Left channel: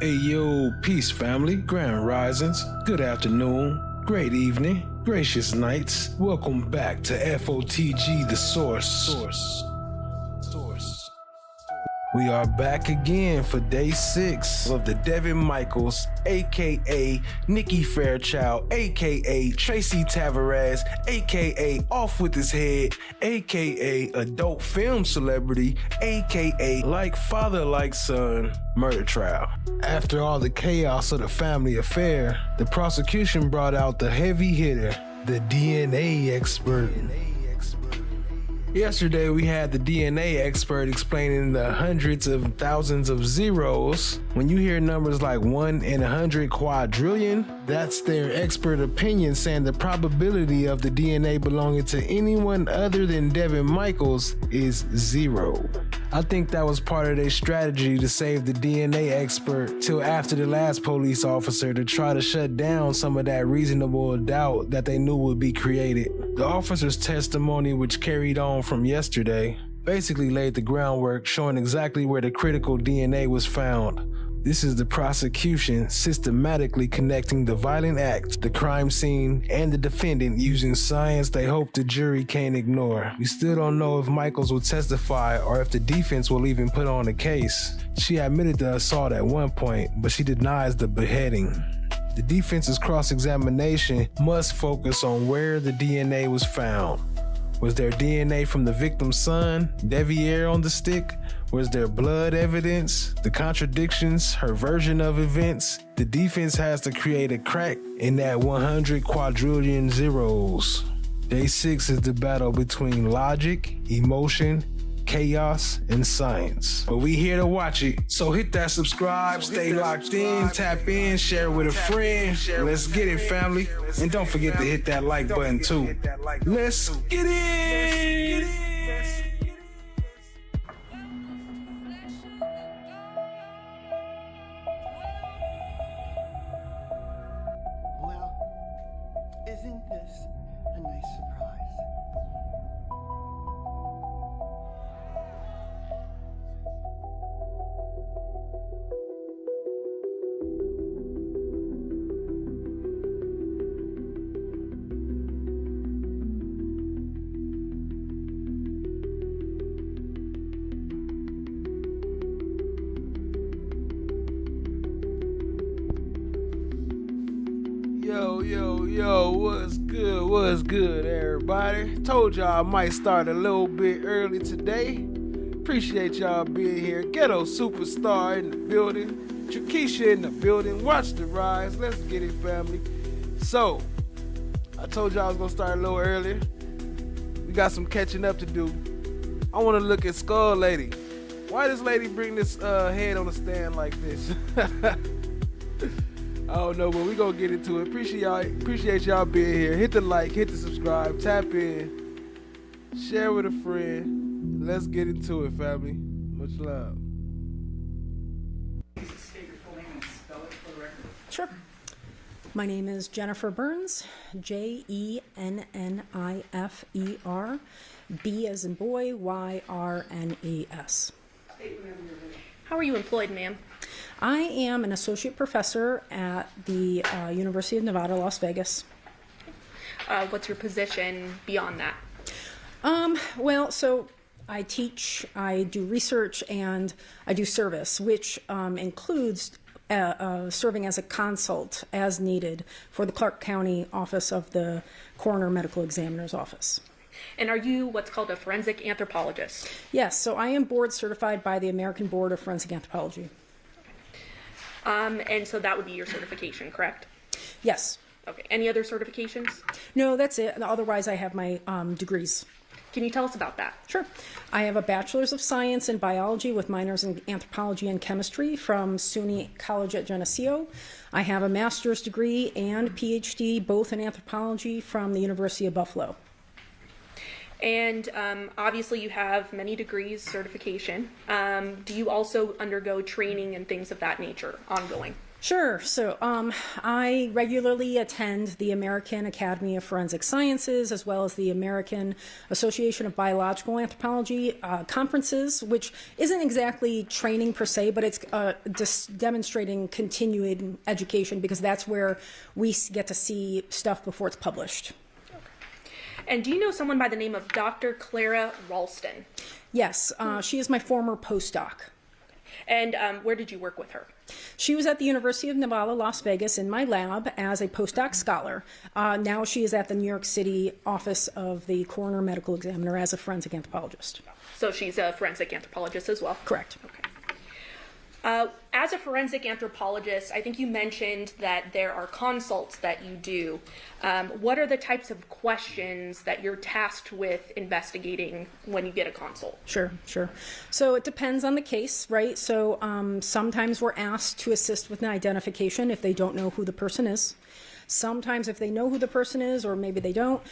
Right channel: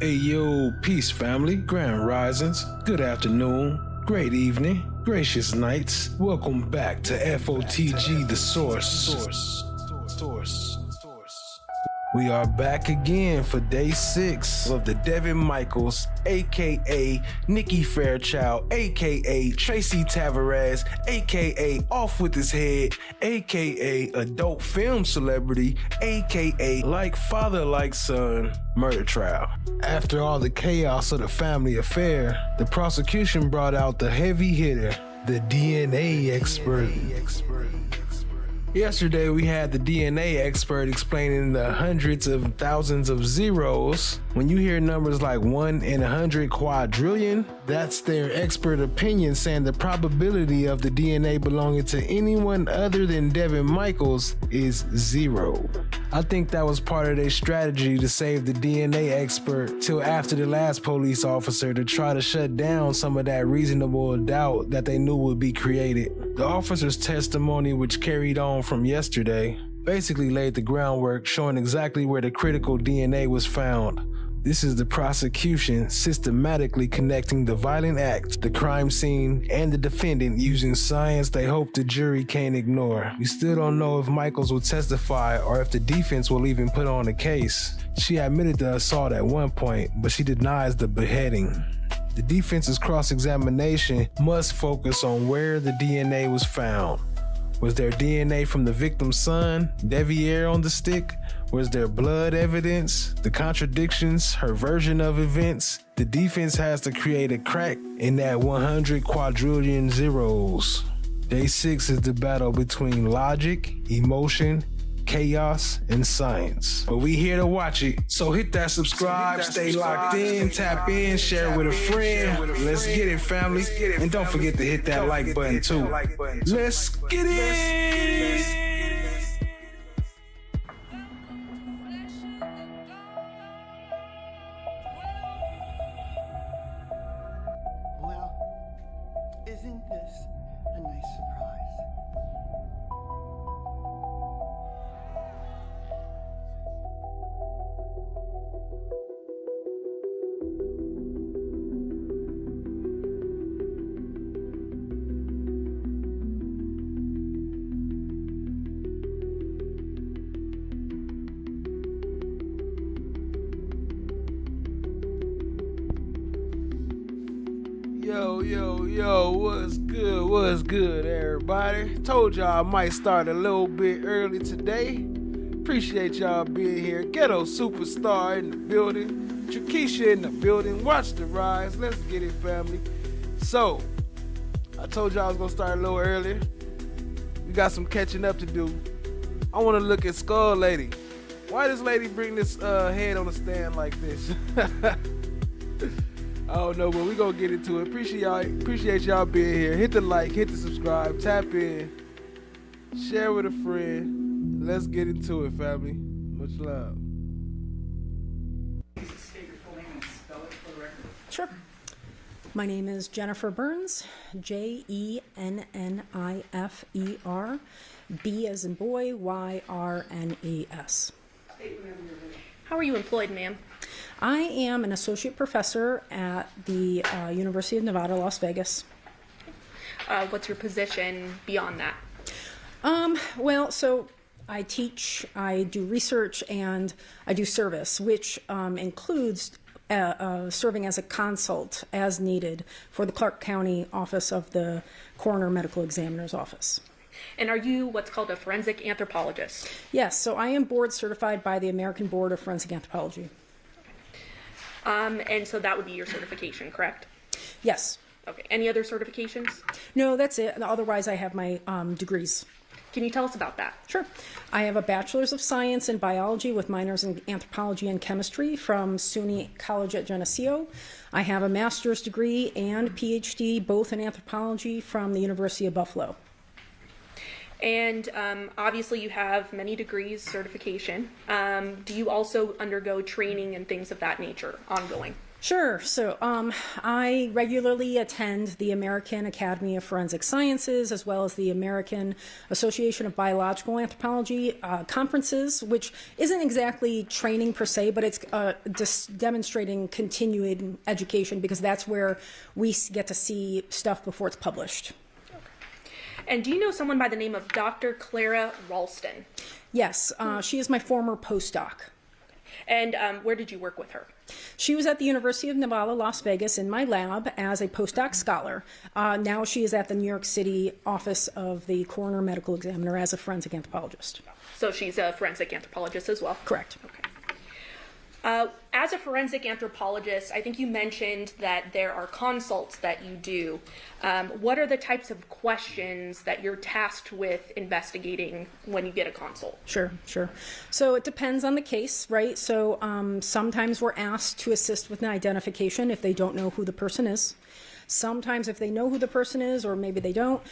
Hey yo, peace family, grand risings, good afternoon, great evening, gracious nights. Welcome back to FOTG, the source. We are back again for day 6 of the Devyn Michaels, aka Nikki Fairchild, aka Tracy Tavares, aka Off With His Head, aka Adult Film Celebrity, aka Like Father Like Son murder trial. After all the chaos of the family affair, the prosecution brought out the heavy hitter, the DNA expert. Yesterday, we had the DNA expert explaining the hundreds of thousands of zeros. When you hear numbers like 1 in 100 quadrillion, that's their expert opinion saying the probability of the DNA belonging to anyone other than Devyn Michaels is 0. I think that was part of their strategy to save the DNA expert till after the last police officer to try to shut down some of that reasonable doubt that they knew would be created. The officer's testimony, which carried on from yesterday, basically laid the groundwork showing exactly where the critical DNA was found. This is the prosecution systematically connecting the violent act, the crime scene, and the defendant using science they hope the jury can't ignore. We still don't know if Michaels will testify or if the defense will even put on a case. She admitted the assault at one point, but she denies the beheading. The defense's cross-examination must focus on where the DNA was found. Was there DNA from the victim's son, Deviere, on the stick? Was there blood evidence? The contradictions, her version of events? The defense has to create a crack in that 100 quadrillion zeros. Day 6 is the battle between logic, emotion, chaos, and science. But we here to watch it. So hit that subscribe, stay locked in, tap in, share with a friend. Let's get it, family. And don't forget to hit that like button too. Let's get it! Well, isn't this a nice surprise? Yo, what's good, everybody? Told y'all I might start a little bit early today. Appreciate y'all being here. Ghetto Superstar in the building. Trikisha in the building. Watch the rise. Let's get it, family. So, I told y'all I was gonna start a little earlier. We got some catching up to do. I wanna look at Skull Lady. Why does lady bring this head on a stand like this? I don't know, but we gonna get into it. Appreciate y'all being here. Hit the like, hit the subscribe, tap in, share with a friend. Let's get into it, family. Much love. Please state your full name and spell it for the record. Sure. My name is Jennifer Burns, Jennifer, B as in boy, YRNES. How are you employed, ma'am? I am an associate professor at the University of Nevada, Las Vegas. What's your position beyond that? So I teach, I do research, and I do service, which includes serving as a consult as needed for the Clark County office of the Coroner Medical Examiner's Office. And are you what's called a forensic anthropologist? Yes, so I am board certified by the American Board of Forensic Anthropology. And so that would be your certification, correct? Yes. Okay. Any other certifications? No, that's it. Otherwise, I have my degrees. Can you tell us about that? Sure. I have a Bachelor's of Science in Biology with minors in Anthropology and Chemistry from SUNY College at Geneseo. I have a Master's degree and PhD, both in Anthropology, from the University of Buffalo. And obviously you have many degrees, certification. Do you also undergo training and things of that nature ongoing? Sure. So I regularly attend the American Academy of Forensic Sciences as well as the American Association of Biological Anthropology conferences, which isn't exactly training per se, but it's just demonstrating continuing education because that's where we get to see stuff before it's published. And do you know someone by the name of Dr. Clara Ralston? Yes, she is my former postdoc. And where did you work with her? She was at the University of Nevada, Las Vegas in my lab as a postdoc scholar. Now she is at the New York City office of the coroner medical examiner as a forensic anthropologist. So she's a forensic anthropologist as well? Correct. Okay. As a forensic anthropologist, I think you mentioned that there are consults that you do. What are the types of questions that you're tasked with investigating when you get a consult? Sure. So it depends on the case, right? So sometimes we're asked to assist with an identification if they don't know who the person is. Sometimes if they know who the person is, or maybe they don't,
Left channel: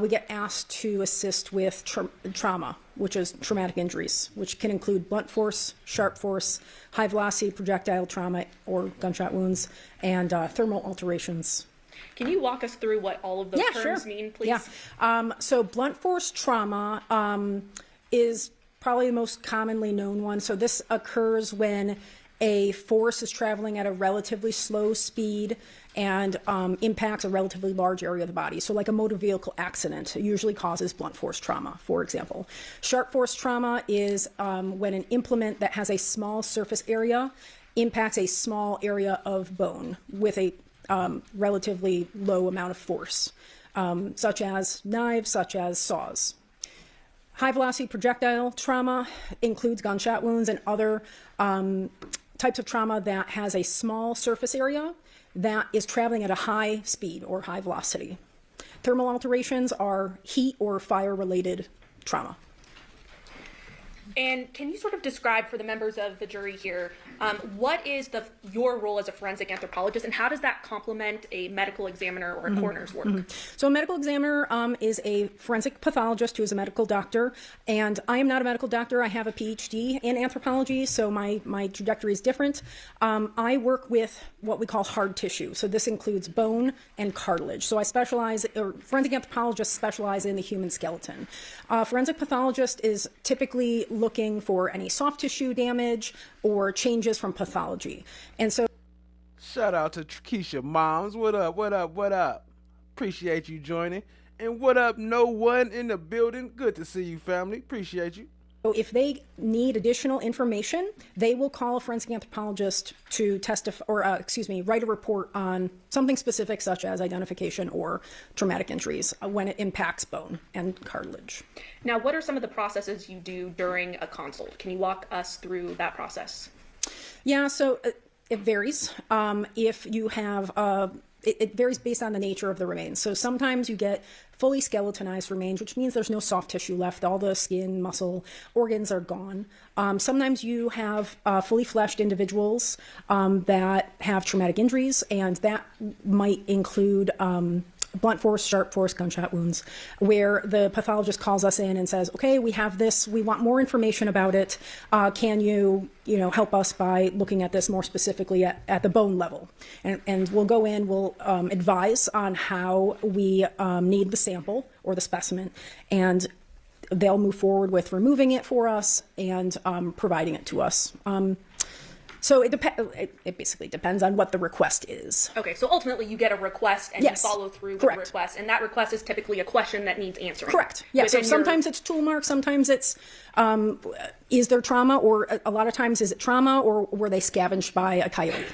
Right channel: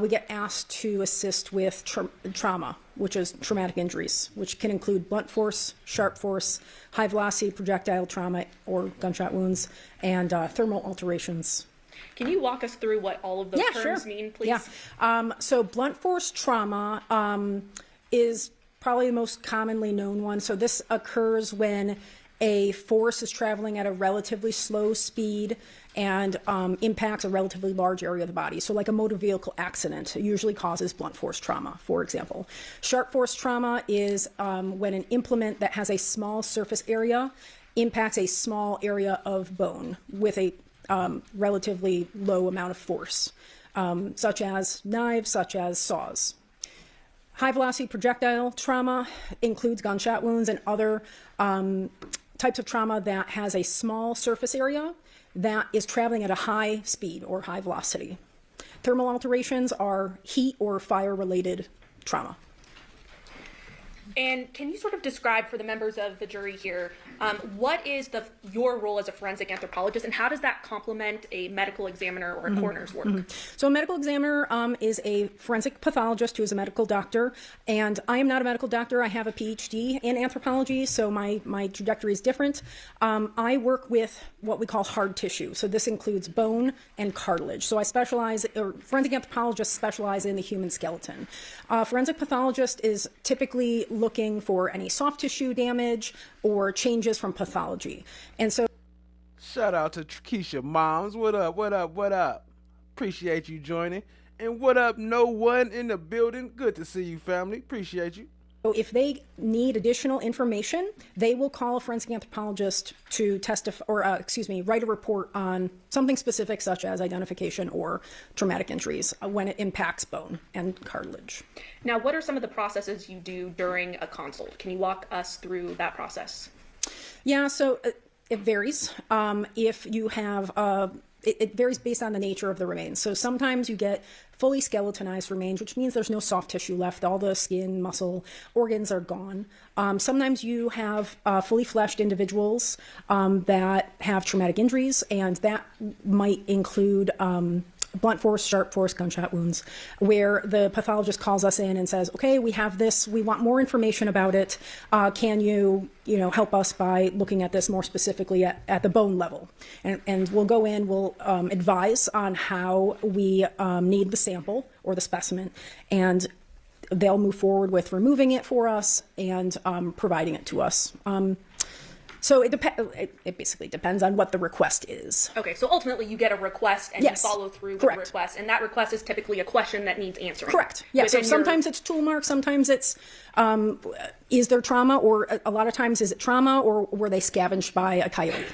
we get asked to assist with trauma, which is traumatic injuries, which can include blunt force, sharp force, high velocity projectile trauma or gunshot wounds, and thermal alterations. Can you walk us through what all of those terms mean, please? Yeah. So blunt force trauma is probably the most commonly known one. So this occurs when a force is traveling at a relatively slow speed and impacts a relatively large area of the body. So like a motor vehicle accident usually causes blunt force trauma, for example. Sharp force trauma is when an implement that has a small surface area impacts a small area of bone with a relatively low amount of force, such as knives, such as saws. High velocity projectile trauma includes gunshot wounds and other types of trauma that has a small surface area that is traveling at a high speed or high velocity. Thermal alterations are heat or fire related trauma. And can you sort of describe for the members of the jury here, what is your role as a forensic anthropologist, and how does that complement a medical examiner or a coroner's work? So a medical examiner is a forensic pathologist who is a medical doctor, and I am not a medical doctor. I have a PhD in anthropology, so my trajectory is different. I work with what we call hard tissue. So this includes bone and cartilage. So forensic anthropologists specialize in the human skeleton. Forensic pathologist is typically looking for any soft tissue damage or changes from pathology. And so Shout out to Keisha Moms. What up? Appreciate you joining. And what up, no one in the building? Good to see you, family. Appreciate you. if they need additional information, they will call a forensic anthropologist to testify, or write a report on something specific such as identification or traumatic injuries when it impacts bone and cartilage. Now, what are some of the processes you do during a consult? Can you walk us through that process? Yeah, so it varies. If you have it varies based on the nature of the remains. So sometimes you get fully skeletonized remains, which means there's no soft tissue left. All the skin, muscle, organs are gone. Sometimes you have fully fleshed individuals that have traumatic injuries, and that might include blunt force, sharp force, gunshot wounds, where the pathologist calls us in and says, okay, we have this, we want more information about it. Can you help us by looking at this more specifically at the bone level? And we'll go in, we'll advise on how we need the sample or the specimen, and they'll move forward with removing it for us and providing it to us. So it basically depends on what the request is. Okay, so ultimately you get a request and Yes. you follow through with Correct. the request, and that request is typically a question that needs answering. Correct. Yeah. So Within sometimes it's tool mark, sometimes it's is there trauma, or a lot of times is it trauma, or were they scavenged by a coyote?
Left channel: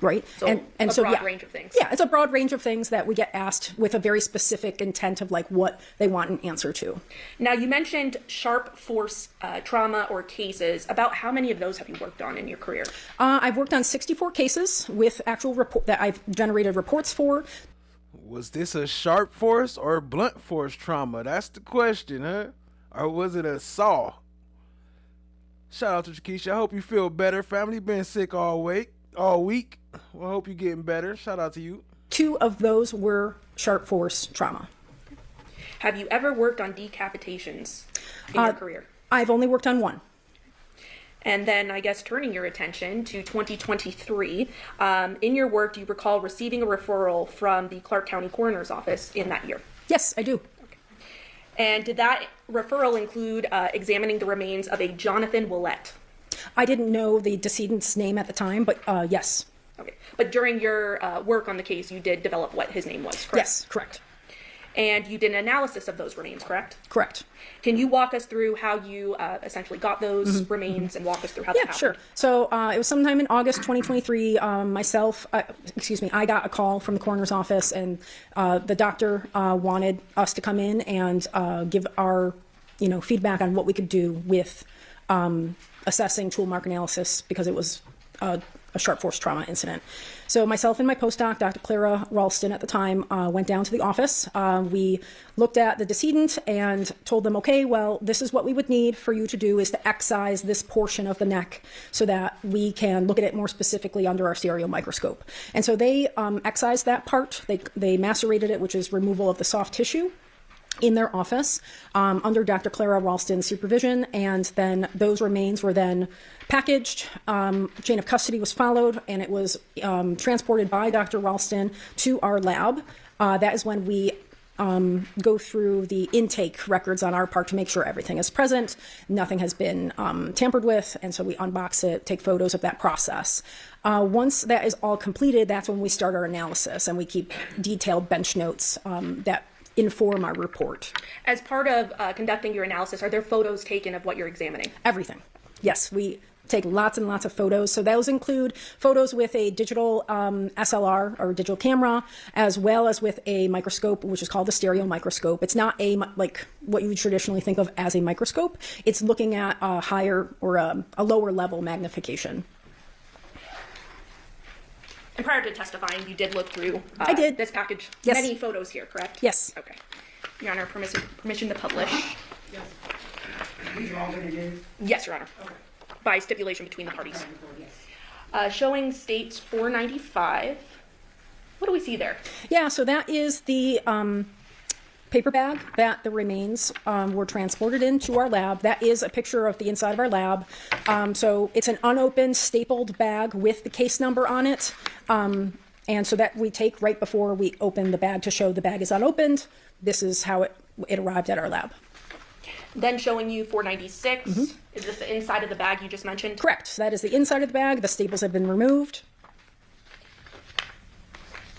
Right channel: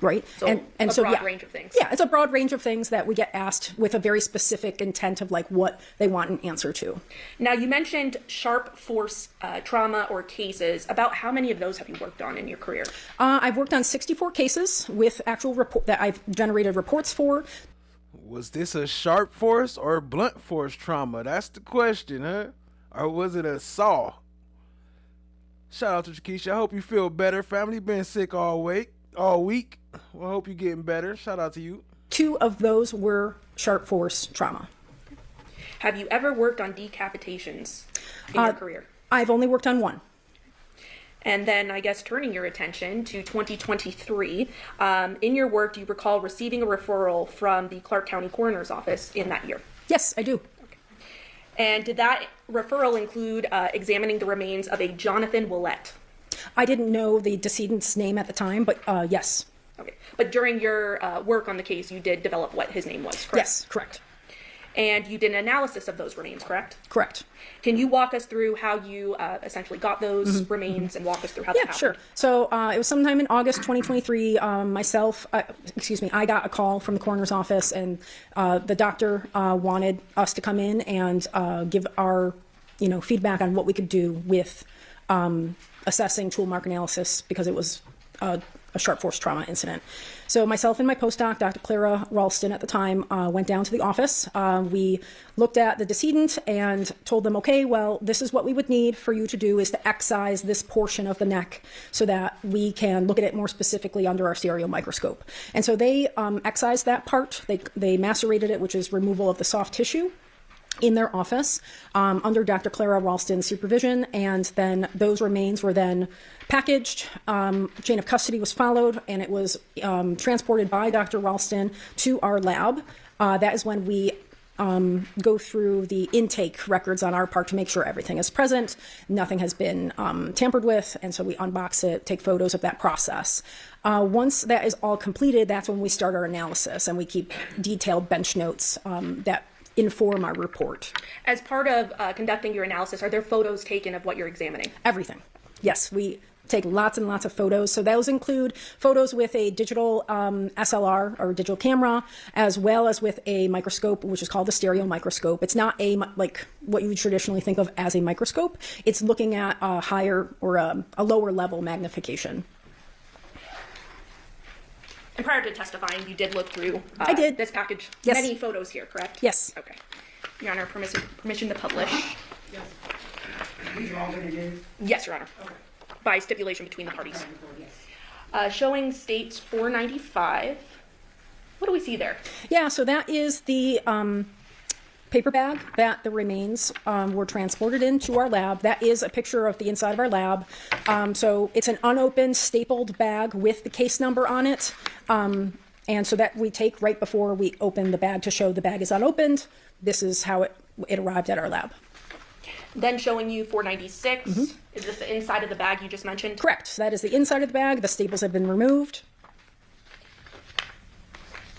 Right. So a broad range of things. Yeah, it's a broad range of things that we get asked with a very specific intent of like what they want an answer to. Now, you mentioned sharp force trauma or cases. About how many of those have you worked on in your career? I've worked on 64 cases with actual report that I've generated reports for. Was this a sharp force or blunt force trauma? That's the question, huh? Or was it a saw? Shout out to Keisha. I hope you feel better. Family been sick all week. Well, I hope you're getting better. Shout out to you. 2 of those were sharp force trauma. Have you ever worked on decapitations in your career? I've only worked on 1. And then I guess turning your attention to 2023, in your work, do you recall receiving a referral from the Clark County Coroner's Office in that year? Yes, I do. And did that referral include examining the remains of a Johnathan Willette? I didn't know the decedent's name at the time, but yes. Okay. But during your work on the case, you did develop what his name was, correct? Yes, correct. And you did an analysis of those remains, correct? Correct. Can you walk us through how you essentially got those remains and walk us through how that happened? Sure. So it was sometime in August 2023. I got a call from the coroner's office, and the doctor wanted us to come in and give our, feedback on what we could do with assessing tool mark analysis, because it was a sharp force trauma incident. So myself and my postdoc, Dr. Clara Ralston at the time, went down to the office. We looked at the decedent and told them, okay, well, this is what we would need for you to do, is to excise this portion of the neck so that we can look at it more specifically under our stereo microscope. And so they excised that part. They macerated it, which is removal of the soft tissue, in their office under Dr. Clara Ralston's supervision, and then those remains were then packaged. Chain of custody was followed, and it was transported by Dr. Ralston to our lab. That is when we go through the intake records on our part to make sure everything is present, nothing has been tampered with, and so we unbox it, take photos of that process. Once that is all completed, that's when we start our analysis, and we keep detailed bench notes that inform our report. As part of conducting your analysis, are there photos taken of what you're examining? Everything. Yes, we take lots and lots of photos. So those include photos with a digital SLR or digital camera, as well as with a microscope, which is called the stereo microscope. It's not like what you would traditionally think of as a microscope. It's looking at a higher or a lower level magnification. And prior to testifying, you did look through I did. This package. Yes. Many photos here, correct? Yes. Okay. Your Honor, permission to publish? Yes. These are all going to do? Yes, Your Honor. Okay. By stipulation between the parties. Yes. Showing states 495. What do we see there? Yeah, so that is the paper bag that the remains were transported into our lab. That is a picture of the inside of our lab. So it's an unopened, stapled bag with the case number on it. And so that we take right before we open the bag to show the bag is unopened. This is how it arrived at our lab. Then showing you 496. Is this the inside of the bag you just mentioned? Correct. That is the inside of the bag. The staples have been removed.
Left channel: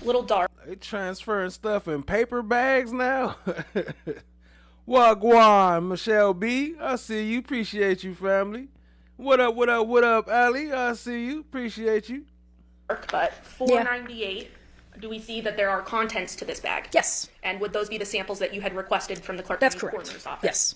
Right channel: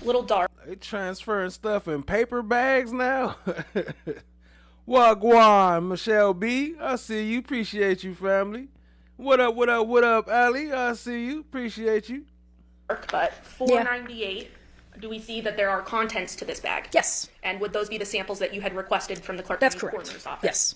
Little dark. They transferring stuff in paper bags now. Wagwan, Michelle B. I see you. Appreciate you, family. What up, what up, what up, Ali? I see you. Appreciate you. But 498, do we see that there are contents to this bag? Yes. And would those be the samples that you had requested from the Clark That's County correct. Coroner's Office? Yes.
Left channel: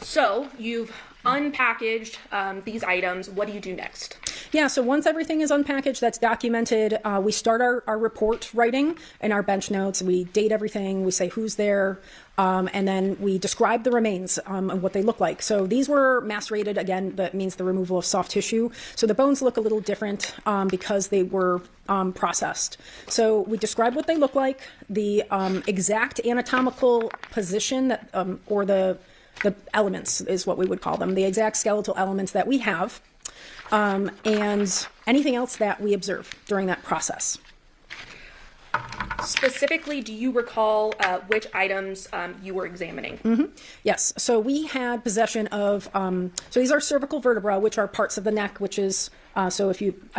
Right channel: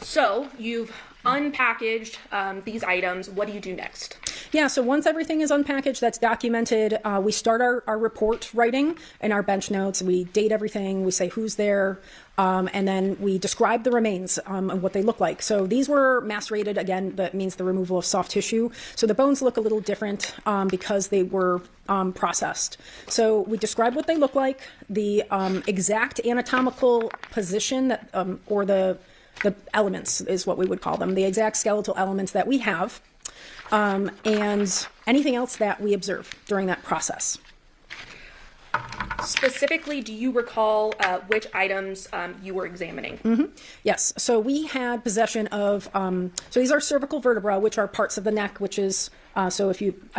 So you've unpackaged these items. What do you do next? Yeah, so once everything is unpackaged, that's documented, we start our report writing and our bench notes. We date everything, we say who's there, and then we describe the remains and what they look like. So these were macerated, again, that means the removal of soft tissue. So the bones look a little different because they were processed. So we describe what they look like, the exact anatomical position that, or the elements is what we would call them, the exact skeletal elements that we have, and anything else that we observe during that process. Specifically, do you recall which items you were examining? Yes, so we had possession of, so these are cervical vertebrae, which are parts of the neck, which is, I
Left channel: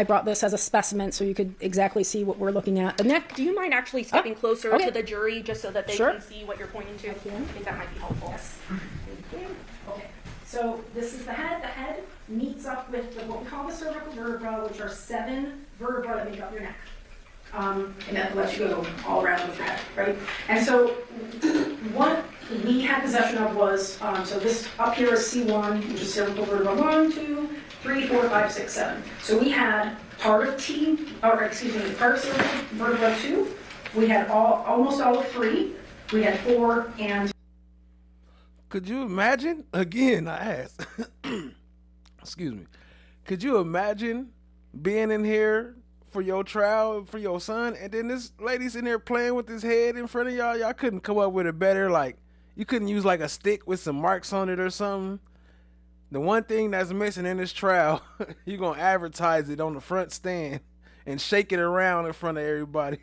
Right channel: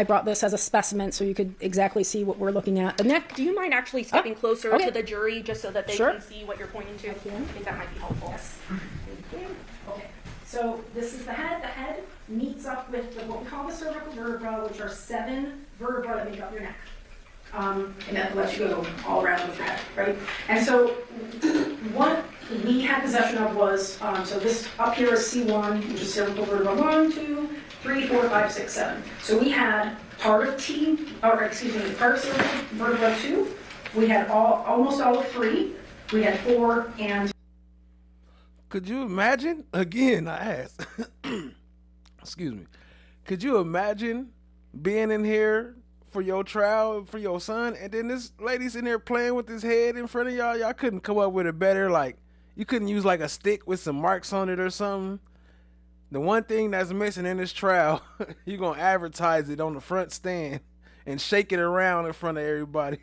brought this as a specimen so you could exactly see what we're looking at. The neck. Do you mind actually stepping closer okay. to the jury just so that they Sure. can see what you're pointing to? I think that might be helpful. Yes. Okay, so this is the head. The head meets up with what we call the cervical vertebrae, which are 7 vertebrae that make up your neck. And that lets you go all around with your head, right? And so what we had possession of was, so this up here is C1, which is cervical vertebra 1, 2, 3, 4, 5, 6, 7. So we had part of part of cervical vertebra 2. We had almost all of 3. We had 4 and... Could you imagine? Again, I asked. Excuse me. Could you imagine being in here for your trial for your son, and then this lady's in there playing with his head in front of y'all? Y'all couldn't come up with a better You couldn't use like a stick with some marks on it or something. The one thing that's missing in this trial, you're gonna advertise it on the front stand and shake it around in front of everybody.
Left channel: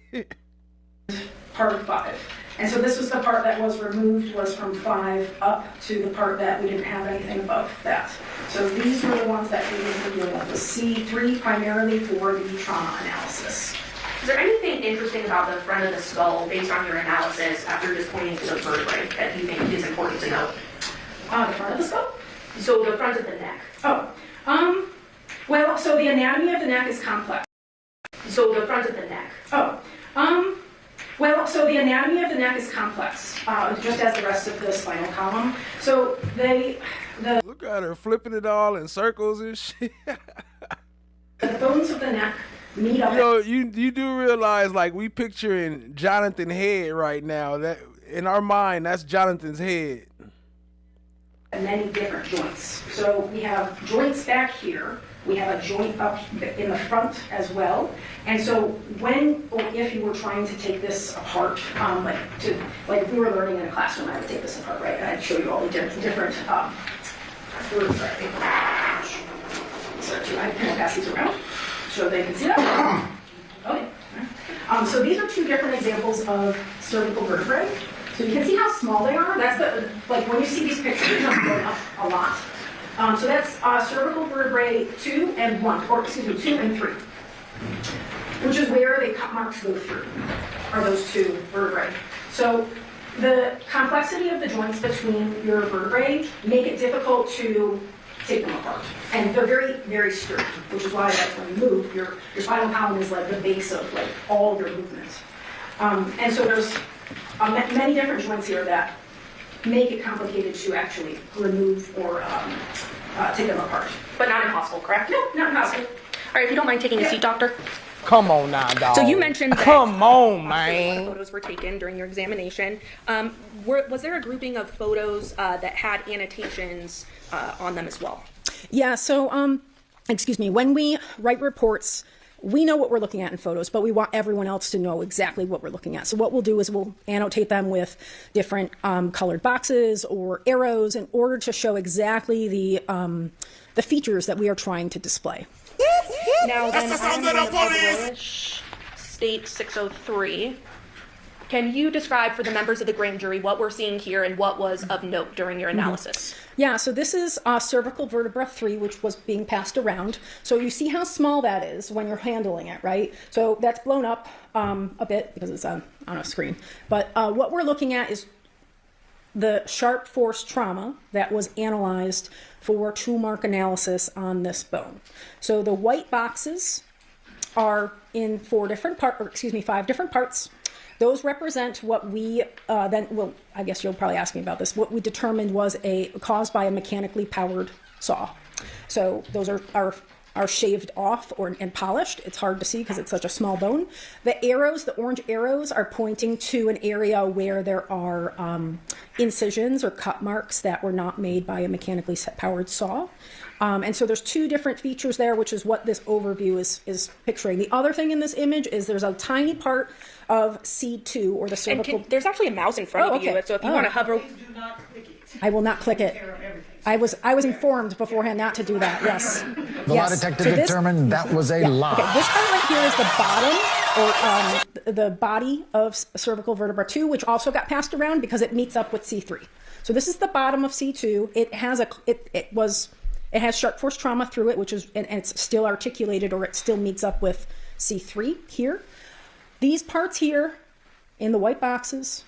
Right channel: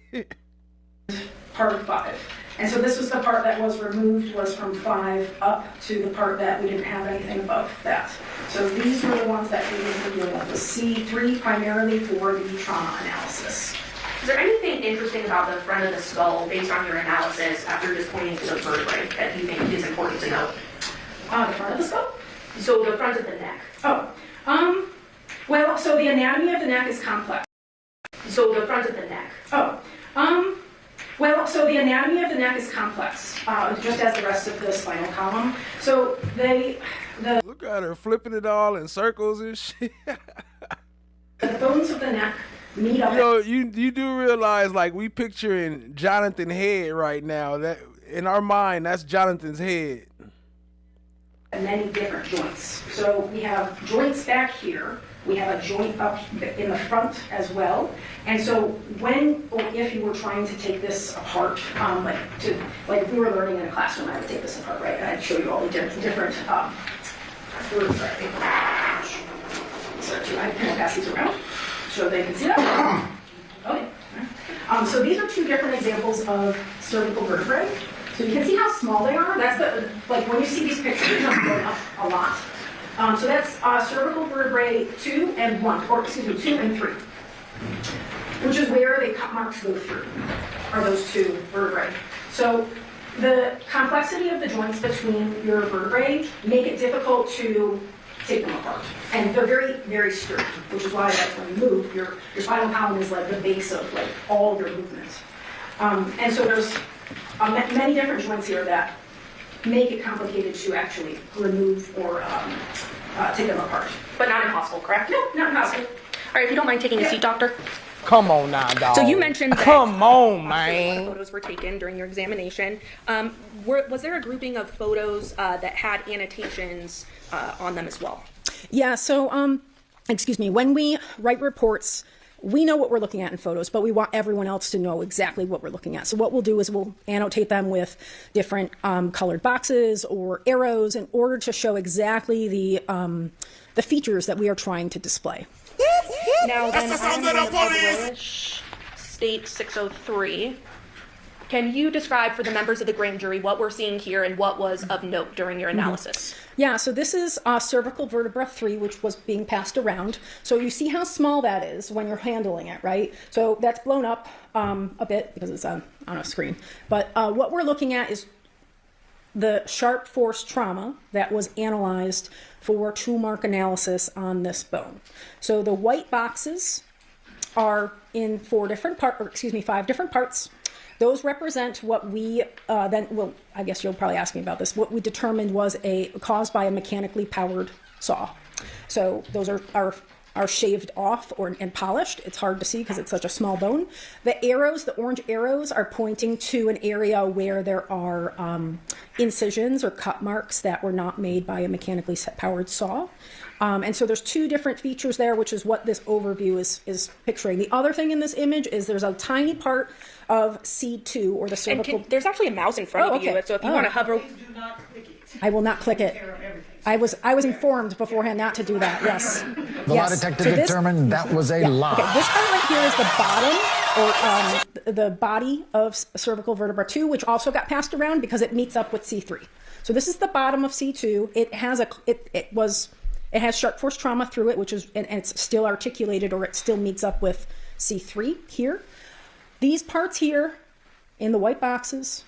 Part of 5. And so this was the part that was removed, was from 5 up to the part that we didn't have anything above that. So these were the ones that we were dealing with. The C3 primarily for the trauma analysis. Is there anything interesting about the front of the skull based on your analysis after just pointing to the vertebrae that you think is important to note? The front of the skull? So the front of the neck. Well, so the anatomy of the neck is complex. So the front of the neck. Well, so the anatomy of the neck is complex, just as the rest of the spinal column. So Look at her flipping it all in circles and shit. the bones of the neck meet up. You know, you do realize, like, we picturing Johnathan's head right now. That in our mind, that's Jonathan's head. Many different joints. So we have joints back here. We have a joint up in the front as well. And so when or if you were trying to take this apart, like if we were learning in a classroom, I would take this apart, right? And I'd show you all the different I can pass these around so they can see that. Okay. So these are 2 different examples of cervical vertebrae. So you can see how small they are. That's like when you see these pictures, they're going up a lot. So that's cervical vertebrae 2 and 1, or excuse me, 2 and 3, which is where the cut marks go through, are those 2 vertebrae. So the complexity of the joints between your vertebrae make it difficult to take them apart. And they're very, very sturdy, which is why like, when you move, your spinal column is like the base of like all of your movement. And so there's many different joints here that make it complicated to actually remove or take them apart. But not impossible, correct? No, not impossible. All right, if you don't mind taking a seat, doctor. Come on now, dog. So you mentioned that Come on, man. photos were taken during your examination. Was there a grouping of photos that had annotations on them as well? Yeah, so, when we write reports, we know what we're looking at in photos, but we want everyone else to know exactly what we're looking at. So what we'll do is we'll annotate them with different colored boxes or arrows in order to show exactly the features that we are trying to display. Now, then, State 603. Can you describe for the members of the grand jury what we're seeing here and what was of note during your analysis? Yeah, so this is cervical vertebra 3, which was being passed around. So you see how small that is when you're handling it, right? So that's blown up a bit because it's on a screen. But what we're looking at is the sharp force trauma that was analyzed for true mark analysis on this bone. So the white boxes are in 5 different parts. Those represent what we I guess you'll probably ask me about this, what we determined was caused by a mechanically powered saw. So those are shaved off and polished. It's hard to see because it's such a small bone. The arrows, the orange arrows, are pointing to an area where there are incisions or cut marks that were not made by a mechanically powered saw. And so there's 2 different features there, which is what this overview is picturing. The other thing in this image is there's a tiny part of C2, or the cervical. There's actually a mouse in front of you, so if you want to hover. Do not click it. I will not click it. I was informed beforehand not to do that. Yes. The lie detector determined that was a lie. Okay, this part right here is the bottom, or the body of cervical vertebra 2, which also got passed around because it meets up with C3. So this is the bottom of C2. It has it has sharp force trauma through it, which is and it's still articulated, or it still meets up with C3 here. These parts here in the white boxes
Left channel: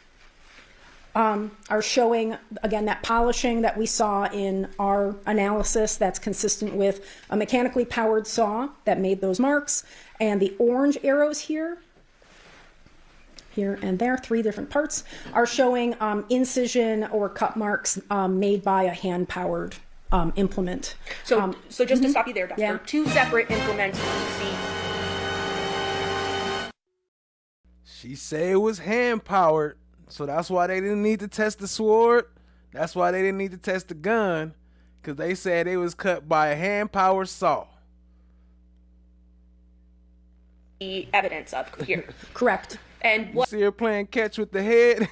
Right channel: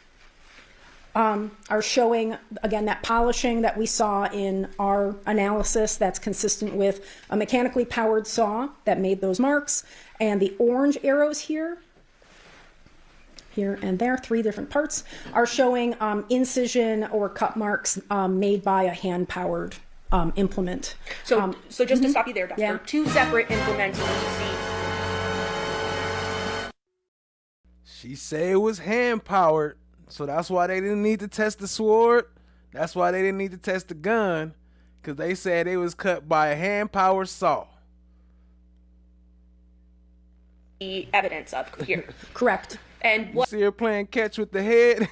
are showing, again, that polishing that we saw in our analysis that's consistent with a mechanically powered saw that made those marks. And the orange arrows here and there, 3 different parts, are showing incision or cut marks made by a hand-powered implement. So just to stop you there, Doctor, yeah. 2 separate implements you see. She said it was hand powered, so that's why they didn't need to test the sword. That's why they didn't need to test the gun, because they said it was cut by a hand powered saw. The evidence of here. Correct. And You see her playing catch with the head?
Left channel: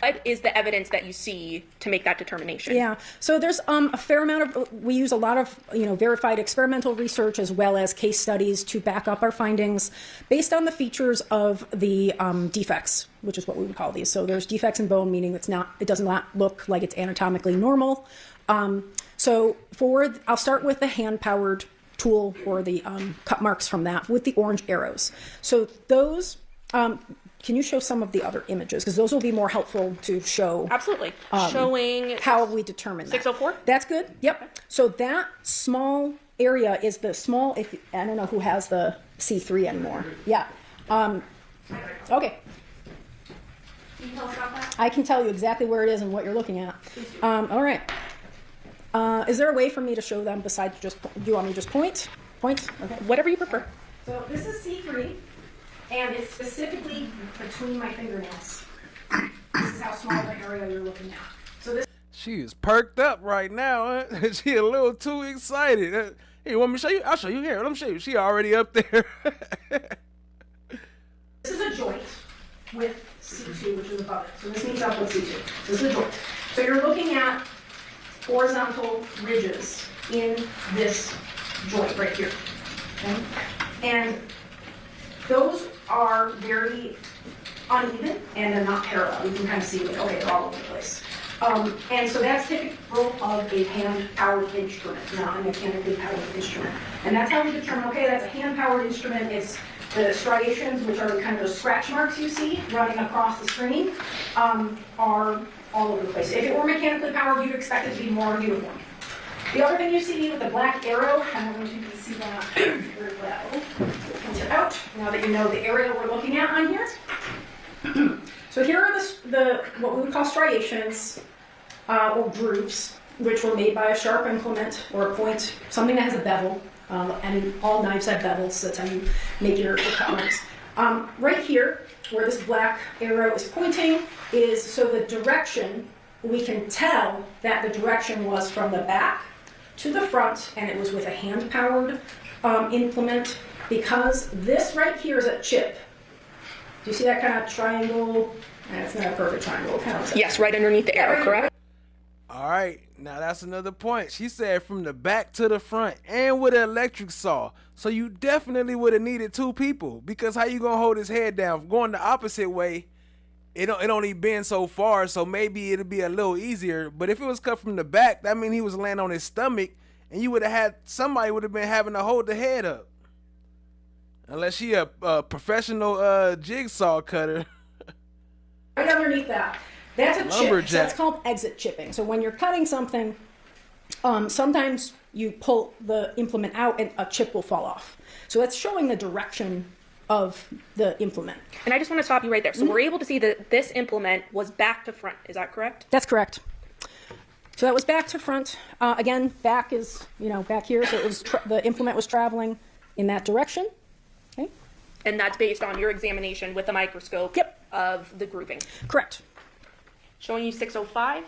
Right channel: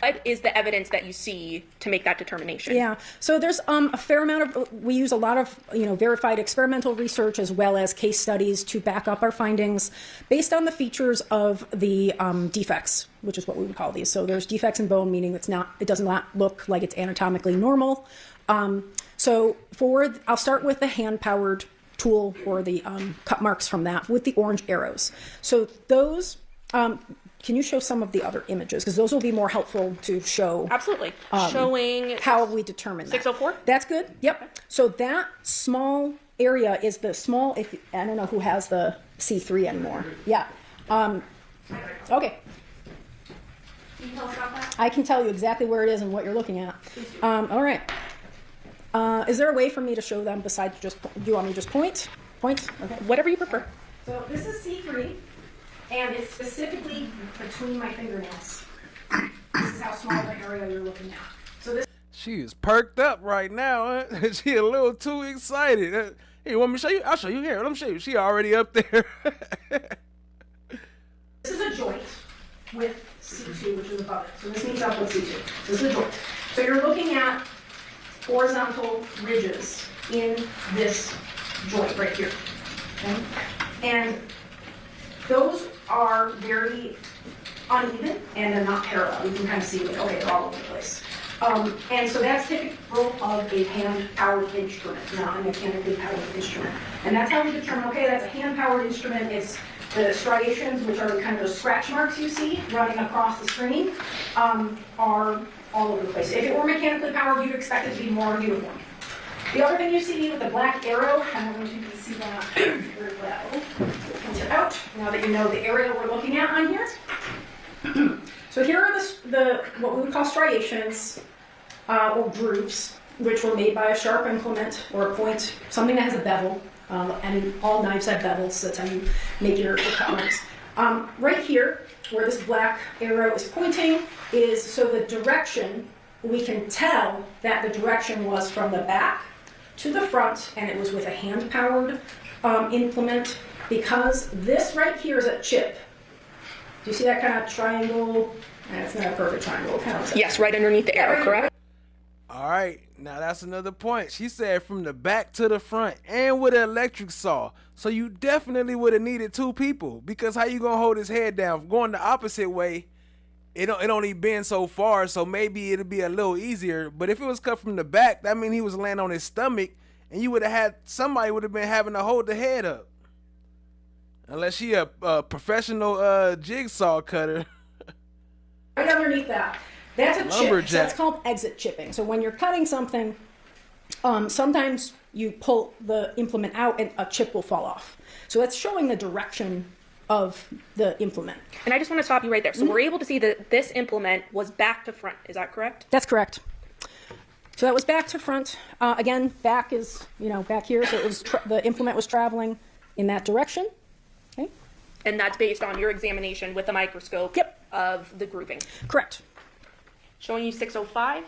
What is the evidence that you see to make that determination? Yeah, so there's a fair amount of, we use a lot of, verified experimental research as well as case studies to back up our findings based on the features of the defects, which is what we would call these. So there's defects in bone, meaning it does not look like it's anatomically normal. I'll start with the hand-powered tool or the cut marks from that with the orange arrows. So those, can you show some of the other images? Because those will be more helpful to show. Absolutely. Showing how we determine that. 604? That's good. Yep. Okay. So that small area is the small, I don't know who has the C3 anymore. Yeah. Okay. Can you tell us about that? I can tell you exactly where it is and what you're looking at. All right. Is there a way for me to show them besides just, do you want me to just point? Point? Okay. Whatever you prefer. So this is C3. And it's specifically between my fingernails. This is how small the area you're looking at. So this. She is perked up right now. Huh? She a little too excited. Hey, you want me to show you? I'll show you. Here, let me show you. She already up there. This is a joint with C2, which is above it. So this meets up with C2. This is a joint. So you're looking at horizontal ridges in this joint right here. Okay? And those are very uneven and they're not parallel. You can kind of see, like, okay, they're all over the place. And so that's typical of a hand-powered instrument, not a mechanically powered instrument. And that's how we determine, okay, that's a hand-powered instrument. It's the striations, which are kind of those scratch marks you see running across the screen, are all over the place. If it were mechanically powered, you'd expect it to be more uniform. The other thing you see with the black arrow, I don't know if you can see that very well. Point it out now that you know the area we're looking at on here. So here are the what we would call striations or grooves, which were made by a sharp implement or a point, something that has a bevel. And all knives have bevels. That's how you make your cut marks. Right here, where this black arrow is pointing, is so the direction. We can tell that the direction was from the back to the front, and it was with a hand-powered implement, because this right here is a chip. Do you see that kind of triangle? It's not a perfect triangle. Kind of yes, right underneath the arrow, correct? All right, now that's another point. She said from the back to the front and with an electric saw. So you definitely would have needed two people, because how you gonna hold his head down? Going the opposite way, it only bend so far, so maybe it'll be a little easier. But if it was cut from the back, that means he was laying on his stomach, and you would have had somebody would have been having to hold the head up. Unless she a professional jigsaw cutter. Right underneath that. That's a chip. So that's called exit chipping. So when you're cutting something, sometimes you pull the implement out and a chip will fall off. So that's showing the direction of the implement. And I just want to stop you right there. So we're able to see that this implement was back to front. Is that correct? That's correct. So that was back to front. Again, back is, back here. So it was the implement was traveling in that direction. Okay. And that's based on your examination with the microscope of the grouping. Correct. Showing you 605.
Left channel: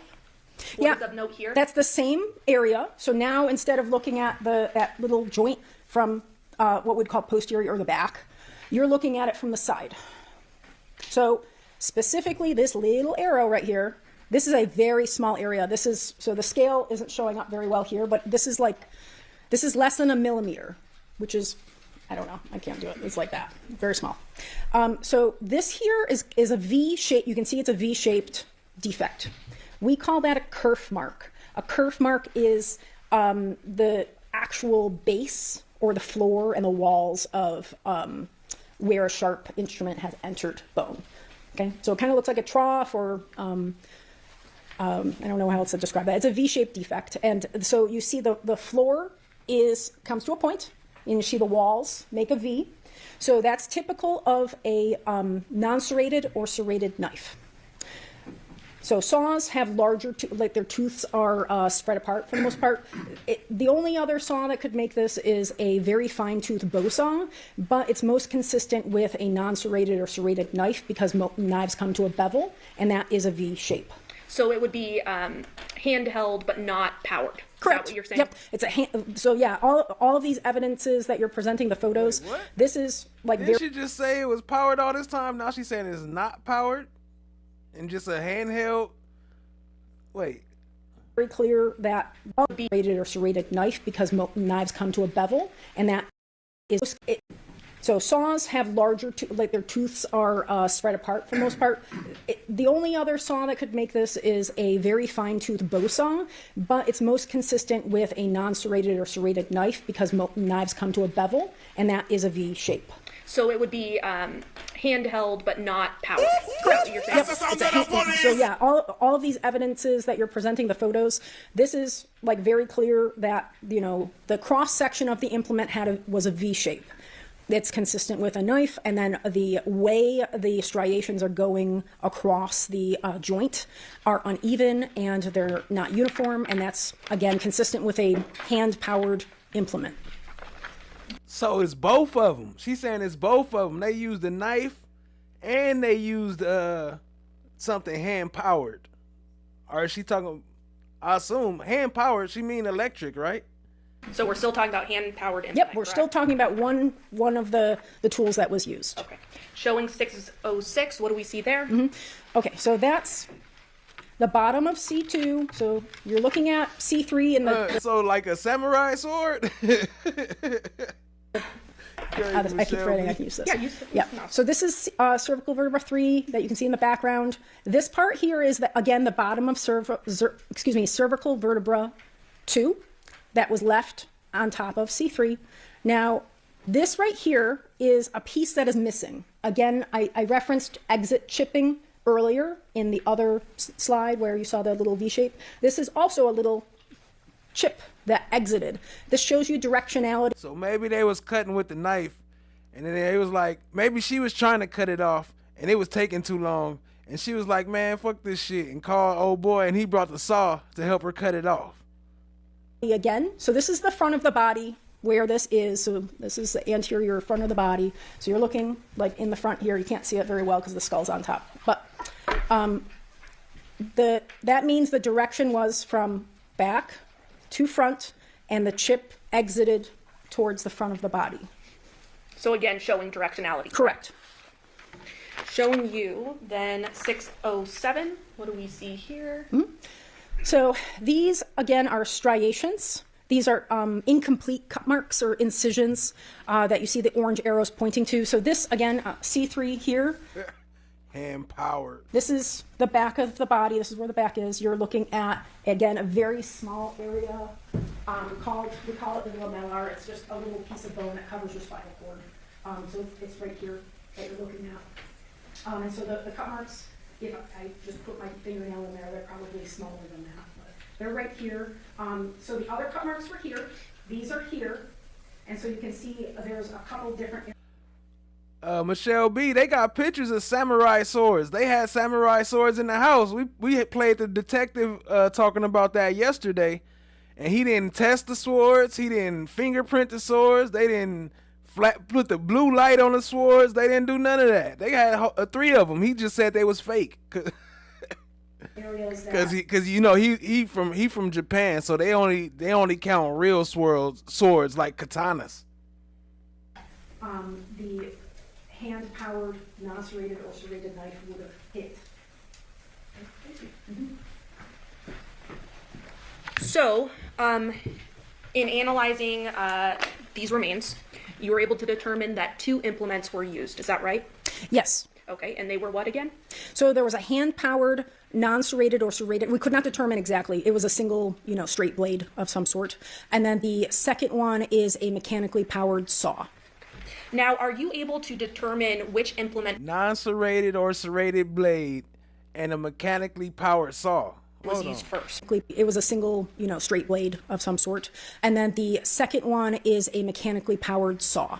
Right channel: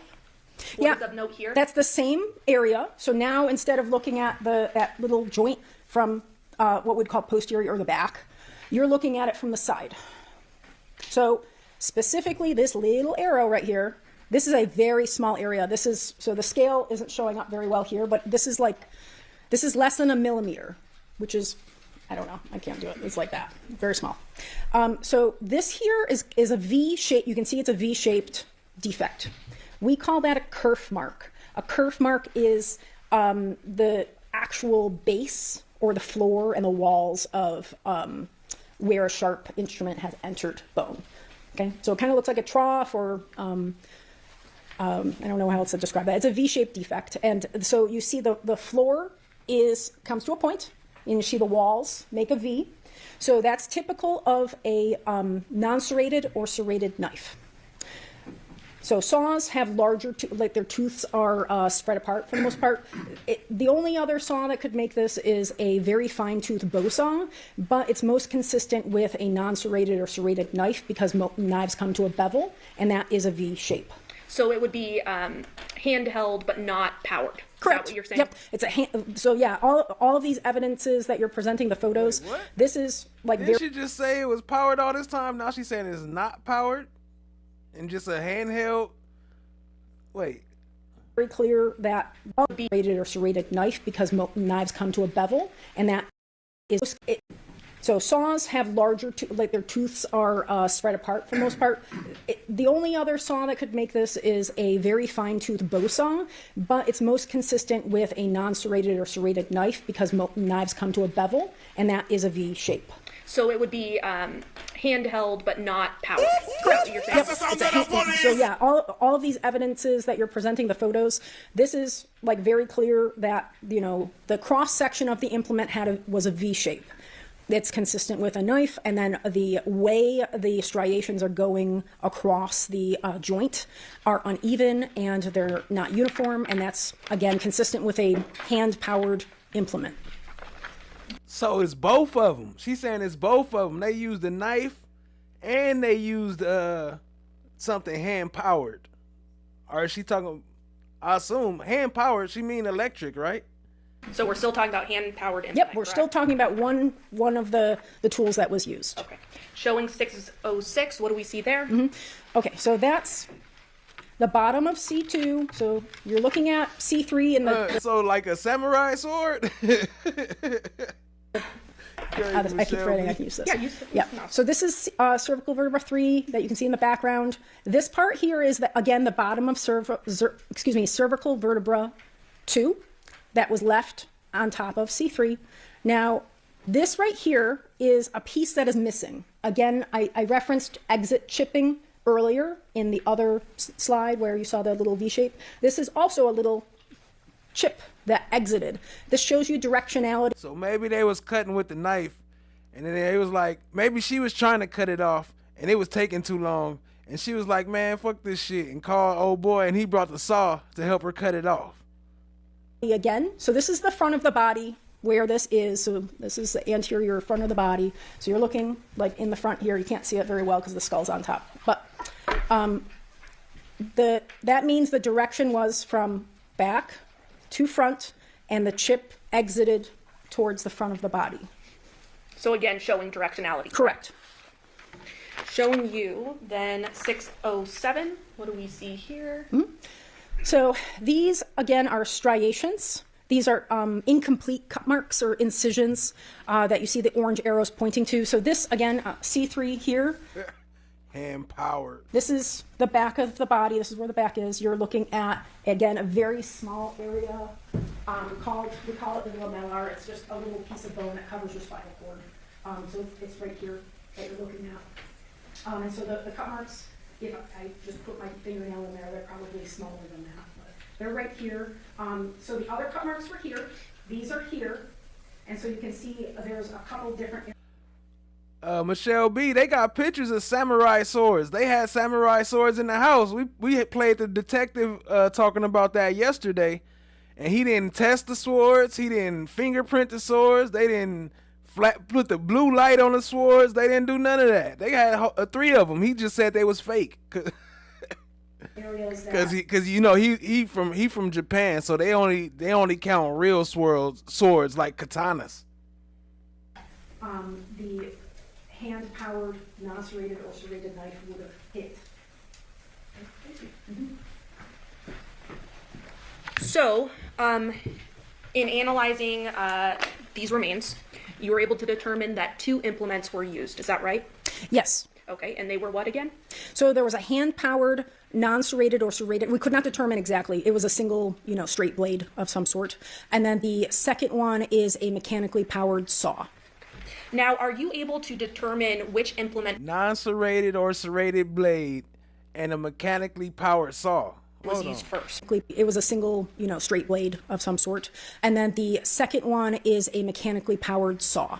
What is of note here? That's the same area. So now instead of looking at that little joint from what we'd call posterior or the back, you're looking at it from the side. So specifically this little arrow right here, this is a very small area. So the scale isn't showing up very well here, but this is less than a millimeter, which is, I don't know, I can't do it. It's like that, very small. So this here is a V shape. You can see it's a V-shaped defect. We call that a kerf mark. A kerf mark is the actual base or the floor and the walls of where a sharp instrument has entered bone. Okay, so it kind of looks like a trough, or I don't know how else to describe that. It's a V-shaped defect, and so you see the floor comes to a point, and you see the walls make a V. So that's typical of a non-serrated or serrated knife. So saws have larger, like their tooths are spread apart for the most part. The only other saw that could make this is a very fine tooth bow saw, but it's most consistent with a non-serrated or serrated knife because knives come to a bevel, and that is a V shape. So it would be handheld but not powered. Correct. Is that what you're saying? Yep. It's a hand. So yeah, all of these evidences that you're presenting, the photos. Wait, what? This is like. Didn't she just say it was powered all this time? Now she's saying it's not powered. and just a handheld. Wait. Very clear that be serrated or serrated knife because knives come to a bevel, and that is it. So saws have larger, like their tooths are spread apart for the most part. The only other saw that could make this is a very fine tooth bow saw, but it's most consistent with a non-serrated or serrated knife because knives come to a bevel, and that is a V shape. So it would be handheld, but not powered. Correct. You're saying? Yep. So yeah, all of these evidences that you're presenting, the photos, this is like very clear that, you know, the cross section of the implement was a V shape. It's consistent with a knife, and then the way the striations are going across the joint are uneven and they're not uniform, and that's again consistent with a hand-powered implement. So it's both of them. She's saying it's both of them. They used a knife and they used something hand-powered. Or is she talking, I assume, hand-powered, she mean electric, right? So we're still talking about hand-powered implement. Yep, we're still talking about one of the tools that was used. Okay. Showing 606, what do we see there? Okay, so that's the bottom of C2. So you're looking at C3 in the... So like a samurai sword? I keep forgetting I can use this. Yeah, use Yeah. So this is cervical vertebra 3 that you can see in the background. This part here is, again, the bottom of cervical vertebra 2 that was left on top of C3. Now, this right here is a piece that is missing. Again, I referenced exit chipping earlier in the other slide where you saw the little V shape. This is also a little chip that exited. This shows you directionality. So maybe they was cutting with the knife, and then it was like, maybe she was trying to cut it off, and it was taking too long, and she was like, man, fuck this shit, and called old boy, and he brought the saw to help her cut it off. Again, so this is the front of the body where this is. So this is the anterior front of the body. So you're looking like in the front here. You can't see it very well because the skull's on top. But that means the direction was from back to front, and the chip exited towards the front of the body. So again, showing directionality. Correct. Showing you then 607. What do we see here? So these, again, are striations. These are incomplete cut marks or incisions that you see the orange arrows pointing to. So this, again, C3 here. Hand-powered. This is the back of the body. This is where the back is. You're looking at, again, a very small area. We call it the lamellar. It's just a little piece of bone that covers your spinal cord. So it's right here that you're looking at. And so the cut marks, if I just put my fingernail in there, they're probably smaller than that. But they're right here. So the other cut marks were here. These are here. And so you can see there's a couple different... Michelle B, they got pictures of samurai swords. They had samurai swords in the house. We had played the detective talking about that yesterday, and he didn't test the swords. He didn't fingerprint the swords. They didn't put the blue light on the swords. They didn't do none of that. They had 3 of them. He just said they was fake. Because you know he from Japan, so they only count real swords like katanas. The hand-powered, non-serrated or serrated knife would have hit. So, in analyzing these remains, you were able to determine that 2 implements were used. Is that right? Yes. Okay, and they were what again? So there was a hand-powered, non-serrated or serrated. We could not determine exactly. It was a single, straight blade of some sort. And then the second one is a mechanically powered saw. Now, are you able to determine which implement Non-serrated or serrated blade and a mechanically powered saw was used first? It was a single, straight blade of some sort. And then the second one is a mechanically powered saw.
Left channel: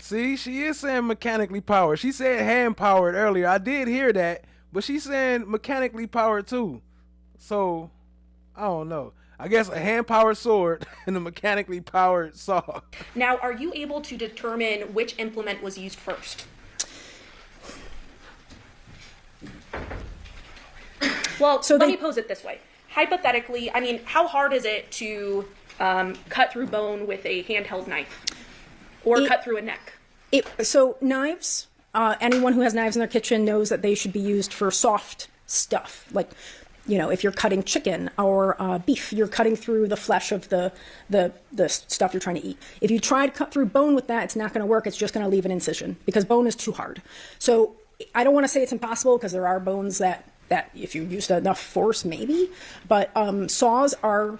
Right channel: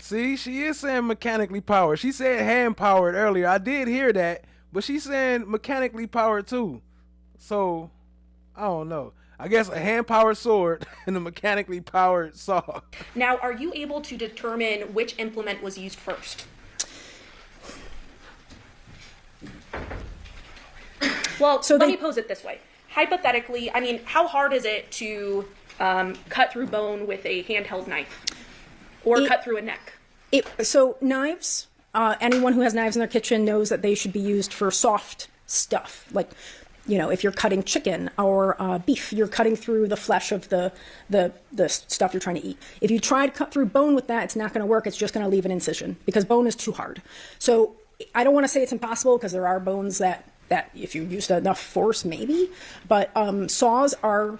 See, she is saying mechanically powered. She said hand powered earlier. I did hear that, but she's saying mechanically powered too. So, I don't know. I guess a hand-powered sword and a mechanically powered saw. Now, are you able to determine which implement was used first? Well, so let me pose it this way. Hypothetically, how hard is it to cut through bone with a handheld knife? Or cut through a neck? So knives, anyone who has knives in their kitchen knows that they should be used for soft stuff. Like, you know, if you're cutting chicken or beef, you're cutting through the flesh of the stuff you're trying to eat. If you try to cut through bone with that, it's not going to work. It's just going to leave an incision because bone is too hard. So I don't want to say it's impossible because there are bones that if you used enough force, maybe. But saws are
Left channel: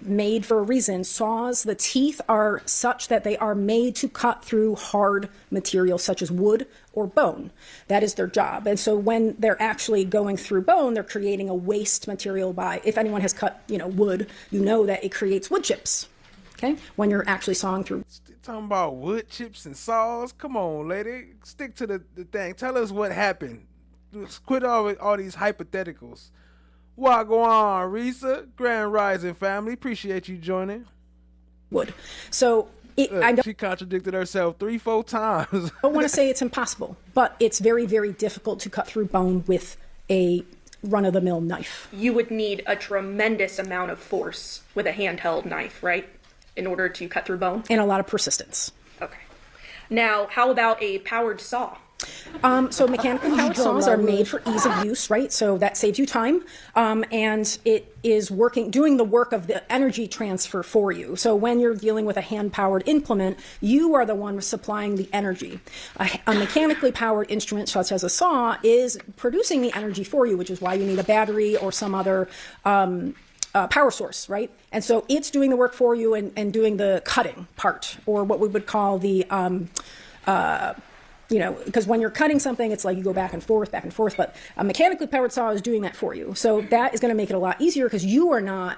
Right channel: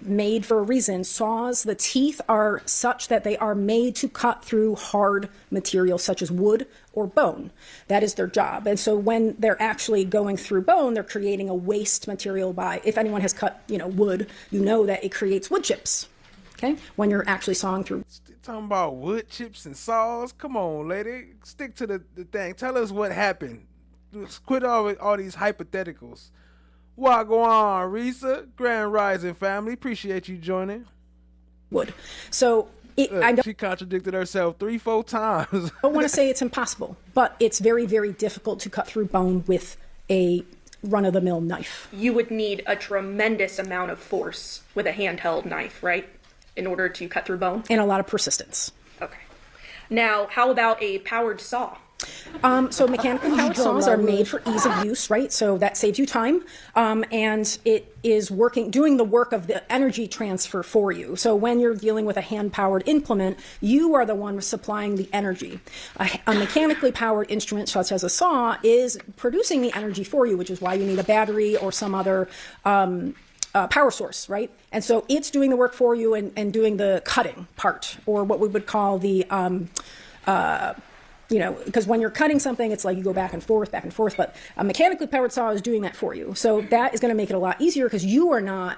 made for a reason. Saws, the teeth are such that they are made to cut through hard material such as wood or bone. That is their job. And so when they're actually going through bone, they're creating a waste material by, if anyone has cut, you know, wood, you know that it creates wood chips, okay, when you're actually sawing through. Talking about wood chips and saws? Come on, lady. Stick to the thing. Tell us what happened. Quit all these hypotheticals. What going on, Risa? Grand Rising family. Appreciate you joining. Wood. So she contradicted herself 3-4 times. I don't want to say it's impossible, but it's very, very difficult to cut through bone with a run-of-the-mill knife. You would need a tremendous amount of force with a handheld knife, right? In order to cut through bone? And a lot of persistence. Okay. Now, how about a powered saw? So mechanically powered saws are made for ease of use, right? So that saves you time, and it is doing the work of the energy transfer for you. So when you're dealing with a hand-powered implement, you are the one supplying the energy. A mechanically powered instrument, such as a saw, is producing the energy for you, which is why you need a battery or some other power source, right? And so it's doing the work for you and doing the cutting part, or what we would call the you know, because when you're cutting something, it's like you go back and forth, but a mechanically powered saw is doing that for you. So that is going to make it a lot easier because you are not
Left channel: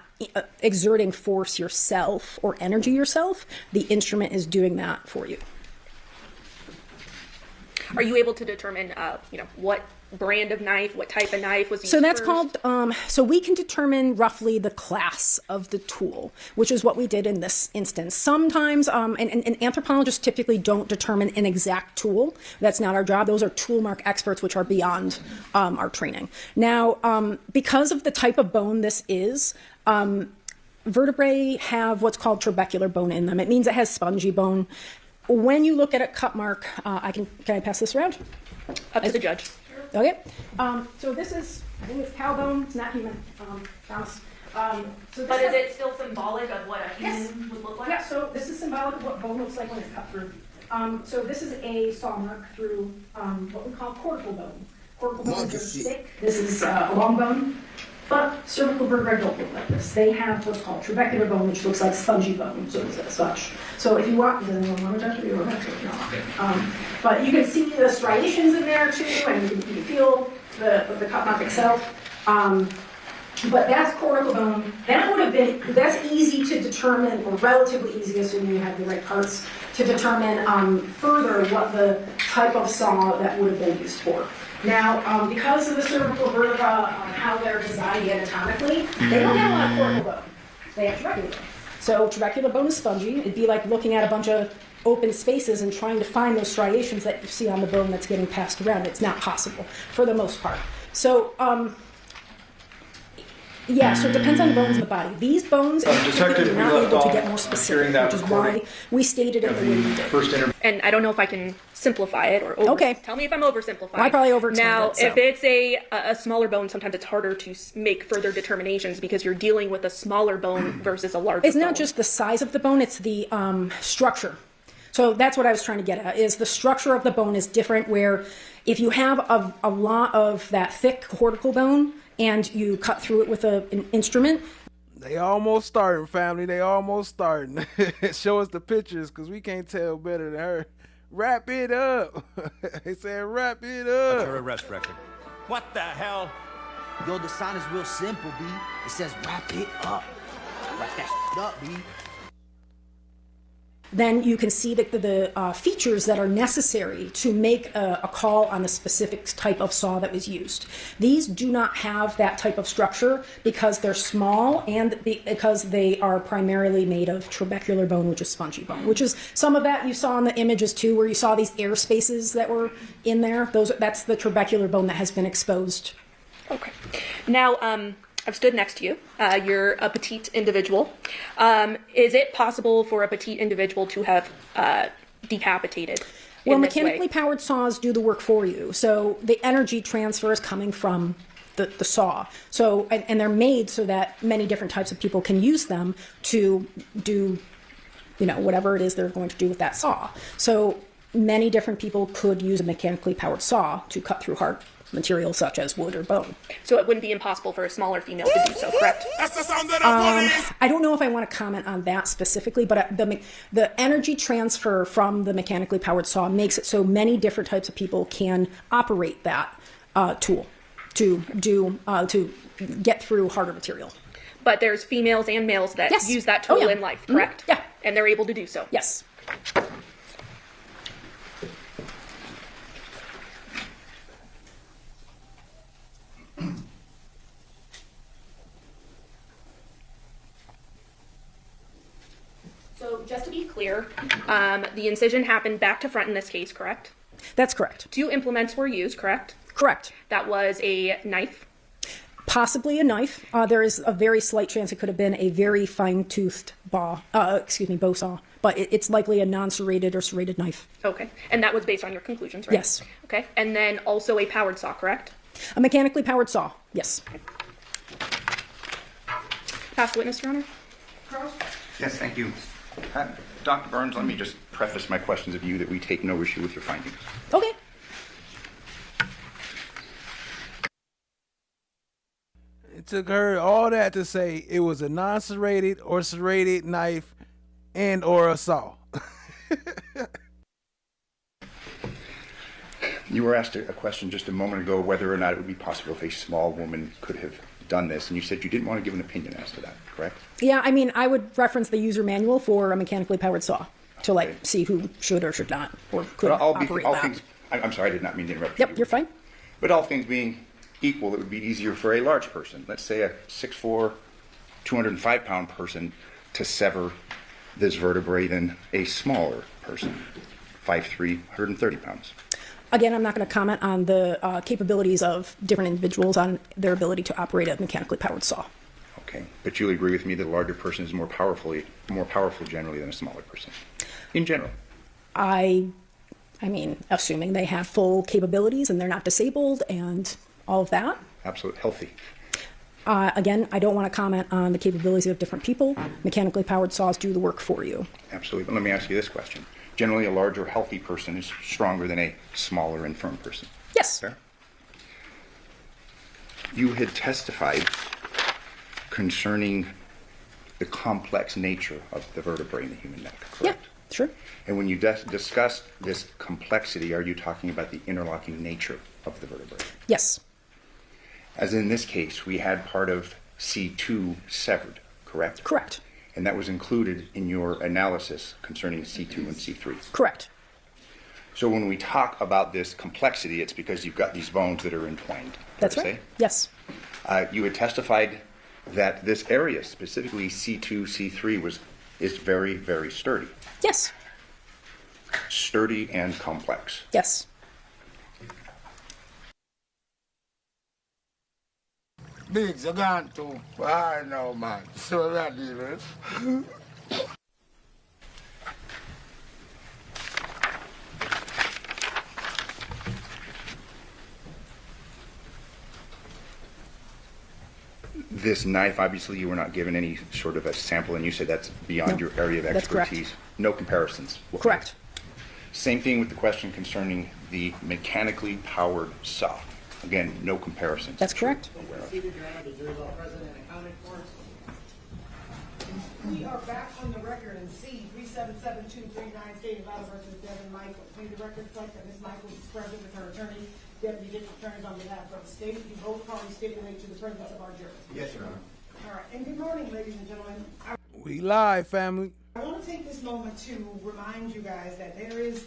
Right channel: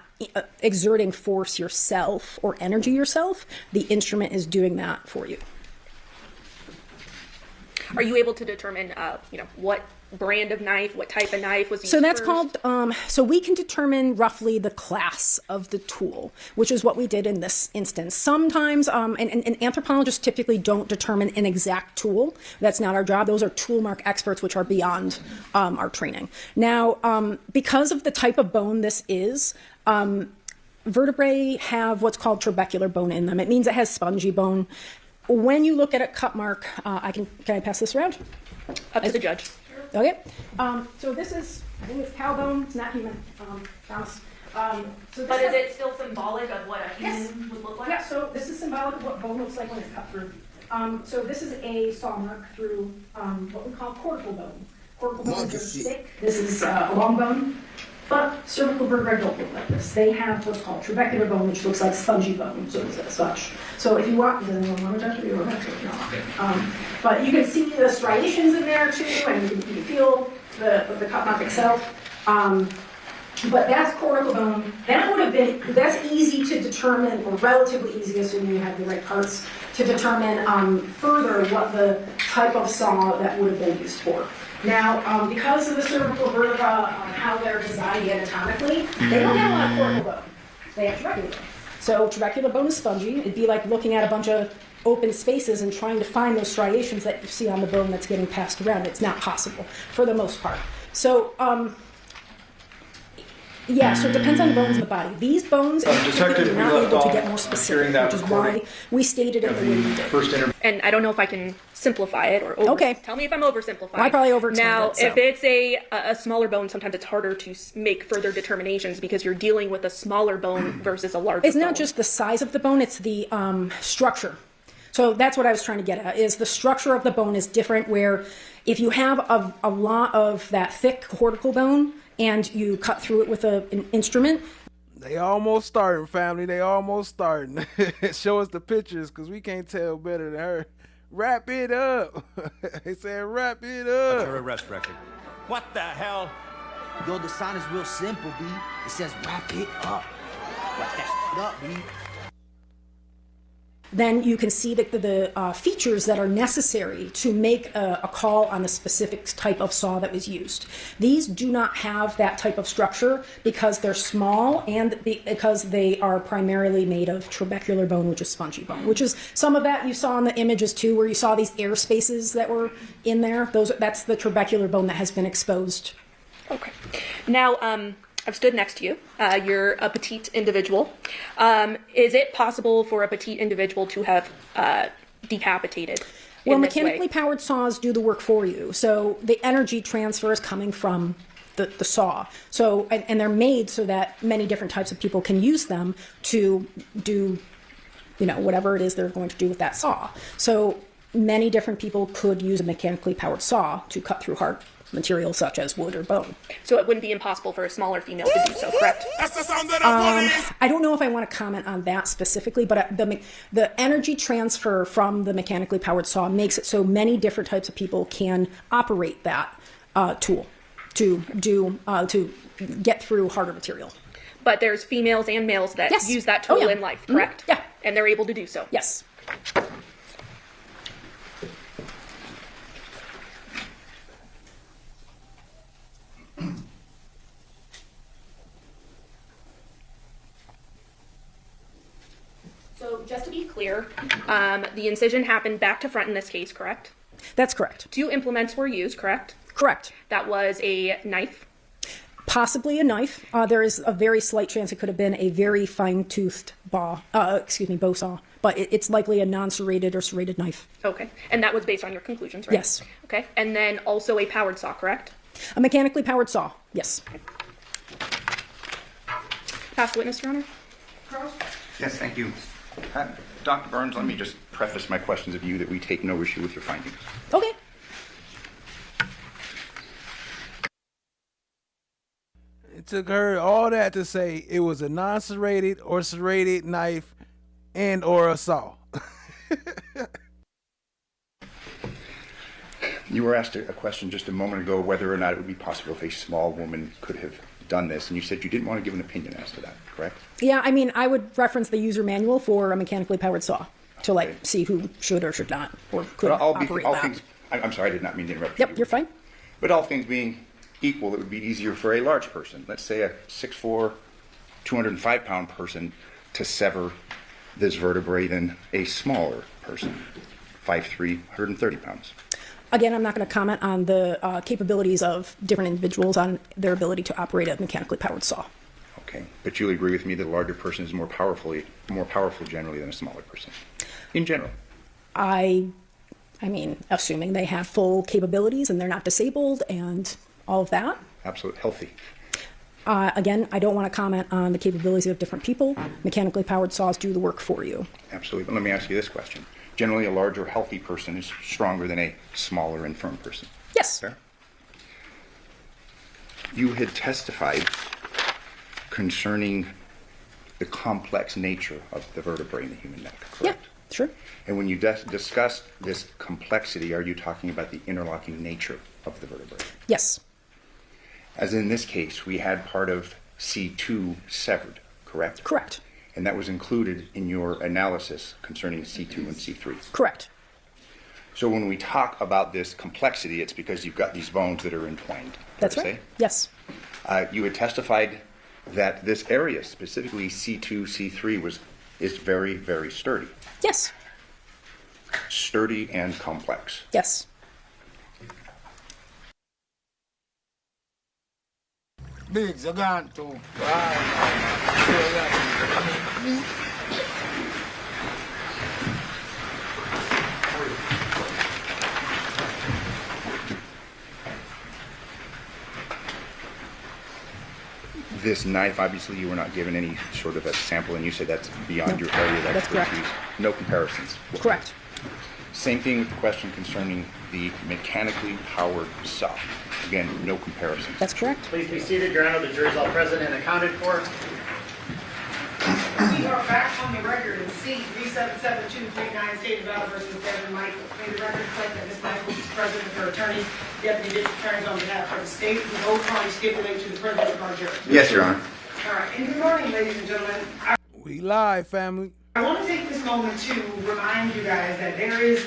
exerting force yourself or energy yourself. The instrument is doing that for you. Are you able to determine, you know, what brand of knife, what type of knife was used So that's first? called, so we can determine roughly the class of the tool, which is what we did in this instance. Sometimes, and anthropologists typically don't determine an exact tool. That's not our job. Those are tool mark experts, which are beyond our training. Now, because of the type of bone this is, vertebrae have what's called trabecular bone in them. It means it has spongy bone. When you look at a cut mark, can I pass this around? Up to the judge. Okay, so this is, I think it's cow bone, it's not human, Thomas. But is it still symbolic of what a human would look like? Yeah, so this is symbolic of what bone looks like when it's cut through. So this is a saw mark through what we call cortical bone. Cortical bone is thick, this is a long bone, but cervical vertebrae don't look like this. They have what's called trabecular bone, which looks like spongy bone, so it's as such. So if you walk, does anyone want to touch it? You don't have to, no. But you can see the striations in there too, and you can feel the cut mark itself. But that's cortical bone. That would have been, that's easy to determine, or relatively easy, assuming you have the right parts, to determine further what the type of saw that would have been used for. Now, because of the cervical vertebra, how they're designed anatomically, they don't have a lot of cortical bone. They have trabecular bone. So trabecular bone is spongy. It'd be like looking at a bunch of open spaces and trying to find those striations that you see on the bone that's getting passed around. It's not possible for the most part. So, yeah, so it depends on the bones in the body. These bones, Detective, you're not able to get more specific, which is why we stated it the way we did. And I don't know if I can simplify it or tell me if I'm oversimplifying. I probably overexplained Now, it, so. if it's a smaller bone, sometimes it's harder to make further determinations because you're dealing with a smaller bone versus a larger bone. It's not just the size of the bone, it's the structure. So that's what I was trying to get at, is the structure of the bone is different, where if you have a lot of that thick cortical bone and you cut through it with an instrument. They almost starting, family. They almost starting. Show us the pictures, because we can't tell better than her. Wrap it up. They said wrap it up. Her arrest record. What the hell? Yo, the sign is real simple, B. It says wrap it up. Wrap that shit up, B. Then you can see the features that are necessary to make a call on the specific type of saw that was used. These do not have that type of structure because they're small and because they are primarily made of trabecular bone, which is spongy bone, which is some of that you saw in the images too, where you saw these air spaces that were in there. That's the trabecular bone that has been exposed. Okay. Now, I've stood next to you. You're a petite individual. Is it possible for a petite individual to have decapitated? Well, mechanically powered saws do the work for you. So the energy transfer is coming from the saw. So, and they're made so that many different types of people can use them to do, whatever it is they're going to do with that saw. So many different people could use a mechanically powered saw to cut through hard material such as wood or bone. So it wouldn't be impossible for a smaller female to do so, correct? I don't know if I want to comment on that specifically, but the energy transfer from the mechanically powered saw makes it so many different types of people can operate that tool to get through harder material. But there's females and males that Yes. use that tool in life, correct? Yeah. And they're able to do so. Yes. So just to be clear, the incision happened back to front in this case, correct? That's correct. 2 implements were used, correct? Correct. That was a knife. Possibly a knife. There is a very slight chance it could have been a very fine-toothed bow saw, but it's likely a non-serrated or serrated knife. Okay. And that was based on your conclusions, right? Yes. Okay. And then also a powered saw, correct? A mechanically powered saw, yes. Past witness, Your Honor. Yes, thank you. Dr. Burns, let me just preface my questions of you that we take no issue with your findings. Okay. It took her all that to say it was a non-serrated or serrated knife and or a saw. You were asked a question just a moment ago whether or not it would be possible if a small woman could have done this, and you said you didn't want to give an opinion as to that, correct? Yeah, I mean, I would reference the user manual for a mechanically powered saw to see who should or should not or could operate that. I'm sorry, I did not mean to interrupt Yep, you. you're fine. But all things being equal, it would be easier for a large person, let's say a 6'4", 205-pound person, to sever this vertebrae than a smaller person, 5'3", 130 pounds. Again, I'm not going to comment on the capabilities of different individuals on their ability to operate a mechanically powered saw. Okay, but you'll agree with me that a larger person is more powerful generally than a smaller person, in general. I mean, assuming they have full capabilities and they're not disabled and all of that. Absolutely healthy. Again, I don't want to comment on the capabilities of different people. Mechanically powered saws do the work for you. Absolutely. But let me ask you this question. Generally, a larger, healthy person is stronger than a smaller, infirm person. Yes. Fair? You had testified concerning the complex nature of the vertebrae in the human neck, correct? Yeah, sure. And when you discussed this complexity, are you talking about the interlocking nature of the vertebrae? Yes. As in this case, we had part of C2 severed, correct? Correct. And that was included in your analysis concerning C2 and C3. Correct. So when we talk about this complexity, it's because you've got these bones that are entwined. That's right. Yes. You had testified that this area, specifically C2, C3, is very, very sturdy. Yes. Sturdy and complex. Yes. Biggs, you're gone too far now, man. So that This knife, obviously, you were not given any sort of a sample, and you said that's beyond your area of that's correct. expertise. No comparisons. Correct. Same thing with the question concerning the mechanically powered saw. Again, no comparisons. That's correct. Please be seated, Your Honor. The jury's all present and accounted for. We are back on the record in C-377239, State of Nevada versus Devyn Michaels. May the record reflect that Ms. Michaels is present with her attorney, Deputy District Attorney on behalf of the state. We both parties stipulate to the presence of our jury. Yes, Your Honor. All right, and good morning, ladies and gentlemen. We live, family. I want to take this moment to remind you guys that there is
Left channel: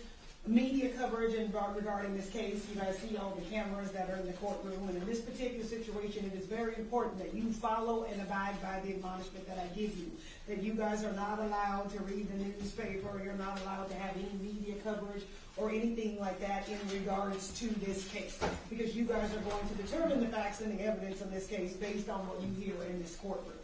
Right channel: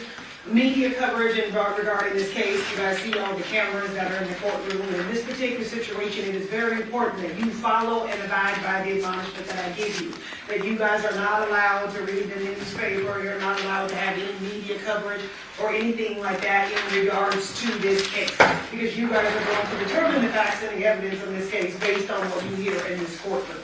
media coverage regarding this case. You guys see all the cameras that are in the courtroom. In this particular situation, it is very important that you follow and abide by the admonishment that I give you. That you guys are not allowed to read the newspaper, you're not allowed to have any media coverage or anything like that in regards to this case. Because you guys are going to determine the facts and the evidence in this case based on what you hear in this courtroom.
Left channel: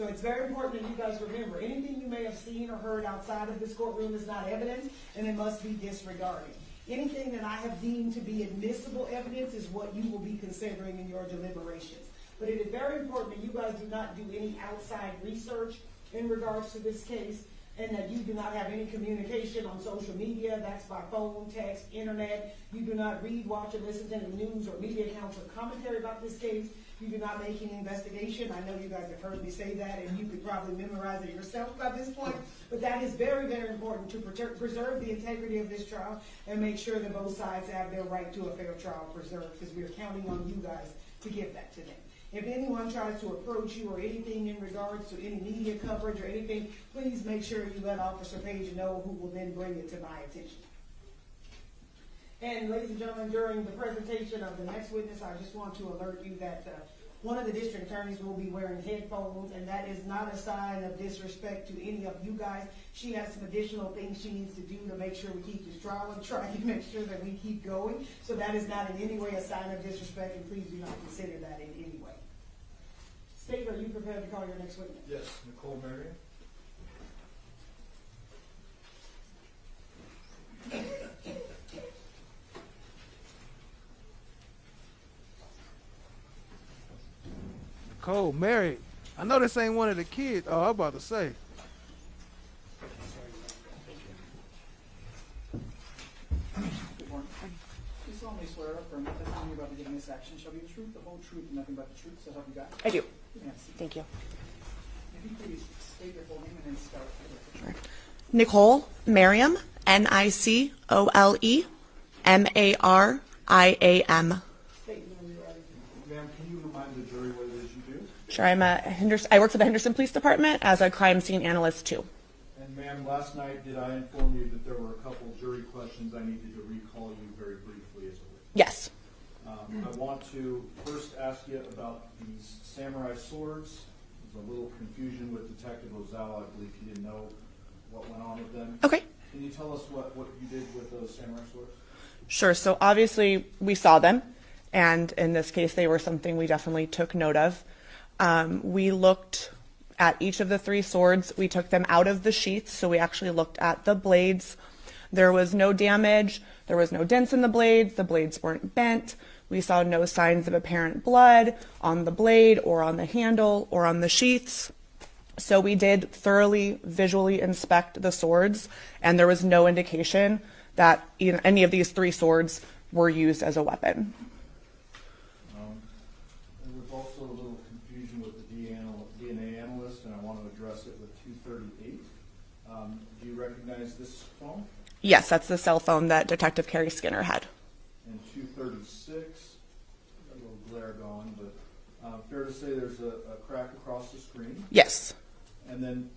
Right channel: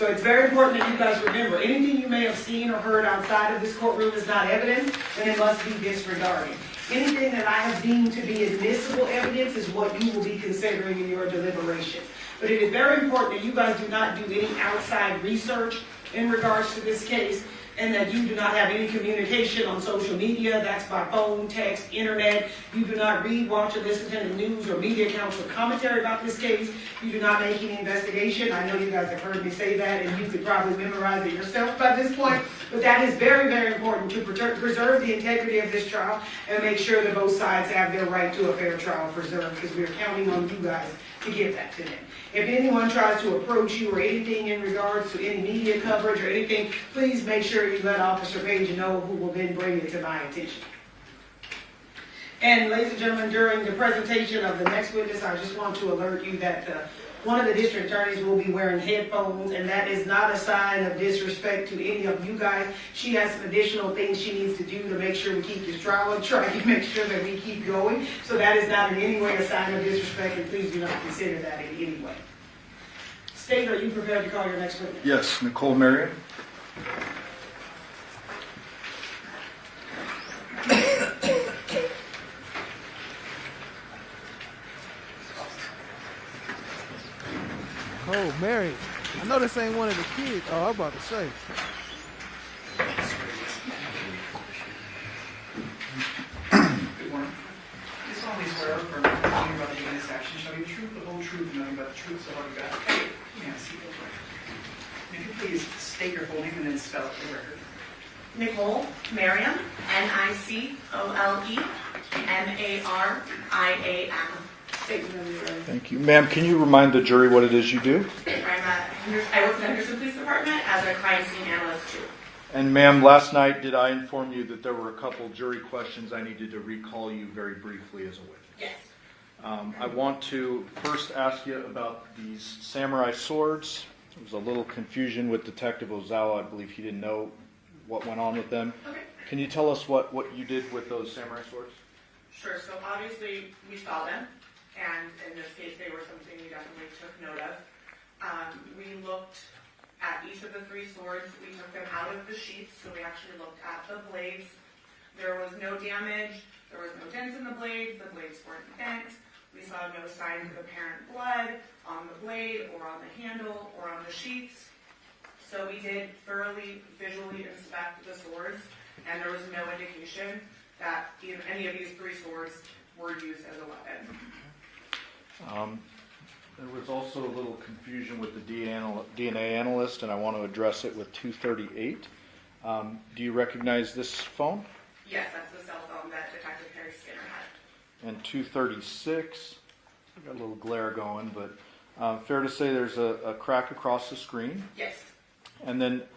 So it's very important that you guys remember, anything you may have seen or heard outside of this courtroom is not evidence, and it must be disregarded. Anything that I have deemed to be admissible evidence is what you will be considering in your deliberations. But it is very important that you guys do not do any outside research in regards to this case, and that you do not have any communication on social media. That's by phone, text, internet. You do not read, watch, or listen to the news or media accounts or commentary about this case. You do not make any investigation. I know you guys have heard me say that, and you could probably memorize it yourself by this point. But that is very, very important to preserve the integrity of this trial and make sure that both sides have their right to a fair trial preserved, because we are counting on you guys to give that to them. If anyone tries to approach you or anything in regards to any media coverage or anything, please make sure you let Officer Page know, who will then bring it to my attention. And ladies and gentlemen, during the presentation of the next witness, I just want to alert you that one of the district attorneys will be wearing headphones, and that is not a sign of disrespect to any of you guys. She has some additional things she needs to do to make sure we keep this trial on track and make sure that we keep going. So that is not in any way a sign of disrespect, and please do not consider that in any way. State, are you prepared to call your next witness? Yes, Nicole Marion. Cole, Mary. I know this ain't one of the kids. Oh, I'm about to say. This only swear affirm that the testimony about the witness action shall be the truth, the whole truth, and nothing but the truth, so help you God. I do. Yes. Thank you. If you please state your full name and then spell it for the record. Nicole Mariam, Nicole Thank you. Ma'am, can you remind the jury what it is you do? Sure, I work for the Henderson Police Department as a crime scene analyst too. And ma'am, last night did I inform you that there were a couple jury questions I needed to recall you very briefly as a witness? Yes. I want to first ask you about these samurai swords. There was a little confusion with Detective Ozawa. I believe he didn't know what went on with them. Okay. Can you tell us what you did with those samurai swords? Sure. So obviously we saw them, and in this case they were something we definitely took note of. We looked at each of the three swords. We took them out of the sheaths, so we actually looked at the blades. There was no damage. There was no dents in the blades. The blades weren't bent. We saw no signs of apparent blood on the blade or on the handle or on the sheaths. So we did thoroughly visually inspect the swords, and there was no indication that any of these three swords were used as a weapon. There was also a little confusion with the DNA analyst, and I want to address it with 238. Do you recognize this phone? Yes, that's the cell phone that Detective Carrie Skinner had. And 236, got a little glare going, but fair to say there's a crack across the screen? Yes. And then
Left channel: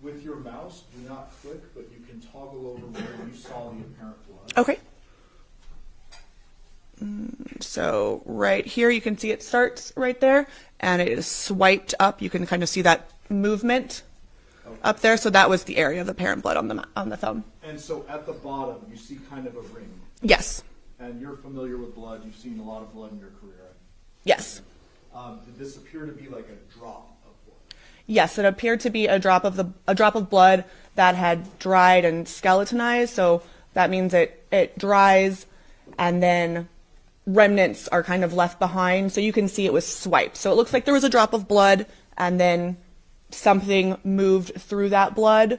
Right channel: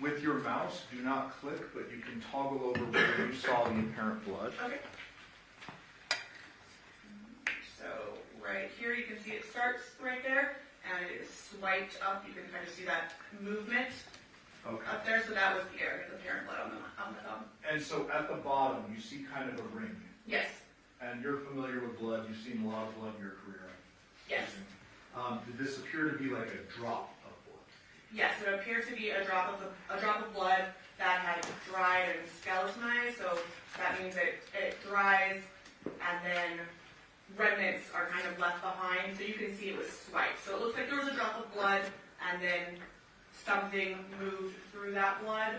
with your mouse, do not click, but you can toggle over where you saw the apparent blood. Okay. So right here, you can see it starts right there, and it is swiped up. You can kind of see that movement up there. So that was the area of apparent blood on the thumb. And so at the bottom, you see kind of a ring. Yes. And you're familiar with blood. You've seen a lot of blood in your career. Yes. Did this appear to be like a drop of blood? Yes, it appeared to be a drop of blood that had dried and skeletonized. So that means it dries, and then remnants are kind of left behind. So you can see it was swiped. So it looks like there was a drop of blood, and then something moved through that blood,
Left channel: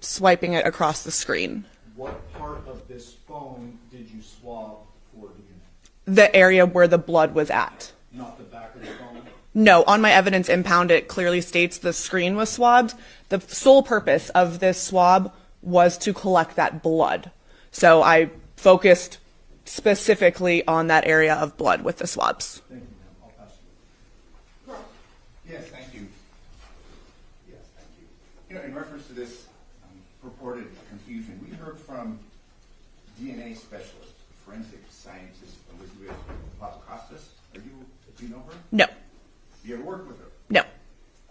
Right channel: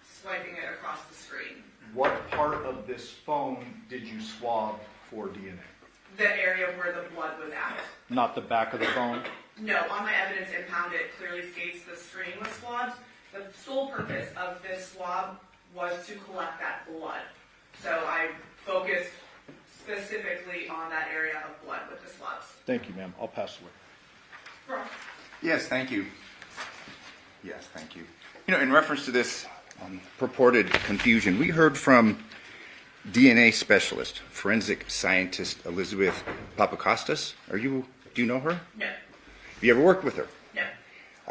swiping it across the screen. What part of this phone did you swab for DNA? The area where the blood was at. Not the back of the phone? No, on my evidence impound, it clearly states the screen was swabbed. The sole purpose of this swab was to collect that blood. So I focused specifically on that area of blood with the swabs. Thank you, ma'am. I'll pass away. Yes, thank you. Yes, thank you. You know, in reference to this purported confusion, we heard from DNA specialist, forensic scientist Elizabeth Papakostas. Do you know her? No. Have you ever worked with her? No.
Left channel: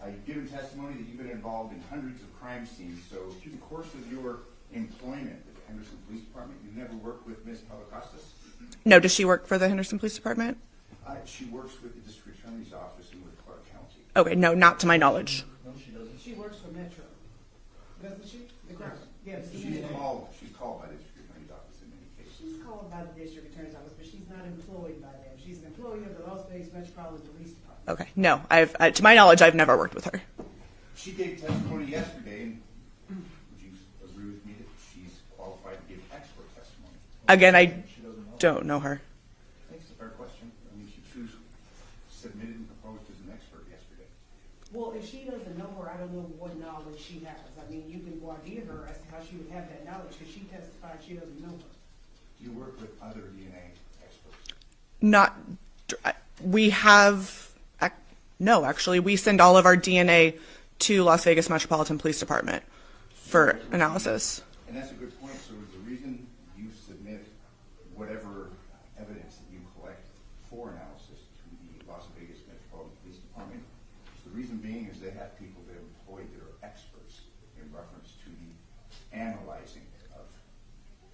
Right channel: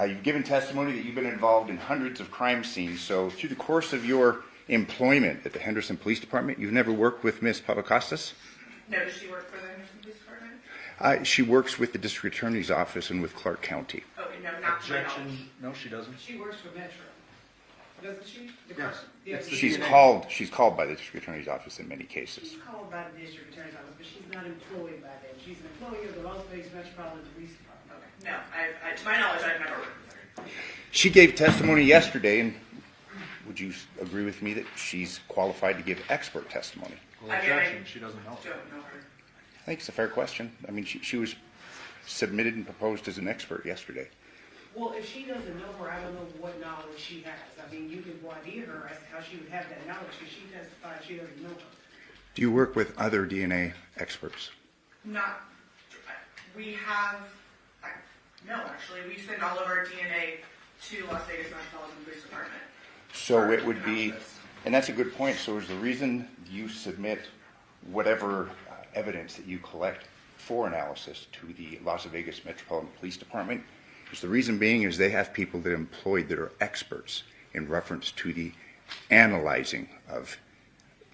You've given testimony that you've been involved in hundreds of crime scenes. So through the course of your employment at the Henderson Police Department, you've never worked with Ms. Papakostas? No, does she work for the Henderson Police Department? She works with the district attorney's office and with Clark County. Okay, no, not to my knowledge. No, she doesn't. She works for Metro, doesn't she? Yes. Yes. She's called by the district attorney's office in many cases. She's called by the district attorney's office, but she's not employed by them. She's an employee of the Las Vegas Metropolitan Police Department. Okay, no, to my knowledge, I've never worked with her. She gave testimony yesterday, and would you agree with me that she's qualified to give expert testimony? Again, I She doesn't know. don't know her. I think it's a fair question. I mean, she was submitted and proposed as an expert yesterday. Well, if she doesn't know her, I don't know what knowledge she has. I mean, you can voir dire her as to how she would have that knowledge, because she testified she doesn't know her. Do you work with other DNA experts? Not, we have, no, actually, we send all of our DNA to Las Vegas Metropolitan Police Department for it would analysis. And that's a good point. So is the reason you submit whatever evidence that you collect for analysis to the Las Vegas Metropolitan Police Department, is the reason being is they have people that are employed that are experts in reference to the analyzing of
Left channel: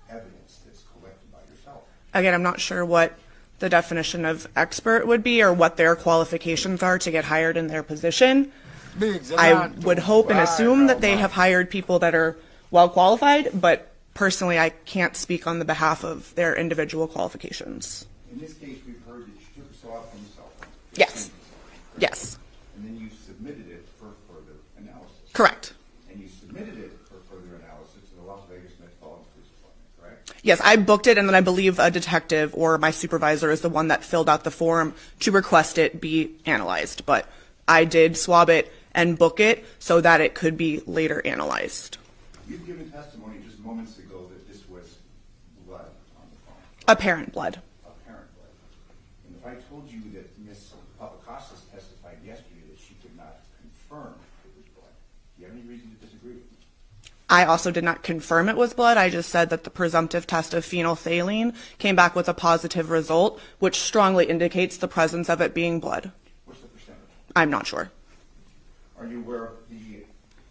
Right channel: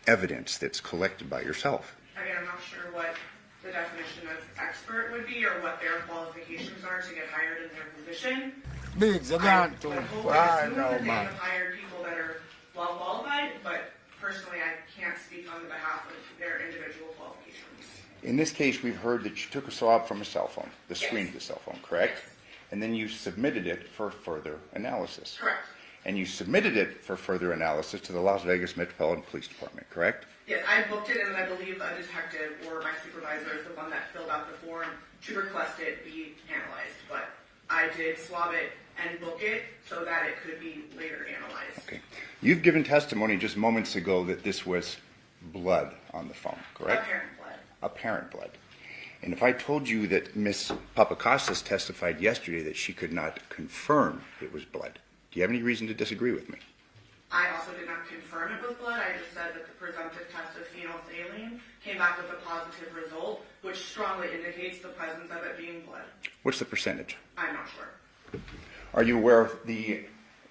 evidence that's collected by yourself. Again, I'm not sure what the definition of expert would be or what their qualifications are to get hired in their position. I would hope and assume that they have hired people that are well qualified, but personally, I can't speak on the behalf of their individual qualifications. In this case, we've heard that you took a swab from a cell phone, the Yes. screen of the cell phone, correct? Yes. And then you submitted it for further analysis. Correct. And you submitted it for further analysis to the Las Vegas Metropolitan Police Department, correct? Yes, I booked it, and then I believe a detective or my supervisor is the one that filled out the form to request it be analyzed. But I did swab it and book it so that it could be later analyzed. Okay. You've given testimony just moments ago that this was blood on the phone, correct? Apparent blood. Apparent blood. And if I told you that Ms. Papakostas testified yesterday that she could not confirm it was blood, do you have any reason to disagree with me? I also did not confirm it was blood. I just said that the presumptive test of phenolphthalein came back with a positive result, which strongly indicates the presence of it being blood. What's the percentage? I'm not sure. Are you aware of the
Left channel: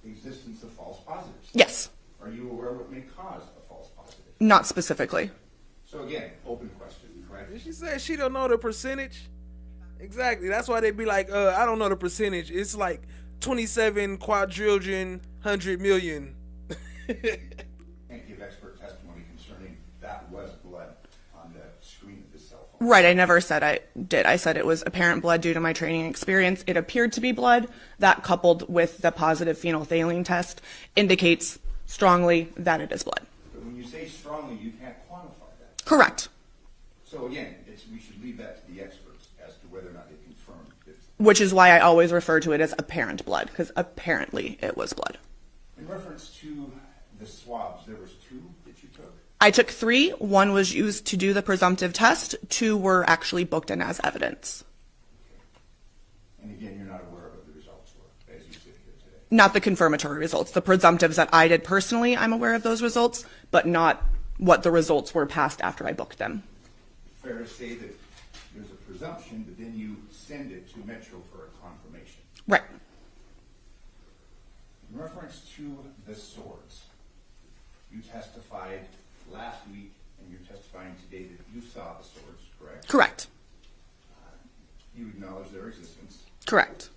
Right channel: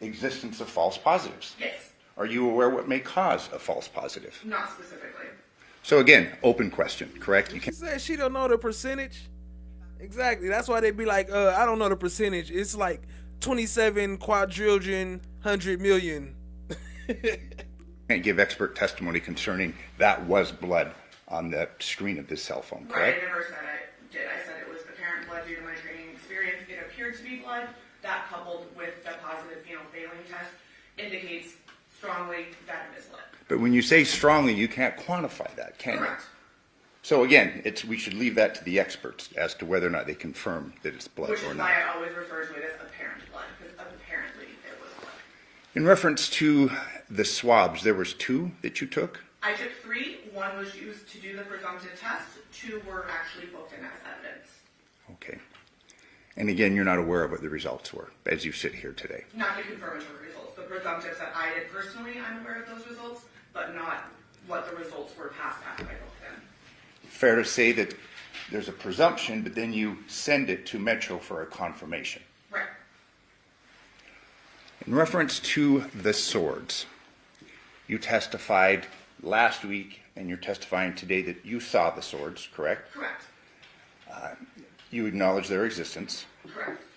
existence of false positives? Yes. Are you aware what may cause a false positive? Not specifically. So again, open question, correct? She said she don't know the percentage. Exactly. That's why they be like, I don't know the percentage. It's like 27 quadrillion, 100 million. Can't give expert testimony concerning that was blood on the screen of this cell phone. Right, I never said I did. I said it was apparent blood due to my training experience. It appeared to be blood. That, coupled with the positive phenolphthalein test, indicates strongly that it is blood. But when you say strongly, you can't quantify that, can you? Correct. So again, we should leave that to the experts as to whether or not they confirm that it's blood. Which is why I always refer to it as apparent blood, because apparently it was blood. In reference to the swabs, there was 2 that you took? I took 3. 1 was used to do the presumptive test. 2 were actually booked in as evidence. Okay. And again, you're not aware of what the results were as you sit here today? Not the confirmatory results. The presumptives that I did personally, I'm aware of those results, but not what the results were passed after I booked them. Fair to say that there's a presumption, but then you send it to Metro for a confirmation. Right. In reference to the swords, you testified last week and you're testifying today that you saw the swords, correct? Correct. You acknowledge their existence. Correct.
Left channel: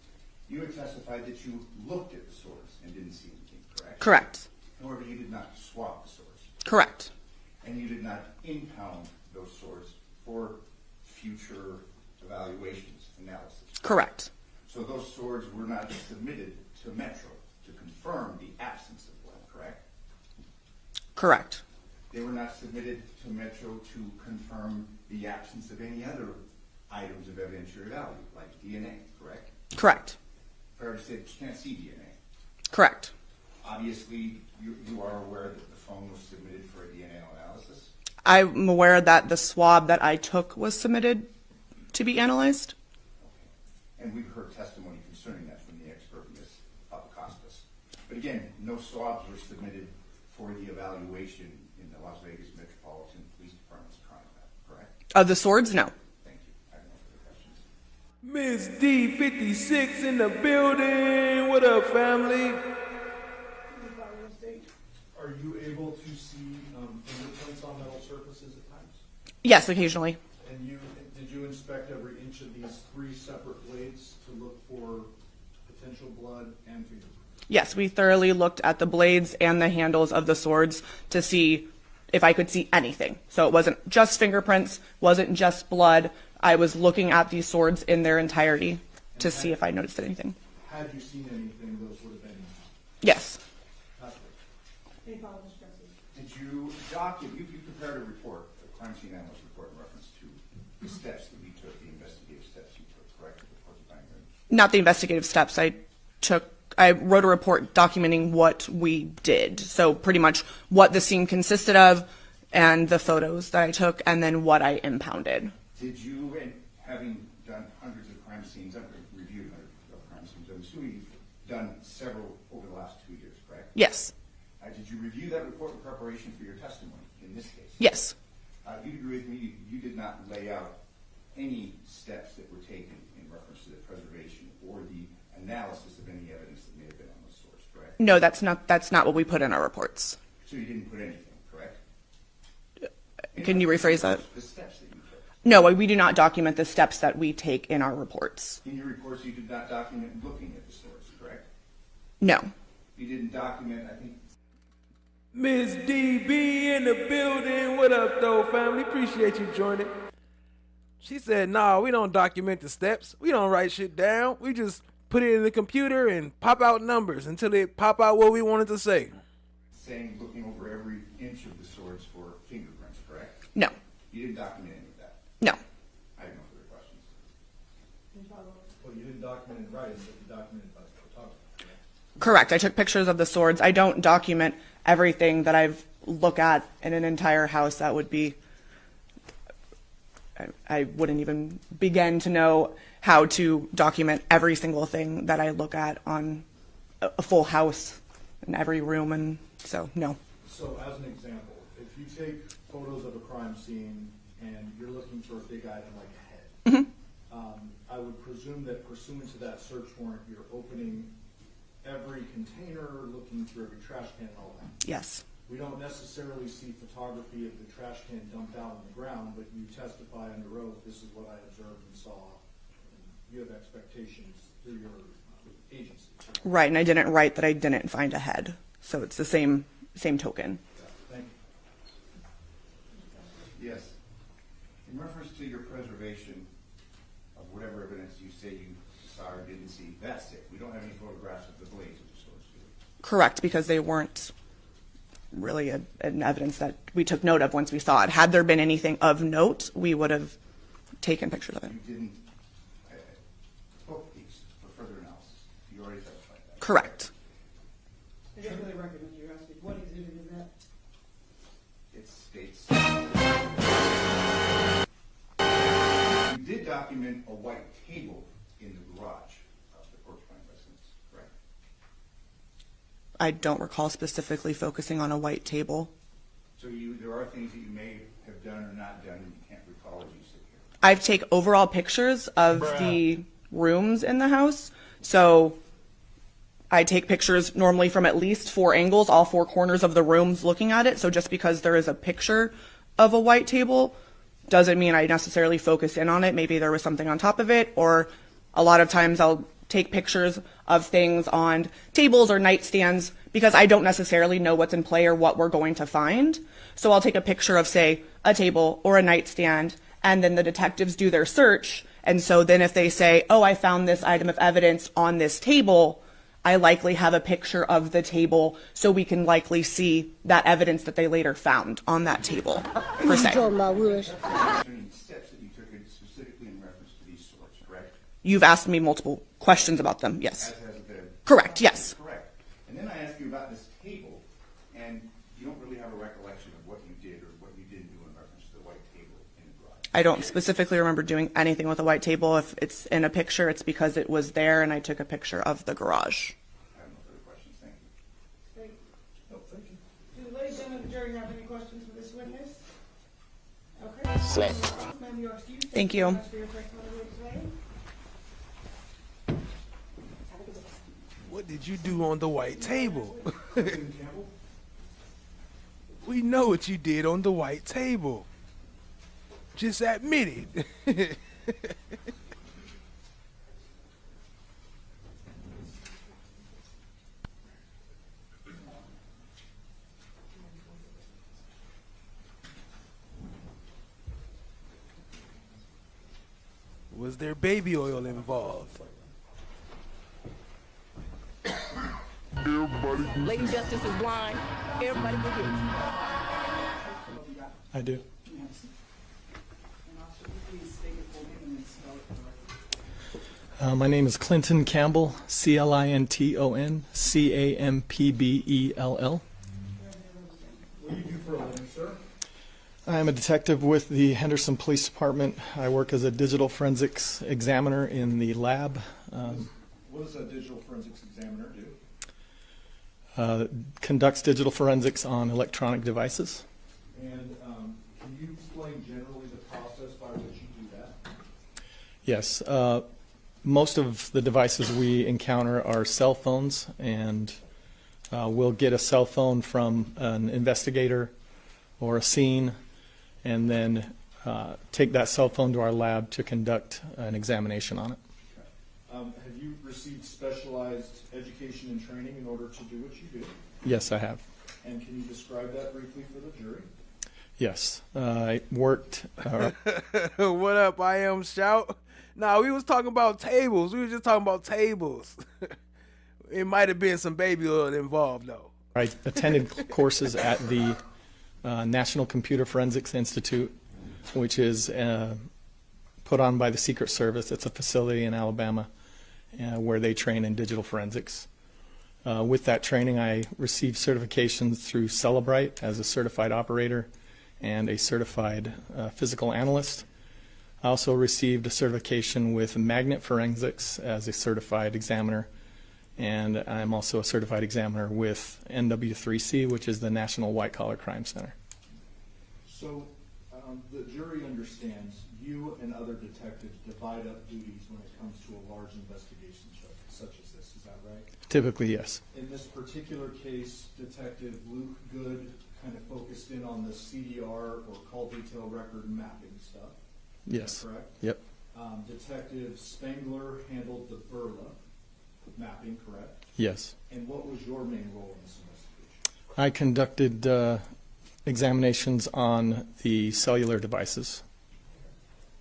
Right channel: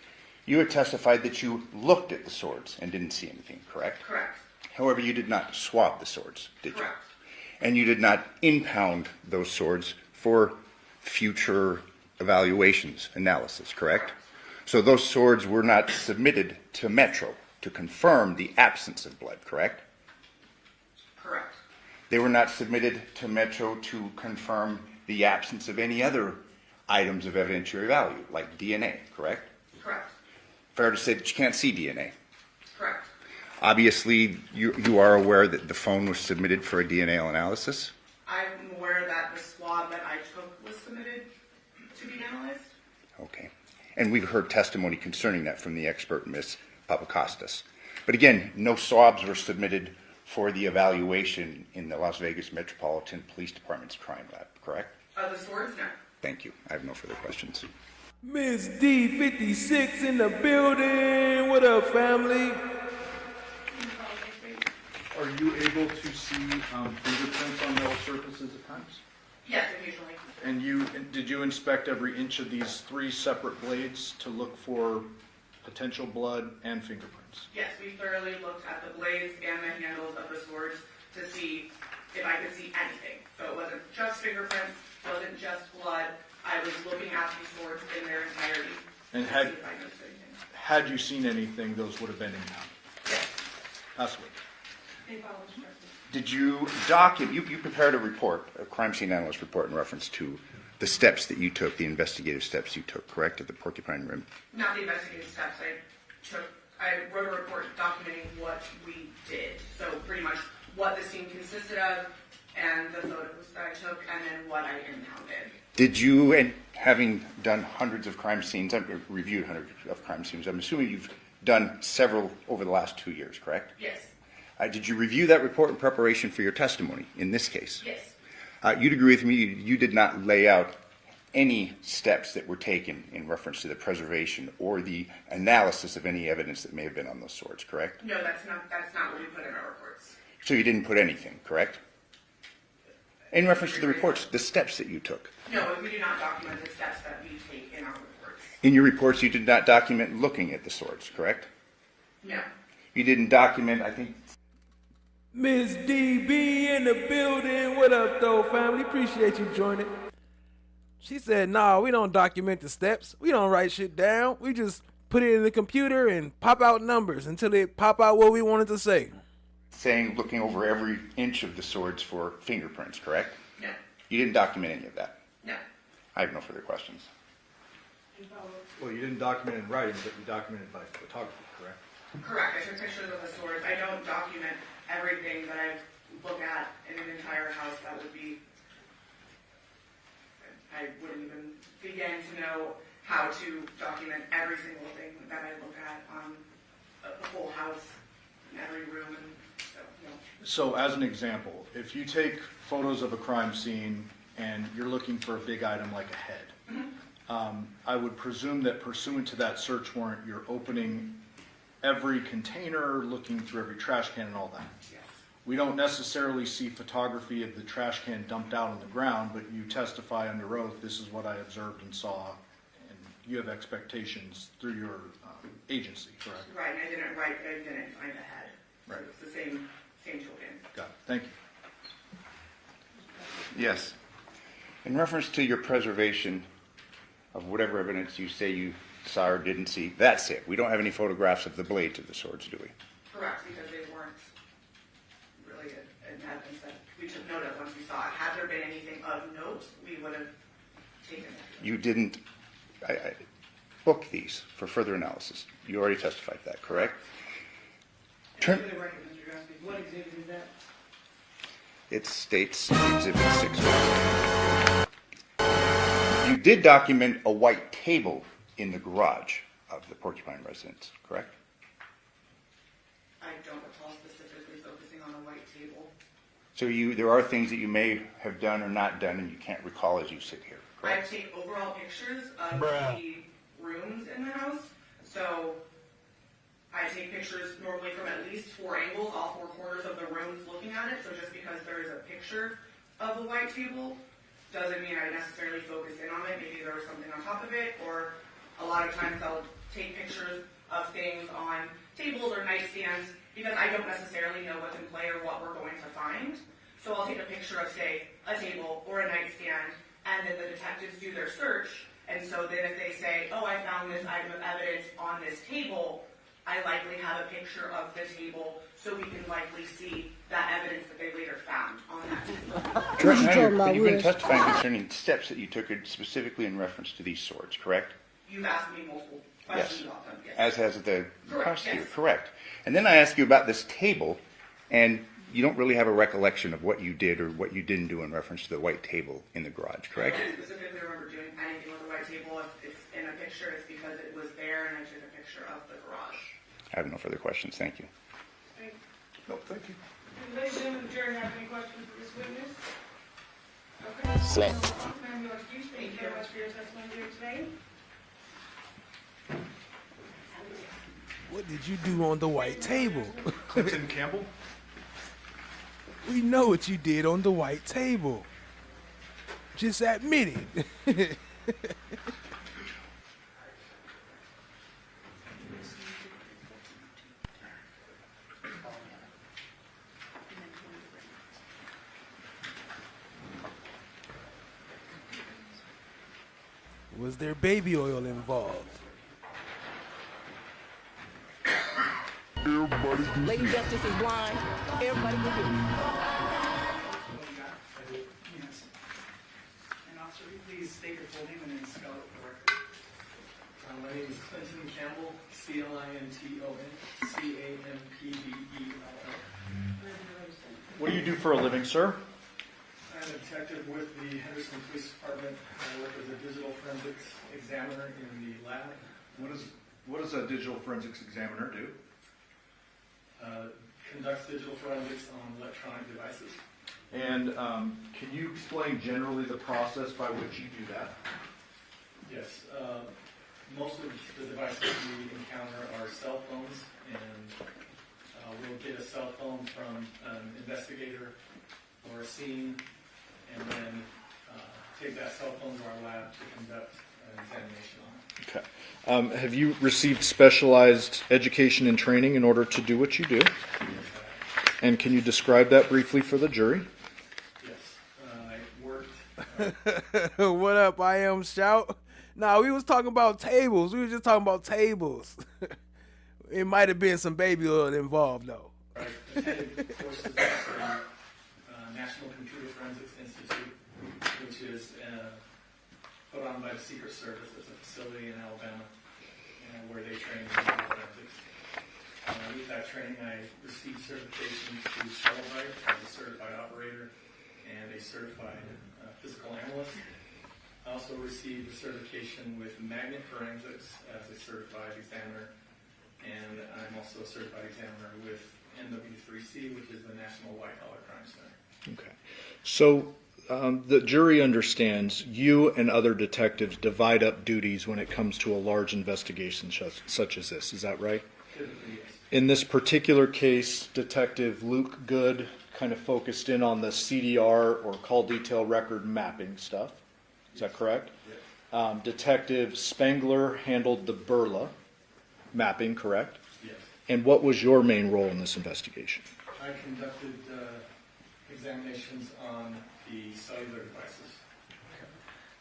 You had testified that you looked at the swords and didn't see anything, correct? Correct. However, you did not swab the swords. Correct. And you did not impound those swords for future evaluations, analysis, correct? Correct. So those swords were not submitted to Metro to confirm the absence of blood, correct? Correct. They were not submitted to Metro to confirm the absence of any other items of evidentiary value, like DNA, correct? Correct. Fair to say that you can't see DNA. Correct. Obviously, you are aware that the phone was submitted for a DNA analysis? I'm aware that the swab that I took was submitted to be analyzed. Okay. And we've heard testimony concerning that from the expert, Ms. Papakostas. But again, no swabs were submitted for the evaluation in the Las Vegas Metropolitan Police Department's crime lab, correct? The swords? No. Thank you. I have no further questions. Miss D56 in the building. What up, family? Are you able to see fingerprints on metal surfaces at times? Yes, occasionally. And did you inspect every inch of these 3 separate blades to look for potential blood and fingerprints? Yes, we thoroughly looked at the blades and the handles of the swords to see if I could see anything. So it wasn't just fingerprints, wasn't just blood. I was looking at these swords in their entirety to see if I noticed anything. Had you seen anything, those would have been impounded? Yes. Absolutely. Any follow-up questions? Did you document, you prepared a report, a crime scene analyst report in reference to the steps that you took, the investigative steps you took, correct, at the Porcupine Rim? Not the investigative steps. I wrote a report documenting what we did. So pretty much what the scene consisted of and the photos that I took and then what I impounded. Did you, and having done hundreds of crime scenes, I've reviewed hundreds of crime scenes, I'm assuming you've done several over the last 2 years, correct? Yes. Did you review that report in preparation for your testimony in this case? Yes. You'd agree with me, you did not lay out any steps that were taken in reference to the preservation or the analysis of any evidence that may have been on those swords, correct? No, that's not what we put in our reports. So you didn't put anything, correct? In Can you reference to rephrase the reports, that? the steps that you took. No, we do not document the steps that we take in our reports. In your reports, you did not document looking at the swords, correct? No. You didn't document, I think. Miss DB in the building. What up, though, family? Appreciate you joining. She said, nah, we don't document the steps. We don't write shit down. We just put it in the computer and pop out numbers until it pop out what we wanted to say. Saying, looking over every inch of the swords for fingerprints, correct? No. You didn't document any of that? No. I have no further questions. Well, you didn't document it in writing, but you documented by photography, correct? Correct. I took pictures of the swords. I don't document everything that I've looked at in an entire house. That would be, I wouldn't even begin to know how to document every single thing that I look at on a full house in every room, and so no. So as an example, if you take photos of a crime scene and you're looking for a big item like a head, I would presume that pursuant to that search warrant, you're opening every container, looking through every trash can and all that. Yes. We don't necessarily see photography of the trash can dumped out on the ground, but you testify under oath, this is what I observed and saw, and you have expectations through your agency, correct? Right, and I didn't write that I didn't find a head, so it's the same token. Got it. Thank you. Yes. In reference to your preservation of whatever evidence you say you saw or didn't see, that's it. We don't have any photographs of the blades of the swords, do we? Correct, because they weren't really an evidence that we took note of once we saw it. Had there been anything of note, we would have taken pictures of it. You didn't book these for further analysis. You already testified that, Correct. For the record, Mr. Gusty, what exhibit is that? It states Exhibit 6. You did document a white table in the garage of the Porcupine residence, correct? I don't recall specifically focusing on a white table. So there are things that you may have done or not done and you can't recall as you sit here. I take overall pictures of the rooms in the house. So I take pictures normally from at least 4 angles, all 4 corners of the rooms looking at it. So just because there is a picture of a white table doesn't mean I necessarily focus in on it. Maybe there was something on top of it, or a lot of times I'll take pictures of things on tables or nightstands because I don't necessarily know what's in play or what we're going to find. So I'll take a picture of, say, a table or a nightstand, and then the detectives do their search. And so then if they say, oh, I found this item of evidence on this table, I likely have a picture of the table so we can likely see that evidence that they later found on that table. You've been testifying concerning steps that you took specifically in reference to these swords, correct? You've asked me multiple questions about them, yes. As has the Correct, prosecutor, yes. Correct. And then I ask you about this table, and you don't really have a recollection of what you did or what you didn't do in reference to the white table in the garage. Correct? I don't specifically remember doing anything with a white table. If it's in a picture, it's because it was there and I took a picture of the garage. I have no further questions. Thank you. No, thank you. Ladies and gentlemen, the jury have any questions for this witness? Okay. Slap. Ma'am, you are excused. Thank you. Thank you very much for your testimony here today. What did you do on the white table? Tim Campbell? We know what you did on the white table. Just admit it. Was there baby oil involved? Lady Justice is blind. Everybody can hear me. I do. Yes. And officer, please state your full name and then spell it correctly. My name is Clinton Campbell, Clinton Campbell. What do you do for a living, sir? I am a detective with the Henderson Police Department. I work as a digital forensics examiner in the lab. What does a digital forensics examiner do? Conducts digital forensics on electronic devices. And can you explain generally the process by which you do that? Yes. Most of the devices we encounter are cell phones, and we'll get a cell phone from an investigator or a scene, and then take that cell phone to our lab to conduct an examination on it. Okay. Have you received specialized education and training in order to do what you do? Yes, I have. And can you describe that briefly for the jury? Yes. I worked... What up, I am Shout? Nah, we was talking about tables. We were just talking about tables. It might have been some baby oil involved, though. I attended courses at the National Computer Forensics Institute, which is put on by the Secret Service. It's a facility in Alabama where they train in digital forensics. With that training, I received certification through Cellebrite as a certified operator and a certified physical analyst. I also received a certification with Magnet Forensics as a certified examiner, and I'm also a certified examiner with NW3C, which is the National White Collar Crime Center. Okay. So the jury understands you and other detectives divide up duties when it comes to a large investigation such as this. Is that right? Typically, yes. In this particular case, Detective Luke Good kind of focused in on the CDR or call detail record mapping stuff. Is Yes. that correct? Yep. Detective Spangler handled the Burla mapping, correct? Yes. And what was your main role in this investigation? I conducted examinations on the cellular devices.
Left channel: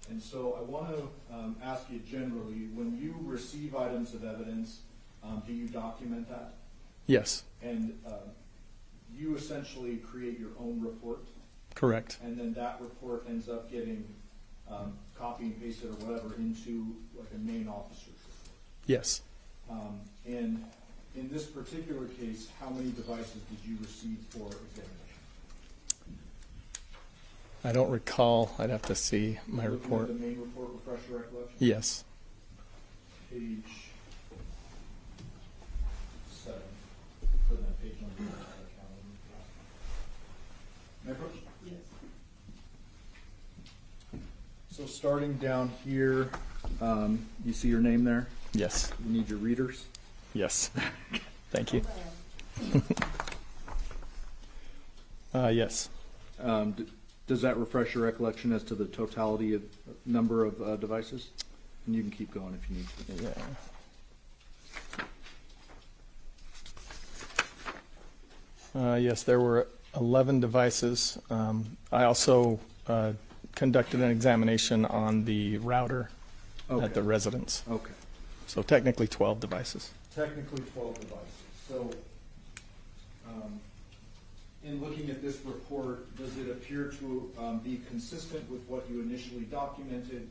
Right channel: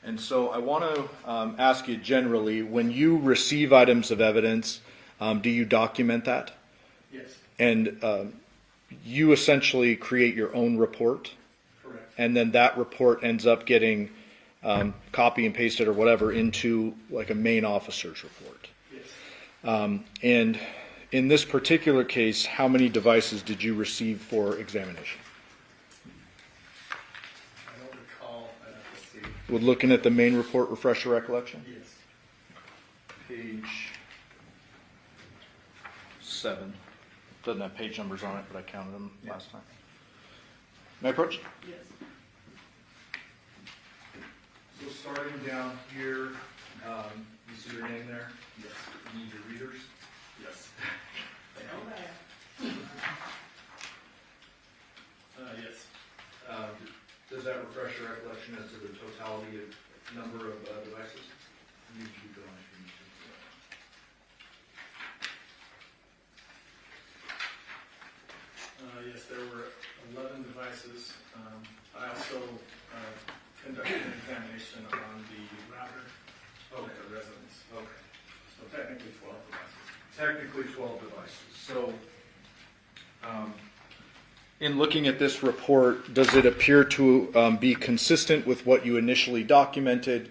And so I want to ask you generally, when you receive items of evidence, do you document that? Yes. And you essentially create your own report? Correct. And then that report ends up getting copy and pasted or whatever into like a main officer's report? Yes. And in this particular case, how many devices did you receive for examination? I don't recall. I'd have to see. With looking at the main report, refresh your recollection? Yes. Page 7. Doesn't have page numbers on it, but I counted them last time. May I approach? Yes. So starting down here, you see your name there? Yes. You need your readers? Yes. Thank you. Yes. Does that refresh your recollection as to the totality of number of devices? And you can keep going if you need to. Yeah. Yes, there were 11 devices. I also conducted an examination on the router at the residence. Okay. So technically 12 devices. Technically 12 devices. So, in looking at this report, does it appear to be consistent with what you initially documented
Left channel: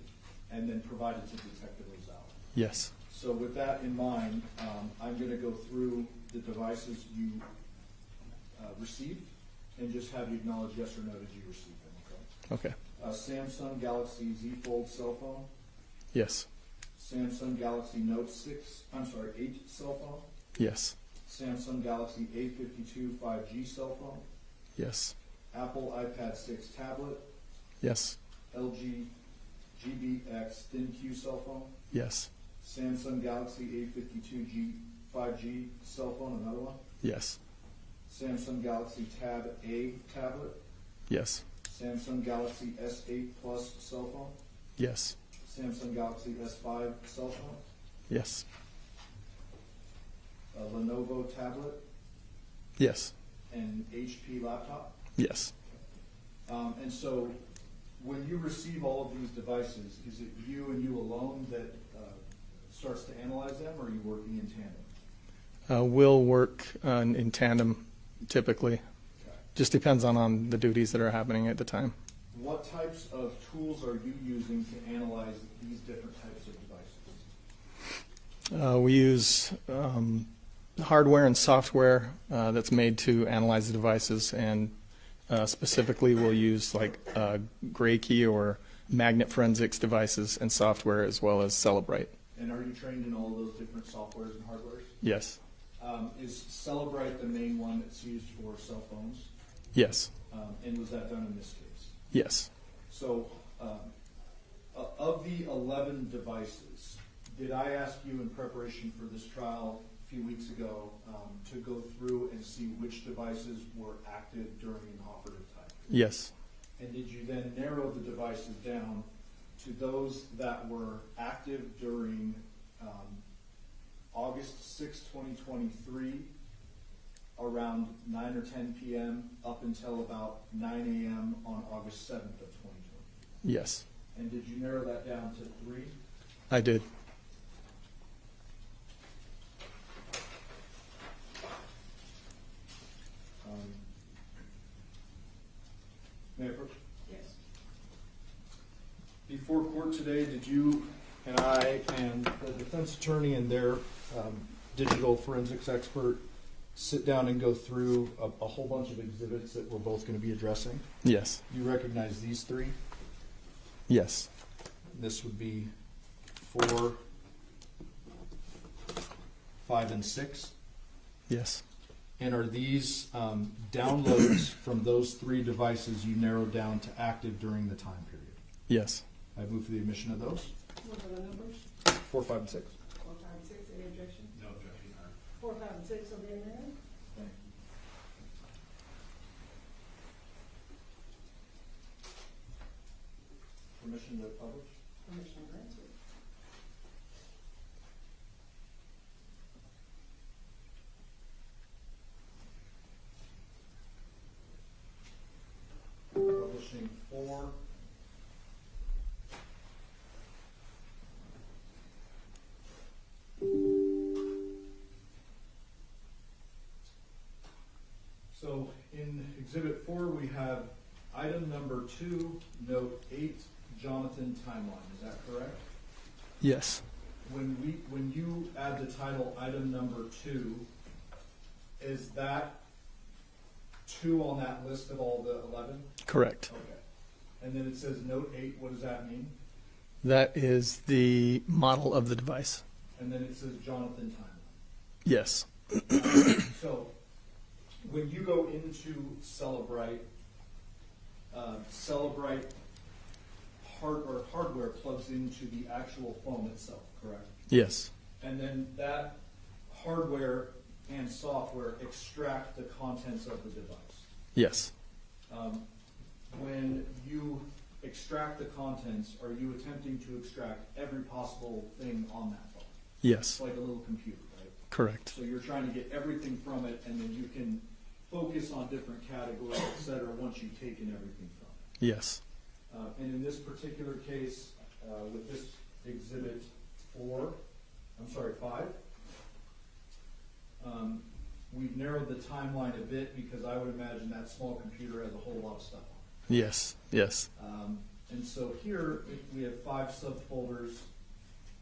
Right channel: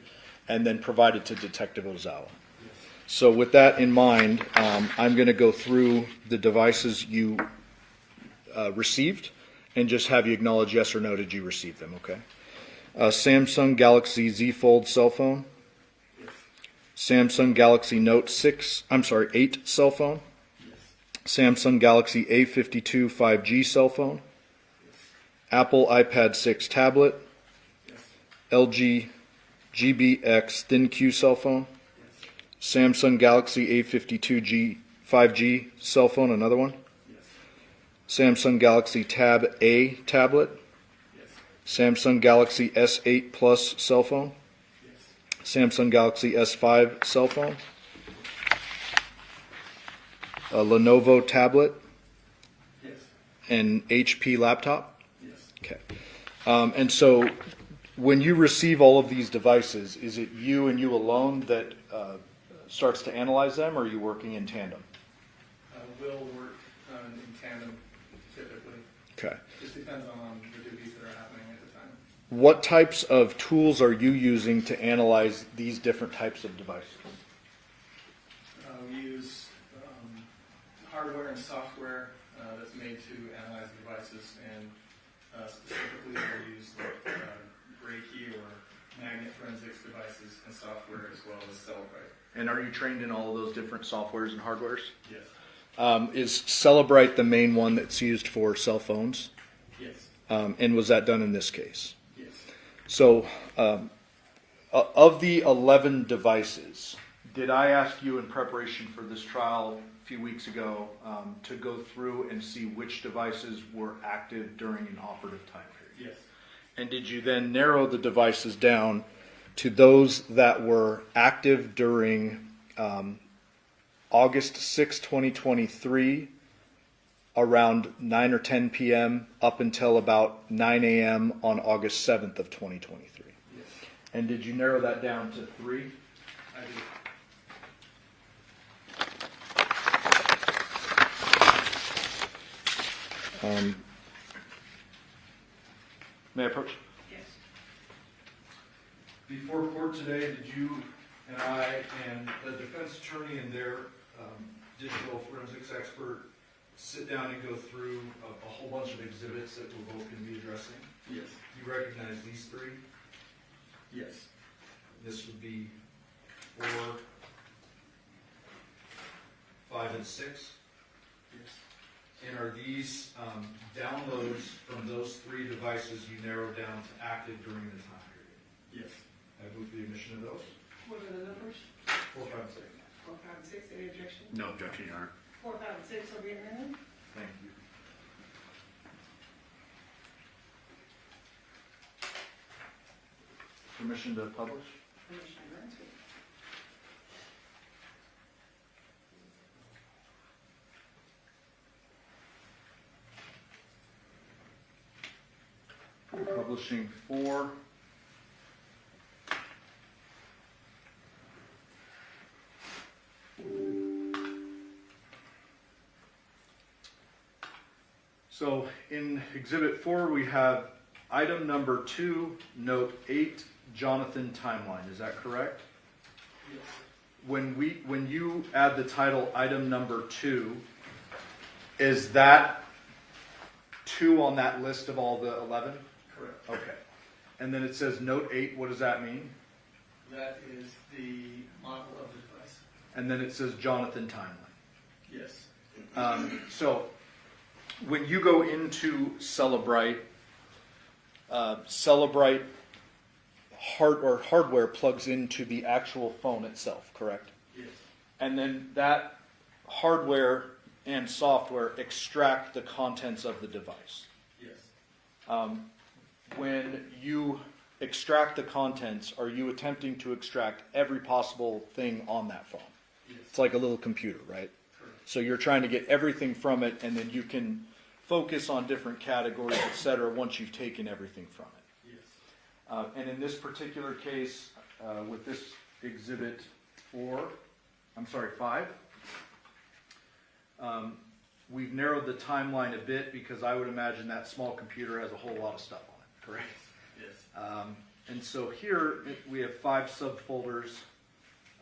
and then provided to Detective Ozawa? Yes. So with that in mind, I'm going to go through the devices you received and just have you acknowledge yes or no, did you receive them, okay? Okay. Samsung Galaxy Z Fold cell phone. Yes. Samsung Galaxy Note 8 cell phone. Yes. Samsung Galaxy A52 5G cell phone. Yes. Apple iPad 6 tablet. Yes. LG GBX ThinQ cell phone. Yes. Samsung Galaxy A52 5G cell phone, another one. Yes. Samsung Galaxy Tab A tablet. Yes. Samsung Galaxy S8 Plus cell phone, Yes. Samsung Galaxy S5 cell phone, Yes. a Lenovo tablet, Yes. an HP laptop. Yes. Okay. And so when you receive all of these devices, is it you and you alone that starts to analyze them, or are you working in tandem? We'll work in tandem typically. Okay. Just depends on the duties that are happening at the time. What types of tools are you using to analyze these different types of devices? We use hardware and software that's made to analyze the devices, and specifically we'll use like gray key or magnet forensics devices and software, as well as Celebrite. And are you trained in all of those different softwares and hardwares? Yes. Is Celebrite the main one that's used for cell phones? Yes. And was that done in this case? Yes. So, of the 11 devices, did I ask you in preparation for this trial a few weeks ago to go through and see which devices were active during an operative time period? Yes. And did you then narrow the devices down to those that were active during August 6, 2023, around 9 or 10 p.m. up until about 9 a.m. on August 7th of 2023? Yes. And did you narrow that down to 3? I did. May I approach? Yes. Before court today, did you and I and the defense attorney and their digital forensics expert sit down and go through a whole bunch of exhibits that we're both going to be addressing? Yes. You recognize these 3? Yes. This would be 4, 5, and 6. Yes. And are these downloads from those 3 devices you narrowed down to active during the time period? Yes. I move for the admission of those. What are the numbers? 4, 5, and 6. 4, 5, and 6, any objection? No objection, Your Honor. 4, 5, and 6 will be amended. Thank you. Permission to publish? Permission granted. Publishing 4. So in Exhibit 4, we have item number 2, note 8, Johnathan timeline. Is that correct? Yes. When you add the title item number 2, is that 2 on that list of all the 11? Correct. Okay. And then it says note 8. What does that mean? That is the model of the device. And then it says Johnathan timeline. Yes. So when you go into Celebrite, Celebrite hardware plugs into the actual phone itself, correct? Yes. And then that hardware and software extract the contents of the device. Yes. When you extract the contents, are you attempting to extract every possible thing on that phone? Yes. It's like a little computer, right? Correct. So you're trying to get everything from it, and then you can focus on different categories, et cetera, once you've taken everything from it. Yes. And in this particular case, with this exhibit 5, we've narrowed the timeline a bit because I would imagine that small computer has a whole lot of stuff on it. Yes. Yes. And so here we have 5 subfolders.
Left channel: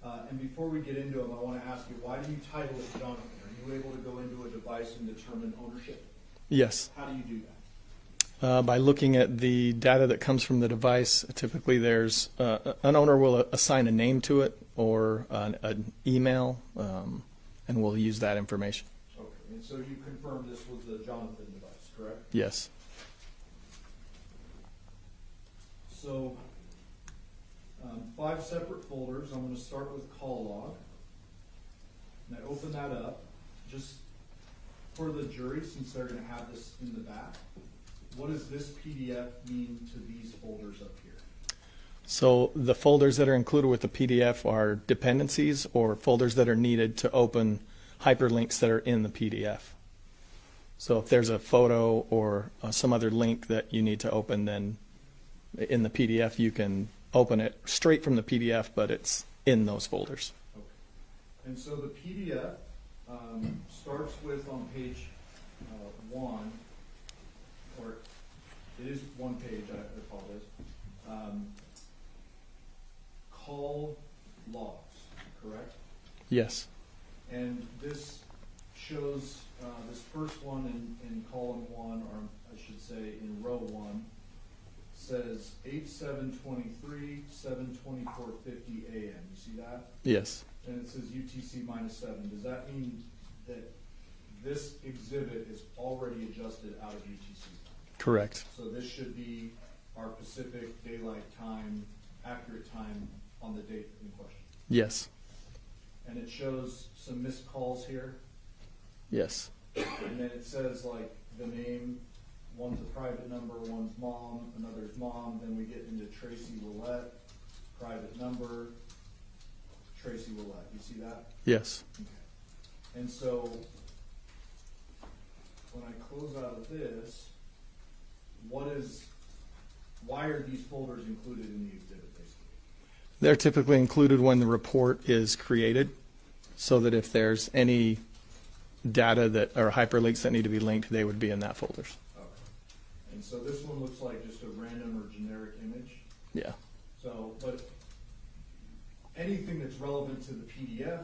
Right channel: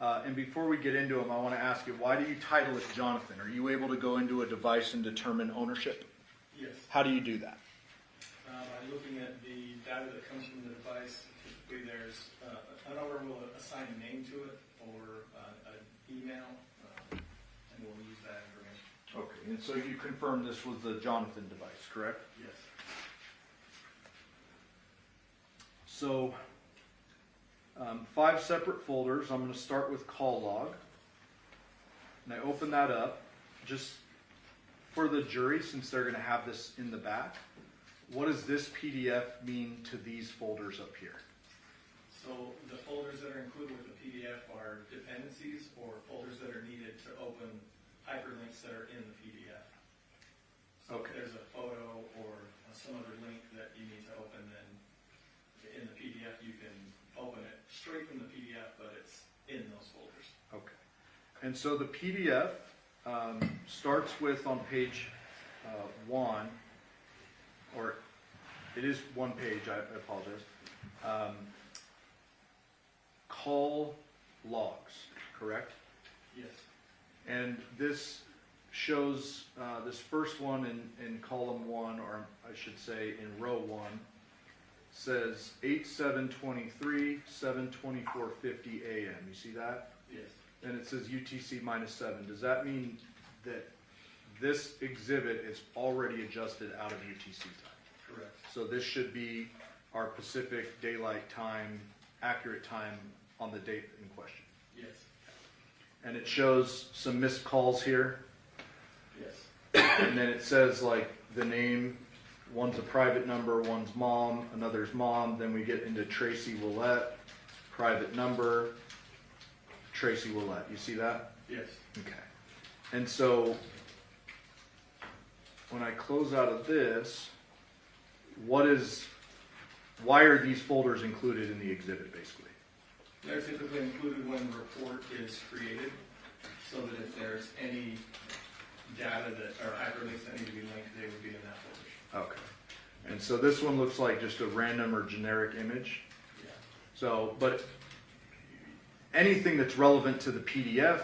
And before we get into them, I want to ask you, why do you title it Johnathan? Are you able to go into a device and determine ownership? Yes. How do you do that? By looking at the data that comes from the device, typically there's an owner will assign a name to it or an email, and we'll use that information. Okay, and so you confirmed this was the Johnathan device, correct? Yes. So 5 separate folders. I'm going to start with call log. And I open that up just for the jury, since they're going to have this in the back. what does this PDF mean to these folders up here? So the folders that are included with the PDF are dependencies or folders that are needed to open hyperlinks that are in the PDF. So if there's a photo or some other link that you need to open, then in the PDF you can open it straight from the PDF, but it's in those folders. Okay. And so the PDF starts with on page 1, or it is one page, I apologize. Call logs, correct? Yes. And this shows this first one in column 1, or I should say in row 1, says 8/7/23, 7:24:50 a.m. You see that? Yes. And it says UTC -7. Does that mean that this exhibit is already adjusted out of UTC time? Correct. So this should be our Pacific Daylight Time, accurate time on the date in question. Yes. And it shows some missed calls here. Yes. And then it says like the name, one's a private number, one's mom, another's mom. Then we get into Tracy Willette, private number, Tracy Willette. You see that? Yes. Okay. And so when I close out of this, why are these folders included in the exhibit basically? They're typically included when the report is created, so that if there's any data that or hyperlinks that need to be linked, they would be in that folders. Okay. And so this one looks like just a random or generic image. Yeah. So, but anything that's relevant to the PDF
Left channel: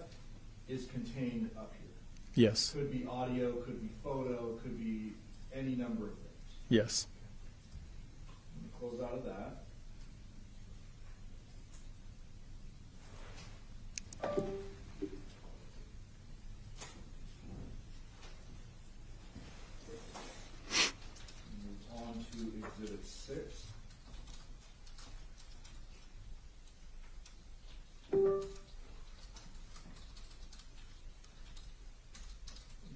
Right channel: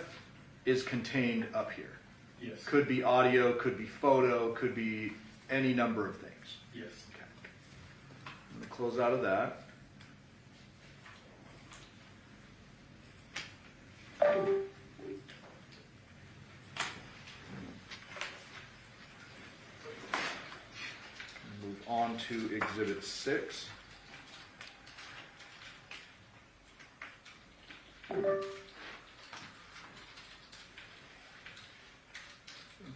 is contained up here. Yes. Could be audio, could be photo, could be any number of things. Yes. Okay. I'm going to close out of that. Move on to Exhibit 6.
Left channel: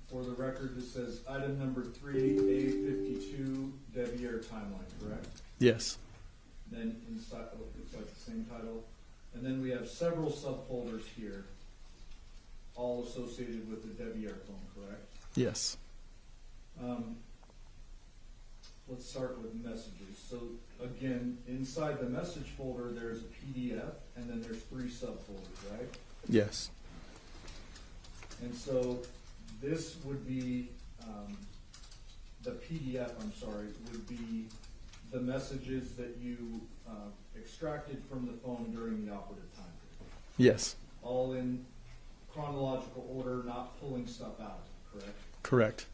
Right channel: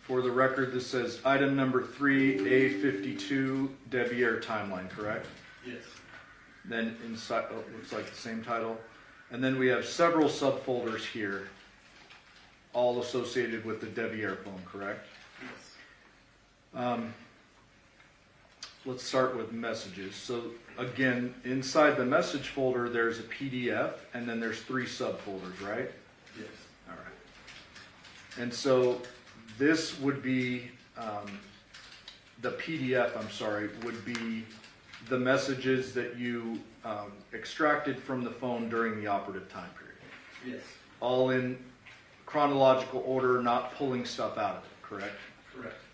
For the record, this says item number 3A52 Deviere timeline, correct? Yes. Then inside, oh, looks like the same title. And then we have several subfolders here, all associated with the Deviere phone, correct? Yes. Let's start with messages. So again, inside the message folder, there's a PDF, and then there's 3 subfolders, right? Yes. All right. And so this would be, the PDF, I'm sorry, would be the messages that you extracted from the phone during the operative time period. Yes. All in chronological order, not pulling stuff out of it, correct? Correct.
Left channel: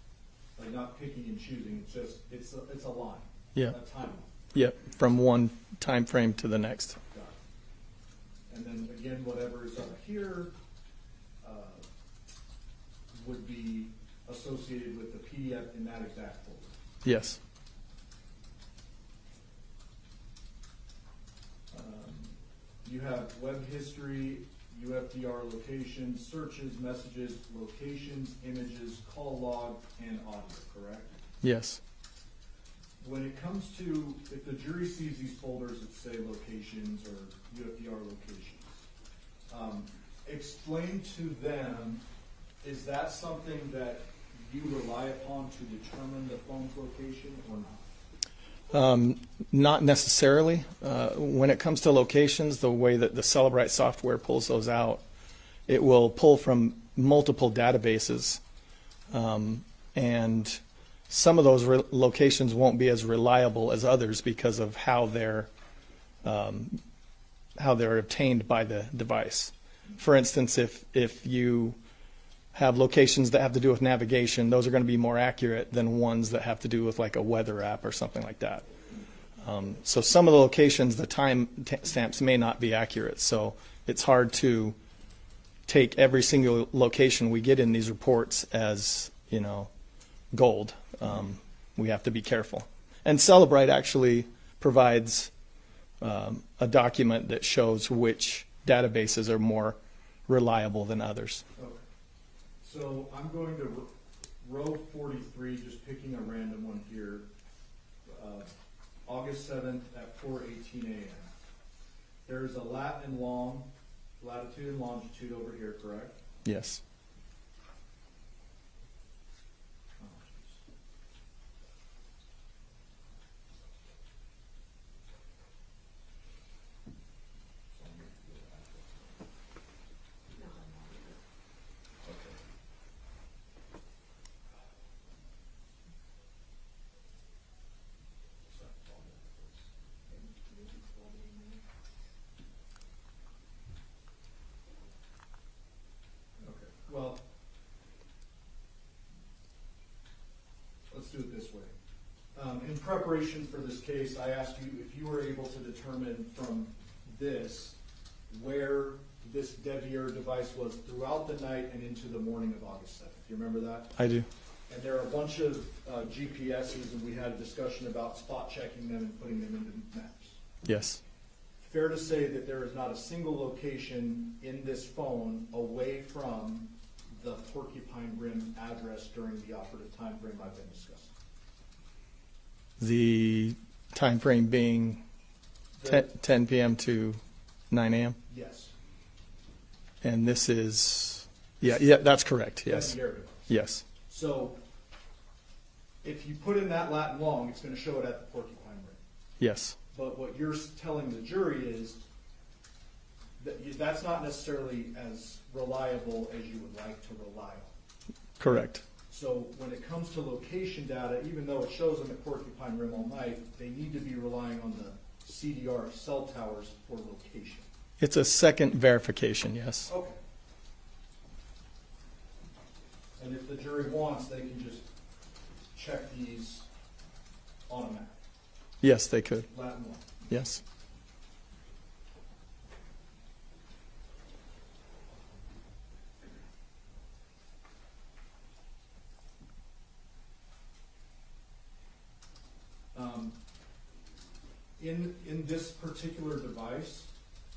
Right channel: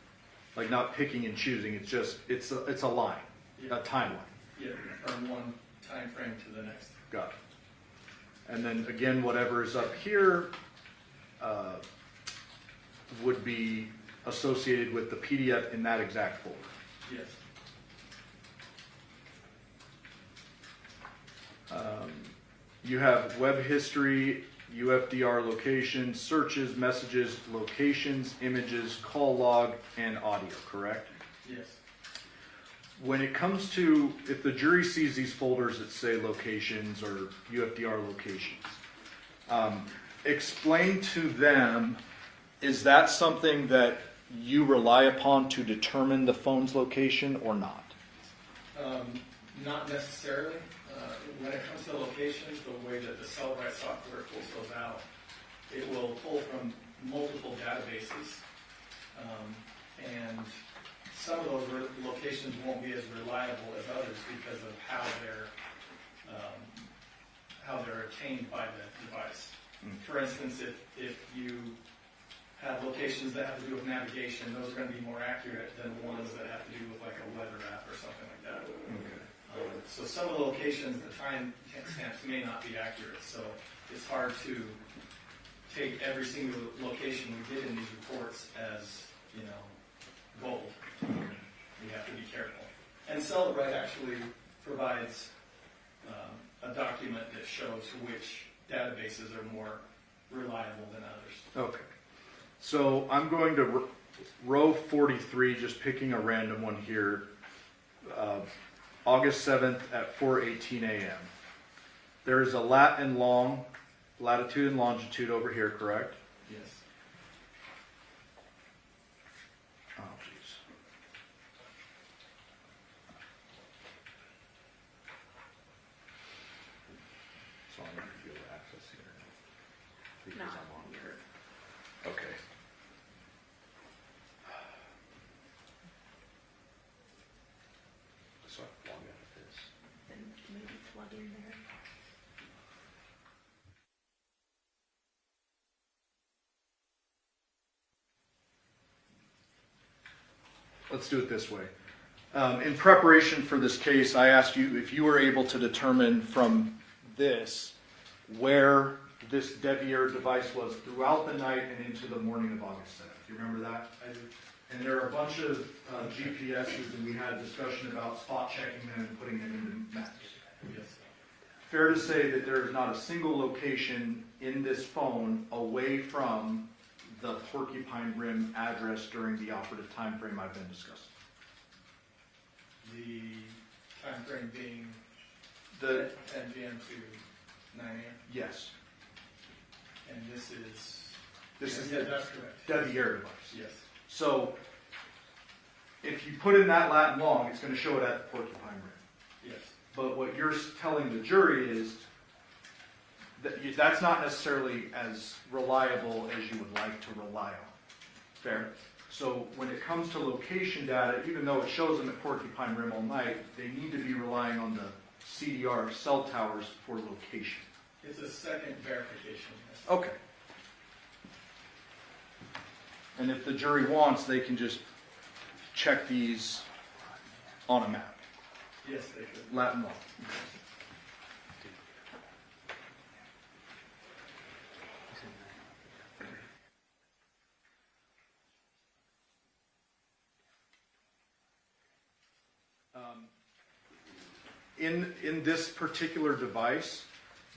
Like not picking and choosing. It's just it's a line. Yeah. A timeline. Yeah. From one time frame to the next. Got it. And then again, whatever is up here would be associated with the PDF in that exact folder. Yes. You have web history, UFDR locations, searches, messages, locations, images, call log, and audio, correct? Yes. When it comes to, if the jury sees these folders that say locations or UFDR locations, explain to them, is that something that you rely upon to determine the phone's location or not? Not necessarily. When it comes to locations, the way that the Celebrite software pulls those out, it will pull from multiple databases, and some of those locations won't be as reliable as others because of how they're obtained by the device. For instance, if you have locations that have to do with navigation, those are going to be more accurate than ones that have to do with like a weather app or something like that. So some of the locations, the time stamps may not be accurate. So it's hard to take every single location we get in these reports as, gold. We have to be careful. And Celebrite actually provides a document that shows which databases are more reliable than others. Okay. So I'm going to row 43, just picking a random one here. August 7th at 4:18 a.m. There is a latitude and longitude over here, correct? Yes. Oh, jeez. So I'm going to feel access here because I'm on here. Okay. So I log out of this. Then maybe plug in there. Okay. Well, let's do it this way. In preparation for this case, I asked you if you were able to determine from this where this Deviere device was throughout the night and into the morning of August 7th. Do you remember that? I do. And there are a bunch of GPSs, and we had a discussion about spot checking them and putting them into maps. Yes. Fair to say that there is not a single location in this phone away from the Porcupine Rim address during the operative time frame I've been discussing. The time frame being 10 p.m. to 9 a.m. Yes. And this is, yeah, that's correct. Yes. Deviere device. Yes. So if you put in that lat long, it's going to show it at the Porcupine Rim. Yes. But what you're telling the jury is that that's not necessarily as reliable as you would like to rely on. Correct. So when it comes to location data, even though it shows them at Porcupine Rim all night, they need to be relying on the CDR cell towers for location. It's a second verification, yes. Okay. And if the jury wants, they can just check these on a map. Yes, they could. Latin law. Yes. In this particular device,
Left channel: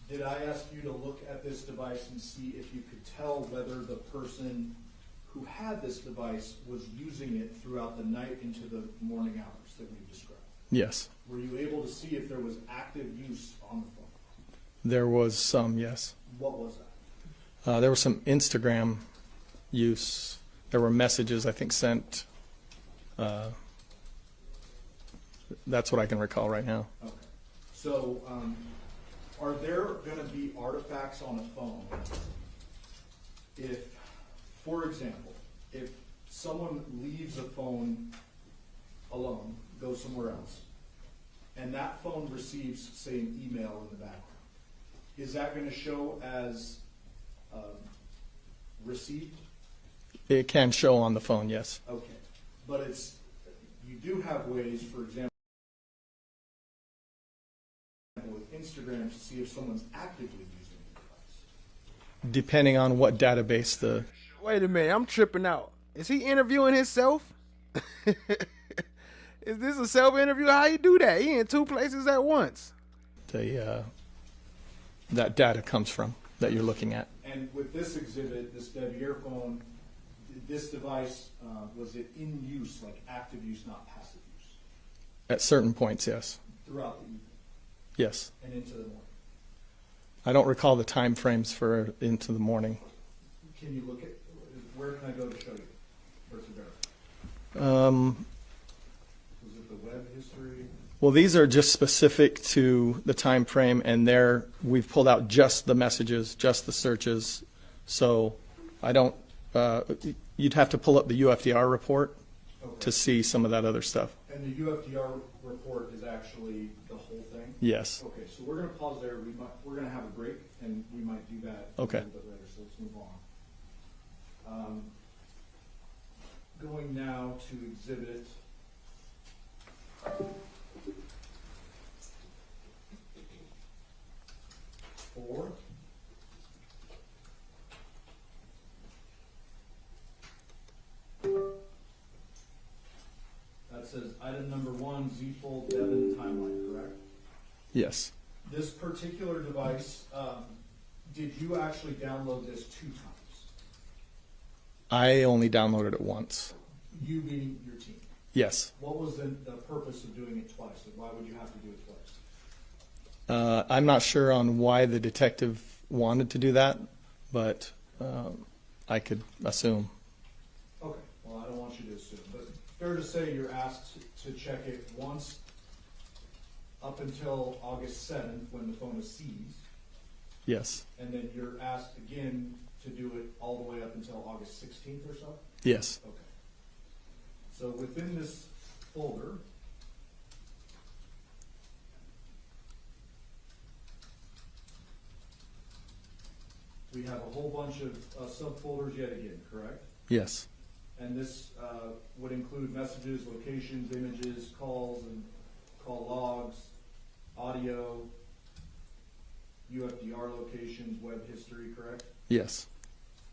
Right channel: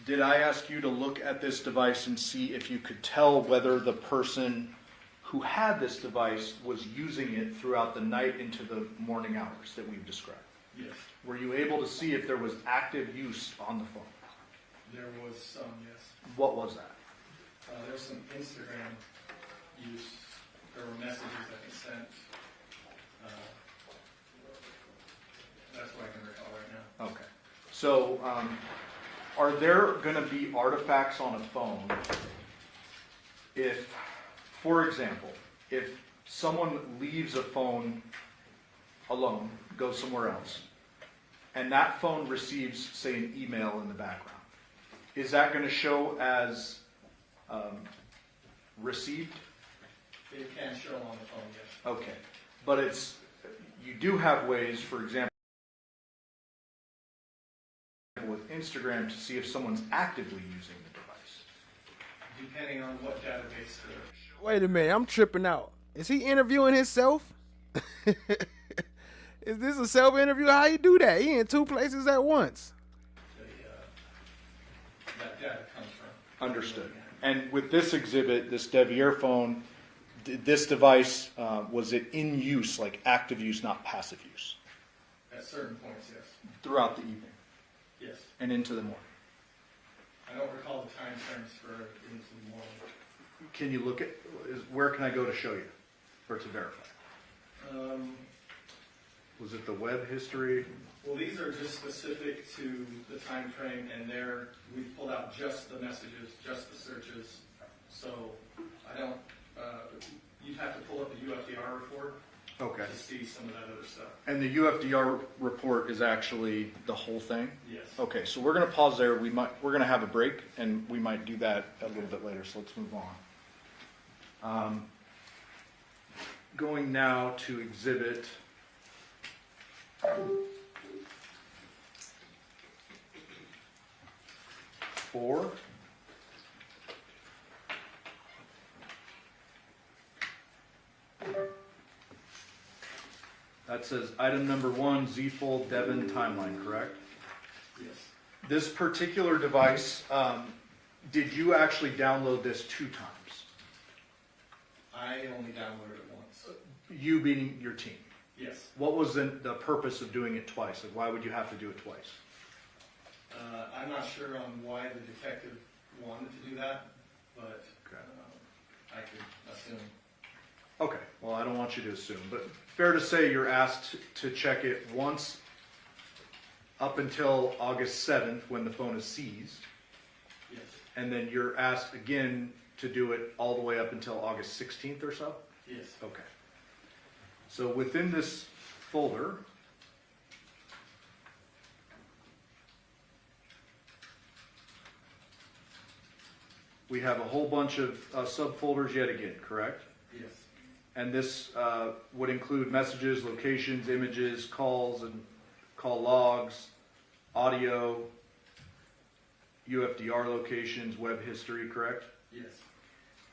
did I ask you to look at this device and see if you could tell whether the person who had this device was using it throughout the night into the morning hours that we've described? Yes. Were you able to see if there was active use on the phone? There was some, yes. What was that? There was some Instagram use. There were messages, I think, sent. That's what I can recall right now. Okay. So, are there going to be artifacts on a phone if, for example, if someone leaves a phone alone, goes somewhere else, and that phone receives, say, an email in the background, is that going to show as received? It can show on the phone, yes. Okay. But you do have ways, for example, with Instagram to see if someone's actively using the device. Depending on what database the... Wait a minute, I'm tripping out. Is he interviewing himself? Is this a self-interview? How you do that? He in two places at once. That data comes from, that you're looking at. And with this exhibit, this Deviere phone, this device, was it in use, like active use, not passive use? At certain points, yes. Throughout the evening? Yes. And into the morning? I don't recall the time frames for into the morning. Can you look at, where can I go to show you, or to verify? Was it the web history? Well, these are just specific to the time frame, and we've pulled out just the messages, just the searches. So I don't, you'd have to pull up the UFDR report to see some of that other stuff. And the UFDR report is actually the whole thing? Yes. Okay, so we're going to pause there. We're going to have a break, and we might do that a little bit later. So let's move on. Going now to exhibit 4. That says item number 1, Z-fold Devyn timeline, correct? Yes. This particular device, did you actually download this 2 times? I only downloaded it once. You being your team? Yes. What was the purpose of doing it twice? Like, why would you have to do it twice? I'm not sure on why the detective wanted to do that, but I could assume. Okay, well, I don't want you to assume, but fair to say you're asked to check it once up until August 7th when the phone is seized, Yes. and then you're asked again to do it all the way up until August 16th or so? Yes. Okay. So within this folder, we have a whole bunch of subfolders yet again, correct? Yes. And this would include messages, locations, images, calls, and call logs, audio, UFDR locations, web history, correct? Yes.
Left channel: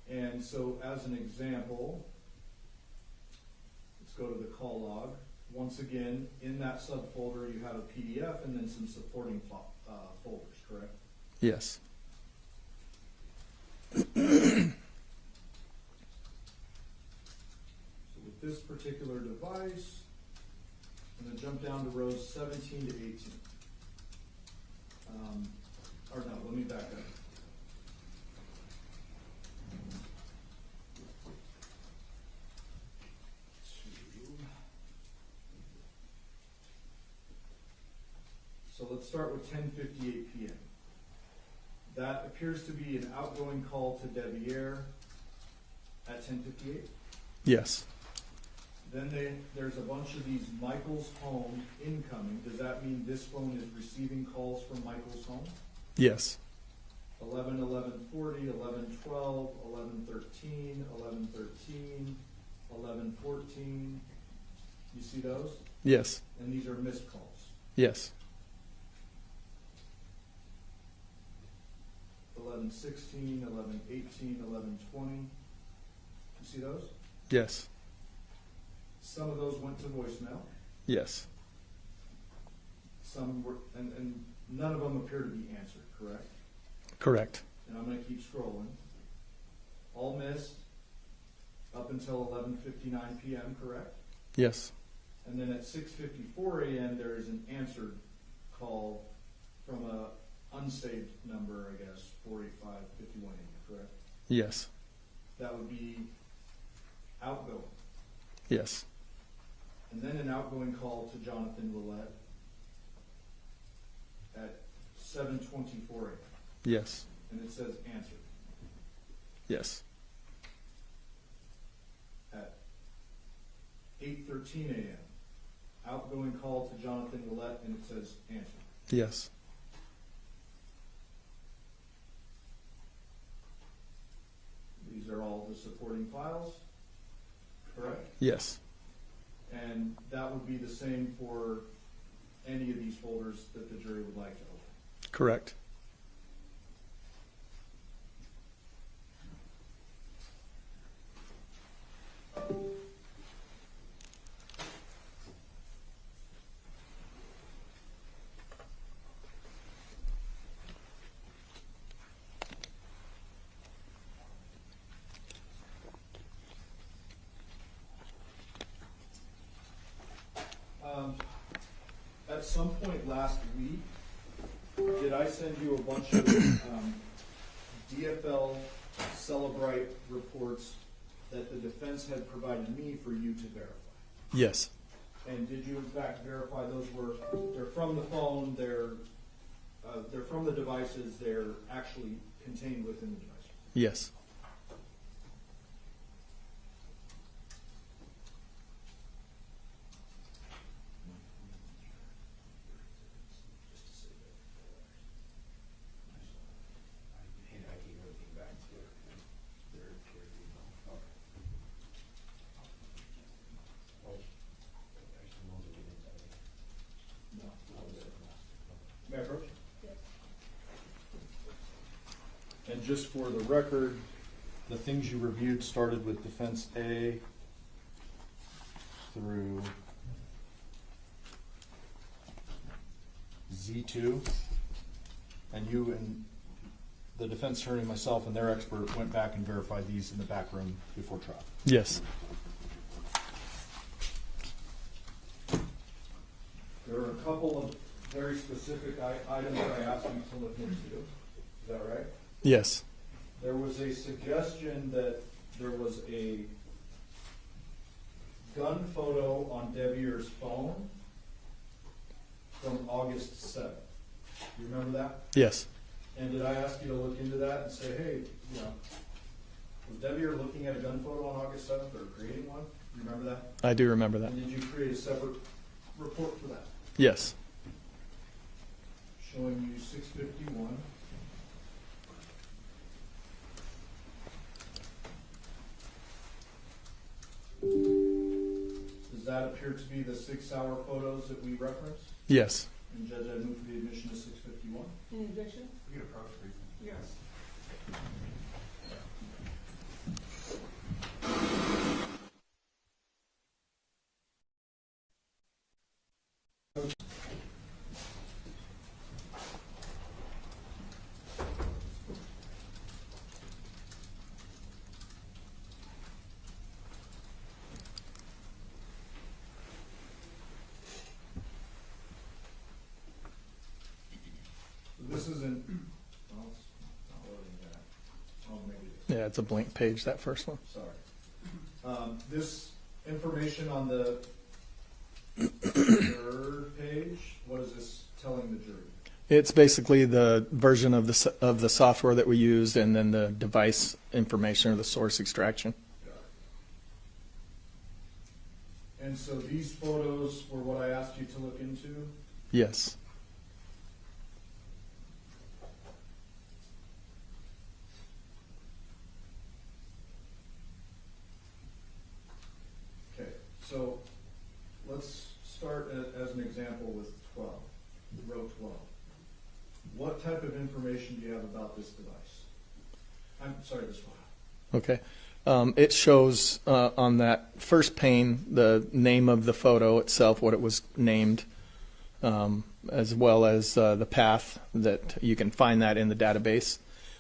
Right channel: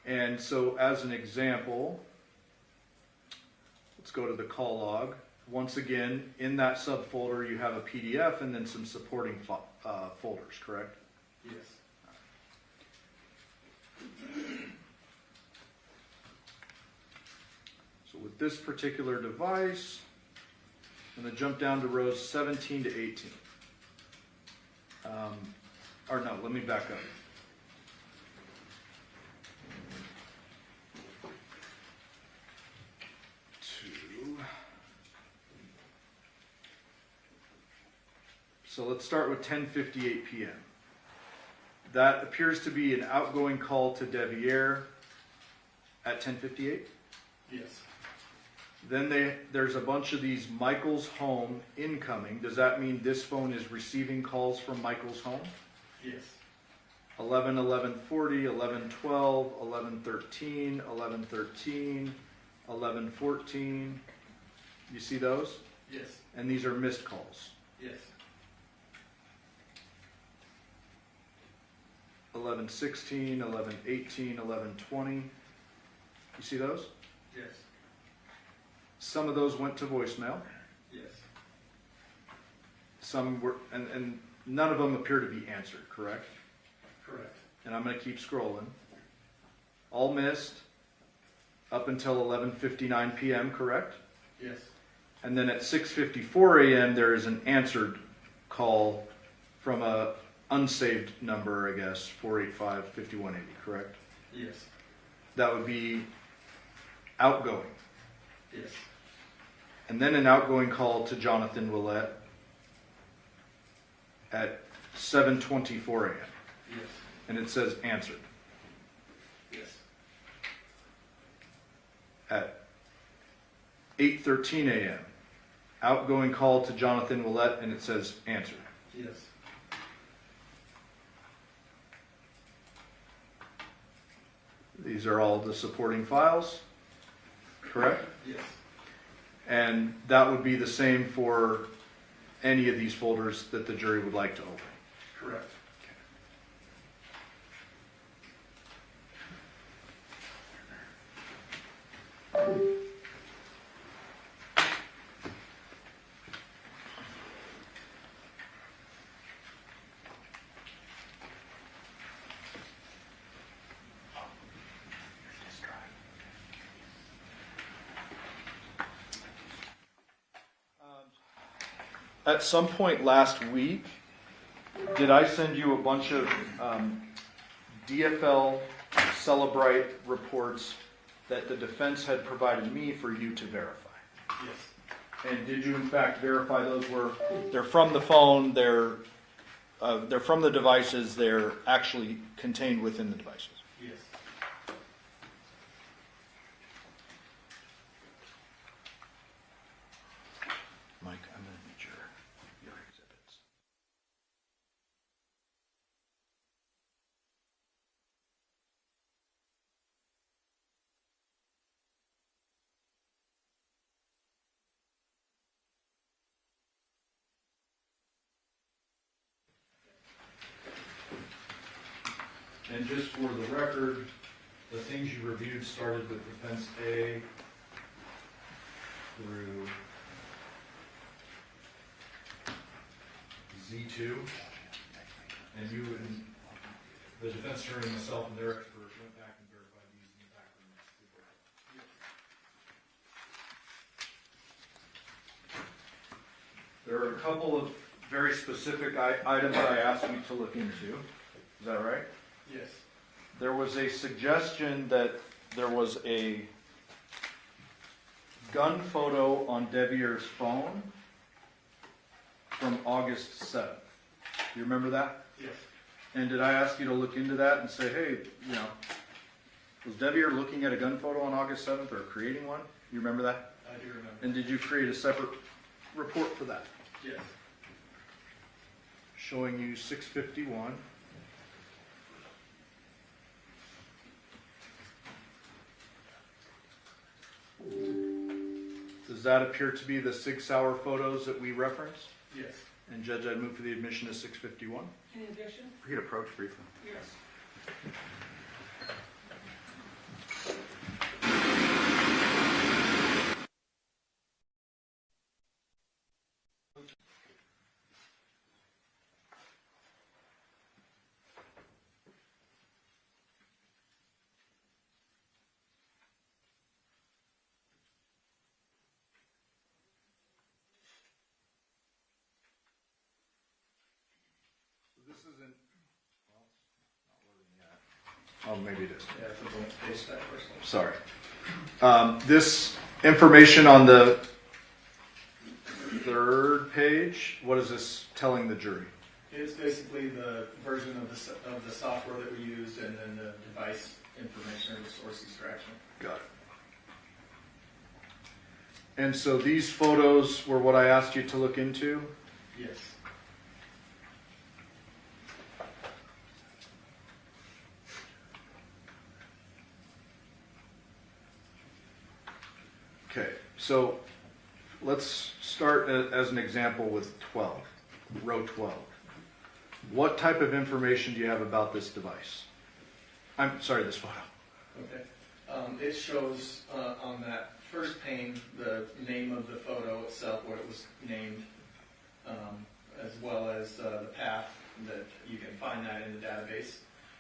And so as an example, let's go to the call log. Once again, in that subfolder, you have a PDF and then some supporting folders, correct? Yes. So with this particular device, I'm going to jump down to rows 17 to 18. Or no, let me back up. So let's start with 10:58 p.m. That appears to be an outgoing call to Deviere at 10:58. Yes. Then there's a bunch of these Michaels home incoming. Does that mean this phone is receiving calls from Michaels home? Yes. 11, 11:40, 11:12, 11:13, 11:13, 11:14. You see those? Yes. And these are missed calls. Yes. 11:16, 11:18, 11:20. You see those? Yes. Some of those went to voicemail. Yes. Some were, and none of them appear to be answered, correct? Correct. And I'm going to keep scrolling. All missed up until 11:59 p.m., correct? Yes. And then at 6:54 a.m. there is an answered call from a unsaved number, I guess, 485-5180, correct? Yes. That would be outgoing. Yes. And then an outgoing call to Johnathan Willette at 7:24 a.m. Yes. And it says answered. Yes. At 8:13 a.m. outgoing call to Johnathan Willette and it says answered. Yes. These are all the supporting files, correct? Yes. And that would be the same for any of these folders that the jury would like to open. Correct. At some point last week, did I send you a bunch of DFL Celebrite reports that the defense had provided me for you to verify? Yes. And did you in fact verify those they're from the phone, they're from the devices, they're actually contained within the devices? Yes. And just for the record, the things you reviewed started with defense A through Z2, and you and the defense attorney, myself, and their expert went back and verified these in the back room before trial. Yes. There are a couple of very specific items I asked you to look into. Is that right? Yes. There was a suggestion that there was a gun photo on Deviere's phone from August 7th. You remember that? Yes. And did I ask you to look into that and say, hey, you know, was Deviere looking at a gun photo on August 7th or creating one? You remember that? I do remember that. And did you create a separate report for that? Yes. Showing you 651. Does that appear to be the 6-hour photos that we referenced? Yes. And Judge, I move for the admission of 651. Any objection? We could approach briefly. Yes. This isn't. Oh, maybe it is. Yeah, it's a blank page, that first one. Sorry. This information on the third page, what is this telling the jury? It's basically the version of the software that we used, and then the device information or the source extraction. Got it. And so these photos were what I asked you to look into? Yes. Okay, so let's start as an example with 12, row 12. What type of information do you have about this device? I'm sorry, this photo. Okay. It shows on that first pane the name of the photo itself, what it was named, as well as the path that you can find that in the database.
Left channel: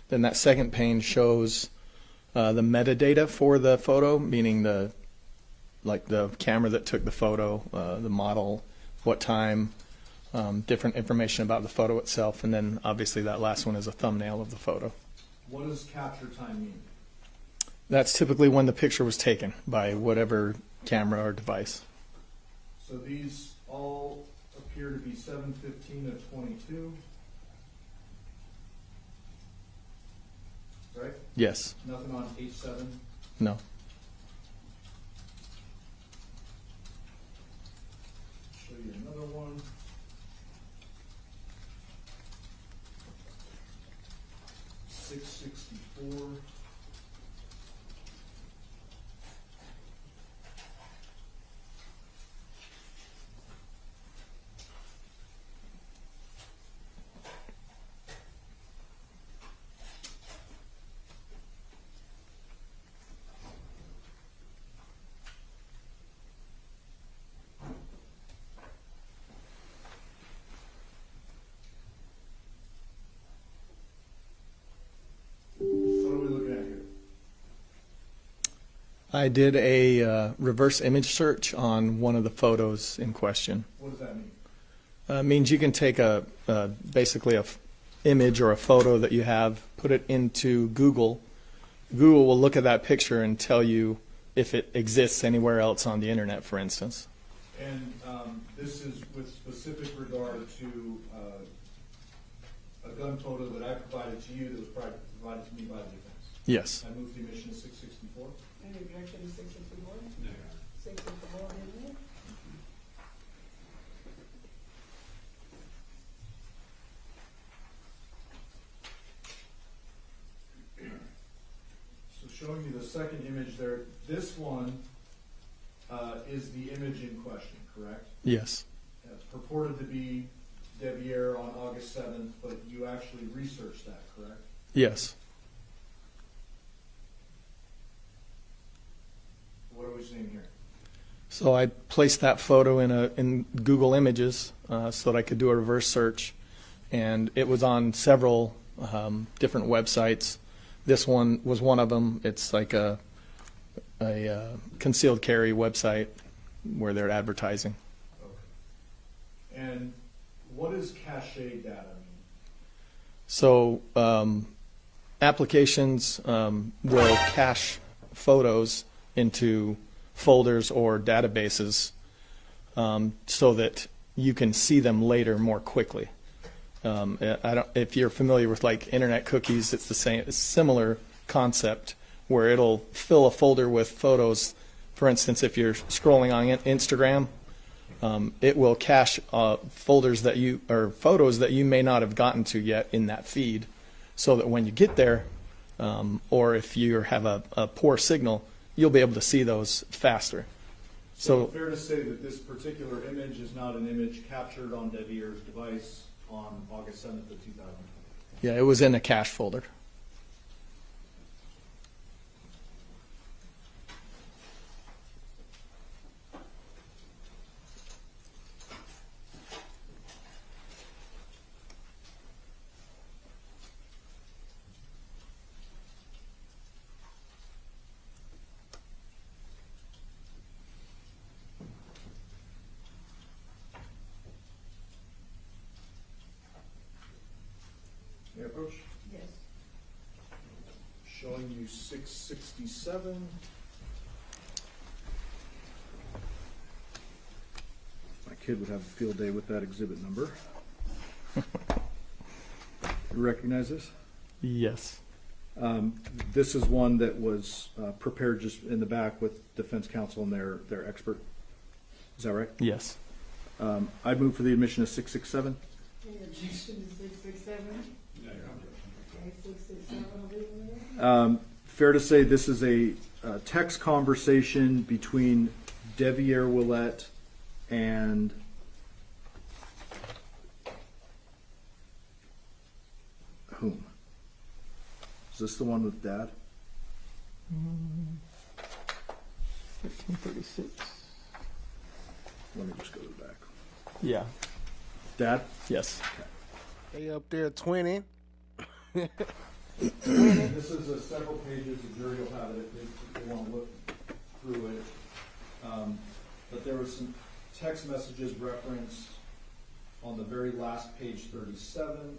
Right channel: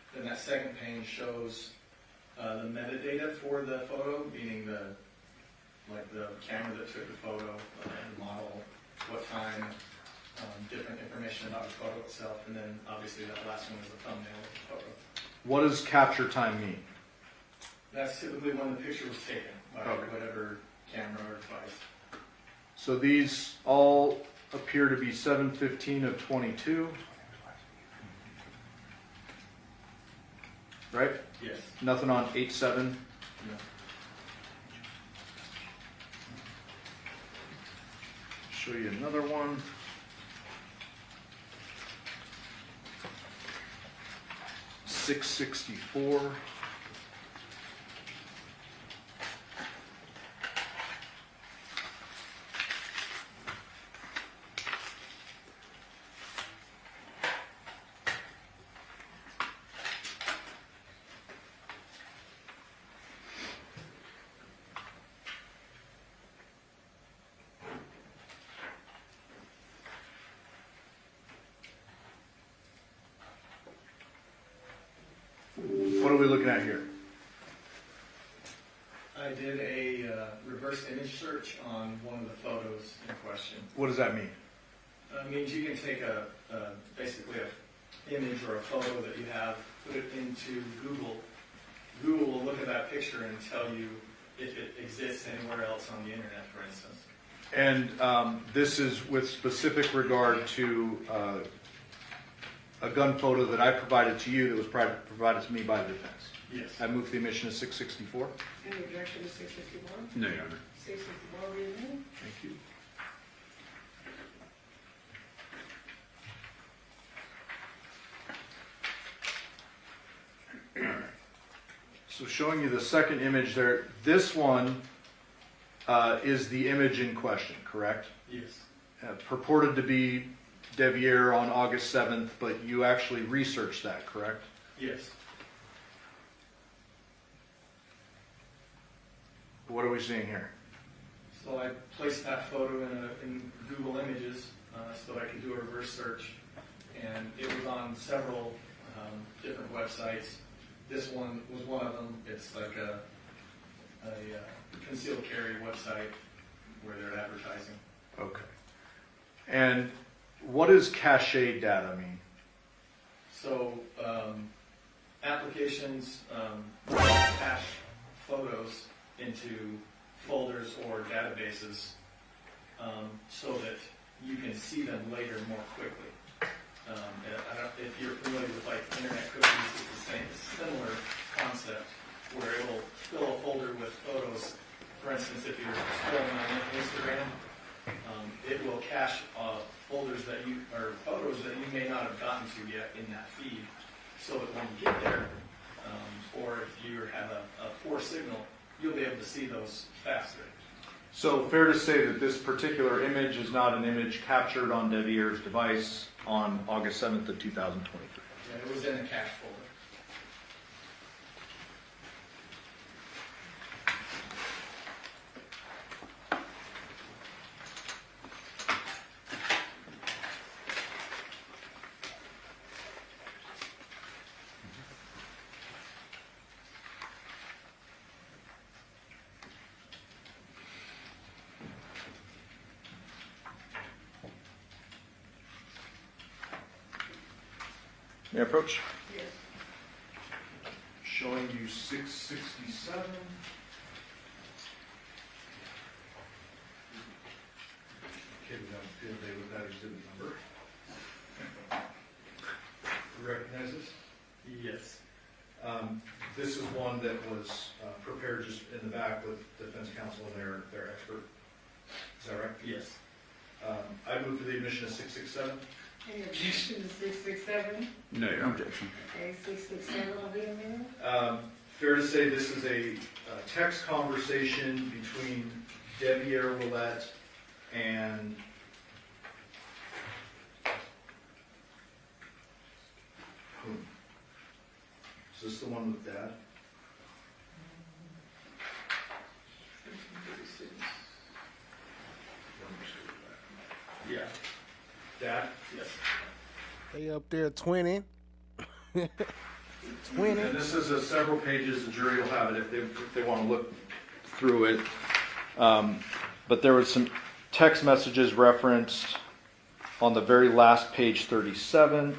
Then that second pane shows the metadata for the photo, meaning the camera that took the photo, the model, what time, different information about the photo itself, and then obviously that last one is a thumbnail of the photo. What does capture time mean? That's typically when the picture was taken by whatever camera or device. So these all appear to be 7:15 of 22, right? Yes. Nothing on 8/7? No. Show you another one. $664. What are we looking at here? I did a reverse image search on one of the photos in question. What does that mean? It means you can take basically a image or a photo that you have, put it into Google. Google will look at that picture and tell you if it exists anywhere else on the internet, for instance. And this is with specific regard to a gun photo that I provided to you that was provided to me by the defense. Yes. I move the admission of 664. Any objection to 664? No, Your Honor. 664 be admitted. Thank you. So showing you the second image there, this one is the image in question, correct? Yes. Purported to be Deviere on August 7th, but you actually researched that, correct? Yes. What are we seeing here? So I placed that photo in Google Images so that I could do a reverse search, and it was on several different websites. This one was one of them. It's like a concealed carry website where they're advertising. Okay. And what does cache data mean? So applications will cache photos into folders or databases so that you can see them later more quickly. If you're familiar with like internet cookies, it's the same, similar concept where it'll fill a folder with photos. For instance, if you're scrolling on Instagram, it will cache folders that photos that you may not have gotten to yet in that feed, so that when you get there, or if you have a poor signal, you'll be able to see those faster. So fair to say that this particular image is not an image captured on Deviere's device on August 7th of 2023. Yeah, it was in a cache folder. May I approach? Yes. Showing you 667. My kid would have a field day with that exhibit number. You recognize this? Yes. This is one that was prepared just in the back with defense counsel and their expert. Is that right? Yes. I move for the admission of 667. Any objection to 667? No, your objection. Okay, 667 will be a minute. Fair to say this is a text conversation between Deviere Willette and whom? Is this the one with Dad? 1536. Let me just go back. Yeah. Dad? Yes. They up there 20. 20. And this is several pages. The jury will have it if they want to look through it. But there was some text messages referenced on the very last page, 37.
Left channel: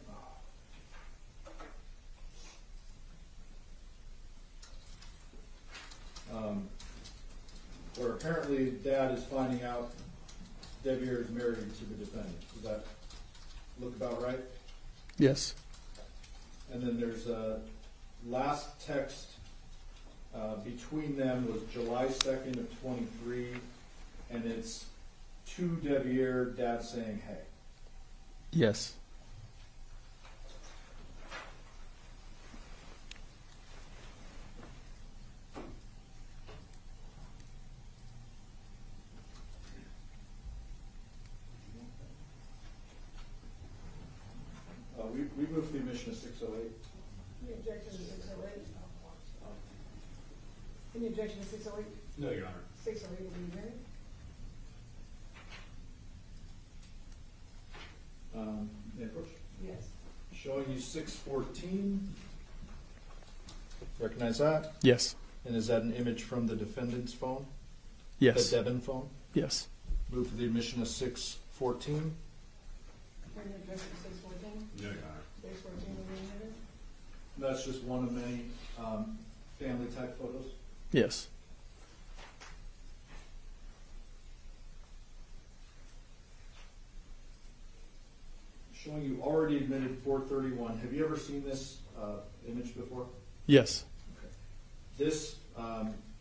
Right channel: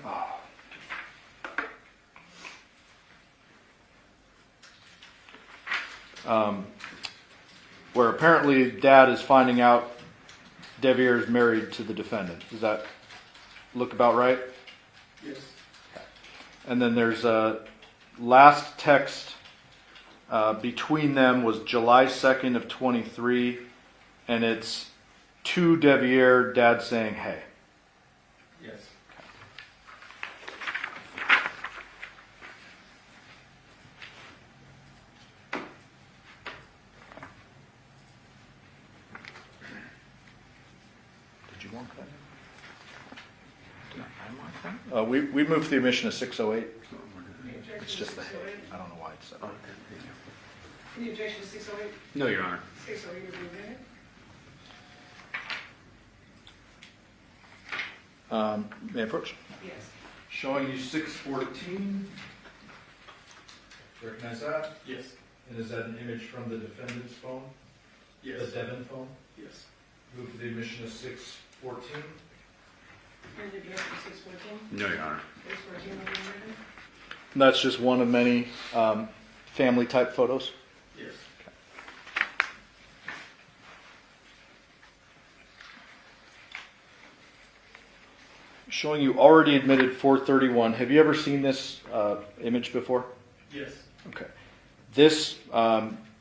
Where apparently Dad is finding out Deviere is married to the defendant. Does that look about right? Yes. And then there's a last text between them was July 2nd of 23, and it's to Deviere, Dad saying, hey. Yes. We moved the admission of 608. It's just the head. I don't know why it's separate. Any objection to 608? No, Your Honor. 608 will be a minute. May I approach? Yes. Showing you 614. Recognize that? Yes. And is that an image from the defendant's phone? Yes. The Devyn phone? Yes. Move for the admission of 614. Any objection to 614? No, Your Honor. 614 will be a minute. And that's just one of many family type photos. Yes. Showing you already admitted 431. Have you ever seen this image before? Yes. Okay. This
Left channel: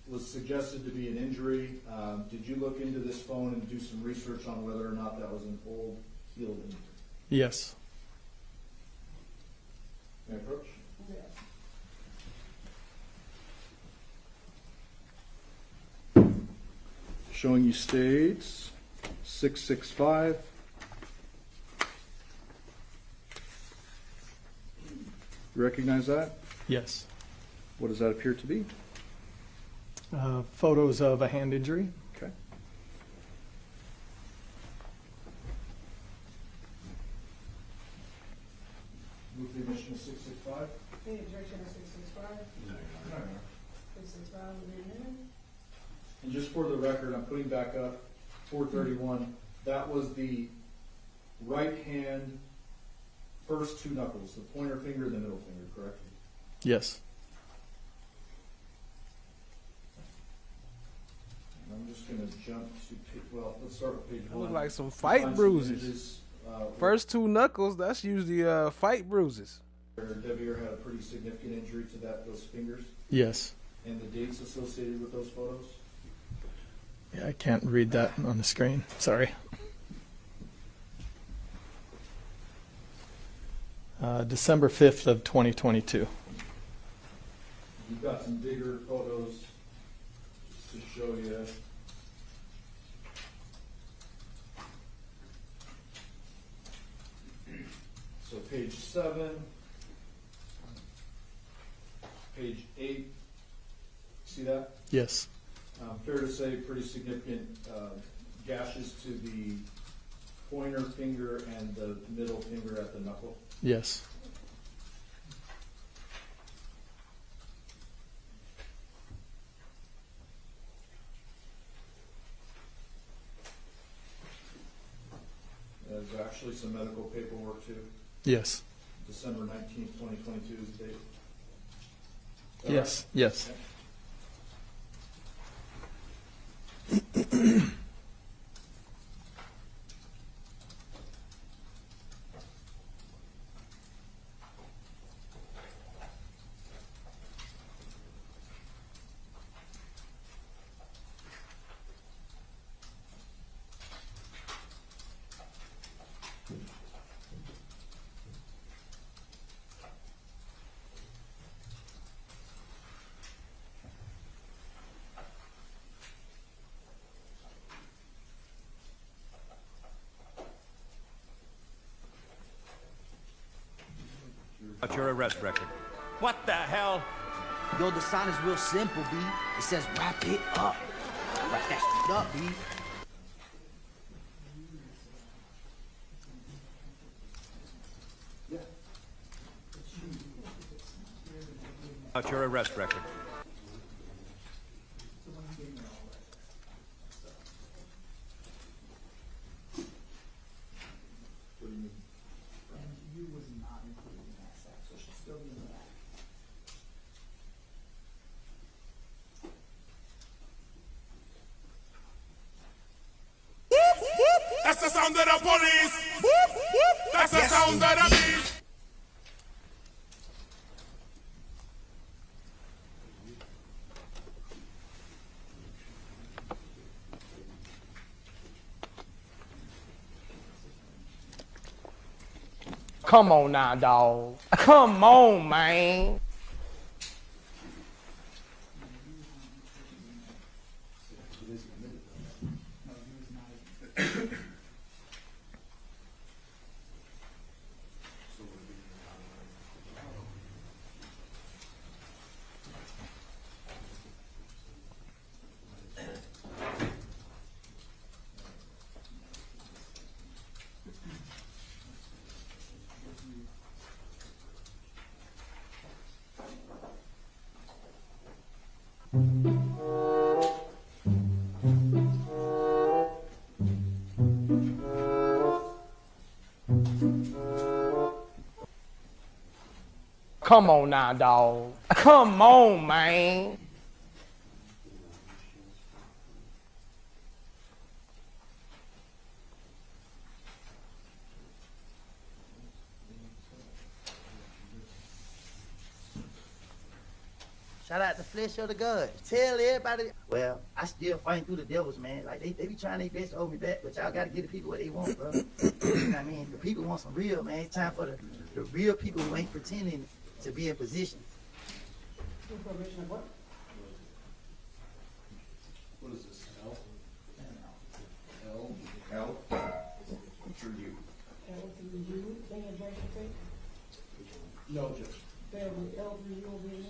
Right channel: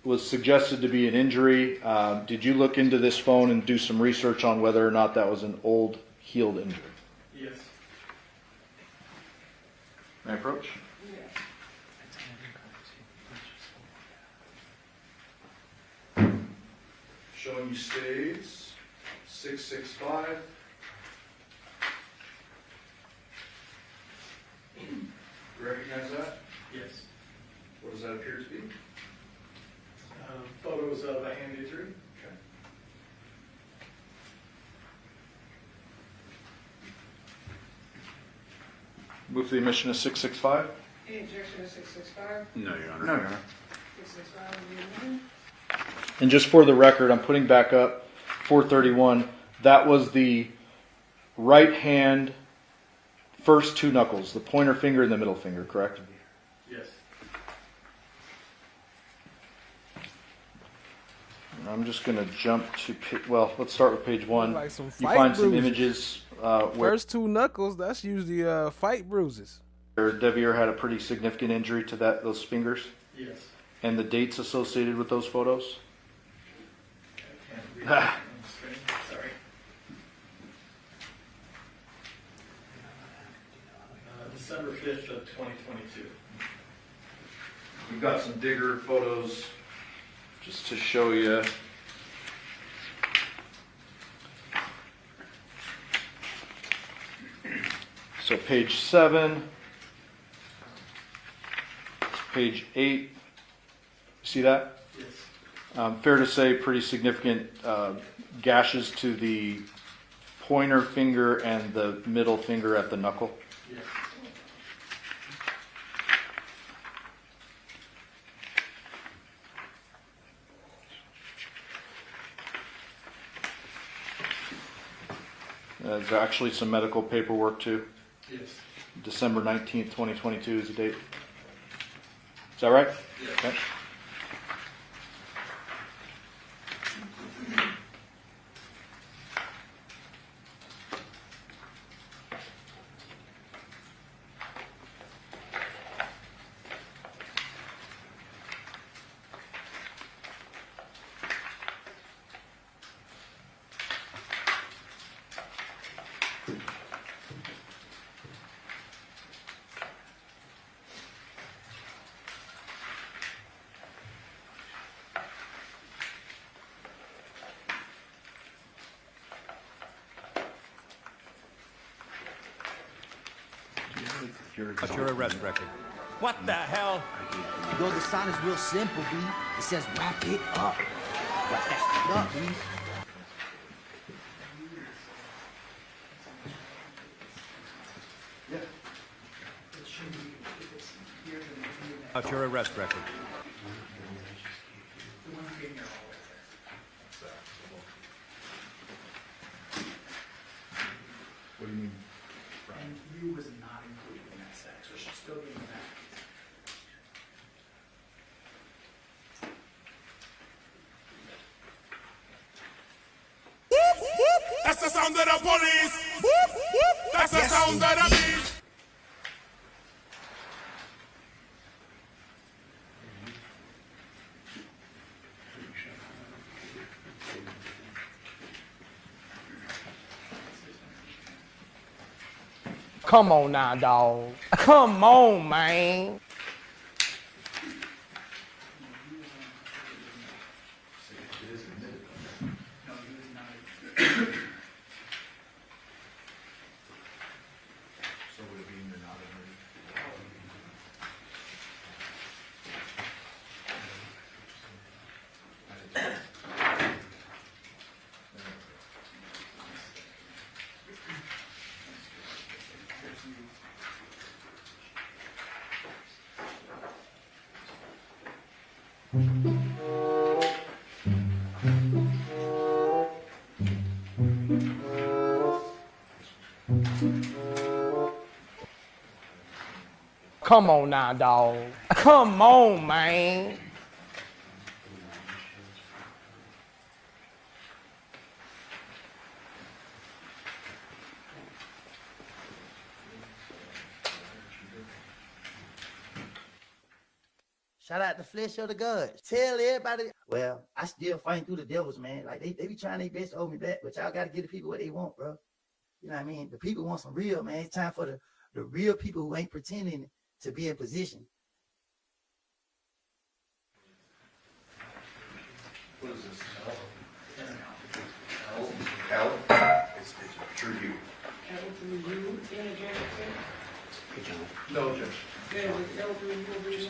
was suggested to be an injury. Did you look into this phone and do some research on whether or not that was an old healed injury? Yes. May I approach? Yes. Showing you states 665. You recognize that? Yes. What does that appear to be? Photos of a hand injury. Okay. Move the admission of 665. Any objection to 665? No, Your Honor. No, Your Honor. 665 will be a minute. And just for the record, I'm putting back up 431. That was the right hand, first two knuckles, the pointer finger and the middle finger, correct? Yes. I'm just going to jump to, well, let's start with page 1. Like some You fight find bruises. some images where First two knuckles, that's usually fight bruises. Deviere had a pretty significant injury to those fingers. Yes. And the dates associated with those photos? Yeah, I can't read that on the screen. Sorry. December 5th of 2022. We've got some digger photos just to show you. So page 7, page 8, see that? Yes. Fair to say pretty significant gashes to the pointer finger and the middle finger at the knuckle. Yes. There's actually some medical paperwork too. Yes. December 19th, 2022 is the date. Is that right? Yes. Okay. What's your arrest record? What the hell? Yo, the sign is real simple, B. It says wrap it up. Wrap that shit up, B. What's your arrest record? What do you mean? And you was not included in that sex, so she's still getting back. That's the sound of the police. That's the sound of the beast. Come on now, dog. Come on, man. Come on now, dog. Come on, man. Shout out to Flesh of the Gods. Tell everybody. Well, I still fight through the devils, man. Like, they be trying their best to hold me back, but y'all gotta give the people what they want, bro. You know what I mean? The people want some real, man. It's time for the real people who ain't pretending to be in position. What is this? L? It's true you. L through U, in again, No, Judge. L through U over here.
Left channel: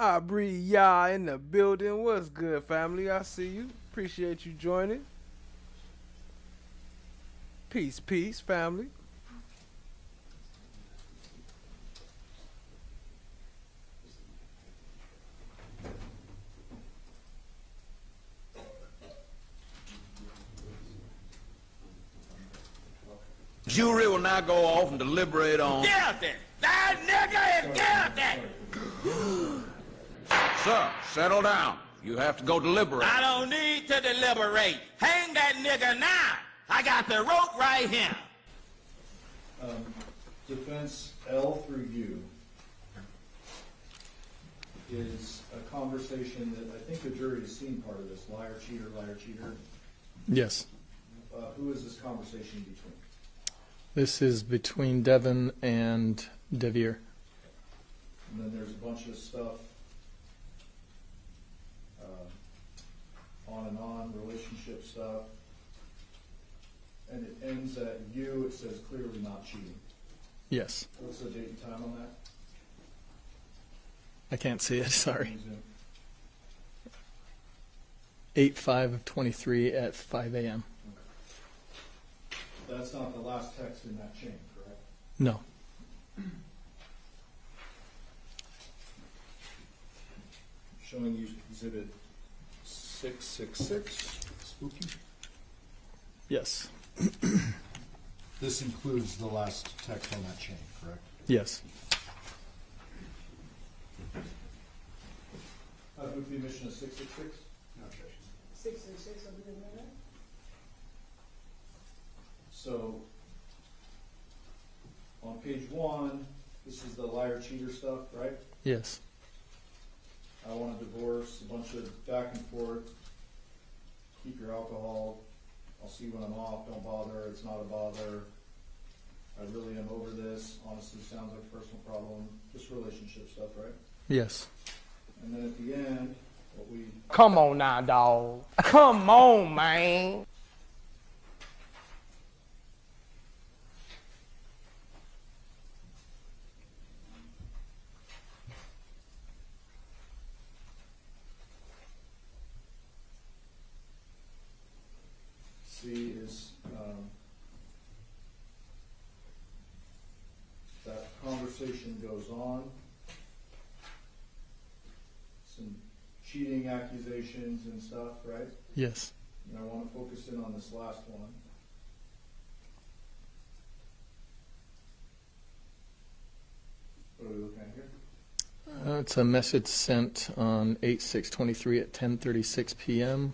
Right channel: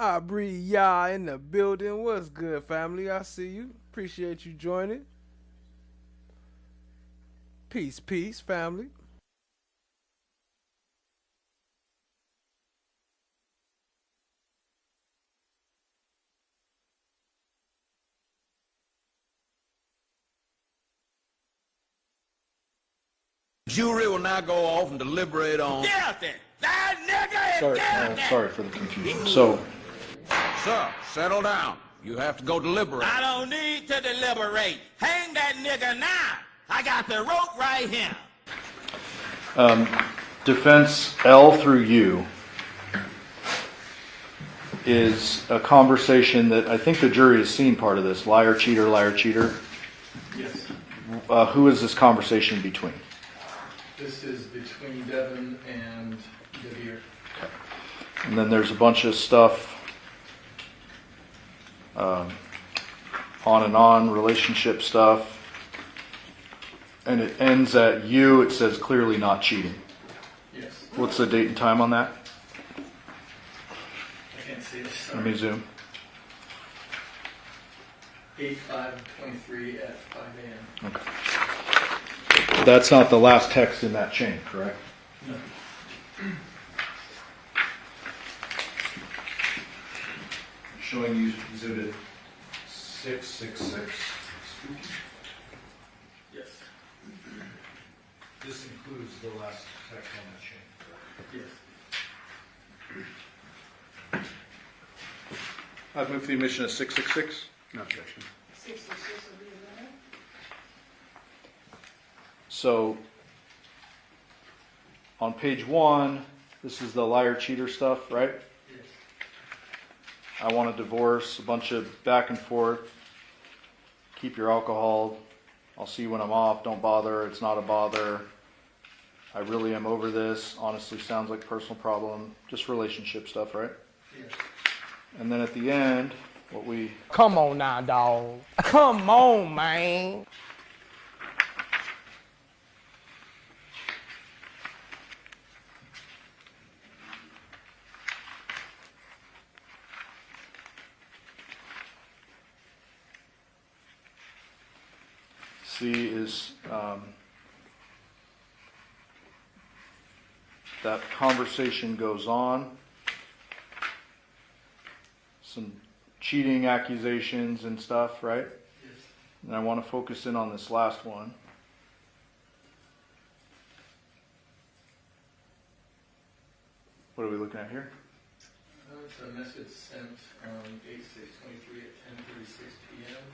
I breathe y'all in the building. What's good, family? I see you. Appreciate you joining. Peace, peace, family. jury will now go off and deliberate on... Guilty! That nigga is guilty! Sorry for the confusion. So, Sir, settle down. You have to go deliberate. I don't need to deliberate. Hang that nigga now. I got the rope right here. defense L through U is a conversation that I think the jury has seen part of this. Liar, cheater, liar, cheater. Yes. Who is this conversation between? This is between Devyn and Deviere. Okay. And then there's a bunch of stuff on and on, relationship stuff. And it ends at U, it says clearly not cheating. Yes. What's the date and time on that? I can't see it, sorry. Let me zoom. 8/5/23 at 5 a.m. Okay. That's not the last text in that chain, correct? No. Showing you exhibit 666. Yes. This includes the last text on that chain, correct? Yes. I've moved the omission of 666. No objection. 666 will be in there. So, on page 1, this is the liar cheater stuff, right? Yes. I want a divorce, a bunch of back and forth. Keep your alcohol. I'll see you when I'm off. Don't bother. It's not a bother. I really am over this. Honestly, sounds like a personal problem. Just relationship stuff, right? Yes. And then at the end, what we... Come on now, dog. Come on, man. see is that conversation goes on. Some cheating accusations and stuff, right? Yes. And I want to focus in on this last one. What are we looking at here? It's a message sent on 8/6/23 at 10:36 p.m.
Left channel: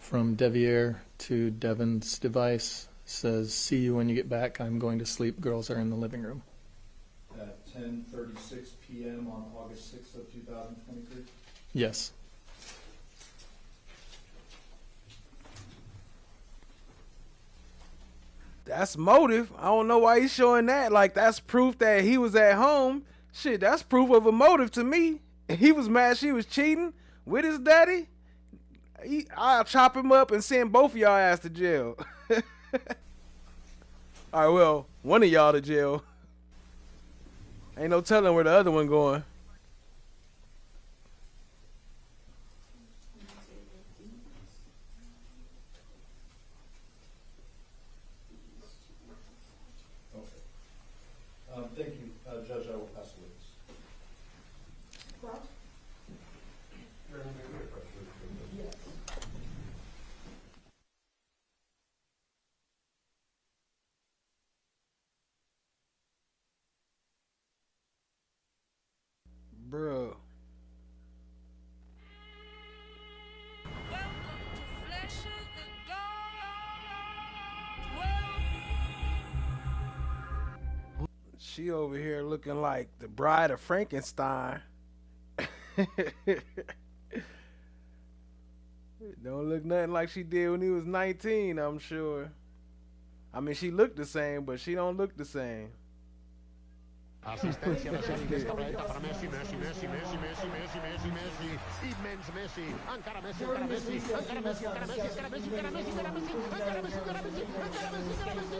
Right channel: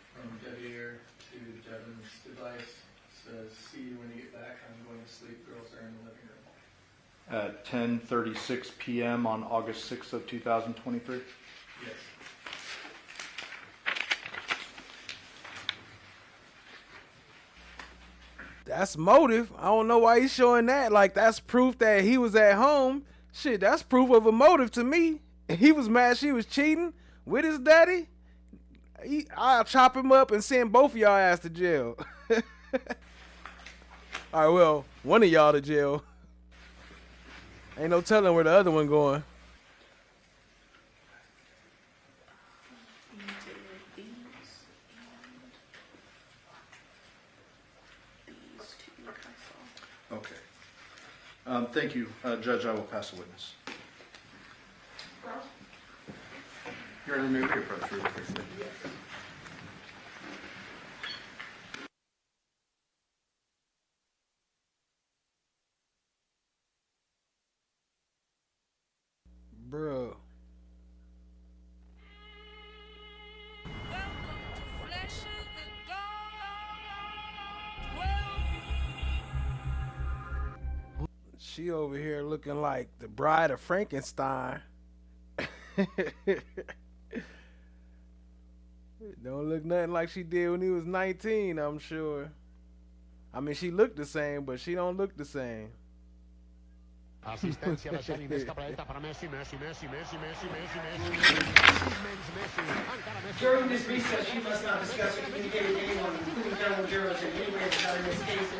from Deviere to Devyn's device. Says, "See you when you get back. I'm going to sleep. Girls are in the living room." At 10:36 p.m. on August 6th of 2023? Yes. That's motive. I don't know why he's showing that. Like, that's proof that he was at home. Shit, that's proof of a motive to me. He was mad she was cheating with his daddy. I'll chop him up and send both of y'all ass to jail. All right, well, one of y'all to jail. Ain't no telling where the other one going. Okay. Thank you, Judge. I will pass the witness. You're in the new approach. Bro. She over here looking like the bride of Frankenstein. Don't look nothing like she did when he was 19, I'm sure. I mean, she looked the same, but she don't look the same. Assistencia de Messi, més capelleta per Messi, Messi, Messi, Messi, Messi, Messi, Messi, Messi, immens Messi, encara Messi, encara Messi, encara Messi, encara Messi, encara Messi, encara Messi, encara Messi.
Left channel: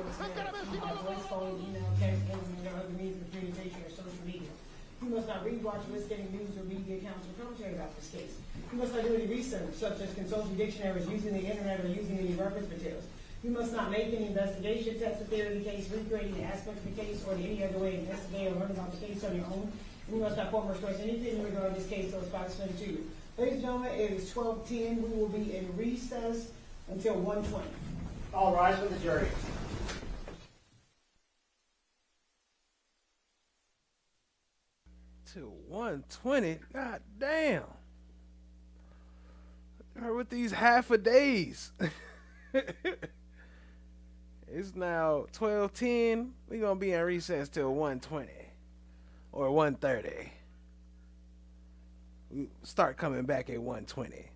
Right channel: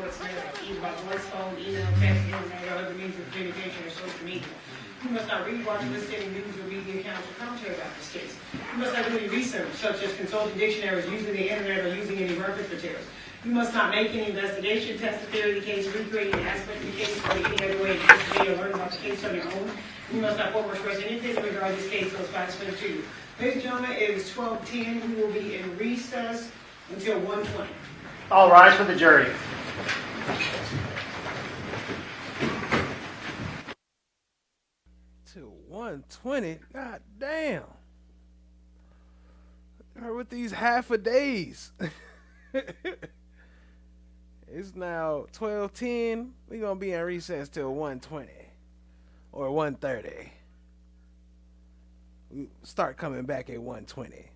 You must not read, watch, listen, news, or read the accounts or commentary about this case. You must not do any research, such as consulting dictionaries, using the internet, or using any reference materials. You must not make any investigation, test the theory of the case, recreate any aspect of the case, or any other way to investigate or learn about the case on your own. And you must not form or express anything in regard to this case unless facts explained to you. Ladies and gentlemen, it is 12:10. We will be in recess until 1:20. All rise for the jury. To 120? God damn. Or with these half a days. It's now 12:10. We're gonna be in recess till 1:20 or 1:30. We start coming back at 1:20.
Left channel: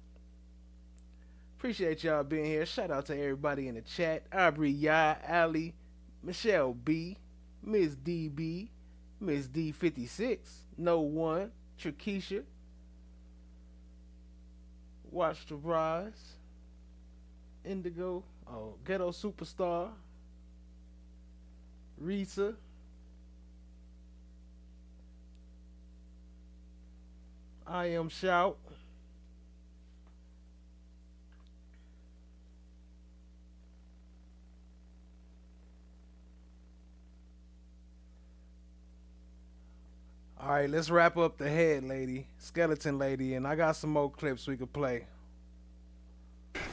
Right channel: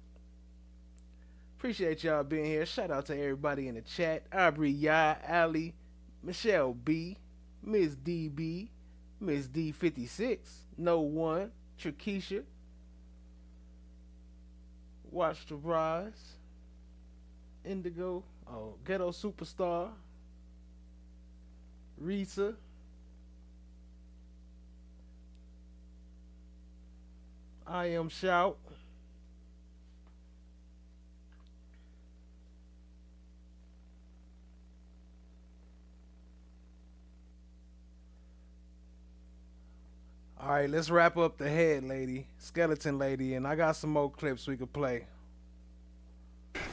Appreciate y'all being here. Shout out to everybody in the chat. Aubrey Ya, Ali, Michelle B, Miss DB, Miss D56, No One, Trakisha, Watch the Rise, Indigo, Ghetto Superstar, Risa, I Am Shout, all right, let's wrap up the head lady, skeleton lady, and I got some more clips we could play.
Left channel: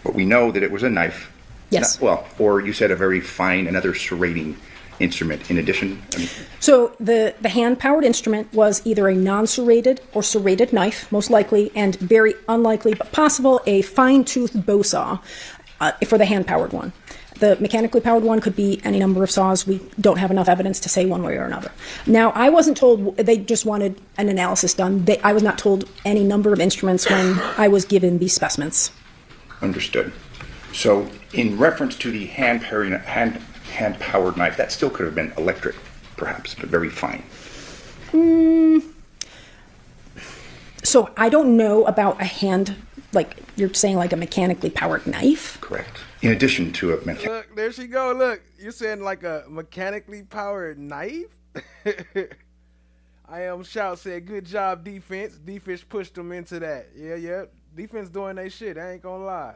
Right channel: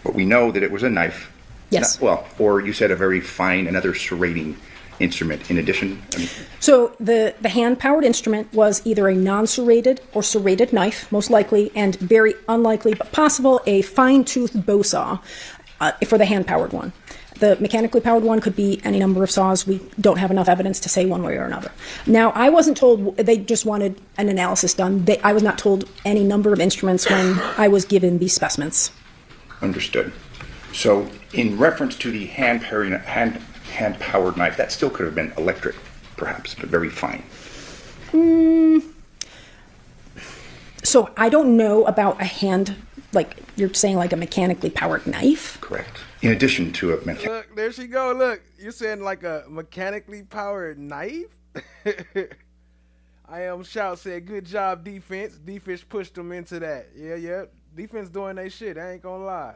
But we know that it was a knife. Yes. Or you said a very fine, another serrating instrument in addition. So the hand-powered instrument was either a non-serrated or serrated knife, most likely, and very unlikely but possible, a fine-toothed bow saw for the hand-powered one. The mechanically powered one could be any number of saws. We don't have enough evidence to say one way or another. Now, I wasn't told, they just wanted an analysis done. I was not told any number of instruments when I was given these specimens. Understood. So in reference to the hand-powered knife, that still could have been electric, perhaps, but very fine. So I don't know about a hand, like you're saying, like a mechanically powered knife? Correct. In addition to a Look, there she go. Look, you're saying like a mechanically powered knife? I Am Shout said, good job, defense. Defense pushed them into that. Yeah. Defense doing their shit. I ain't gonna lie.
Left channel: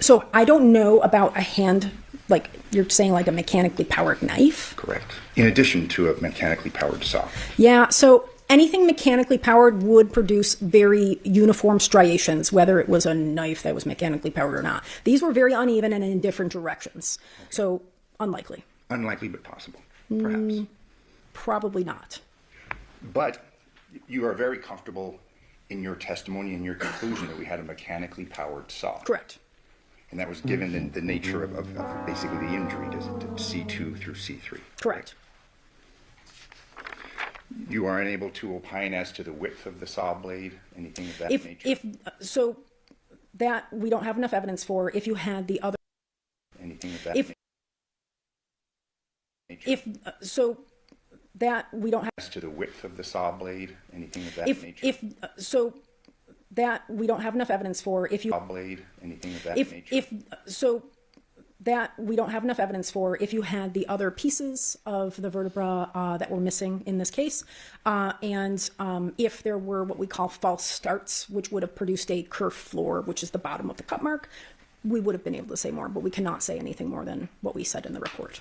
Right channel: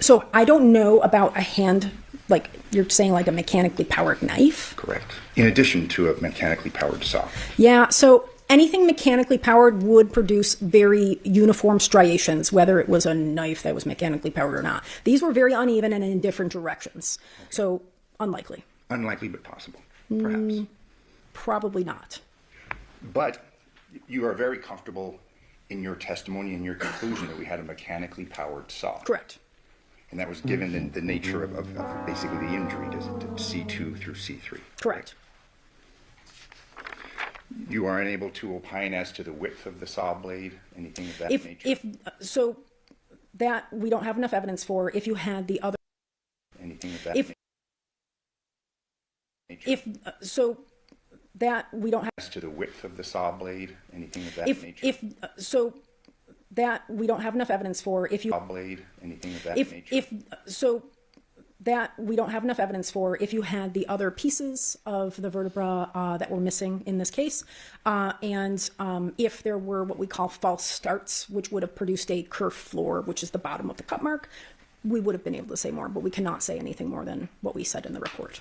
So I don't know about a hand, like you're saying, like a mechanically powered knife? Correct. In addition to a mechanically powered saw. Yeah, so anything mechanically powered would produce very uniform striations, whether it was a knife that was mechanically powered or not. These were very uneven and in different directions. So unlikely. Unlikely but possible, perhaps. Probably not. But you are very comfortable in your testimony and your conclusion that we had a mechanically powered saw. Correct. And that was given the nature of basically the injury to C2 through C3. Correct. You are unable to opine as to the width of the saw blade, anything of that nature? So that we don't have enough evidence for. If you had the other... Anything of that nature? So that we don't have... As to the width of the saw blade, anything of that nature? So that we don't have enough evidence for. If you... Saw blade, anything of that nature? So that we don't have enough evidence for. If you had the other pieces of the vertebra that were missing in this case, and if there were what we call false starts, which would have produced a kerf floor, which is the bottom of the cut mark, we would have been able to say more, but we cannot say anything more than what we said in the report.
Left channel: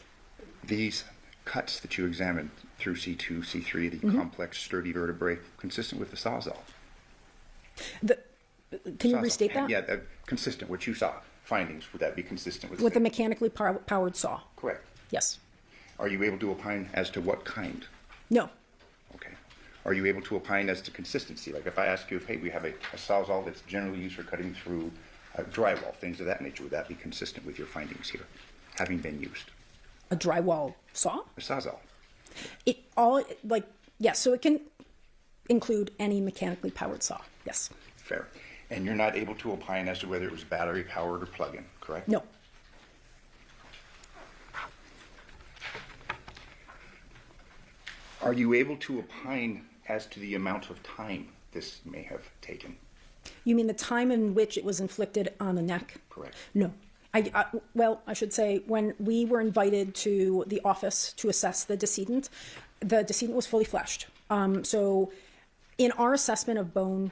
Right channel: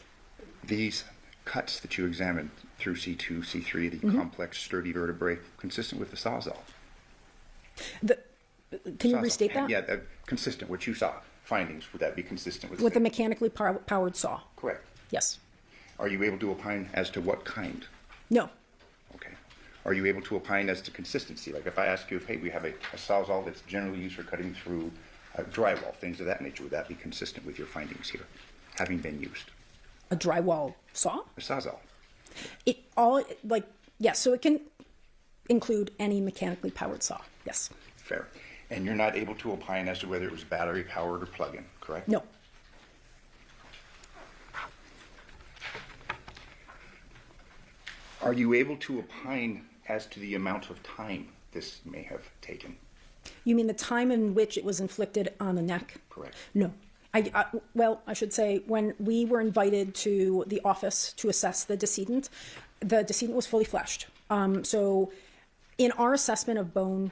These cuts that you examined through C2, C3, the complex, sturdy vertebrae, consistent with the Sawzall? Can you restate that? Yeah, consistent, what you saw. Findings, would that be consistent with the mechanically powered saw? Correct. Yes. Are you able to opine as to what kind? No. Okay. Are you able to opine as to consistency? Like if I ask you, hey, we have a Sawzall that's generally used for cutting through drywall, things of that nature, would that be consistent with your findings here, having been used? A drywall saw? A Sawzall. Yes, so it can include any mechanically powered saw, yes. Fair. And you're not able to opine as to whether it was battery powered or plug-in, correct? No. Are you able to opine as to the amount of time this may have taken? You mean the time in which it was inflicted on the neck? Correct. No. I should say, when we were invited to the office to assess the decedent was fully fleshed. So in our assessment of bone,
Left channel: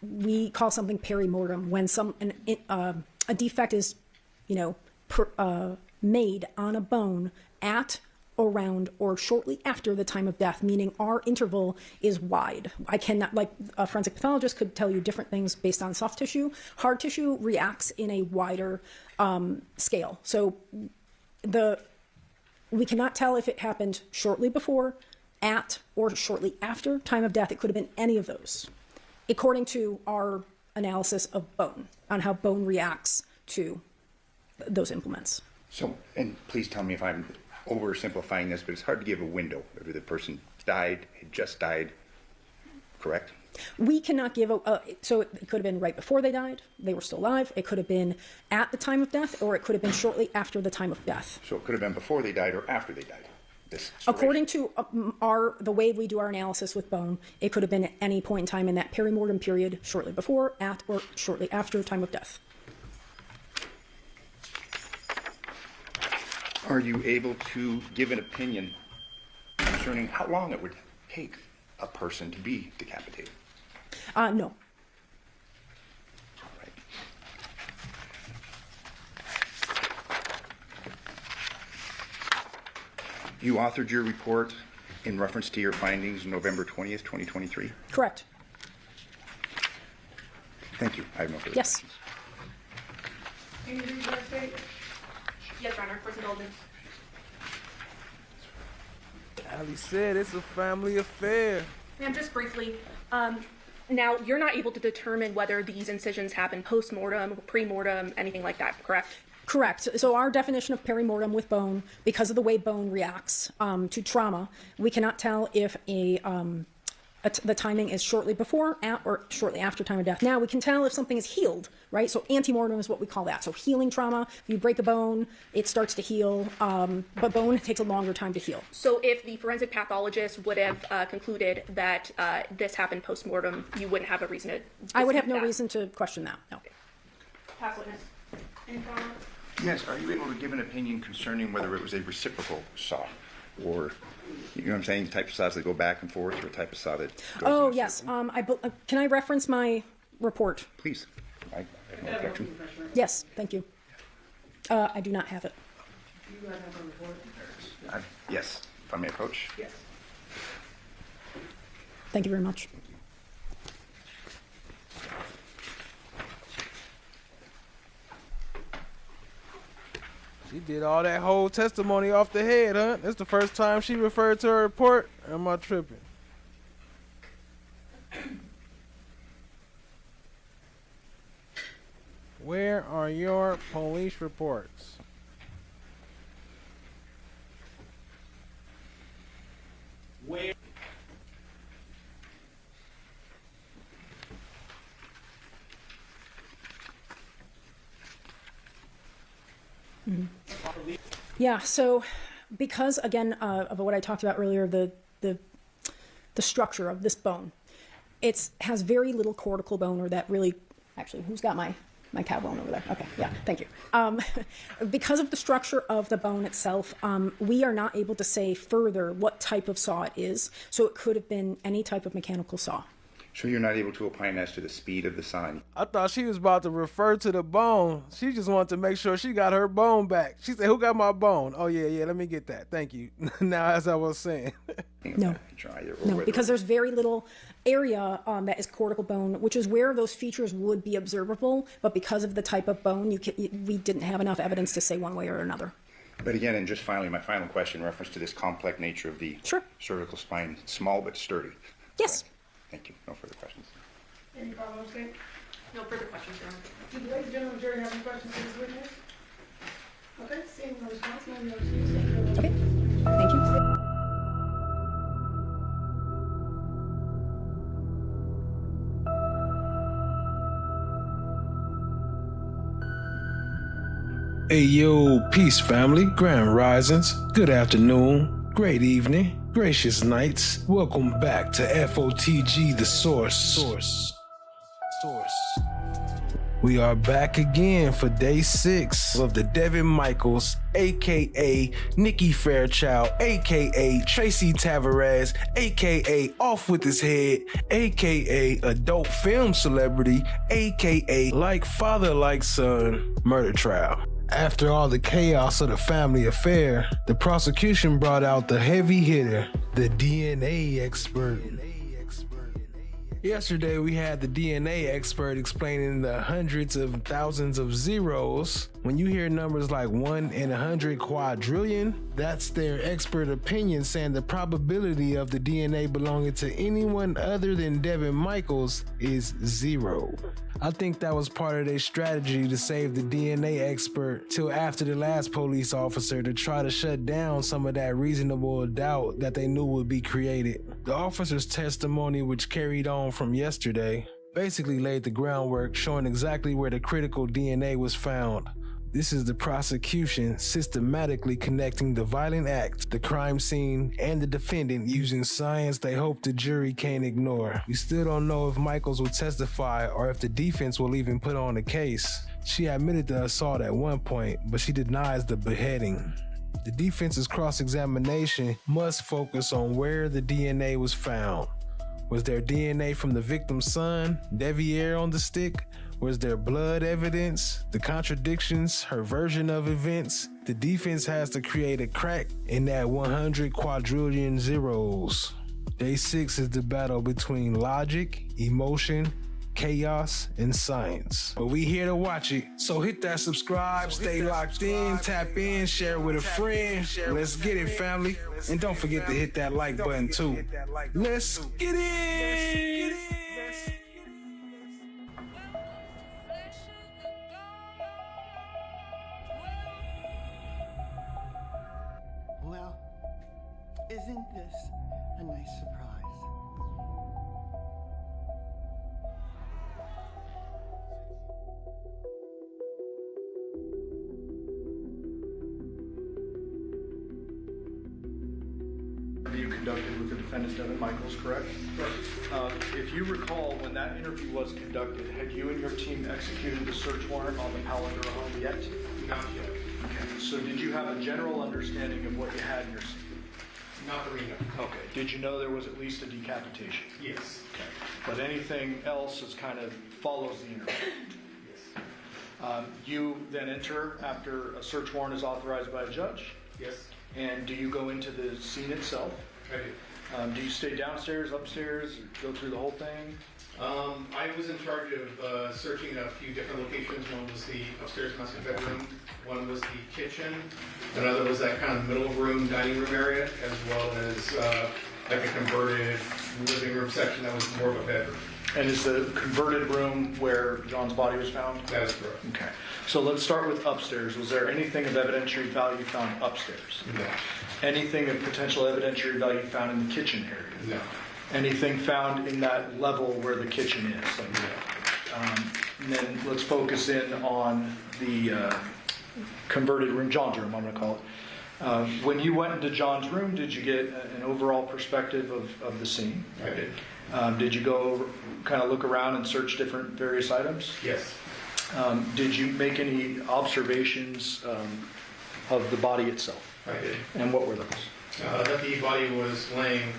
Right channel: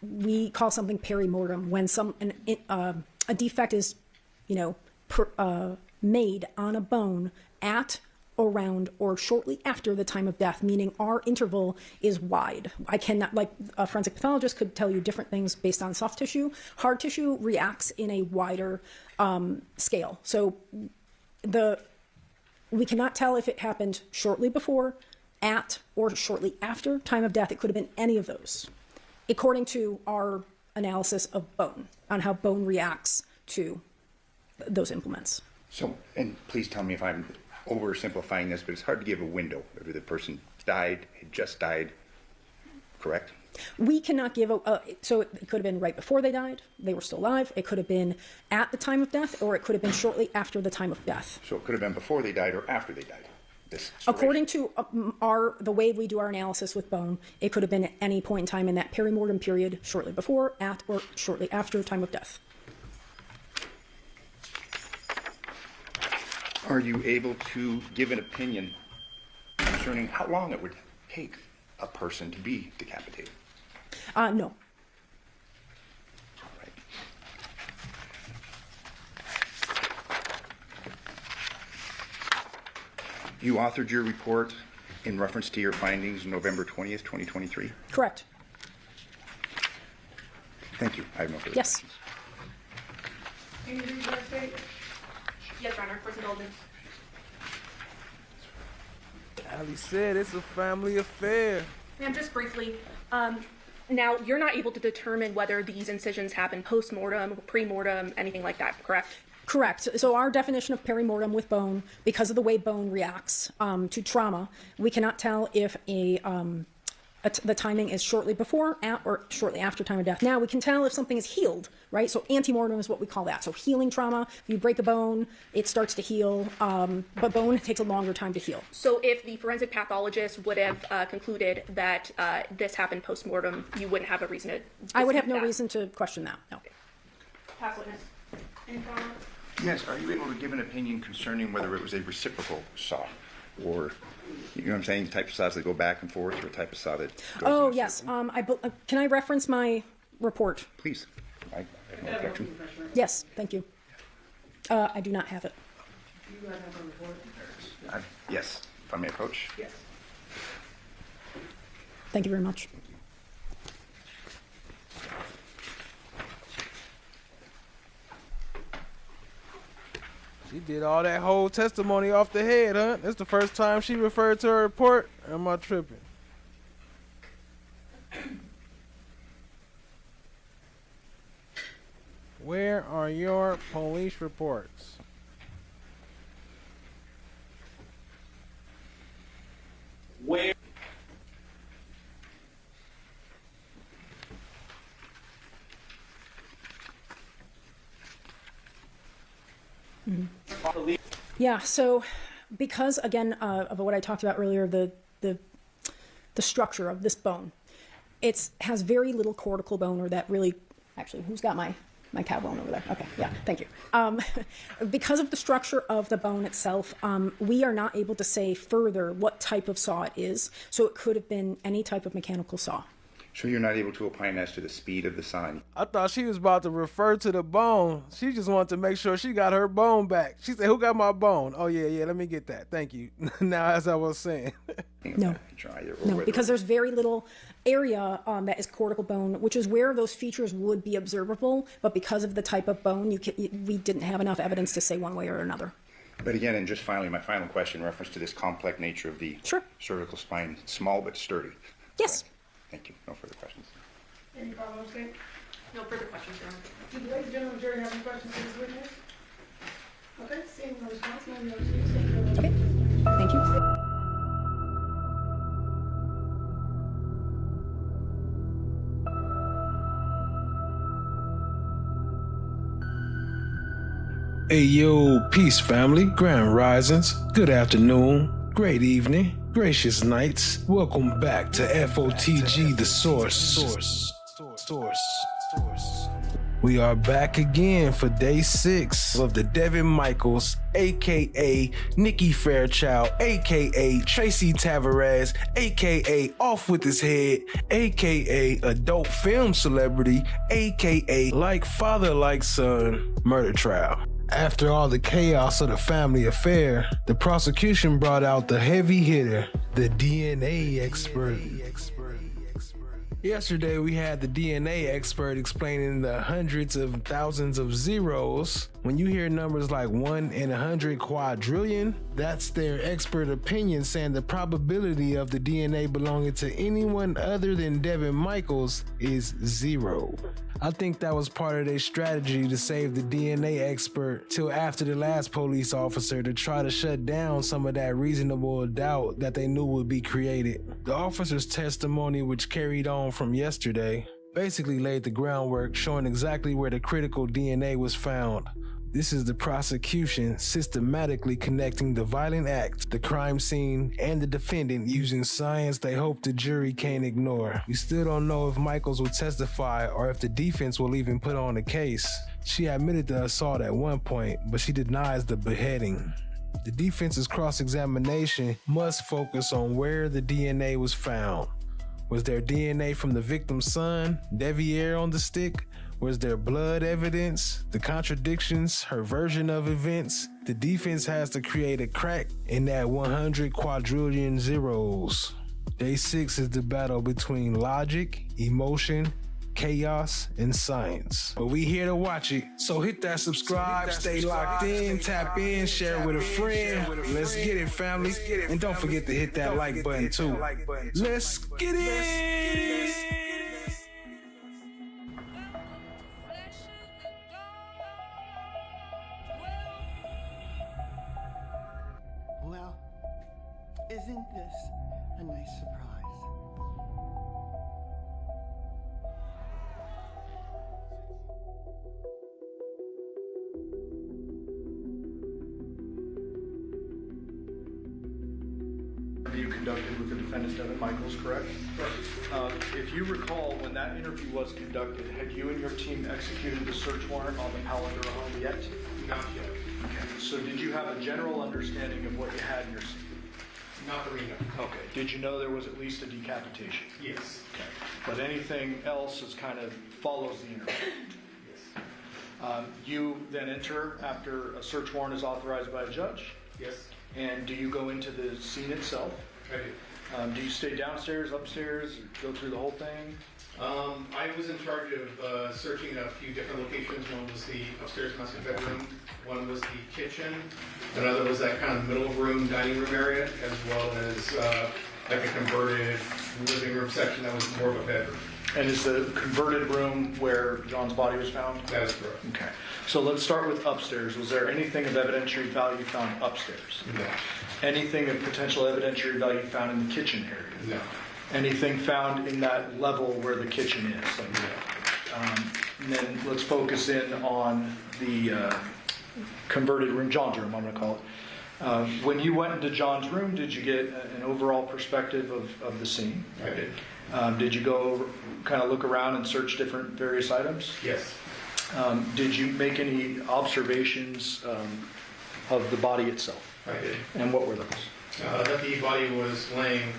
we call something perimortem when a defect is, made on a bone at around, or shortly after the time of death, meaning our interval is wide. I cannot, like a forensic pathologist could tell you different things based on soft tissue. Hard tissue reacts in a wider scale. So we cannot tell if it happened shortly before, at, or shortly after time of death. It could have been any of those, according to our analysis of bone, on how bone reacts to those implements. So, and please tell me if I'm oversimplifying this, but it's hard to give a window whether the person died, had just died, correct? We cannot give so it could have been right before they died, they were still alive. It could have been at the time of death, or it could have been shortly after the time of death. So it could have been before they died or after they died. According to the way we do our analysis with bone, it could have been at any point in time in that perimortem period, shortly before, at, or shortly after time of death. Are you able to give an opinion concerning how long it would take a person to be decapitated? No. You authored your report in reference to your findings November 20th, 2023? Correct. Thank you. I have no further Yes. questions. Can you read that state? Yes, Your Honor, court's indulgence. Ali said it's a family affair. Ma'am, just briefly, now you're not able to determine whether these incisions happen post-mortem, pre-mortem, anything like that, correct? Correct. So our definition of perimortem with bone, because of the way bone reacts to trauma, we cannot tell if the timing is shortly before, at, or shortly after time of death. Now, we can tell if something is healed, right? So antemortem is what we call that. So healing trauma, if you break a bone, it starts to heal, but bone takes a longer time to heal. So if the forensic pathologist would have concluded that this happened post-mortem, you wouldn't have a reason to I would have dispute no that. reason to question that, no. Past witness. Any comment? Yes. Are you able to give an opinion concerning whether it was a reciprocal saw, or, you know what I'm saying, the type of saws that go back and forth, or a type of saw that goes Oh, in a yes. circle? Can I reference my report? Please. I have no objection. Yes, thank you. I do not have it. You guys have a report? Yes, if I may approach. Yes. Thank you very much. She did all that whole testimony off the head, huh? That's the first time she referred to her report. Am I tripping? Where are your police reports? Where? Yeah, so because, again, of what I talked about earlier, the structure of this bone, it has very little cortical bone, or that really, actually, who's got my cow bone over there? Okay, yeah, thank you. Because of the structure of the bone itself, we are not able to say further what type of saw it is, so it could have been any type of mechanical saw. So you're not able to opine as to the speed of the saw? I thought she was about to refer to the bone. She just wanted to make sure she got her bone back. She said, who got my bone? Oh, yeah, let me get that. Thank you. Now, as I was saying. No, because there's very little area that is cortical bone, which is where those features would be observable, but because of the type of bone, we didn't have enough evidence to say one way or another. But again, and just finally, my final question, in reference to this complex nature of the cervical spine, small but sturdy. Yes. Correct? Thank you. No further questions. Any follow-up statement? No further questions, Your Honor. Do the ladies and gentlemen of the jury have any questions for this witness? Okay, seeing no response, no excuse. Thank you. Okay, thank you. Hey yo, peace family, grand risings, good afternoon, great evening, gracious nights. Welcome back to FOTG, the source. We are back again for day 6 of the Devyn Michaels, aka Nikki Fairchild, aka Tracy Tavares, aka Off With His Head, aka adult film celebrity, aka like father like son murder trial. After all the chaos of the family affair, the prosecution brought out the heavy hitter, the DNA expert. Yesterday, we had the DNA expert explaining the hundreds of thousands of zeros. When you hear numbers like 1 in 100 quadrillion, that's their expert opinion saying the probability of the DNA belonging to anyone other than Devyn Michaels is 0. I think that was part of their strategy to save the DNA expert till after the last police officer to try to shut down some of that reasonable doubt that they knew would be created. The officer's testimony, which carried on from yesterday, basically laid the groundwork showing exactly where the critical DNA was found. This is the prosecution systematically connecting the violent act, the crime scene, and the defendant using science they hope the jury can't ignore. We still don't know if Michaels will testify or if the defense will even put on a case. She admitted the assault at one point, but she denies the beheading. The defense's cross-examination must focus on where the DNA was found. Was there DNA from the victim's son, Deviere, on the stick? Was there blood evidence? The contradictions, her version of events? The defense has to create a crack in that 100 quadrillion zeros. Day 6 is the battle between logic, emotion, chaos, and science. But we here to watch it. So hit that subscribe, stay locked in, tap in, share with a friend. Let's get it, family. And don't forget to hit that like button too. Let's get it! Well, isn't this a nice surprise? You conducted with the defendant, Devyn Michaels, correct? Correct. If you recall, when that interview was conducted, had you and your team executed the search warrant on the Pallinger home yet? Not yet. Okay. So did you have a general understanding of what you had in your scene? Not that we know. Okay. Did you know there was at least a decapitation? Yes. Okay. But anything else is kind of follows the interview? Yes. You then enter after a search warrant is authorized by a judge? Yes. And do you go into the scene itself? I do. Do you stay downstairs, upstairs, or go through the whole thing? I was in charge of searching a few different locations. One was the upstairs master bedroom, one was the kitchen, another was that kind of middle room, dining room area, as well as like a converted living room section that was more of a bedroom. And is the converted room where John's body was found? That is correct. Okay. So let's start with upstairs. Was there anything of evidentiary value found upstairs? No. Anything of potential evidentiary value found in the kitchen area? No. Anything found in that level where the kitchen is? Like, and then let's focus in on the converted room, John's room, I'm going to call it. When you went into John's room, did you get an overall perspective of the scene? I did. Did you go kind of look around and search different various items? Yes. Did you make any observations of the body itself? I did. And what were those? That the body was laying,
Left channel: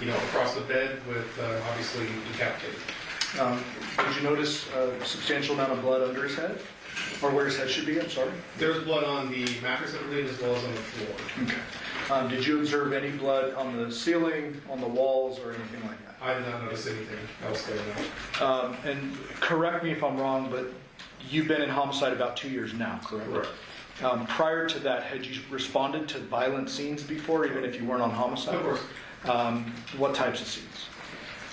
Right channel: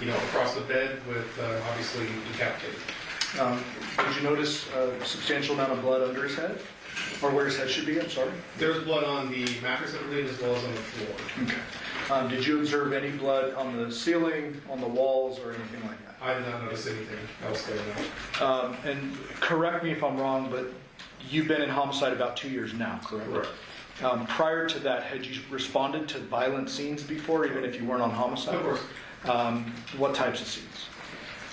across the bed with obviously decapitated. Did you notice a substantial amount of blood under his head? Or where his head should be, I'm sorry? There was blood on the mattress, I believe, as well as on the floor. Okay. Did you observe any blood on the ceiling, on the walls, or anything like that? I did not notice anything else there, no. And correct me if I'm wrong, but you've been in homicide about 2 years now, correct? Correct. Prior to that, had you responded to violent scenes before, even if you weren't on homicide? Of course. What types of scenes?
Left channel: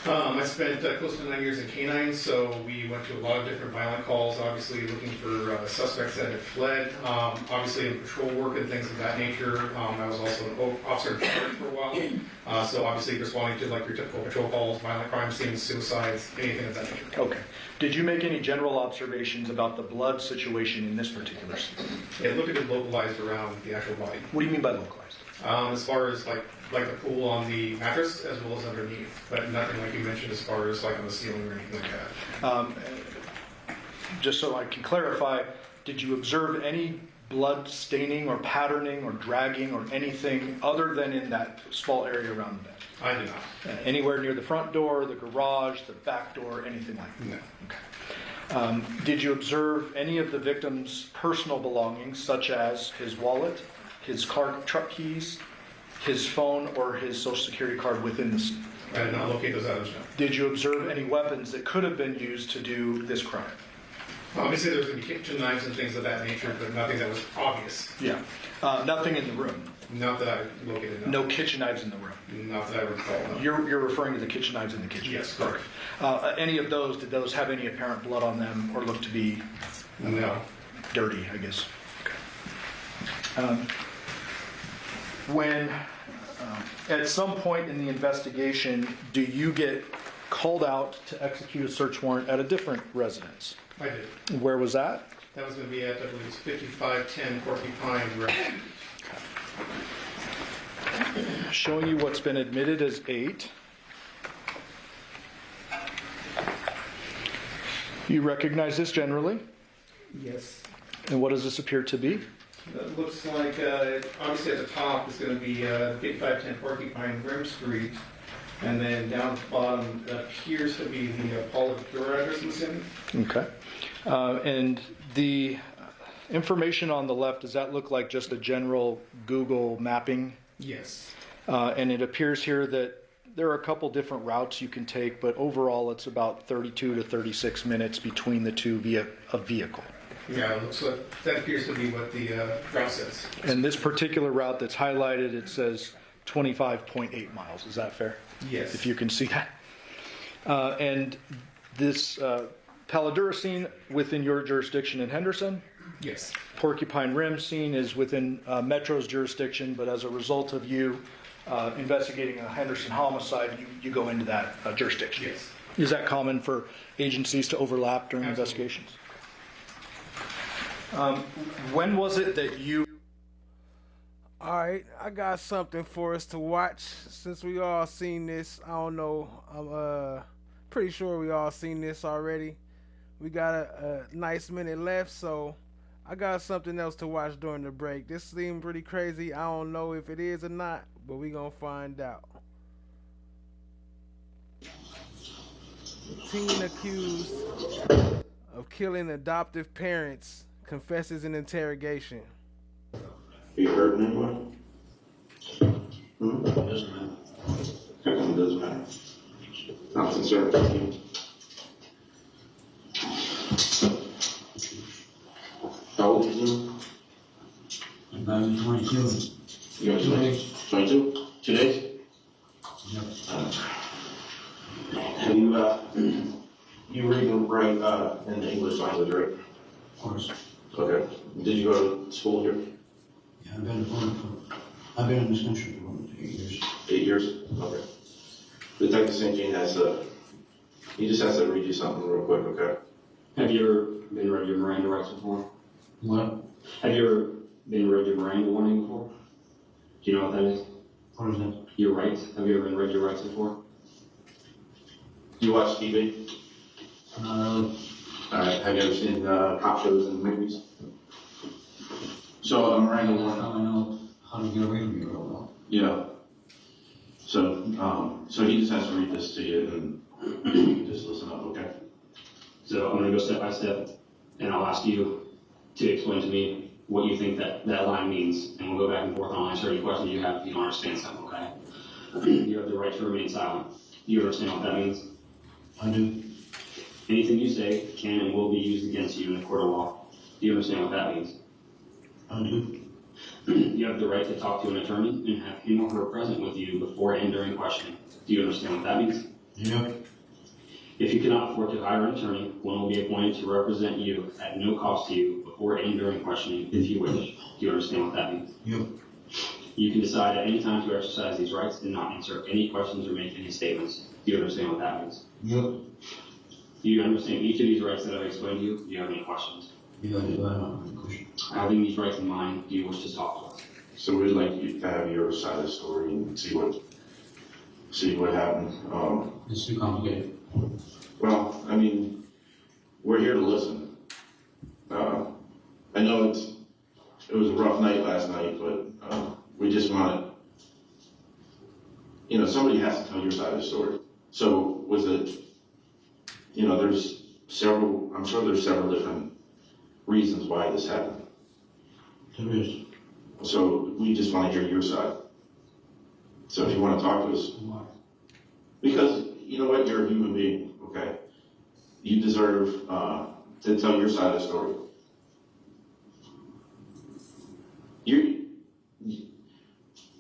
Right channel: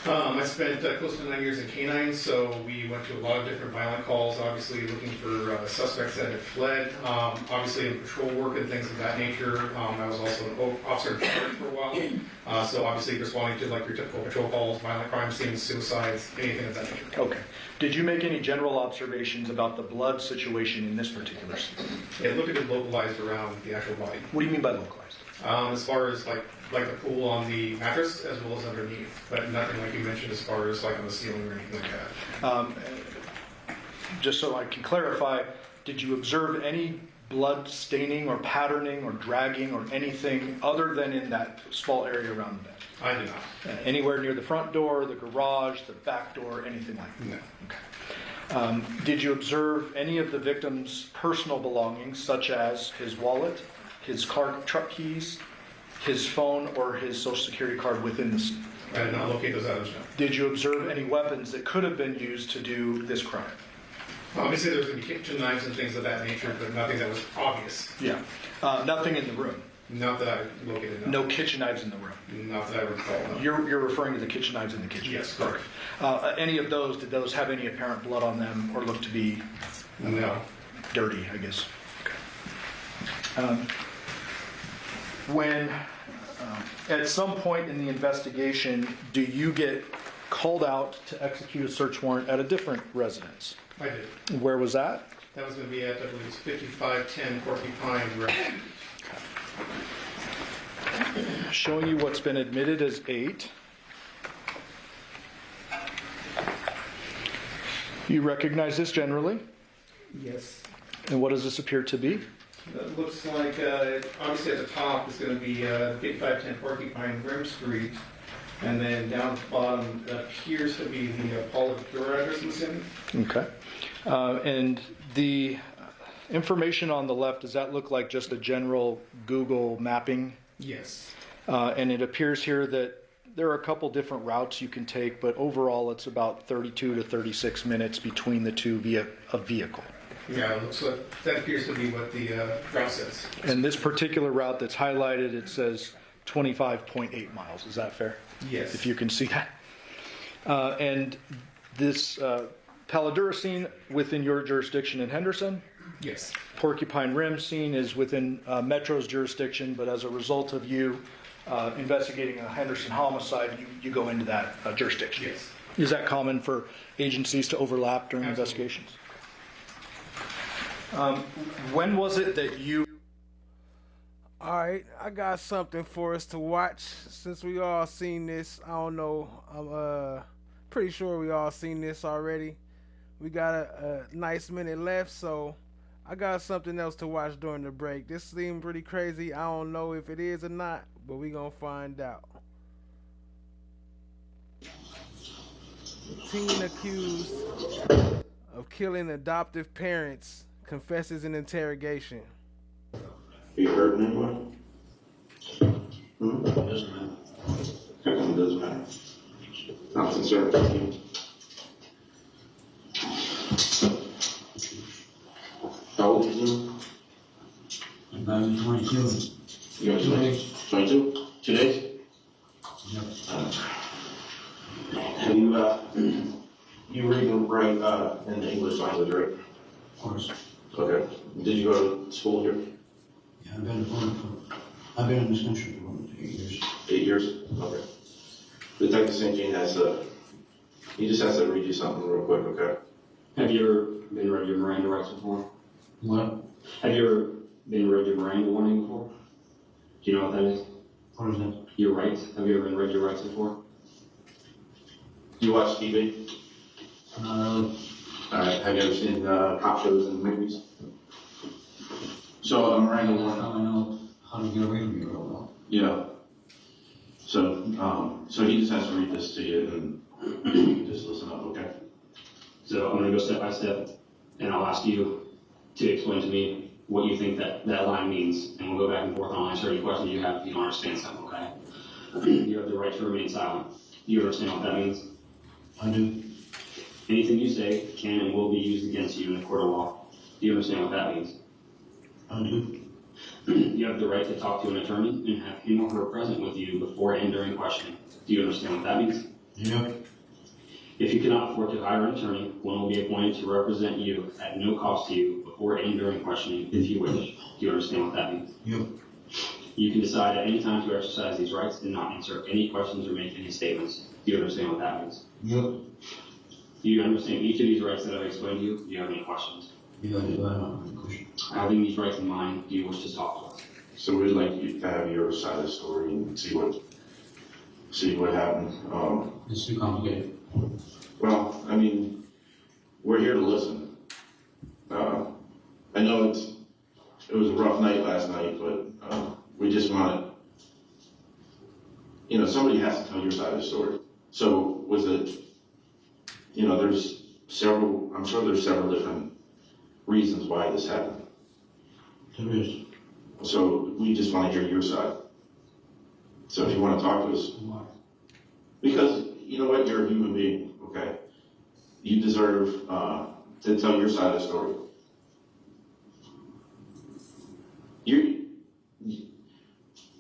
I spent close to 9 years in K-9, so we went to a lot of different violent calls, obviously looking for suspects that had fled, obviously in patrol work and things of that nature. I was also an officer in charge for a while, so obviously responding to like your typical patrol calls, violent crime scenes, suicides, anything of that nature. Okay. Did you make any general observations about the blood situation in this particular scene? It looked a bit localized around the actual body. What do you mean by localized? As far as like the pool on the mattress as well as underneath, but nothing like you mentioned as far as like on the ceiling or anything like that. Just so I can clarify, did you observe any blood staining or patterning or dragging or anything other than in that small area around the bed? I did not. Anywhere near the front door, the garage, the back door, anything like that? No. Did you observe any of the victim's personal belongings, such as his wallet, his truck keys, his phone, or his social security card within the scene? I did not locate those items, no. Did you observe any weapons that could have been used to do this crime? Obviously, there's going to be kitchen knives and things of that nature, but nothing that was obvious. Yeah. Nothing in the room? Not that I located, no. No kitchen knives in the room? Not that I recall, no. You're referring to the kitchen knives in the kitchen? Yes, correct. Any of those, did those have any apparent blood on them or look to be dirty, I guess? Okay. When, at some point in the investigation, do you get called out to execute a search warrant at a different residence? I did. Where was that? That was going to be at, I believe it's 5510 Porcupine Road. Showing you what's been admitted as 8. You recognize this generally? Yes. And what does this appear to be? It looks like, obviously at the top is going to be 5510 Porcupine Rim Street. And then down at the bottom appears to be the Paula Victoria address, I'm assuming. Okay. And the information on the left, does that look like just a general Google mapping? Yes. And it appears here that there are a couple different routes you can take, but overall it's about 32 to 36 minutes between the two via a vehicle. Yeah, it looks like that appears to be what the route says. And this particular route that's highlighted, it says 25.8 miles. Is that fair? Yes. If you can see that. And this Paladura scene within your jurisdiction in Henderson? Yes. Porcupine Rim scene is within Metro's jurisdiction, but as a result of you investigating a Henderson homicide, you go into that jurisdiction. Yes. Is that common for agencies to overlap during investigations? When was it that you... All right, I got something for us to watch. Since we all seen this, I don't know, I'm pretty sure we all seen this already. We got a nice minute left, so I got something else to watch during the break. This seemed pretty crazy. I don't know if it is or not, but we gonna find out. Teen accused of killing adoptive parents confesses in interrogation. You hurt anyone? Doesn't matter. It doesn't matter. Not concerned with you. How old are you? I'm about 22. You're 22? 2 days? Yep. And you read and write in the English language, right? Of course. Okay. Did you go to school here? Yeah, I've been in this country for 8 years. 8 years? Okay. Detective St. Jean he just has to read you something real quick, okay? Have you ever been read your Miranda rights before? What? Have you ever been read your Miranda warning before? Do you know what that is? What is that? Your rights. Have you ever been read your rights before? Do you watch TV? Not really. Alright, have you ever seen cop shows and movies? So, Miranda warning. I know how to get away from you real well. Yeah. So, so he just has to read this to you and you can just listen up, okay? So I'm going to go step by step, and I'll ask you to explain to me what you think that line means, and we'll go back and forth, and I'll answer any questions you have if you don't understand something, okay? You have the right to remain silent. Do you understand what that means? I do. Anything you say can and will be used against you in a court of law. Do you understand what that means? I do. You have the right to talk to an attorney and have him or her present with you before and during questioning. Do you understand what that means? Yeah. If you cannot afford to hire an attorney, one will be appointed to represent you at no cost to you before and during questioning if you wish. Do you understand what that means? Yep. You can decide at any time to exercise these rights and not answer any questions or make any statements. Do you understand what that means? Yep. Do you understand each of these rights that I've explained to you? Do you have any questions? Yeah, I do. I don't have any questions. Having these rights in mind, do you wish to talk to us? So we'd like you to have your side of the story and see what happened. It's too complicated. Well, I mean, we're here to listen. I know it was a rough night last night, but we just want to, somebody has to tell your side of the story. So was it, there's I'm sure there's several different reasons why this happened. There is. So we just want to hear your side. So if you want to talk to us. Why? Because, you know what, you're a human being, okay? You deserve to tell your side of the story.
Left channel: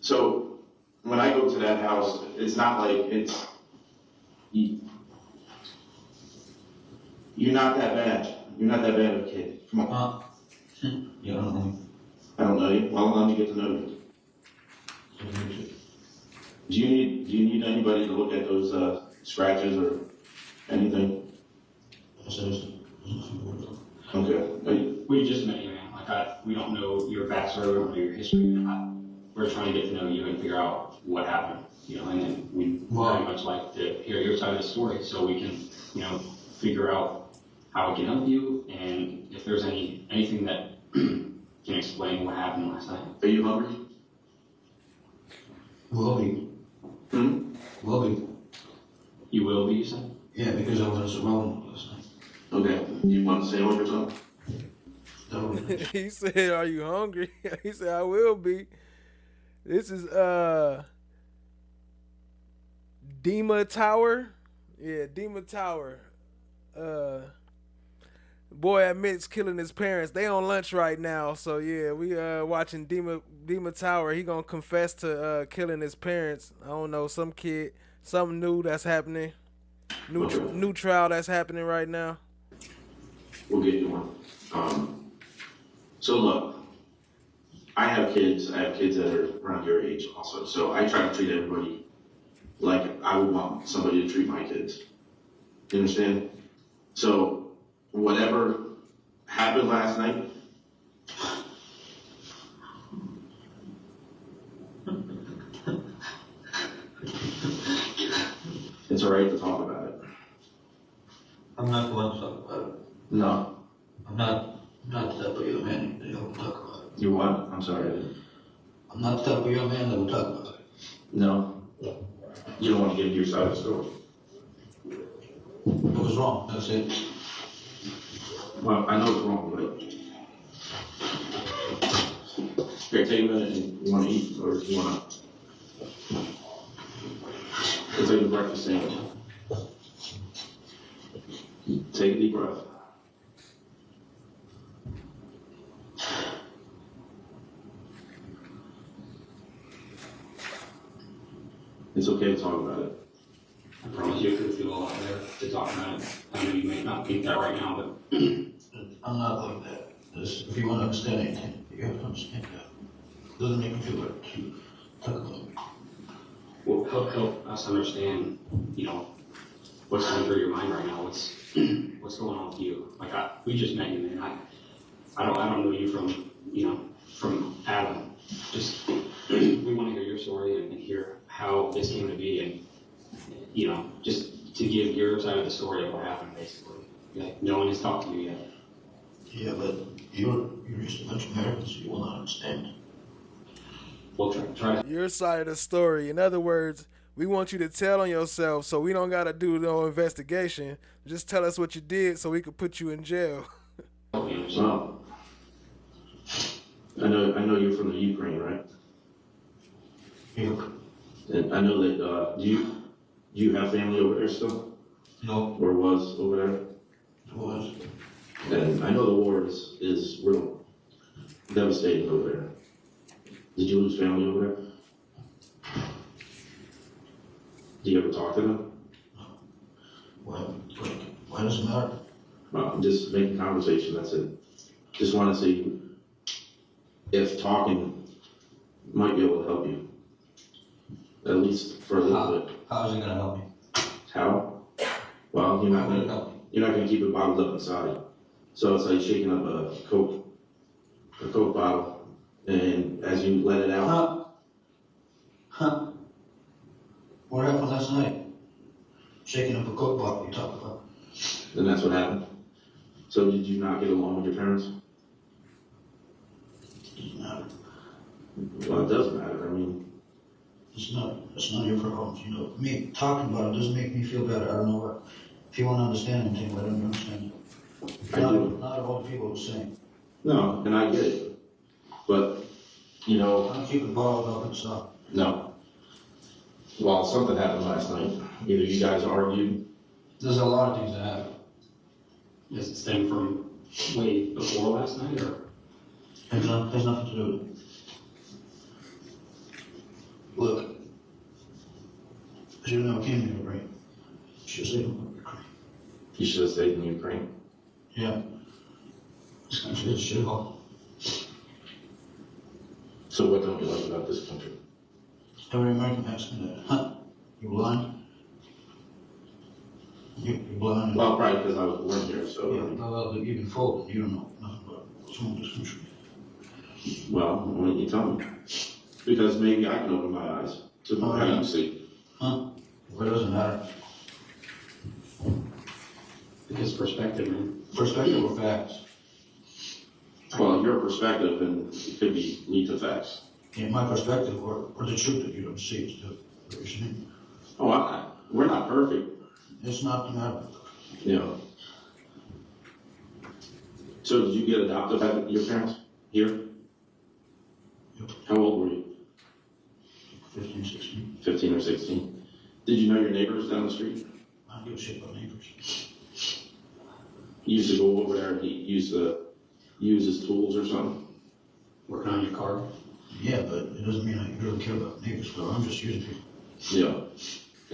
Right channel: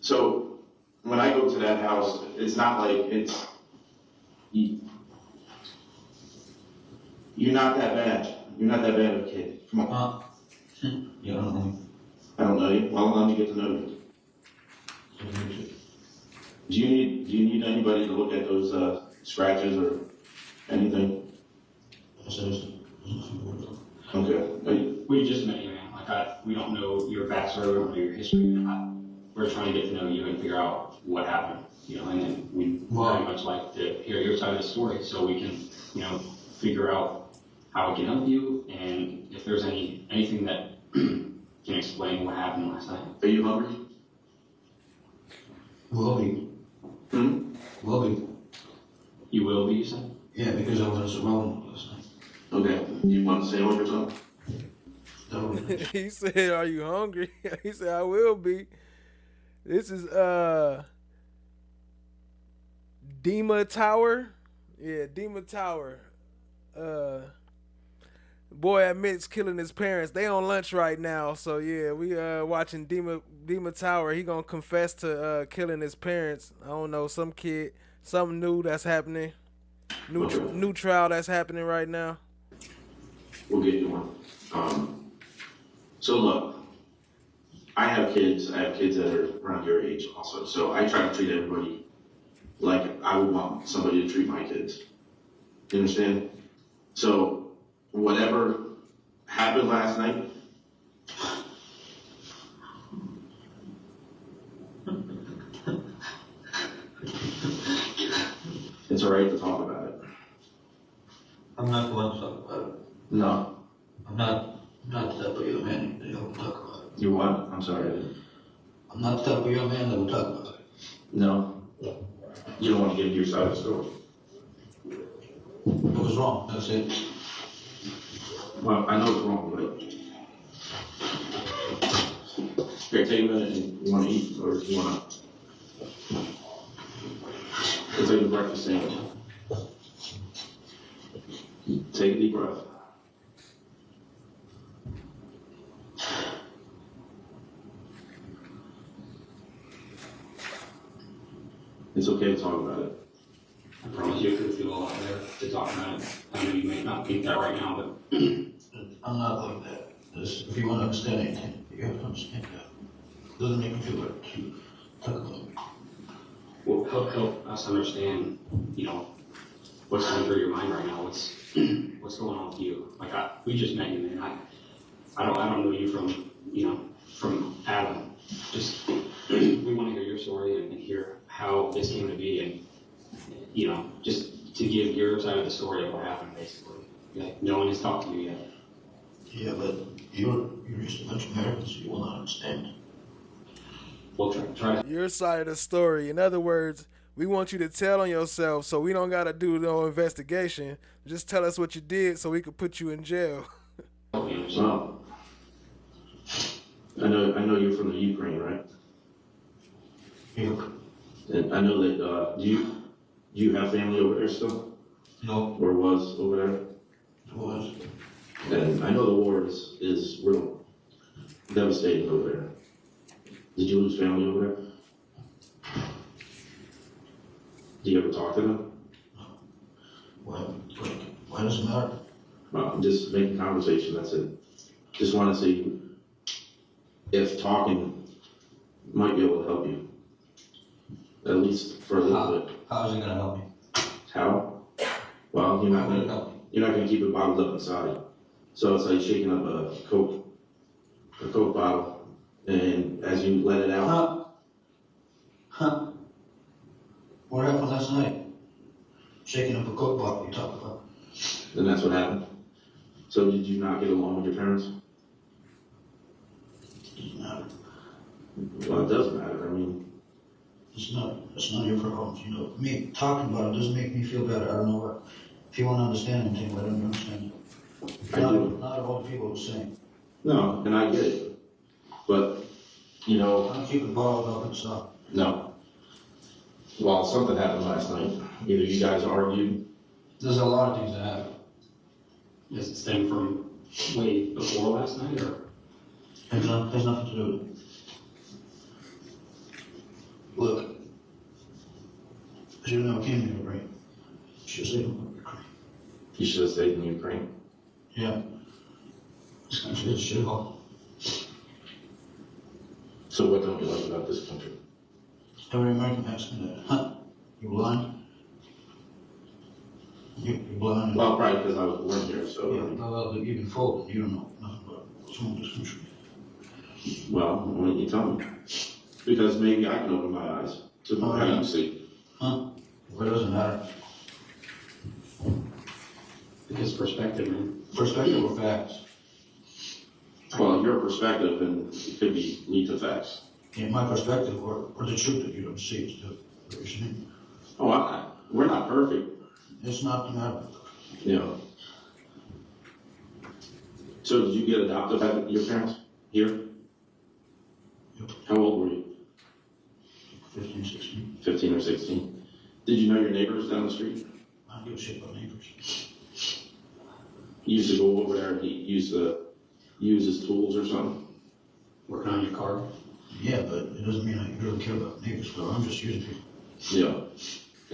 So when I go to that house, it's not like you're not that bad. You're not that bad of a kid. Come on. You don't know me. I don't know you. Well, let me get to know you. Do you need anybody to look at those scratches or anything? Okay. We just met you, man. We don't know your backstory, we don't know your history. We're trying to get to know you and figure out what happened, and then we very much like to hear your side of the story so we can, figure out how we can help you and if there's anything that can explain what happened last night. Are you hungry? Will be. Will be. You will be, you said? Yeah, because I was alone last night. Okay. You want to say what you're talking? He said, "Are you hungry?" He said, "I will be." This is Dima Tower. Yeah, Dima Tower. Boy admits killing his parents. They on lunch right now, so yeah, we watching Dima Tower. He gonna confess to killing his parents. I don't know, some kid, something new that's happening. New trial that's happening right now. We'll get you one. So look, I have kids that are around your age also. So I try to treat everybody like I would want somebody to treat my kids. You understand? So whatever happened last night, it's all right to talk about it. I'm not the one to talk about it. No. I'm not the type of young man that will talk about it. You what? I'm sorry. I'm not the type of young man that will talk about it. No. You don't want to give your side of the story. It was wrong, that's it. Well, I know it's wrong, but here, take a minute and you want to eat or you want to take a breakfast sandwich. Take a deep breath. It's okay to talk about it. I promise you it could feel a lot better to talk about it. I know you may not think that right now, but I'm not like that. If you want to understand anything, you have to understand that. It doesn't make me feel better to talk about it. Well, help us understand, what's going through your mind right now. What's going on with you? We just met you, man. I don't know you from Adam. Just we want to hear your story and hear how this came to be, and just to give your side of the story of what happened, basically. No one has talked to you yet. Yeah, but you're just a bunch of Americans. You will not understand. We'll try. Your side of the story. In other words, we want you to tell on yourself, so we don't gotta do no investigation. Just tell us what you did, so we could put you in jail. Well, I know you're from the Ukraine, right? Yeah. And I know that, do you have family over there still? No. Or was over there? It was. And I know the war is real devastating over there. Did you lose family over there? Do you ever talk to them? Why does it matter? Well, just making conversation, that's it. Just want to see if talking might be able to help you. At least for a little bit. How is it going to help me? How? Well, you're not going to keep it bottled up inside. So it's like shaking up a Coke bottle, and as you let it out. Huh? What happened last night? Shaking up a Coke bottle you talk about. And that's what happened. So did you not get along with your parents? It doesn't matter. Well, it does matter. I mean, it's not your problems. Me talking about it doesn't make me feel better. I don't know what. If you want to understand anything, let them understand it. Not all the people are the same. No, and I get it. But, you know. I don't keep it bottled up and stuff. No. Well, something happened last night. Either you guys argued. There's a lot of things that happen. Does it stem from way before last night, or? Has nothing to do with it. Look, I should have never came to Ukraine. Should have stayed in Ukraine. You should have stayed in Ukraine. Yeah. This country is a shithole. So what don't you like about this country? Every American asks me that. Huh? You blind? You're blind? Well, probably because I was born here, so. Yeah, well, you've been fooled. You don't know nothing about what's wrong with this country. Well, why don't you tell me? Because maybe I can open my eyes to how you see. Huh? Well, it doesn't matter. Because perspective, man. Perspective or facts? Well, your perspective and it could be lead to facts. Yeah, my perspective or the truth that you don't see is what you're saying. Oh, we're not perfect. It's not matter. Yeah. So did you get adopted by your parents here? Yep. How old were you? 15, 16. 15 or 16. Did you know your neighbors down the street? I don't give a shit about neighbors. You used to go over there and he used to use his tools or something? Working on your car? Yeah, but it doesn't mean I really care about neighbors, so I'm just using people. Yeah.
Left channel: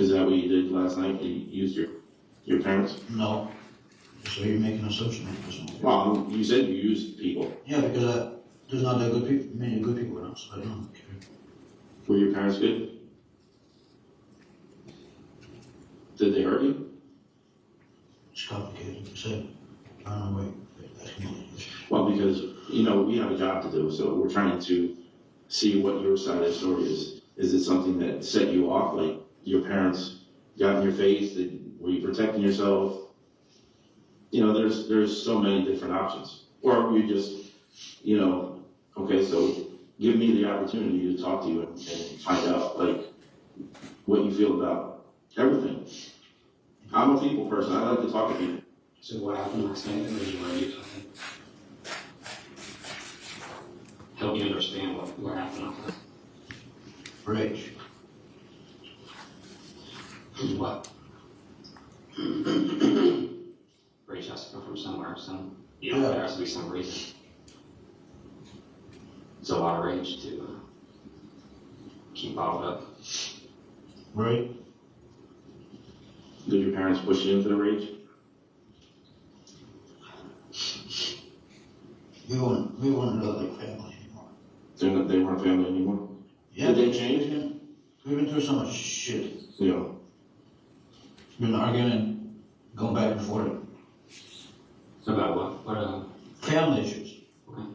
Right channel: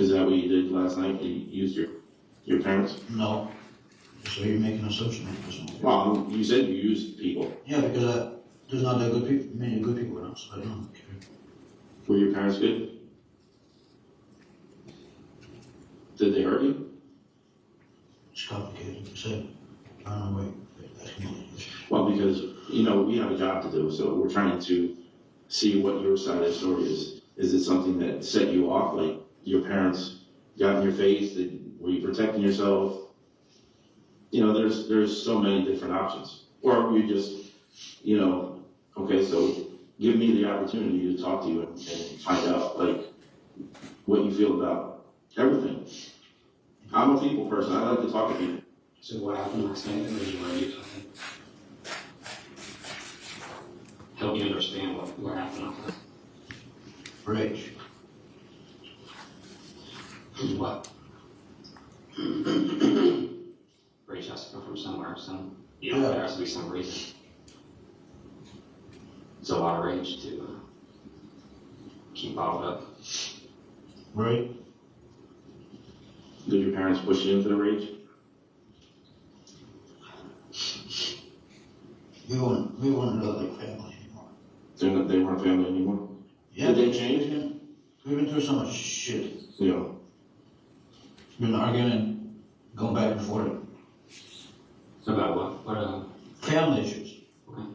Is that what you did last night? You used your parents? No. So you're making an assumption. Well, you said you used people. Yeah, because there's not that good people, many good people around, so I don't care. Were your parents good? Did they hurt you? It's complicated, like I said. I don't know why you're asking me that question. Well, because, you know, we have a job to do, so we're trying to see what your side of the story is. Is it something that set you off, like your parents got in your face? Were you protecting yourself? You know, there's so many different options. Or were you just, you know, okay, so give me the opportunity to talk to you and find out, like, what you feel about everything. I'm a people person. I like to talk to people. So what happened last night? What did you want to do something? Help me understand what happened. Rage. What? Rage has to come from somewhere, there has to be some reason. It's a lot of rage to keep bottled up. Right. Did your parents push you into the rage? We weren't like family anymore. They weren't family anymore? Yeah. Did they change? We've been through so much shit. Yeah. We've been arguing and going back and forth. So about what? Family issues. Okay.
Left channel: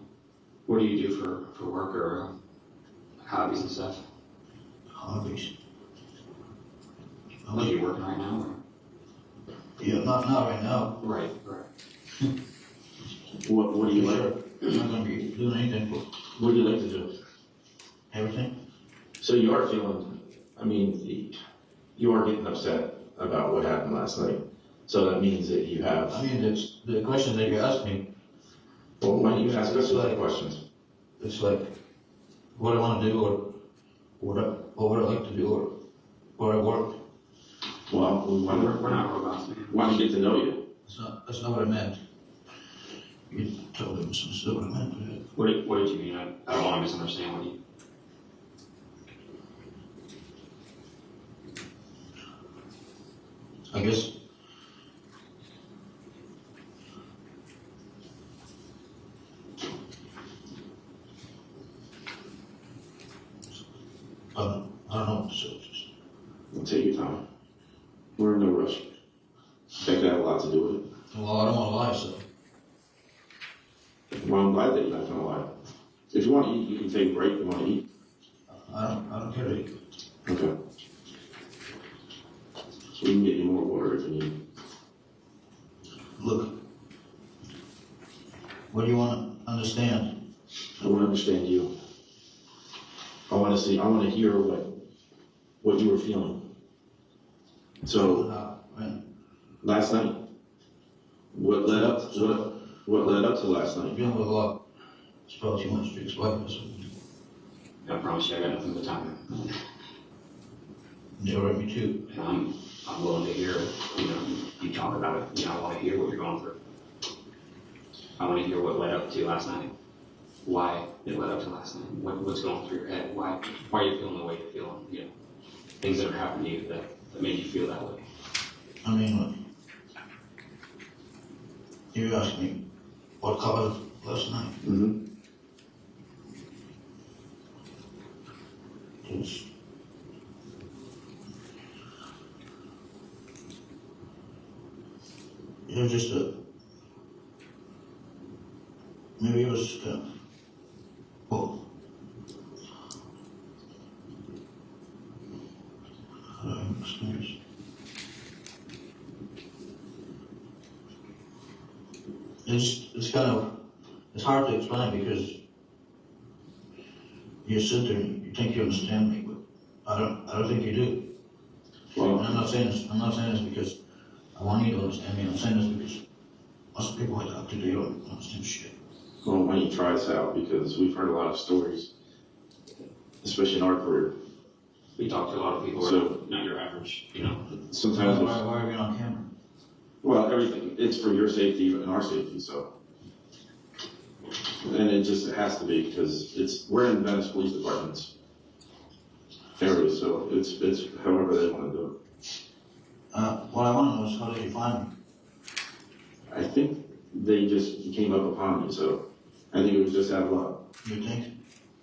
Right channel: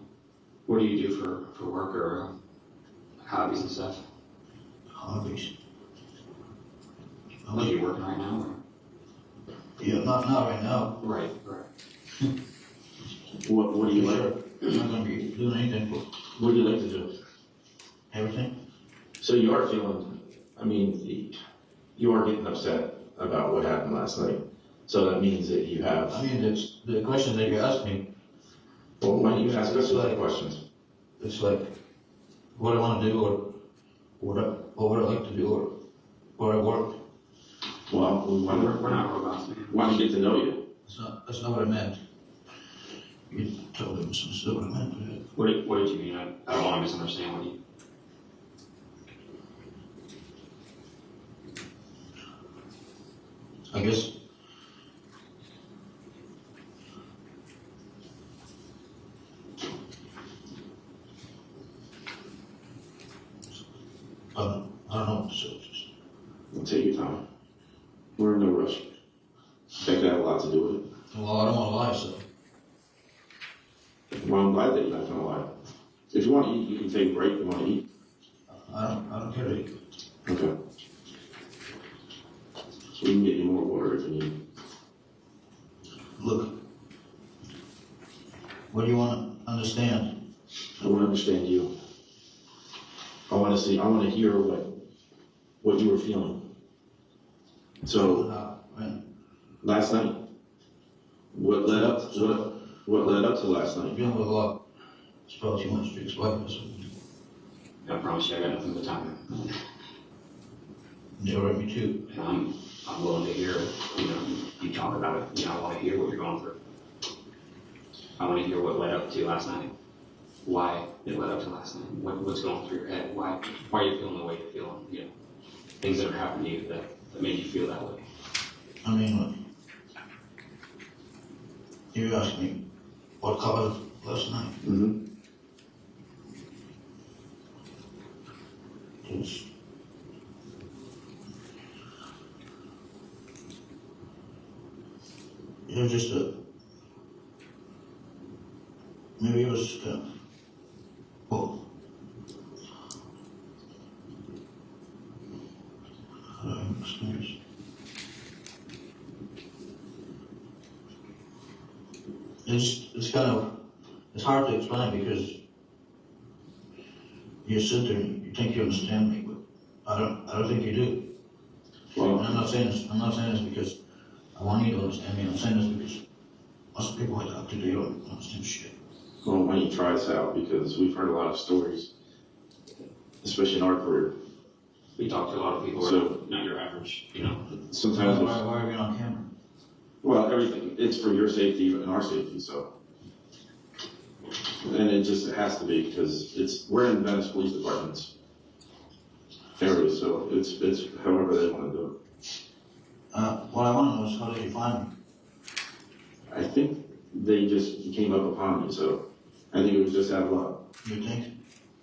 What do you do for work or hobbies and stuff? Hobbies. Are you working right now? Or? Yeah, not right now. Right. What do you like? I'm not going to be doing anything. What do you like to do? Everything. So you are feeling, I mean, you are getting upset about what happened last night. So that means that you have... I mean, it's the questions that you asked me. Well, why don't you ask us the questions? It's like what I want to do or what I like to do or where I work. Well, we're not robots, man. Want to get to know you. That's not what I meant. You totally misunderstood what I meant. What did you mean? I don't want to misunderstand what you... I guess I don't know what to say. Take your time. We're in no rush. I think that had a lot to do with it. Well, I don't want to lie, so. Well, I'm glad that you're not going to lie. If you want to eat, you can take a break. You want to eat? I don't care to eat. Okay. So we can get you more water if you need. Look, what do you want to understand? I want to understand you. I want to hear what you were feeling. So, Last night? What led up to last night? Dealing with a lot. It's probably too much to explain this. I promise you I got nothing but time. Yeah, right, me too. And I'm willing to hear, you talk about it. I want to hear what you're going through. I want to hear what led up to last night. Why it led up to last night. What's going through your head. Why are you feeling the way you're feeling? Things that have happened to you that made you feel that way. I mean, you asked me what colored last night. Mm-hmm. It was just maybe it was kind of, well, experience. It's kind of, it's hard to explain because you sit there and you think you understand me, but I don't think you do. Well, and I'm not saying this because I want you to understand me. I'm saying this because most people I talk to, they don't understand shit. Well, why don't you try this out? Because we've heard a lot of stories, especially in our career. We talk to a lot of people, so not your average, Sometimes. Why are we on camera? Well, everything. It's for your safety and our safety, so. And it has to be because we're in Venice Police Department's area, so it's however they want to do it. What I want to know is how did you find me? I think they just came up upon me, so I think it was just out of luck. You think?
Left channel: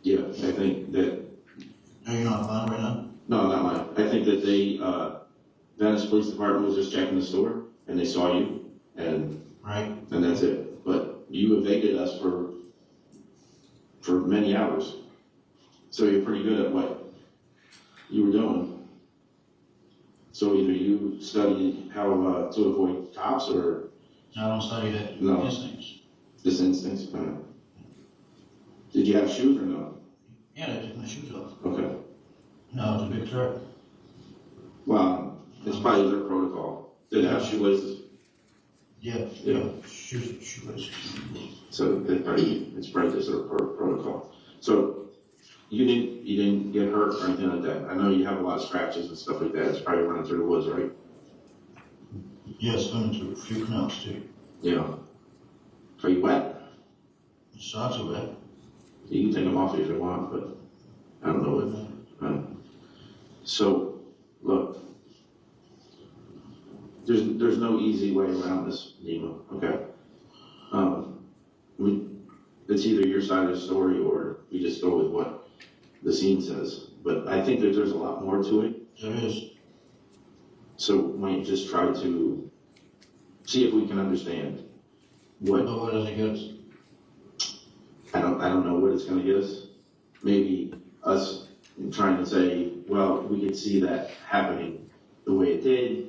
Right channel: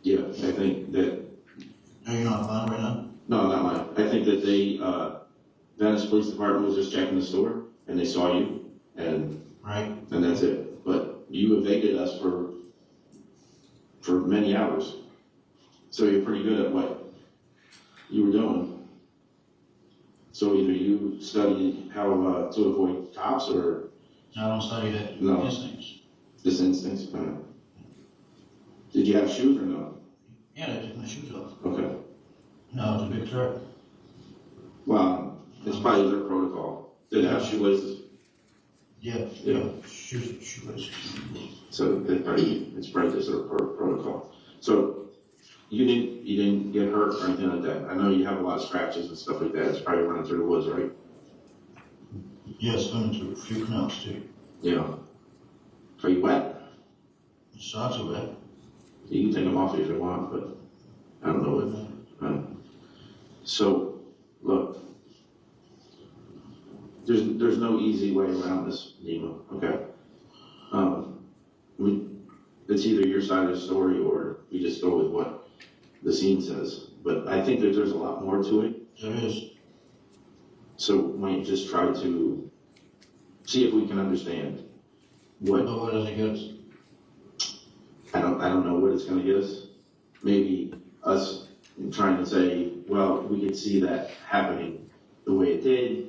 Yeah, I think that. Are you not mine right now? No, not mine. I think that they, Venice Police Department was just checking the store and they saw you and that's it. But you evaded us for many hours. So you're pretty good at what you were doing. So either you studied how to avoid cops or... I don't study that. No. Instincts. Just instincts? Did you have shoes or no? Yeah, they took my shoes off. Okay. No, it's a big threat. Well, it's probably their protocol. Did they have shoelaces? Yeah. Shoelaces. So it's probably just their protocol. So you didn't get hurt or anything like that. I know you have a lot of scratches and stuff like that. It's probably running through the woods, right? Yes, running through a few canals too. Yeah. Are you wet? It's not too wet. You can take them off if you want, but I don't know what. So, look, there's no easy way around this, Nemo. Okay. It's either your side of the story or we just go with what the scene says. But I think that there's a lot more to it. There is. So why don't you just try to see if we can understand what. But what does it get us? I don't know what it's going to get us. Maybe us trying to say, well, we could see that happening the way it did.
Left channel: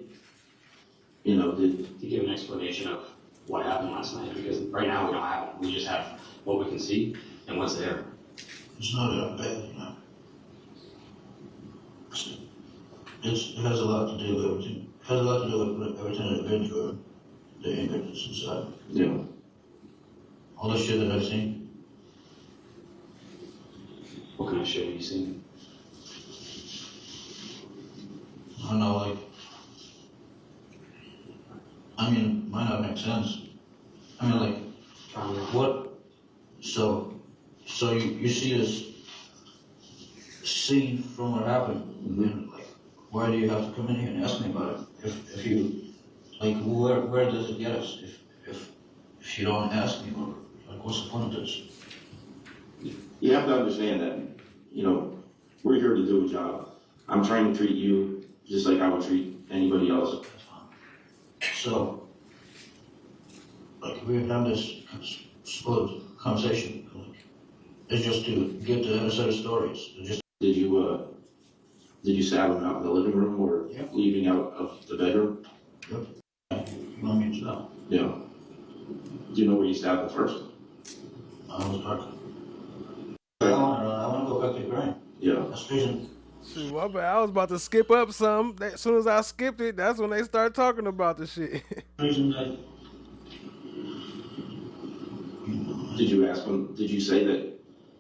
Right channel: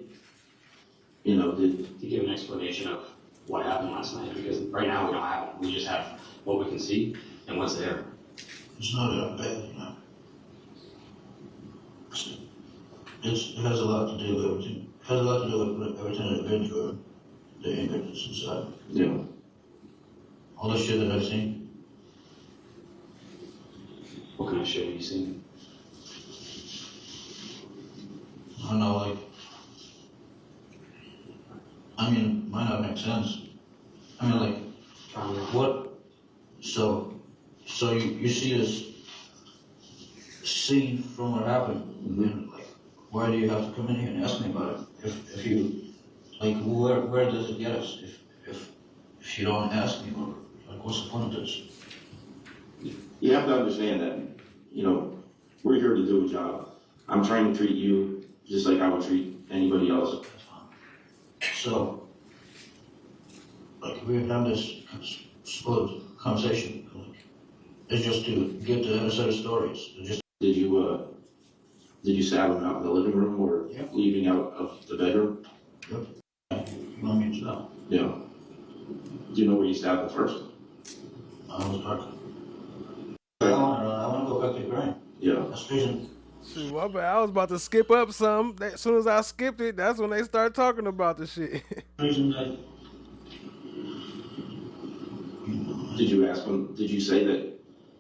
To give an explanation of what happened last night, because right now we don't have it. We just have what we can see and what's there. It's not that bad, It has a lot to do with everything. It has a lot to do with everything I've been through. The ignorance inside. Yeah. All the shit that I've seen. What kind of shit have you seen? I don't know, it might not make sense. What? So you see this scene from what happened, and why do you have to come in here and ask me about it? If you, where does it get us? If you don't ask me, what's the point of this? You have to understand that, we're here to do a job. I'm trying to treat you just like I would treat anybody else. So, we've had this supposed conversation. It's just to get the other side of stories. Did you stab him out in the living room or leaving out of the bedroom? Yep. You want me to know? Yeah. Do you know where you stabbed him first? I was talking. I want to go back to the grind. Yeah. That's the reason Shoot, my bad. I was about to skip up some. As soon as I skipped it, that's when they start talking about the shit. Reason that Did you ask them, did you say that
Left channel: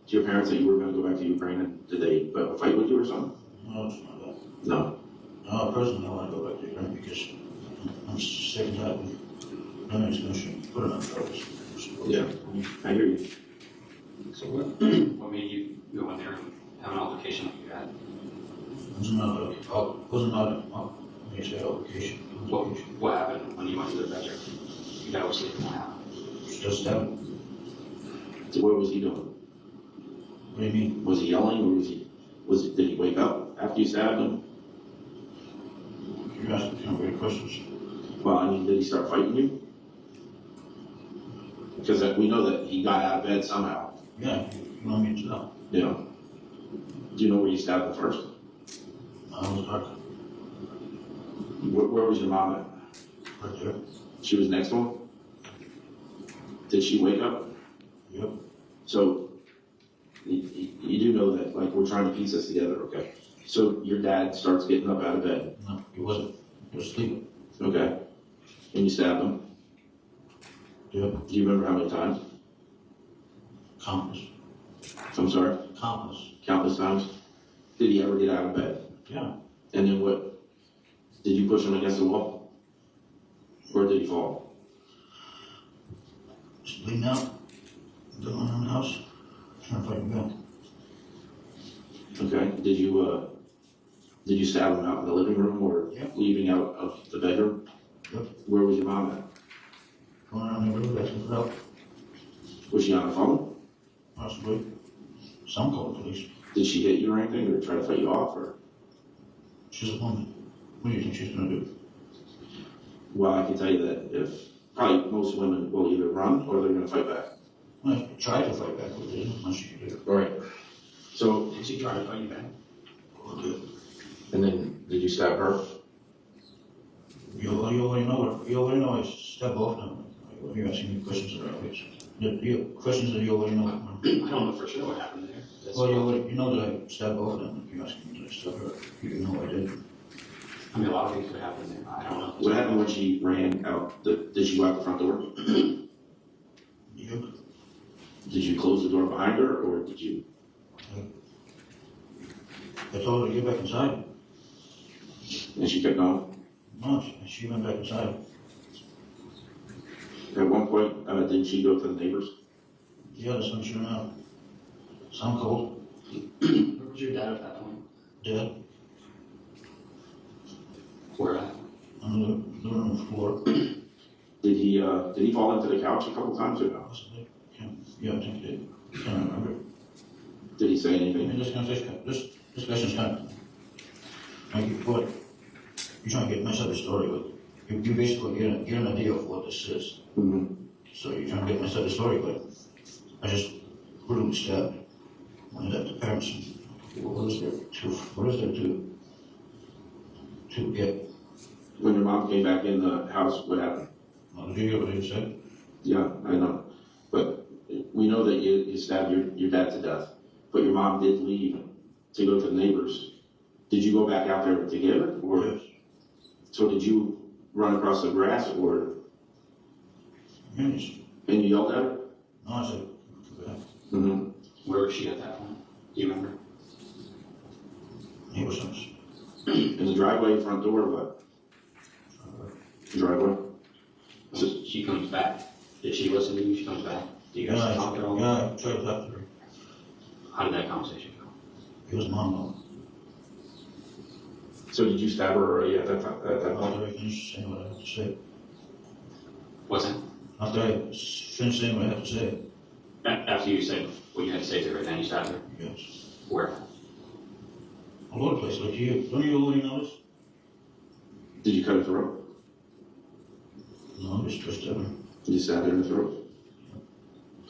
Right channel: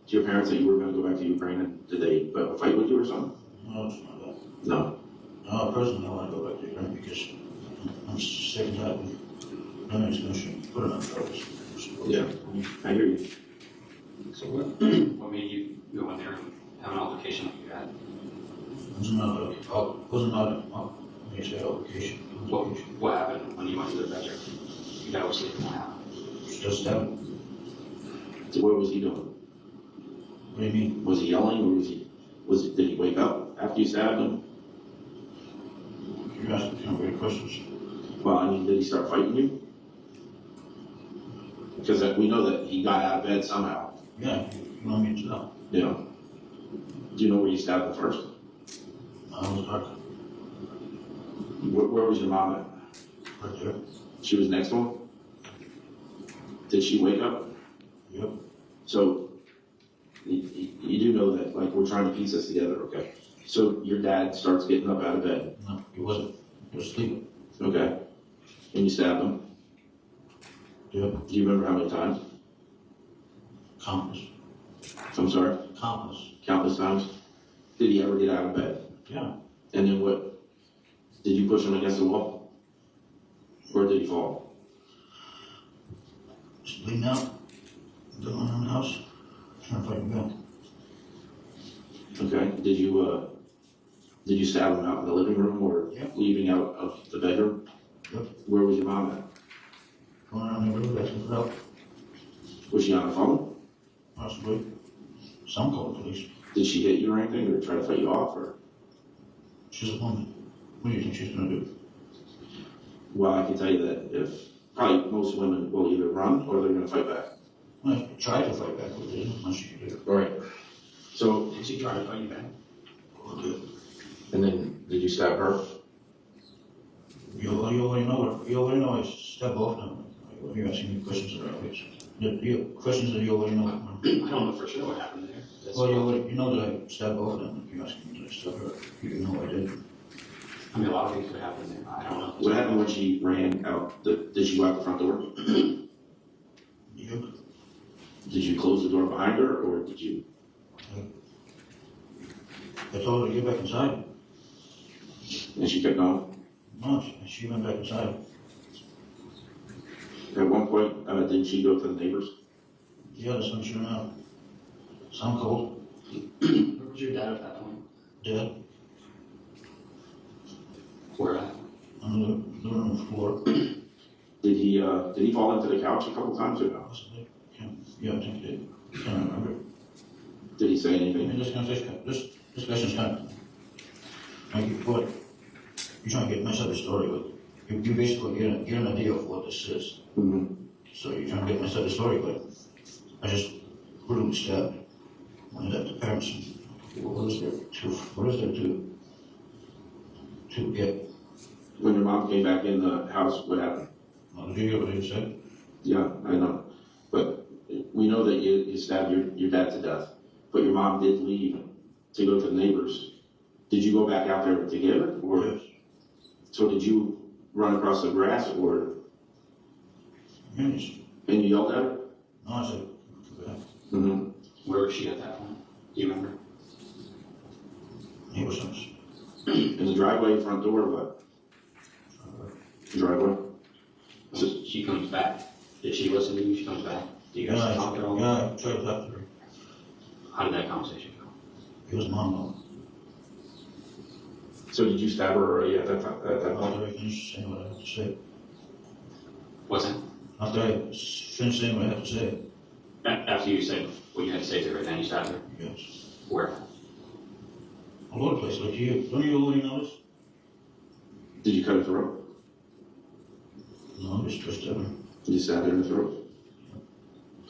to your parents that you were going to go back to Ukraine, and did they fight with you or something? no, it's not that. No. No, personally, I want to go back to Ukraine because I'm sick and tired of America's going to put it on purpose. Yeah, I hear you. So what made you go in there and have an altercation like you had? Wasn't an altercation. What happened when you went to the bedroom? You got to sleep in my house. Just that. So what was he doing? What do you mean? Was he yelling, or did he wake up after you stabbed him? You're asking kind of weird questions. Well, I mean, did he start fighting you? Because we know that he got out of bed somehow. Yeah, you want me to know? Yeah. Do you know where you stabbed him first? I was dark. Where was your mom at? Right there. She was next to him? Did she wake up? Yep. So, you do know that, like, we're trying to piece this together, okay? So, your dad starts getting up out of bed. No, he wasn't. He was sleeping. Okay. And you stabbed him? Yep. Do you remember how many times? Countless. I'm sorry? Countless. Countless times? Did he ever get out of bed? Yeah. And then what? Did you push him against the wall? Or did he fall? Just bleeding out. Going around the house. Trying to fight him back. Okay. Did you stab him out in the living room or leaving out of the bedroom? Yep. Where was your mom at? Going around the neighborhood asking for help. Was she on the phone? Possibly. Some called the police. Did she hit you or anything, or try to fight you off, or? She's a woman. What do you think she's going to do? Well, I can tell you that if probably most women will either run or they're going to fight back. Well, try to fight back with it. Much she can do. All right. So Did she try to fight you back? Okay. And then did you stab her? You already know her. You already know I step off now. You're asking me questions that are obvious. Questions that you already know. I don't know for sure what happened there. Well, you know that I stabbed off them. You're asking me to step her. You know I did. I mean, a lot of things could happen there. I don't know. What happened when she ran out? Did she go out the front door? Yep. Did you close the door behind her, or did you? I told her to get back inside. And she kept going? No, she went back inside. At one point, didn't she go to the neighbors? Yeah, the sun's shooting out. Sound cold. Where was your dad at that point? Dead. Where at? On the living room floor. Did he fall into the couch a couple times or no? Possibly. Yeah, I think he did. Can't remember. Did he say anything? I mean, this question's kind of like what you're trying to mess up the story with. You basically get an idea of what this is. Mm-hmm. So you're trying to mess up the story, but I just brutally stabbed one of the parents. What is there to get? When your mom came back in the house, what happened? Well, did you hear what he said? Yeah, I know. But we know that you stabbed your dad to death. But your mom did leave to go to the neighbors. Did you go back out there to get her? Or? Yes. So did you run across the grass, or? Yes. And you yelled at her? No, I said, Mm-hmm. Where was she at that point? Do you remember? He was nice. In the driveway, front door, or what? Driveway. So she comes back. Did she listen to you? She comes back. Do you guys talk at all? Yeah, I tried to talk to her. How did that conversation go? He was monologue. So did you stab her already at that time? After I finished saying what I have to say. What's that? After I finished saying what I have to say. After you said what you had to say to her, then you stabbed her? Yes. Where? All over the place, like you. Don't you already notice? Did you cut her throat? No, just twisted her. You stabbed her in the throat?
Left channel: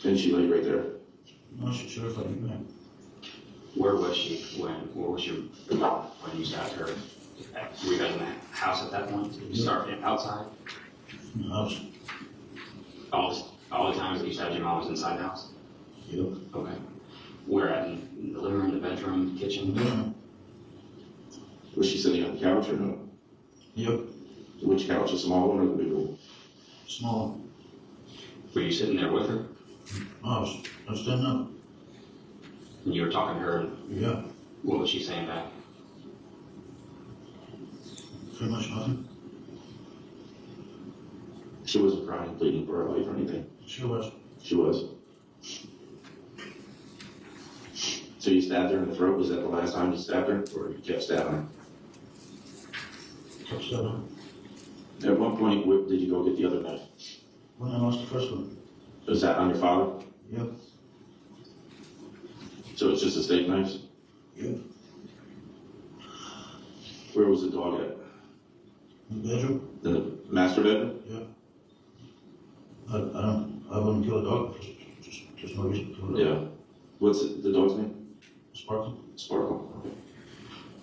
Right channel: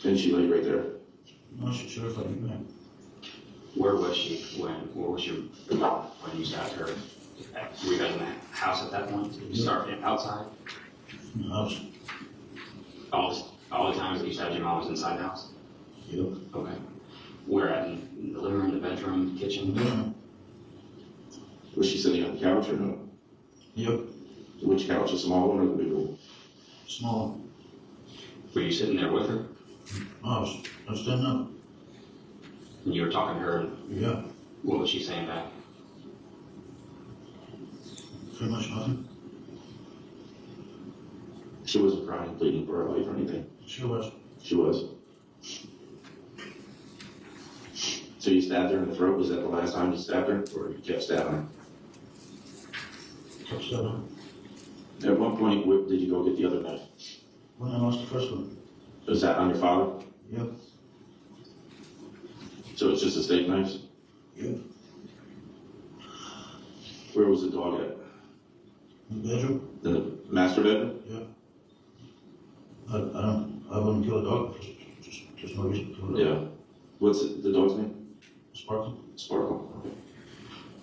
And she lay right there? No, she should have fight me back. Where was she when you stabbed her? Were you guys in the house at that point? Did you start outside? In the house. All the times that you stabbed your mom was inside the house? Yep. Okay. Where at? In the living room, the bedroom, kitchen? Yeah. Was she sitting on the couch or no? Yep. Which couch, a small one or the big one? Small. Were you sitting there with her? I was standing up. And you were talking to her? Yeah. What was she saying back? Pretty much nothing. She wasn't crying, pleading for her life or anything? She was. She was. So you stabbed her in the throat? Was that the last time you stabbed her? Or you kept stabbing her? Kept stabbing her. At what point did you go get the other knife? When I lost the first one. Was that on your father? Yep. So it's just a steak knife? Yep. Where was the dog at? In the bedroom. In the master bedroom? Yeah. I wouldn't kill a dog. Just no reason to kill a dog. Yeah. What's the dog's name? Sparkle. Sparkle. Okay.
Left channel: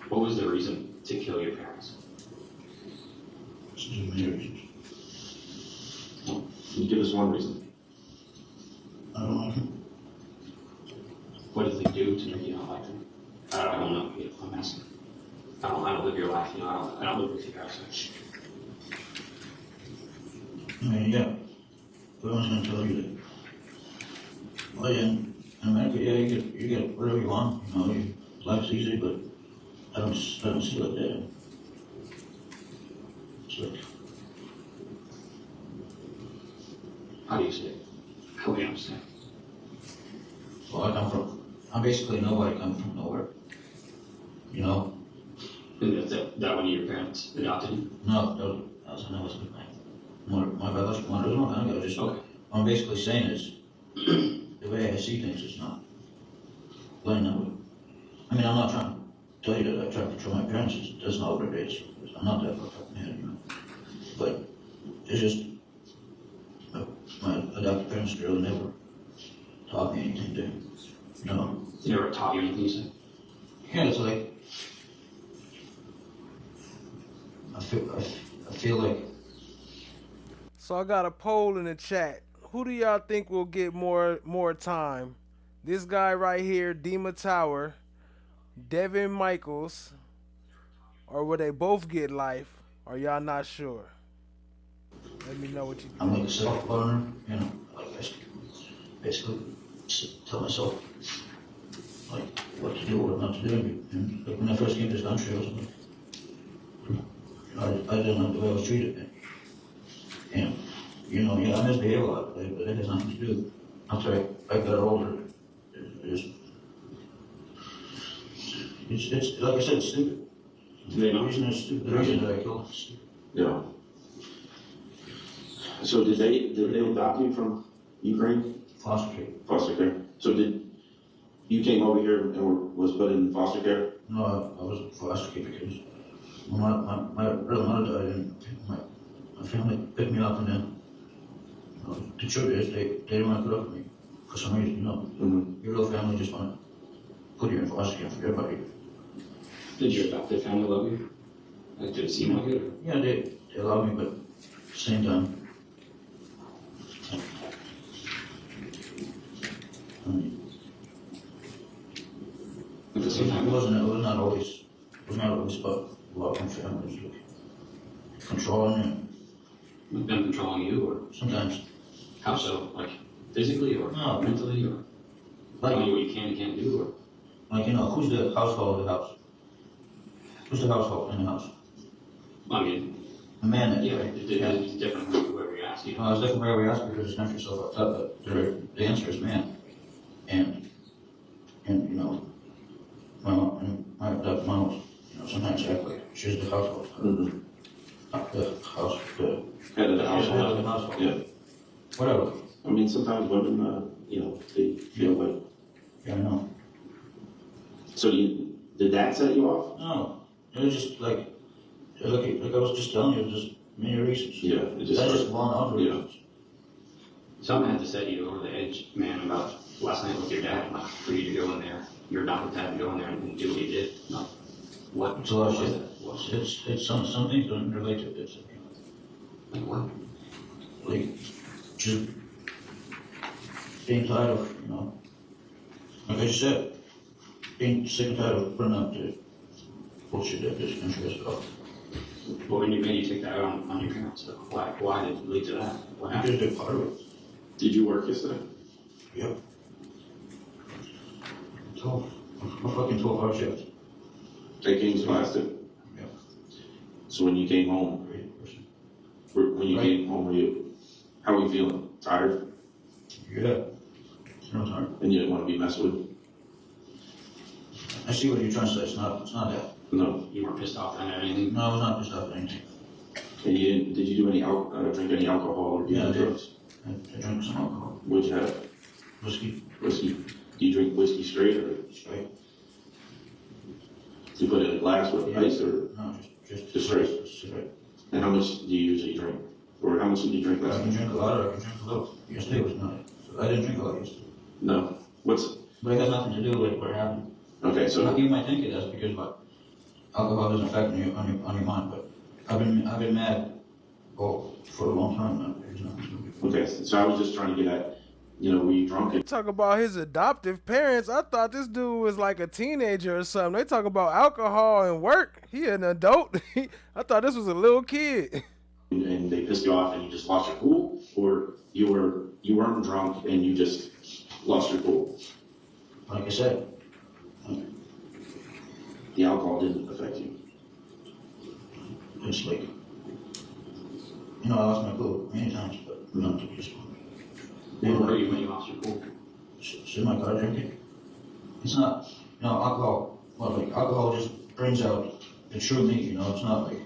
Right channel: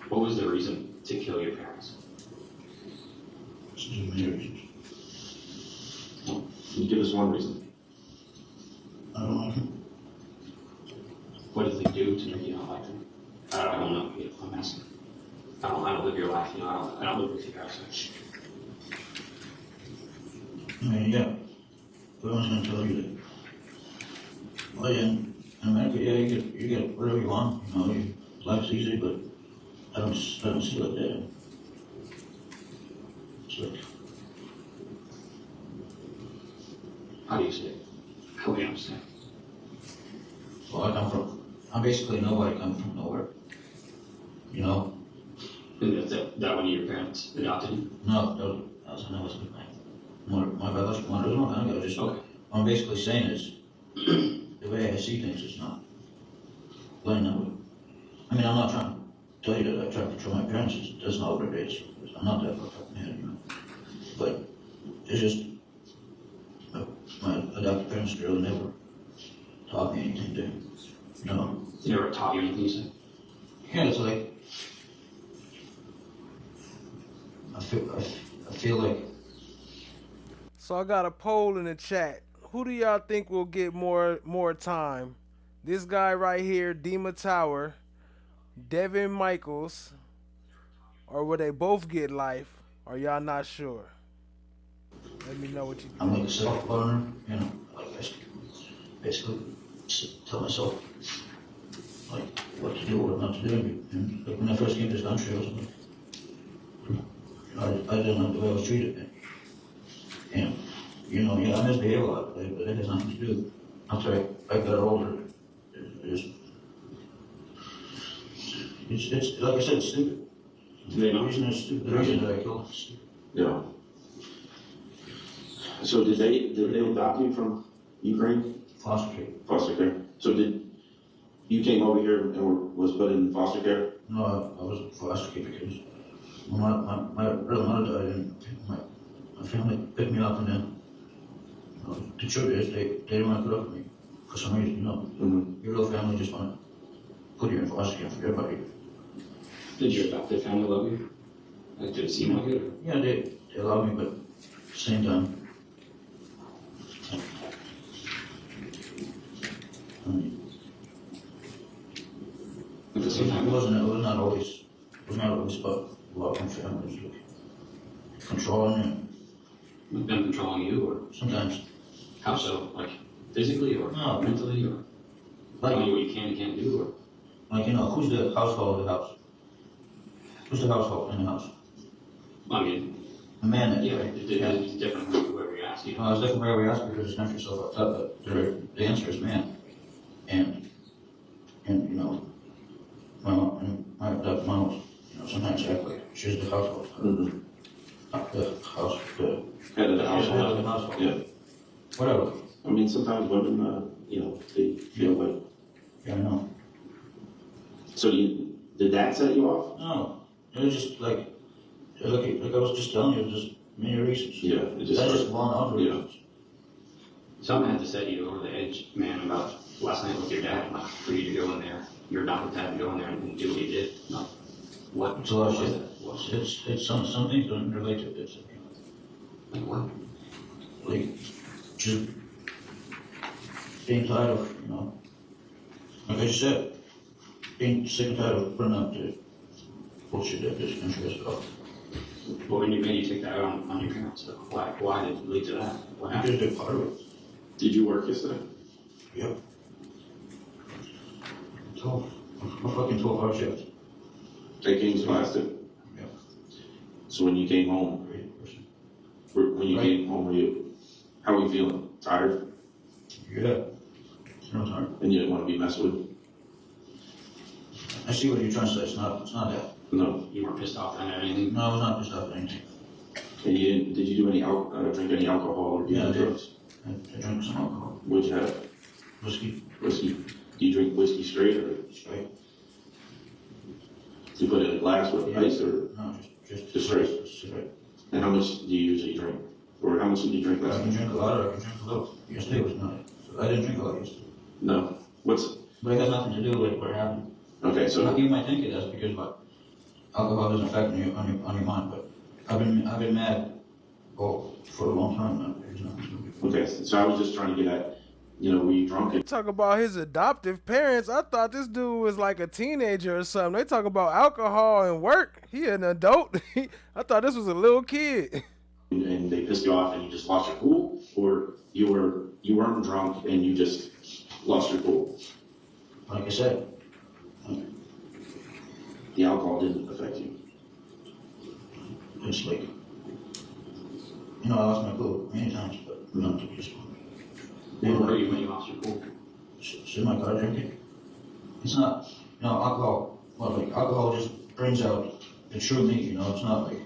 What was the reason to kill your parents? There's many reasons. Can you give us one reason? I don't like him. What did they do to make you not like them? I don't know. I'm asking. I don't live your life. I don't live with you guys. I mean, yeah. But I was going to tell you that. Well, yeah, in America, yeah, you get whatever you want. Life's easy, but I don't see it like that. It's like, How do you see it? How do you understand? well, I basically nobody coming from nowhere. And that one of your parents adopted you? No, that was my biological mother. There's no kind of just okay. What I'm basically saying is, the way I see things is not playing that way. I mean, I'm not trying to tell you that I try to control my parents. That's not what it is. I'm not that fucked up man, But it's just, my adopted parents really never taught me anything to, They never taught you anything, you said? Yeah, it's like, I feel like. So I got a poll in the chat. Who do y'all think will get more time? This guy right here, Dima Tower, Devyn Michaels, or will they both get life? Or y'all not sure? Let me know what you think. I'm like a self-learner, like basically tell myself like what to do, what not to do. And like when I first came to this country, I was like, I didn't like the way I was treated. And I misbehave a lot, but it has nothing to do. After I got older, it's like I said, it's stupid. The reason it's stupid. The reason that I killed is stupid. Yeah. So did they adopt you from Ukraine? Foster care. Foster care. So you came over here and was put in foster care? No, I was foster care because my real mother died and my family picked me up, and then the truth is they didn't want to put up with me for some reason. Your real family just want to put you in foster care for everybody. Did your adopted family love you? Like, did it seem like it? Yeah, they love me, but at the same time, it was not always about love and family. It was like controlling and them controlling you, or sometimes. How so? Like physically or mentally, or telling you what you can and can't do, or like who's the household of the house? Who's the household in the house? I mean, a man. Yeah, it's different from whoever you ask. Well, it's different wherever you ask because it's not yourself up top, but the answer is man. And my adopted mom was, sometimes act like she's the household. The Head of the household. Head of the household. Yeah. Whatever. I mean, sometimes women, they feel like. Yeah, I know. So did that set you off? No, it was just like I was just telling you, just many reasons. Yeah, that's just one of the reasons. Something had to set you over the edge, man, about last night with your dad, like for you to go in there, your adopted dad to go in there and do what you did. No. What? It's a lot of shit. It's some things don't relate to this. Like what? Like just being tired of, like I just said, being sick and tired of putting up to bullshit that this country has got. Well, when you made you take that out on your parents, though, why did it lead to that? What happened? Because they're part of it. Did you work yesterday? Yep. 12. A fucking 12-hour shift. That game's lasted? Yep. So when you came home, how were you feeling? Tired? Yeah. I'm tired. And you didn't want to be messed with? I see what you're trying to say. It's not that. No. You weren't pissed off at anything? No, I was not pissed off at anything. And did you do any drink any alcohol or do any drugs? I drank some alcohol. What'd you have? Whiskey. Whiskey. Do you drink whiskey straight or? Straight. Do you put it in a glass with ice or? No, just straight. Straight. And how much do you usually drink? Or how much did you drink last I can night? drink a lot or I can drink a little. Yesterday was not. So I didn't drink a lot yesterday. No. But it has nothing to do with what happened. Okay, so. You might think it does because alcohol doesn't affect on your mind, but I've been mad for a long time now. Okay, so I was just trying to get at, were you drunk? Talk about his adoptive parents. I thought this dude was like a teenager or something. They talk about alcohol and work. He an adult. I thought this was a little kid. And they pissed you off and you just lost your cool? Or you weren't drunk and you just lost your cool? Like I said. The alcohol didn't affect you? It's like, I lost my cool many times, but not to this one. Where were you when you lost your cool? It's in my car drinking. It's not, alcohol, alcohol just brings out the true me, it's not like,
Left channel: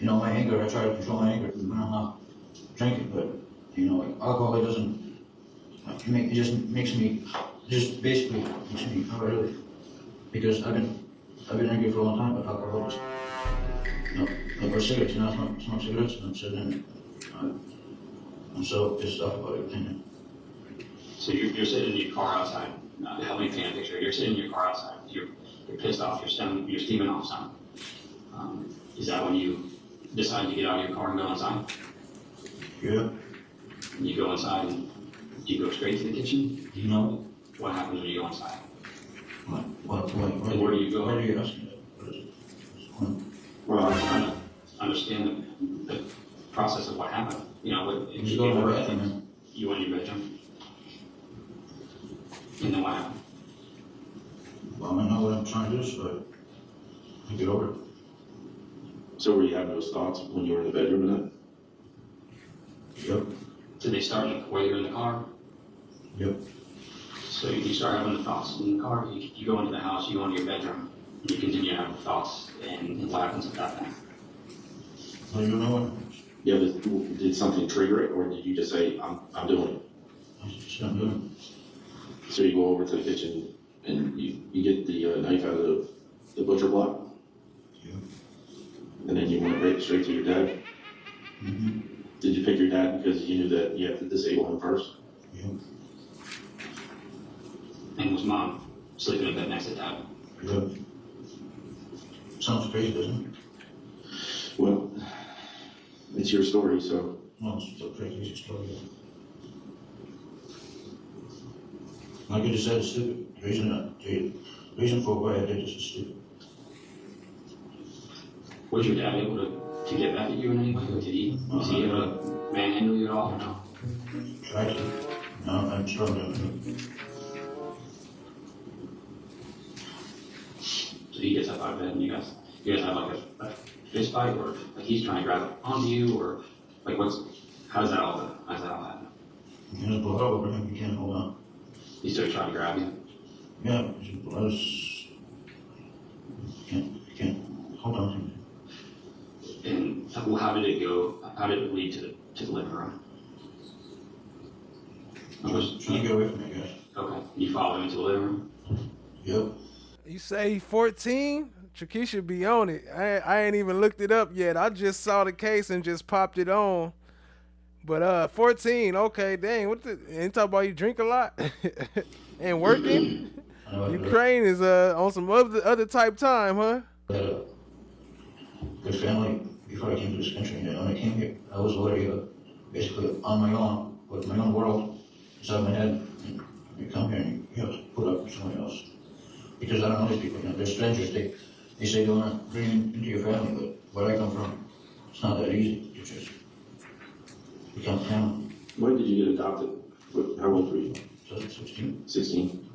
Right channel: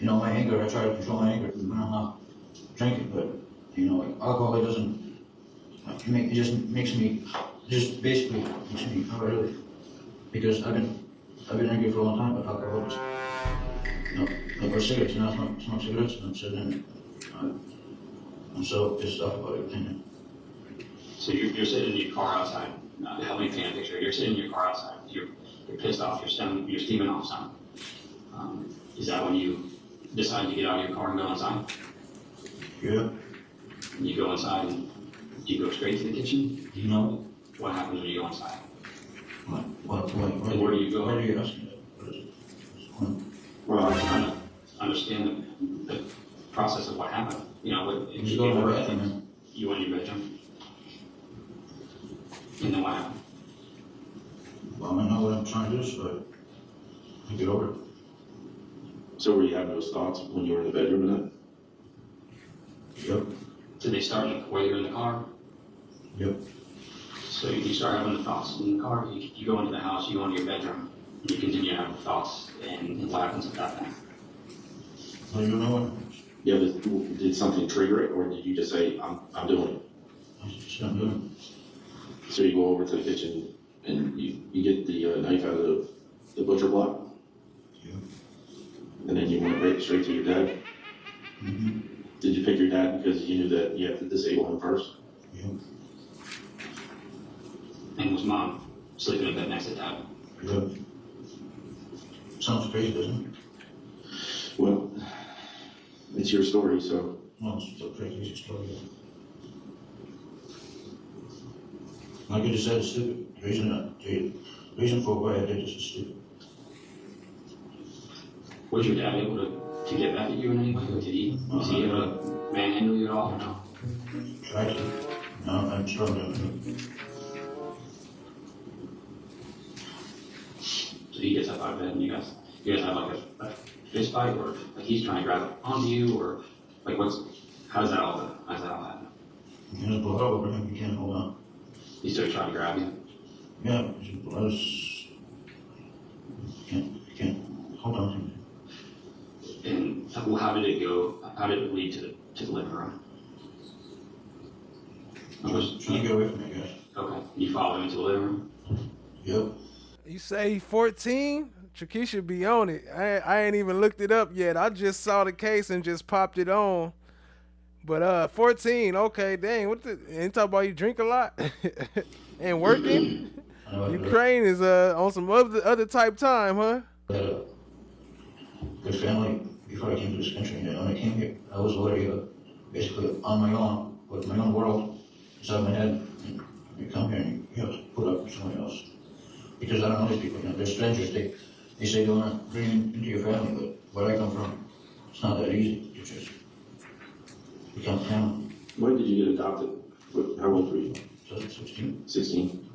my anger, I try to control my anger when I'm not drinking, but, alcohol, it doesn't, it just makes me, basically makes me really, because I've been drinking for a long time, but alcohol just, like cigarettes, I smoke cigarettes, and I'm sitting there, I'm so pissed off about everything. So you're sitting in your car outside. Help me paint a picture. You're sitting in your car outside. You're pissed off. You're steaming off something. Is that when you decide to get out of your car and go inside? Yeah. And you go inside and you go straight to the kitchen? You know what happens when you go inside? Where do you go? Where are you asking that? Well, I'm trying to understand the process of what happened. You go in my bedroom. You went in your bedroom. And then what happened? Well, I know what I'm trying to do, so I get over it. So were you having those thoughts when you were in the bedroom and that? Yep. Did they start while you were in the car? Yep. So you start having the thoughts in the car, you go into the house, you go into your bedroom, and you continue having thoughts, and what happens at that point? Well, you know what? Yeah, but did something trigger it, or did you just say, I'm doing it? I just I'm doing it. So you go over to the kitchen and you get the knife out of the butcher block? Yeah. And then you went right straight to your dad? Mm-hmm. Did you pick your dad because you knew that you have to disable him first? Yeah. And was mom sleeping in bed next to dad? Yeah. Sounds crazy, doesn't it? Well, it's your story, so. No, it's a pretty easy story. Like you just said, it's stupid. The reason for why I did this is stupid. Was your dad able to get back at you in any way? Was he able to manhandle you at all or no? Tried to. No, I'm struggling. So he gets up out of bed and you guys have like a fist fight, or like he's trying to grab onto you, or like how does that all happen? You just blow over him, you can't hold on. He started trying to grab you? Yeah, I was, you can't hold on to him. And how did it go? How did it lead to the living room? I was trying to get away from it, guys. Okay. You followed him into the living room? Yep. You say 14? Tricky should be on it. I ain't even looked it up yet. I just saw the case and just popped it on. But 14, okay, dang. Ain't talk about you drink a lot and working? Ukraine is on some other type time, huh? Good family before I came to this country. And when I came here, I was already basically on my own, with my own world inside my head. And you come here and you have to put up with someone else. Because I don't know these people, they're strangers. They say don't want to bring him into your family, but where I come from, it's not that easy to just become family. When did you get adopted? How old were you? 16. 16.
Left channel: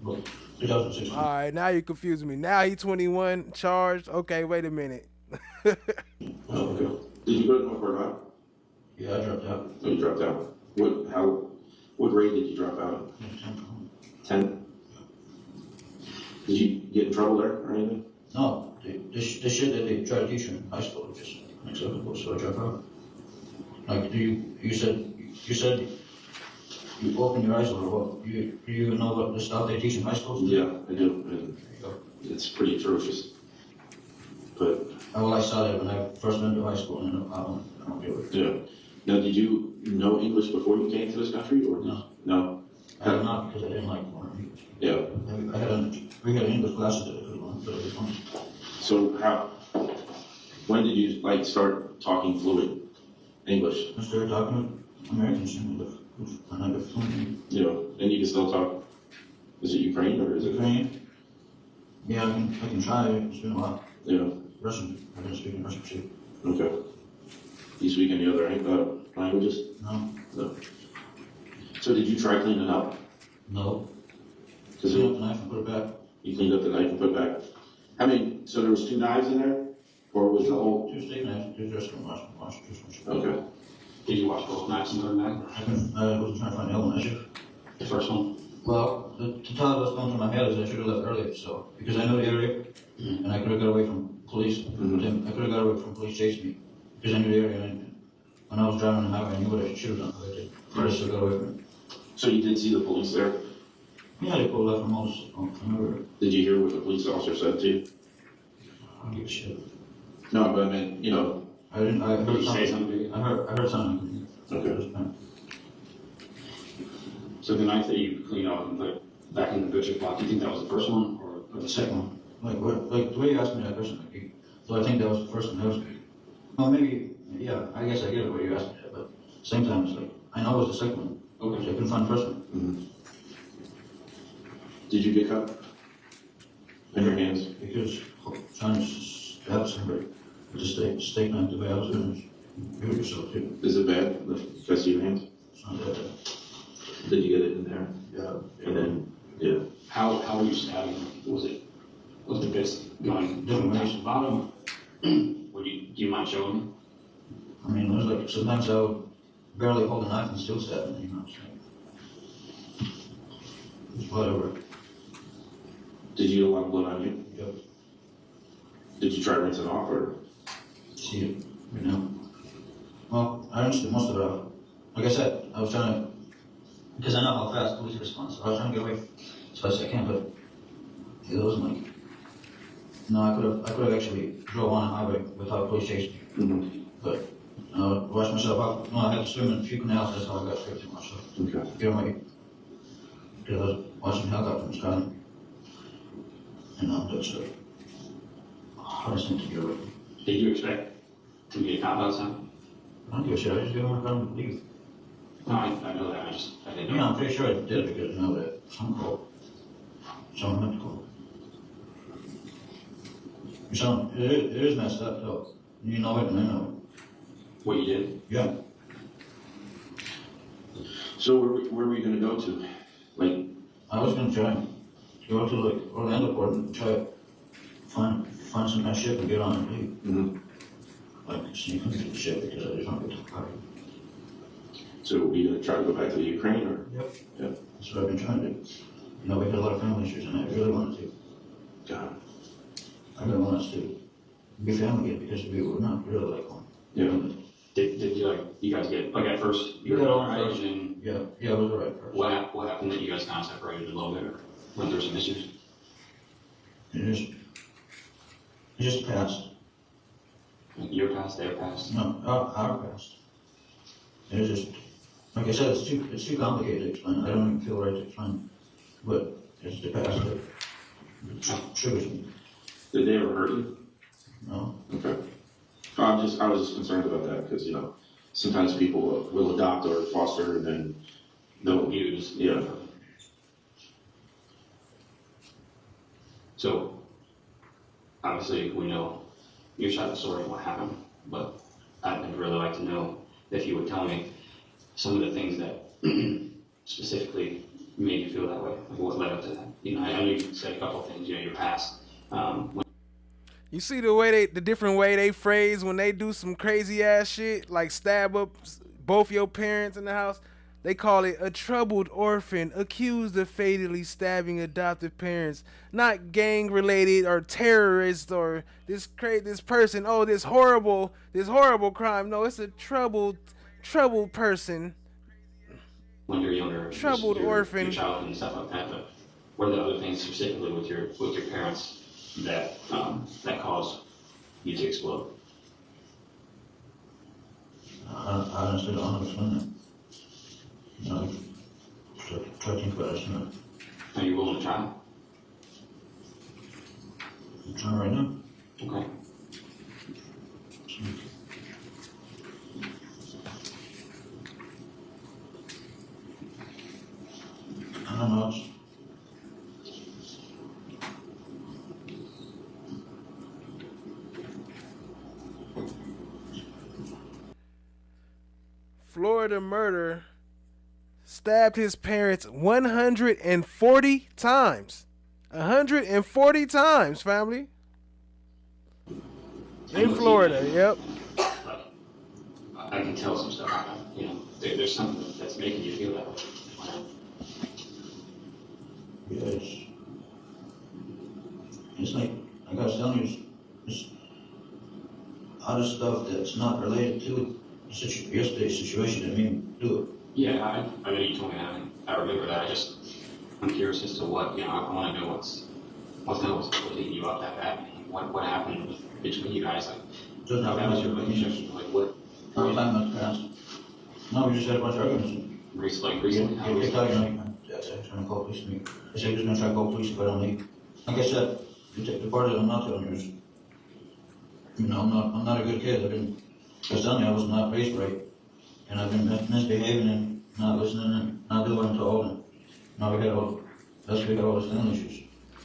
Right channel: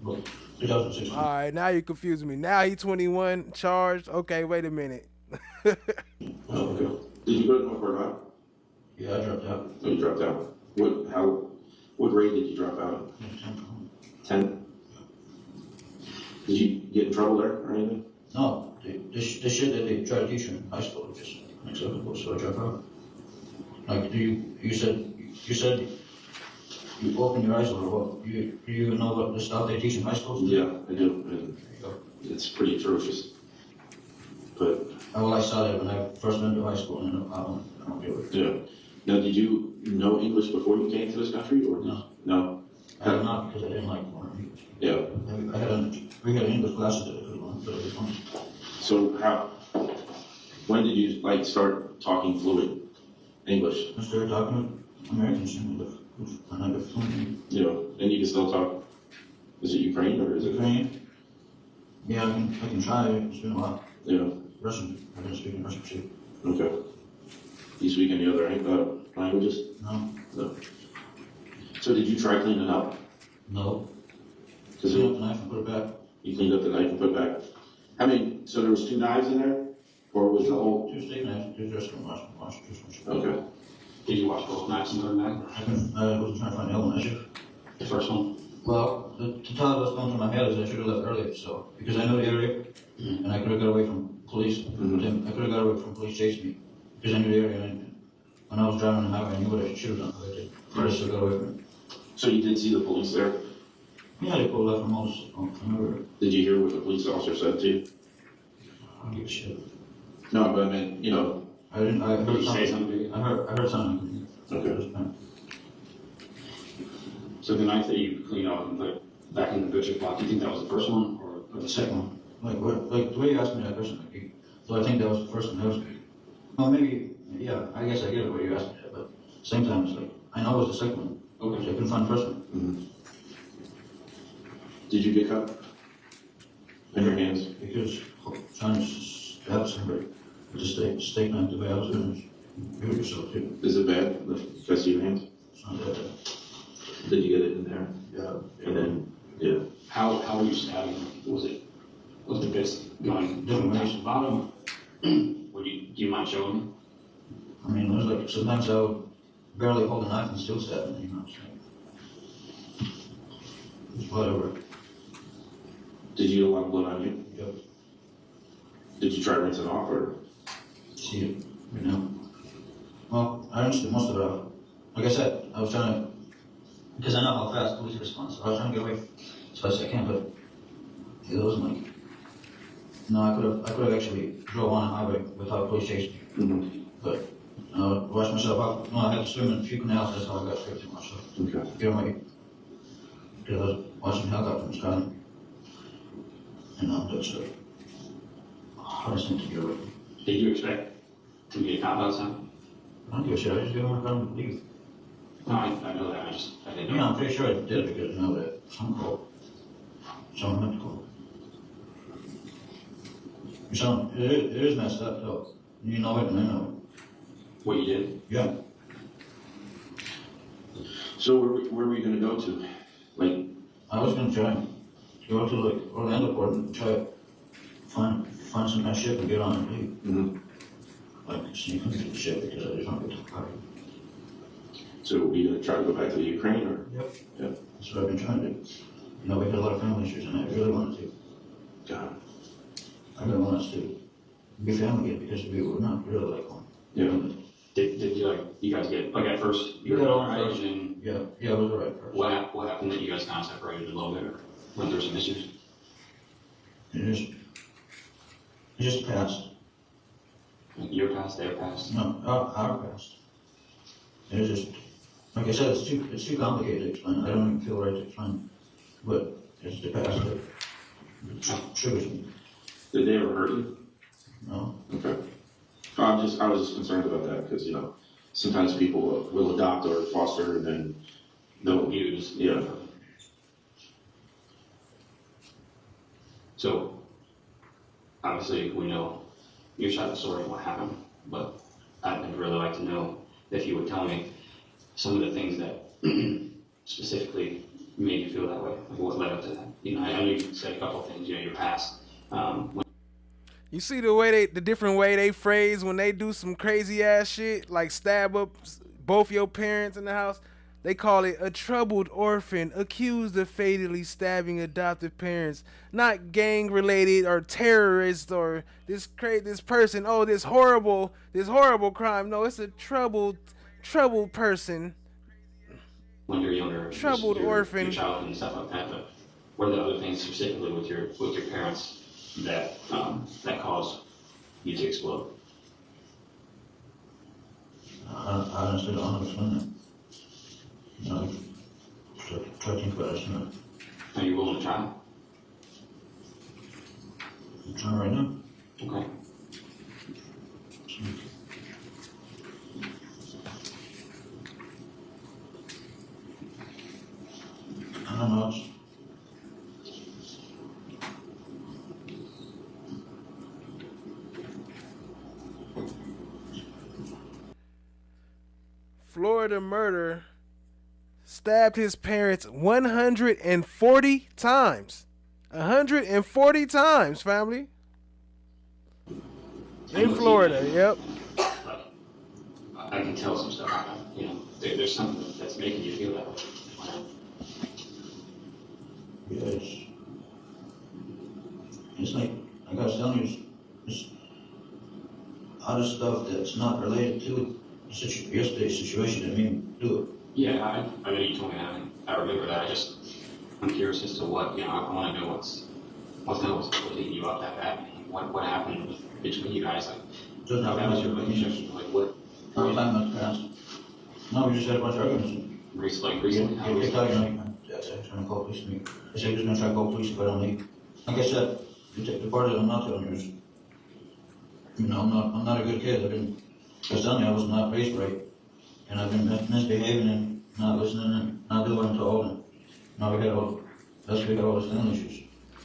2016. All right, now you confusing me. Now he 21, charged. Okay, wait a minute. Oh, okay. Did you go to North Carolina? Yeah, I dropped out. Oh, you dropped out. What grade did you drop out? 10. Did you get in trouble there or anything? No, the shit that they try to teach in high school is just unacceptable, so I dropped out. Like, you said you open your eyes a little. Do you know what the stuff they teach in high schools? Yeah, I do. And it's pretty atrocious. But well, I saw that when I first went to high school, and I don't do it. yeah. Now, did you know English before you came to this country, or no? I did not, because I didn't like learning English. Yeah. We had English classes that I could learn, but it was fun. So when did you start talking fluent English? I started talking with Americans and I got fluent. Yeah, and you can still talk. Is it Ukraine or is it Ukraine? Yeah, I can try. It's been a while. Yeah. Russian. I've been speaking Russian too. Okay. Do you speak any other languages? No. No. So did you try cleaning up? No. Clean up the knife and put it back. You cleaned up the knife and put it back. So there was 2 knives in there, or was the whole? 2 steak knives. 2 just from wash. Okay. Did you wash both knives and put them back? I wasn't trying to find the other one. I should. The first one? Well, the thought that's going through my head is I should have left earlier, so because I know the area, and I could have got away from police. I could have got away from police chasing me because I knew the area. And when I was driving on the highway, I knew what I should have done. But I did. I just got away from it. So you did see the police there? Yeah, they pulled up from from everywhere. Did you hear what the police officer said to you? I don't give a shit. No, but I mean, I didn't. I heard Did you something. say something? I heard something. Okay. So the knife that you cleaned off and put back in the butcher block, do you think that was the first one or The second one. Like the way you asked me that question, so I think that was the first one. That was. Well, maybe. Yeah, I guess I get it where you asked me that, but at the same time, it's like I know it was the second one. Okay. So I couldn't find the first one. Mm-hmm. Did you get cut in your hands? Because trying to stab somebody with a steak knife the way I was doing it, do it yourself too. Is it bad? Because of your hands? It's not that bad. Did you get it in there? Yeah. And then, yeah. how were you stabbing? Was the bits going Different down ways. to the bottom? Do you mind showing me? I mean, it was like sometimes I would barely hold a knife and still stab them, you know what I'm saying? It's whatever. Did you get a lot of blood on you? Yep. Did you try to rinse it off, or? See it right now. Well, I rinsed most of it off. Like I said, I was trying to, because I know how fast police respond, so I was trying to get away as fast as I can, but it wasn't like, no, I could have actually drove on a highway without police chasing me. Mm-hmm. But I washed myself off. No, I had to swim in a few canals, that's how I got straight to myself. Okay. Get away. Because I was watching helicopter from Scotland. And that's the hardest thing to get away from. Did you expect to get a cop outside? I don't give a shit, I just get on my phone and leave. No, I know that. I didn't know. Yeah, I'm pretty sure I did it because I know that someone called. Someone meant to call. It is messed up though. You know it and I know it. What you did? Yeah. So where were you going to go to? Like, I was going to try and go to like Orlando port and try to find some kind of ship and get on and leave. Mm-hmm. Like sneak into the ship because I just want to get to the party. So were you going to try to go back to the Ukraine, or? Yep. Yep. That's what I've been trying to do. You know, we had a lot of family issues and I really wanted to. God. I really want us to be family again because we were not really like one. Yeah. Did you guys get, at first, you were Yeah, alright, first. and Yeah, it was alright first. what happened that you guys kind of separated a little bit, or went through some issues? It just passed. Your past, their past? No, our past. It was just, like I said, it's too complicated to explain. I don't even feel right to explain. But it's the past that triggers me. Did they ever hurt you? No. Okay. I was just concerned about that because, sometimes people will adopt or foster and then they'll abuse. Yeah. So, obviously we know your side of the story and what happened, but I'd really like to know if you would tell me some of the things that specifically made you feel that way, like what led up to that. You know, I know you said a couple of things, you know, your past. You see the way the different way they phrase when they do some crazy ass shit, like stab up both your parents in the house. They call it a troubled orphan accused of fatally stabbing adoptive parents, not gang related or terrorist or this person. Oh, this horrible crime. No, it's a troubled person. When you're younger, troubled orphan, your childhood and stuff like that. But what are the other things specifically with your parents that that caused you to explode? I honestly don't understand that. You know, try to think about it. You know. Are you willing to try? I'm trying right now. Okay. I don't know. Florida murder stabbed his parents 140 times. 140 times, family. In Florida, yep. I can tell some stuff. You know, there's something that's making you feel that way. Yeah, it's like, I gotta tell you, it's other stuff that's not related to yesterday's situation that made me do it. Yeah, I know you told me that. I remember that. I'm curious as to what, you know, I want to know what's leading you up that bad. What happened between you guys? Like, Doesn't how have was your much relationship? Like, what? No, it's not much past. No, we just had a bunch of arguments. Recently? How was it? That's it, trying to call police me. I said he was gonna try to call police if I don't leave. Like I said, the part that I'm not telling you is, you know, I'm not a good kid. I was telling you I was not raised right. And I've been misbehaving and not listening and not doing what I'm told. And now we got all those family issues.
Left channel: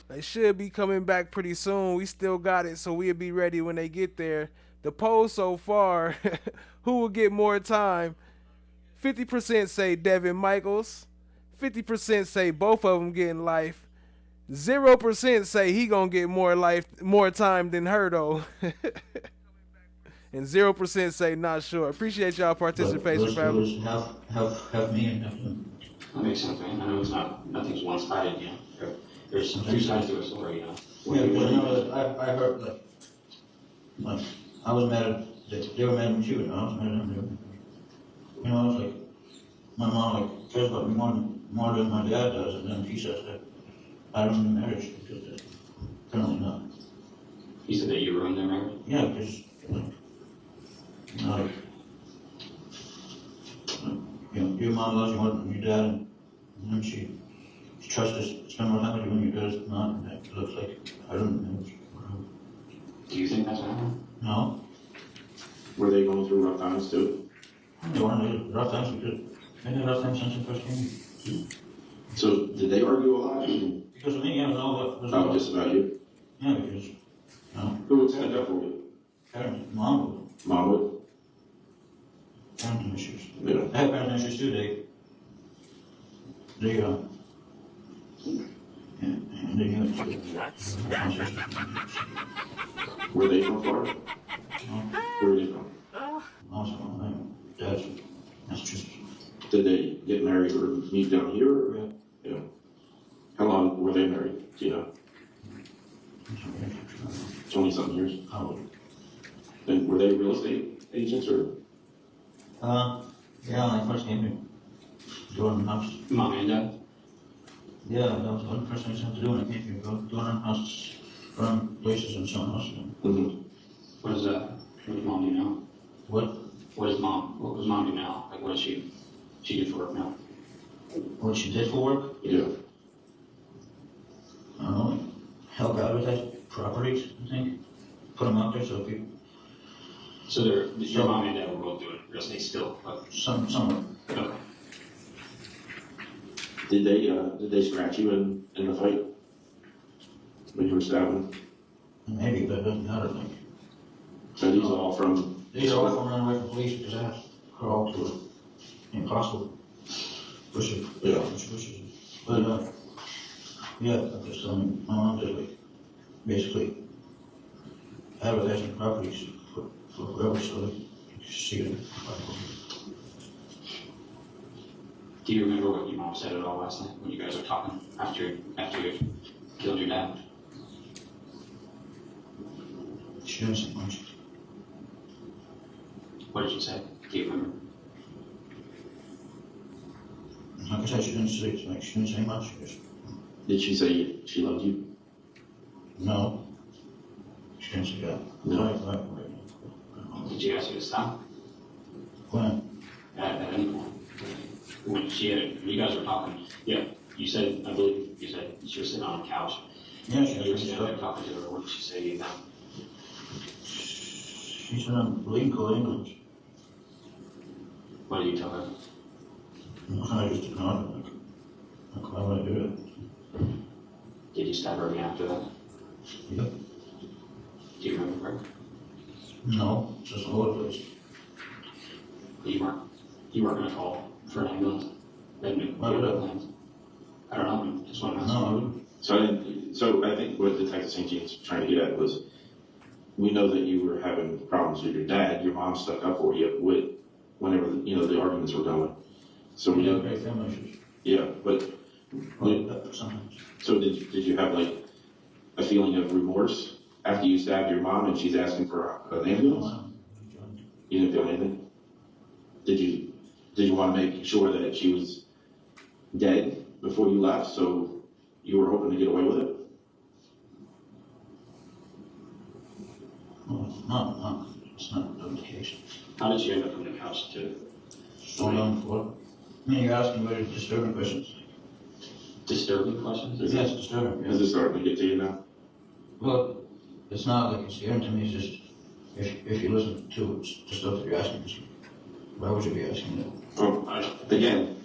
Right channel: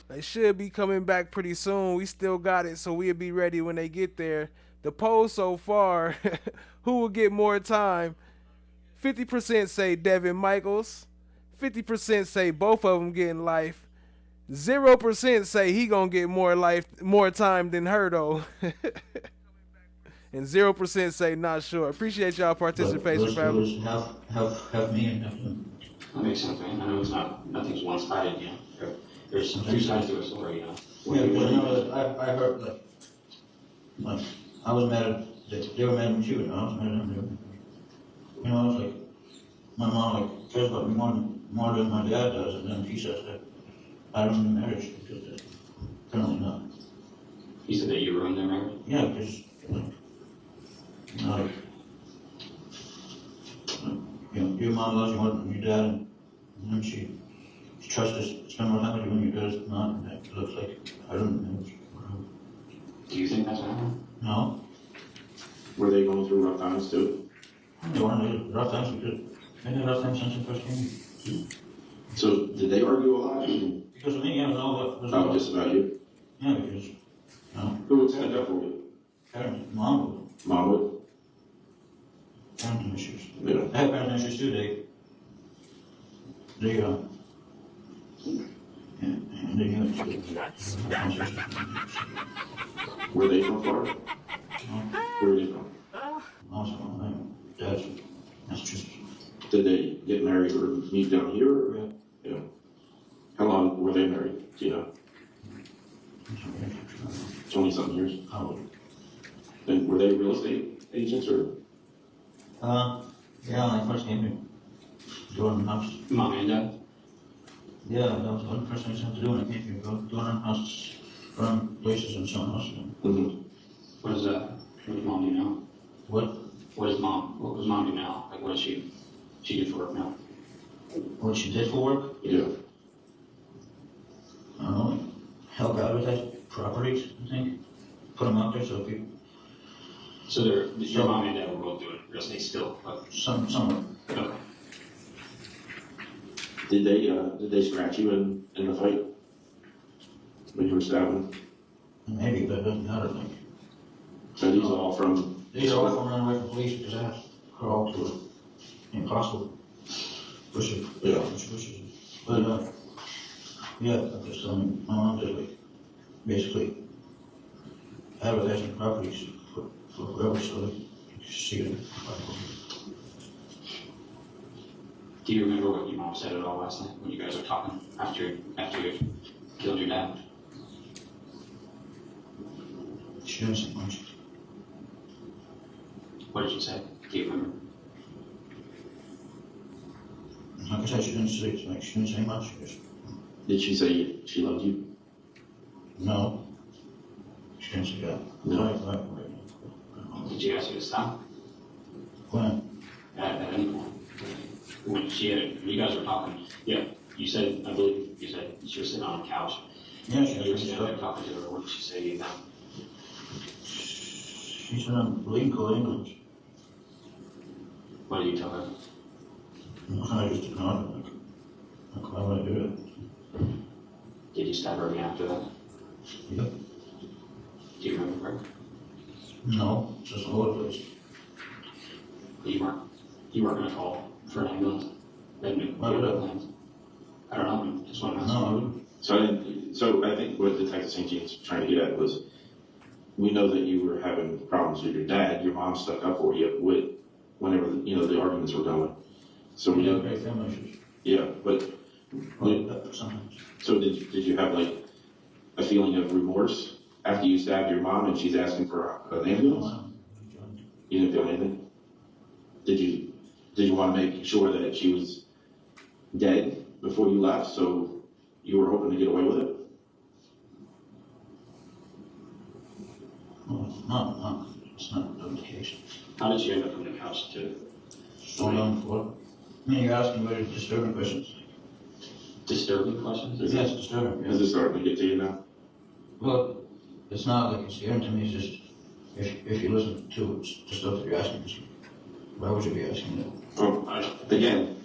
They should be coming back pretty soon. We still got it, so we'll be ready when they get there. The poll so far, who will get more time? 50% say Devyn Michaels. 50% say both of them getting life. 0% say he gonna get more time than her though. And 0% say not sure. Appreciate y'all participation, family. Have me and have them. That makes sense, man. I know nothing's one-sided, you know. There's two sides to a story, you know. Yeah, because I know that I heard like I was mad at they were mad at me too, and I was mad at them. You know, it's like my mom like cares about me more than my dad does, and then she says that I don't need marriage because apparently not. You said that you ruined their marriage? Yeah, because like, you know, your mom loves you more than your dad, and then she tries to spend more time with you when your dad is not, and it looks like I don't know. Do you think that's what happened? No. Were they going through rough times too? They weren't rough times because they had rough times since they first came. So did they argue a lot? Because of me, yeah, it was all Oh, just about you? Yeah, because who would stand up for you? Parents, mom would. Mom would? Parenting issues. Yeah. I had parenting issues too. They Were they from Florida? No. Where were they from? Also, my dad's from Massachusetts. Did they get married or meet down here? Or? Yeah. Yeah. How long were they married? Do you know? 20-something years? How? And were they real estate agents or? Yeah, when I first came here. Doing house. Mom and dad? Yeah, that was the first thing I had to do when I came here. Go doing houses, run places and so on. Mm-hmm. What does mom do now? What? What does mom do now? Like, what does she do for work now? What she did for work? Yeah. I don't know, help advertise properties, I think. Put them out there so people. So your mom and dad were both doing real estate still? Somewhat. Okay. Did they scratch you in the fight when you were stabbing? Maybe, but it doesn't matter, like. So these are all from? These are all from running away from police because I have to crawl to it. Impossible. Push it. Yeah. Push it. But, yeah, I'm just telling my mom just like, basically, advertising properties for whoever, so they can see it. Do you remember what your mom said at all last night when you guys were talking after you killed your dad? She didn't say much. What did you say? Do you remember? Like I said, she didn't say much. Did she say she loved you? No. She didn't say that. No. Did you ask her to stop? When? At any point. When you guys were talking, yeah, you said, I believe you said she was sitting on the couch. Yeah, she You were was sitting there talking to her. What did she say to you now? She said I'm legal English. What did you tell her? I just ignored it. Like, why would I do it? Did you stab her again after that? Yep. Do you remember her? No, just all over the place. You weren't gonna call for an ambulance? Why would I? I don't know, just want to ask. No. So I think what Detective St. Jean's trying to get at was, we know that you were having problems with your dad. Your mom stuck up for you with whenever the arguments were going. So we okay, family issues. Yeah, but sometimes. So did you have like a feeling of remorse after you stabbed your mom and she's asking for an ambulance? You didn't feel anything? Did you want to make sure that she was dead before you left, so you were hoping to get away with it? No, it's not the case. How did you end up on the couch to? Hold on for. I mean, you're asking very disturbing questions. Disturbing questions? Yes, disturbing. Is it starting to get to you now? Well, it's not like it's scary to me. It's just if you listen to the stuff that you're asking, why would you be asking that? Well, again,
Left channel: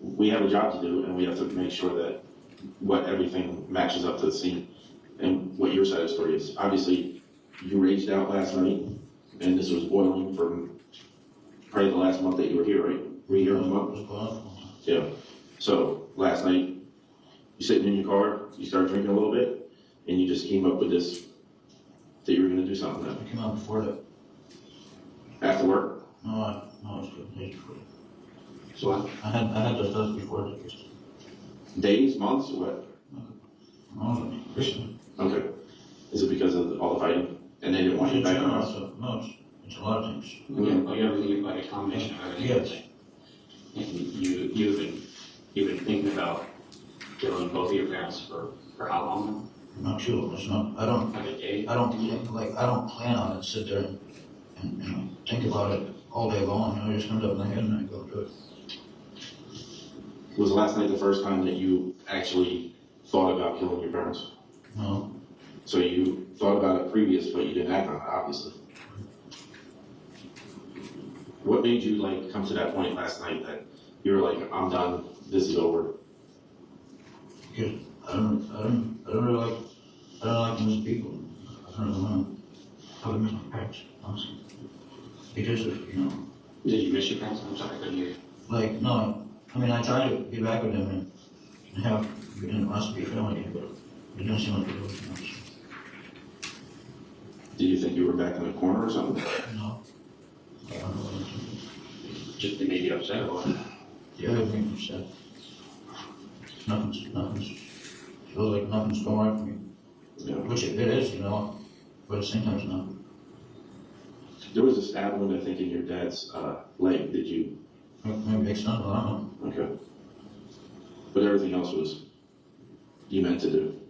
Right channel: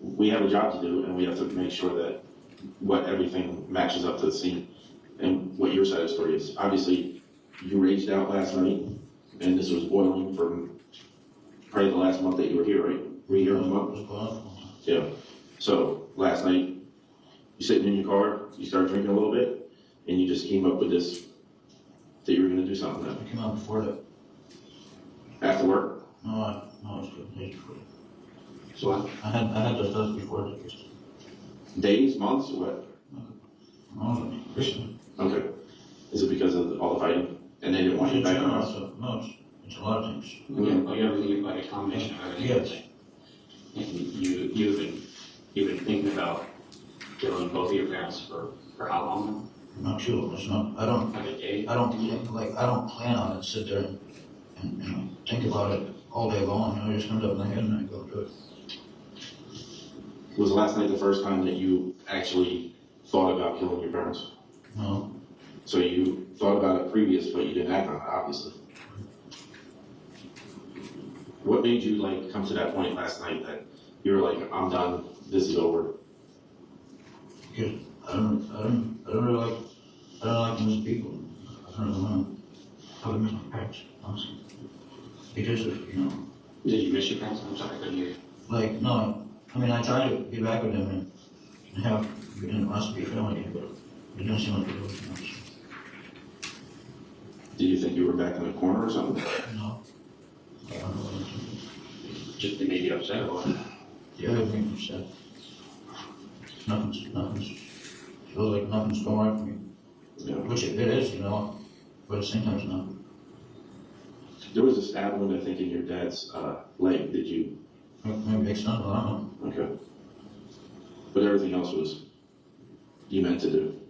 we have a job to do, and we have to make sure that everything matches up to the scene. And what your side of the story is. Obviously, you raged out last night, and this was boiling from probably the last month that you were here, right? Were you here a month? Yeah. So last night, you sitting in your car, you started drinking a little bit, and you just came up with this, that you were going to do something. I came out before that. After work? No, it's good. Days before. So what? I had those stuff before that. Days, months, or what? No, recently. Okay. Is it because of all the fighting? And they didn't want you back in the house? No, it's a lot of things. Everything like a combination of everything. Yes. And you've been thinking about killing both of your parents for how long? Not sure. It's not. I don't plan on it. Sit there and think about it all day long. It just comes up in my head and I go do it. Was last night the first time that you actually thought about killing your parents? No. So you thought about it previous, but you didn't act on it, obviously. What made you come to that point last night that you were like, I'm done, this is over? Because I don't really like most people. I don't know. I would miss my parents, honestly. Because of, Did you miss your parents? I'm sorry, I couldn't hear you. No. I mean, I try to get back with them and have, us be a family, but it doesn't seem like it was, Did you think you were back in the corner or something? No. I don't know what Just they made you upset or what? Yeah, it made me upset. Nothing's, feels like nothing's going right for me. Yeah. Which it is, but at the same time it's not. There was a stab wound, I think, in your dad's leg. Did you? Maybe it's not, I don't know. Okay. But everything else was you meant to do.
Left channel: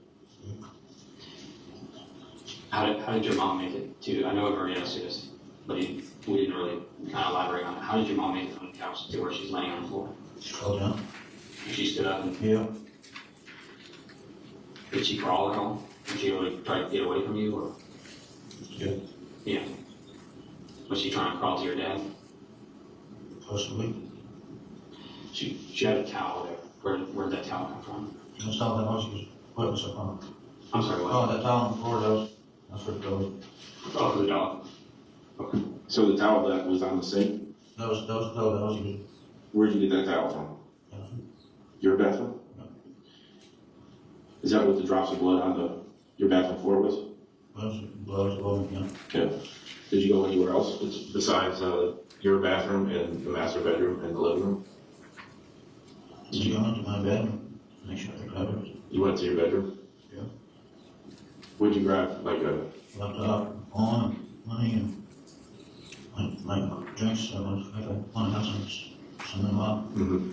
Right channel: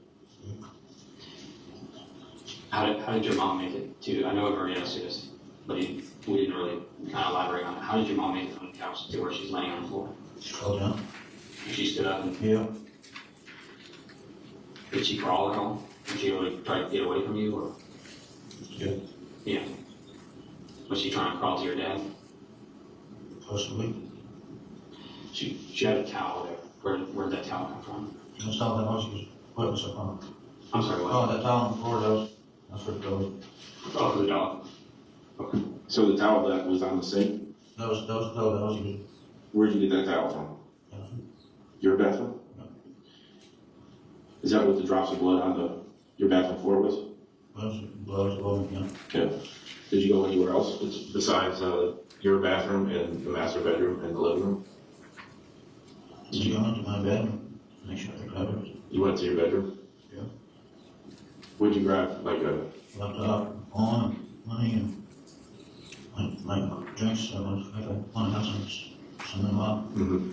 How did your mom make it to, I know I've already asked you this, but we didn't really kind of elaborate on it. How did your mom make it from the couch to where she's laying on the floor? She fell down. She stood up? Yeah. Did she crawl at all? Did she really try to get away from you? Or? Yeah. Yeah. Was she trying to crawl to your dad? Possibly. She had a towel there. Where'd that towel come from? That's how that was. She was putting stuff on. I'm sorry, what? Oh, that towel on the floor, that was That's for the dog. Oh, for the dog. Okay. So the towel that was on the sink? That was the dog that I was using. Where'd you get that towel from? Your bathroom? No. Is that what the drops of blood on your bathroom floor was? Blood was yeah. Yeah. Did you go anywhere else besides your bathroom and the master bedroom and the living room? Did you go into my bedroom? Make sure I covered it. You went to your bedroom? Yeah. What'd you grab? Like a Laptop, phone, money, and my drinks. I want to have some of them up. Mm-hmm.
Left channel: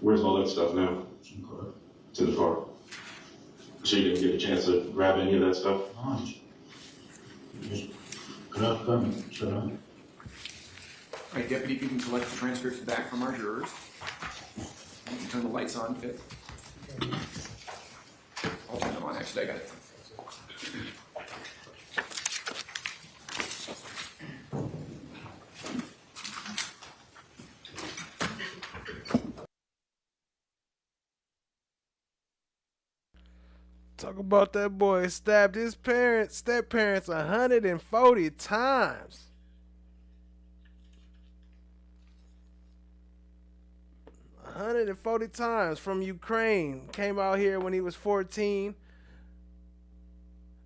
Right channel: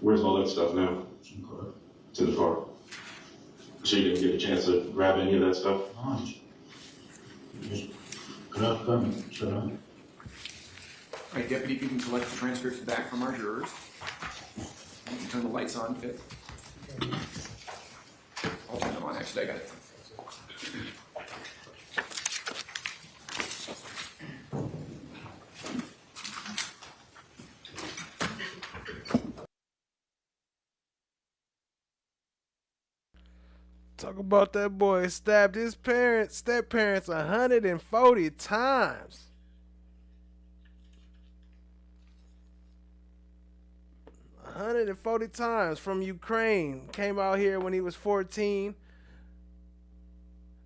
Where's all that stuff now? It's in the car. So you didn't get a chance to grab any of that stuff? No, just grab them, sit down. All right, Deputy, if you can collect the transcripts back from our jurors. You can turn the lights on, Fitz. I'll turn them on, actually, I got it. Talk about that boy stabbed his step parents 140 times. 140 times from Ukraine. Came out here when he was 14.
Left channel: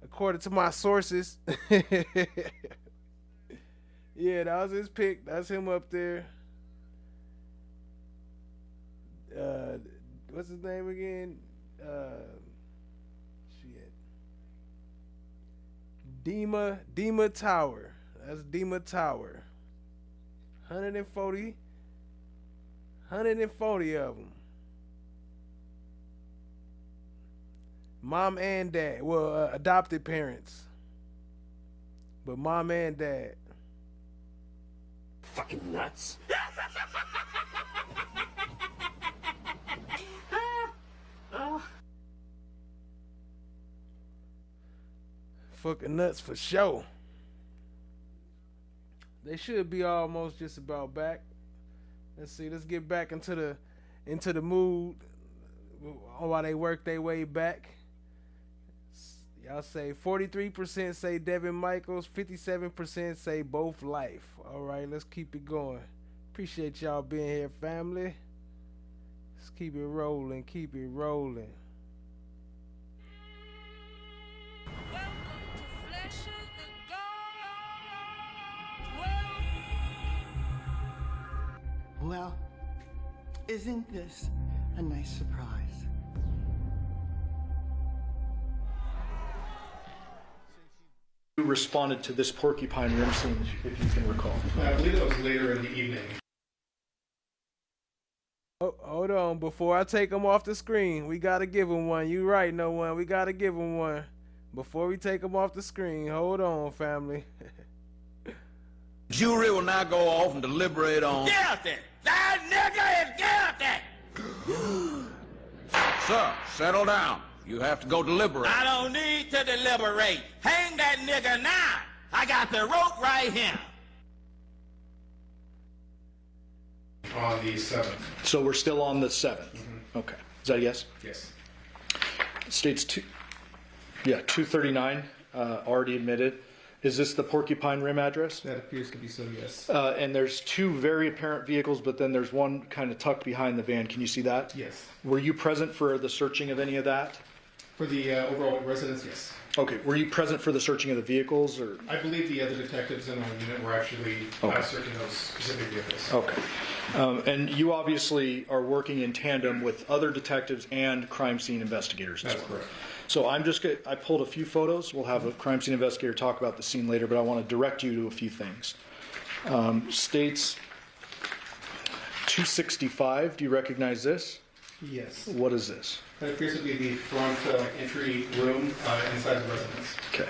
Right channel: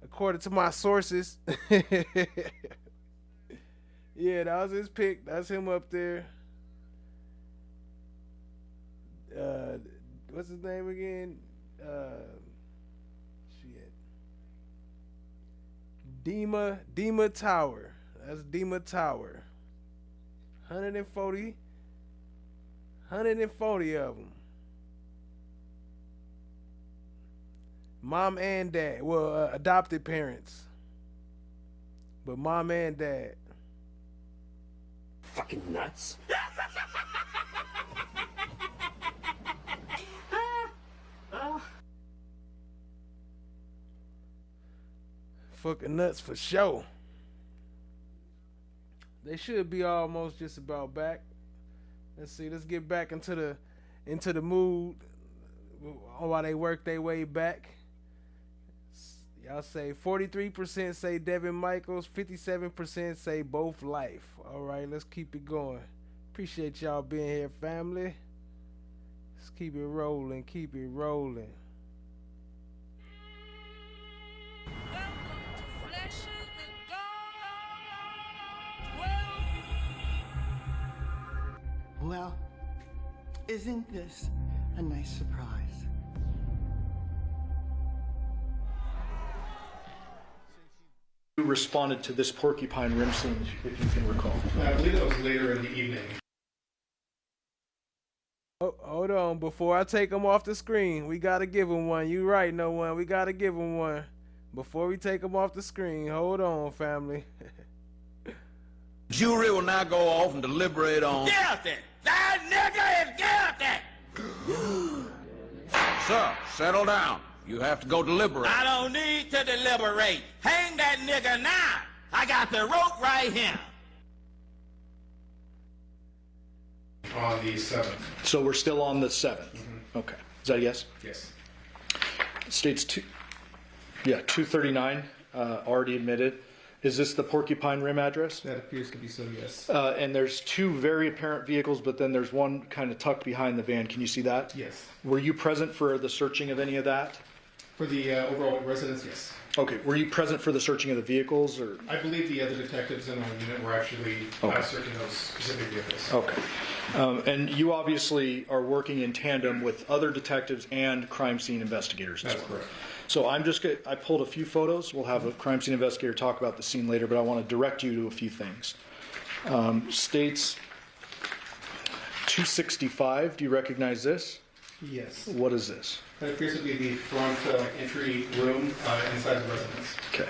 According to my sources. Yeah, that was his pick. That's him up there. What's his name again? Dima Tower. That's Dima Tower. 140 of them. Mom and dad. Well, adopted parents. But mom and dad. Fucking nuts. Fucking nuts for sure. They should be almost just about back. Let's see. Let's get back into the mood while they work their way back. Y'all say 43% say Devyn Michaels, 57% say both life. All right, let's keep it going. Appreciate y'all being here, family. Let's keep it rolling. Keep it rolling. Well, isn't this a nice surprise? Who responded to this porcupine rim scene, if you can recall? I believe that was later in the evening. Oh, hold on, before I take him off the screen, we gotta give him one. You right, no one. We gotta give him one. Before we take him off the screen, hold on, family. Jury will now go off and deliberate on. Guilty! That nigga is guilty! Sir, settle down. You have to go deliberate. I don't need to deliberate. Hang that nigga now. I got the rope right here. On the 7th. So we're still on the 7th. Mm-hmm. Okay. Is that a yes? Yes. States 239, already admitted. Is this the Porcupine Rim address? That appears to be so, yes. And there's two very apparent vehicles, but then there's one kind of tucked behind the van. Can you see that? Yes. Were you present for the searching of any of that? For the overall residence, yes. Okay. Were you present for the searching of the vehicles, or? I believe the other detectives in our unit were actually searching those specific vehicles. Okay. And you obviously are working in tandem with other detectives and crime scene investigators as well. That's correct. So I pulled a few photos. We'll have a crime scene investigator talk about the scene later, but I want to direct you to a few things. States 265, do you recognize this? Yes. What is this? That appears to be the front entry room inside the residence. Okay.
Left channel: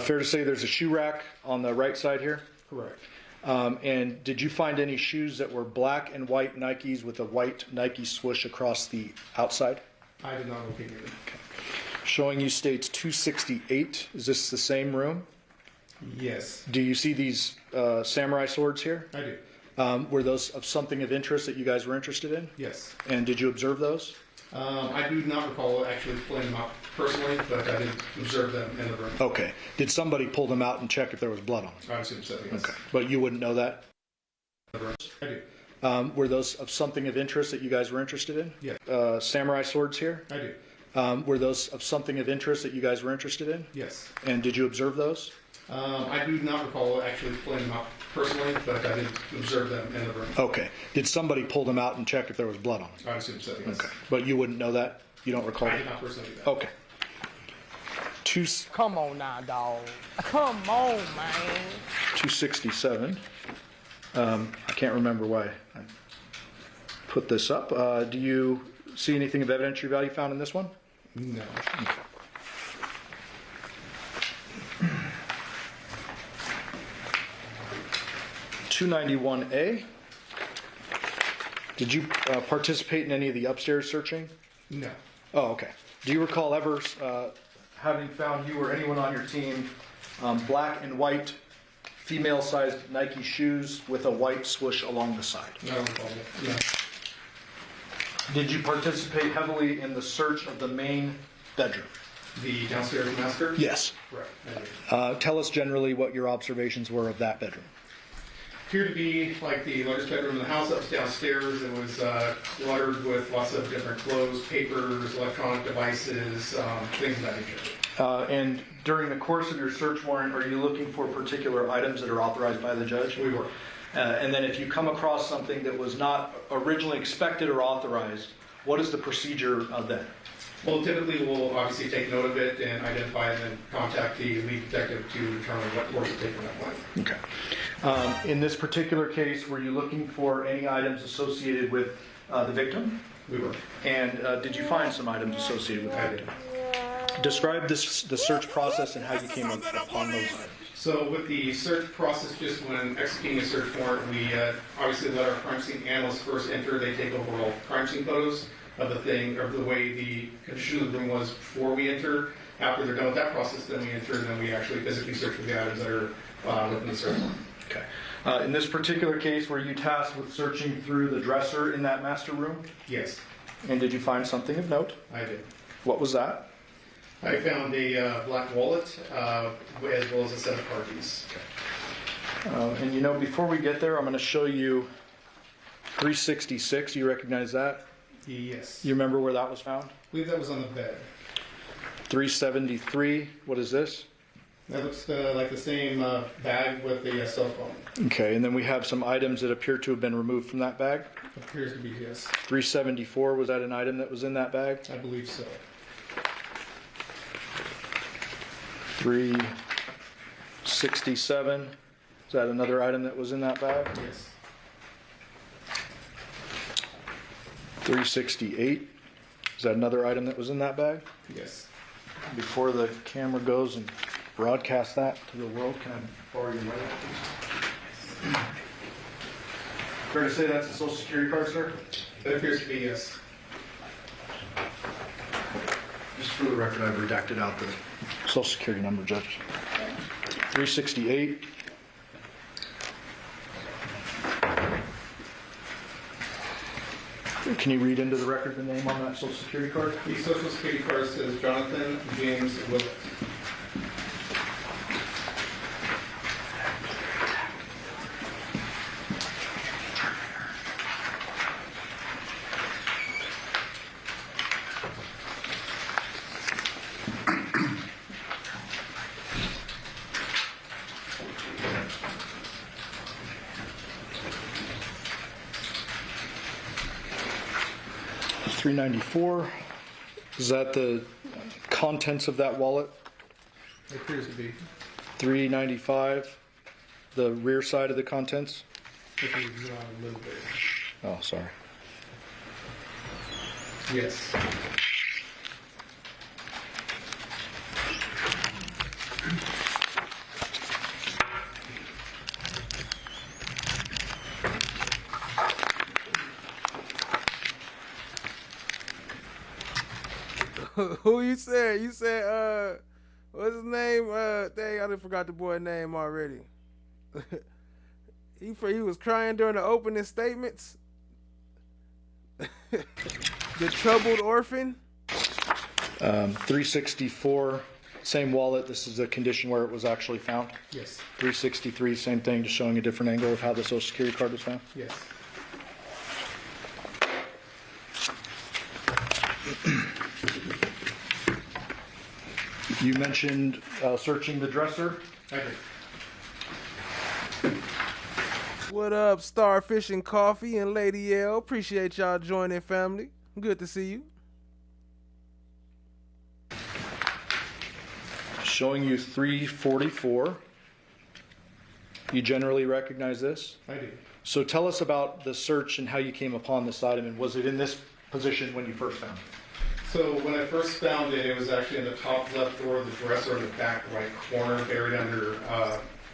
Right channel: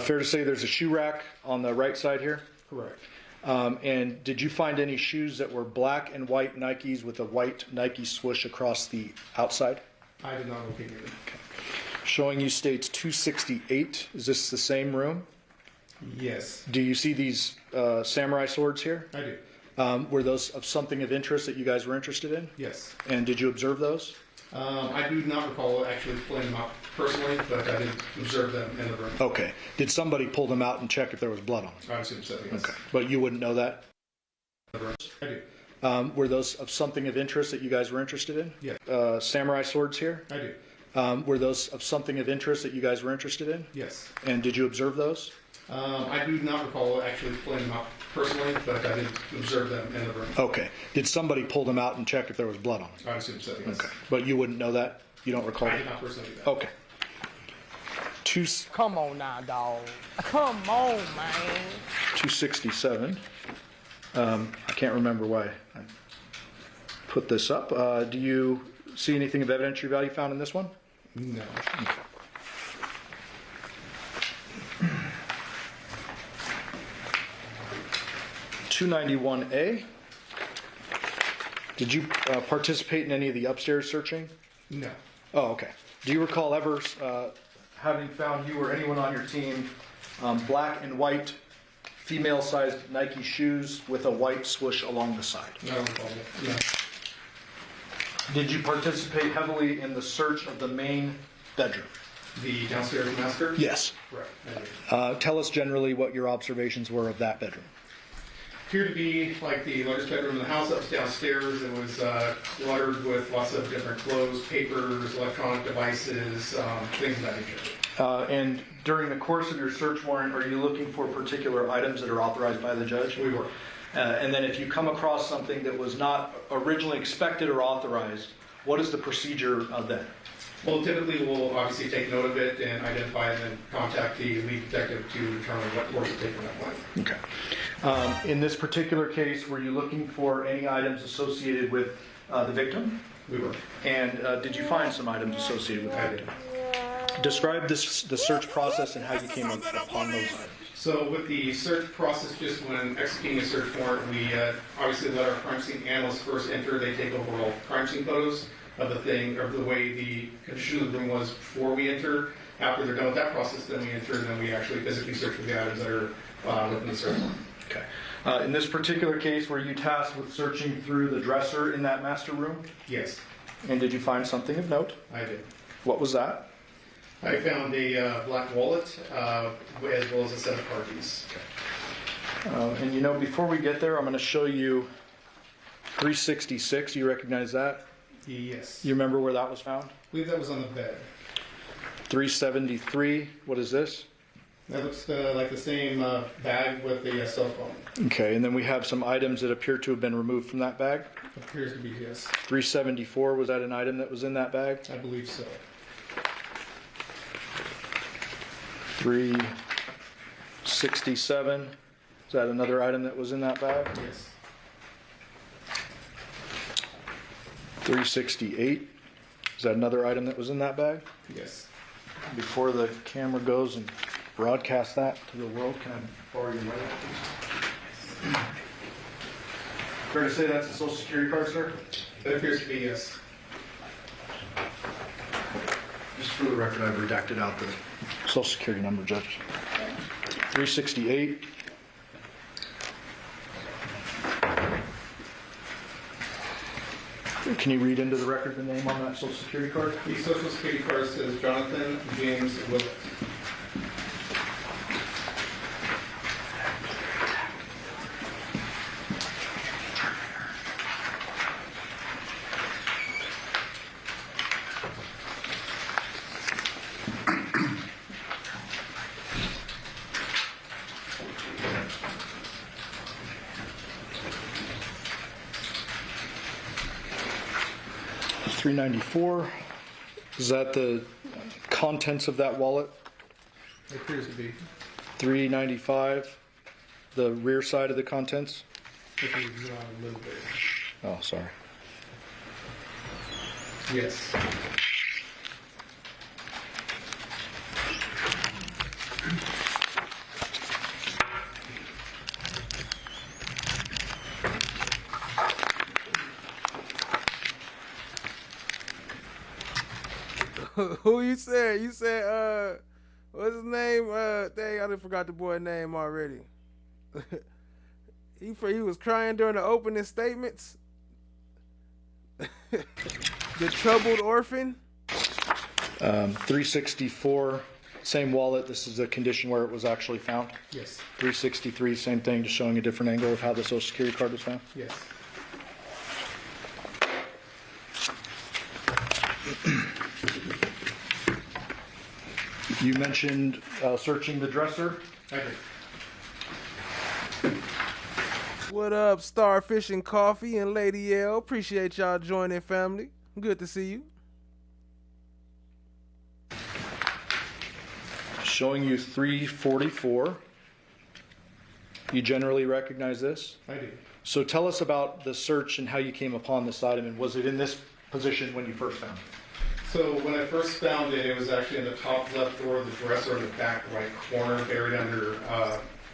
Fair to say there's a shoe rack on the right side here? Correct. And did you find any shoes that were black and white Nikes with a white Nike swoosh across the outside? I did not locate it. Okay. Showing you states 268. Is this the same room? Yes. Do you see these samurai swords here? I do. Were those of something of interest that you guys were interested in? Yes. And did you observe those? I do not recall actually pulling them out personally, but I did observe them in the room. Okay. Did somebody pull them out and check if there was blood on them? I assume so, yes. Okay. But you wouldn't know that? I do. Were those of something of interest that you guys were interested in? Yes. Samurai swords here? I do. Were those of something of interest that you guys were interested in? Yes. And did you observe those? I do not recall actually pulling them out personally, but I did observe them in the room. Okay. Did somebody pull them out and check if there was blood on them? I assume so, yes. Okay. But you wouldn't know that? You don't recall I that? did not personally do that. Okay. Come on now, dog. Come on, man. 267. I can't remember why I put this up. Do you see anything of evidentiary value found in this one? No. Okay. $291A. Did you participate in any of the upstairs searching? No. Oh, okay. Do you recall ever having found you or anyone on your team black and white female-sized Nike shoes with a white swoosh along the side? I don't recall that. No. Did you participate heavily in the search of the main bedroom? The downstairs master? Yes. Right. I did. Tell us generally what your observations were of that bedroom. Appeared to be like the largest bedroom in the house. That was downstairs. It was cluttered with lots of different clothes, papers, electronic devices, things of that nature. And during the course of your search warrant, are you looking for particular items that are authorized by the judge? We were. And then if you come across something that was not originally expected or authorized, what is the procedure then? Well, typically we'll obviously take note of it and identify and then contact the lead detective to determine what course to take from that point. Okay. In this particular case, were you looking for any items associated with the victim? We were. And did you find some items associated with the victim? Describe the search process and how you came upon those items. So with the search process, just when executing a search warrant, we obviously let our crime scene analysts first enter. They take overall crime scene photos of the thing, or the way the condition of the room was before we enter. After they're done with that process, then we enter, and then we actually physically search for the items that are within the search warrant. Okay. In this particular case, were you tasked with searching through the dresser in that master room? Yes. And did you find something of note? I did. What was that? I found a black wallet, as well as a set of car keys. And you know, before we get there, I'm going to show you 366. You recognize that? Yes. You remember where that was found? I believe that was on the bed. 373. What is this? That looks like the same bag with the cell phone. Okay, and then we have some items that appear to have been removed from that bag. Appears to be, yes. 374, was that an item that was in that bag? I believe so. 367, is that another item that was in that bag? Yes. 368, is that another item that was in that bag? Yes. Before the camera goes and broadcasts that to the world, can I borrow your light, please? Fair to say that's a social security card, sir? That appears to be, yes. Just for the record, I've redacted out the social security number, Judge. 368. Can you read into the record the name on that social security card? The social security card says Johnathan James Willette. $394. Is that the contents of that wallet? It appears to be. $395. The rear side of the contents? If you draw a little bit. Oh, sorry. Yes. Who you said? You said, what's his name? Dang, I done forgot the boy's name already. He was crying during the opening statements. The Troubled Orphan. 364, same wallet. This is the condition where it was actually found. Yes. 363, same thing, just showing a different angle of how the Social Security card was found. Yes. You mentioned searching the dresser. I did. What up, Starfish and Coffee and Lady L? Appreciate y'all joining, family. Good to see you. Showing you 344. You generally recognize this? I do. So tell us about the search and how you came upon this item, and was it in this position when you first found it? So when I first found it, it was actually in the top left drawer of the dresser in the back right corner, buried under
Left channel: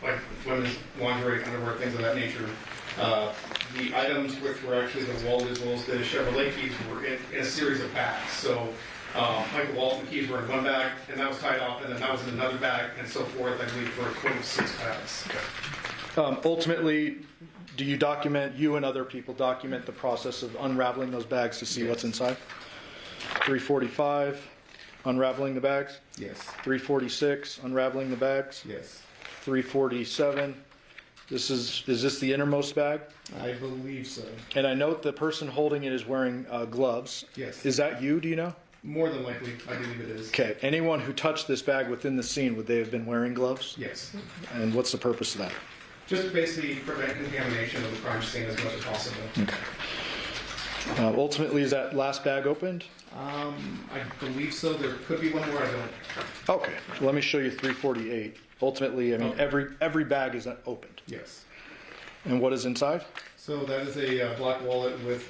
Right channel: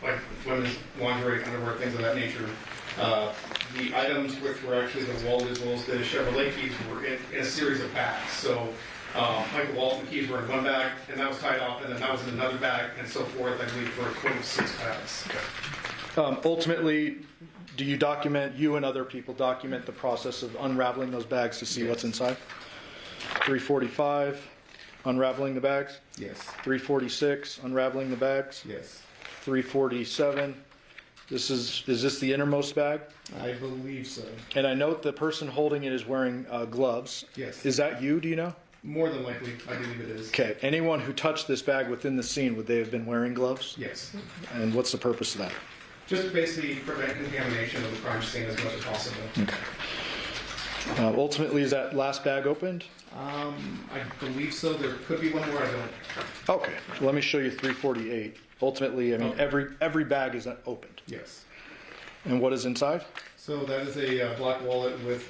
like women's lingerie, underwear, things of that nature. The items, which were actually the wallet as well as the Chevrolet keys, were in a series of bags. So Michael Walton keys were in one bag, and that was tied off, and then that was in another bag, and so forth, I believe, for a total of 6 bags. Ultimately, do you document, you and other people document the process of unraveling those bags to see what's inside? 345, unraveling the bags? Yes. 346, unraveling the bags? Yes. 347, is this the innermost bag? I believe so. And I note the person holding it is wearing gloves. Yes. Is that you, do you know? More than likely, I believe it is. Okay, anyone who touched this bag within the scene, would they have been wearing gloves? Yes. And what's the purpose of that? Just basically prevent contamination of the crime scene as much as possible. Okay. Ultimately, is that last bag opened? I believe so. There could be one more. I don't. Okay, let me show you 348. Ultimately, I mean, every bag is opened. Yes. And what is inside? So that is a black wallet with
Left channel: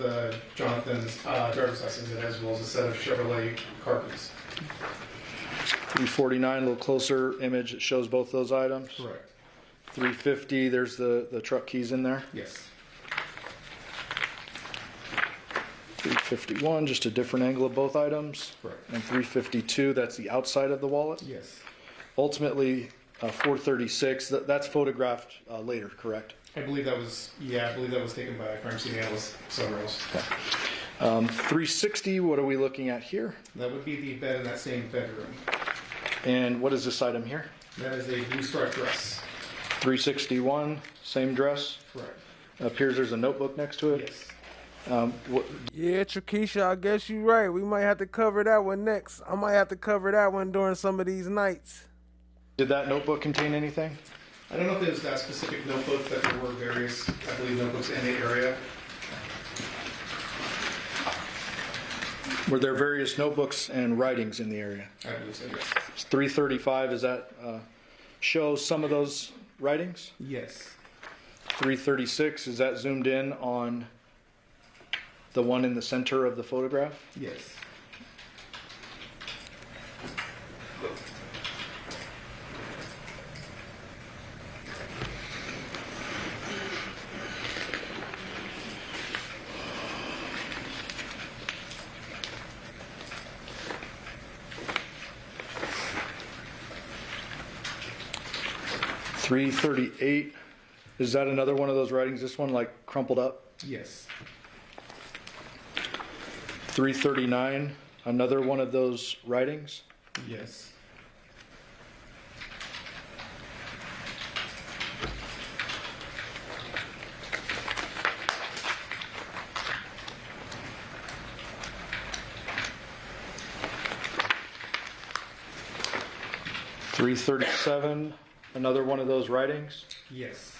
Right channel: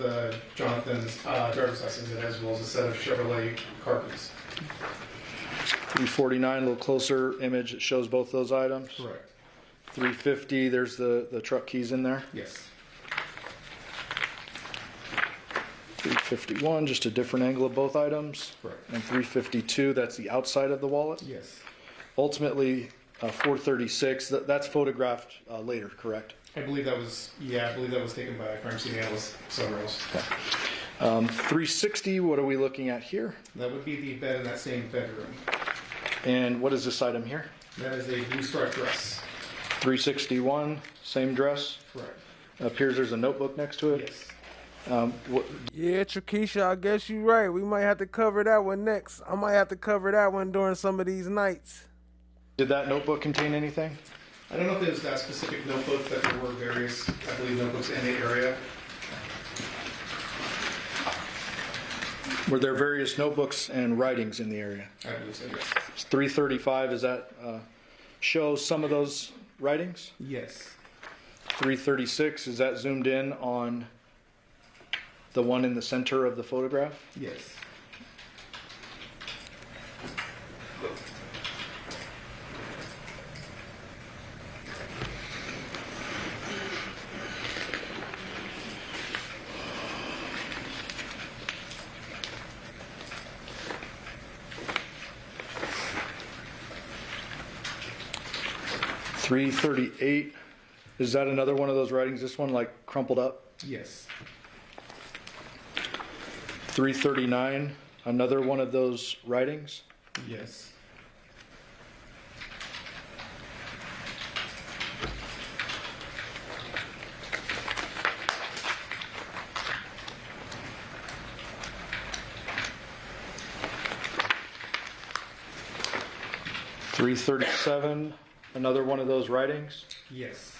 Johnathan's driver's license in it, as well as a set of Chevrolet car keys. 349, a little closer image. It shows both those items. Correct. 350, there's the truck keys in there. Yes. 351, just a different angle of both items. Correct. And 352, that's the outside of the wallet. Yes. Ultimately, 436, that's photographed later, correct? I believe that was taken by a crime scene analyst somewhere else. Okay. 360, what are we looking at here? That would be the bed in that same bedroom. And what is this item here? That is a blue striped dress. 361, same dress? Correct. Appears there's a notebook next to it? Yes. Yeah, Trakisha, I guess you're right. We might have to cover that one next. I might have to cover that one during some of these nights. Did that notebook contain anything? I don't know if it was that specific notebook, but there were various, I believe, notebooks in the area. Were there various notebooks and writings in the area? I believe so, yes. 335, does that show some of those writings? Yes. 336, is that zoomed in on the one in the center of the photograph? Yes. .338, is that another one of those writings? This one like crumpled up? Yes. 339, another one of those writings? Yes. .337, another one of those writings? Yes.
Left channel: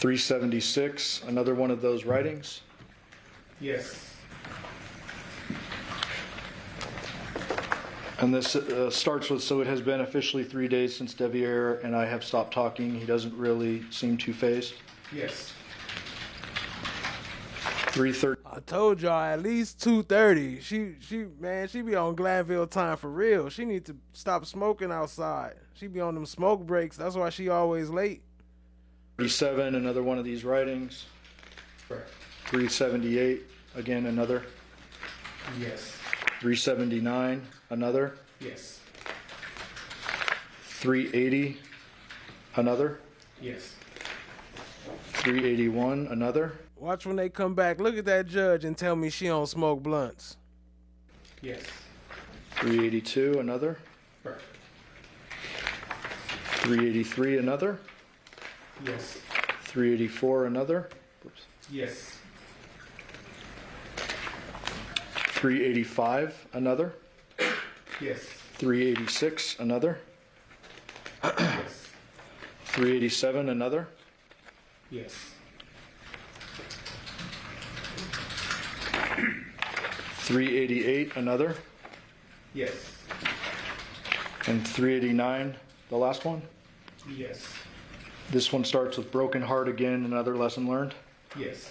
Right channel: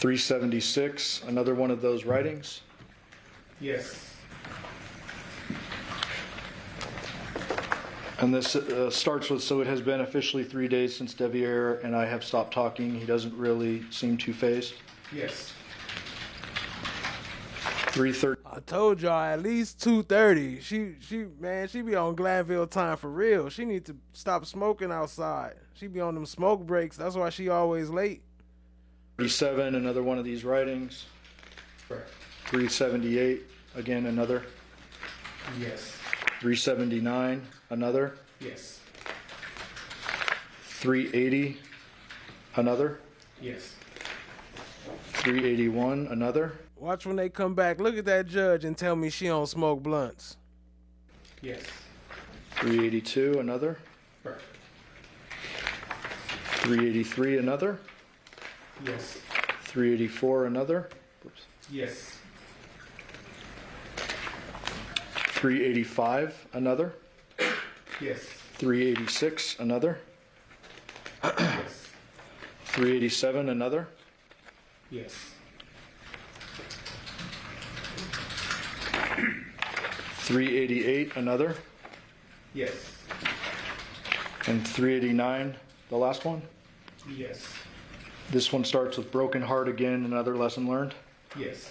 .376, another one of those writings? Yes. And this starts with, so it has been officially 3 days since Deviere and I have stopped talking. He doesn't really seem too phased. Yes. 330. I told y'all at least 2:30. She be on Glanville time for real. She need to stop smoking outside. She be on them smoke breaks. That's why she always late. 37, another one of these writings. Correct. 378, again another. Yes. 379, another. Yes. 380, another. Yes. 381, another. Watch when they come back. Look at that judge and tell me she don't smoke blunts. Yes. 382, another. Correct. 383, another. Yes. 384, another. Oops. Yes. 385, another. Yes. 386, another. Yes. 387, another. Yes. 388, another. Yes. And 389, the last one. Yes. This one starts with broken heart again, another lesson learned. Yes.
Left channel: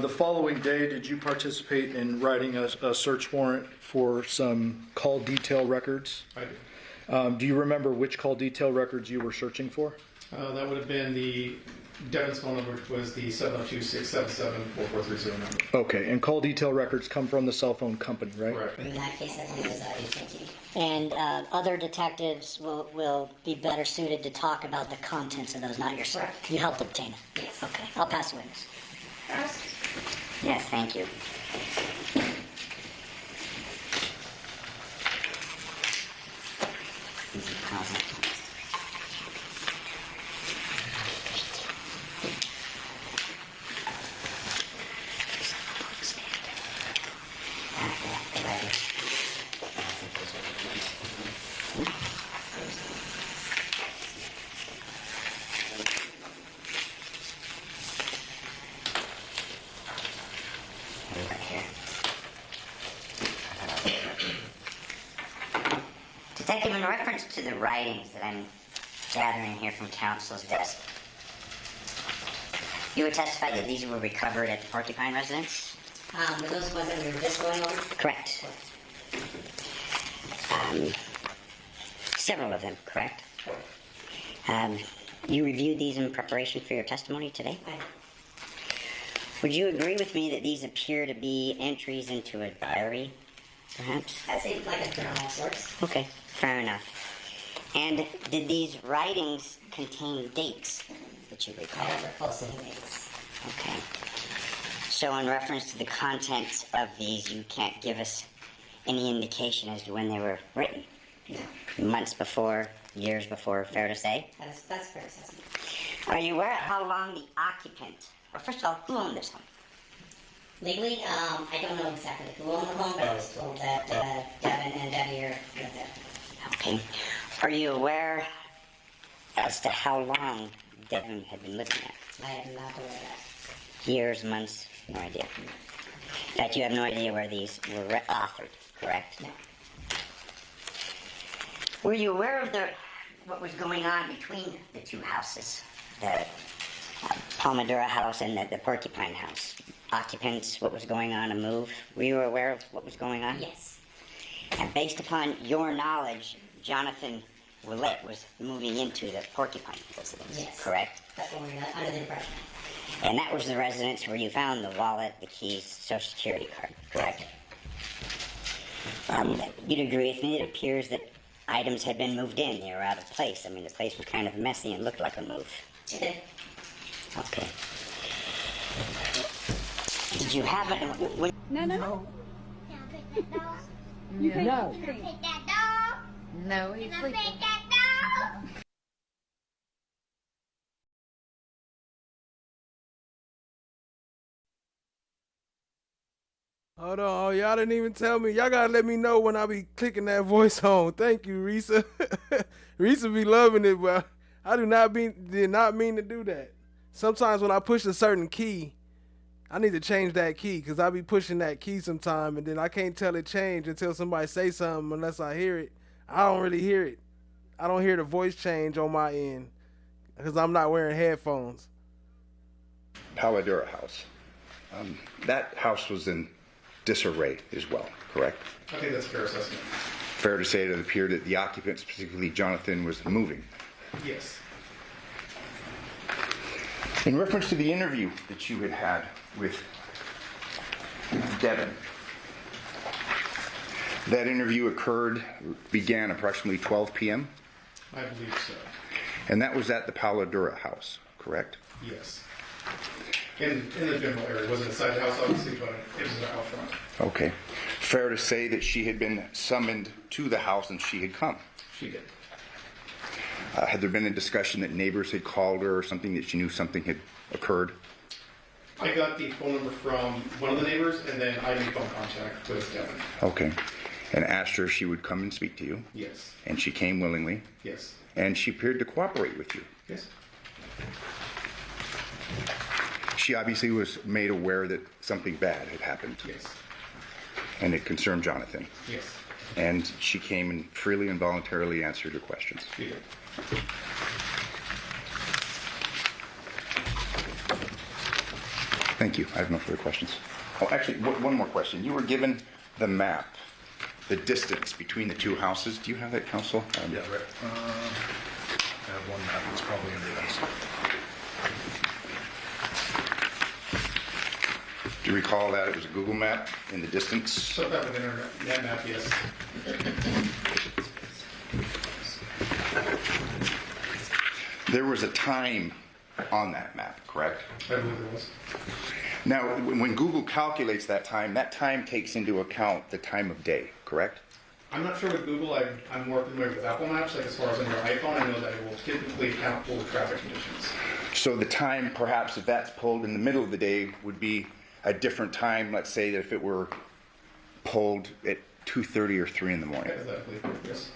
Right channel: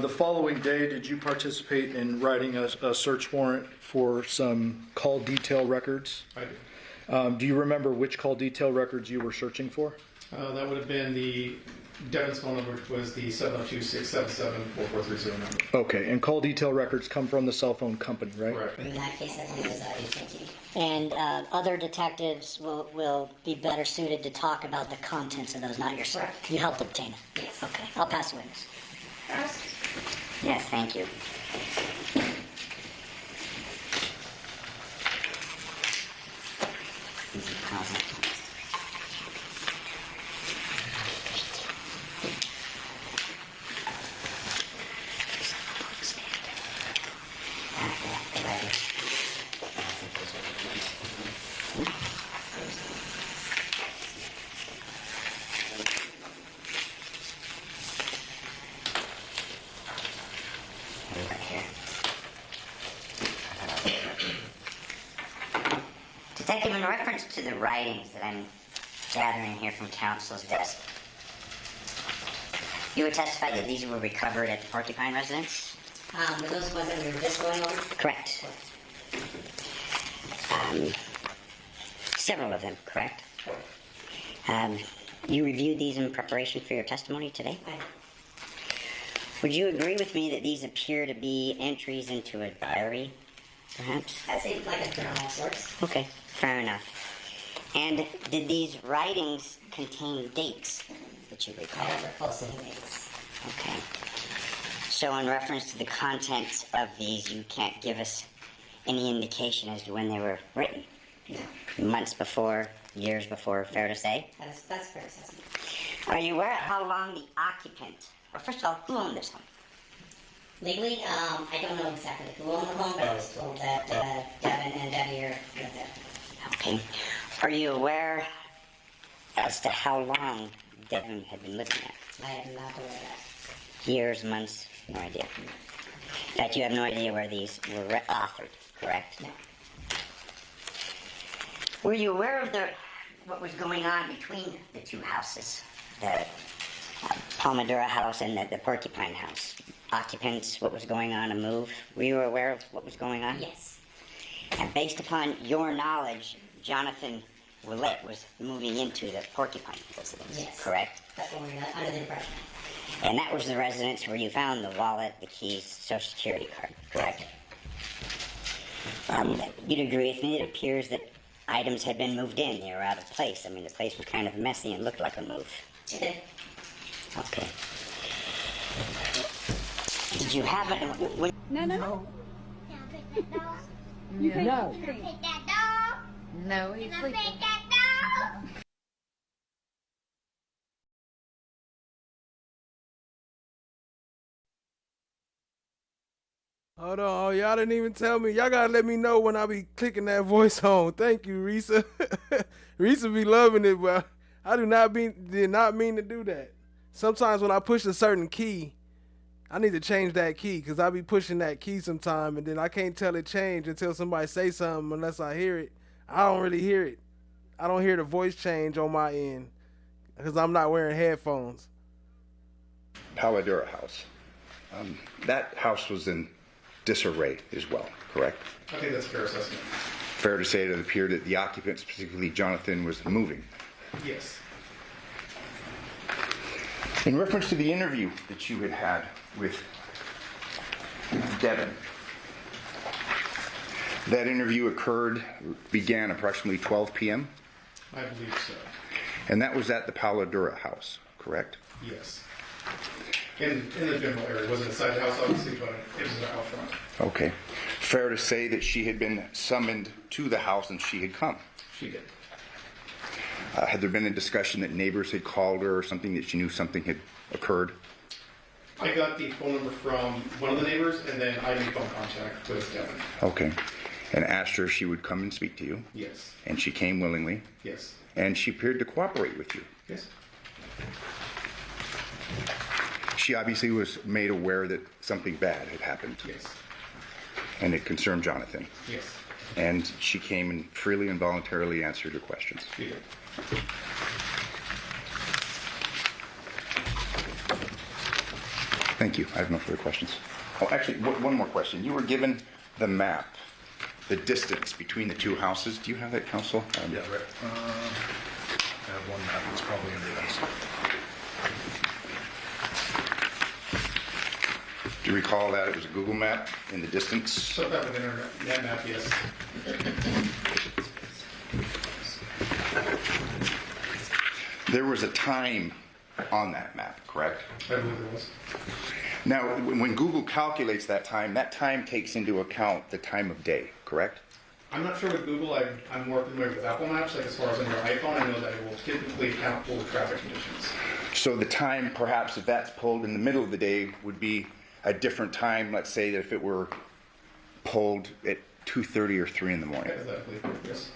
The following day, did you participate in writing a search warrant for some call detail records? I do. Do you remember which call detail records you were searching for? That would have been the Devyn's phone number, which was the 702-677-4430 number. Okay, and call detail records come from the cell phone company, right? Correct. In that case, I think it's FOTG. And other detectives will be better suited to talk about the contents of those, not yourself. You helped obtain it. Yes. Okay, I'll pass the witness. Yes, thank you. Detective, in reference to the writings that I'm gathering here from counsel's desk, you would testify that these were recovered at the Porcupine residence? Were those the ones that we were just going over? Correct. Several of them, correct? You reviewed these in preparation for your testimony today? Would you agree with me that these appear to be entries into a diary, perhaps? That seems like a journal of sorts. Okay, fair enough. And did these writings contain dates that you recall? I recall seeing dates. Okay. So in reference to the contents of these, you can't give us any indication as to when they were written? No. Months before, years before, fair to say? That's fair to say. Are you aware of how long the occupant, or first of all, who owned this home? Legally, I don't know exactly who owned the home, but I was told that Devyn and Deviere lived there. Okay. Are you aware as to how long Devyn had been living there? I am not aware of that. Years, months, no idea. In fact, you have no idea where these were authored, correct? No. Were you aware of what was going on between the two houses? The Palmadura house and the Porcupine house? Occupants, what was going on, a move? Were you aware of what was going on? Yes. And based upon your knowledge, Johnathan Willette was moving into the Porcupine residence, yes. Correct? That's what we got under the impression. And that was the residence where you found the wallet, the keys, Social Security card, correct? You'd agree with me that it appears that items had been moved in. They were out of place. I mean, the place was kind of messy and looked like a move. Okay. Okay. Did you have it? No. No. No, he's sleeping. Hold on, oh, y'all didn't even tell me. Y'all gotta let me know when I be clicking that voice on. Thank you, Risa. Risa be loving it, but I did not mean to do that. Sometimes when I push a certain key, I need to change that key because I be pushing that key sometime and then I can't tell it change until somebody say something unless I hear it. I don't really hear it. I don't hear the voice change on my end because I'm not wearing headphones. Palmadura house. That house was in disarray as well, correct? I think that's a fair assessment. Fair to say it appeared that the occupant, specifically Johnathan, was moving. Yes. In reference to the interview that you had with Devyn, that interview began approximately 12 p.m.? I believe so. And that was at the Paladura house, correct? Yes. In the general area. It wasn't inside the house, obviously, but it was out front. Okay. Fair to say that she had been summoned to the house and she had come? She did. Had there been a discussion that neighbors had called her or something that she knew something had occurred? I got the phone number from one of the neighbors, and then I made phone contact with Devyn. Okay. And asked her if she would come and speak to you? Yes. And she came willingly? Yes. And she appeared to cooperate with you? Yes. She obviously was made aware that something bad had happened. Yes. And it concerned Johnathan. Yes. And she came and freely and voluntarily answered your questions. She did. Thank you. I have no further questions. Oh, actually, one more question. You were given the map, the distance between the two houses. Do you have that, Counsel? Yeah, right. I have one map that's probably in the house. Do you recall that it was a Google map in the distance? So that with internet map, yes. There was a time on that map, correct? I believe there was. Now, when Google calculates that time takes into account the time of day, correct? I'm not sure with Google. I'm more familiar with Apple Maps. Like as far as on your iPhone, I know that it will typically account for traffic conditions. So the time, perhaps, if that's pulled in the middle of the day, would be a different time. Let's say that if it were pulled at 2:30 or 3 in the morning. Hypothetically, yes.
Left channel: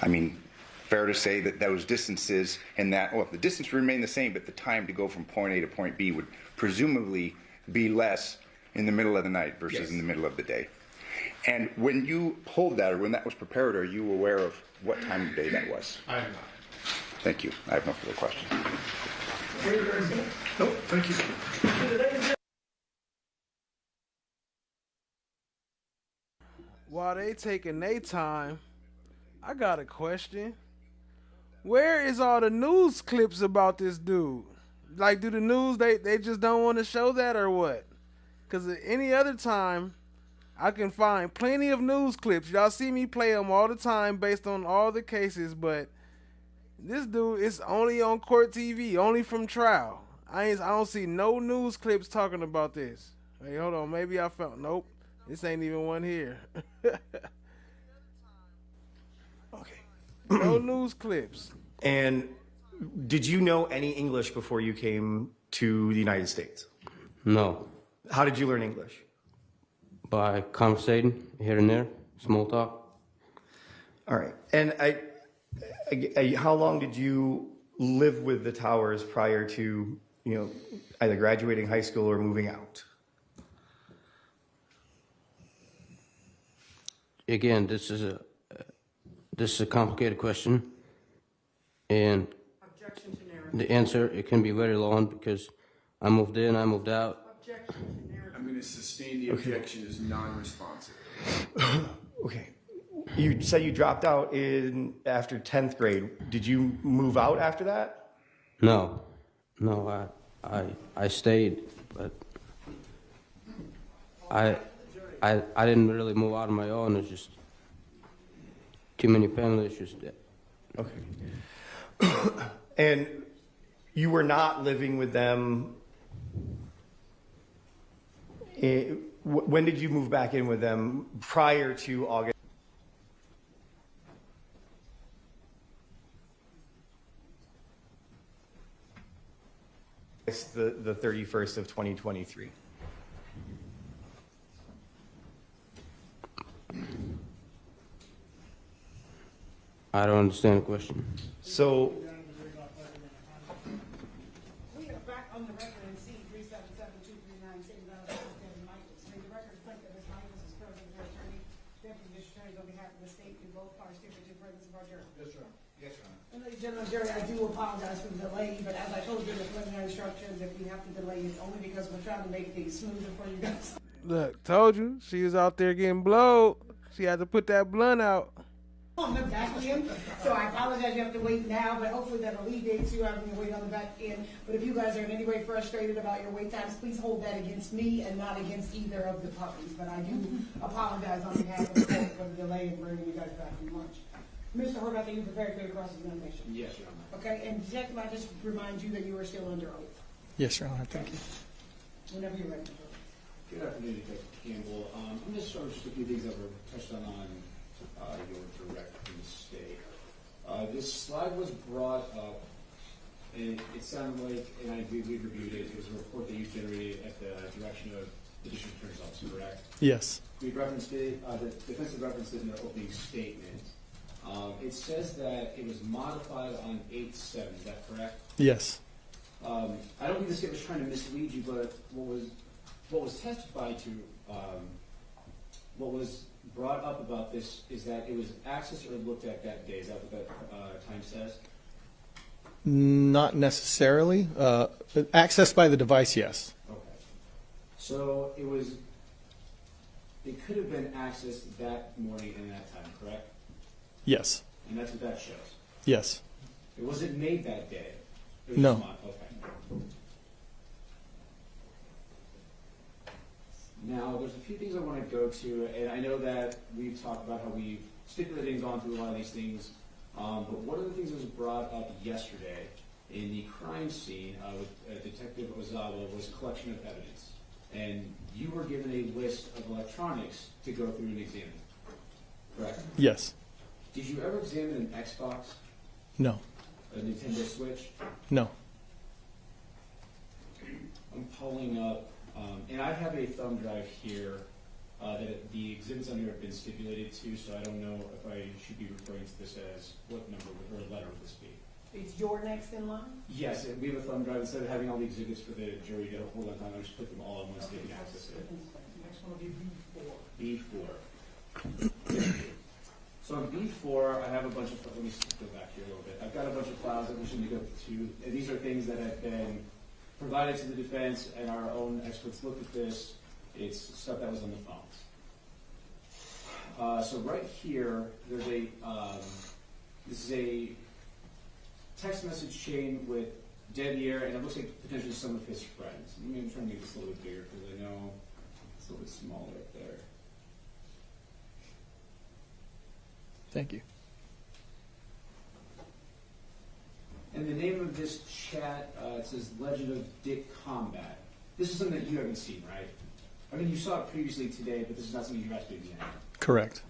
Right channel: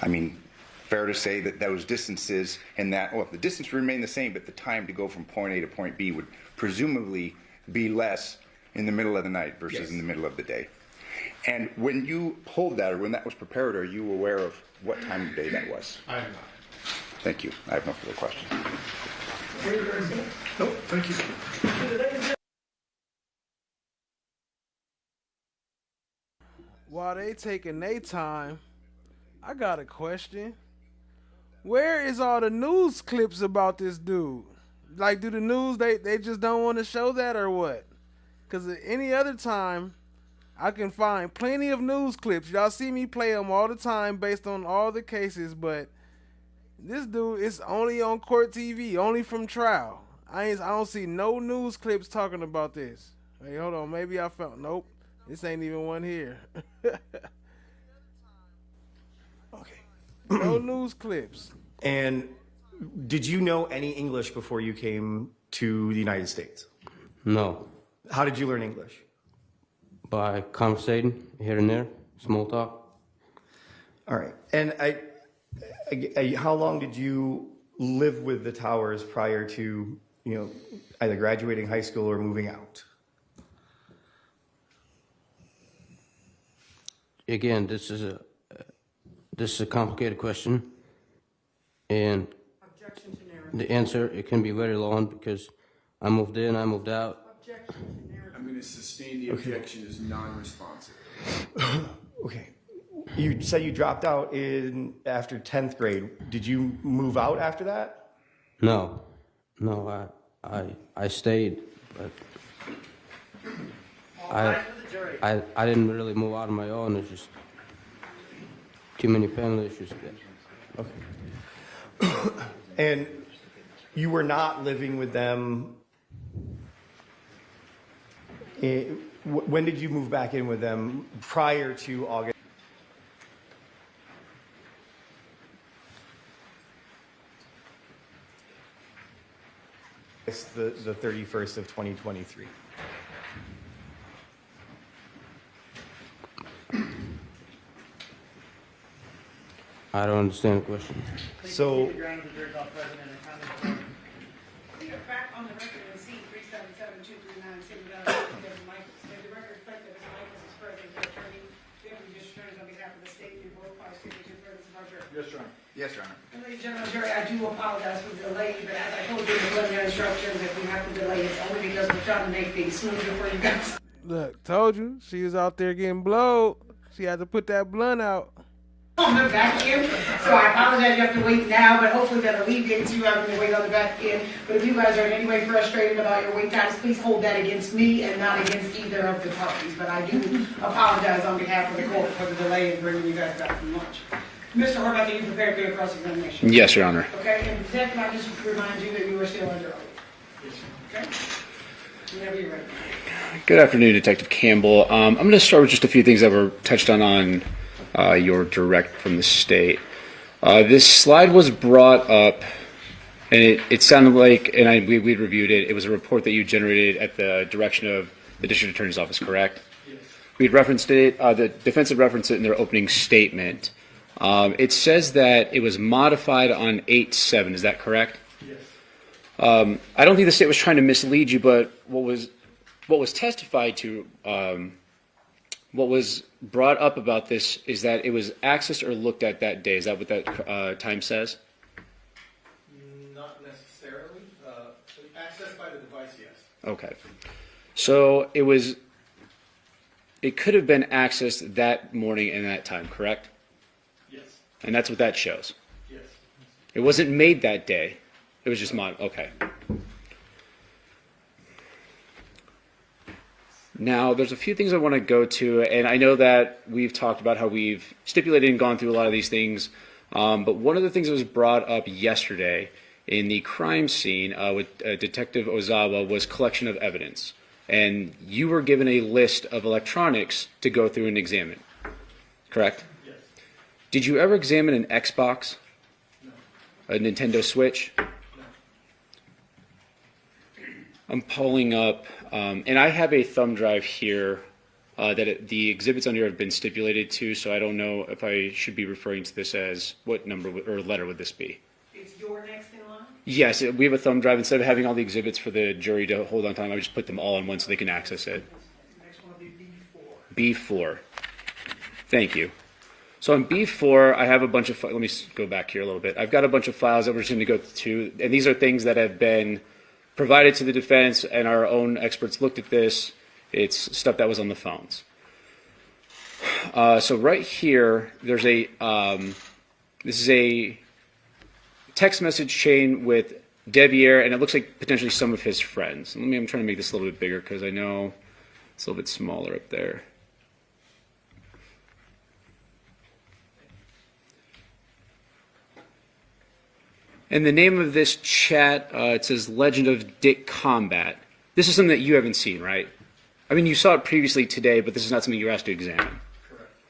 I mean, fair to say that those distances and that, well, if the distance remained the same, but the time to go from point A to point B would presumably be less in the middle of the night versus Yes. in the middle of the day. And when you pulled that, or when that was prepared, are you aware of what time of day that was? I am not. Thank you. I have no further questions. Nope, thank you. While they taking their time, I got a question. Where is all the news clips about this dude? Like, do the news, they just don't want to show that or what? Because at any other time, I can find plenty of news clips. Y'all see me play them all the time based on all the cases, but this dude is only on court TV, only from trial. I don't see no news clips talking about this. Hey, hold on, maybe I found, nope, this ain't even one here. Okay. No news clips. And did you know any English before you came to the United States? No. How did you learn English? By conversating here and there, small talk. All right. And how long did you live with the Towers prior to, either graduating high school or moving out? Again, this is a complicated question, and the answer, it can be very long because I moved in, I moved out. I'm going to sustain the objection as non-responsive. Okay. You said you dropped out after 10th grade. Did you move out after that? No, I stayed, but I didn't really move out on my own. It's just too many family issues. Okay. And you were not living with them. When did you move back in with them prior to August? The 31st of 2023. I don't understand the question. So, We are back on the record in C-377-239, stating that Devyn Michaels. May the record reflect that Mr. Michaels is present, the attorney, deputy district attorneys on behalf of the state, do both parties speak with your presence of our jury. Yes, Your Honor. Yes, Your Honor. And ladies and gentlemen, jury, I do apologize for the delay, but as I told you in the preliminary instructions, if we have to delay, it's only because we're trying to make things smoother for you guys. Look, told you, she was out there getting blowed. She had to put that blunt out. on the back end, so I apologize you have to wait now, but hopefully that alleviates you having to wait on the back end. But if you guys are in any way frustrated about your wait times, please hold that against me and not against either of the parties. But I do apologize on behalf of the court for the delay in bringing you guys back from lunch. Mr. Horvath, are you prepared for your cross-examination? Yes, Your Honor. Okay, and Detective, I just remind you that you are still under oath. Yes, Your Honor. Okay. Whenever you're ready. Good afternoon, Detective Campbell. I'm going to start with just a few things that were touched on your direct from the state. This slide was brought up, and it sounded like, and we reviewed it, it was a report that you generated at the direction of the District Attorney's Office, correct? Yes. We'd referenced it, the defense had referenced it in their opening statement. It says that it was modified on 8/7, is that correct? Yes. I don't think the state was trying to mislead you, but what was testified to, what was brought up about this is that it was accessed or looked at that day. Is that what that time says? Not necessarily. Accessed by the device, yes. Okay. So it could have been accessed that morning and that time, correct? Yes. And that's what that shows? Yes. It wasn't made that day. It was just No. okay. Now, there's a few things I want to go to, and I know that we've talked about how we've stipulated and gone through a lot of these things, but one of the things that was brought up yesterday in the crime scene with Detective Ozawa was collection of evidence. And you were given a list of electronics to go through and examine, correct? Yes. Did you ever examine an Xbox? No. A Nintendo Switch? No. I'm pulling up, and I have a thumb drive here that the exhibits on here have been stipulated to, so I don't know if I should be referring to this as what number or letter would this be? Is your next in line? Yes, we have a thumb drive. Instead of having all the exhibits for the jury to hold on time, I just put them all in one so they can access it. Next one would be B4. B4. Thank you. So on B4, I have a bunch of, let me go back here a little bit. I've got a bunch of files that we're just going to go to, and these are things that have been provided to the defense, and our own experts looked at this. It's stuff that was on the phones. So right here, there's a, this is a text message chain with Deviere, and it looks like potentially some of his friends. I'm trying to make this a little bit bigger because I know it's a little bit smaller up there. Thank you. And the name of this chat, it says Legend of Dick Combat. This is something that you haven't seen, right? I mean, you saw it previously today, but this is not something you were asked to examine. Correct.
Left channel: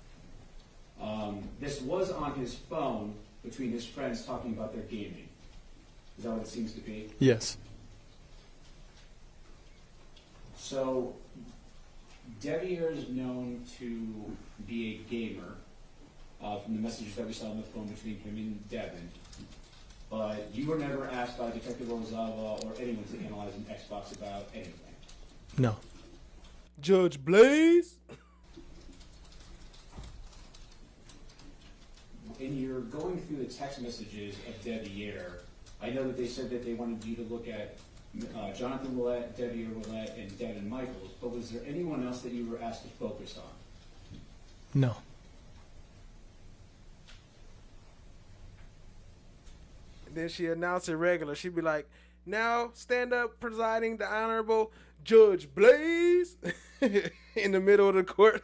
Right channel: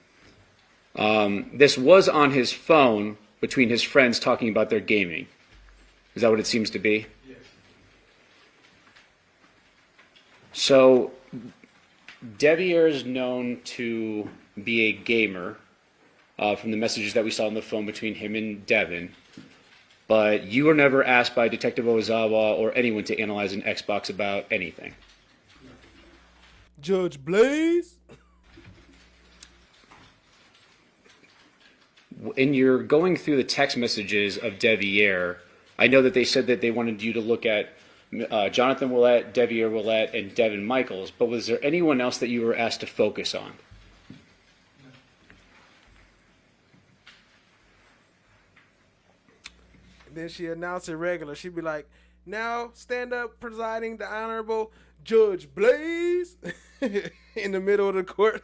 This was on his phone between his friends talking about their gaming. Is that what it seems to be? Yes. So, Deviere is known to be a gamer from the messages that we saw on the phone between him and Devyn. But you were never asked by Detective Ozawa or anyone to analyze an Xbox about anything. No. Judge Blaze? In your going through the text messages of Deviere, I know that they said that they wanted you to look at Johnathan Willette, Deviere Willette, and Devyn Michaels, but was there anyone else that you were asked to focus on? No. And then she announced it regular. She'd be like, now stand up presiding the Honorable Judge Blaze in the middle of the court.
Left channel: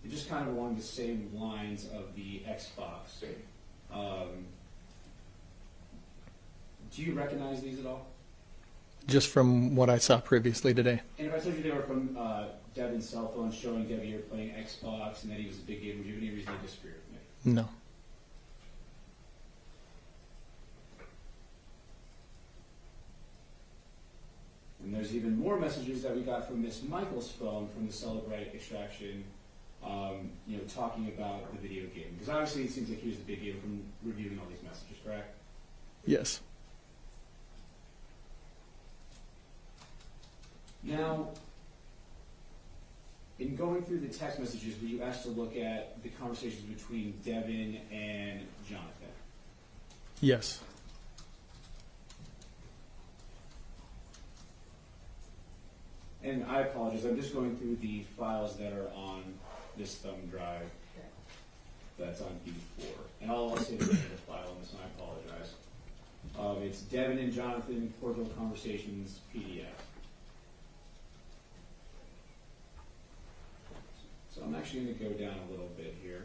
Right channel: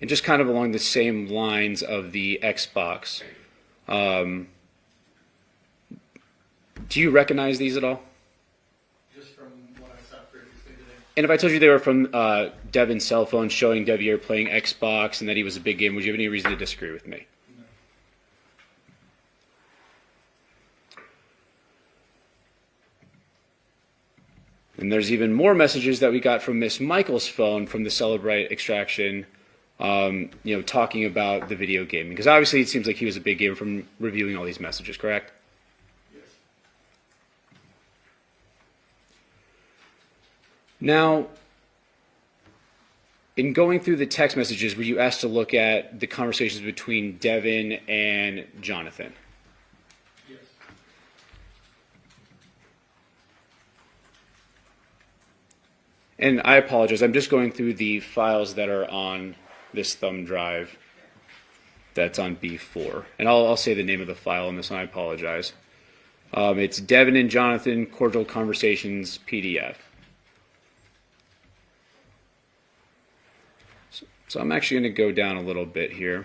And just kind of along the same lines of the Xbox, do you recognize these at all? Just from what I saw previously today. And if I told you they were from Devyn's cell phone showing Deviere playing Xbox and that he was a big game, would you have any reason to disagree with me? No. And there's even more messages that we got from Miss Michaels' phone from the Celebrite extraction, talking about the video gaming. Because obviously it seems like he was a big gamer from reviewing all these messages, correct? Yes. Now, in going through the text messages, were you asked to look at the conversations between Devyn and Johnathan? Yes. And I apologize, I'm just going through the files that are on this thumb drive. that's on B4. And I'll say the name of the file on this one. I apologize. It's Devyn and Johnathan Cordial Conversations PDF. So I'm actually going to go down a little bit here.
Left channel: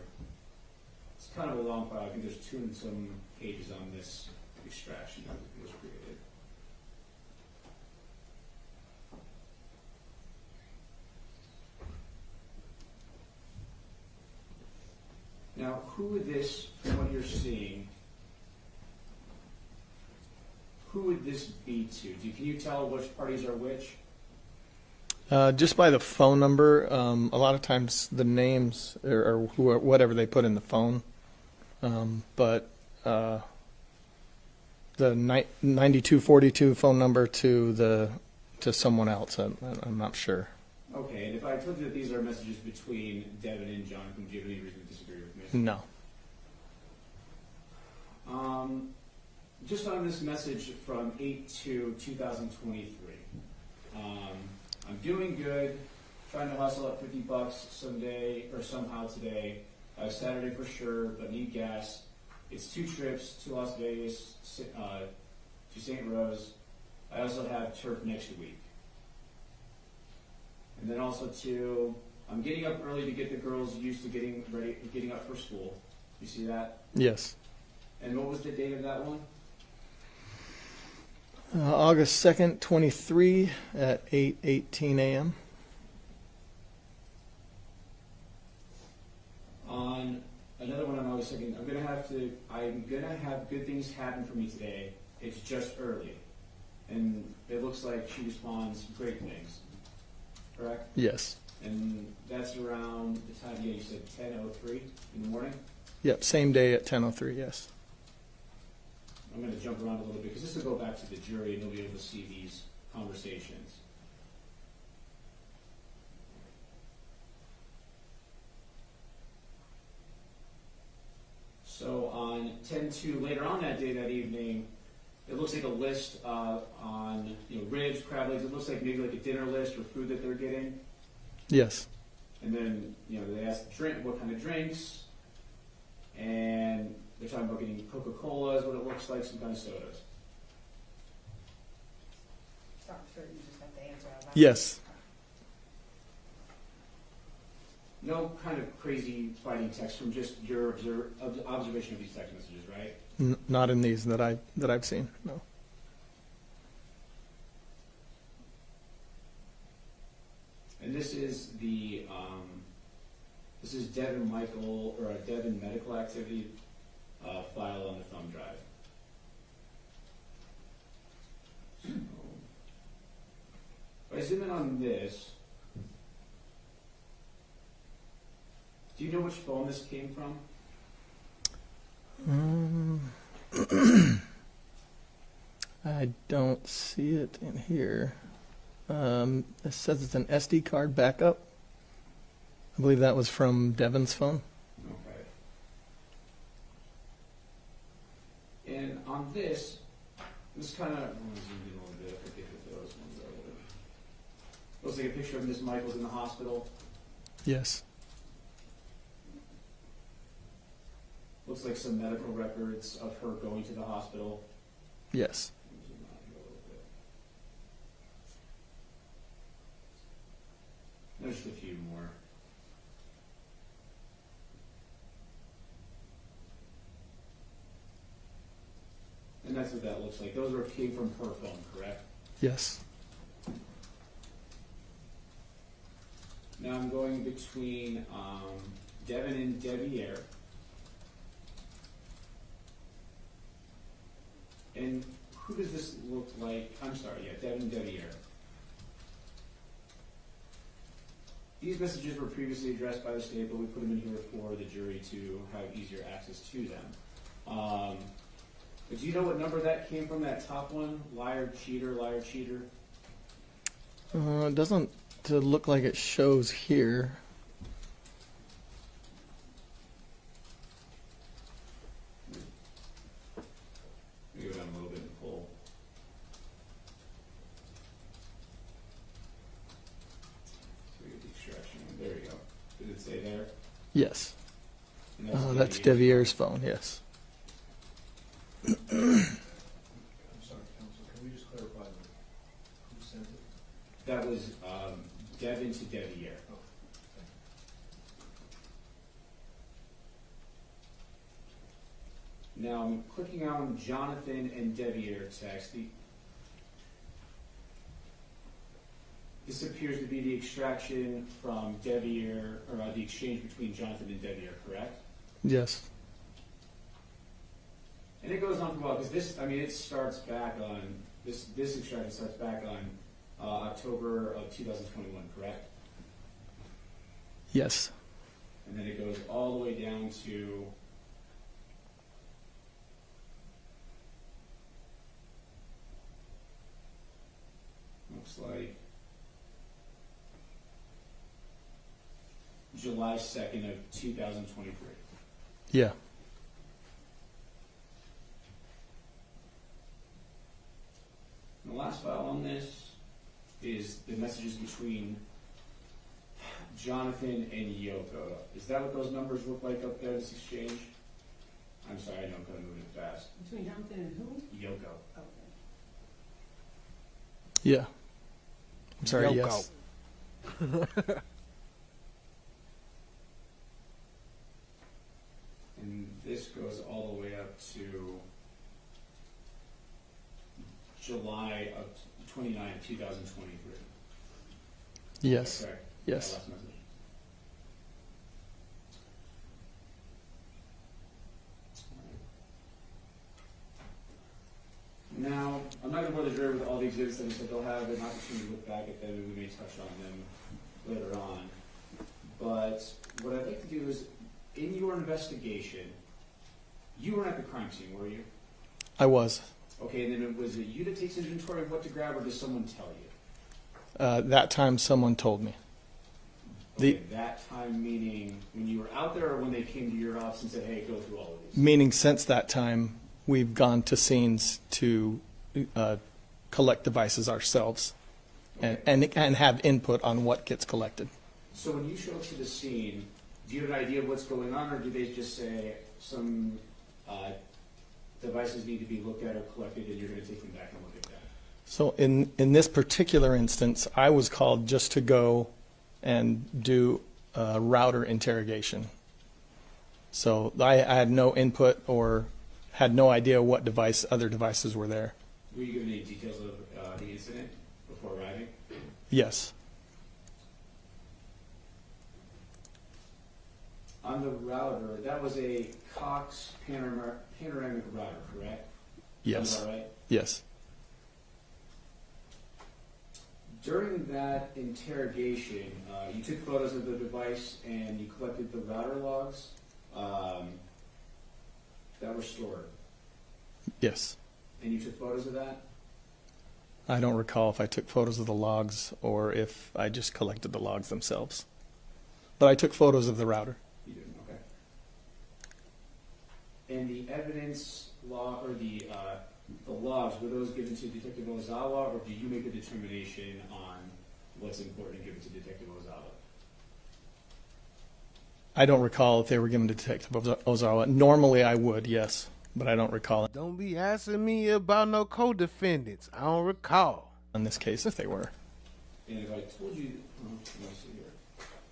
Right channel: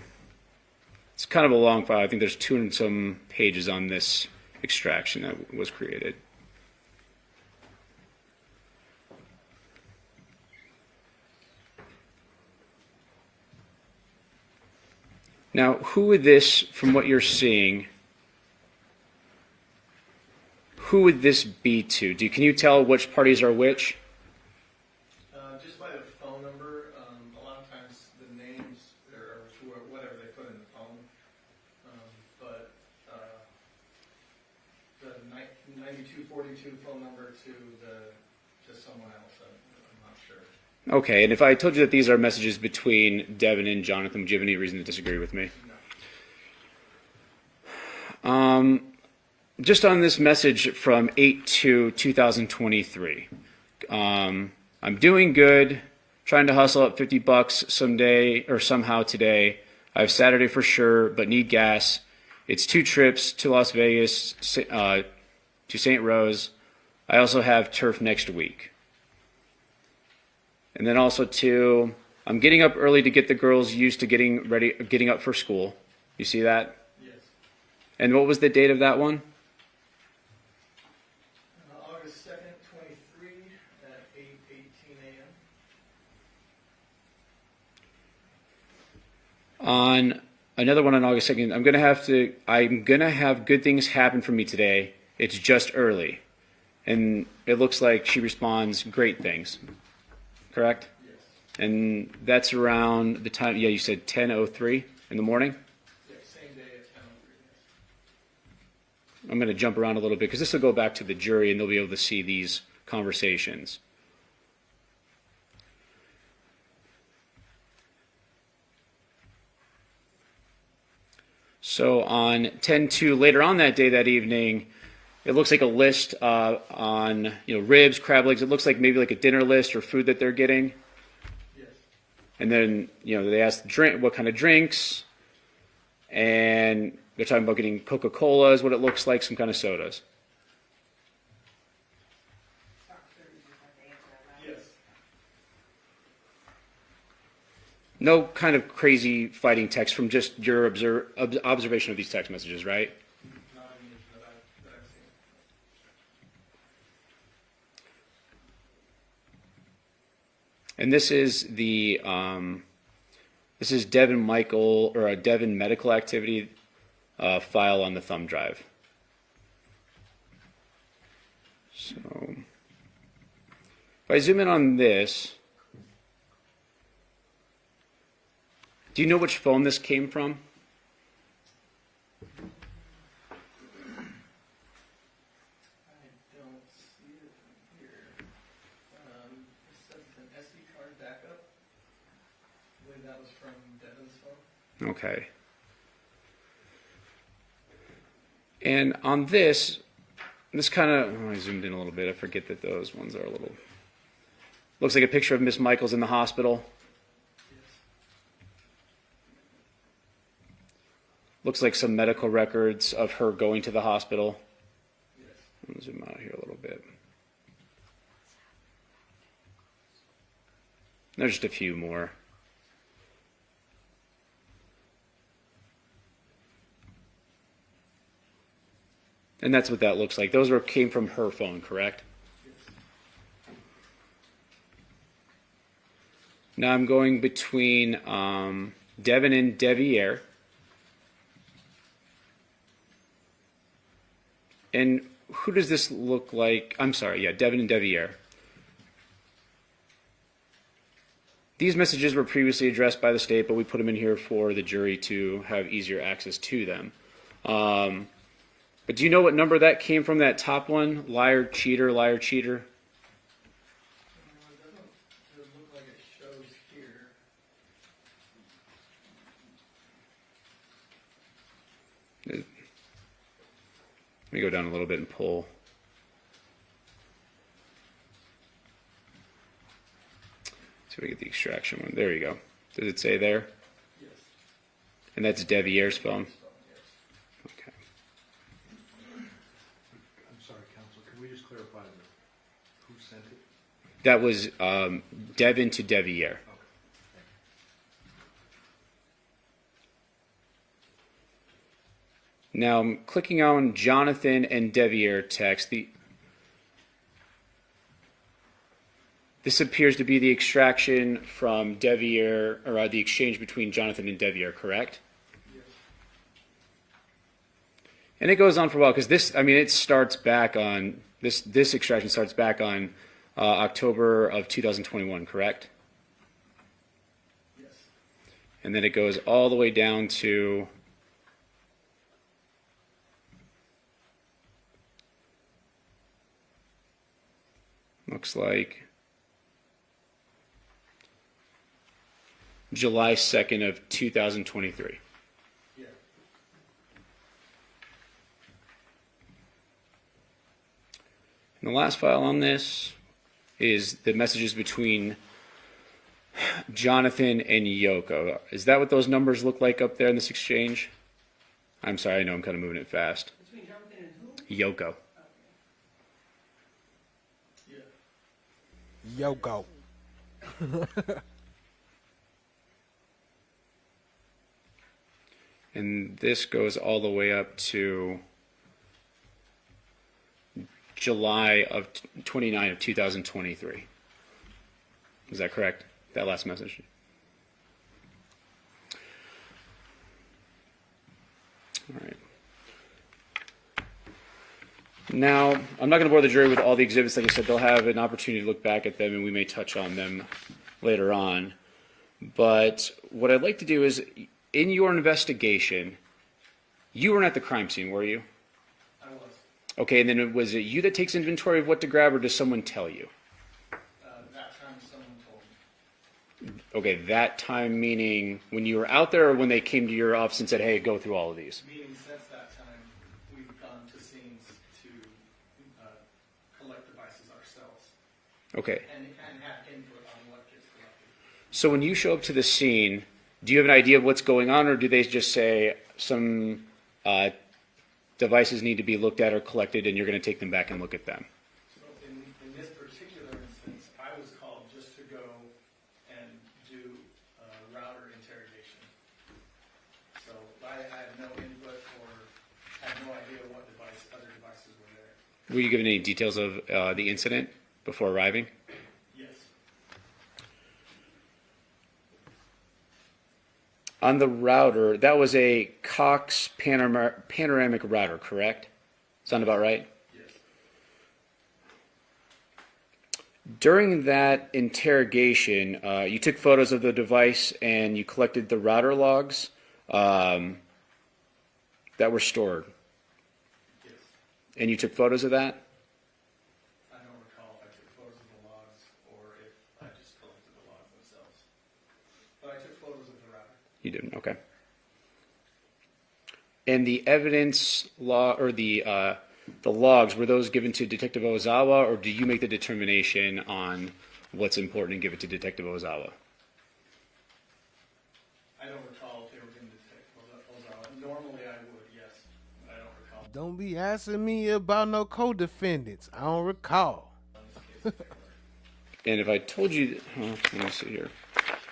It's kind of a long file. I think there's 200 and some pages on this extraction that was created. Now, who would this, from what you're seeing, who would this be to? Can you tell which parties are which? Just by the phone number, a lot of times the names or whatever they put in the phone, but the 9242 phone number to someone else, I'm not sure. Okay, and if I told you that these are messages between Devyn and Johnathan, would you have any reason to disagree with me? No. Just on this message from 8/2/2023. I'm doing good, trying to hustle up $50 someday or somehow today. I have Saturday for sure, but need gas. It's 2 trips to Las Vegas, to St. Rose. I also have turf next week. And then also I'm getting up early to get the girls used to getting up for school. You see that? Yes. And what was the date of that one? August 2nd, 23 at 8:18 a.m. On another one on August 2nd, I'm gonna have good things happen for me today. It's just early. And it looks like she responds, great things. Correct? Yes. And that's around the time, you said 10:03 in the morning? Yep, same day at 10:03, yes. I'm going to jump around a little bit because this will go back to the jury and they'll be able to see these conversations. So on 10/2, later on that day, that evening, it looks like a list on ribs, crab legs. It looks like maybe like a dinner list or food that they're getting. Yes. And then they ask what kind of drinks, and they're talking about getting Coca-Cola is what it looks like, some kind of sodas. Yes. No kind of crazy fighting text from just your observation of these text messages, right? Not in these that I've seen. No. And this is the Devyn Michael or a Devyn medical activity file on the thumb drive. So if I zoom in on this, do you know which phone this came from? I don't see it in here. It says it's an SD card backup. I believe that was from Devyn's phone. Okay. And on this kind of, I zoomed in a little bit. I forget that those ones are a little, looks like a picture of Miss Michaels in the hospital. Yes. Looks like some medical records of her going to the hospital. Yes. Let me zoom out here a little bit. There's just a few more. And that's what that looks like. Those came from her phone, correct? Yes. Now I'm going between Devyn and Deviere. And who does this look like? I'm sorry, yeah, Devyn and Deviere. These messages were previously addressed by the state, but we put them in here for the jury to have easier access to them. But do you know what number that came from, that top one? Liar, cheater, liar, cheater? It doesn't look like it shows here. Let me go down a little bit and pull. So we get the extraction one. There you go. Does it say there? Yes. And that's That's Deviere's Deviere's phone, yes. I'm sorry, counsel, can we just clarify who sent it? That was Devyn to Deviere. Now I'm clicking on Johnathan and Deviere text. This appears to be the extraction from Deviere, or the exchange between Johnathan and Deviere, correct? Yes. And it goes on for a while because this, I mean, it starts back on this extraction starts back on October of 2021, correct? Yes. And then it goes all the way down to looks like July 2nd of 2023. Yeah. And the last file on this is the messages between Johnathan and LOKO. Is that what those numbers look like up there in this exchange? I'm sorry, I know I'm kind of moving it fast. Between Johnathan and who? LOKO. Yeah. I'm sorry, Yoko. yes. And this goes all the way up to July of 29 of 2023. Yes. Is that correct? Yes. That last message. All right. Now, I'm not going to bore the jury with all the exhibits. Like I said, they'll have an opportunity to look back at them, and we may touch on them later on. But what I'd like to do is, in your investigation, you weren't at the crime scene, were you? I was. Okay, and then was it you that takes inventory of what to grab, or does someone tell you? That time someone told me. Okay, that time meaning when you were out there or when they came to your office and said, hey, go through all of these? Meaning since that time, we've gone to scenes to collect devices ourselves. Okay. And have input on what gets collected. So when you show up to the scene, do you have an idea of what's going on, or do they just say some devices need to be looked at or collected and you're going to take them back and look at them? So in this particular instance, I was called just to go and do a router interrogation. So I had no input or had no idea what other devices were there. Were you given any details of the incident before arriving? Yes. On the router, that was a Cox panoramic router, correct? Sound about right? Yes. During that interrogation, you took photos of the device and you collected the router logs that were stored. Yes. And you took photos of that? I don't recall if I took photos of the logs or if I just collected the logs themselves. But I took photos of the router. You didn't, okay. And the evidence law or the logs, were those given to Detective Ozawa, or do you make the determination on what's important and give it to Detective Ozawa? I don't recall if they were given to Detective Ozawa. Normally I would, yes, but I don't recall it. Don't be asking me about no co-defendants. I don't recall. In this case, if they were. And if I told you, let me see here.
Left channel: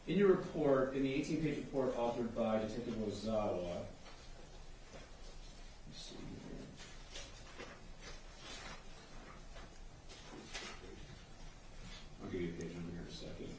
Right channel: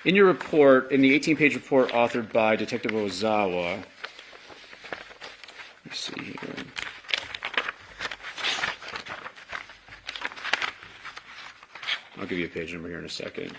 In your report, in the 18-page report authored by Detective Ozawa, let's see here. I'll give you a page number here in a second.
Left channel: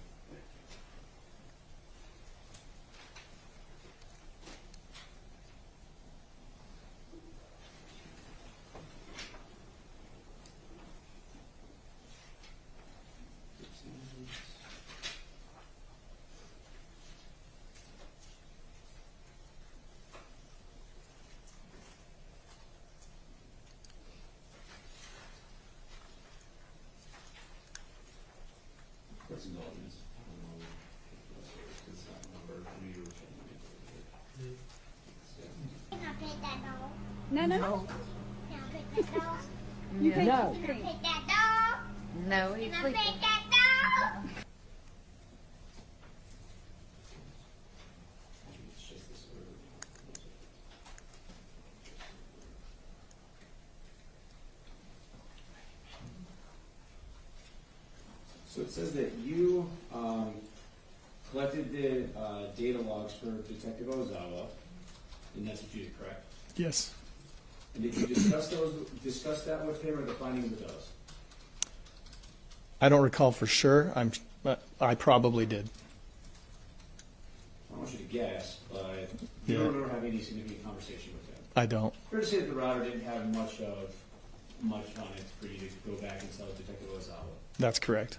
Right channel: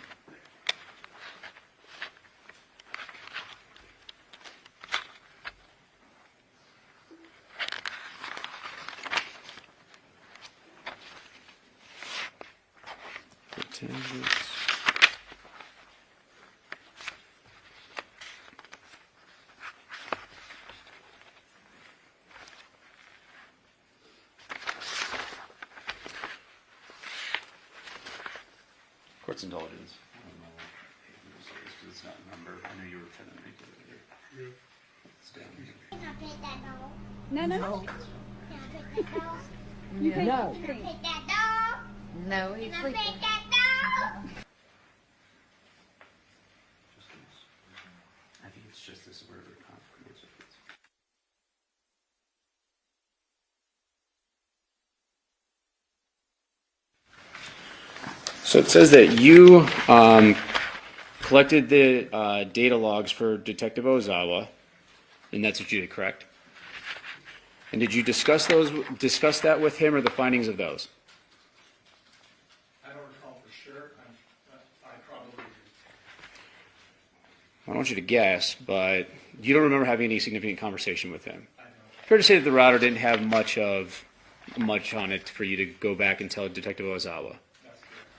Court's indulgence. It's not a number. I know you were kind of making it here. No, no. No. You pick No. that dog. No, he's Can I sleeping. pet that dog? I think it's just this order, not So it says that you collected the data logs for Detective Ozawa, and that's what you did, correct? Yes. And did you discuss that with him, or the findings of those? I don't recall for sure. I probably did. I don't want you to guess, but you don't remember having any significant conversation with him. I don't. Fair to say that the router didn't have much on it for you to go back and tell Detective Ozawa. That's correct.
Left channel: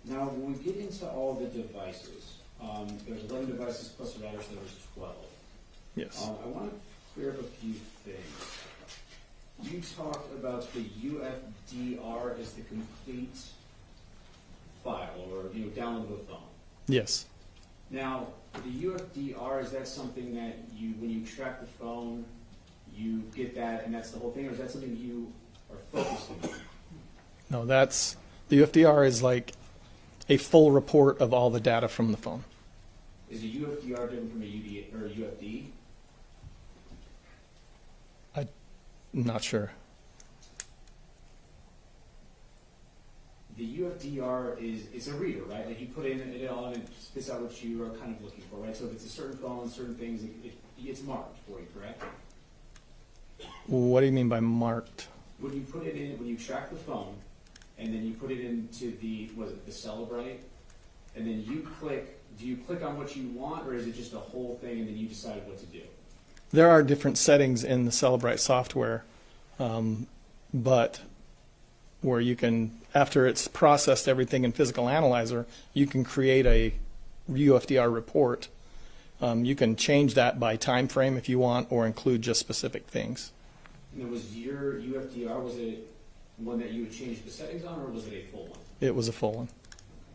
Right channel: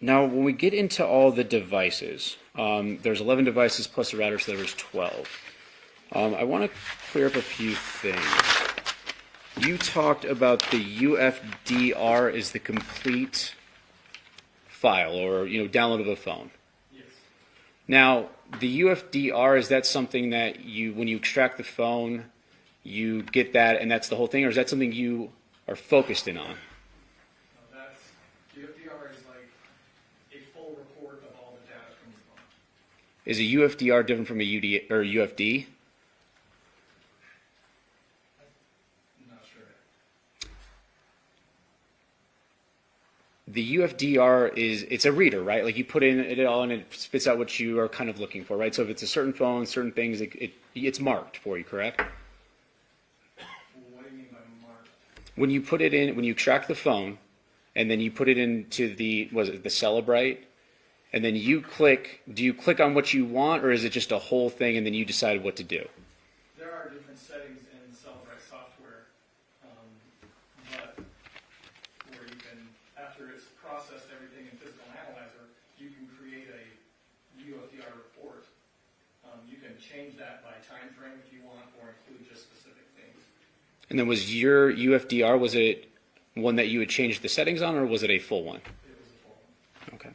Now, when we get into all the devices, there's 11 devices plus the router, so there's 12. Yes. I want to clear up a few things. You talked about the UFDR is the complete file, or download of a phone. Yes. Now, the UFDR, is that something that when you extract the phone, you get that and that's the whole thing, or is that something you are focused in on? No, the UFDR is like a full report of all the data from the phone. Is a UFDR different from a UD or UFD? I'm not sure. The UFDR it's a reader, right? Like you put in it all and it spits out what you are kind of looking for, right? So if it's a certain phone, certain things, it's marked for you, correct? What do you mean by marked? When you put it in, when you extract the phone, and then you put it into the Celebrite, and then do you click on what you want, or is it just a whole thing and then you decide what to do? There are different settings in the Celebrite software, but where you can, after it's processed everything in Physical Analyzer, you can create a UFDR report. You can change that by time frame if you want, or include just specific things. And then was your UFDR, was it one that you had changed the settings on, or was it a full one? It was a full one. Okay.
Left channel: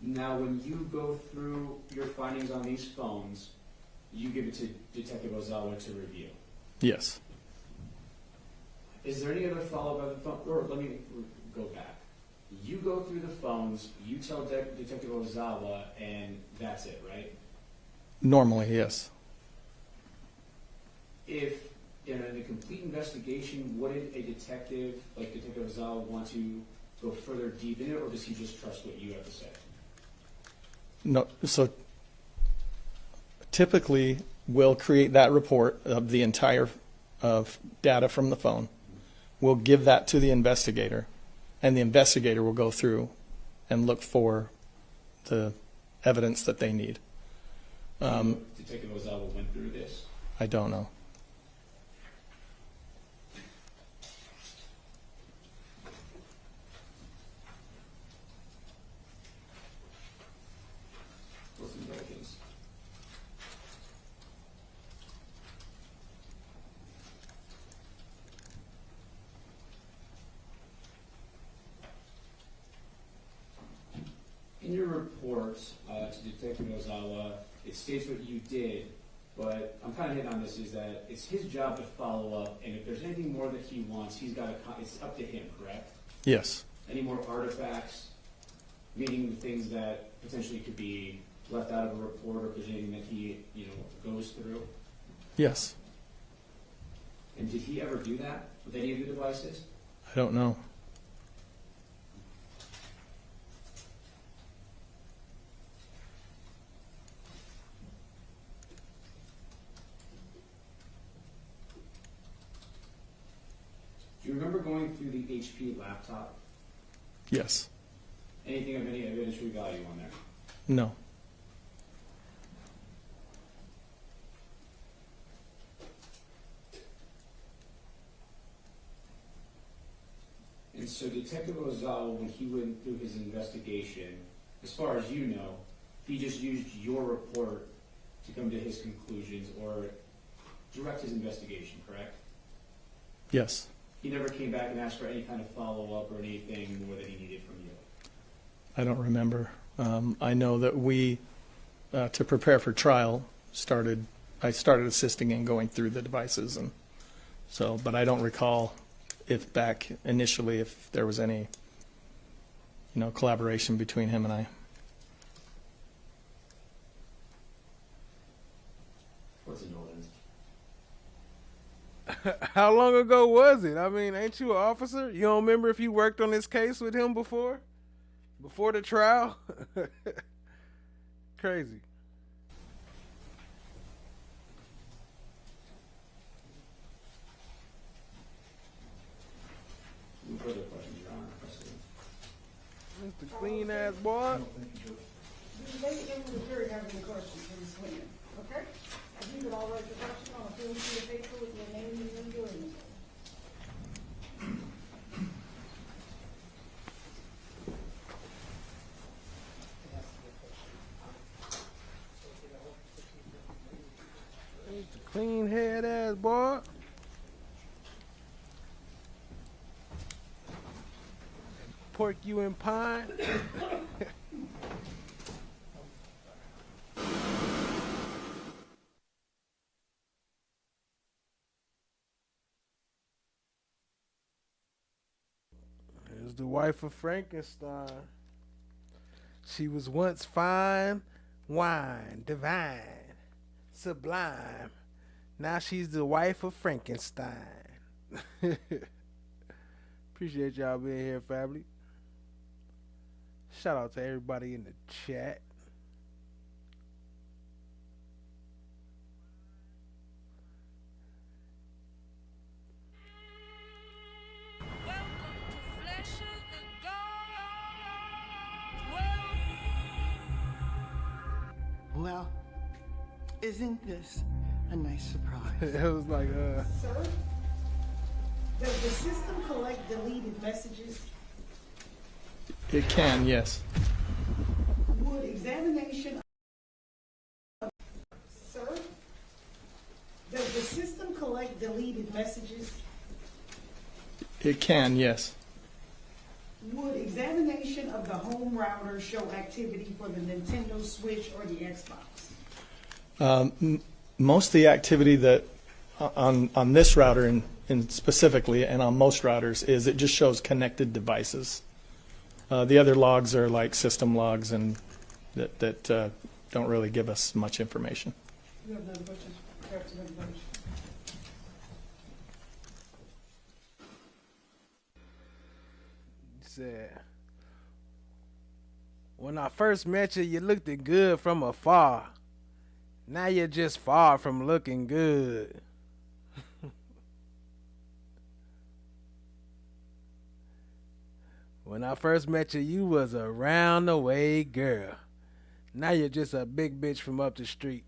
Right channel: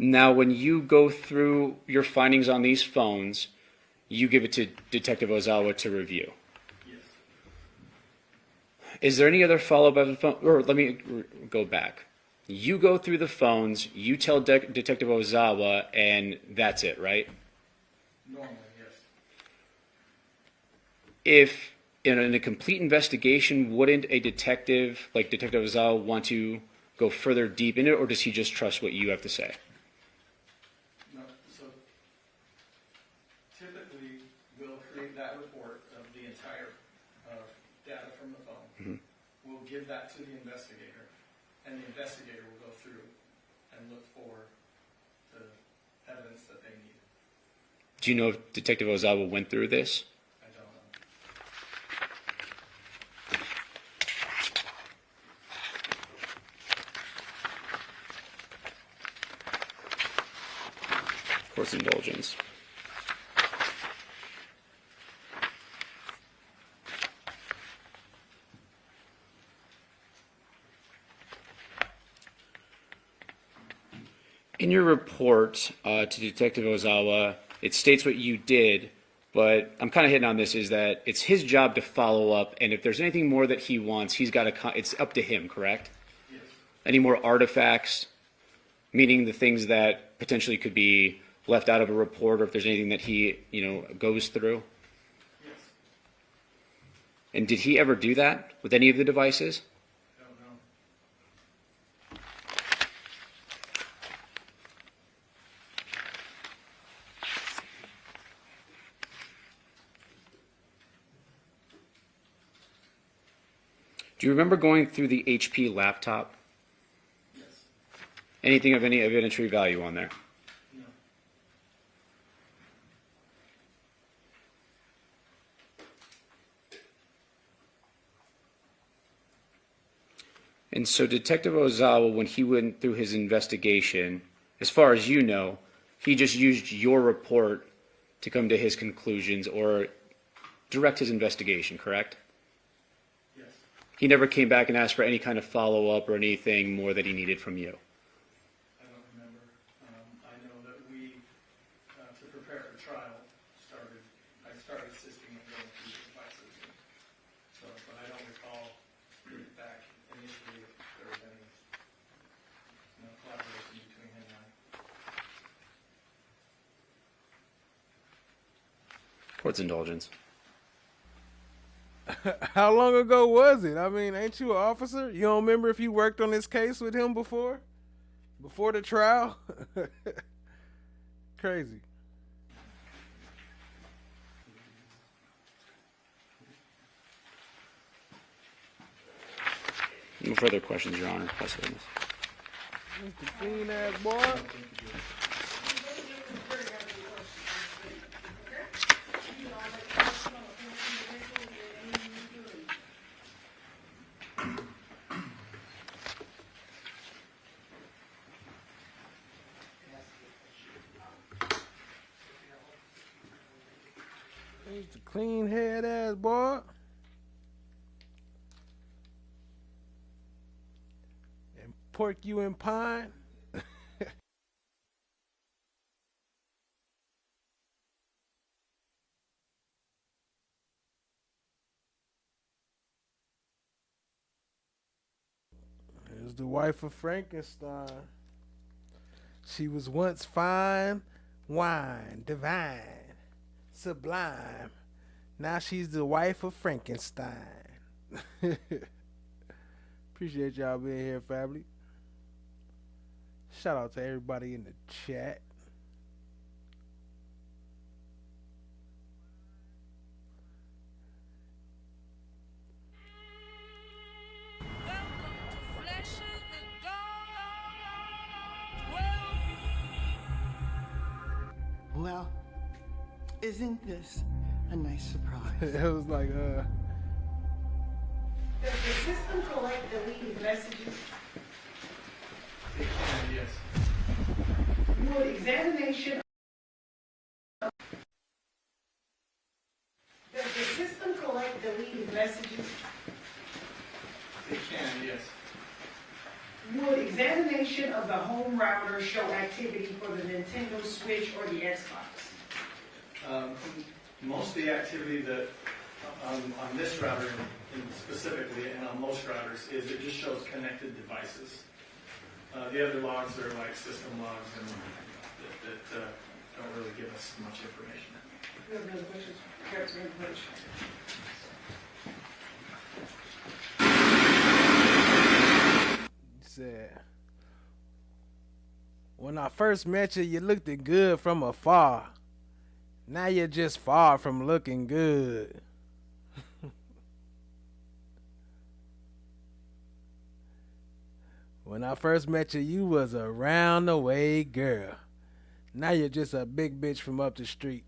Now, when you go through your findings on these phones, you give it to Detective Ozawa to review. Yes. Is there any other follow-up of the phone? Or let me go back. You go through the phones, you tell Detective Ozawa, and that's it, right? Normally, yes. If in a complete investigation, wouldn't a detective like Detective Ozawa want to go further deep into it, or does he just trust what you have to say? No, so typically we'll create that report of the entire data from the phone. Mm-hmm. We'll give that to the investigator, and the investigator will go through and look for the evidence that they need. Do you know if Detective Ozawa went through this? I don't know. Course indulgence. In your report to Detective Ozawa, it states what you did, but I'm kind of hitting on this is that it's his job to follow up, and if there's anything more that he wants, he's got to. It's up to him, correct? Yes. Any more artifacts, meaning the things that potentially could be left out of a report, or if there's anything that he, goes through? Yes. And did he ever do that with any of the devices? I don't know. Do you remember going through the HP laptop? Yes. Anything of any evidentiary value on there? No. And so Detective Ozawa, when he went through his investigation, as far as you know, he just used your report to come to his conclusions or direct his investigation, correct? Yes. He never came back and asked for any kind of follow-up or anything more that he needed from you? I don't remember. I know that we, to prepare for trial, I started assisting in going through the devices, and so, but I don't recall if back initially if there was any, collaboration between him and I. Court's indulgence. How long ago was it? I mean, ain't you an officer? You don't remember if you worked on this case with him before? Before the trial? Crazy. No further questions, Your Honor. Plus witness. Mr. Clean ass boy. Mr. Clean head ass boy. Pork you in pine. Here's the wife of Frankenstein. She was once fine, wine, divine, sublime. Now she's the wife of Frankenstein. Appreciate y'all being here, family. Shout out to everybody in the chat. Well, isn't this a nice surprise? It was like, Sir, does the system collect deleted messages? It can, yes. Would examination Sir, does the system collect deleted messages? It can, yes. Would examination of the home router show activity for the Nintendo Switch or the Xbox? Most of the activity that on this router in specifically and on most routers is it just shows connected devices. The other logs are like system logs and that don't really give us much information. You have any questions? Perhaps you have a question. said, when I first met you, you looked good from afar. Now you're just far from looking good. When I first met you, you was a round the way girl. Now you're just a big bitch from up the street.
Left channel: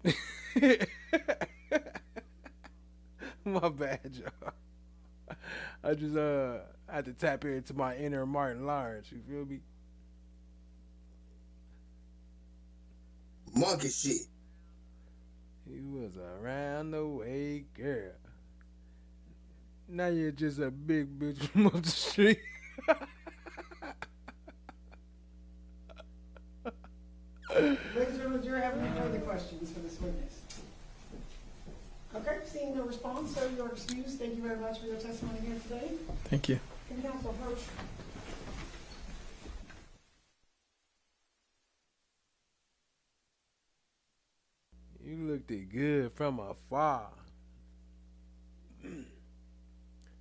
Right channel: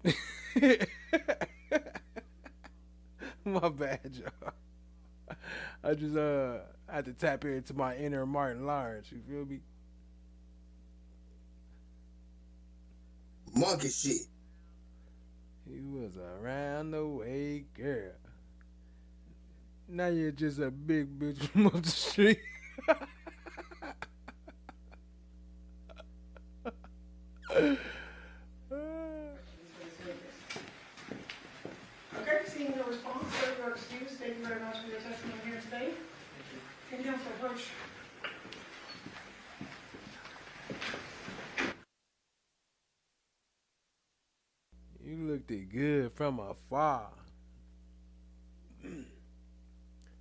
My bad, y'all. I just had to tap into my inner Martin Lawrence. You feel me? Monkey shit. He was a round the way girl. Now you're just a big bitch from up the street. Ladies and gentlemen, do you have any further questions for this witness? Okay, seeing no response, sir, you are excused. Thank you very much for your testimony here today. Thank you. Can counsel approach? You looked good from afar.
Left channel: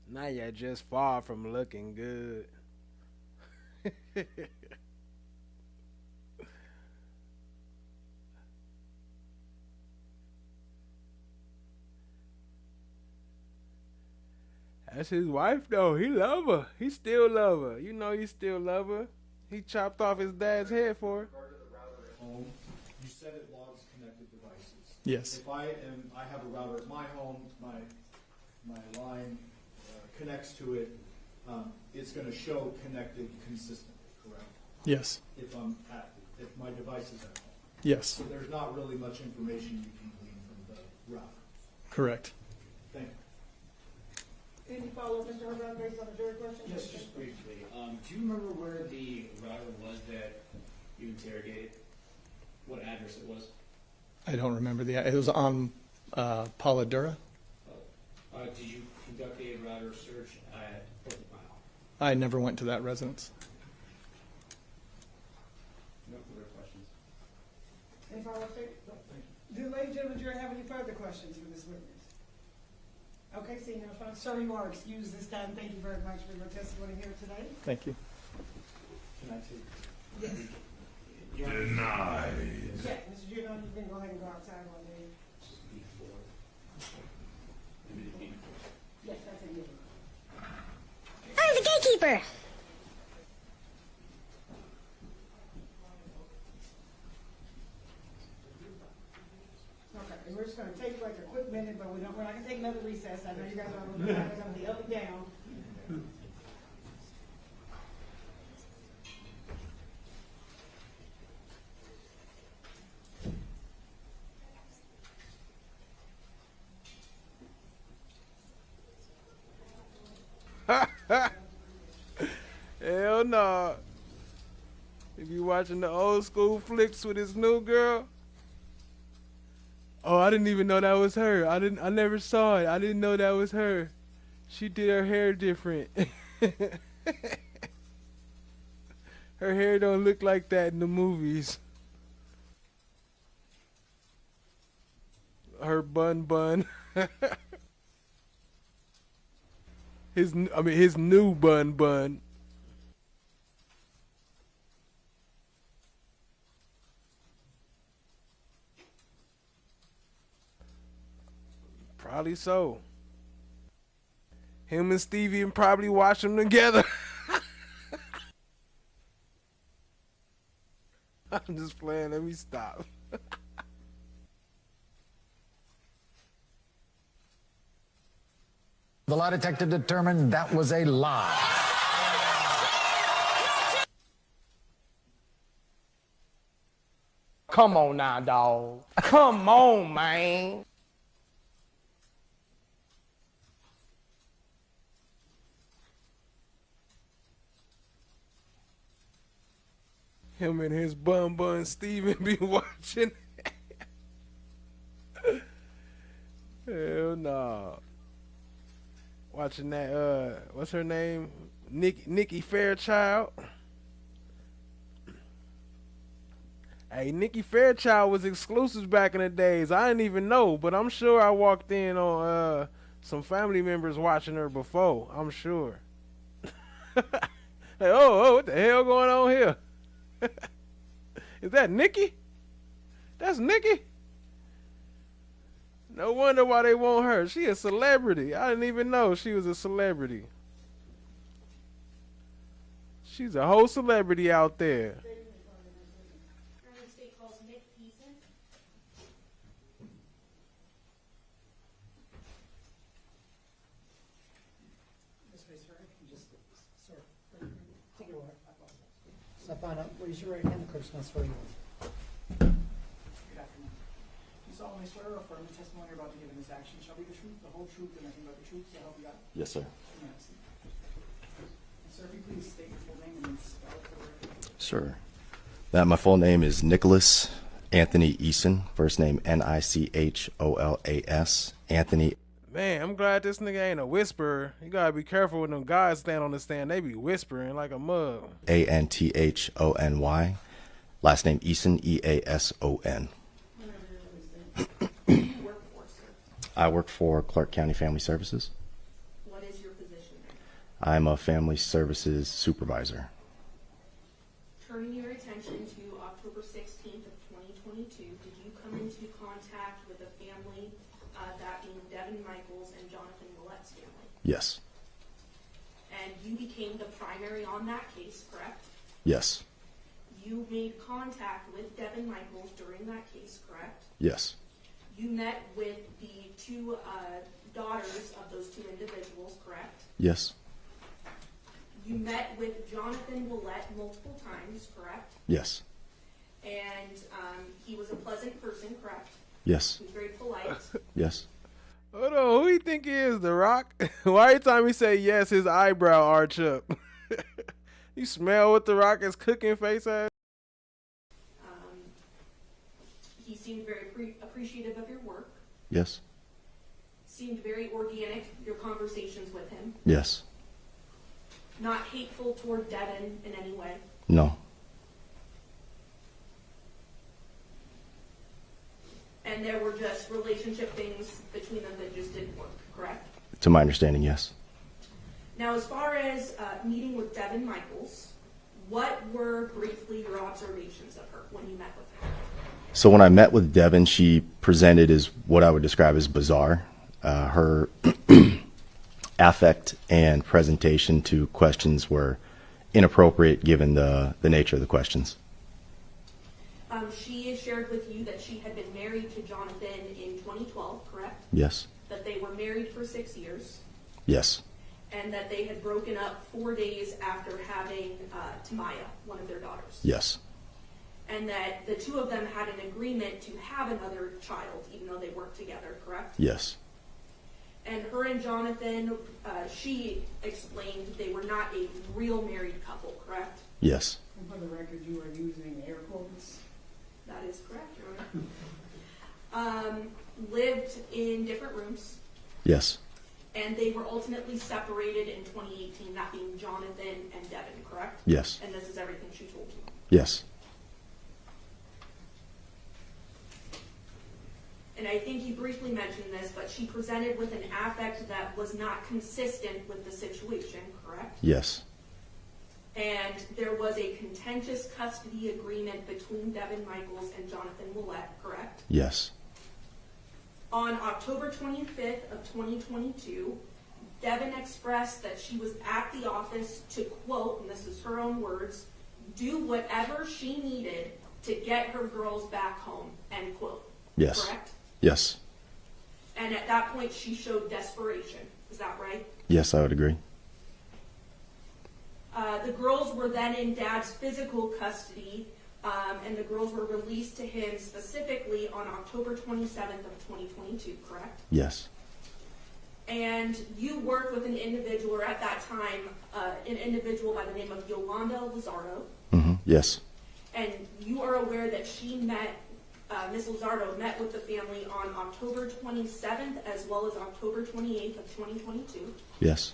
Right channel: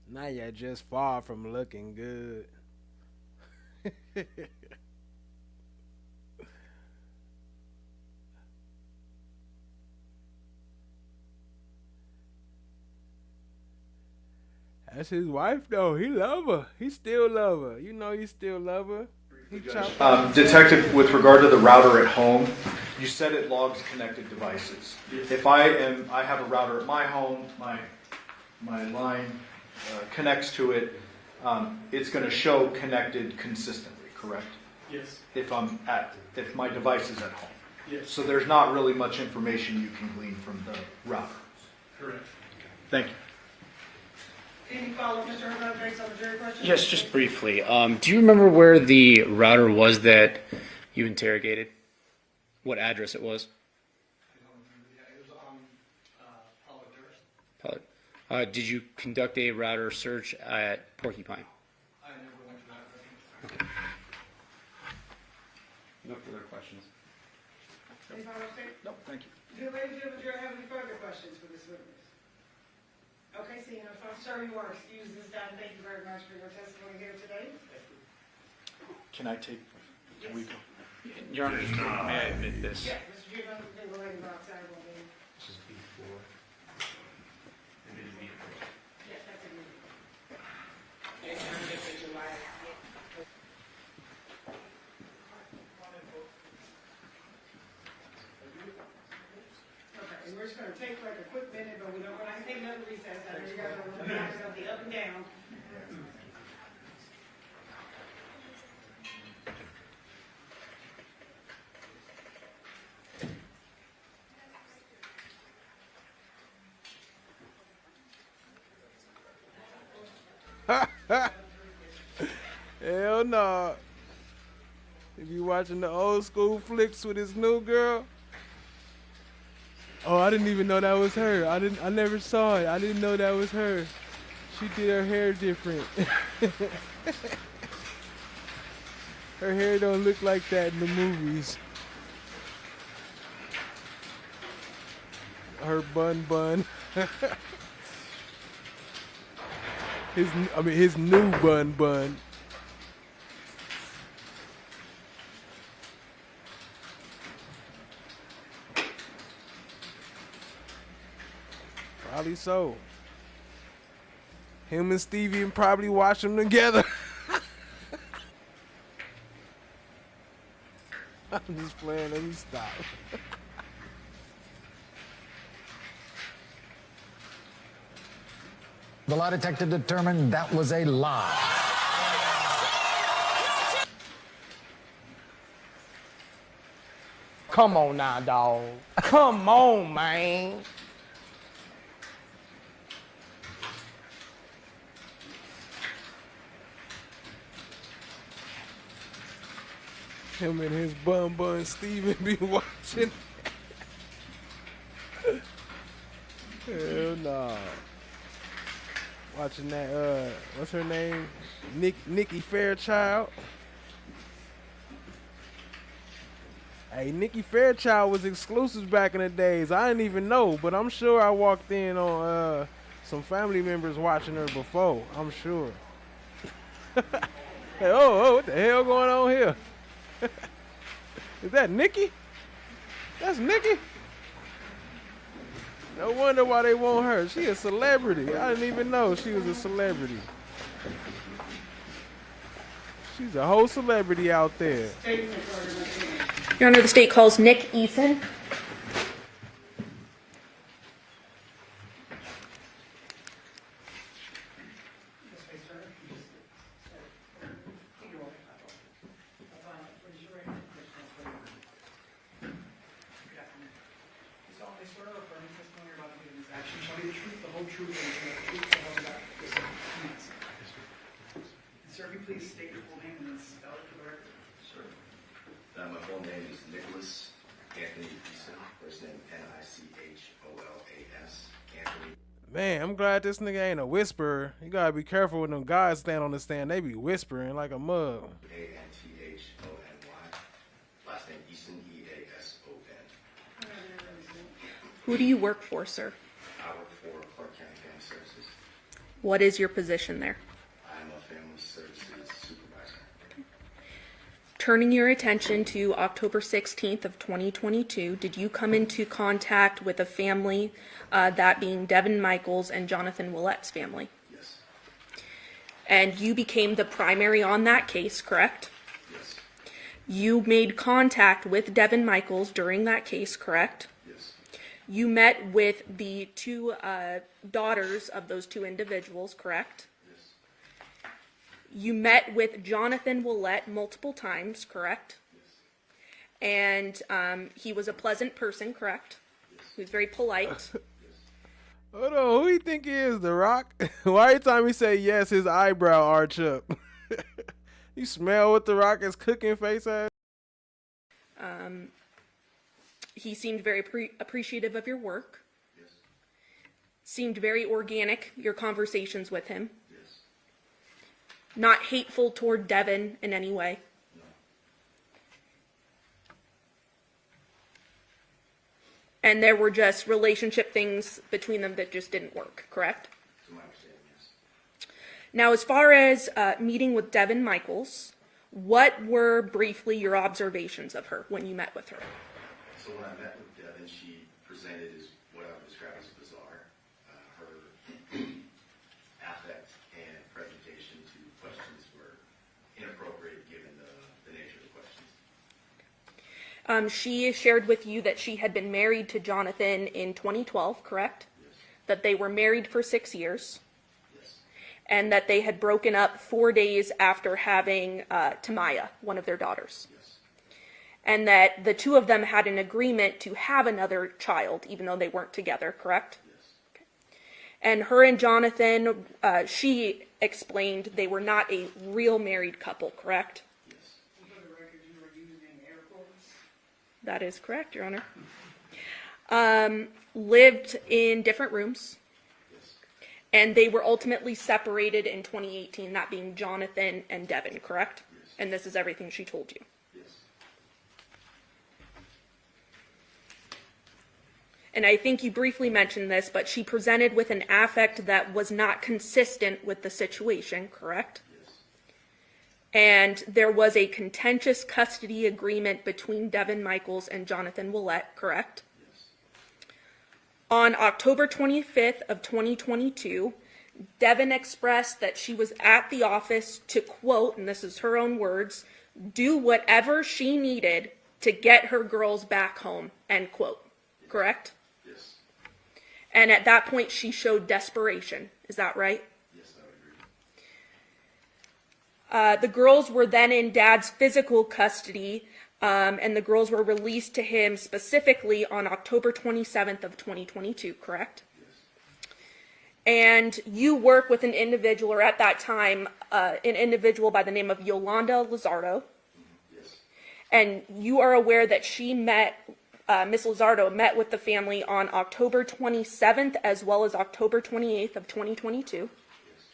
Now you're just far from looking good. That's his wife, though. He love her. He still love her. You know he still love her. He chopped off his Detective, head with for her. regard to the router at home, you said it logs connected devices. Yes. If I have a router at my home, my line connects to it, it's going to show connected consistently, correct? Yes. If my device is at home. Yes. So there's not really much information you can glean from the router. Correct. Thank you. Any follow-up, Mr. Herbert, based on the jury question? Yes, just briefly. Do you remember where the router was that you interrogated? What address it was? I don't remember it was on Pauladura. Did you conduct a router search at Porcupine? I never went to that residence. Okay. No further questions. Any follow-up, State? Nope, thank you. Do ladies and gentlemen, do you have any further questions for this witness? Okay, seeing no further, sir, you are excused this time. Thank you very much for your testimony here today. Thank you. Can I take? Yes. Your Honor, this. Yeah, Mr. Giovanni, you can go ahead and go outside on me. Yes, that's it. I'm the gatekeeper. Okay, we're just gonna take like a quick minute, but we're not gonna take another recess. I know you guys are on the up and down. Hell no. If you watching the old school flicks with his new girl. Oh, I didn't even know that was her. I never saw it. I didn't know that was her. She did her hair different. Her hair don't look like that in the movies. Her bun. His new bun. Probably so. Him and Stevie and probably watch them together. I'm just playing. Let me stop. The lie detector determined that was a lie. Come on now, dog. Come on, man. Him and his bun Steven be watching. Hell no. Watching that, what's her name? Nikki Fairchild. Hey, Nikki Fairchild was exclusive back in the days. I didn't even know, but I'm sure I walked in on some family members watching her before. I'm sure. Hey, oh, what the hell going on here? Is that Nikki? That's Nikki? No wonder why they want her. She a celebrity. I didn't even know she was a celebrity. She's a whole celebrity out there. Your Honor, the state calls Nick Eason. Step on up, raise your right hand, close my swear. Yes, sir. Sir, can you please state your full name and spell it for the record? Sure. My full name is Nicholas Anthony Eason. First name Nicholas Anthony. Man, I'm glad this nigga ain't a whisperer. You gotta be careful when them guys stand on the stand. They be whispering like a mug. Anthony. Last name Eason, Eason. Who do you work for, sir? I work for Clark County Family Services. What is your position there? I'm a family services supervisor. Turning your attention to October 16th of 2022, did you come into contact with a family, that being Devyn Michaels and Johnathan Willette's family? Yes. And you became the primary on that case, correct? Yes. You made contact with Devyn Michaels during that case, correct? Yes. You met with the two daughters of those two individuals, correct? Yes. You met with Johnathan Willette multiple times, correct? Yes. And he was a pleasant person, correct? Yes. He was very polite. Yes. Hold on, who you think he is, The Rock? Why every time he say yes, his eyebrow arch up? You smell what The Rock is cooking face ass? He seemed very appreciative of your work. Yes. Seemed very organic, your conversations with him. Yes. Not hateful toward Devyn in any way. No. And there were just relationship things between them that just didn't work, correct? To my understanding, yes. Now, as far as meeting with Devyn Michaels, what were briefly your observations of her when you met with her? So when I met with Devyn, she presented as what I would describe as bizarre. Her affect and presentation to questions were inappropriate given the nature of the questions. She shared with you that she had been married to Johnathan in 2012, correct? Yes. That they were married for 6 years. Yes. And that they had broken up 4 days after having Tamaya, one of their daughters. Yes. And that the two of them had an agreement to have another child, even though they weren't together, correct? Yes. And her and Johnathan, she explained they were not a real married couple, correct? Yes. For the record, you are using air quotes. That is correct, Your Honor. Lived in different rooms. Yes. And they were ultimately separated in 2018, that being Johnathan and Devyn, correct? Yes. And this is everything she told you. Yes. And I think you briefly mentioned this, but she presented with an affect that was not consistent with the situation, correct? Yes. And there was a contentious custody agreement between Devyn Michaels and Johnathan Willette, correct? Yes. On October 25th of 2022, Devyn expressed that she was at the office to, quote, and this is her own words, do whatever she needed to get her girls back home, end quote. Yes. Correct? Yes. And at that point, she showed desperation. Is that right? Yes, I would agree. The girls were then in Dad's physical custody, and the girls were released to him specifically on October 27th of 2022, correct? Yes. And you work with an individual, or at that time, an individual by the name of Yolanda Lizardo. Mm-hmm. Yes. And you are aware that she met, Ms. Lizardo met with the family on October 27th as well as October 28th of 2022. Yes.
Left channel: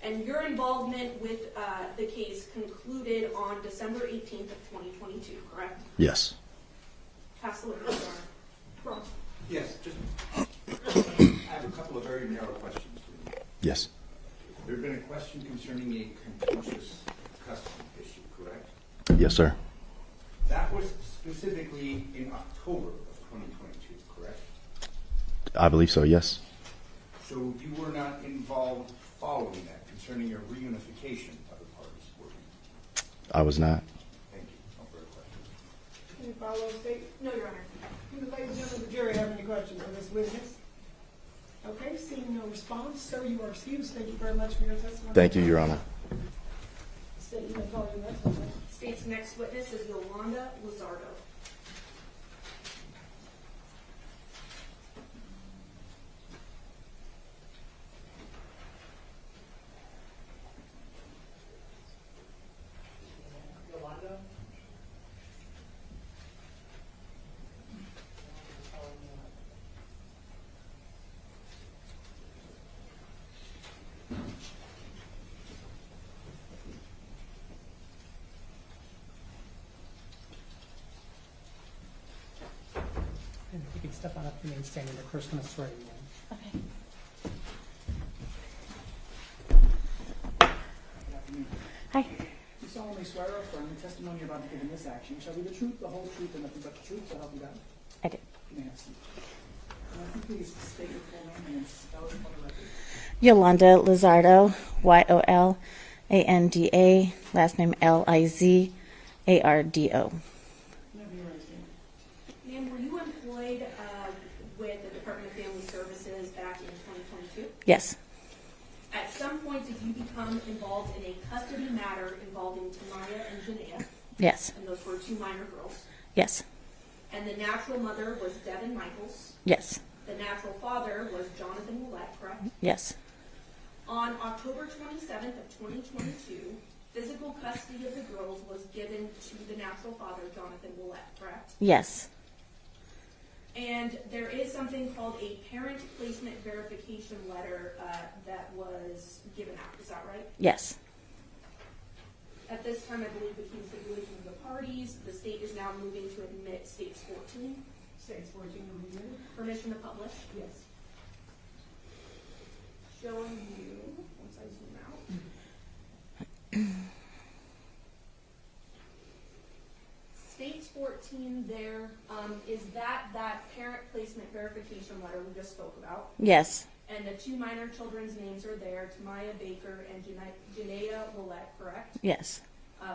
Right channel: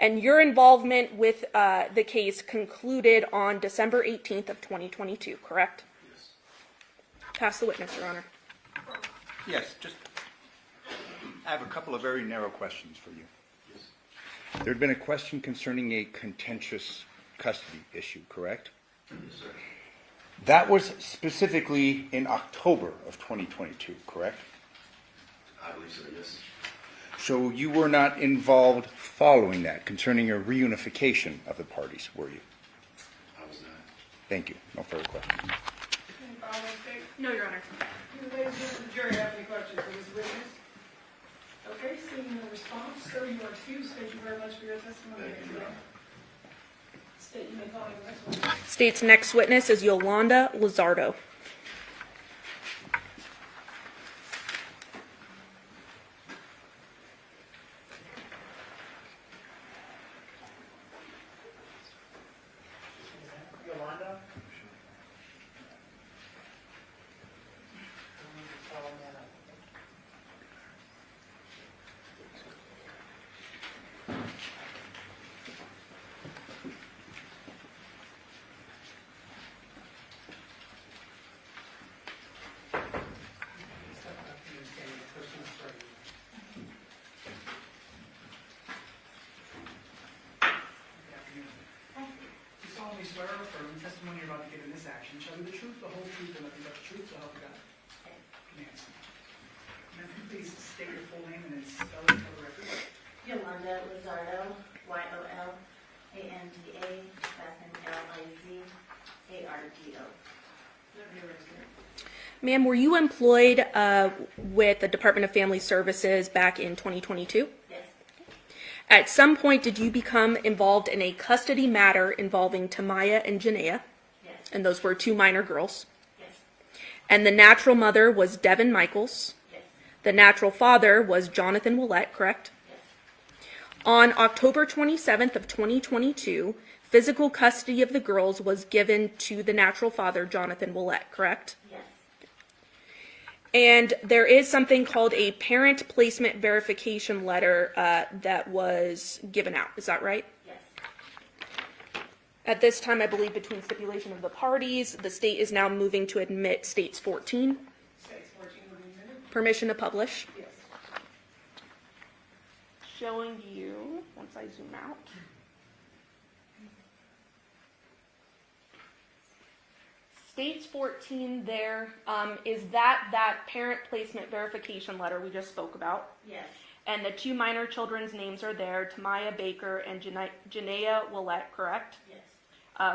And your involvement with the case concluded on December 18th of 2022, correct? Yes. Pass the witness, Your Honor. Yes, just I have a couple of very narrow questions for you. Yes. There had been a question concerning a contentious custody issue, correct? Yes, sir. That was specifically in October of 2022, correct? I believe so, yes. So you were not involved following that concerning a reunification of the parties, were you? I was not. Thank you. No further questions. Any follow-up statement? No, Your Honor. Do the ladies and gentlemen of the jury have any questions for this witness? Okay, seeing no response, sir, you are excused. Thank you very much for your testimony. Thank you, Your Honor. State, you may call your next witness. State's next witness is Yolanda Lizardo. You can step on up here and stand. The first one is swearing in. Hi. You solemnly swear or affirm the testimony you're about to give in this action shall be the truth, the whole truth, and nothing but the truth, so help you God? I do. You may have a seat. Now, if you please state your full name and spell it for the record. Yolanda Lizardo, Yolanda, last name Lizardo. Ma'am, were you employed with the Department of Family Services back in 2022? Yes. At some point, did you become involved in a custody matter involving Tamaya and Janaea? Yes. And those were two minor girls? Yes. And the natural mother was Devyn Michaels? Yes. The natural father was Johnathan Willette, correct? Yes. On October 27th of 2022, physical custody of the girls was given to the natural father, Johnathan Willette, correct? Yes. And there is something called a parent placement verification letter that was given out. Is that right? Yes. At this time, I believe between stipulation of the parties, the state is now moving to admit states 14. States 14 would Permission to publish? Yes. Showing you, once I zoom out. States 14 there, is that parent placement verification letter we just spoke about? Yes. And the two minor children's names are there, Tamaya Baker and Deviere Willette, correct? Yes.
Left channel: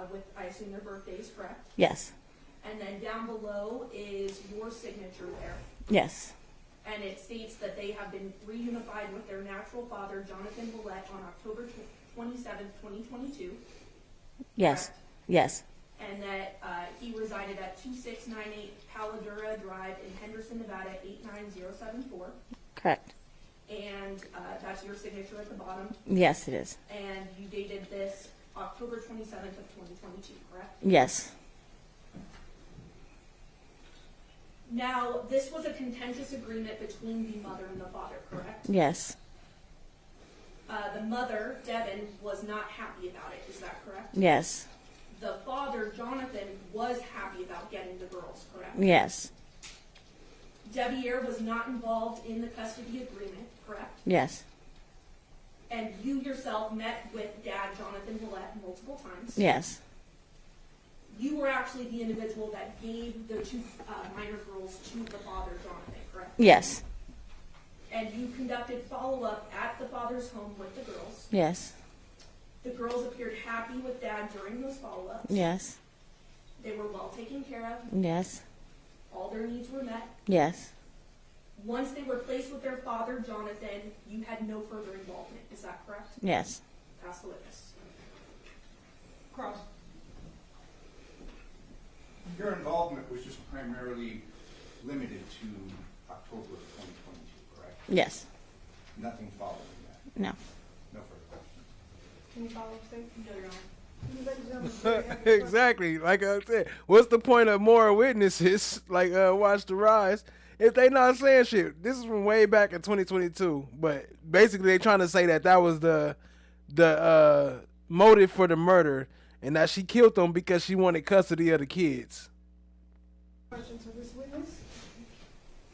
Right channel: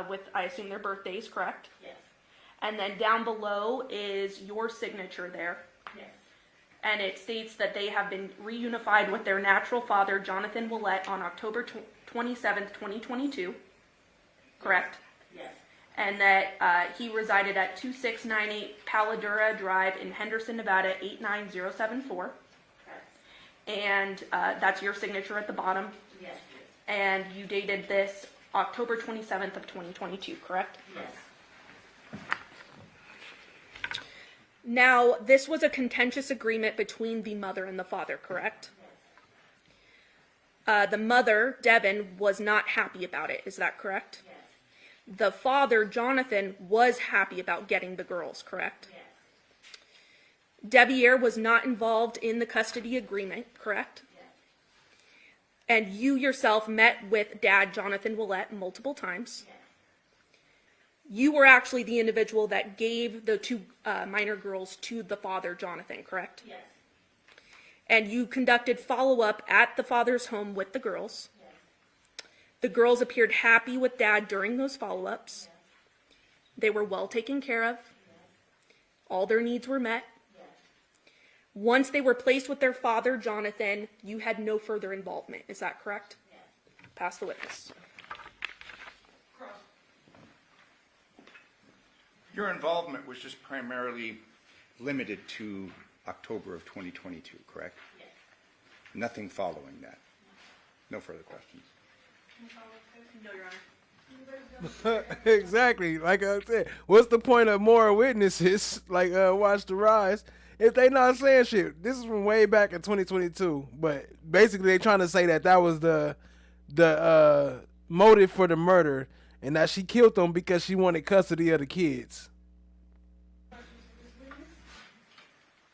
With, I assume, their birthdays, correct? Yes. And then down below is your signature there. Yes. And it states that they have been reunified with their natural father, Johnathan Willette, on October 27th, 2022. Yes. Correct? Yes. And that he resided at 2698 Paladura Drive in Henderson, Nevada, 89074. Correct. And that's your signature at the bottom. Yes, it is. And you dated this October 27th of 2022, correct? Yes. Now, this was a contentious agreement between the mother and the father, correct? Yes. The mother, Devyn, was not happy about it. Is that correct? Yes. The father, Johnathan, was happy about getting the girls, correct? Yes. Deviere was not involved in the custody agreement, correct? Yes. And you yourself met with Dad, Johnathan Willette, multiple times. Yes. You were actually the individual that gave the two minor girls to the father, Johnathan, correct? Yes. And you conducted follow-up at the father's home with the girls. Yes. The girls appeared happy with Dad during those follow-ups. Yes. They were well taken care of. Yes. All their needs were met. Yes. Once they were placed with their father, Johnathan, you had no further involvement. Is that correct? Yes. Pass the witness. Cross. Your involvement was just primarily limited to October of 2022, correct? Yes. Nothing following that? No. No further questions? Can you follow up, sir? No, Your Honor. Exactly. Like I said, what's the point of more witnesses? Like, watch the rise. If they not saying shit, this is from way back in 2022. But basically, they trying to say that was the motive for the murder, and that she killed them because she wanted custody of the kids. Questions for this witness?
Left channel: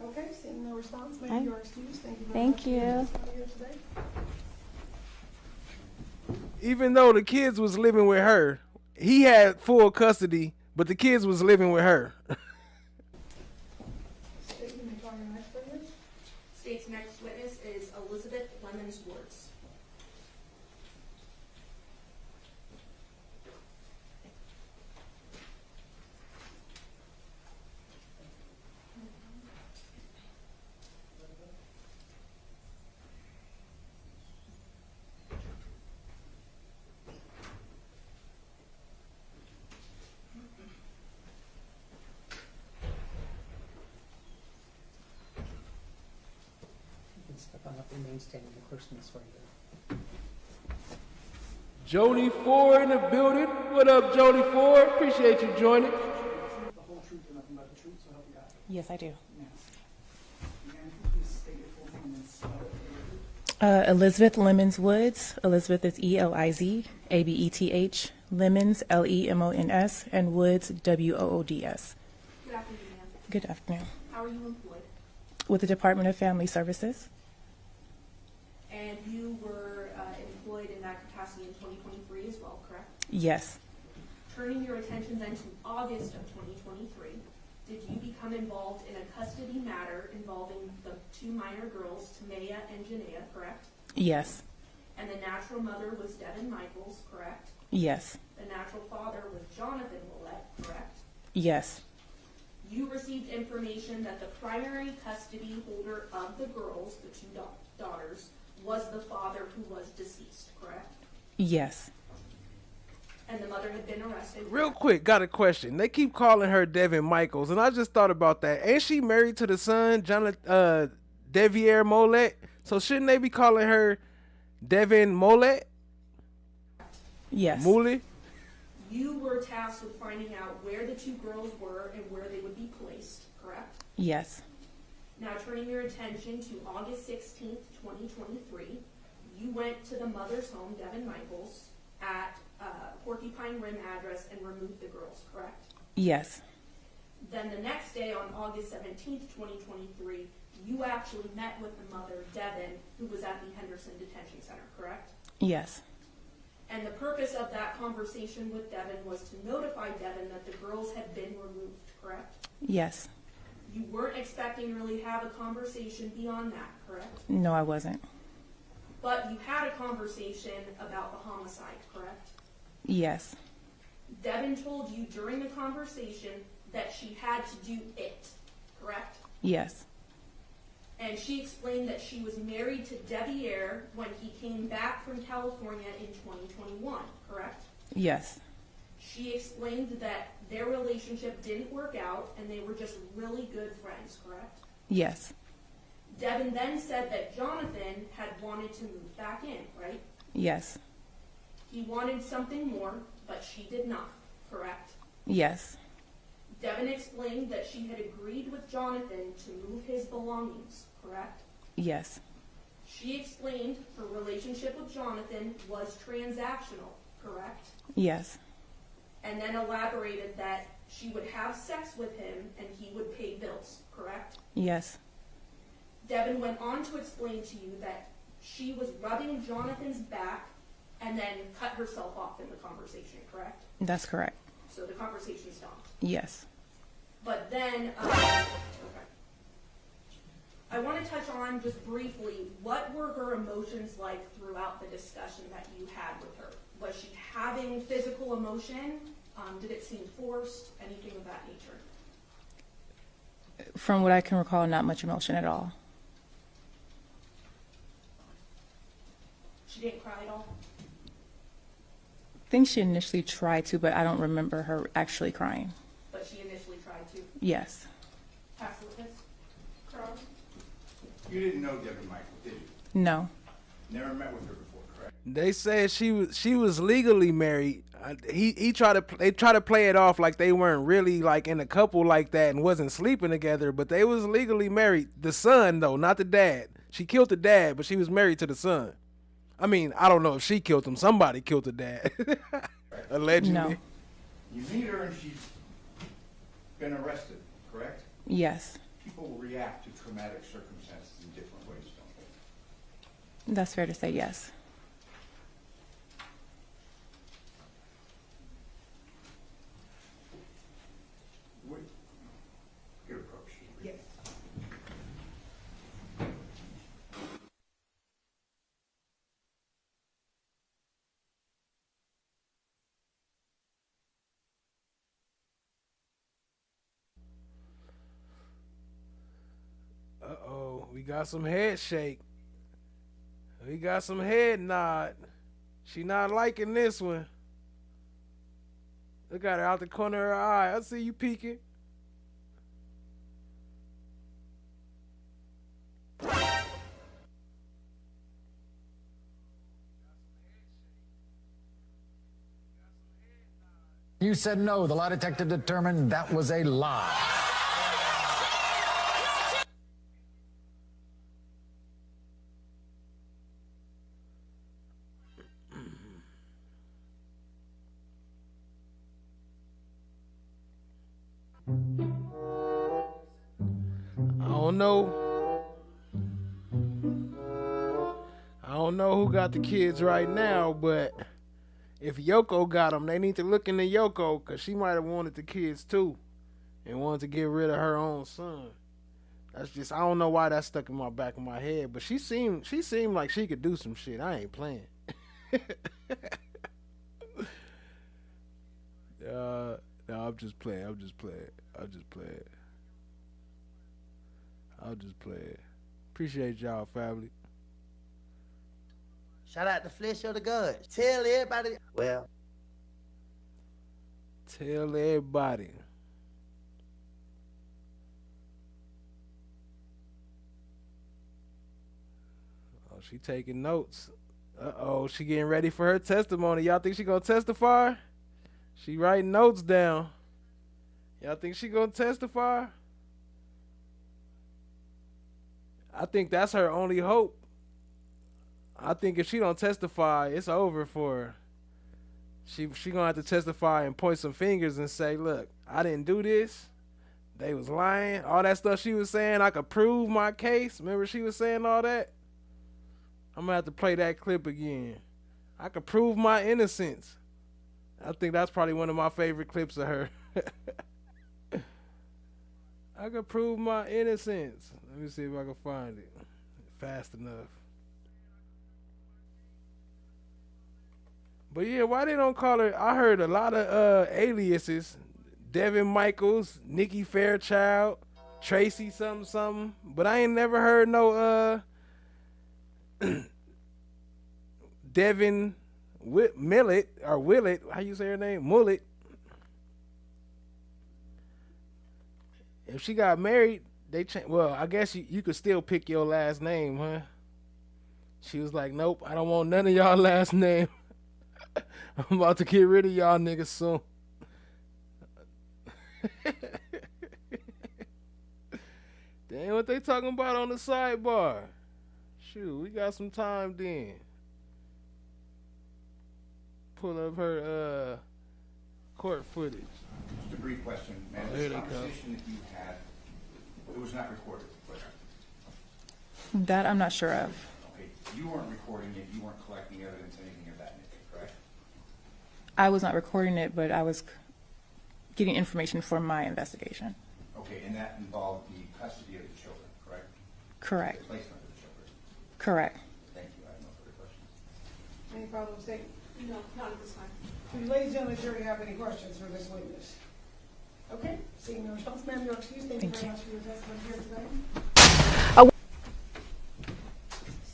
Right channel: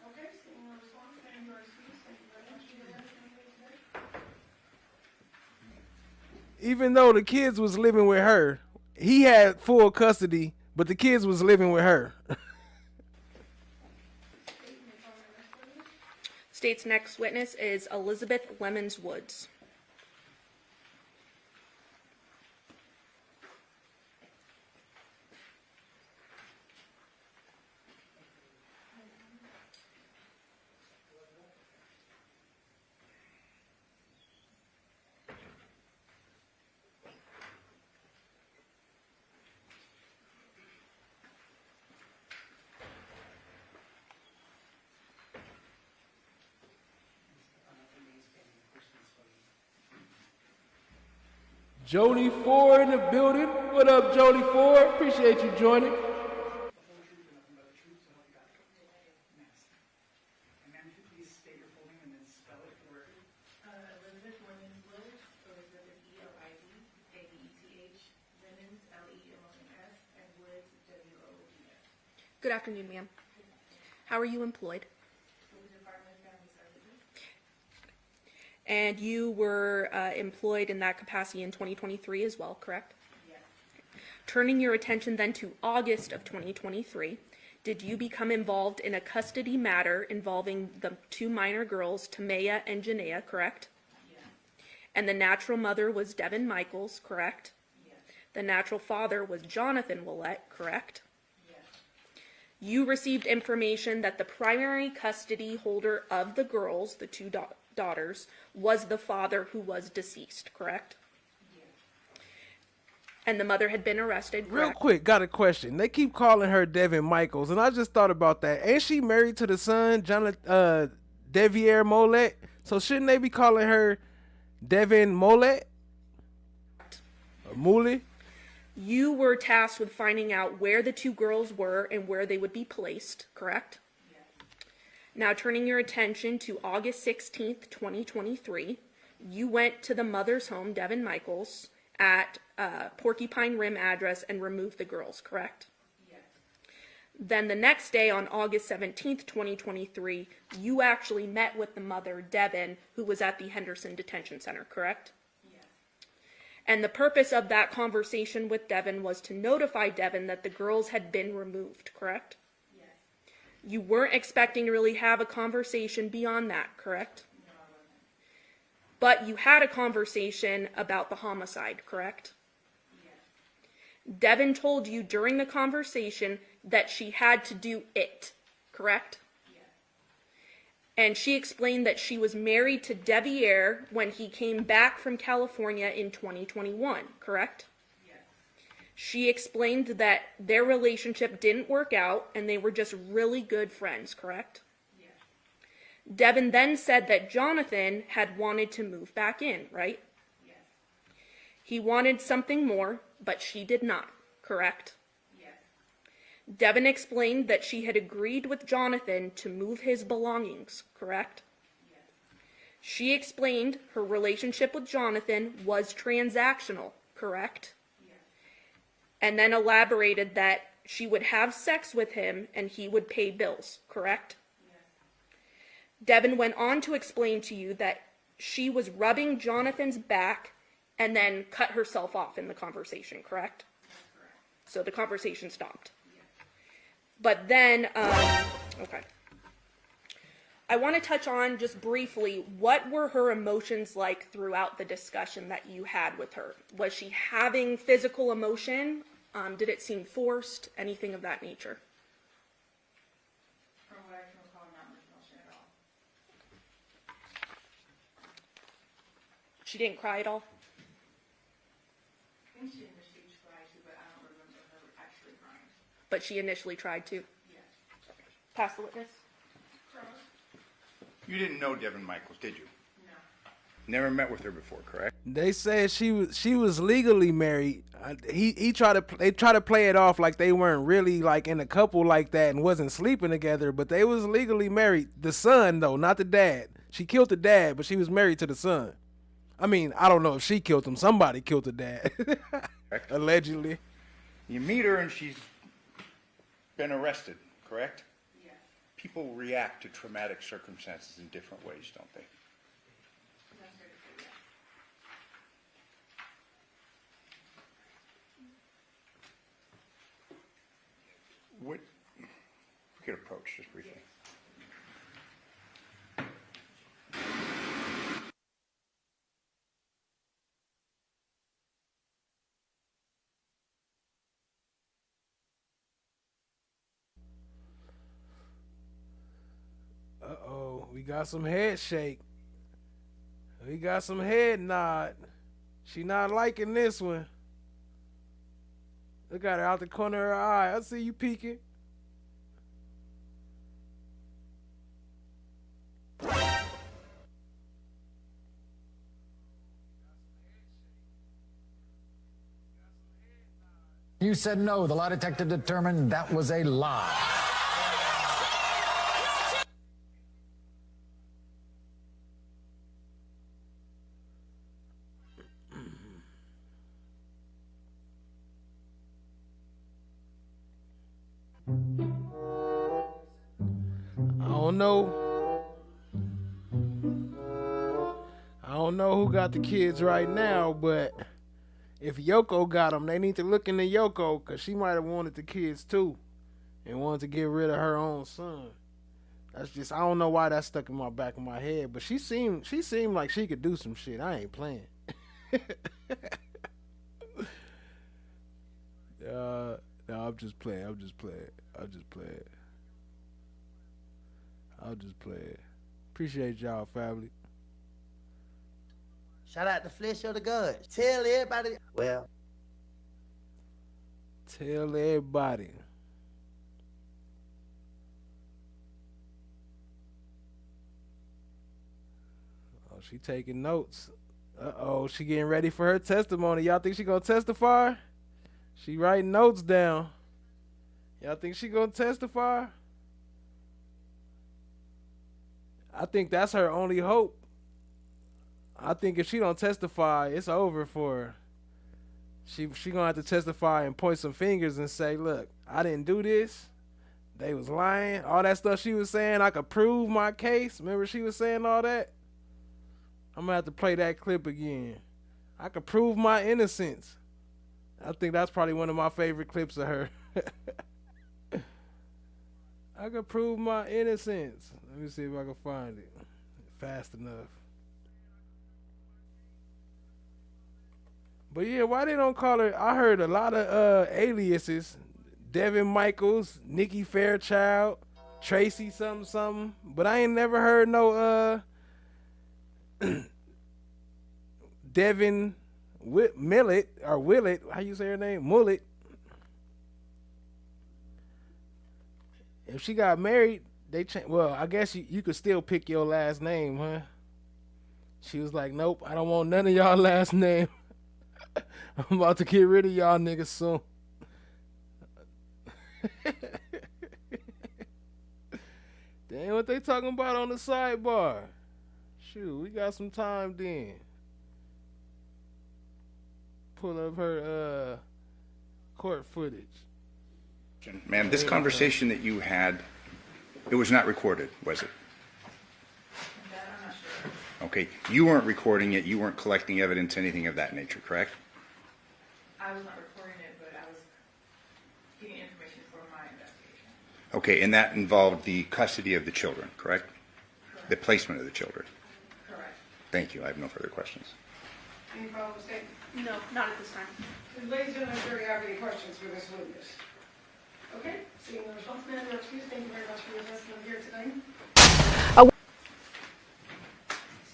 Okay, seeing no response, Hi. ma'am, you are excused. Thank you very Thank much for you. your time here today. Even though the kids was living with her, he had full custody, but the kids was living with her. State's next witness is Elizabeth Lemons Woods. You can step on up, remain standing, the clerk's going to swear you in. Jody Ford in the building. What up, Jody Ford? Appreciate you joining. The whole truth and nothing but the truth, so help you God. Yes, I do. Yes. Again, if you please state your full name and spell it for the record. Elizabeth Lemons Woods. Elizabeth is Eliz, Abeth. Lemons, Lemons, and Woods, Woods. Good afternoon, ma'am. Good afternoon. How are you employed? With the Department of Family Services. And you were employed in that capacity in 2023 as well, correct? Yes. Turning your attention then to August of 2023, did you become involved in a custody matter involving the two minor girls, Tamaya and Janaea, correct? Yes. And the natural mother was Devyn Michaels, correct? Yes. The natural father was Johnathan Willette, correct? Yes. You received information that the primary custody holder of the girls, the two daughters, was the father who was deceased, correct? Yes. And the mother had been arrested, correct? Real quick, got a question. They keep calling her Devyn Michaels, and I just thought about that. Ain't she married to the son, Deviere Willette? So shouldn't they be calling her Devyn Willette? Yes. Mule? You were tasked with finding out where the two girls were and where they would be placed, correct? Yes. Now turning your attention to August 16th, 2023, you went to the mother's home, Devyn Michaels, at Porcupine Rim address and removed the girls, correct? Yes. Then the next day, on August 17th, 2023, you actually met with the mother, Devyn, who was at the Henderson Detention Center, correct? Yes. And the purpose of that conversation with Devyn was to notify Devyn that the girls had been removed, correct? Yes. You weren't expecting to really have a conversation beyond that, correct? No, I wasn't. But you had a conversation about the homicide, correct? Yes. Devyn told you during the conversation that she had to do it, correct? Yes. And she explained that she was married to Deviere when he came back from California in 2021, correct? Yes. She explained that their relationship didn't work out and they were just really good friends, correct? Yes. Devyn then said that Johnathan had wanted to move back in, right? Yes. He wanted something more, but she did not, correct? Yes. Devyn explained that she had agreed with Johnathan to move his belongings, correct? Yes. She explained her relationship with Johnathan was transactional, correct? Yes. And then elaborated that she would have sex with him and he would pay bills, correct? Yes. Devyn went on to explain to you that she was rubbing Johnathan's back and then cut herself off in the conversation, correct? That's correct. So the conversation stopped. Yes. But then, okay. I want to touch on just briefly, what were her emotions like throughout the discussion that you had with her? Was she having physical emotion? Did it seem forced? Anything of that nature? From what I can recall, not much emotion at all. She didn't cry at all? I think she initially tried to, but I don't remember her actually crying. But she initially tried to? Yes. Pass the witness. You didn't know Devyn Michaels, did you? No. Never met with her before, correct? They said she was legally married. They try to play it off like they weren't really like in a couple like that and wasn't sleeping together, but they was legally married. The son though, not the dad. She killed the dad, but she was married to the son. I mean, I don't know if she killed him. Somebody killed the dad, allegedly. No. You meet her and she's been arrested, correct? Yes. People react to traumatic circumstances in different ways, don't they? That's fair to say, yes. We could approach just briefly. Uh-oh, we got some head shake. We got some head nod. She not liking this one. Look at her out the corner of her eye. I see you peeking. You said no. The lie detector determined that was a lie. I don't know who got the kids right now, but if Yoko got them, they need to look into Yoko because she might have wanted the kids too and wanted to get rid of her own son. That's just, I don't know why that's stuck in my back of my head, but she seemed like she could do some shit. I ain't playing. No, I'm just playing. Appreciate y'all, family. Shout out to Flesh of the Gods. Tell everybody. Well. Tell everybody. Oh, she taking notes. Uh-oh, she getting ready for her testimony. Y'all think she gonna testify? She writing notes down. Y'all think she gonna testify? I think that's her only hope. I think if she don't testify, it's over for her. She gonna have to testify and point some fingers and say, look, I didn't do this. they was lying. All that stuff she was saying, I could prove my case. Remember she was saying all that? I'm gonna have to play that clip again. I could prove my innocence. I think that's probably one of my favorite clips of her. I could prove my innocence. Let me see if I can find it fast enough. But yeah, why they don't call her? I heard a lot of aliases. Devyn Michaels, Nikki Fairchild, Tracy something. But I ain't never heard no Devyn Willette, or Willette, how you say her name? Mullet. If she got married, they well, I guess you could still pick your last name, huh? She was like, nope, I don't want none of y'all last name. I'm about to get rid of y'all niggas soon. Damn, what they talking about on the sidebar? Shoot, we got some time then. Pull up her court footage. Just a brief question. Ma'am, this conversation that you had, it was not recorded, was it? That I'm not sure of. Okay. You weren't recording it. You weren't collecting evidence, anything of that nature, correct? I was not recording it, but I was getting information for my investigation. Okay, and that involved the custody of the children, correct? Correct. The placement of the children. Correct. Thank you. I have no further questions. Any problem with that? No, not at this time. Ladies and gentlemen, do you have any questions for this witness? Okay, seeing no response, ma'am, you're excused. Thank you very much for your testimony here today.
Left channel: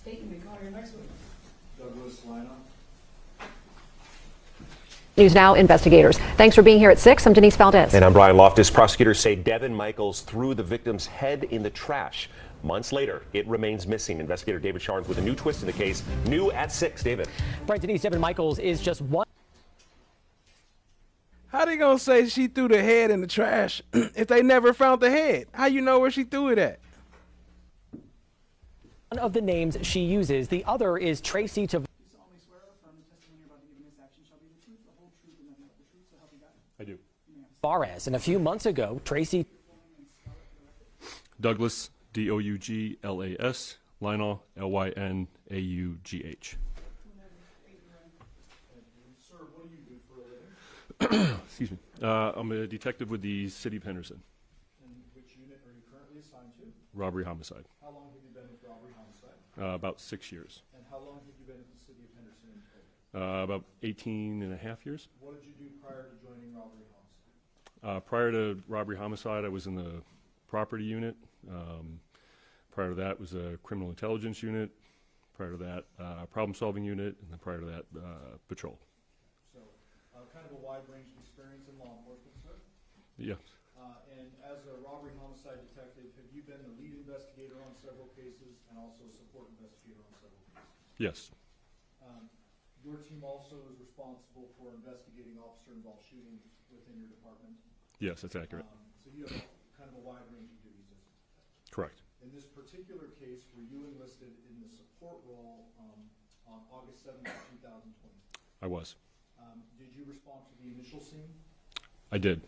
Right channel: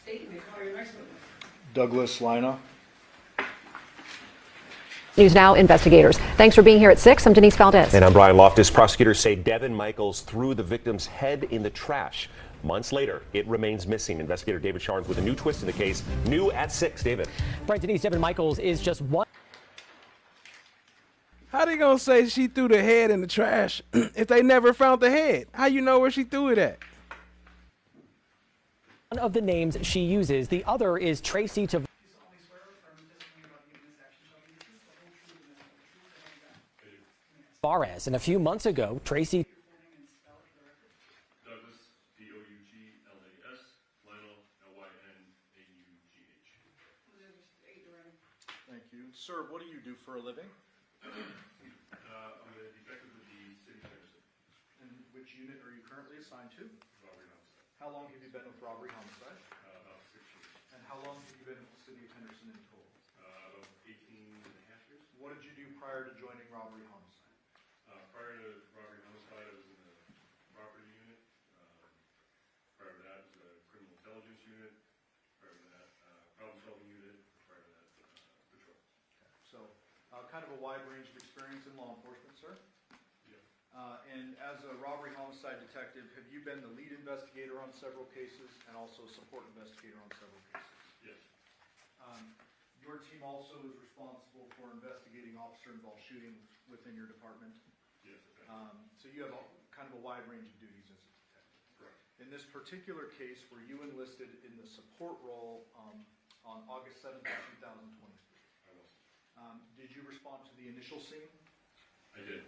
State your name, call your next witness. Douglas Lina. News Now investigators. Thanks for being here at 6. I'm Denise Valdez. And I'm Brian Loftus. Prosecutors say Devyn Michaels threw the victim's head in the trash. Months later, it remains missing. Investigator David Sharns with a new twist in the case. New at 6. David. Right, Denise, Devyn Michaels is just one. How they gonna say she threw the head in the trash if they never found the head? How you know where she threw it at? One of the names she uses. The other is Tracy Tavares. And a few months ago, Tracy. Douglas, Douglas, Lynau, Lynaugh. Thank you. Sir, what do you do for a living? Excuse me. I'm a detective with the City of Henderson. And which unit are you currently assigned to? Robbery homicide. How long have you been with robbery homicide? About 6 years. And how long have you been with the City of Henderson in total? About 18 and a half years. What did you do prior to joining robbery homicide? Prior to robbery homicide, I was in the property unit. Prior to that was a criminal intelligence unit. Prior to that, problem-solving unit, and then prior to that, patrol. So, kind of a wide range of experience in law enforcement, sir? Yes. And as a robbery homicide detective, have you been the lead investigator on several cases and also support investigator on several cases? Yes. Your team also is responsible for investigating officer-involved shootings within your department? Yes, that's accurate. So you have kind of a wide range of duties as a detective? Correct. In this particular case, were you enlisted in the support role on August 7th, 2020? I was. Did you respond to the initial scene? I did.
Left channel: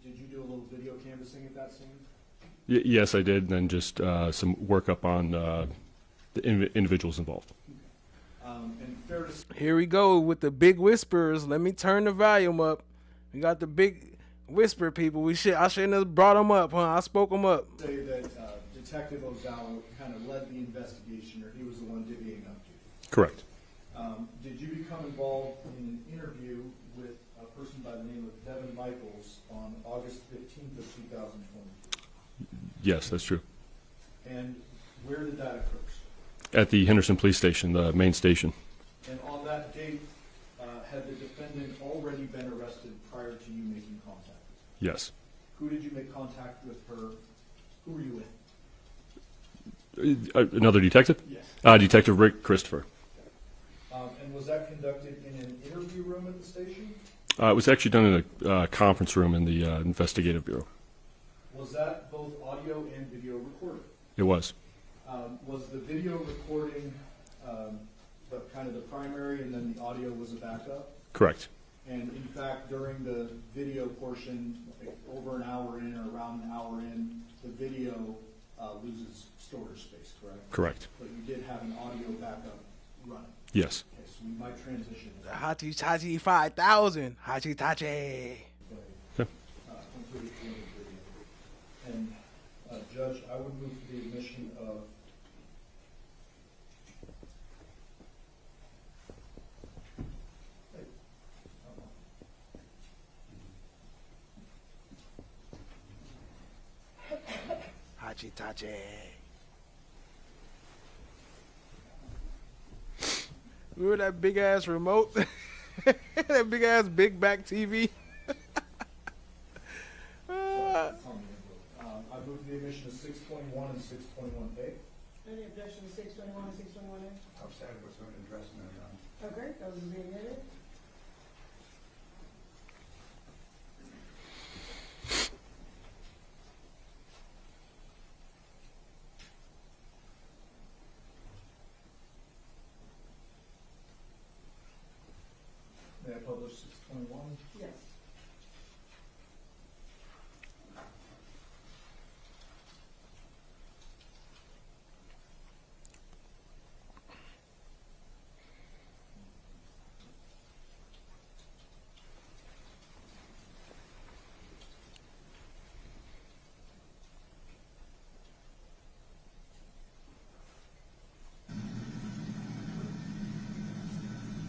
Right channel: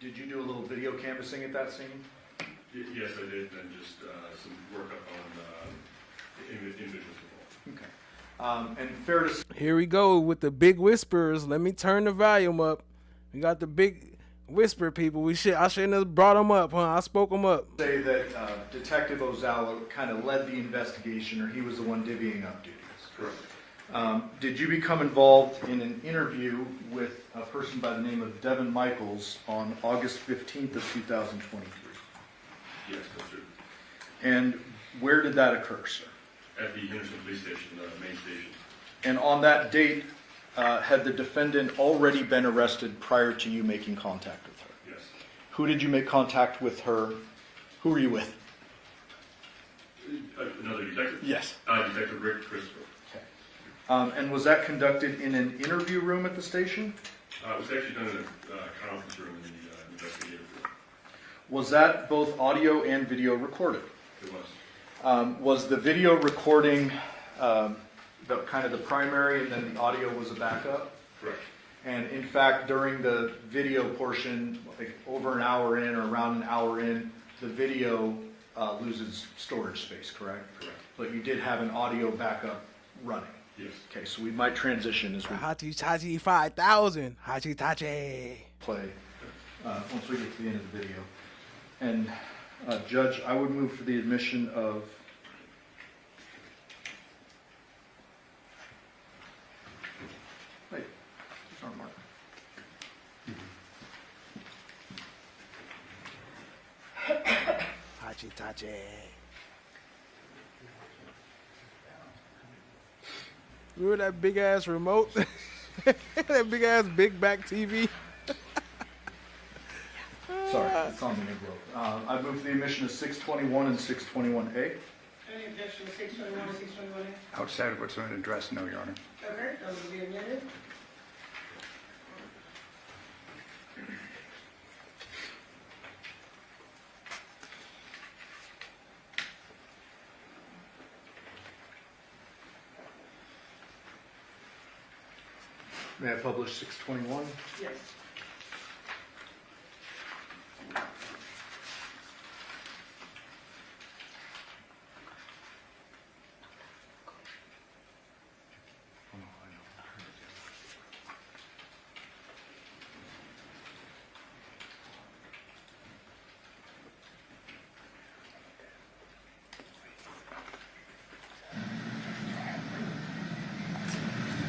Did you do a little video canvassing at that scene? Yes, I did, and then just some workup on the individuals involved. Okay. And fair to say, Here we go with the big whispers. Let me turn the volume up. We got the big whisper people. I shouldn't have brought them up, huh? I spoke them up. say that Detective Ozawa kind of led the investigation, or he was the one divvying up duties. Correct. Did you become involved in an interview with a person by the name of Devyn Michaels on August 15th of 2023? Yes, that's true. And where did that occur, sir? At the Henderson Police Station, the main station. And on that date, had the defendant already been arrested prior to you making contact with her? Yes. Who did you make contact with her? Who were you with? Another detective? Yes. Detective Rick Christopher. And was that conducted in an interview room at the station? It was actually done in a conference room in the investigative bureau. Was that both audio and video recorded? It was. Was the video recording kind of the primary, and then the audio was a backup? Correct. And in fact, during the video portion, like over an hour in or around an hour in, the video loses storage space, correct? Correct. But you did have an audio backup running. Yes. Okay, so we might transition as we Hachi Tachi 5000. Hachi Tachi. play once we get to the end of the video. And Judge, I would move for the admission of Hachi Tachi. Remember that big ass remote? That big ass big back TV? sorry, it's on the envelope. I move for the admission of 621 and 621A. Any objection to 621 and 621A? Outside of what's on the address, no, Your Honor. Okay, that will be admitted. May I publish 621? Yes.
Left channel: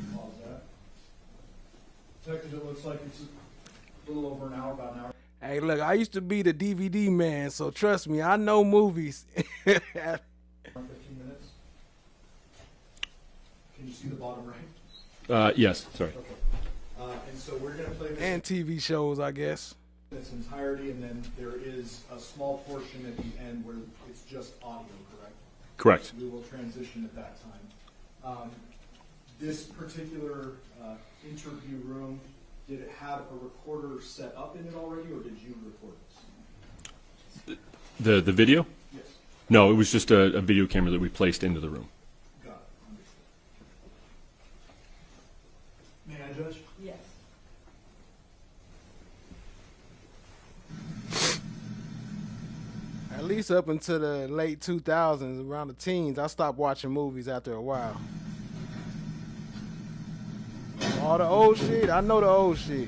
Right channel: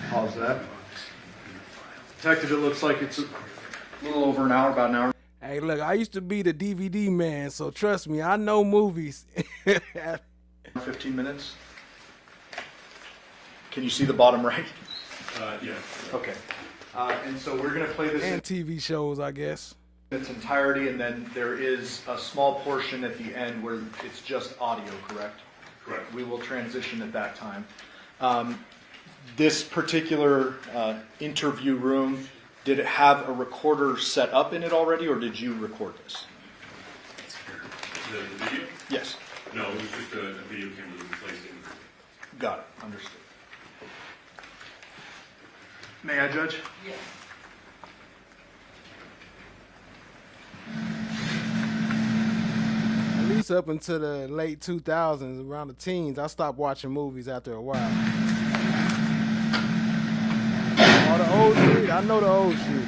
Pause that. Detective, it looks like it's a little over an hour, about an hour. Hey, look, I used to be the DVD man, so trust me, I know movies. 15 minutes. Can you see the bottom right? Yes. Correct. Okay. And so we're going to play this And TV shows, I guess. in its entirety, and then there is a small portion at the end where it's just audio, correct? Correct. We will transition at that time. This particular interview room, did it have a recorder set up in it already, or did you record this? The video? Yes. No, it was just a video camera that we placed into the room. Got it. Understood. May I, Judge? Yes. At least up until the late 2000s, around the teens, I stopped watching movies after a while. All the old shit, I know the old shit.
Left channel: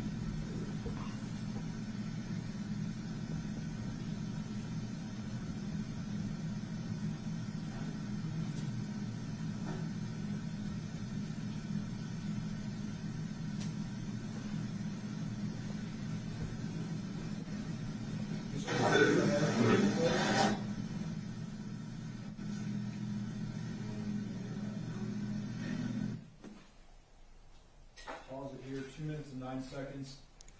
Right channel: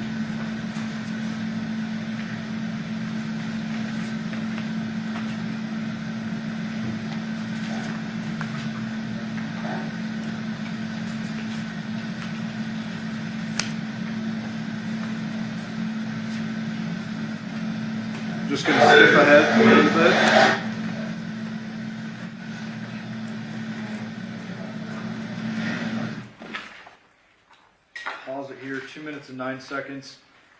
Just going to skip ahead a little bit. Pause it here, 2 minutes and 9 seconds.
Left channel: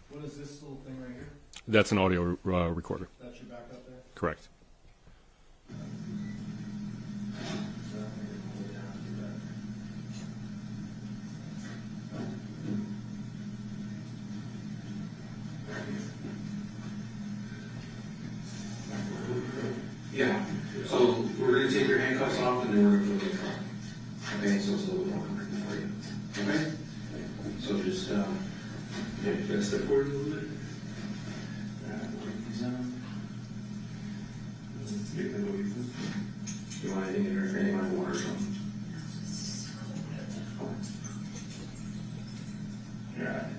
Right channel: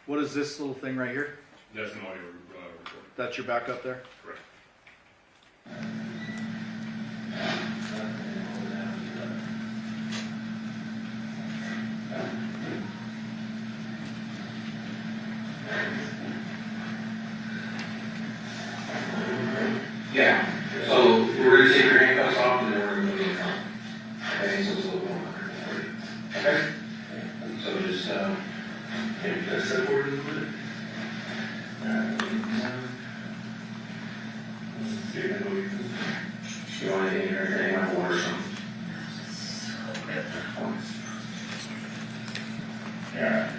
What is this little thing right here? That's an audio recorder. That's your backup there? Correct. Yeah. So we're going to take your handcuffs off and then we're going to move it from. Okay, so it's a little more comfortable for you. Okay? So just, maybe just step forward a little bit. You want anything or anything on board or something? Yeah.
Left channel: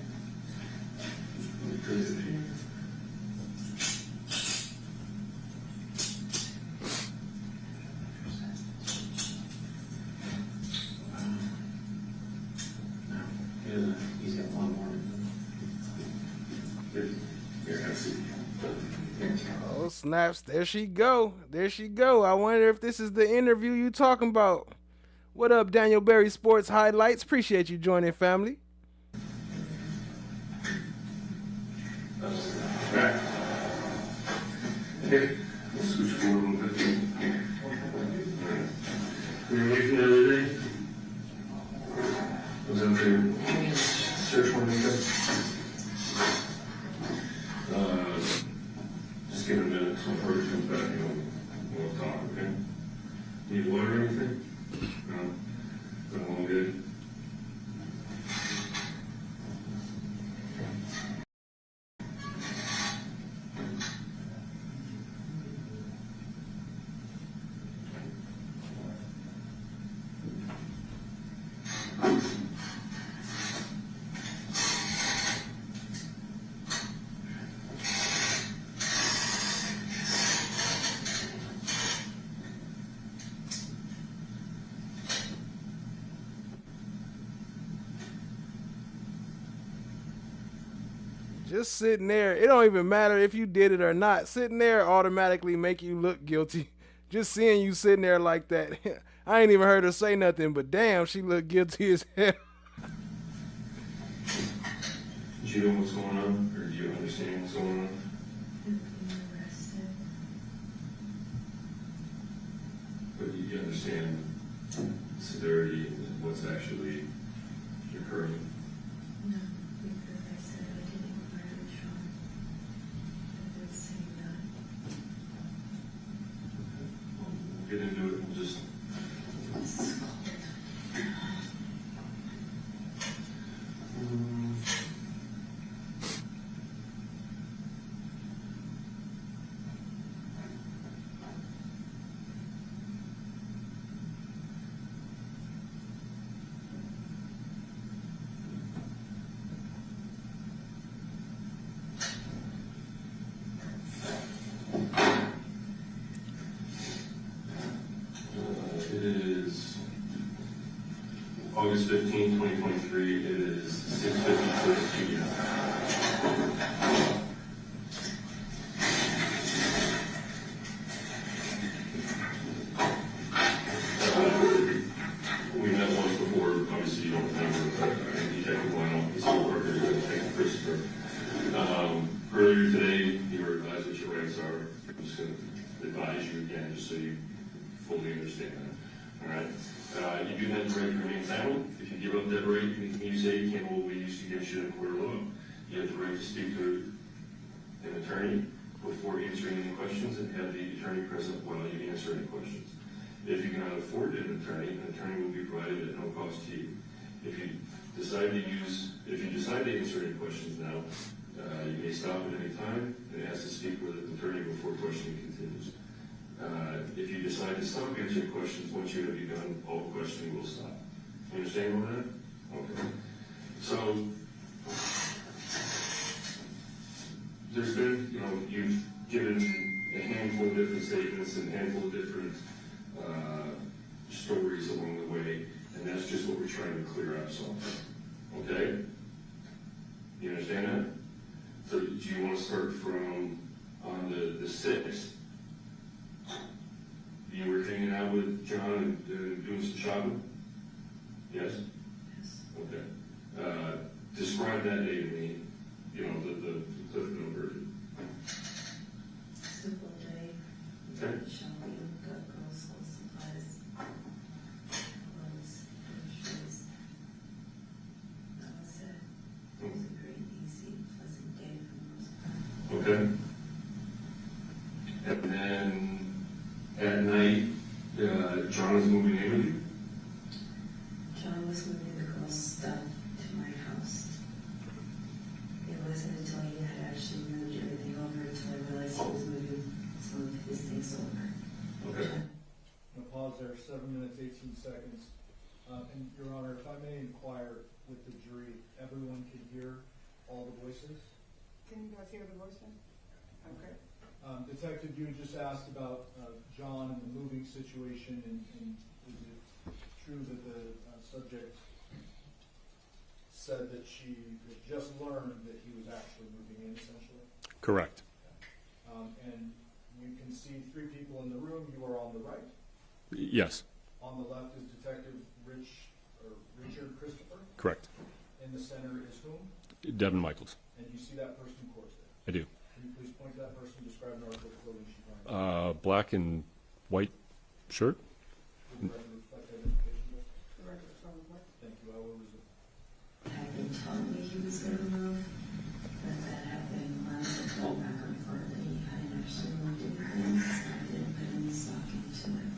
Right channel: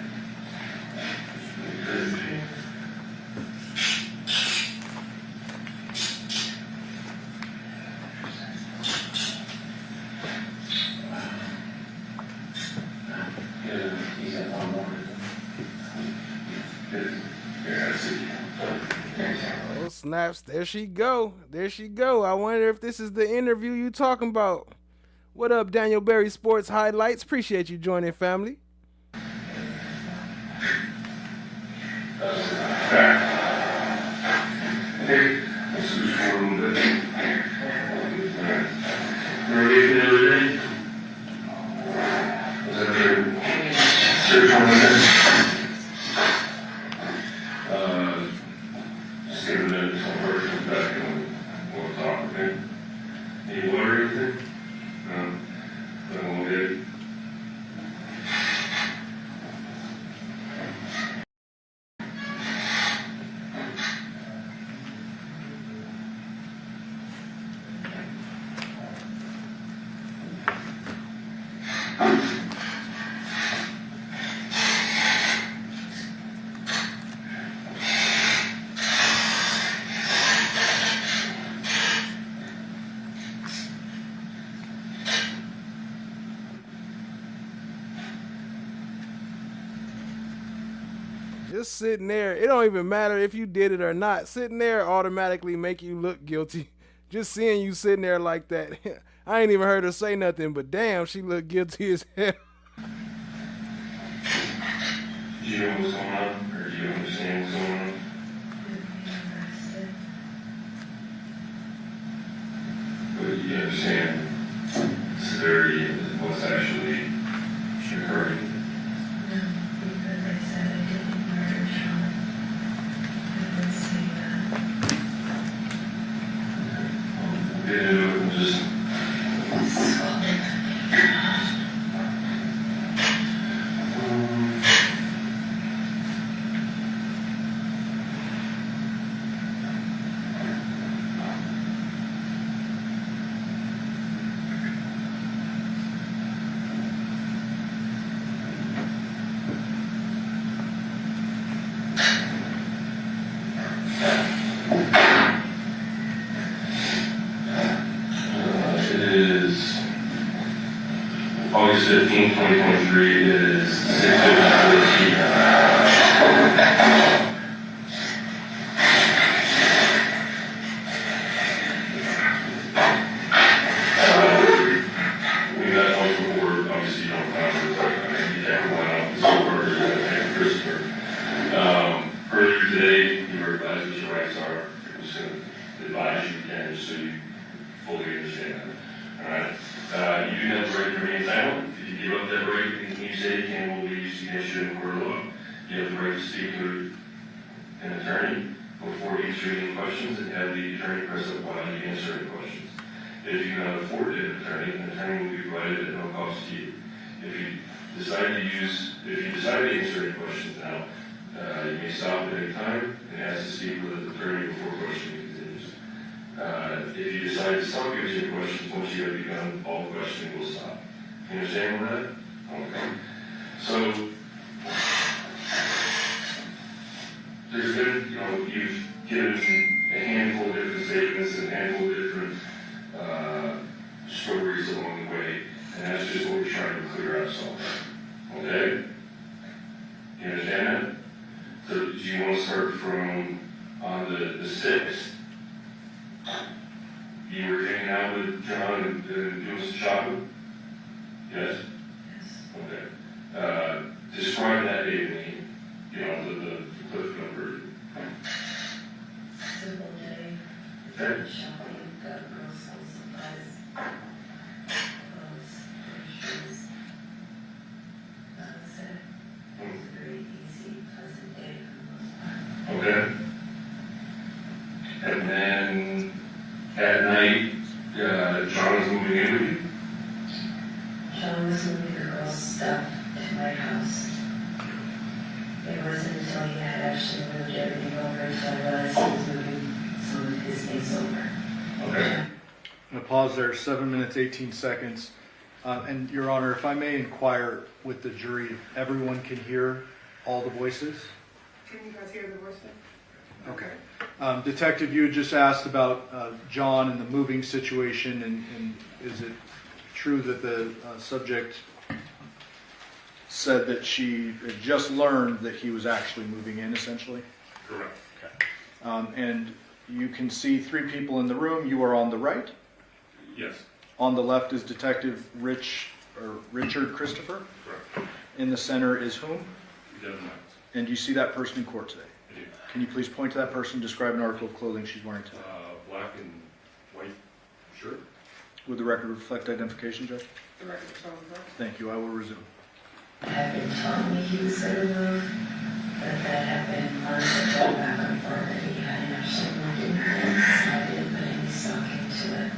Oh, snaps. There she go. There she go. I wonder if this is the interview you talking about. What up, Daniel Berry Sports Highlights? Appreciate you joining, family. Hey, let's move forward a little bit. Ready for the other day? Was that your search on the just give a minute until the person comes back and we'll talk, okay? Any water or anything? Put them all good. just sitting there, it don't even matter if you did it or not. Sitting there automatically make you look guilty. Just seeing you sitting there like that. I ain't even heard her say nothing, but damn, she looked guilty as hell. Do you know what's going on, or do you understand what's going on? But you understand the severity of what's actually occurring. No, because I said I didn't murder Sean. I didn't say that. Get into it and just. August 15, 2023, it is 6:54 p.m. We met once before, obviously you don't remember, you can't go out and so forth, and Christopher. Earlier today, you were advised what your rights are. I'm just going to advise you again, just so you fully understand that. All right? You do have the right to remain silent. If you give up that right, anything you say can will be used against you in court of law. You have the right to speak to an attorney before answering any questions and have the attorney present while you answer any questions. If you cannot afford an attorney will be provided at no cost to you. If you decide to answer any questions now, you may stop at any time and ask to speak with an attorney before questioning continues. If you decide to stop answering questions, once you have begun, all questioning will stop. You understand all that? Okay. So, there's been, you've given a handful of different statements and a handful of different stories along the way, and that's just what we're trying to clear up some of. Okay? You understand that? So, do you want to start from on the 6th? You were hanging out with John and doing some shopping? Yes? Yes. Okay. Describe that day to me. The cliff note version. Simple day. Okay. Shopping, got girls some supplies. Clothes, shoes. That's it. It was a very easy, pleasant day for the most part. Okay. And then at night, John was moving in with you? John was moving the girls' stuff to my house. It wasn't until he had actually moved everything over until I realized he was moving some of his things over. Okay. I'm going to pause there, 7 minutes, 18 seconds. And Your Honor, if I may inquire with the jury, if everyone can hear all the voices? Can you guys hear the voice? Okay. Detective, you had just asked about John and the moving situation, and is it true that the subject said that she had just learned that he was actually moving in, essentially? Correct. Okay. And you can see 3 people in the room. You are on the right? Yes. On the left is Detective Richard Christopher? Correct. In the center is whom? Devyn Michaels. And do you see that person in court today? I do. Can you please point to that person, describe an article of clothing she's wearing today? Black and white shirt. Would the record reflect identification, Judge? The record is over. Thank you. I will resume. Had been telling me he was going to move, but that happened months ago back and forth that he hadn't actually moved in her, so I didn't put any stock into it.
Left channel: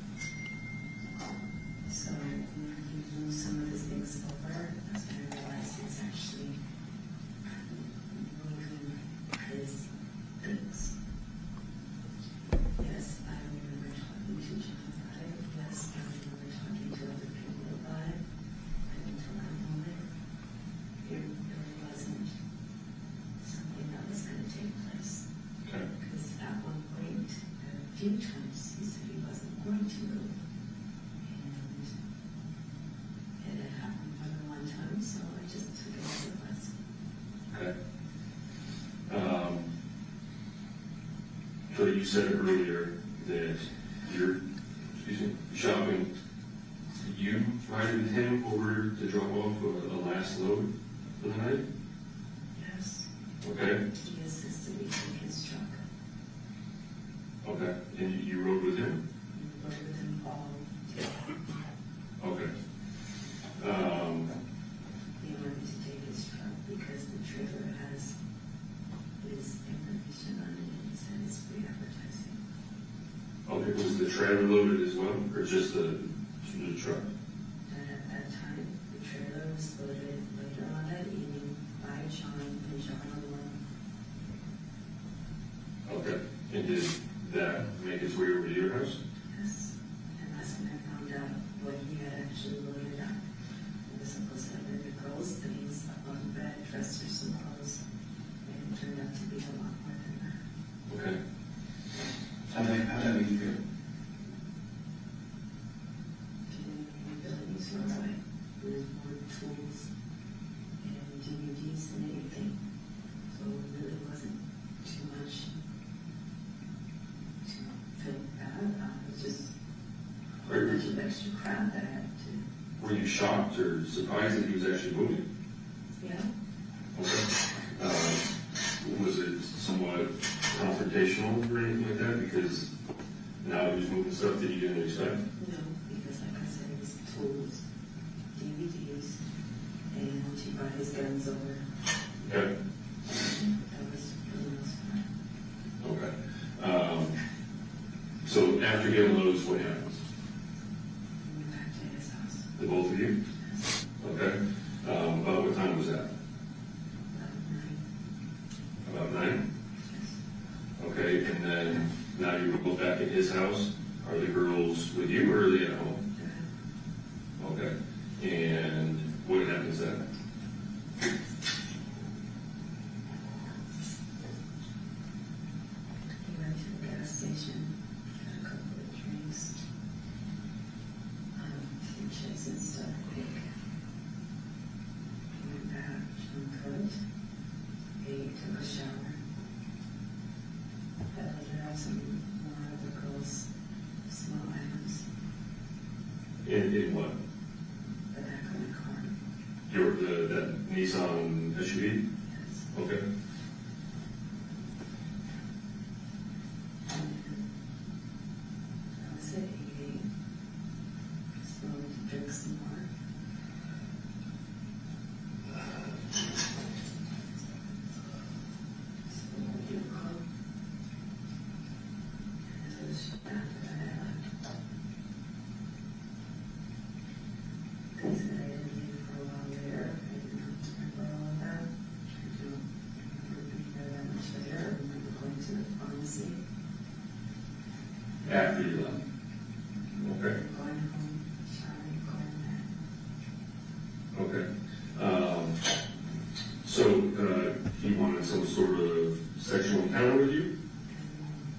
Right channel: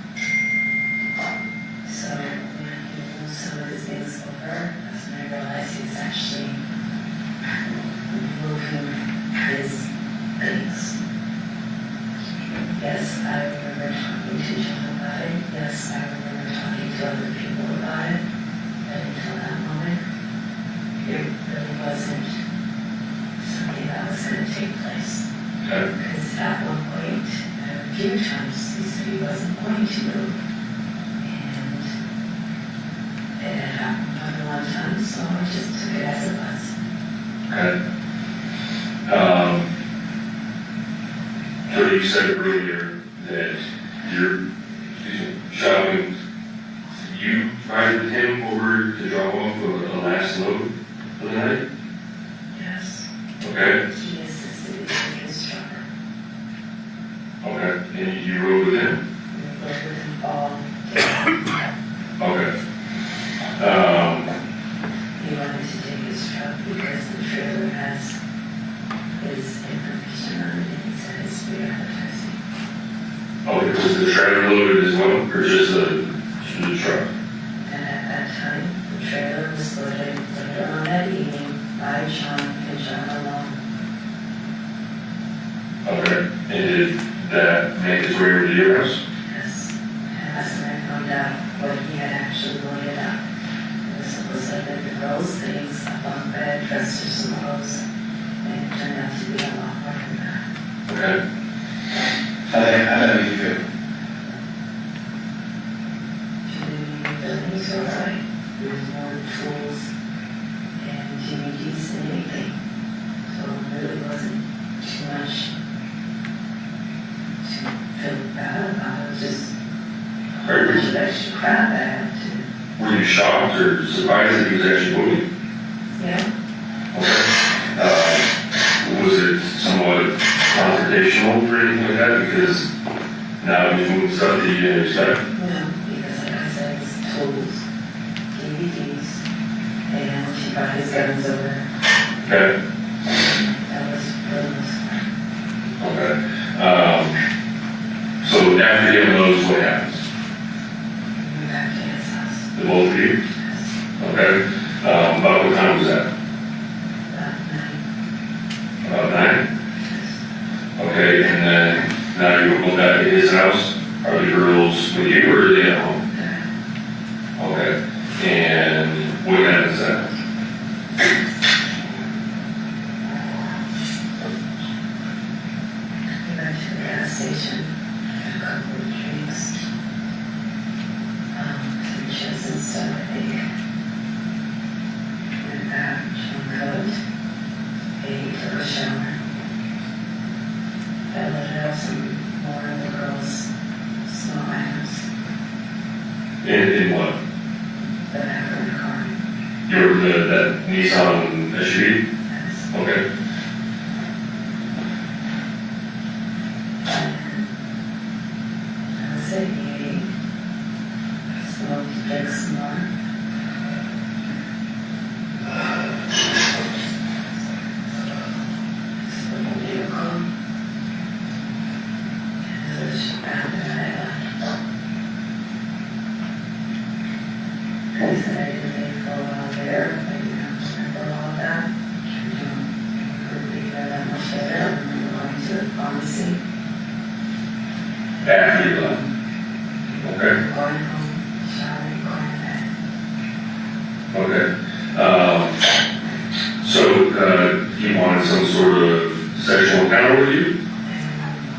So when he moved some of his things over, that's when I realized he was actually moving his things. Yes, I remember talking to John about it. Yes, I remember talking to other people about it. But until that moment, it really wasn't something that was going to take place. Because at one point, a few times, he said he wasn't going to move. And it had happened more than one time, so I just took it as it was. Okay. you said earlier that you're shopping. You ride with him over to drop off a last load of the night? Yes. Okay. He assisted me with his truck. Okay. And you rode with him? We rode with him all Okay. He wanted to take his truck because the trailer has his information on it and he said it's free advertising. Okay, was the trailer loaded as well, or just the truck? And at that time, the trailer was loaded later on that evening by John and John alone. Okay. And did that make its way over to your house? Yes. And that's when I found out what he had actually loaded up. It was supposed to have been the girls' things, a bunk bed, dressers, some clothes, and it turned out to be a lot more than that. Okay. How did you feel? Jimmy Billings was right. There was more tools, and Jimmy D's than anything. So it really wasn't too much to feel bad about. It was just a whole bunch of extra crap I had to. Were you shocked or surprised that he was actually moving? Yeah. Okay. Was it somewhat confrontational or anything like that? Because now he's moving stuff that you didn't expect? No, because like I said, it's tools, DVDs, and she brought his guns over. Okay. That was for the most part. Okay. So after you have those, what happens? We went back to his house. The both of you? Okay. About what time was that? About 9? Okay, and then now you're going back to his house. Are the girls with you or are they at home? Okay. And what happens then? We went to the gas station, had a couple of drinks, some chips and stuff, I think. Went back, John cooked, ate, took a shower. I loaded up some more of the girls' small items. In what? The back of the car. That Nissan SUV? Yes. Okay. I was at 88. Smoked, drank some more. Slept in the vehicle. And it was after I left. He said I didn't leave for a while there. I didn't remember all of that. Couldn't be there that much later. I remember going to the pharmacy. After you left? Okay. Going home, showering, going to bed. Okay. So he wanted some sort of sexual encounter with you?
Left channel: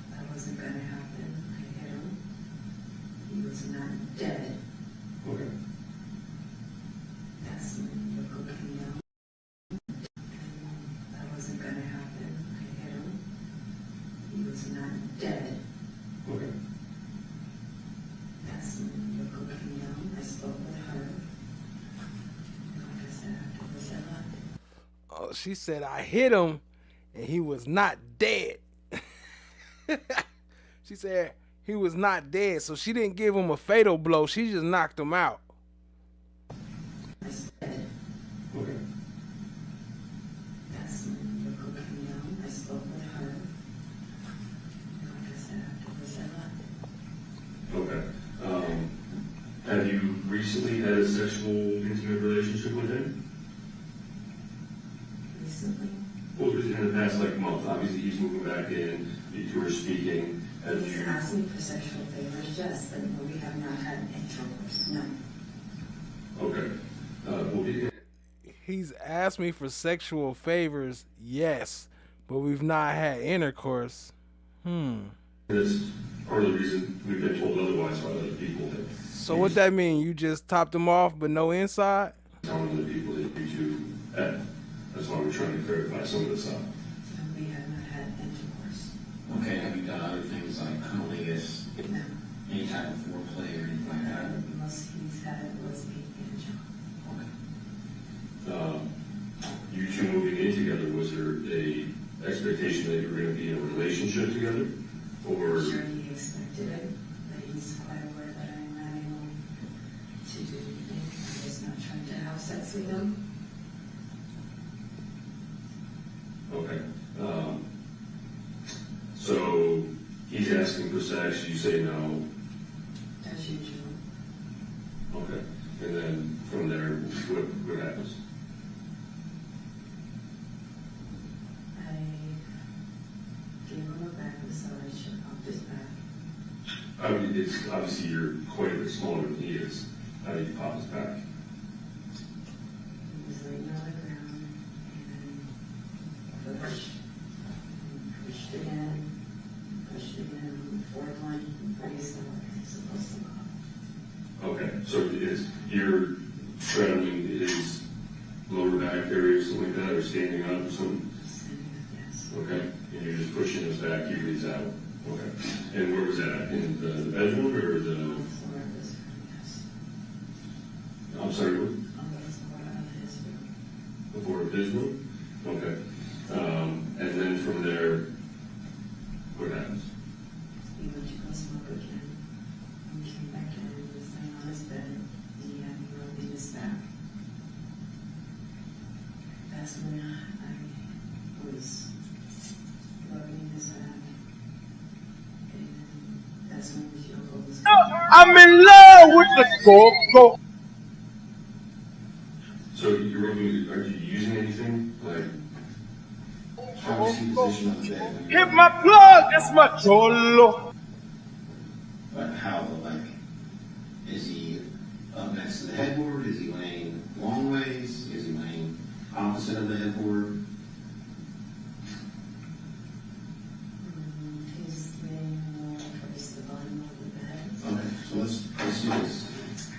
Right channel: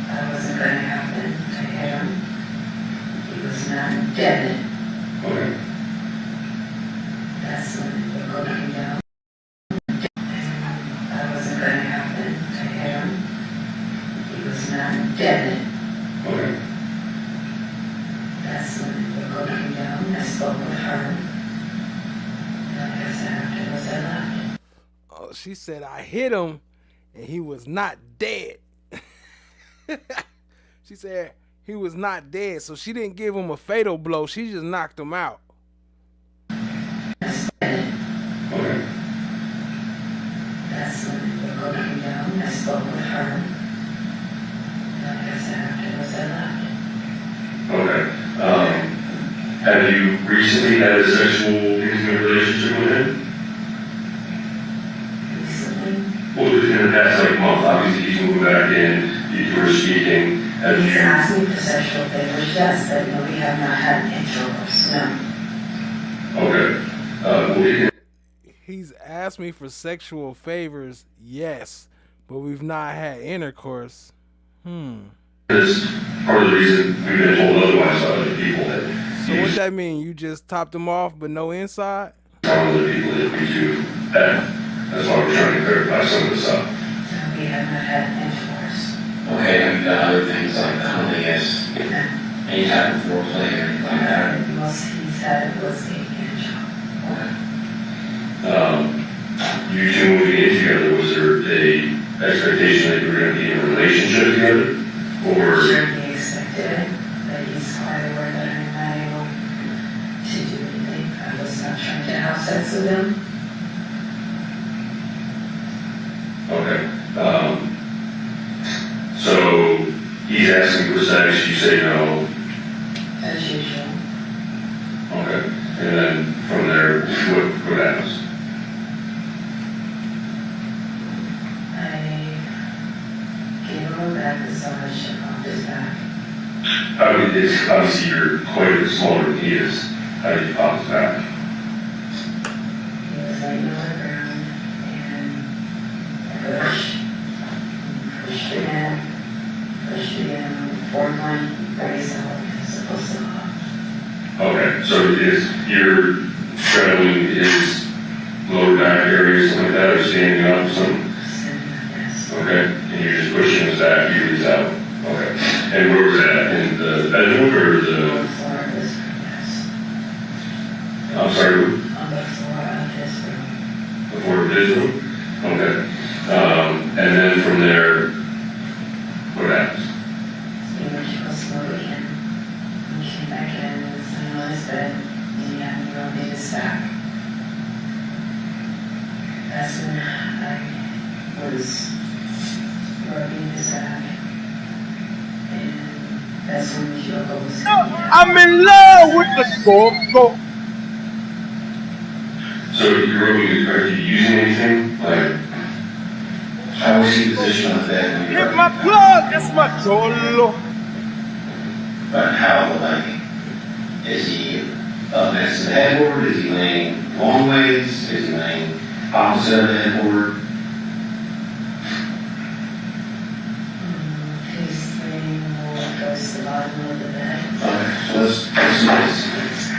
That wasn't going to happen to him. He was not dead. Okay. That's when the book came down. That wasn't going to happen to him. He was not dead. Okay. That's when the book came down. I spoke with her. And like I said, afterwards I left. Oh, she said I hit him and he was not dead. She said he was not dead, so she didn't give him a fatal blow. She just knocked him out. Okay. That's when the book came down. I spoke with her. And like I said, afterwards I left. Okay. Have you recently had a sexual intimate relationship with him? Recently? Well, in the past month, obviously he's moving back in, you were speaking. Have He's you? asked me for sexual favors, yes, but no, we have not had intercourse, no. Okay. Well, He's asked me for sexual favors, yes, but we've not had intercourse. That's part of the reason we've been told otherwise by other people that So what that mean? You just topped him off, but no inside? some other people that we do that. That's why we're trying to clarify some of this up. No, we have not had intercourse. Okay, got other things like cunnilingus, any type of foreplay or anything like that? Most he said was a hand job. You two moving in together, was there a expectation that you were going to be in a relationship together? Or? Sure, he expected it, but he's quite aware that I'm not able to do anything. I was not trying to have sex with him. Okay. So he's asking for sex, you say no. As usual. Okay. And then from there, what happens? I gave him a back massage off his back. I mean, it's obviously you're quite a bit smaller than he is. How did you pop his back? He was laying on the ground and pushed again, forward line, very solid, supposed to hop. Okay, so you're straddling his lower back area, something like that, or standing up or something? Okay, and you're just pushing his back, he is out. Okay, and where was that? In the bedroom or the? I'm sorry. On the floor of his room. The floor of his room? Okay. And then from there, what happens? He went to go slowly in. He came back in and was laying on his bed, and he had me rubbing his back. That's when I was rubbing his back. And that's when LOKO was. I'm in love with the go-go. So you're rubbing, are you using anything? Like, How was he positioned on the bed? Hit my plug, that's my cholo. But how, like, is he up next to the headboard? Is he laying long ways? Is he laying opposite of the headboard? He's laying more towards the bottom of the bed. Okay, so let's do this.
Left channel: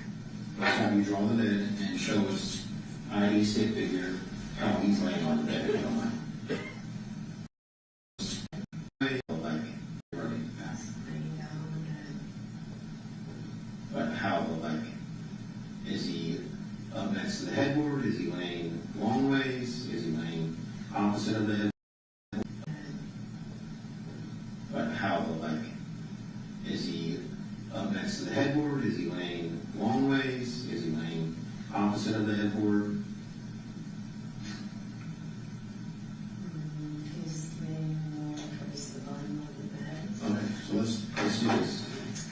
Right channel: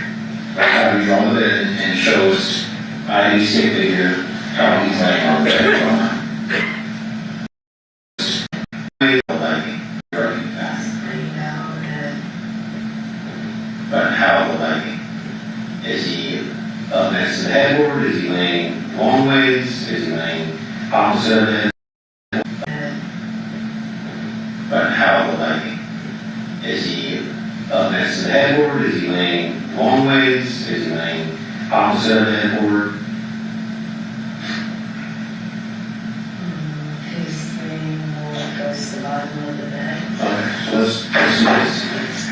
How do you draw the bed and show us ID stick figure how he's laying on the bed? But how, like, is he up next to the headboard? Is he laying long ways? Is he laying opposite of the headboard? But how, like, is he up next to the headboard? Is he laying long ways? Is he laying opposite of the headboard? He's laying more towards the bottom of the bed. Okay, so let's do this.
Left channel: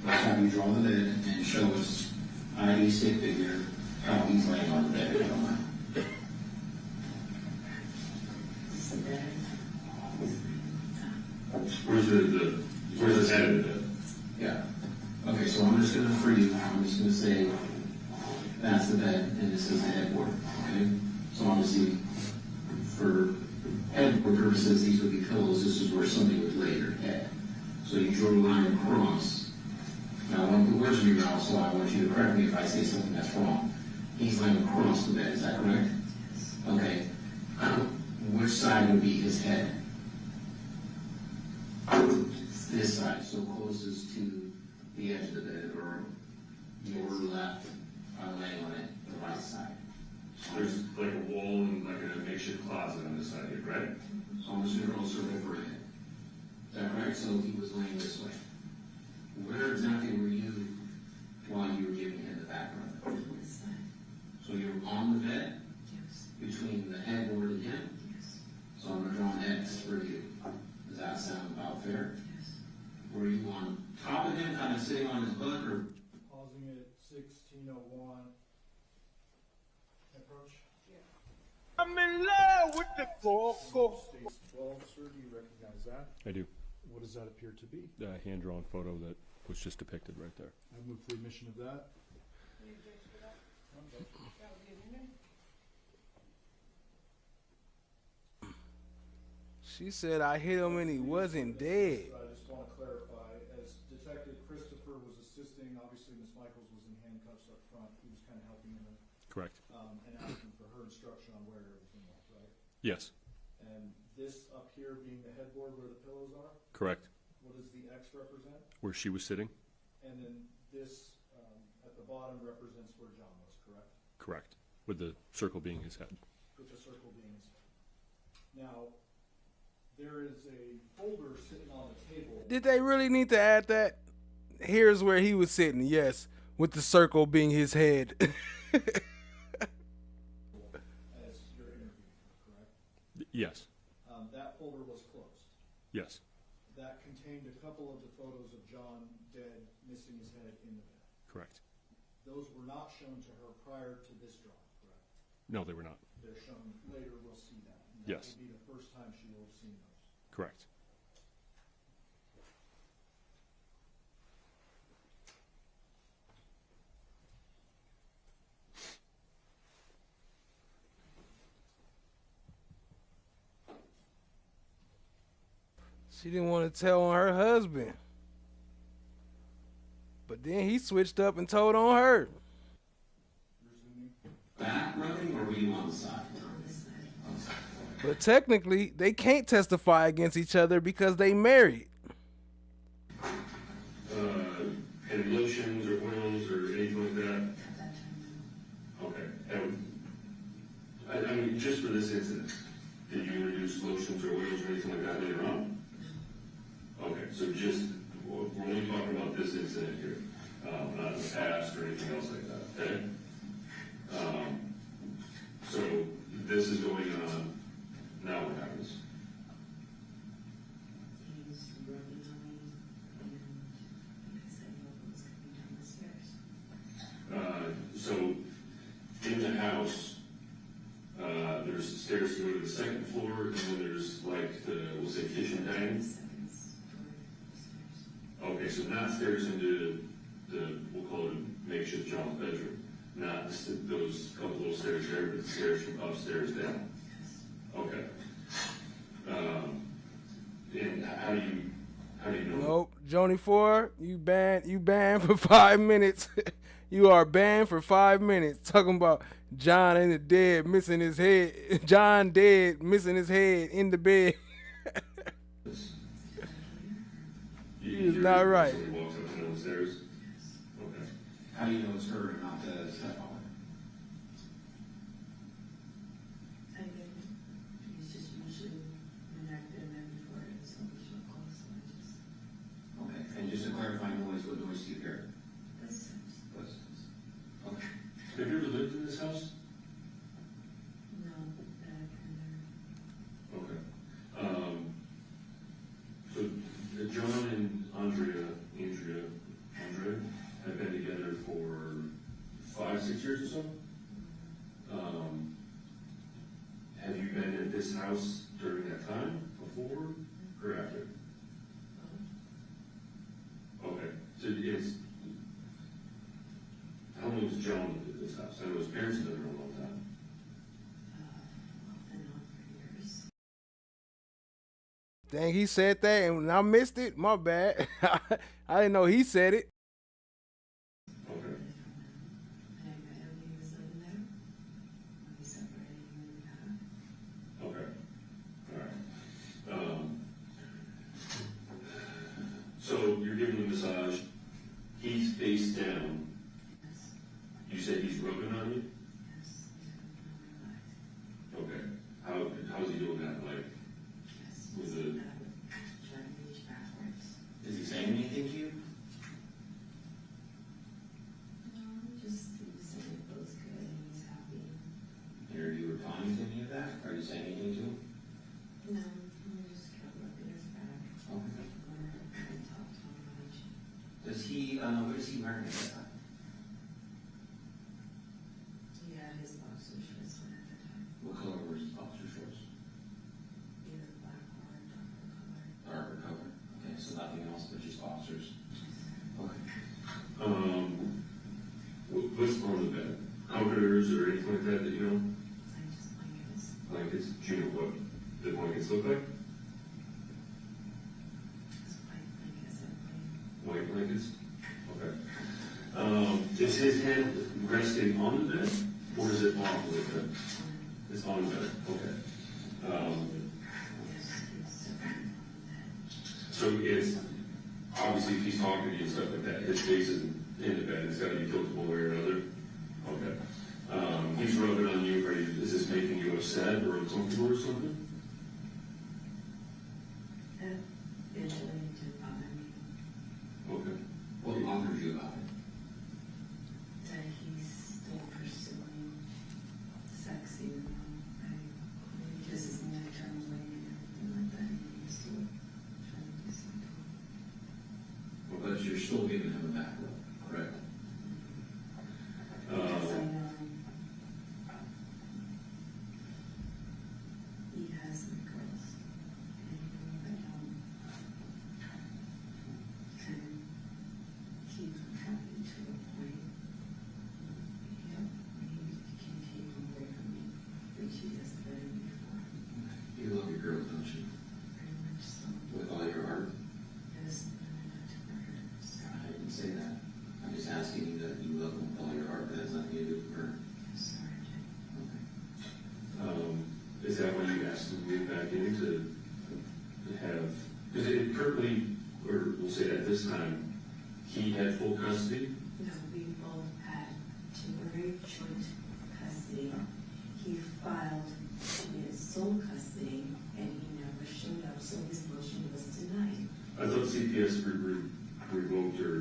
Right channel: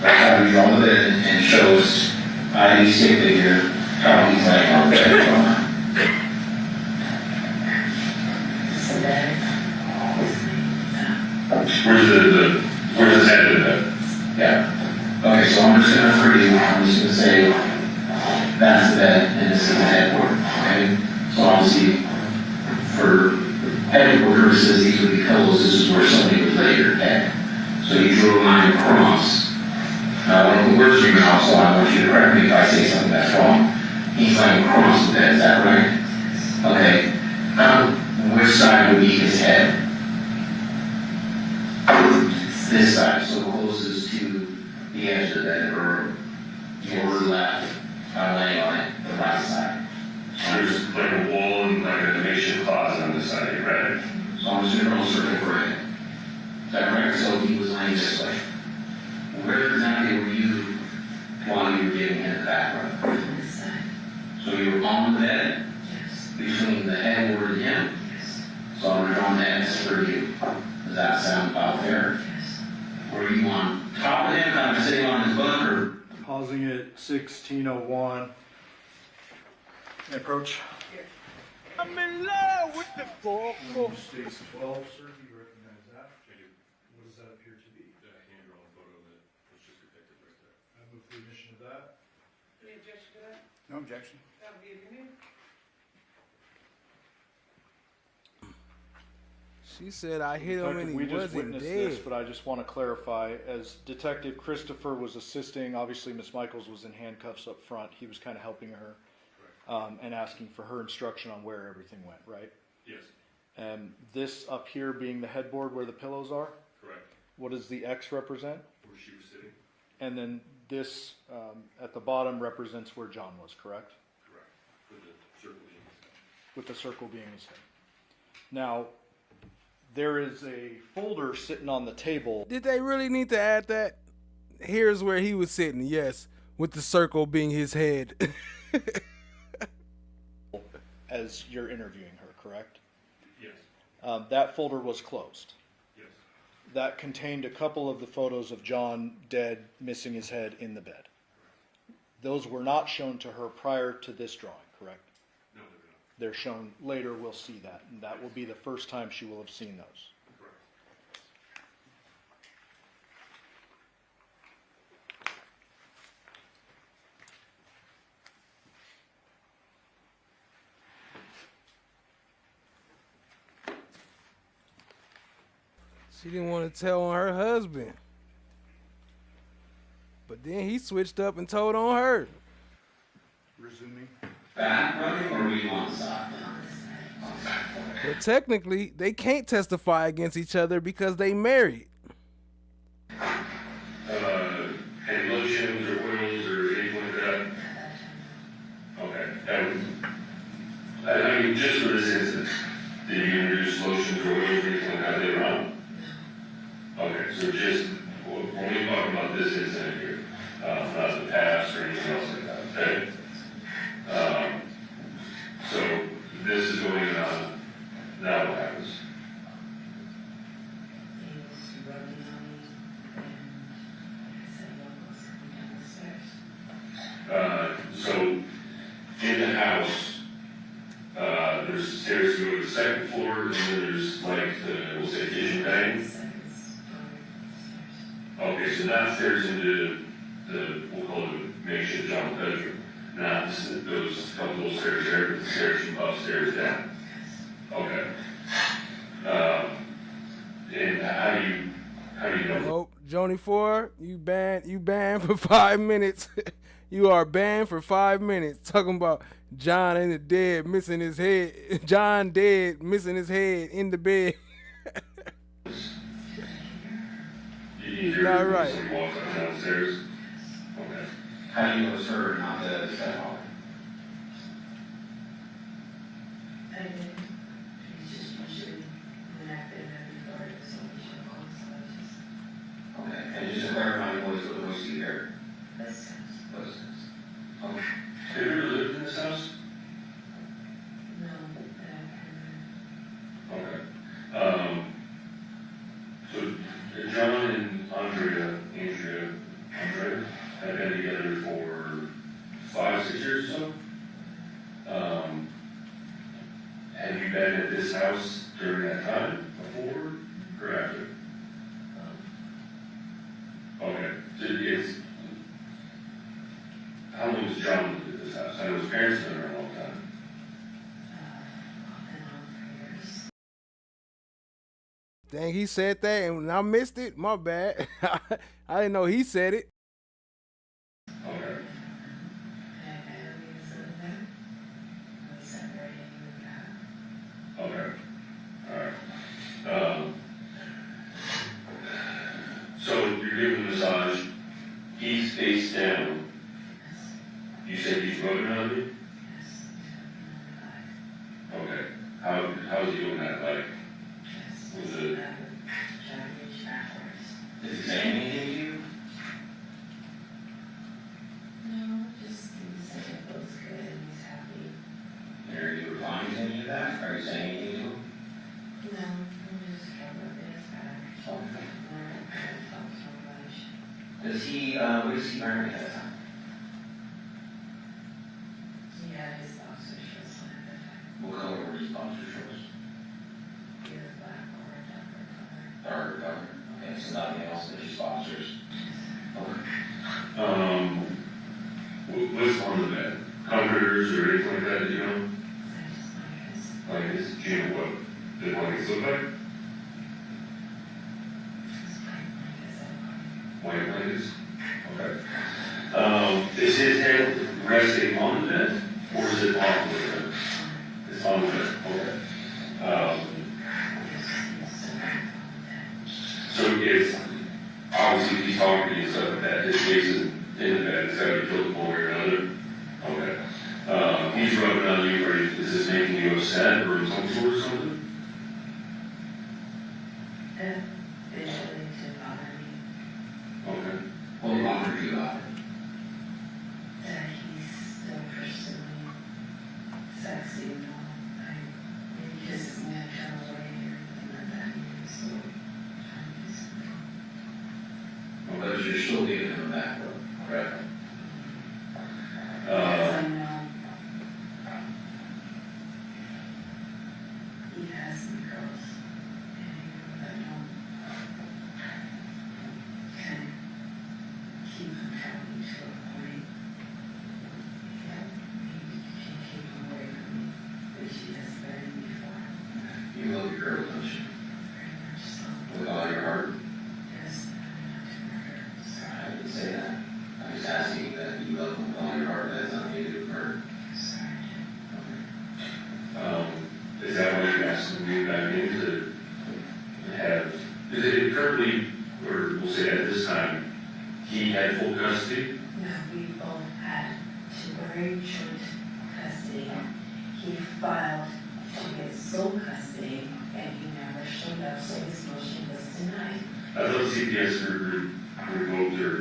How do you draw the bed and show us ID stick figure how he's laying on the bed? So that where's his head in that? Yeah. Okay, so I'm just gonna free you. I'm just gonna say that's the bed and this is the headboard. Okay? So obviously, for headboard purposes, these would be pillows. This is where somebody would lay their head. So you drew a line across. Now, I want to put words in your mouth, so I want you to correct me if I say something that's wrong. He's laying across the bed, is that right? Okay. Which side would be his head? This side, so closest to the edge of the bed, or lower left, laying on it, the right side. There's like a wall and like a makeshift closet on this side, right? So I'm just going to circle for it. Is that right? So he was laying this way. Where exactly were you while you were giving him the back rub? on this side. So you were on the bed Yes. between the headboard and him? Yes. So I'm drawing the X for you. Does that sound about fair? Yes. Were you on top of him, kind of sitting on his butt, or? Pausing at 1601. Approach. I'm in love with the go-go. States 12, sir. You recognize that? I do. What does that appear to be? A hand-drawn photo that was just depicted right there. I move for the admission of that. Any objection to that? No objection. That would be opinion. She said I hit him and he We just wasn't witnessed this, dead. but I just want to clarify, as Detective Christopher was assisting, obviously Miss Michaels was in handcuffs up front. He was kind of helping her Correct. and asking for her instruction on where everything went, right? Yes. And this up here being the headboard where the pillows are? Correct. What does the X represent? Where she was sitting? And then this at the bottom represents where John was, correct? Correct. With the circle being his head. With the circle being his head. Now, there is a folder sitting on the table. Did they really need to add that? Here's where he was sitting, yes, with the circle being his head. As you're interviewing her, correct? Yes. That folder was closed. Yes. That contained a couple of the photos of John dead, missing his head in the bed. Correct. Those were not shown to her prior to this drawing, correct? No, they were not. They're shown later, we'll see that. And that Yes. will be the first time she will have seen those. Correct. She didn't want to tell on her husband. But then he switched up and told on her. Resuming. Back running, or were you on the side? But technically, they can't testify against each other because they married. Any lotions or oils or anything like that? Okay. I mean, just for this instance, did you introduce lotions or oils or anything like that later on? Okay, so just, when we talk about this incident here, not the past or anything else like that, okay? So this is going on, now what happens? So in the house, there's stairs to go to the second floor, and then there's like the, we'll say kitchen bang. Okay, so downstairs into the, we'll call it makeshift John's bedroom. Not those couple little stairs there, but the stairs from upstairs down. Okay. And how do you know? Nope, Joni 4, you banned for 5 minutes. You are banned for 5 minutes. Talking about John in the dead, missing his head. John dead, missing his head in the bed. He's not right. Walks downstairs. Okay. How do you know it's her, not the stepfather? I did. He's just usually when I've been there before, so we should also just. Okay, and just to clarify, the voice you hear? Listen. Okay. Have you ever lived in this house? No, Okay. So John and Andrea have been together for 5-6 years or so. Have you been at this house during that time, before or after? Okay. So it's, how long has John lived at this house? I know his parents have been around all the time. Dang, he said that and I missed it. My bad. I didn't know he said it. Okay. Okay. All right. So you're giving a massage. He's face down. You said he's rubbing on you? Okay. How's he doing that? Like, was it? Is he saying anything to you? No, just he said it looks good and he's happy. Are you replying to any of that? Are you saying anything to him? No, I'm just trying to rub his back. Okay. Much. Does he, what does he wear at that time? Yeah, his boxer shorts on at that time. What color were his boxer shorts? Either black or a darker color. Darker color. Okay, so nothing else, than just boxers. Okay. What's on the bed? Comforters or anything like that, you know? Like his, do you know what the blankets look like? White blankets? Okay. Is his head resting on the bed, or is it off the bed? It's on the bed, okay. it's, obviously, if he's talking to you and stuff like that, his face is in the bed, it's gotta be flipped one way or another. Okay. He's rubbing on you, or is this making you upset, or some sort of something? Visually to bother me. Okay. What bothered you about it? That he's still pursuing sex, you know. Like, maybe he just isn't gonna turn away or anything like that. He's still trying to do something. Well, but you're still giving him a back rub, correct? Because I know he has some girls, and I don't can keep him from me to a point. Yeah, maybe she can keep him away from me, but she has been before. You love your girl, don't you? Very much so. With all your heart? Yes, not to murder. I didn't say that. I'm just asking that you love them with all your heart. That has nothing to do with murder. Sorry. Is that why you're asking me back in to have, is it currently, or we'll say at this time, he had full custody? No, we both had temporary joint custody. He filed to get sole custody, and he never showed up, so his motion was denied. I thought CPS revoked or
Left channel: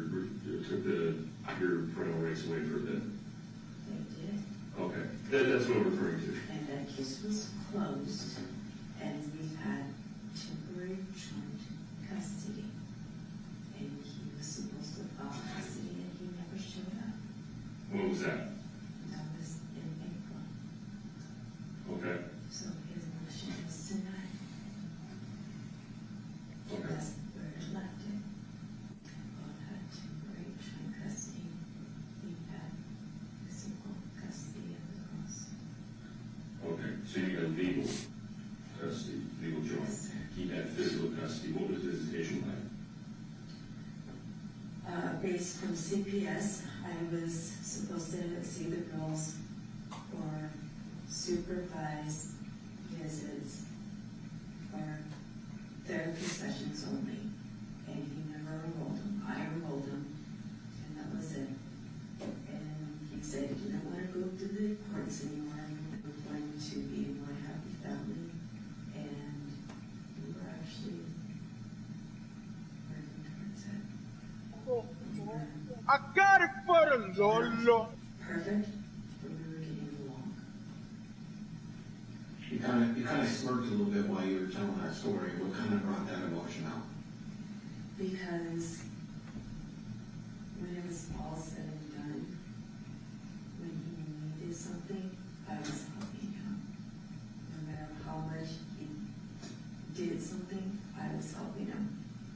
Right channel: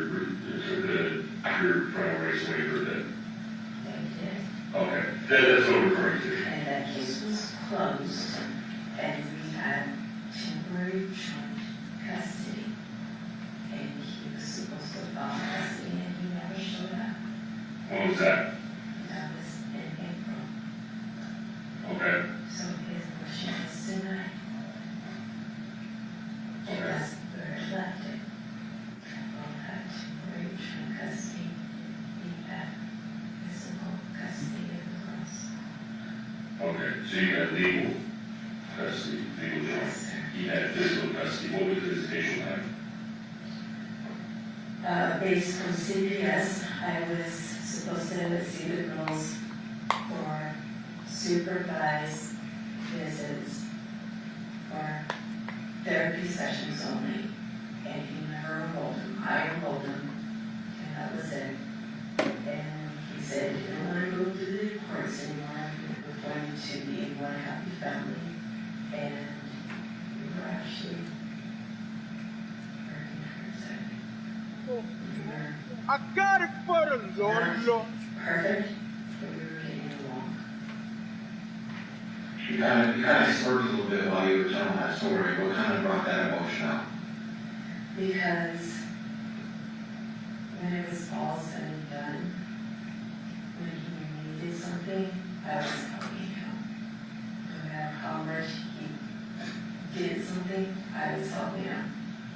took your parental rights away for that. They did. Okay, that's what I'm referring to. And that case was closed, and we had temporary joint custody. And he was supposed to file custody, and he never showed up. When was that? That was in April. Okay. So his motion was denied. Okay. That's where it left it. Both had temporary joint custody. He had physical custody of the girls. Okay, so you got legal custody, legal joint. He had physical custody. What was the visitation like? Based on CPS, I was supposed to see the girls for supervised visits for therapy sessions only, and he never enrolled them. I enrolled them, and that was it. And he said he didn't want to go to the courts anymore. We're going to be one happy family, and we were actually working towards that. I got it for the Lord. Perfect, but we were getting along. You kind of smirked a little bit while you were telling that story. What kind of brought that emotion out? Because when it was all said and done, when he needed something, I was helping him. No matter how much he did something, I was helping him.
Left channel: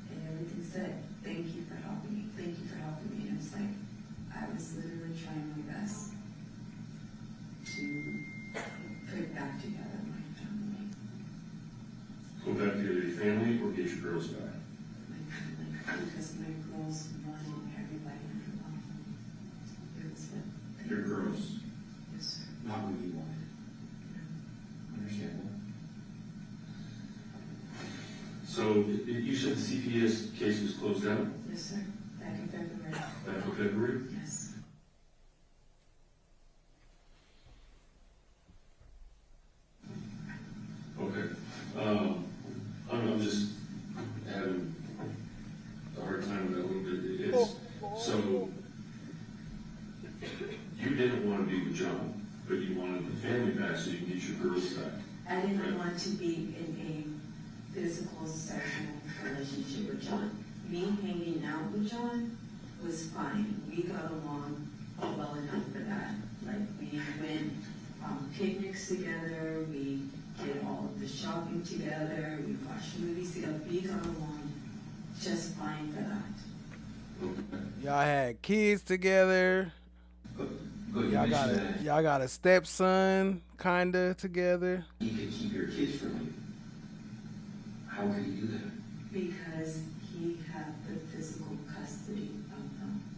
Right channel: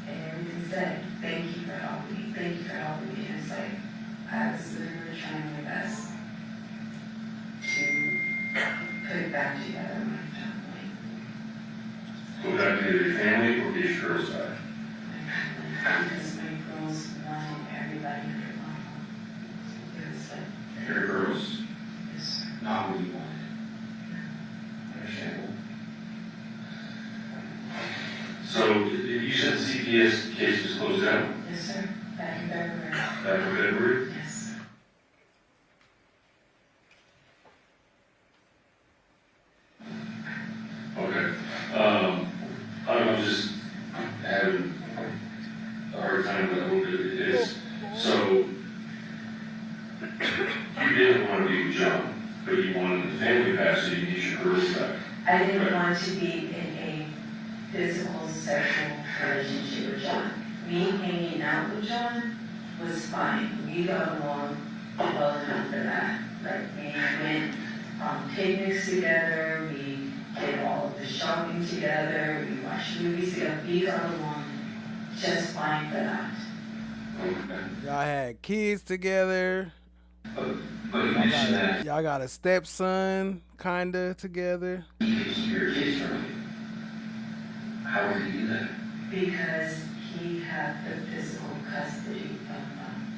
And everything said, thank you for helping me, thank you for helping me. And it's like, I was literally trying my best to put it back together, my family. Go back to your family or get your girls back? Because my girls wanted everybody under one roof. It was like, Your girls, yes, sir. not what you wanted. Understandable. So you said the CPS case was closed down Yes, sir. Back in February. back in February? Yes. Okay. I'm just having a hard time with what it is. So you didn't want to be with John, but you wanted the family back so you need your girls back. I didn't want to be in a physical, sexual relationship with John. Me hanging out with John was fine. We got along well enough for that. Like, we went on picnics together, we did all of the shopping together, we watched movies together. We got along just fine for that. Y'all had kids together. Y'all got a stepson, kinda together. You could keep your kids from you. How would you do that? Because he had the physical custody of them.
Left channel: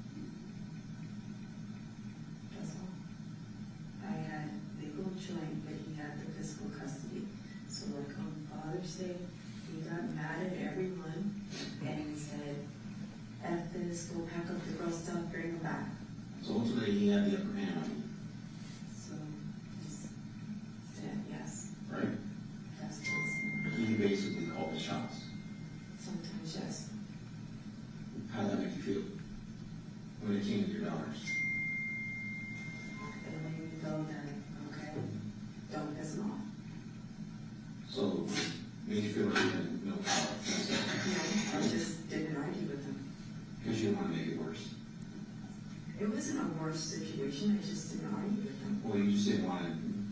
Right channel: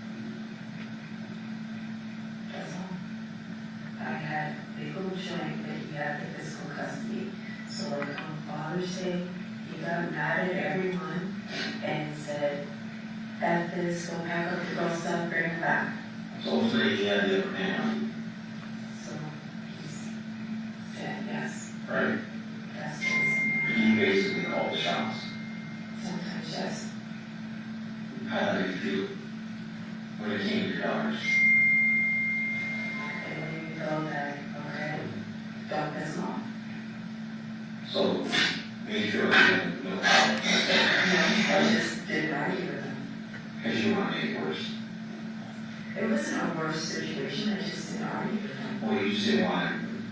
That's all. I had legal joint, but he had the physical custody. So like on Father's Day, he got mad at everyone and So pack up the girl's stuff, bring it back. So ultimately, he had the upper hand, So he's said yes. right? Yes, please. He basically called the shots. Sometimes yes. How did it make you feel when it came to your daughters? It made me feel that, okay, don't piss them off. So, made you feel like you had no power. I just didn't argue with them. Because you want to make it worse. It wasn't a worse situation, I just didn't argue with them. Well, you just didn't want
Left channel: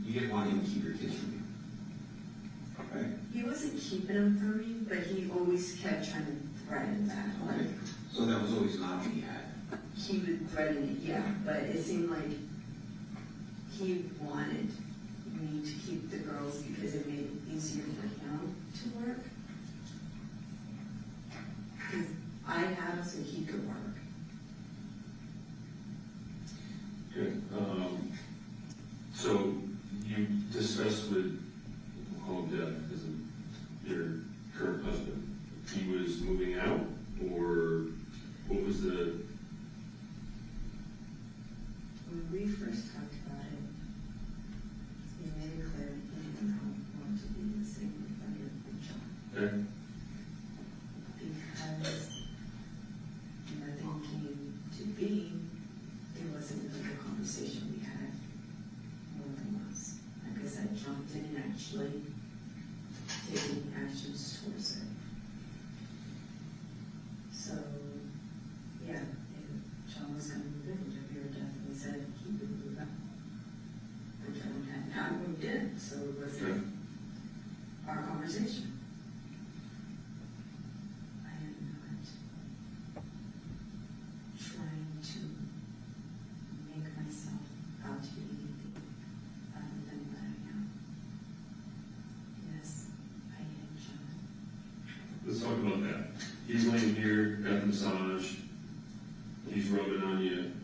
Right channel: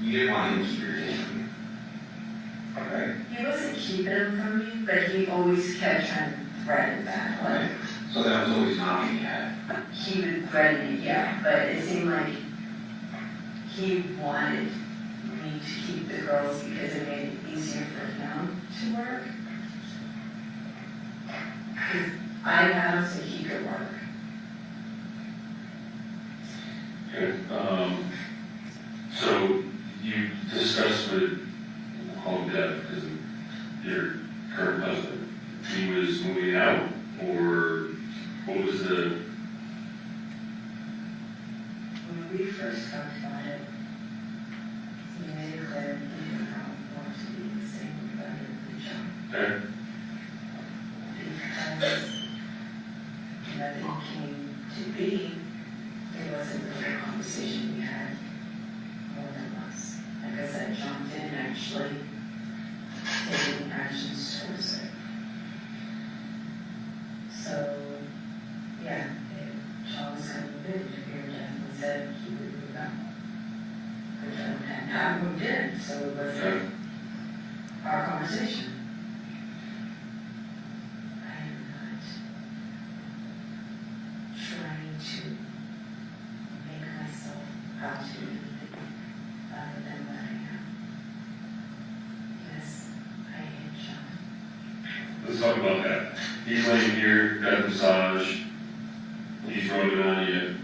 you didn't want him to keep your attention from you. Right? He wasn't keeping them from me, but he always kept trying to threaten that. Like, So that was always an option you had. he would threaten it, yeah, but it seemed like he wanted me to keep the girls because it made it easier for him to work. Because I had him so he could work. Okay, so you discussed with, we'll call him Dev, because of your current husband, he was moving out, or what was the, When we first talked about it, he made it clear he didn't want to be the same vendor of the job. okay, Because nothing came to be, it wasn't really a conversation we had more than once. Like I said, Johnathan actually taking actions towards it. So, yeah, if Sean was going to move in, Deviere definitely said he would move out. Which I moved in, so it wasn't our conversation. I am not trying to make myself out to be anything other than what I am. Yes, I hate John. let's talk about that. He's laying here, got a massage, he's rubbing on you.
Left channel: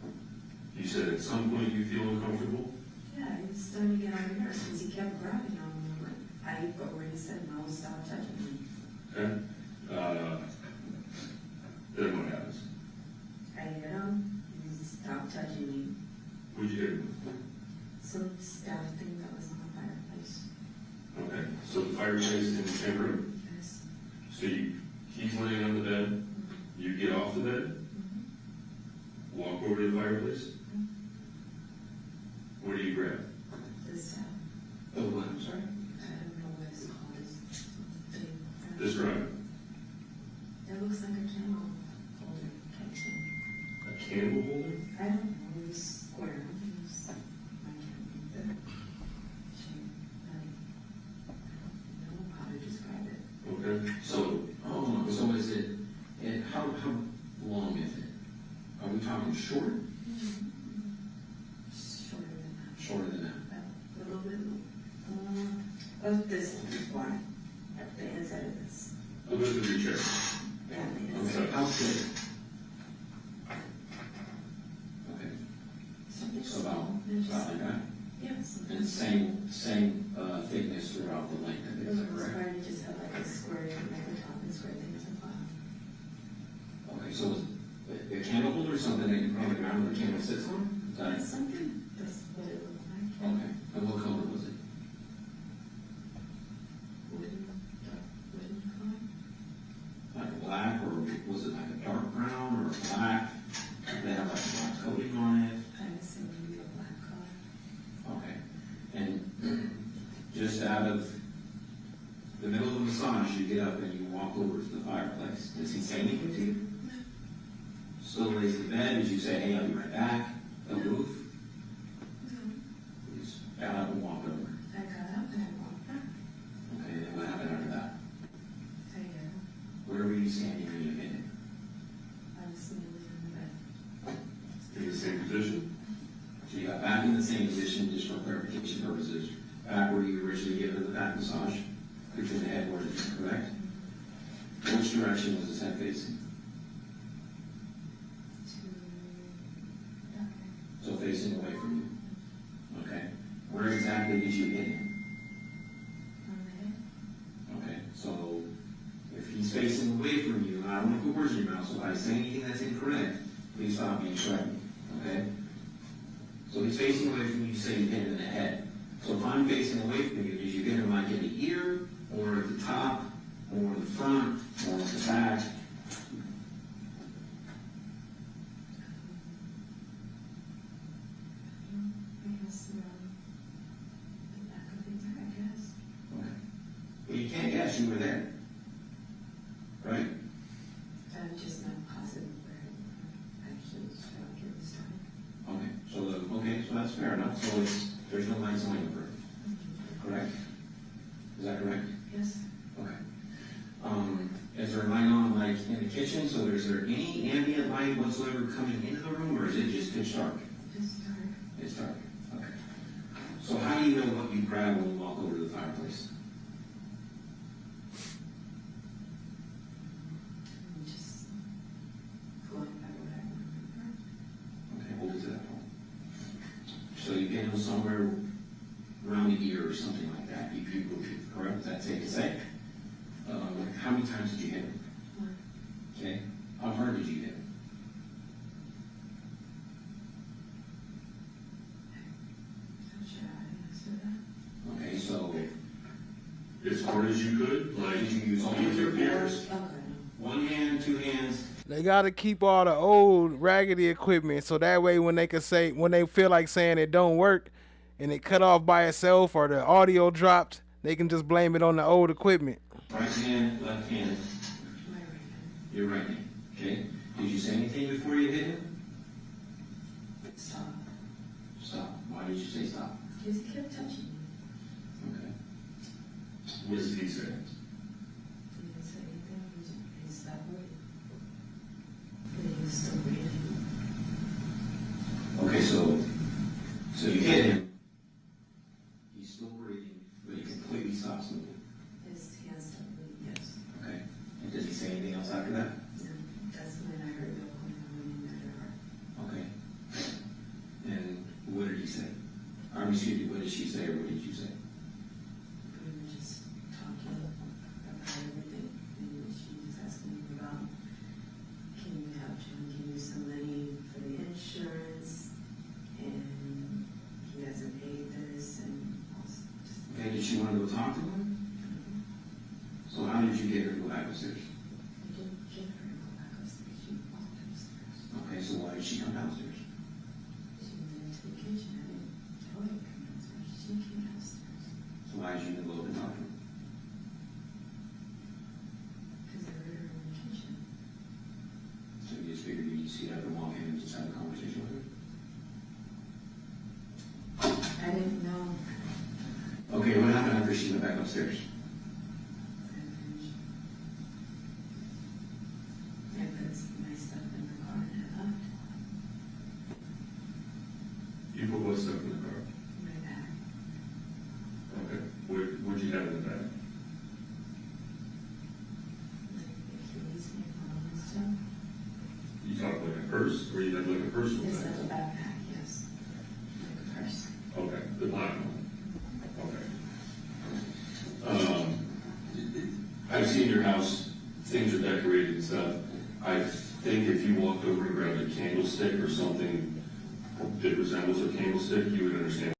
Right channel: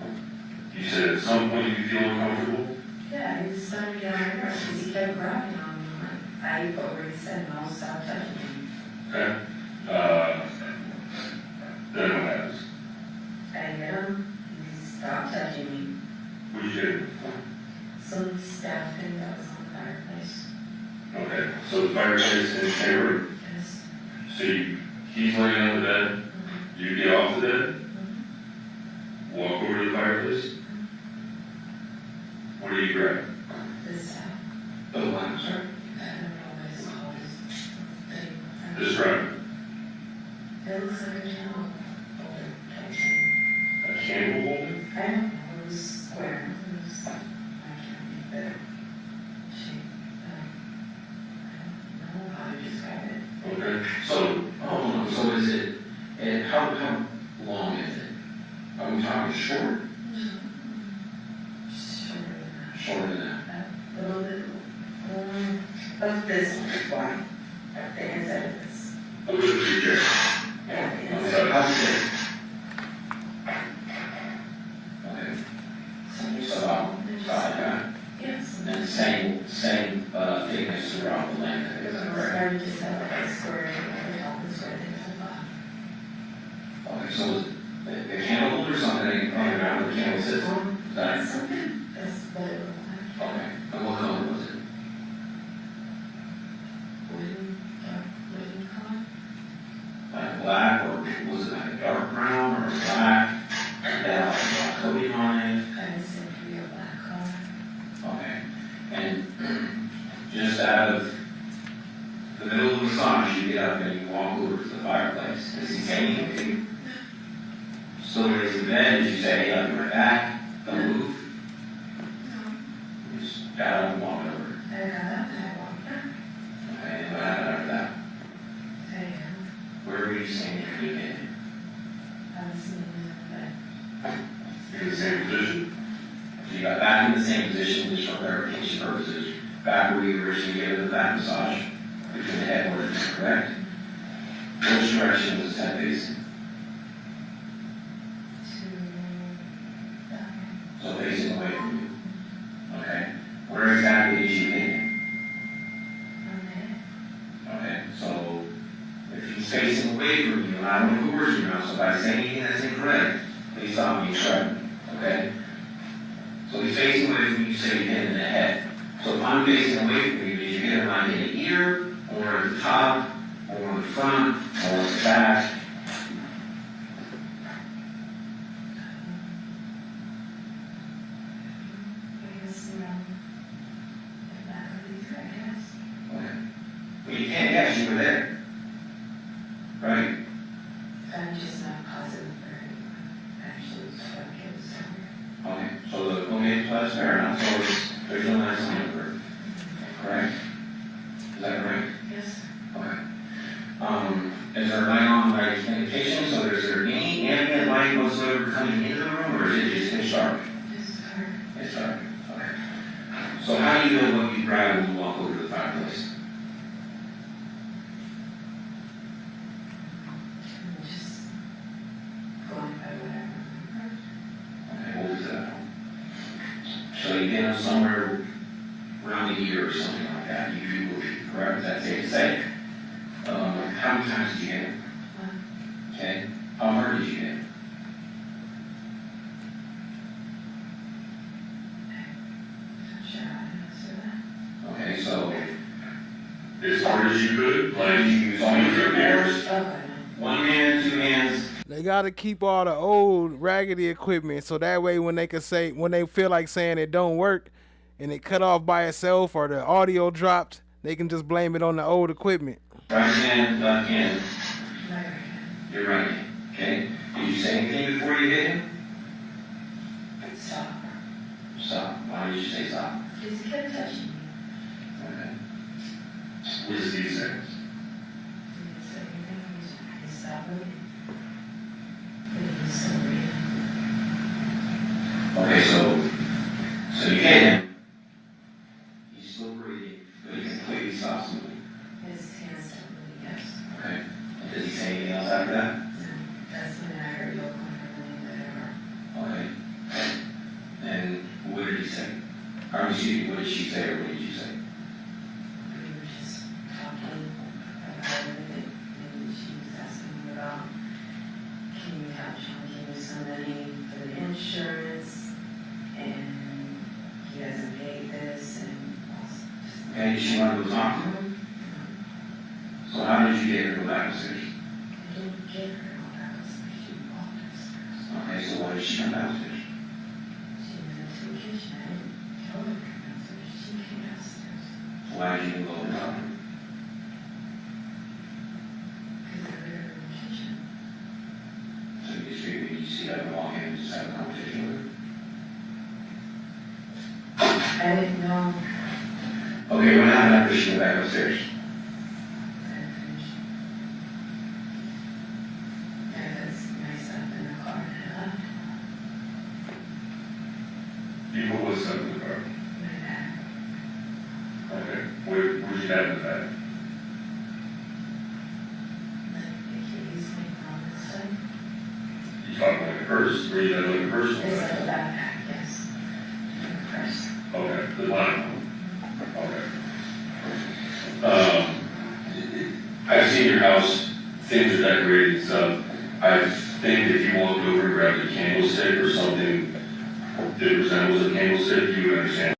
You said at some point you feel uncomfortable? Yeah, he was starting to get on my nerves because he kept grabbing on me. I've already said no, stop touching me. Okay, then what happens? I hit him, he stopped touching me. What did you do? Some staff thing that was on the fireplace. Okay, so the fireplace in the same room? Yes. So he's laying on the bed, you get off the bed, walk over to the fireplace. What do you grab? This staff. Oh, wow, sorry. I don't know what it's called. Describe it. It looks like a candle holder type thing. A candle holder? I don't know, it was square. It was, I can't make the shape. I don't know how to describe it. Okay, So, so is it, and how long is it? Are we talking short? Shorter than that. A little bit of this one, the inside of this. a little bit of your chair. Yeah, the On the inside. side. How's it? Okay. So about that. Yes. And same thickness throughout the length, is that correct? Started to set like a square, the top and square, things like that. Okay, so is it a candle holder or something on the ground the candle sits on? Is that Something, that's what it looked like. okay? And what color was it? Wooden color. Like black, or was it like a dark brown, or black? Did that have like black coating on it? I would say maybe a black color. Okay. And just out of the middle of the massage, you get up and you walk over to the fireplace. Does he say anything to you? Still raise the bed as you say, hey, I'll be right back. Don't move. You just got up and walked over. I got up and I walked back. Okay, and what happened after that? Where were you standing when you did it? I was sitting in the bed. In the same position. So you got back in the same position, just for clarification purposes, back where you originally gave the back massage, between the headboard, correct? Which direction was the head facing? So facing away from you. Okay. Where exactly did you hit him? Okay, so if he's facing away from you, and I don't know who words you know, so if I say anything that's incorrect, He saw me threatened, okay? So he's facing away from you, say you hit him in the head. So if I'm facing away from you, did you hit him like in the ear, or at the top, or in the front, or in the back? Okay. Well, you can't guess, you were there. Right? I'm just not positive for actually struck it. Okay, so that's fair enough. So there's no nice number, correct? Is that correct? Yes. Okay. Is there light on like indication? So is there any ambient light whatsoever coming into the room, or is it just pitch dark? It's dark. It's dark. Okay. So how do you know what you grab when you walk over to the fireplace? Just going by whatever. Okay, what was that? So you get them somewhere around the ear or something like that. You believe, correct? Is that safe to say? How many times did you hit him? One. Okay. How hard did you hit him? I'm sure I answer that. Okay, so As hard as you could, like, did you use all your fingers? Okay. One hand, two hands? They gotta keep all the old raggedy equipment so that way when they feel like saying it don't work and it cut off by itself or the audio dropped, they can just blame it on the old equipment. Right hand, left hand. Right. Your right hand. Okay. Did you say anything before you hit him? Stop. Stop. Why did you say stop? He just kept touching me. Okay. what does he say? He didn't say anything. He stopped me. But he was still breathing. Okay, so you hit him. He's still breathing, but he completely stops moving. His hands still moving, yes. Okay. And does he say anything else after that? That's when I heard LOKO and everything that Okay. And what did he say? Or excuse me, what did she say or what did you say? we were just talking about everything, and she was asking me about, can you help Sean give me some money for the insurance, and he hasn't paid this, and also just, Okay, did she want to go talk to him? So how did you get her to go back upstairs? I didn't get her all that, she walked upstairs. Okay, so why did she come downstairs? She went to the kitchen, I didn't tell her to come downstairs, she came downstairs, So why did you go and talk to him? because they were in the kitchen. So you just figured you see her walk in and just have a conversation with her? I didn't know. Okay, what happened after she went back upstairs? I put my stuff in the car and I left. You put what stuff in the car? My bag. Okay. Where'd you have the bag? The keys, my phone and stuff. You talking like a purse, or you got like a personal It's like a bag? backpack, yes. A purse. Okay, the line. Okay. I've seen your house, things are decorated and stuff. I think if you walked over and grabbed a candlestick or something that resembles a candlestick, you would understand.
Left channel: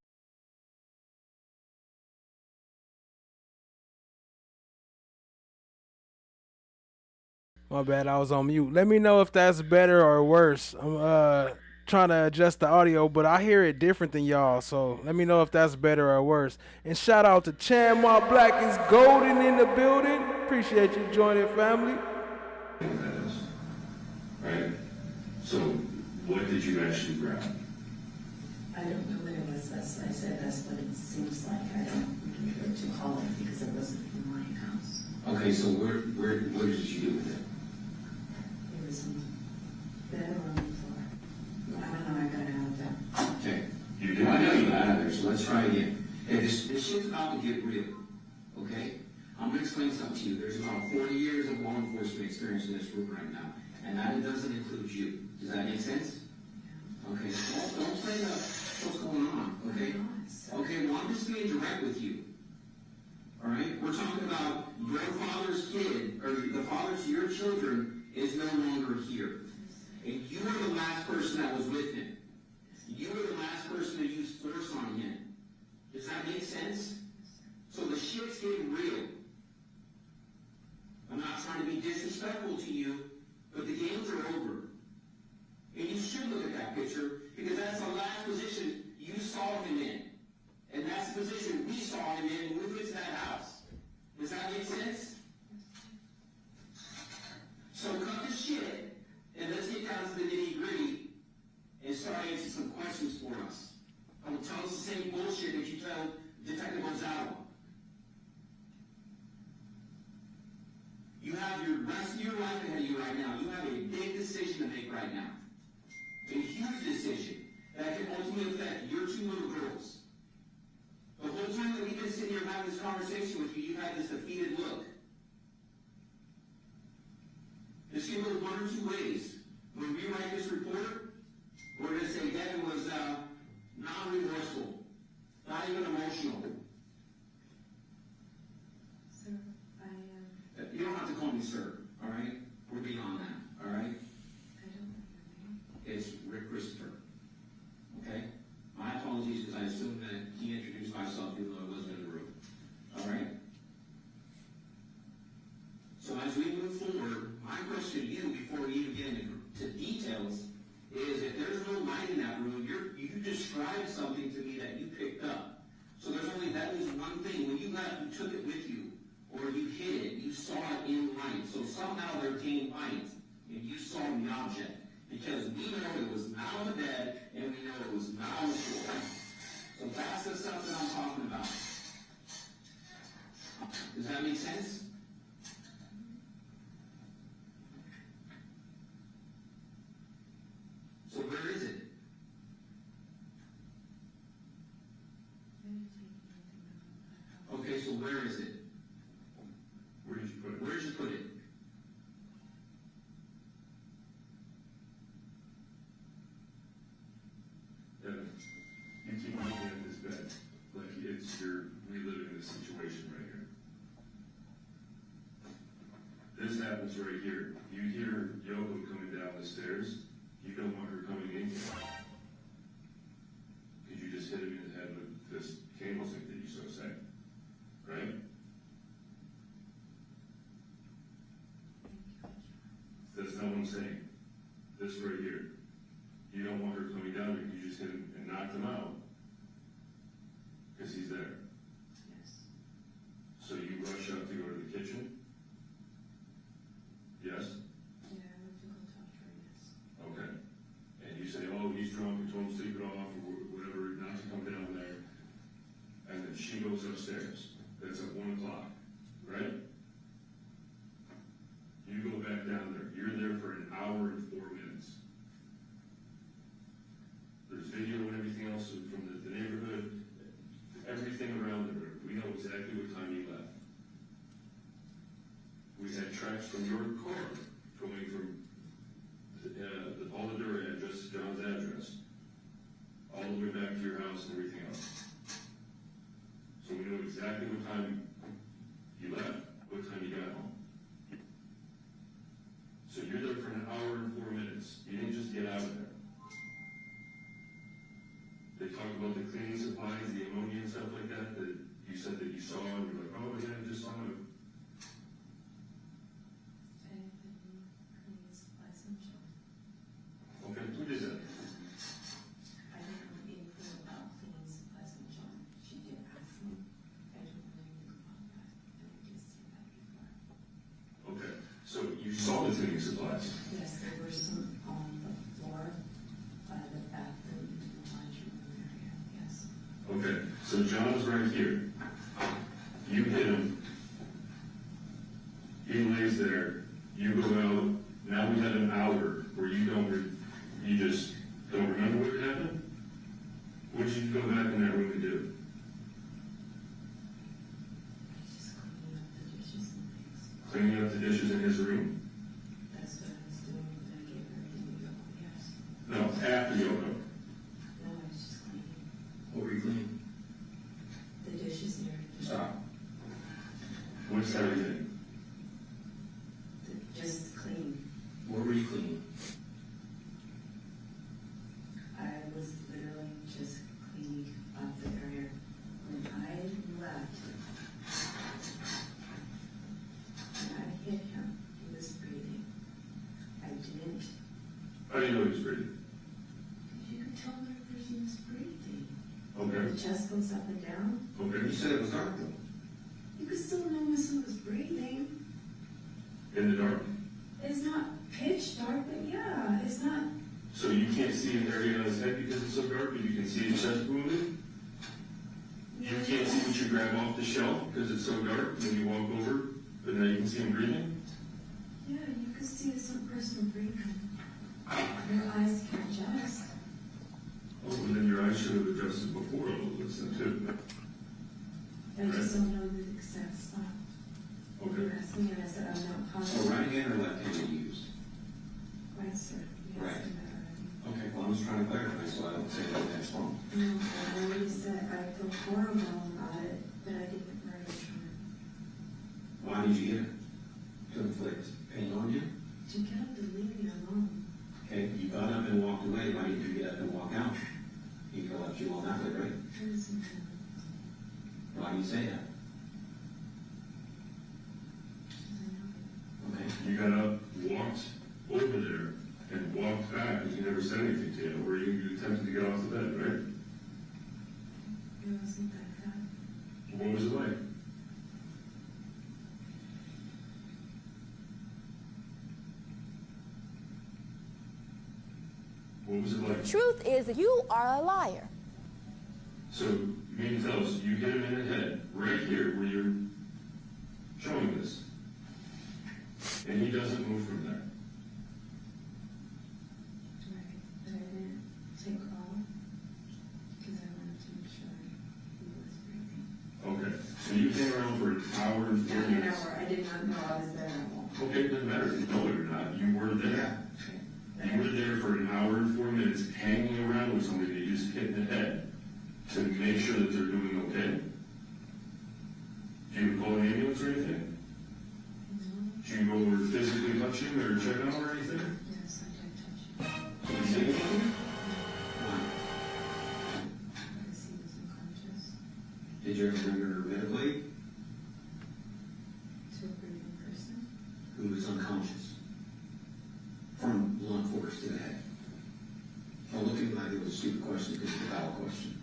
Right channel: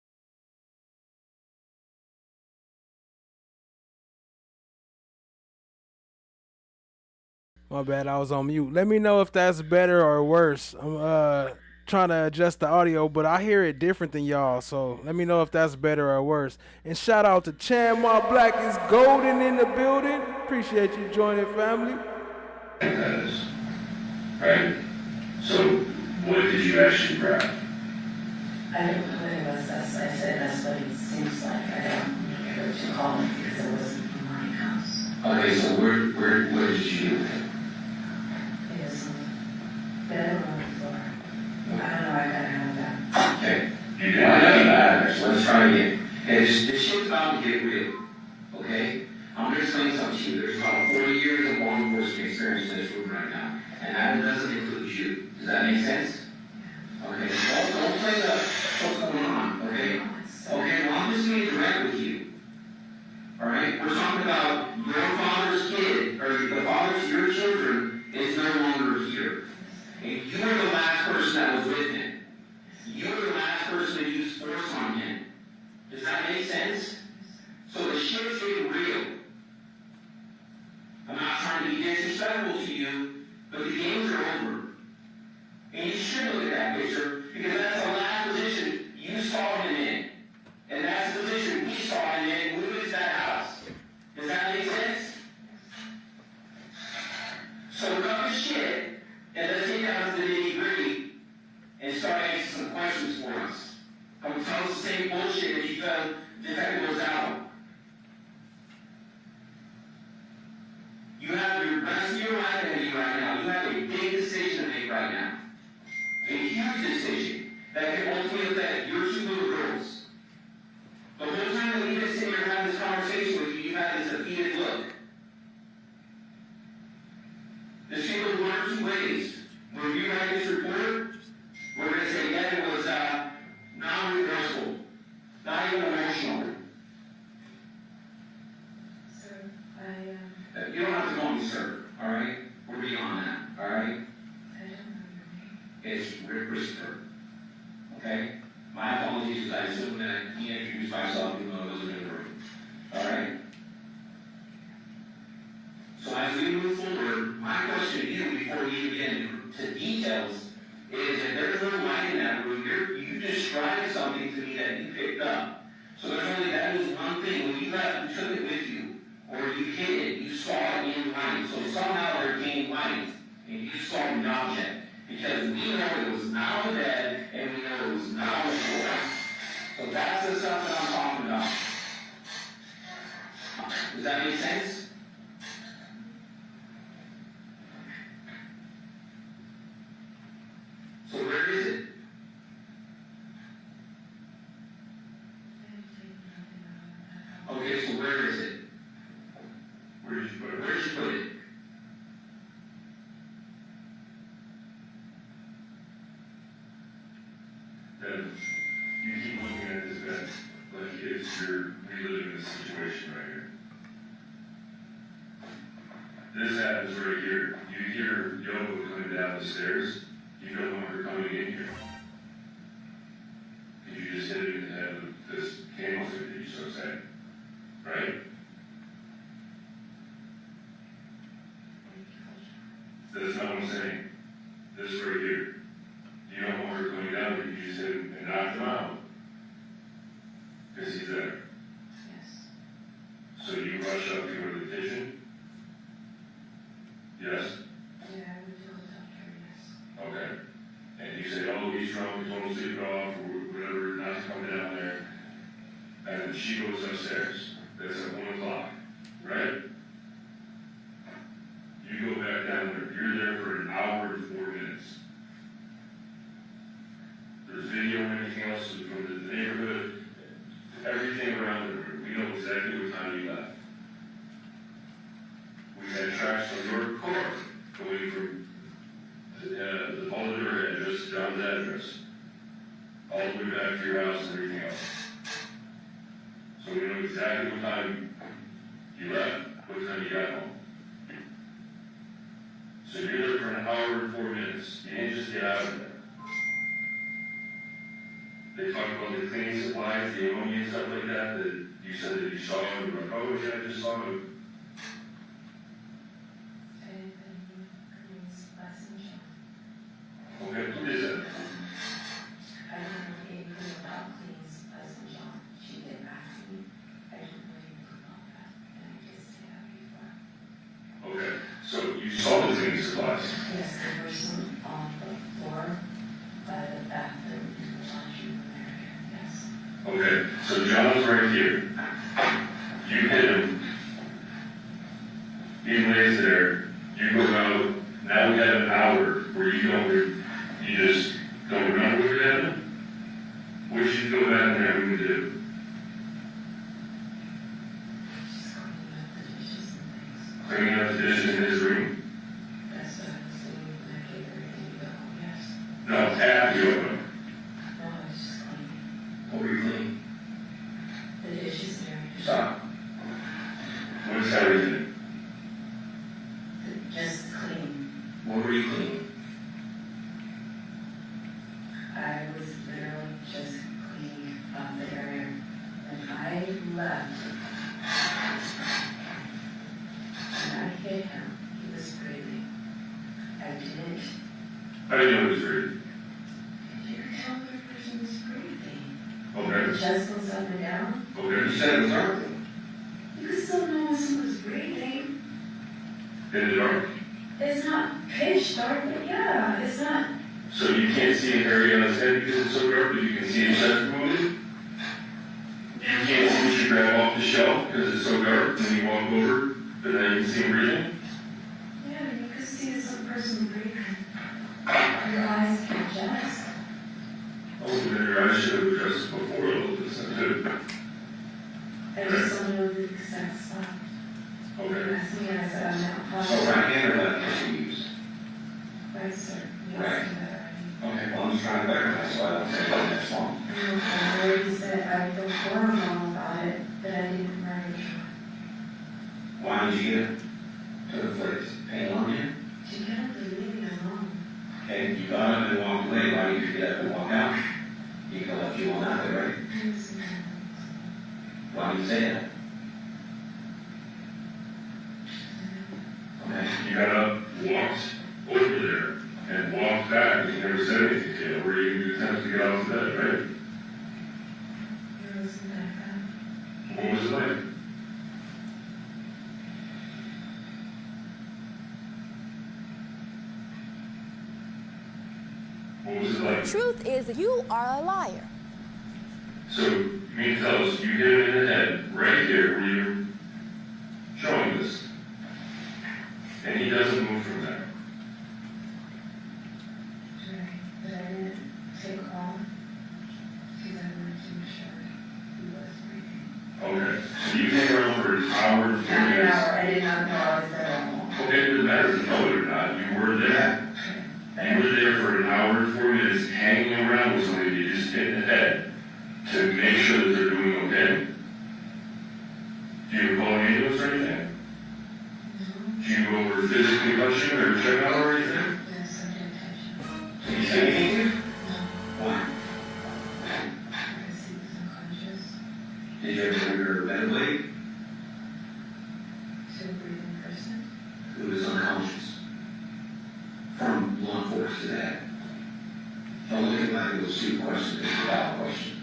My bad, I was on mute. Let me know if that's better or worse. I'm trying to adjust the audio, but I hear it different than y'all, so let me know if that's better or worse. And shout out to Chanmar Black is Golden in the building. Appreciate you joining, family. That is. Right? So, what did you actually grab? I didn't know what it was. I said that's what it seems like. I don't know what you call it because it wasn't in my house. Okay, so what did you do with it? It was on the bed or on the floor. I don't know. I gotta have that. Okay. You did Well, I know not. that, so let's try again. Okay, this shit's about to get real. Okay? I'm gonna explain something to you. There's about 40 years of law enforcement experience in this room right now. And that doesn't include you. Does that make sense? Okay, don't play the what's going on, okay? Okay, well, I'm just being direct with you. All right? We're talking about your father's kid, or the father's, your children, is no longer here. And you are the last person that was with him. You were the last person to use force on him. Does that make sense? So the shit's getting real. I'm not trying to be disrespectful to you, but the games are over. And you should look at that picture, because that's the last position you saw him in. And that's the position we saw him in when we went to that house. Does that make sense? So cut the shit, and let's get down to the nitty-gritty and start answering some questions for us. Don't tell us the same bullshit that you felt Detective was out. You have the rest of your life ahead of you right now. You have a big decision to make right now. A huge decision that can ultimately affect your two little girls. The whole time that we've been sitting here having this conversation with you, you've had this defeated look. This can go one or two ways. When we write this report, we're going to say Devyn was non-remorseful, not even emotional. Sir, You don't have to call me sir, all right? We're beyond that, all right? I don't know. It's Rick Christopher, okay? My apologies, because I assumed that he introduced myself even though I wasn't in the room, all right? So as we move forward, my question to you before we even get into details is if there's no light in that room, you described something to me that you picked up. So there's only that is one thing. When you left, you took it with you, or you hid it, you saw it in light. So somehow there came light, and you saw the object. Because we know it was not on the bed, and we know it was not on the floor. So that's the stuff that I'm talking about. Does that make sense? So where is it? Okay, so where is it? Where did you put it? Where did you put it? Then you keep looking at this bed like it's you're reliving this situation right here. This happens right here. You hear Yogo coming down the stairs. You don't want her coming in here. Because you just hit it in the head with this candlestick that you so say. Right? That's not what I'm saying. This right here. You don't want her coming down, but you just hit him and knocked him out. Because he's there. Yes. So you rush up to her to the kitchen? Yes? Yeah, I would tell the doctor, yes. Okay. And you say, oh, he's drunk, he's almost sleeping off, or whatever, not to come down there. And then she goes upstairs. That's at 1 o'clock, right? You go back down there. You're there for an hour and 4 minutes. There's video and everything else from the neighborhood, everything around the room. We know exactly what time you left. We had tracks from your car going from the Boulder address, John's address, all the way back to your house and everything else. So we know exactly what time you left, what time you got home. So you're there for an hour and 4 minutes. You didn't just get out of there. They talk about the cleaning supplies, the ammonia and stuff like that you said that you saw them. You're like, oh yeah, I just saw them. Okay, who is that? I don't know anything about cleaning supplies in John. She did ask me. I didn't know anything about that. And I just said that before. Okay, so you saw the cleaning supplies? Yes, there were some on the floor by the bathroom and the washroom area, yes. Okay, so John's right here. You hit him. He lays there. You go out. Now we have an hour where you just don't remember what happened. What did you go back in there and do? Just Cleaning up the dishes in his room? that's what I was doing when I gave her to go, yes. No, after you open. No, I was just cleaning. What were you cleaning? The dishes and everything. Stop. What's everything? Just cleaning. What were you cleaning? do you know he's breathing? You can tell when a person is breathing. Okay. The chest goes up and down. Okay. You said it was dark. You can still know when someone's breathing. In the dark. It's not pitch dark, but yeah, it's not. So you can't see an area on his head because it's so dark, but you can see his chest moving? You can't see what you grab off the shelf because it's so dark, and you walk over, but then you can see him breathing? Yeah, you can see some person breathing. Your eyes can adjust. Oh, then your eyes should have adjusted before all of this, too. I just don't know the exact spot. Okay. That's me, I said I'm not So positive. right hand or left hand you use? Right, sir. Yes, Right. Okay, well, I'm just trying to verify, so I don't say that that's wrong. I already said I feel horrible about it, but I didn't murder her. Why did you get it to the place? Pain on you? She got up and leave me alone. Okay, you got up and walked away. Why did you get up and walk out? You could have left you on that way, right? Why do you say that? Okay. You got up, walked over there, and walked back, and you never said anything to you, or you attempted to get out of bed, right? It wasn't that bad. What was it like? What was it like? Truth is, you are a liar. So, you mean to tell us you hit him in the head, right here, where you're showing this, and he doesn't move from there? Right, but I didn't take off because I wanted to make sure he was breathing. Okay, so you hang around for an hour and 4 Not an minutes. hour, I did not know I was there alone. Okay, it doesn't matter if you know it or not, you were there. You were there for an hour and 4 minutes hanging around with somebody you just hit in the head to make sure that they're doing okay. Do you call an ambulance or anything? Do you go over physically touch you or check out or anything? Yes, I did touch him. Did you say anything? Why? Because he was unconscious. Did you ever bring her a ventilator? To a breathing person. Who was unconscious? From law enforcement today. Don't look at like it was a stupid question, it's a valid question.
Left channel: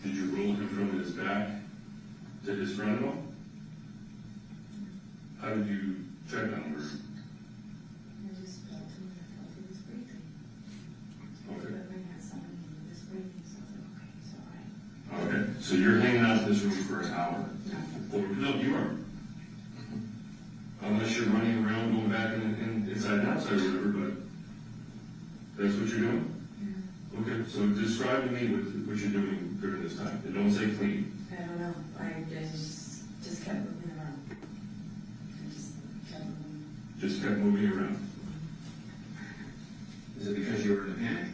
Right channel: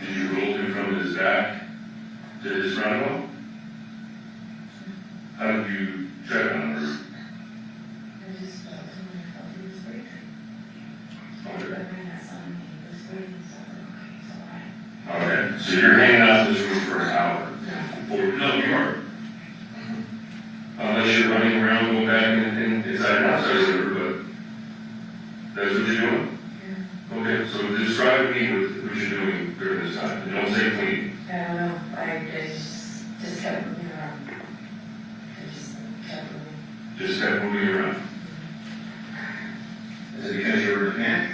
Did you roll him from his back to his roundabout? How did you check on her? I just felt him and I felt he was breathing. Okay. But when I saw him, he was breathing, so I thought, okay, he's all right. Okay, so you're hanging out in this room for an hour. No, you are. Unless you're running around, going back inside and outside of the room, but that's what you're doing. Okay, so describe to me what you're doing during this time. And don't say clean. I don't know, I just kept moving around. I just kept moving. Just kept moving around. Is it because you were in a panic?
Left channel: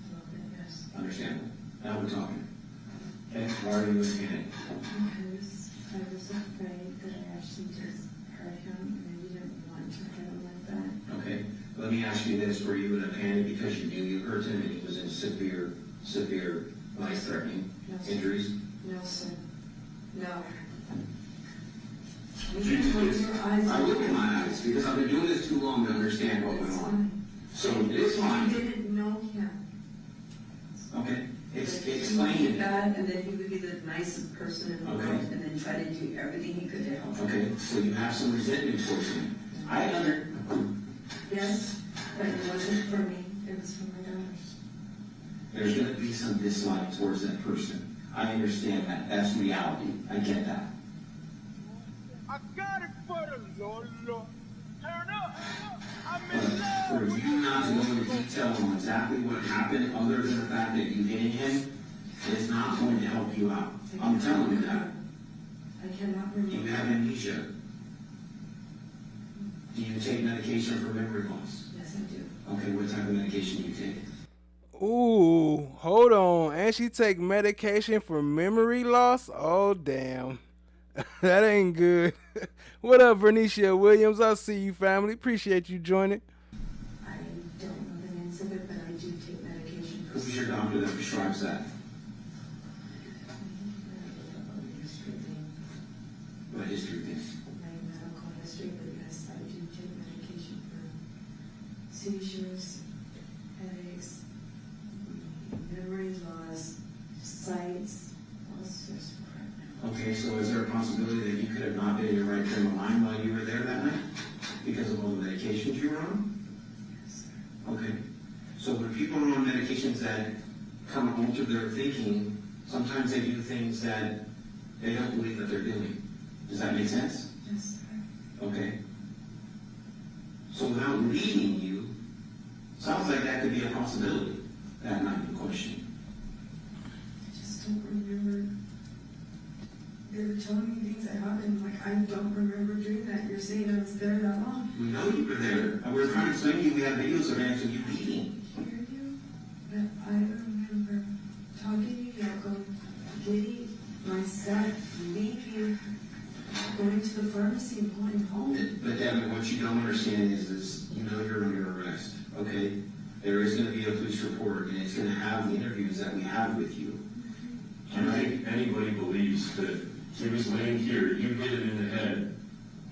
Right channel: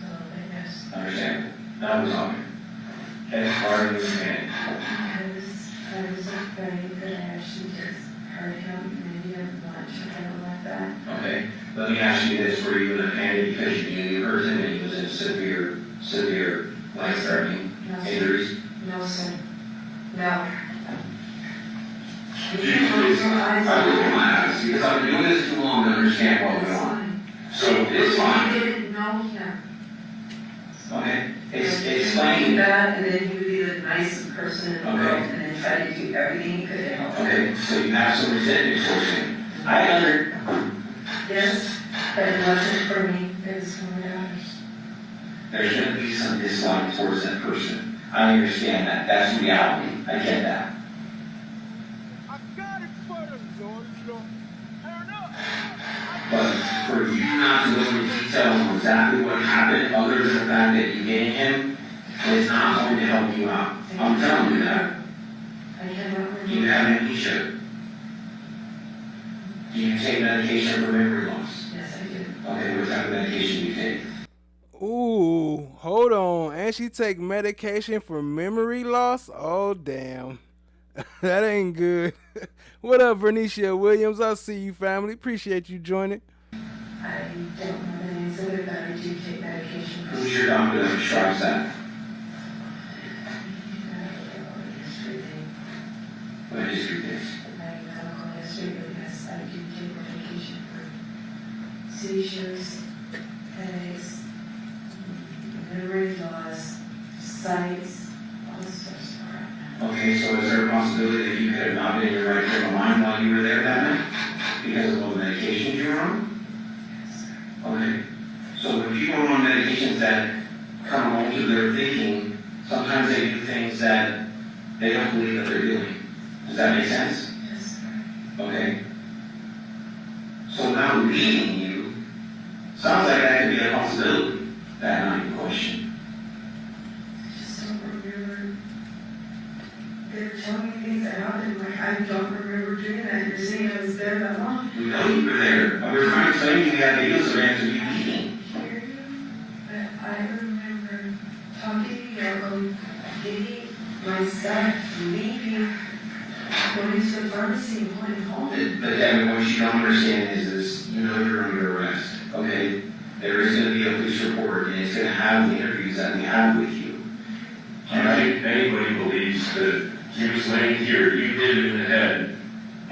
So I guess Understand? That was on you. Okay, why are you in a panic? I was afraid that I actually just hurt him and he didn't want to handle like that. Okay, let me ask you this, were you in a panic because you knew you hurt him and he was in severe life-threatening injuries? No, sir. No. Please. I'm looking at my eyes because I've been doing this too long to understand what went on. So it's fine. You didn't know him. Okay, He explain. bad, and then he would be the nicest person in the world, Okay. and then try to do everything he could to help him. Okay, so you have some resentment towards him. Yes, but it wasn't for me, it was for my daughters. There's going to be some dislike towards that person. I understand that. That's reality. I get that. I got it for the Lord. Turn up. But for you not to go into detail on exactly what happened, other than the fact that you gained him, is not going to help you out. I'm telling you that. I cannot remember. You have amnesia. Do you take medication for memory loss? Yes, I do. Okay, what type of medication do you take? Ooh, hold on. And she take medication for memory loss? Oh, damn. That ain't good. What up, Vernicia Williams? I'll see you, family. Appreciate you joining. I don't know the names of it, but I do take medication. Who's your doctor that prescribes that? What history is? My medical history, but yes, I do take medication for seizures, headaches, memory loss, sights, all sorts of crap. Okay, so is there a possibility that you could have not been in your right frame of mind while you were there that night? Because of all the medications you were on? Yes, sir. Okay. So when people are on medications that come home to their thinking, sometimes they do things that they don't believe that they're doing. Does that make sense? Yes, sir. Okay. So now leading you, sounds like that could be a possibility, that night in question. I just don't remember. They were telling me things that happened, like I don't remember doing that. You're saying I was there that long. We know you were there. We were trying to explain to you we had videos of answer you eating. Hear you, but I remember talking to Yoko, getting my stuff, leaving, going to the pharmacy and going home. But Devyn, what you don't understand is this, you know you're under arrest, okay? There is going to be a police report, and it's going to have the interviews that we have with you. Do you think anybody believes that he was laying here, you hit him in the head,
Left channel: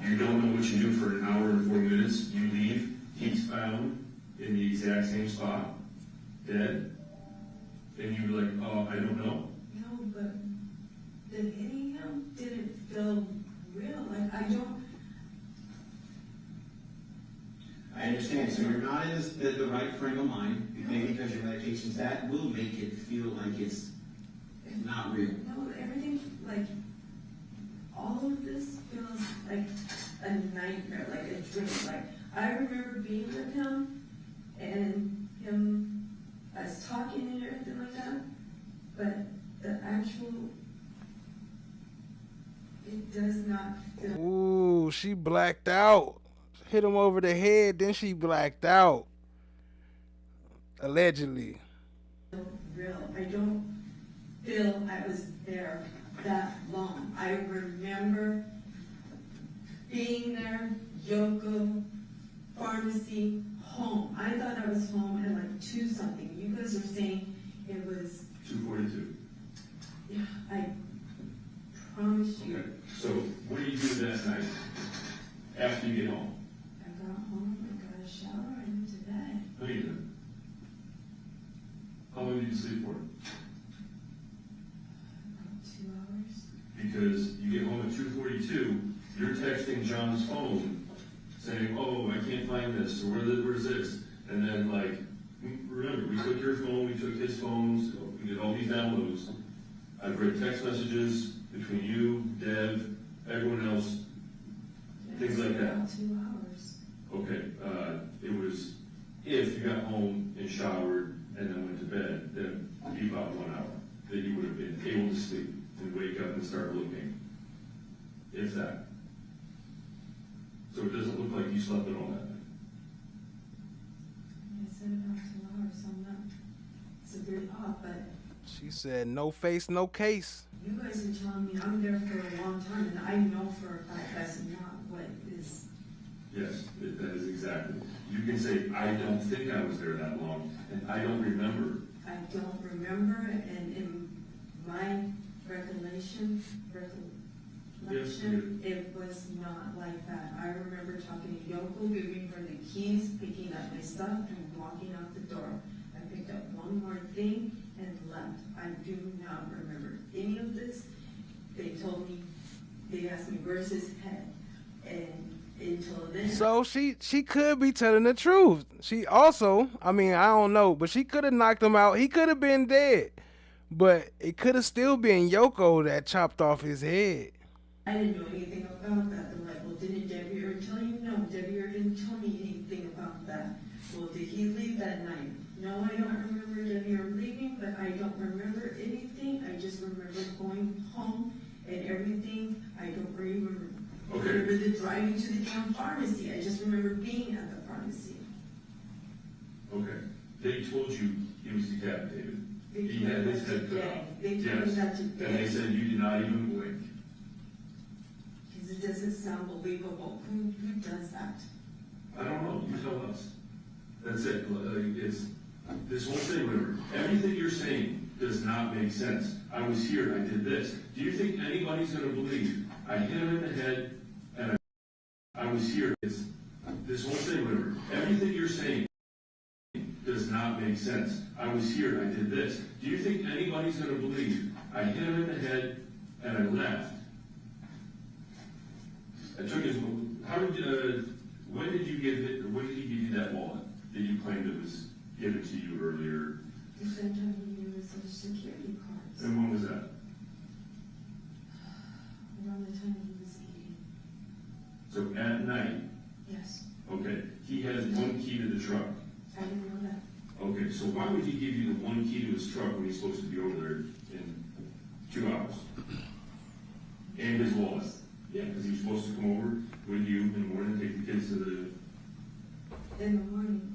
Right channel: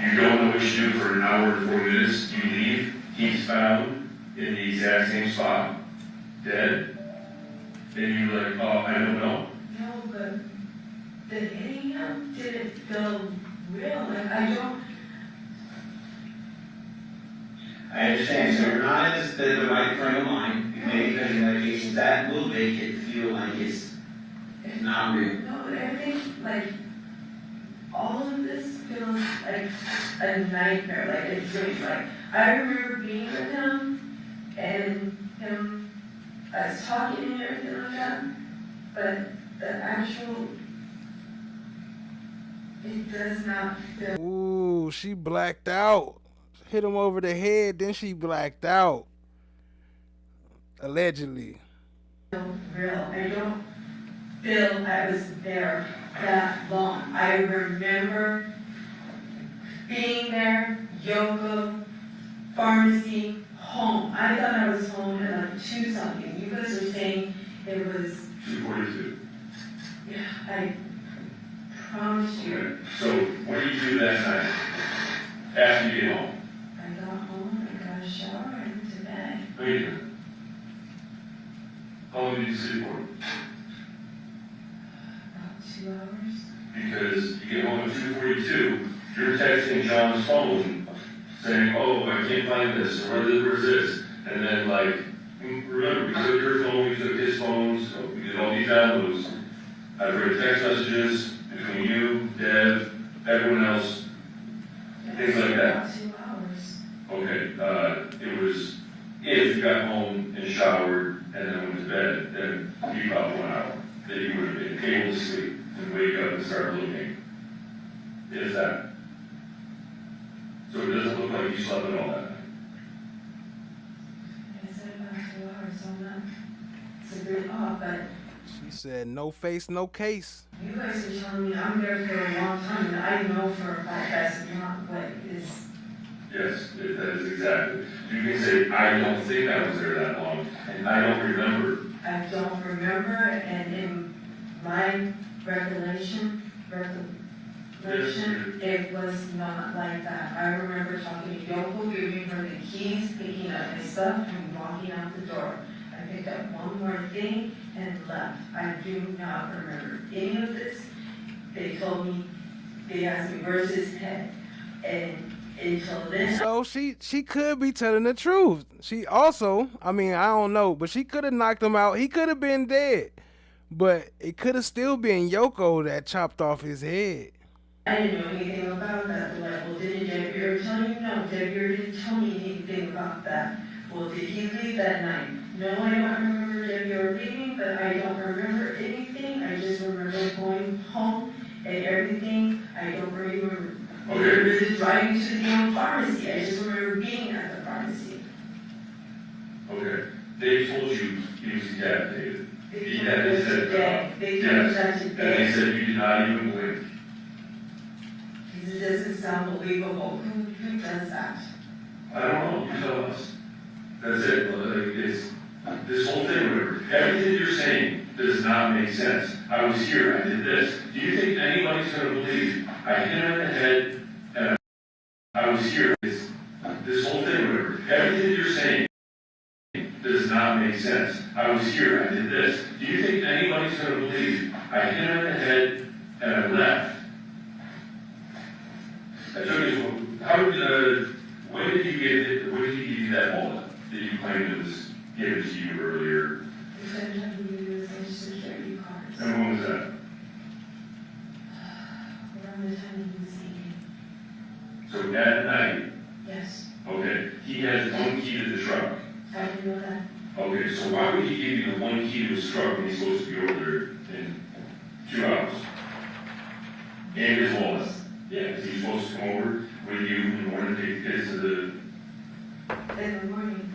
you don't know what you do for an hour and 4 minutes, you leave, he's found in the exact same spot, dead, and you're like, oh, I don't know. No, but the hitting him didn't feel real. Like I don't. I understand, so you're not in the right frame of mind, maybe because your medications, that will make it feel like it's not real. No, but everything, like, all of this feels like a nightmare, like a dream. Like, I remember being with him, and him, us talking and everything like that, but the actual, it does not feel. Ooh, she blacked out. Hit him over the head, then she blacked out. Allegedly. Real. I don't feel I was there that long. I remember being there, Yoko, pharmacy, home. I thought I was home at like 2 something. You guys are saying it was 2:42. Yeah, I promise you. Okay, so what did you do that night? After you get home? I got home, I got a shower, I went to bed. No, you didn't. How long did you sleep for? About 2 hours. Because you get home at 2:42, you're texting John's phone saying, oh, I can't find this, or where's this? And then, like, remember, we took your phone, we took his phones, so we did all these downloads. I've read text messages between you, Dev, everyone else, things like that. About 2 hours. Okay, it was, if you got home and showered and then went to bed, then it'd be about 1 hour that you would have been able to sleep and wake up and start looking. Is that? So it doesn't look like you slept at all that night. I said about 2 hours, so I'm not severely off, but She said, no face, no case. you guys are telling me I'm there for a long time, and I know for a fact that's not what is. Yes, that is exactly. You can say, I don't think I was there that long, and I don't remember. I don't remember, and in my recollection, it was not like that. I remember talking to Yoko, giving her the keys, picking up my stuff, and walking out the door. I picked up one more thing and left. I do not remember any of this. They told me, they asked me, where's his head? And until then. So she could be telling the truth. She also, I mean, I don't know, but she could have knocked him out. He could have been dead. But it could have still been Yoko that chopped off his head. I didn't know anything about that. Like, well, didn't Deviere tell you? No, Deviere didn't tell me anything about that. Well, did he leave that night? No, I don't remember Deviere leaving, but I don't remember anything. I just remember going home and everything. I don't remember really driving to the damn pharmacy. I just remember being at the pharmacy. Okay. They told you he was decapitated. They He had his head cut off. They told me that Yes. And today. they said you did not even blink. It doesn't sound believable. Who does that? I don't know, you tell us. That's it. Like, it's, this whole thing, remember, everything you're saying does not make sense. I was here, I did this. Do you think anybody's going to believe I hit him in the head and I was here? It's, this whole thing, remember, everything you're saying sense. I was here, I did this. Do you think anybody's gonna believe I hit her in the head and I left? I took his, when did you give you that wallet that you claimed it was given to you earlier? You said you had to use Social Security cards. And when was that? Around the time he was eating. So at night? Yes. Okay, he has one key to the truck. I didn't know that. Okay, so why would he give you the one key to his truck when he's supposed to be over there in 2 hours? And his wallet? Yeah, because he's supposed to come over with you in the morning to take the kids to the... In the morning.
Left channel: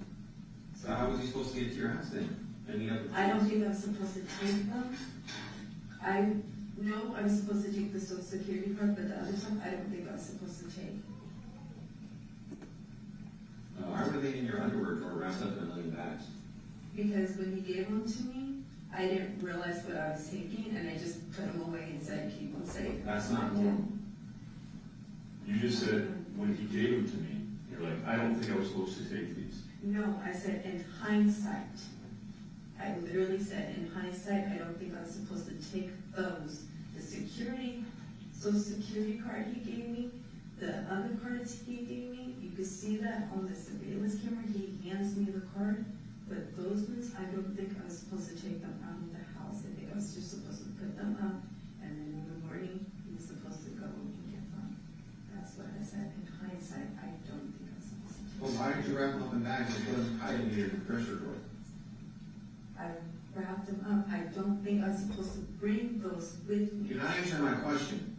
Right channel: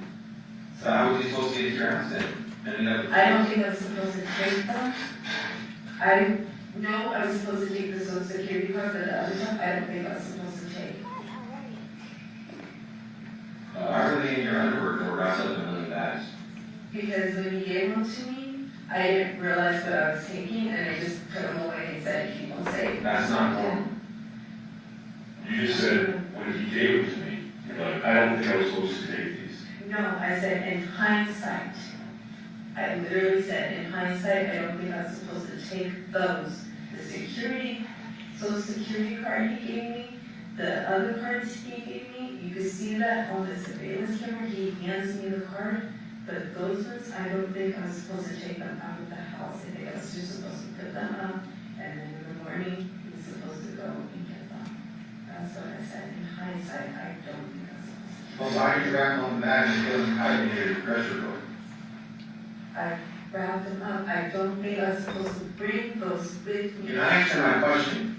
So how was he supposed to get to your house then? I don't think I was supposed to take them. I know I was supposed to take the Social Security card, but the other stuff I don't think I was supposed to take. Why were they in your underwear or wrapped up in one of the bags? Because when he gave them to me, I didn't realize what I was taking, and I just put them away and said, keep them safe. That's not normal. You just said, when he gave them to me, but I don't think I was supposed to take these. No, I said in hindsight. I literally said in hindsight, I don't think I was supposed to take those. The Social Security card he gave me, the other cards he gave me, you could see that on the surveillance camera, he hands me the card, but those ones, I don't think I was supposed to take them out of the house. I think I was just supposed to put them up, and then in the morning, he was supposed to go and get them. That's what I said. In hindsight, I don't think I was supposed to. Well, why did you wrap them on the bag and put them out in your pressure cooker? I wrapped them up. I don't think I was supposed to bring those with me. You're not answering my question.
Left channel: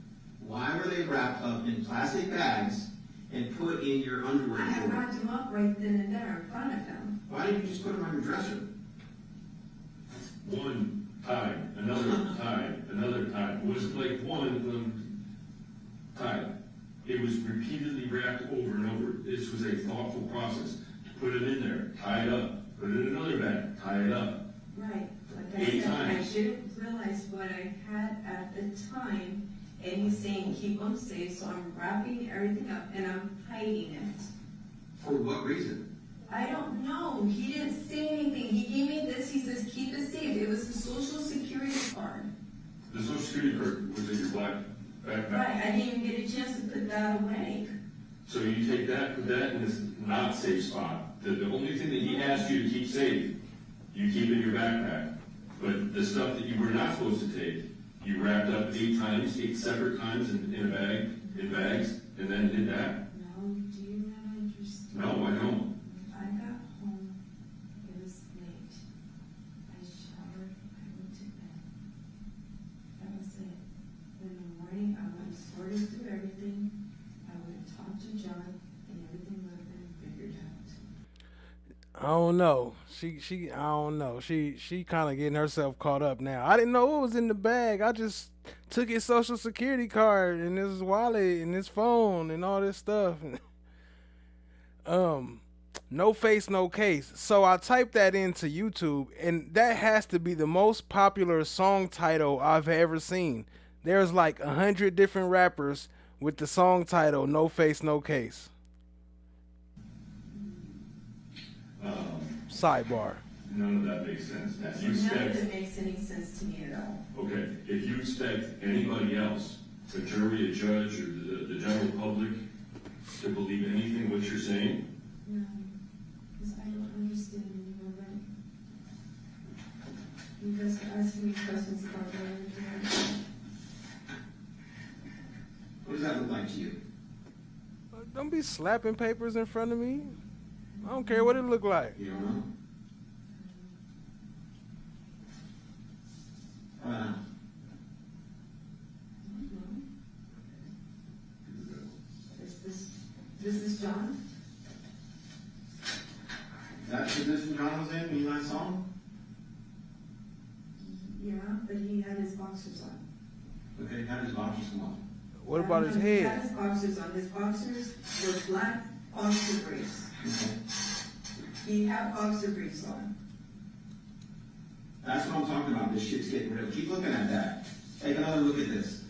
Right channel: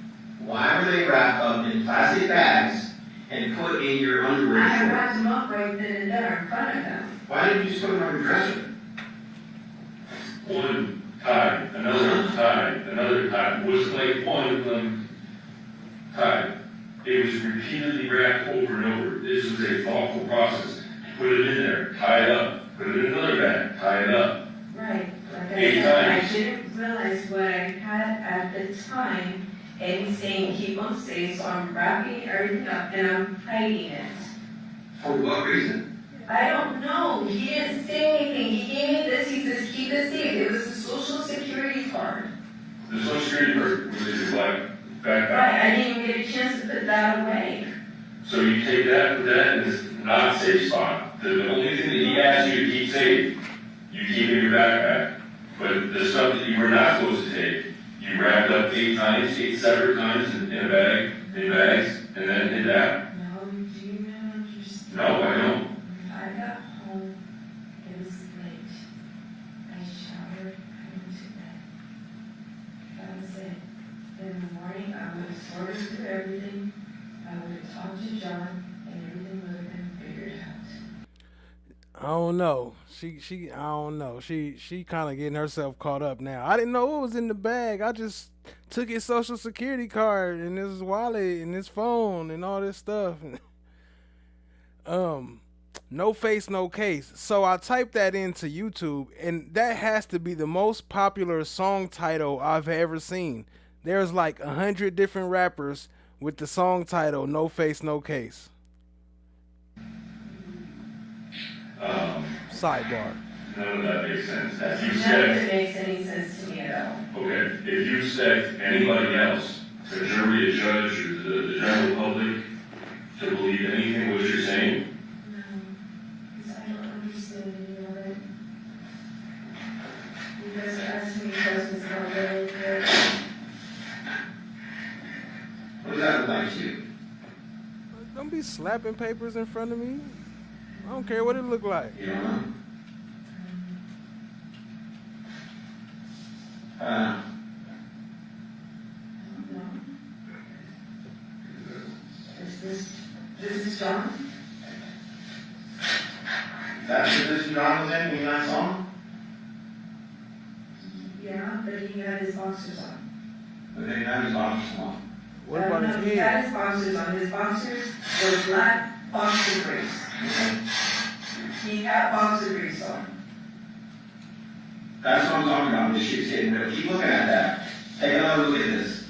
Why were they wrapped up in plastic bags and put in your underwear? I wrapped them up right then and there in front of them. Why didn't you just put them on your dresser? One tied, another tied, another tied. It wasn't like one of them tied. It was repeatedly wrapped over and over. This was a thoughtful process. Put it in there, tie it up, put it in another bag, tie it up. Right. Like I 8 said, times. I didn't realize what I had at the time, and he's saying keep them safe, so I'm wrapping everything up and I'm hiding it. For what reason? I don't know. He didn't say anything. He gave me this. He says keep it safe. It was the Social Security card. The Social Security card was in your black backpack. Right. I didn't even get a chance to put that away. So you take that, put that in this not safe spot. The only thing that he asked you to keep safe, you keep in your backpack. But the stuff that you were not supposed to take, you wrapped up 8 times, 8 separate times in a bag, in bags, and then did that. No, do you not understand? No, I don't. I got home, it was late. I showered, I went to bed. That was it. In the morning, I would have sorted through everything. I would have talked to John, and everything would have been figured out. I don't know. I don't know. She kind of getting herself caught up now. I didn't know what was in the bag. I just took his Social Security card and his wallet and his phone and all this stuff. No face, no case. So I typed that into YouTube, and that has to be the most popular song title I've ever seen. There's like 100 different rappers with the song title No Face, No Case. Sidebar. None of that makes sense. If you None of said, it makes any sense to me at all. okay, if you expect anybody else, the jury, a judge, or the general public, to believe anything what you're saying, No, because I don't understand any of it. You guys are asking me questions about everything. What does that look like to you? Don't be slapping papers in front of me. I don't care what it look like. You don't know? This is John? That's the position John was in when you last saw him? Yeah, but he had his boxers on. But they had his boxers on. What about his He had head? his boxers on. His boxers were black boxer briefs. He had boxer briefs on. That's what I'm talking about. This shit's getting real. Keep looking at that. Take another look at this.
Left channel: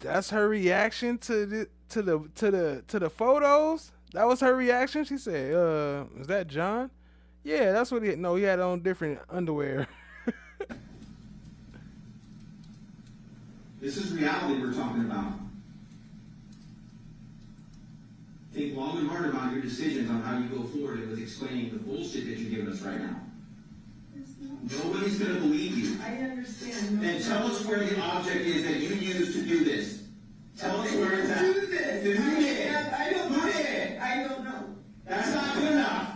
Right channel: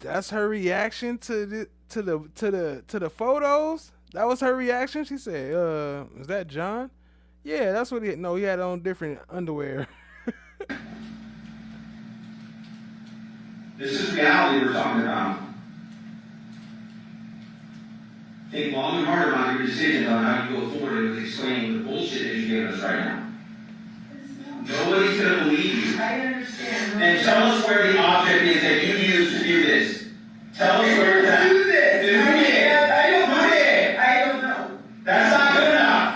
That's her reaction to the photos. That was her reaction. She said, "Is that John?" Yeah, that's what he. No, he had on different underwear. This is reality we're talking about. Think long and hard about your decisions on how you go forward with explaining the bullshit that you're giving us right now. Nobody's going to believe you. I understand. And tell us where the object is that you used to do this. Tell us where it's at. Do this. Who did? Who did? I don't know. That's not good enough.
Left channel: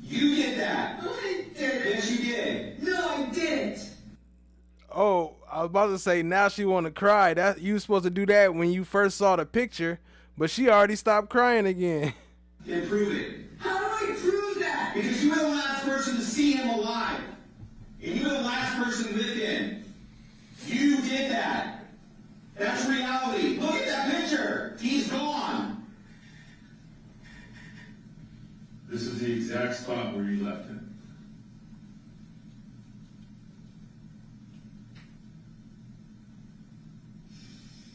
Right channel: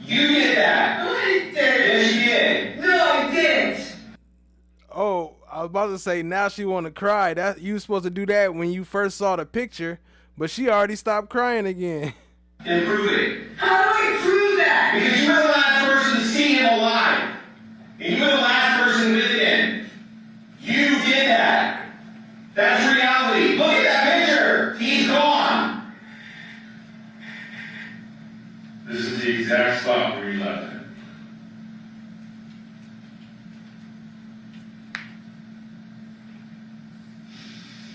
You did that. No, I didn't. Yes, you did. No, I didn't. Oh, I was about to say now she want to cry. That you were supposed to do that when you first saw the picture, but she already stopped crying again. And prove it. How do I prove that? Because you were the last person to see him alive. And you were the last person with him. You did that. That's reality. Look at that picture. He's gone. This is the exact spot where you left him.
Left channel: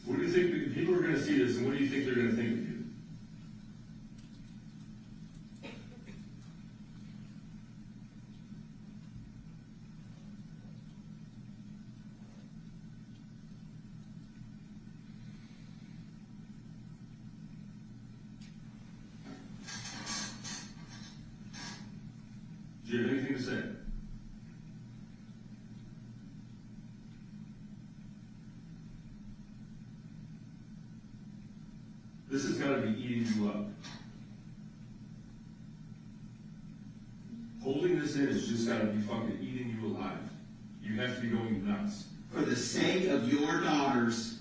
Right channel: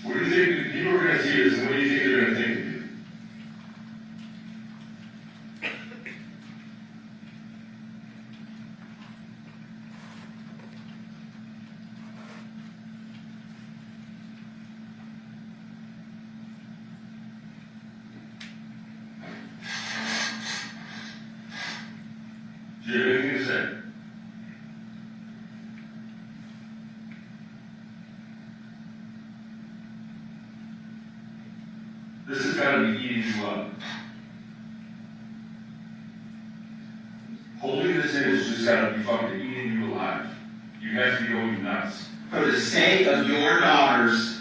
What do you think people are going to see this, and what do you think they're going to think of you? Do you have anything to say? This has got to be eating you up. Holding this in has just got to be fucking eating you alive. You have to be going nuts. For the sake of your daughters,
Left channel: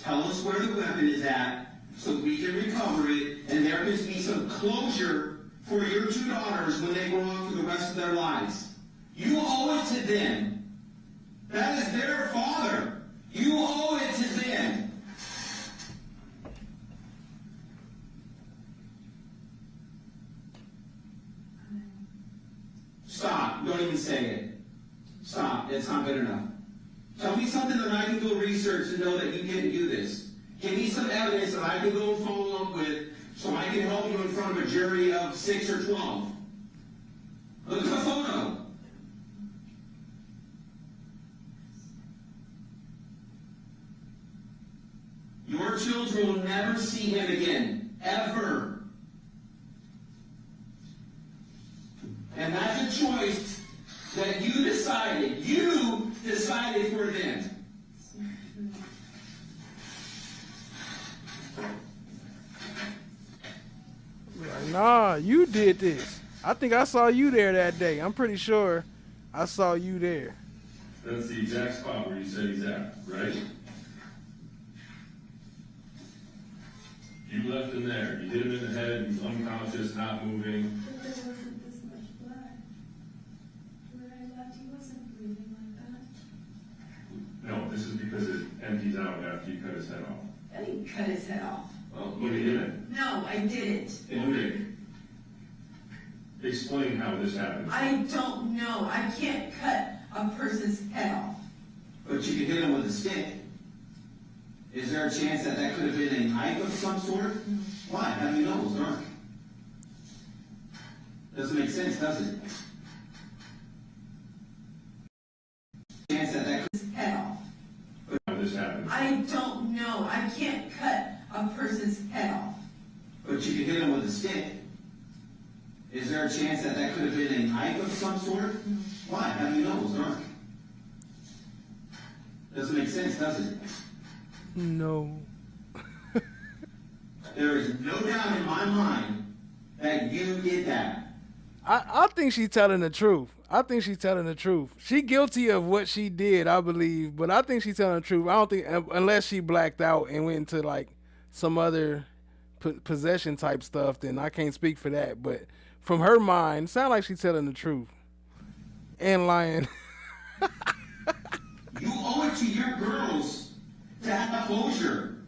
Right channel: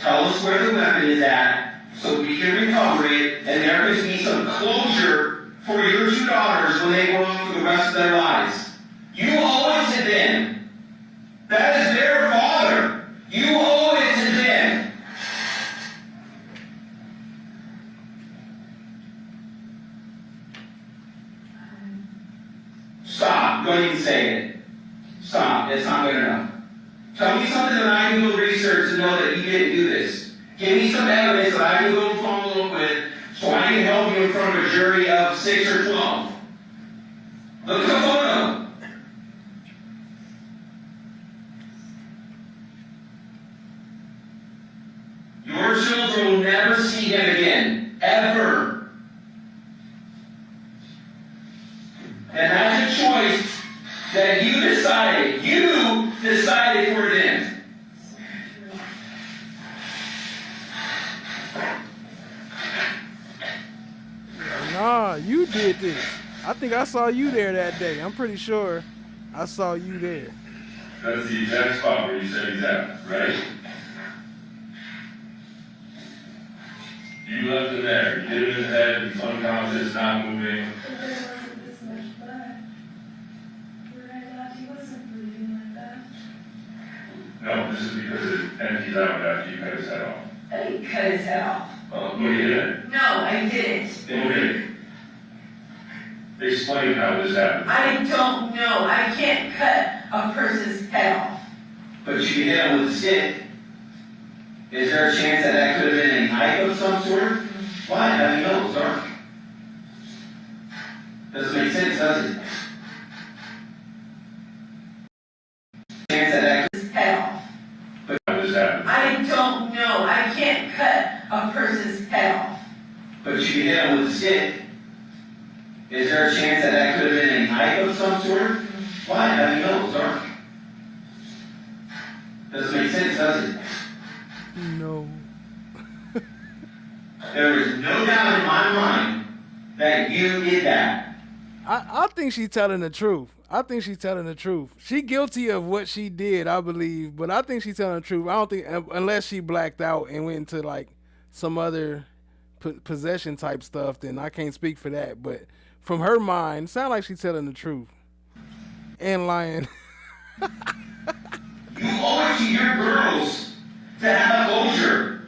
tell us where the weapon is at so we can recover it, and there can be some closure for your two daughters when they grow up for the rest of their lives. You owe it to them. That is their father. You owe it to them. Stop. Don't even say it. Stop. It's not good enough. Tell me something that I can go research and know that you didn't do this. Give me some evidence that I can go follow up with so I can help you in front of a jury of 6 or 12. Look at the photo. Your children will never see him again. Ever. And that's a choice that you decided. You decided for them. Nah, you did this. I think I saw you there that day. I'm pretty sure I saw you there. That's the exact spot where you said he's at, right? You left him there. You hit him in the head. He's unconscious, not moving. But there wasn't this much blood. Where I left, he wasn't bleeding like that. No, this is because it empties out after you cut his head off. I cut his head off. Well, you hit it. No, I didn't. Okay. Explain how this happened. I don't know. I can't cut a person's head off. But you can hit him with a stick. Is there a chance that that could have been a knife of some sort? Why? How do you know? It's dark. Doesn't make sense, does it? Chance that that could Head off. But how this happened. I don't know. I can't cut a person's head off. But you can hit him with a stick. Is there a chance that that could have been a knife of some sort? Why? How do you know? It's dark. Doesn't make sense, does it? No. There is no doubt in my mind that you did that. I think she's telling the truth. I think she's telling the truth. She guilty of what she did, I believe, but I think she's telling the truth. I don't think, unless she blacked out and went into like some other possession type stuff, then I can't speak for that. But from her mind, it sounds like she's telling the truth and lying. You owe it to your girls to have a closure.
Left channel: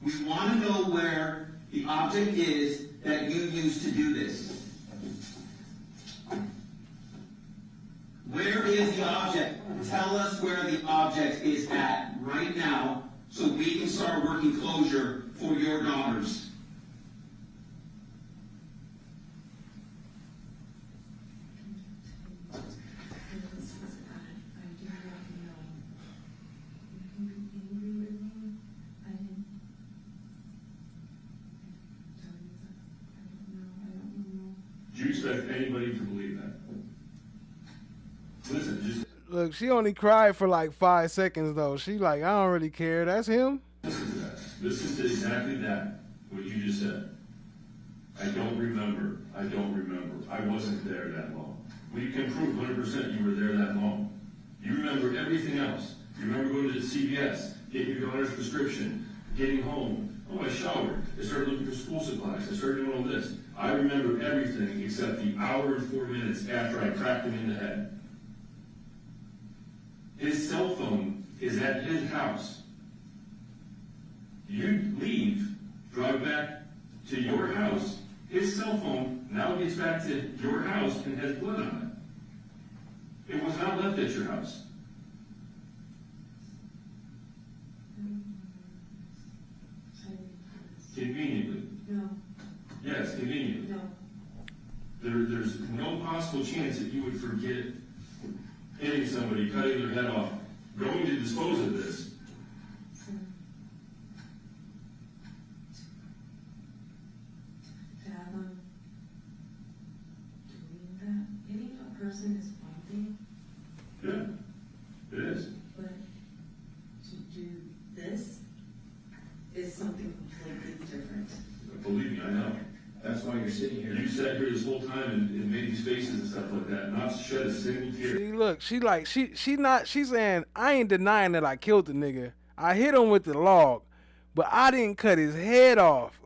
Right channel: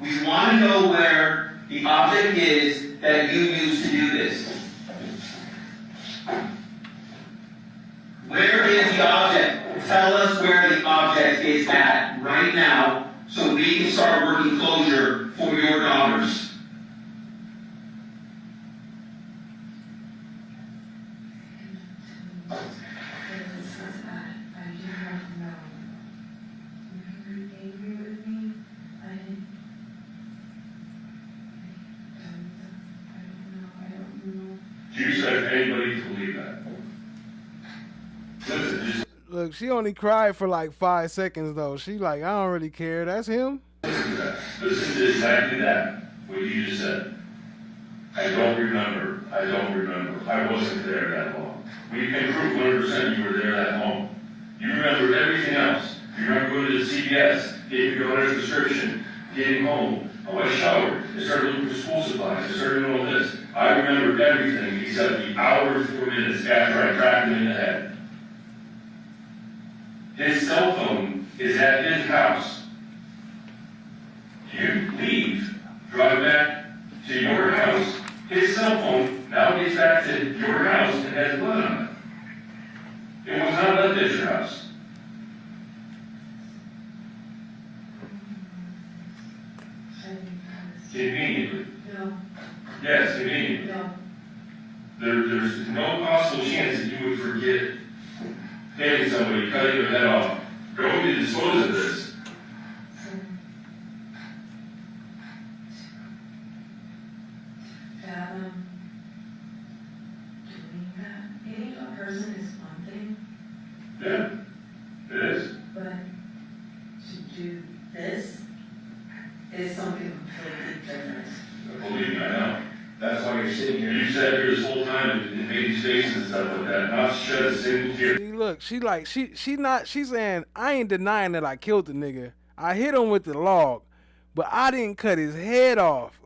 We want to know where the object is that you used to do this. Where is the object? Tell us where the object is at right now so we can start working closure for your daughters. Do you expect anybody to believe that? Listen, just Look, she only cried for like 5 seconds though. She like, I don't really care. That's him. listen to that. Listen to exactly that, what you just said. I don't remember. I wasn't there that long. We can prove 100% you were there that long. You remember everything else. You remember going to the CVS, gave your daughter's prescription, getting home. Oh, I showered. I started looking for school supplies. I started doing all this. I remember everything except the hour and 4 minutes after I cracked him in the head. His cell phone is at his house. You leave, drive back to your house. His cell phone now gets back to your house and has blood on it. It was not left at your house. Conveniently. No. Yes, conveniently. No. There's no possible chance that you would forget hitting somebody, cutting their head off, going to dispose of this. Fathom doing that. Hitting a person is one thing, Yeah, it is. but to do this is something completely different. Believe me, I know. That's why you're sitting here. You sat here this whole time and made these faces and stuff like that, not shed a single tear. See, look, she's saying, I ain't denying that I killed the nigga. I hit him with the log, but I didn't cut his head off.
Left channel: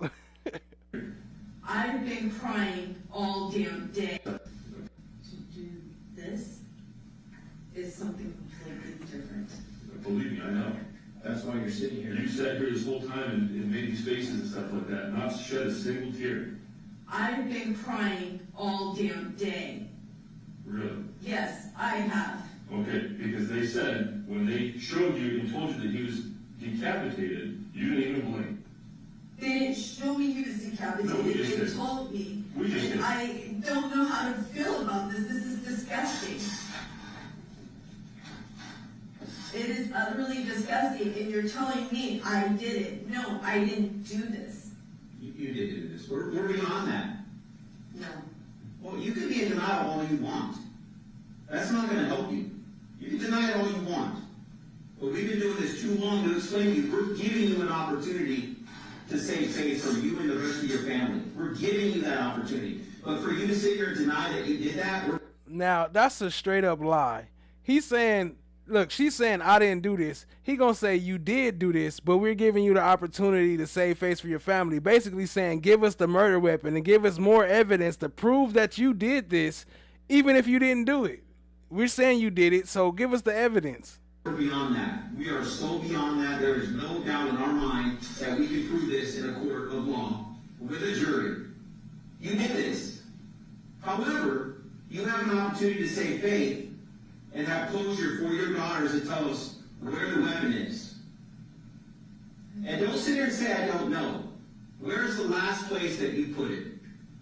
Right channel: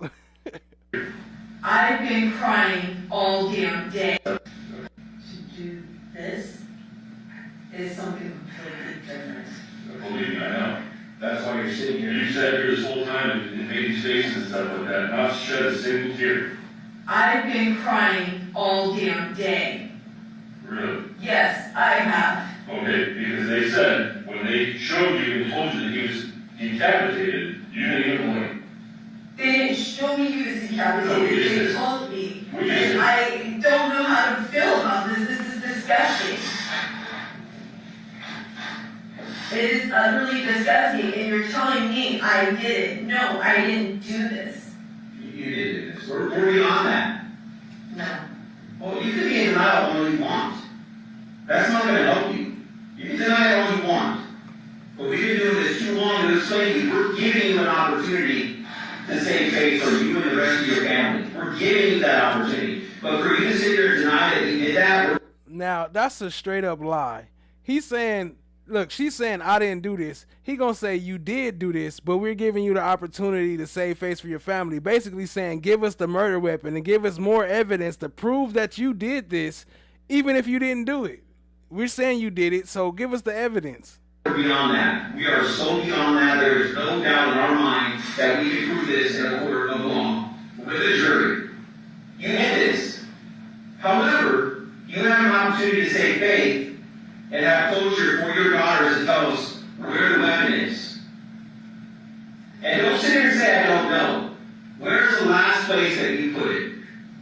I've been crying all damn day. To do this is something completely different. Believe me, I know. That's why you're sitting here. You sat here this whole time and made these faces and stuff like that, not shed a single tear. I've been crying all damn day. Really? Yes, I have. Okay, because they said, when they showed you and told you that he was decapitated, you didn't even blink. They didn't show me he was decapitated. They told me. We just And did. I don't know how to feel about this. This is disgusting. It is utterly disgusting, and you're telling me I did it. No, I didn't do this. You did do this. We're beyond that. No. Well, you can be in denial all you want. That's not going to help you. You can deny it all you want. But we've been doing this too long to explain to you. We're giving you an opportunity to save face for you and the rest of your family. We're giving you that opportunity. But for you to sit here and deny that you did that, Now, that's a straight up lie. He's saying, look, she's saying, I didn't do this. He gonna say, you did do this, but we're giving you the opportunity to save face for your family. Basically saying, give us the murder weapon and give us more evidence to prove that you did this, even if you didn't do it. We're saying you did it, so give us the evidence. we're beyond that. We are so beyond that. There is no doubt in our mind that we can prove this in a court of law with a jury. You did this. However, you have an opportunity to save faith and have closure for your daughters to tell us where the weapon is. And don't sit here and say, I don't know. Where's the last place that you put it?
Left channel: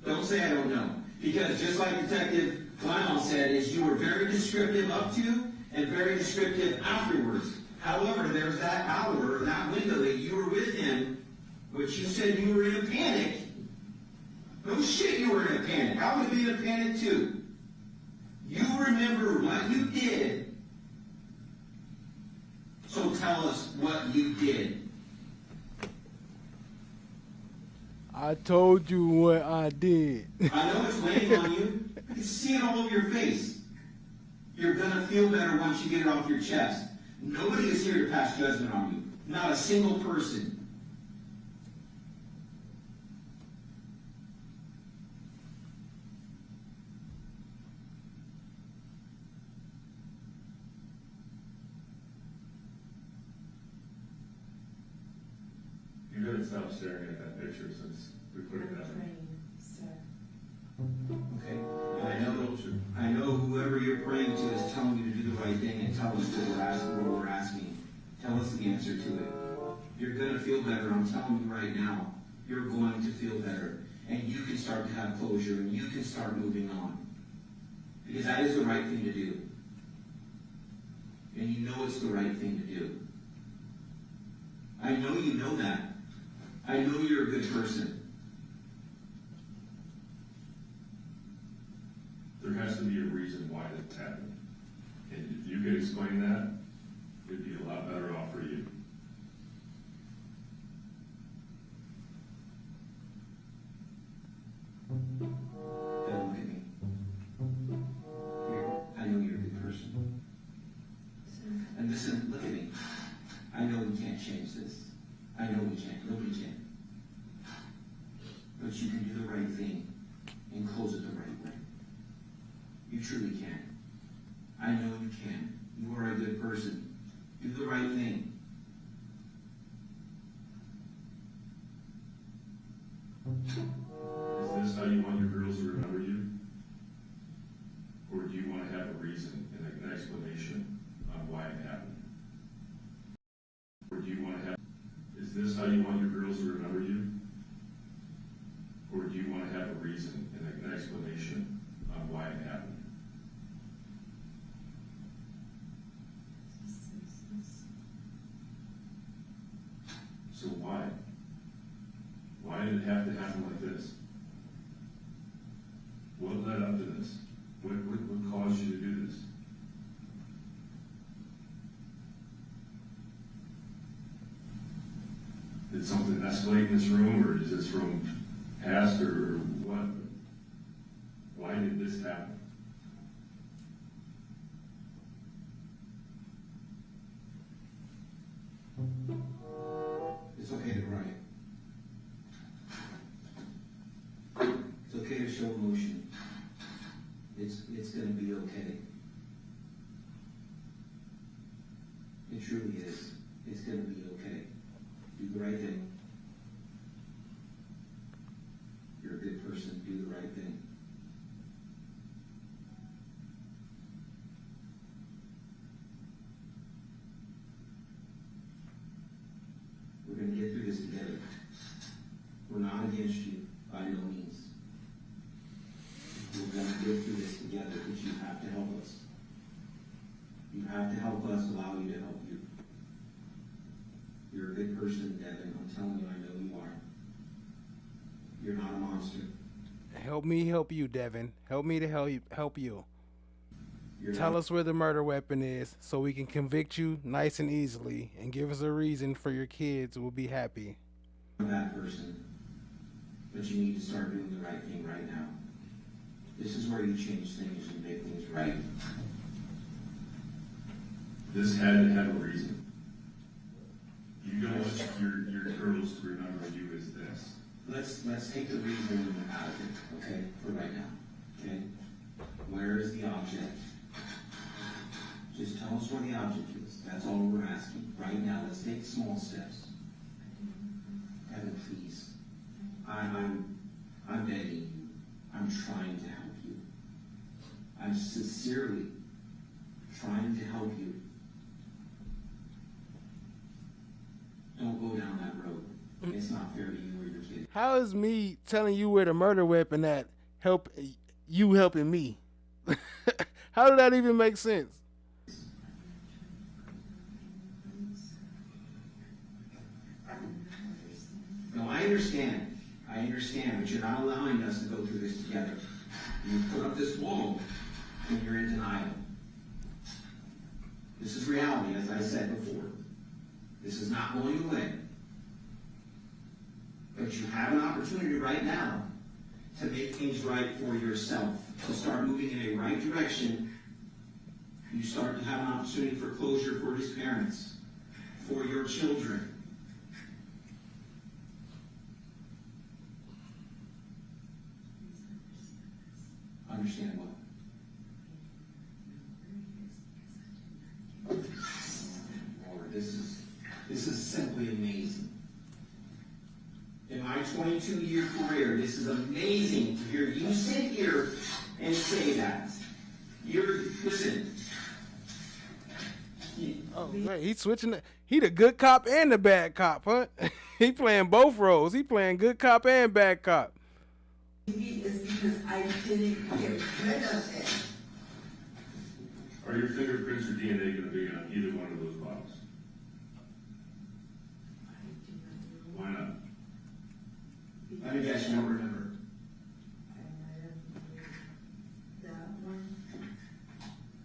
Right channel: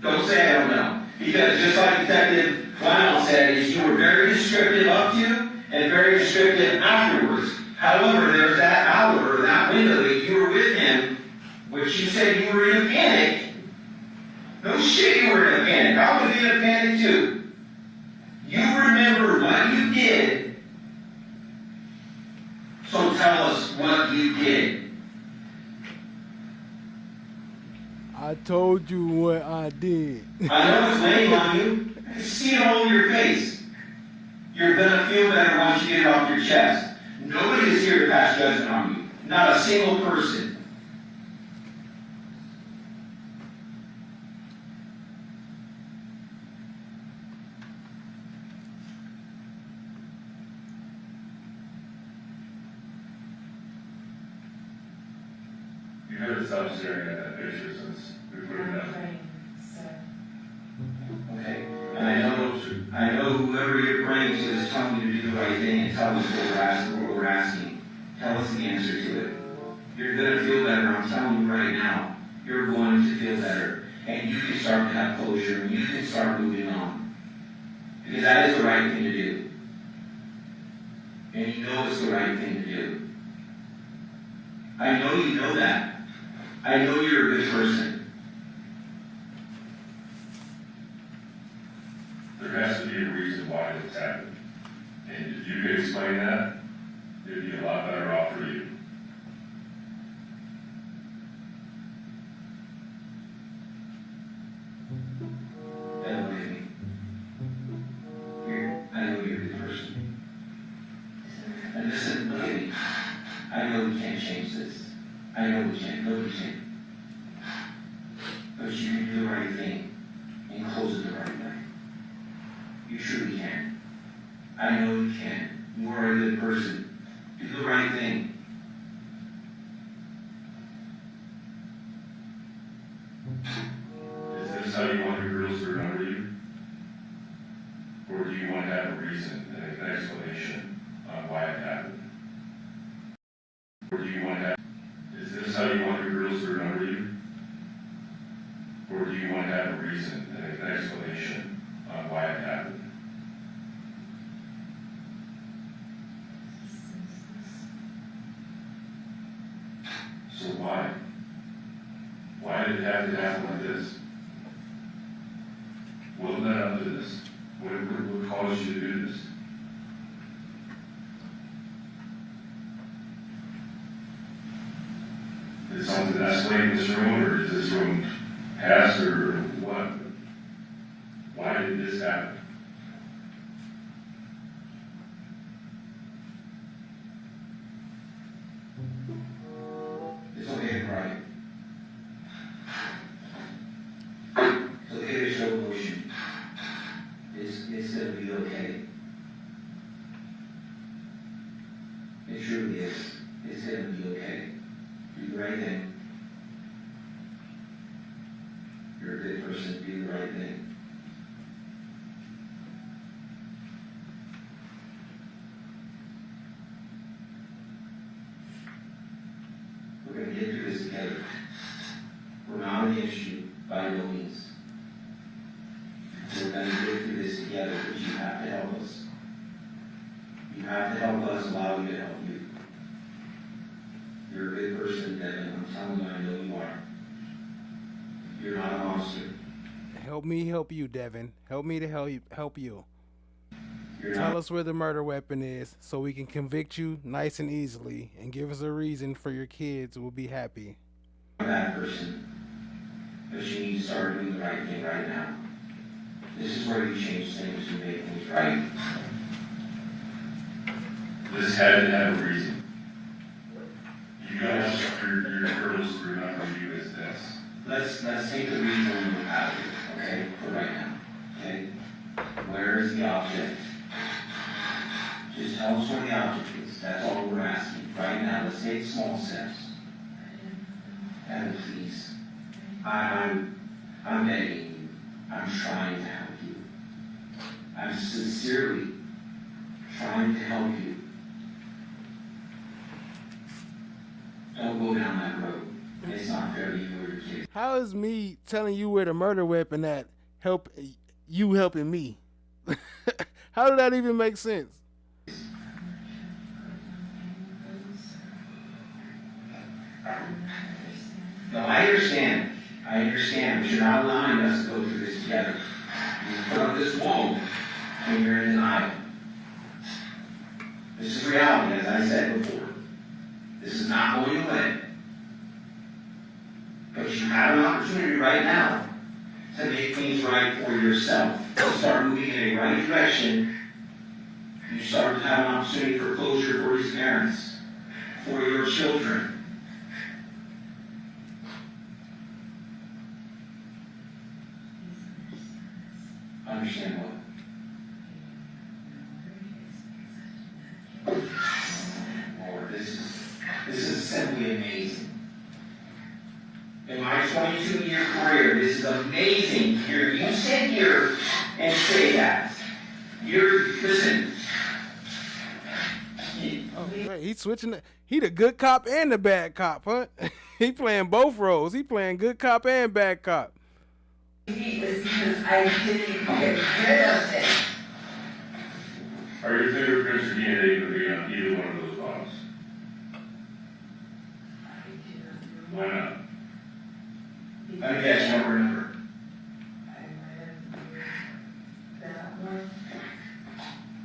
Don't say I don't know. Because just like Detective Lionel said, is you were very descriptive up to and very descriptive afterwards. However, there's that hour, that window that you were with him, which you said you were in a panic. No shit, you were in a panic. I would be in a panic too. You remember what you did, so tell us what you did. I told you what I did. I know it's weighing on you. I can see it all over your face. You're gonna feel better once you get it off your chest. Nobody is here to pass judgment on you. Not a single person. You haven't stopped staring at that picture since we put it down. Okay? And I know whoever you're praying to is telling you to do the right thing and tell us what we're asking. Tell us the answer to it. You're gonna feel better, I'm telling you right now. You're going to feel better. And you can start to have closure, and you can start moving on. Because that is the right thing to do. And you know it's the right thing to do. I know you know that. I know you're a good person. There has to be a reason why it's happened. And if you could explain that, it'd be a lot better off for you. Don't look at me. I know you're a good person. And listen, look at me. I know we can't change this. I know we can't. Nobody can. But you can do the right thing and close it the right way. You truly can. I know you can. You are a good person. Do the right thing. Is this how you want your girls to remember you? Or do you want to have a reason, an explanation on why it happened? Or do you want to have, is this how you want your girls to remember you? Or do you want to have a reason, an explanation on why it happened? So why? Why did it have to happen like this? What led up to this? What caused you to do this? Did something escalate in this room, or is this room past, or what? Why did this happen? It's okay to cry. It's okay to show emotion. It's gonna be okay. It truly is. It's gonna be okay. Do the right thing. You're a good person. Do the right thing. We're going to get through this together. We're not against you, by no means. We're going to get through this together, but you have to help us. You have to help us, allow you to help you. You're a good person, Devyn. I'm telling you, I know you are. You're not a monster. Help me help you, Devyn. Help me to help you. Tell us where the murder weapon is so we can convict you nice and easily and give us a reason for your kids will be happy. You're a bad person. But you need to start doing the right thing right now. This is where you change things and make things right. This had to have a reason. You don't want your girls to remember you as this. Let's take the reason out of it, okay, for right now, okay? Where is the object? Just tell us where the object is. That's all we're asking. Right now, let's take small steps. Devyn, please. I'm begging you. I'm trying to help you. I'm sincerely trying to help you. Don't go down that road. It's not fair to you or your kids. How is me telling you where the murder weapon at help you helping me? How did that even make sense? No, I understand, but you're not allowing us to go through this together. You put up this wall when you're in denial. This is reality, as I said before. This is not going away. But you have an opportunity right now to make things right for yourself. To start moving in a right direction. You start to have an opportunity for closure for your parents, for your children. Understand what? Lord, this is simply amazing. In my 22-year career, this is amazing to hear you sit here and say that. Listen. Oh, great. He's switching. He the good cop and the bad cop, huh? He playing both roles. He playing good cop and bad cop. He was because I didn't get rid of it. Are your fingerprints or DNA going to be on either one of those bottles? Why not? I guess you don't remember. I read that one.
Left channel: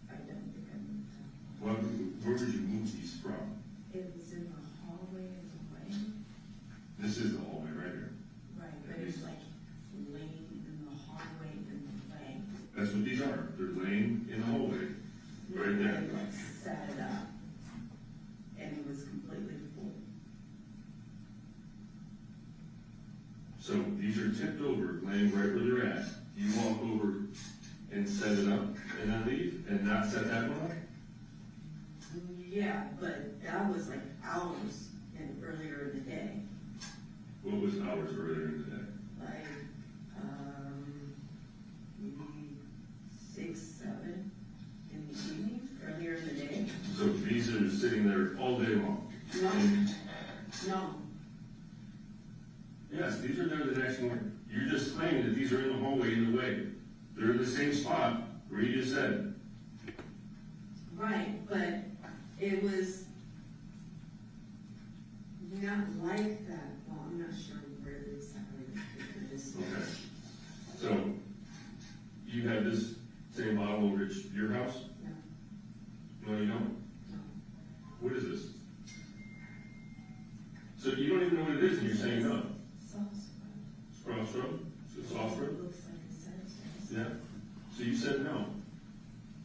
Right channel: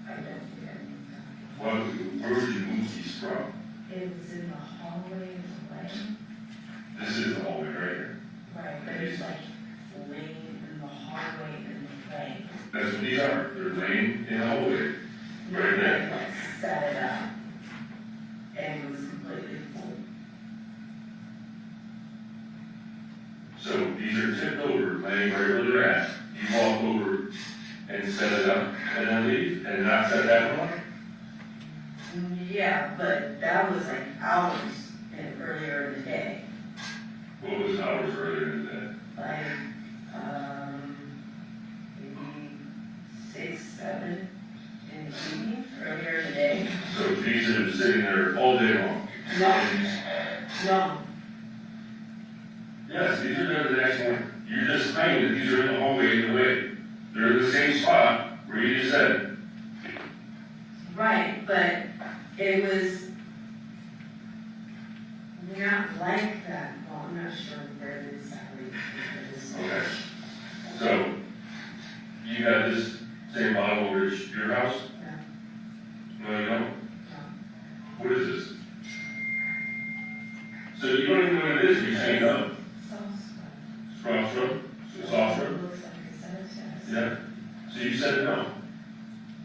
I don't think I Well, where would you move these from? It was in the hallway of the lane. This is the hallway right here. Right, but it's like laying in the hallway in the lane. That's what these are. They're laying in the hallway. Right there. I set it up. And it was completely full. So these are tipped over, laying right where they're at. You walk over and set it up and then leave and not set that one? Yeah, but that was like hours earlier in the day. What was hours earlier in the day? Like, maybe 6, 7 in the evening, earlier in the day. So these are sitting there all day long? No. No. Yes, these are there the next morning. You just claimed that these are in the hallway in the way. They're in the same spot where you just said. Right, but it was not like that. Well, I'm not sure where it is. Okay. So, you got this same bottle over at your house? No, you don't? No. What is this? So you don't even know what it is, you say no? Soft shrub? Soft shrub? Yeah. So you said no.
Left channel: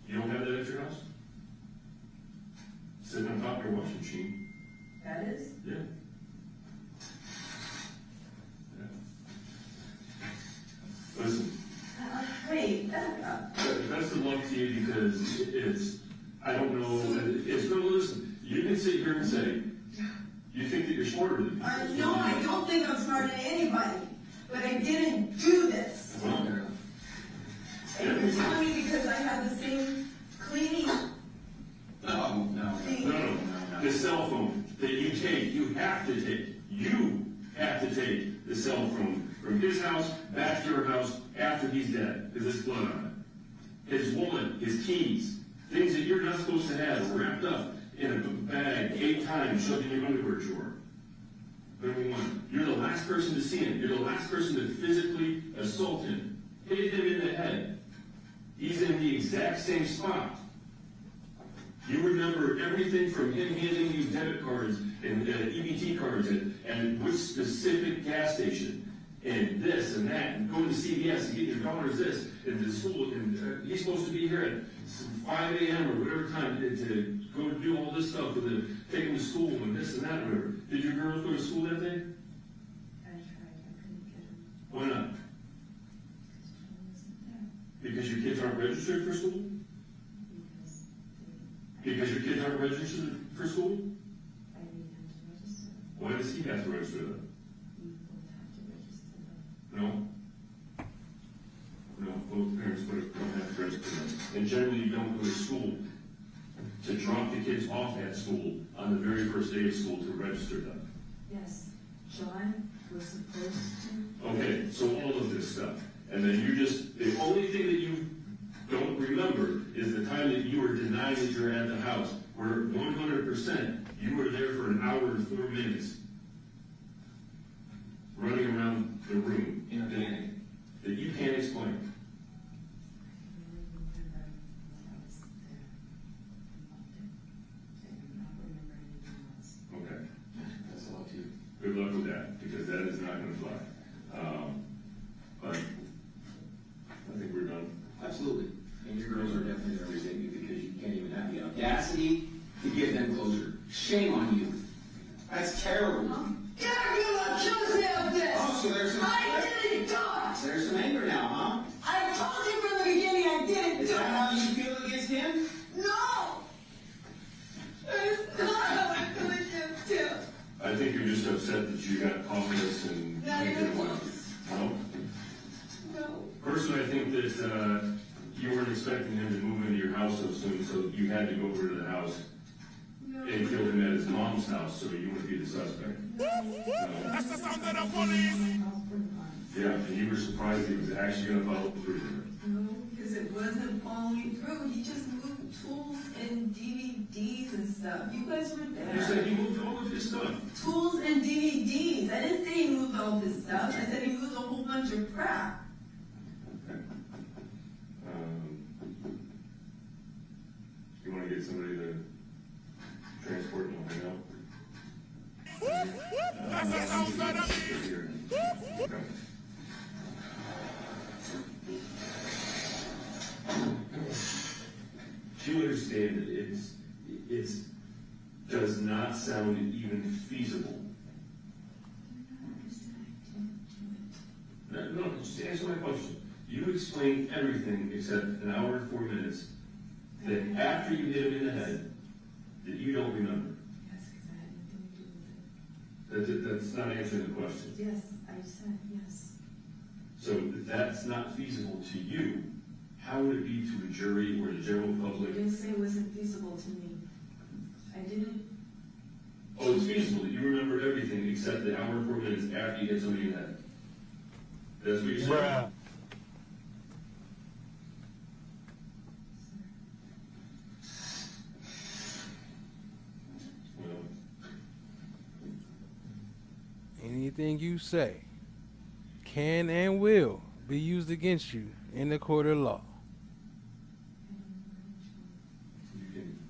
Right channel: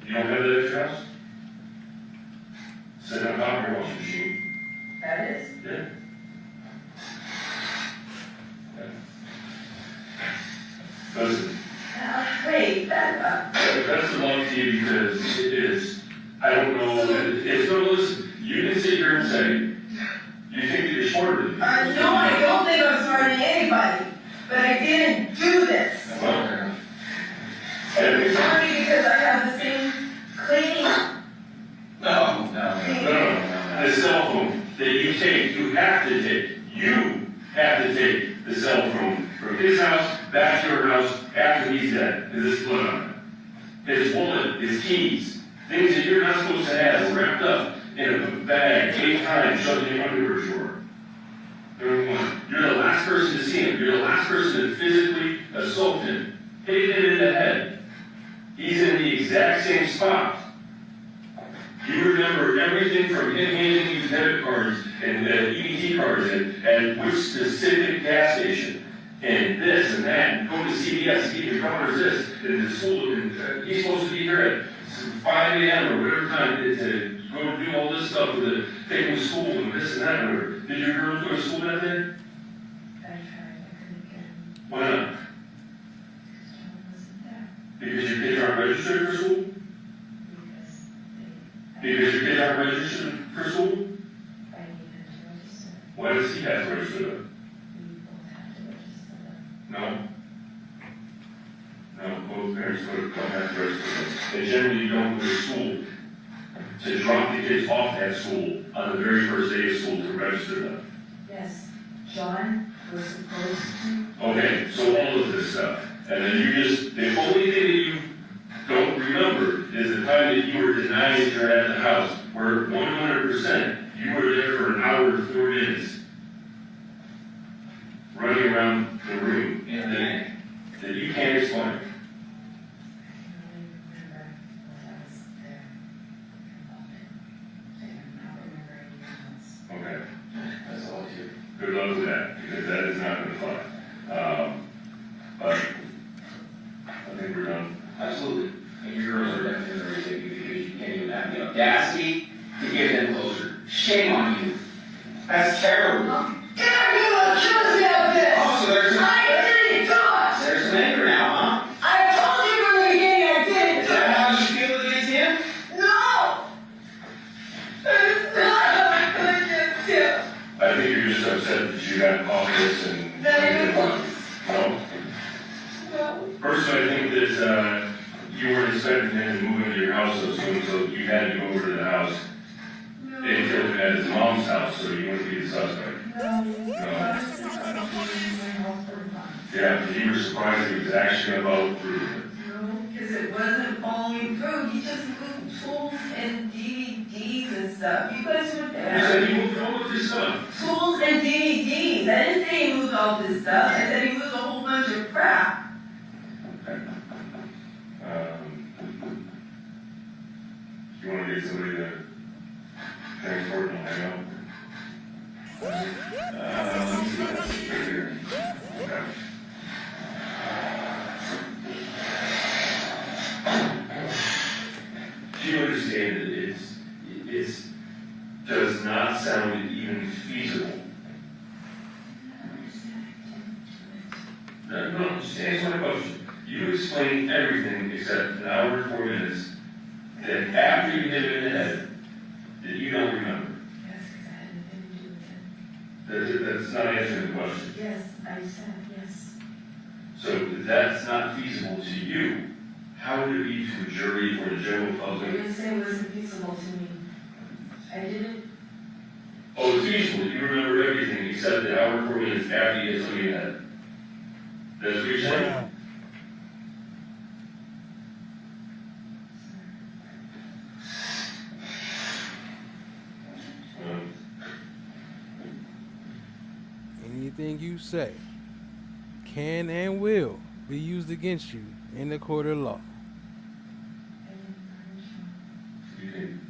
You don't have that at your house? Sit on top of your washing machine. That is? Yeah. Listen. Wait, that's the long to you because it is, I don't know, it's no, listen, you can sit here and say, you think that you're smarter than me. No, I don't think I'm smarter than anybody, but I didn't do this. Well, It's only because I have the same cleaning. No. The cell phone that you take, you have to take the cell phone from his house back to your house after he's dead. Is this blood on it? His wallet, his keys, things that you're not supposed to have wrapped up in a bag 8 times shoved in your underwear drawer. You're the last person to see him. You're the last person to physically assault him. Hit him in the head. He's in the exact same spot. You remember everything from him handing you debit cards and EBT cards and which specific gas station and this and that and going to CVS to get your daughter's this and the school and he's supposed to be here at 5 a.m. or whatever time to go do all this stuff with the taking to school and this and that. Or did your girls go to school that day? I tried, I couldn't get him. Why not? Because John wasn't there. Because your kids aren't registered for school? Because your kids aren't registered for school? I needed to register. Why does he have to register them? We both have to register them. No. No, both parents don't have to register them. And generally you don't go to school to drop the kids off at school on the very first day of school to register them. Yes, John was supposed to. Okay, so all of this stuff. And then you just, the only thing that you don't remember is the time that you were denying that you're at the house, where 100% you were there for an hour and 4 minutes, running around the room that you can't explain. Okay, that's all you. Good luck with that, because that is not going to fly. But I think we're done. Absolutely. And your girls are definitely going to take you because you can't even have the audacity to give them closure. Shame on you. That's terrible. Get out of here, trust me about this. Oh, so there's I didn't do it. There's some anger now, huh? I told you from the beginning I didn't do it. Is that how you feel against him? No. It's not how I feel against him. I think you're just upset that you got caught this and... No? No. Personally, I think that you weren't expecting him to move into your house so soon, so you had to go over to the house and killed him at his mom's house, so you went to get the suspect. That's the sound of the police! Yeah, you were surprised he was actually about through it. No, because it wasn't following through. He just moved tools and DVDs and stuff. You guys were there. You said he moved all of this stuff. Tools and DVDs. I didn't say he moved all this stuff. I said he moved a whole bunch of crap. Okay. You want to get somebody to transport and hang out? Do you understand that it does not sound even feasible? No, just answer my question. You explained everything except an hour and 4 minutes that after you hit it in the head, that you don't remember. Yes, because I had nothing to do with it. That's not answering the question. Yes, I said yes. So if that's not feasible to you, how would it be to a jury or the general I public? didn't say it wasn't feasible to me. I didn't. Oh, it's feasible. You remember everything except the hour and 4 minutes after you hit somebody in the head. That's what you're saying? Anything you say can and will be used against you in the court of law. You can.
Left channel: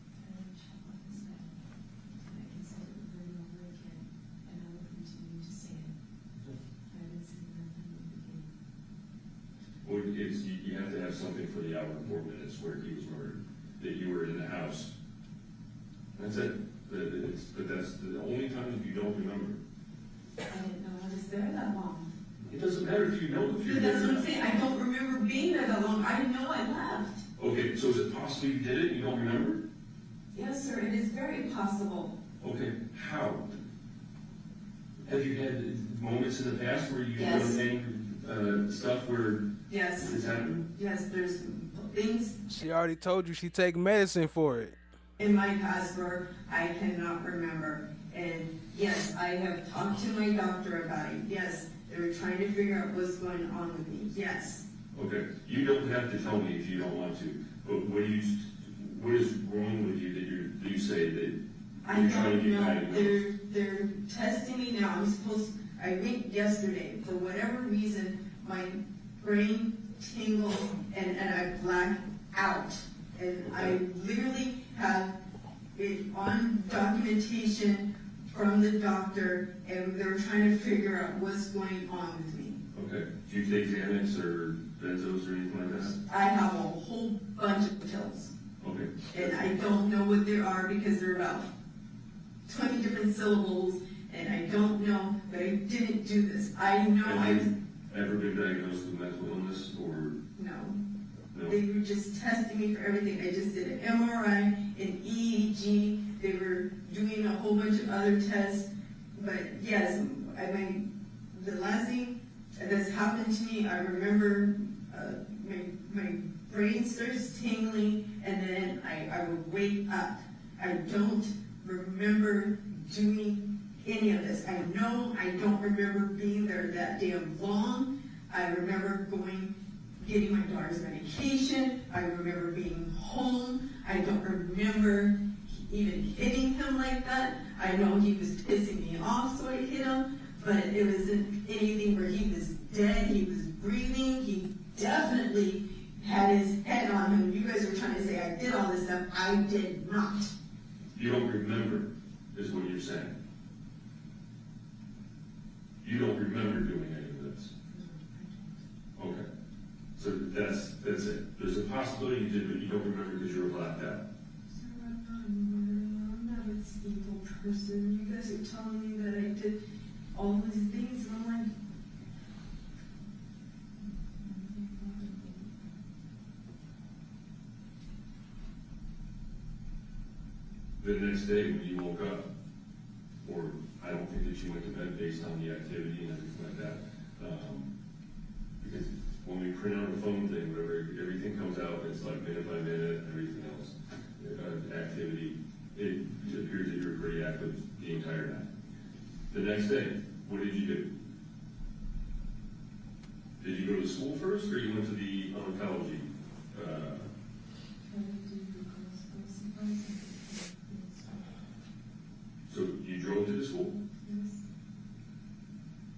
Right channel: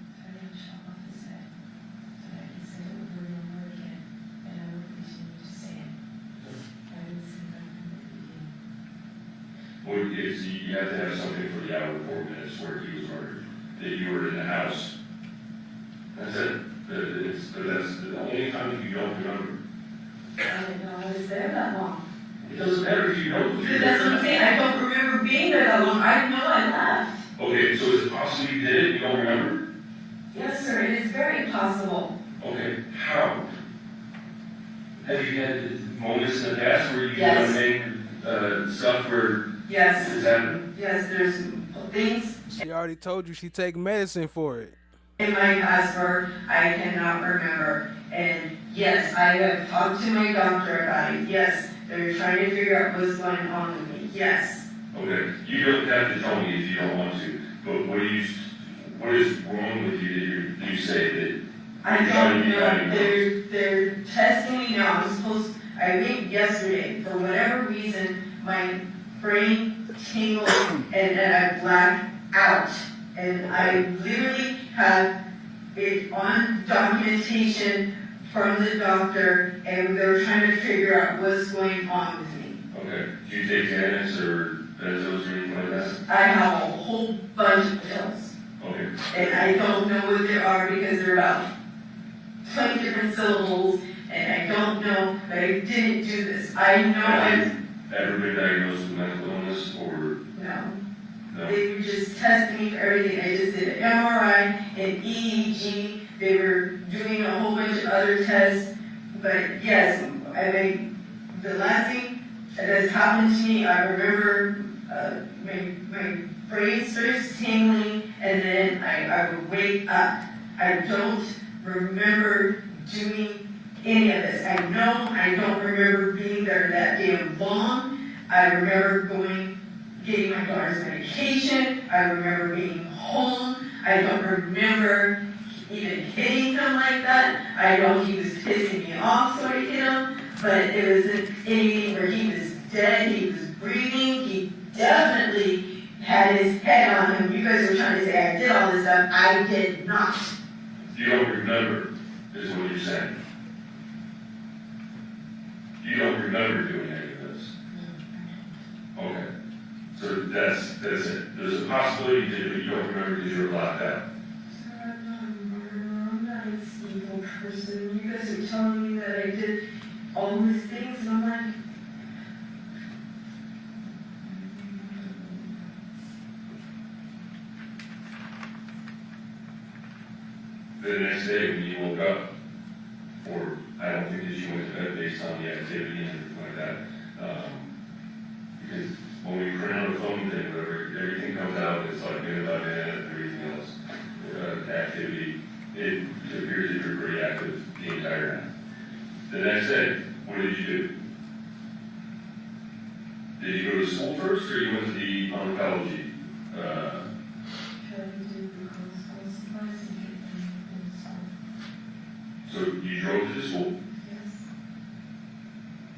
Well, you have to have something for the hour and 4 minutes where he was murdered, that you were in the house. That's it. But that's the only time that you don't remember. I didn't know I was there that long. It doesn't matter if you know. That's what I'm saying. I don't remember being there that long. I didn't know I left. Okay, so is it possible you did it? You don't remember? Yes, sir. It is very possible. Okay, how? Have you had moments in the past where you've Yes. done stuff where Yes. this happened? Yes, there's things She already told you she take medicine for it. in my past where I cannot remember. And yes, I have talked to my doctor about it. Yes, they're trying to figure out what's going on with me. Yes. Okay, you don't have to tell me if you don't want to, but what is wrong with you that you say that I you're trying don't to be know. hiding? They're testing me now. I went yesterday. For whatever reason, my brain tingled and I blacked out. And I literally have it on documentation from the doctor, and they were trying to figure out what's going on with me. Okay, do you take Xanax or benzos or anything like that? I have a whole bunch of pills. Okay. And I don't know what they are because they're about 20 different syllables, and I don't know, but I didn't do this. I know Have you ever been diagnosed with mental illness or? No. No. They were just testing me for everything. I just did an MRI and EEG. They were doing a whole bunch of other tests. But yes, the last thing that has happened to me, I remember my brain starts tingling, and then I would wake up. I don't remember doing any of this. I know I don't remember being there that damn long. I remember getting my daughter's medication. I remember being home. I don't remember even hitting him like that. I know he was pissing me off, so I hit him, but it wasn't anything where he was dead. He was breathing. He definitely had his head on him. You guys are trying to say I did all this stuff. I did not. You don't remember, is what you're saying. You don't remember doing any of this. Okay. So that's it. There's a possibility you did, but you don't remember because you were blacked out. Sir, I'm not a murderer. I'm not an evil person. You guys are telling me that I did all these things, and I'm like, The next day when you woke up, or I don't think that you went to bed based on the activity and everything like that, because when we print out a phone thing, everything comes out, it's like minute by minute, everything else, activity, it appears that your The next day, what did you do? Did you go to school first, or you went to the oncology? So you drove to the school? Yes.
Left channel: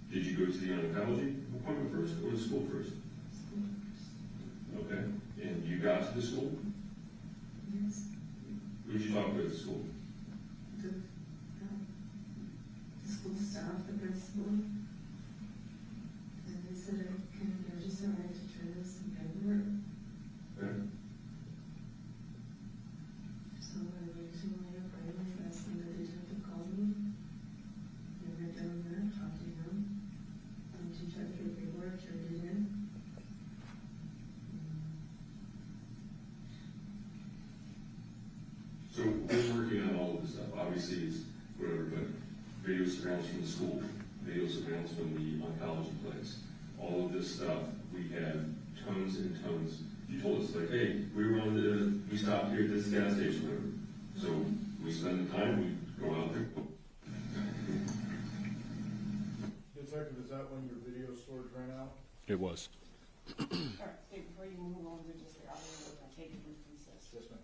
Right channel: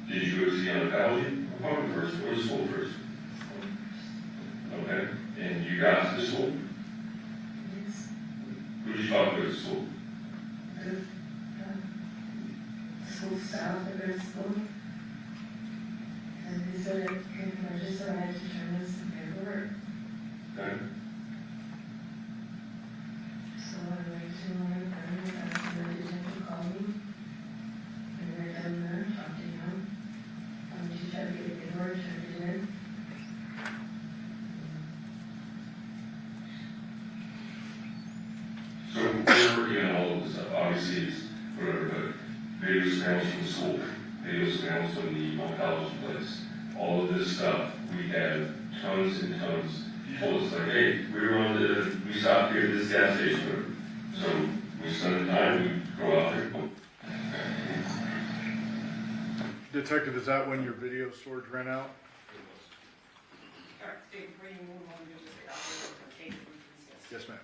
Did you go to the oncology appointment first, or the school first? School first. Okay. And you got to the school? Yes. Who did you talk to at the school? The school staff at the school. And they said I can register, I had to turn in some paperwork. Okay. So I went to my friend, asked him to call me. And I done that, talked to him. She tried to get the paperwork, turned it in. So we're working on all of this stuff. Obviously, it's whatever, but video surveillance from the school, video surveillance from the oncology place, all of this stuff, we have tons and tons. You told us, like, hey, we stopped here at this gas station, so we spend the time, we go out there. Detective, is that when your video storage ran out? It was. Yes, ma'am.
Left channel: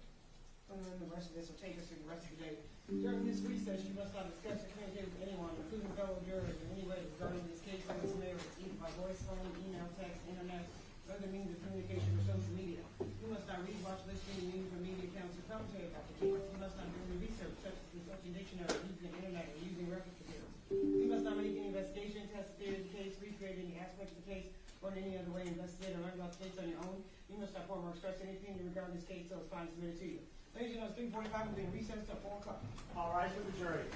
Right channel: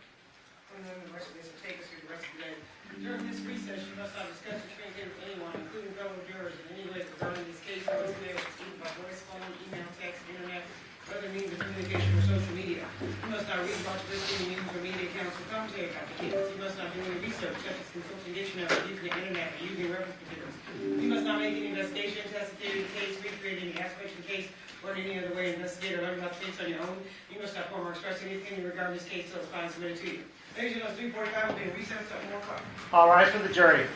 The rest of this will take us through the rest of the day. During this recess, you must not discuss or communicate with anyone, including fellow jurors, in any way regarding this case or its merits, either by voice, phone, email, text, internet, or other means of communication or social media. You must not read, watch, listen to news or media accounts or commentary about the case. You must not do any research, such as consulting dictionary, using the internet, or using reference materials. You must not make any investigation, testify in the case, recreate any aspects of the case, or in any other way investigate or learn about the case on your own. You must not form or express anything regarding this case until it's finally submitted to you. Ladies and gentlemen, 3:45 will be in recess at 4 o'clock. All right, for the jury.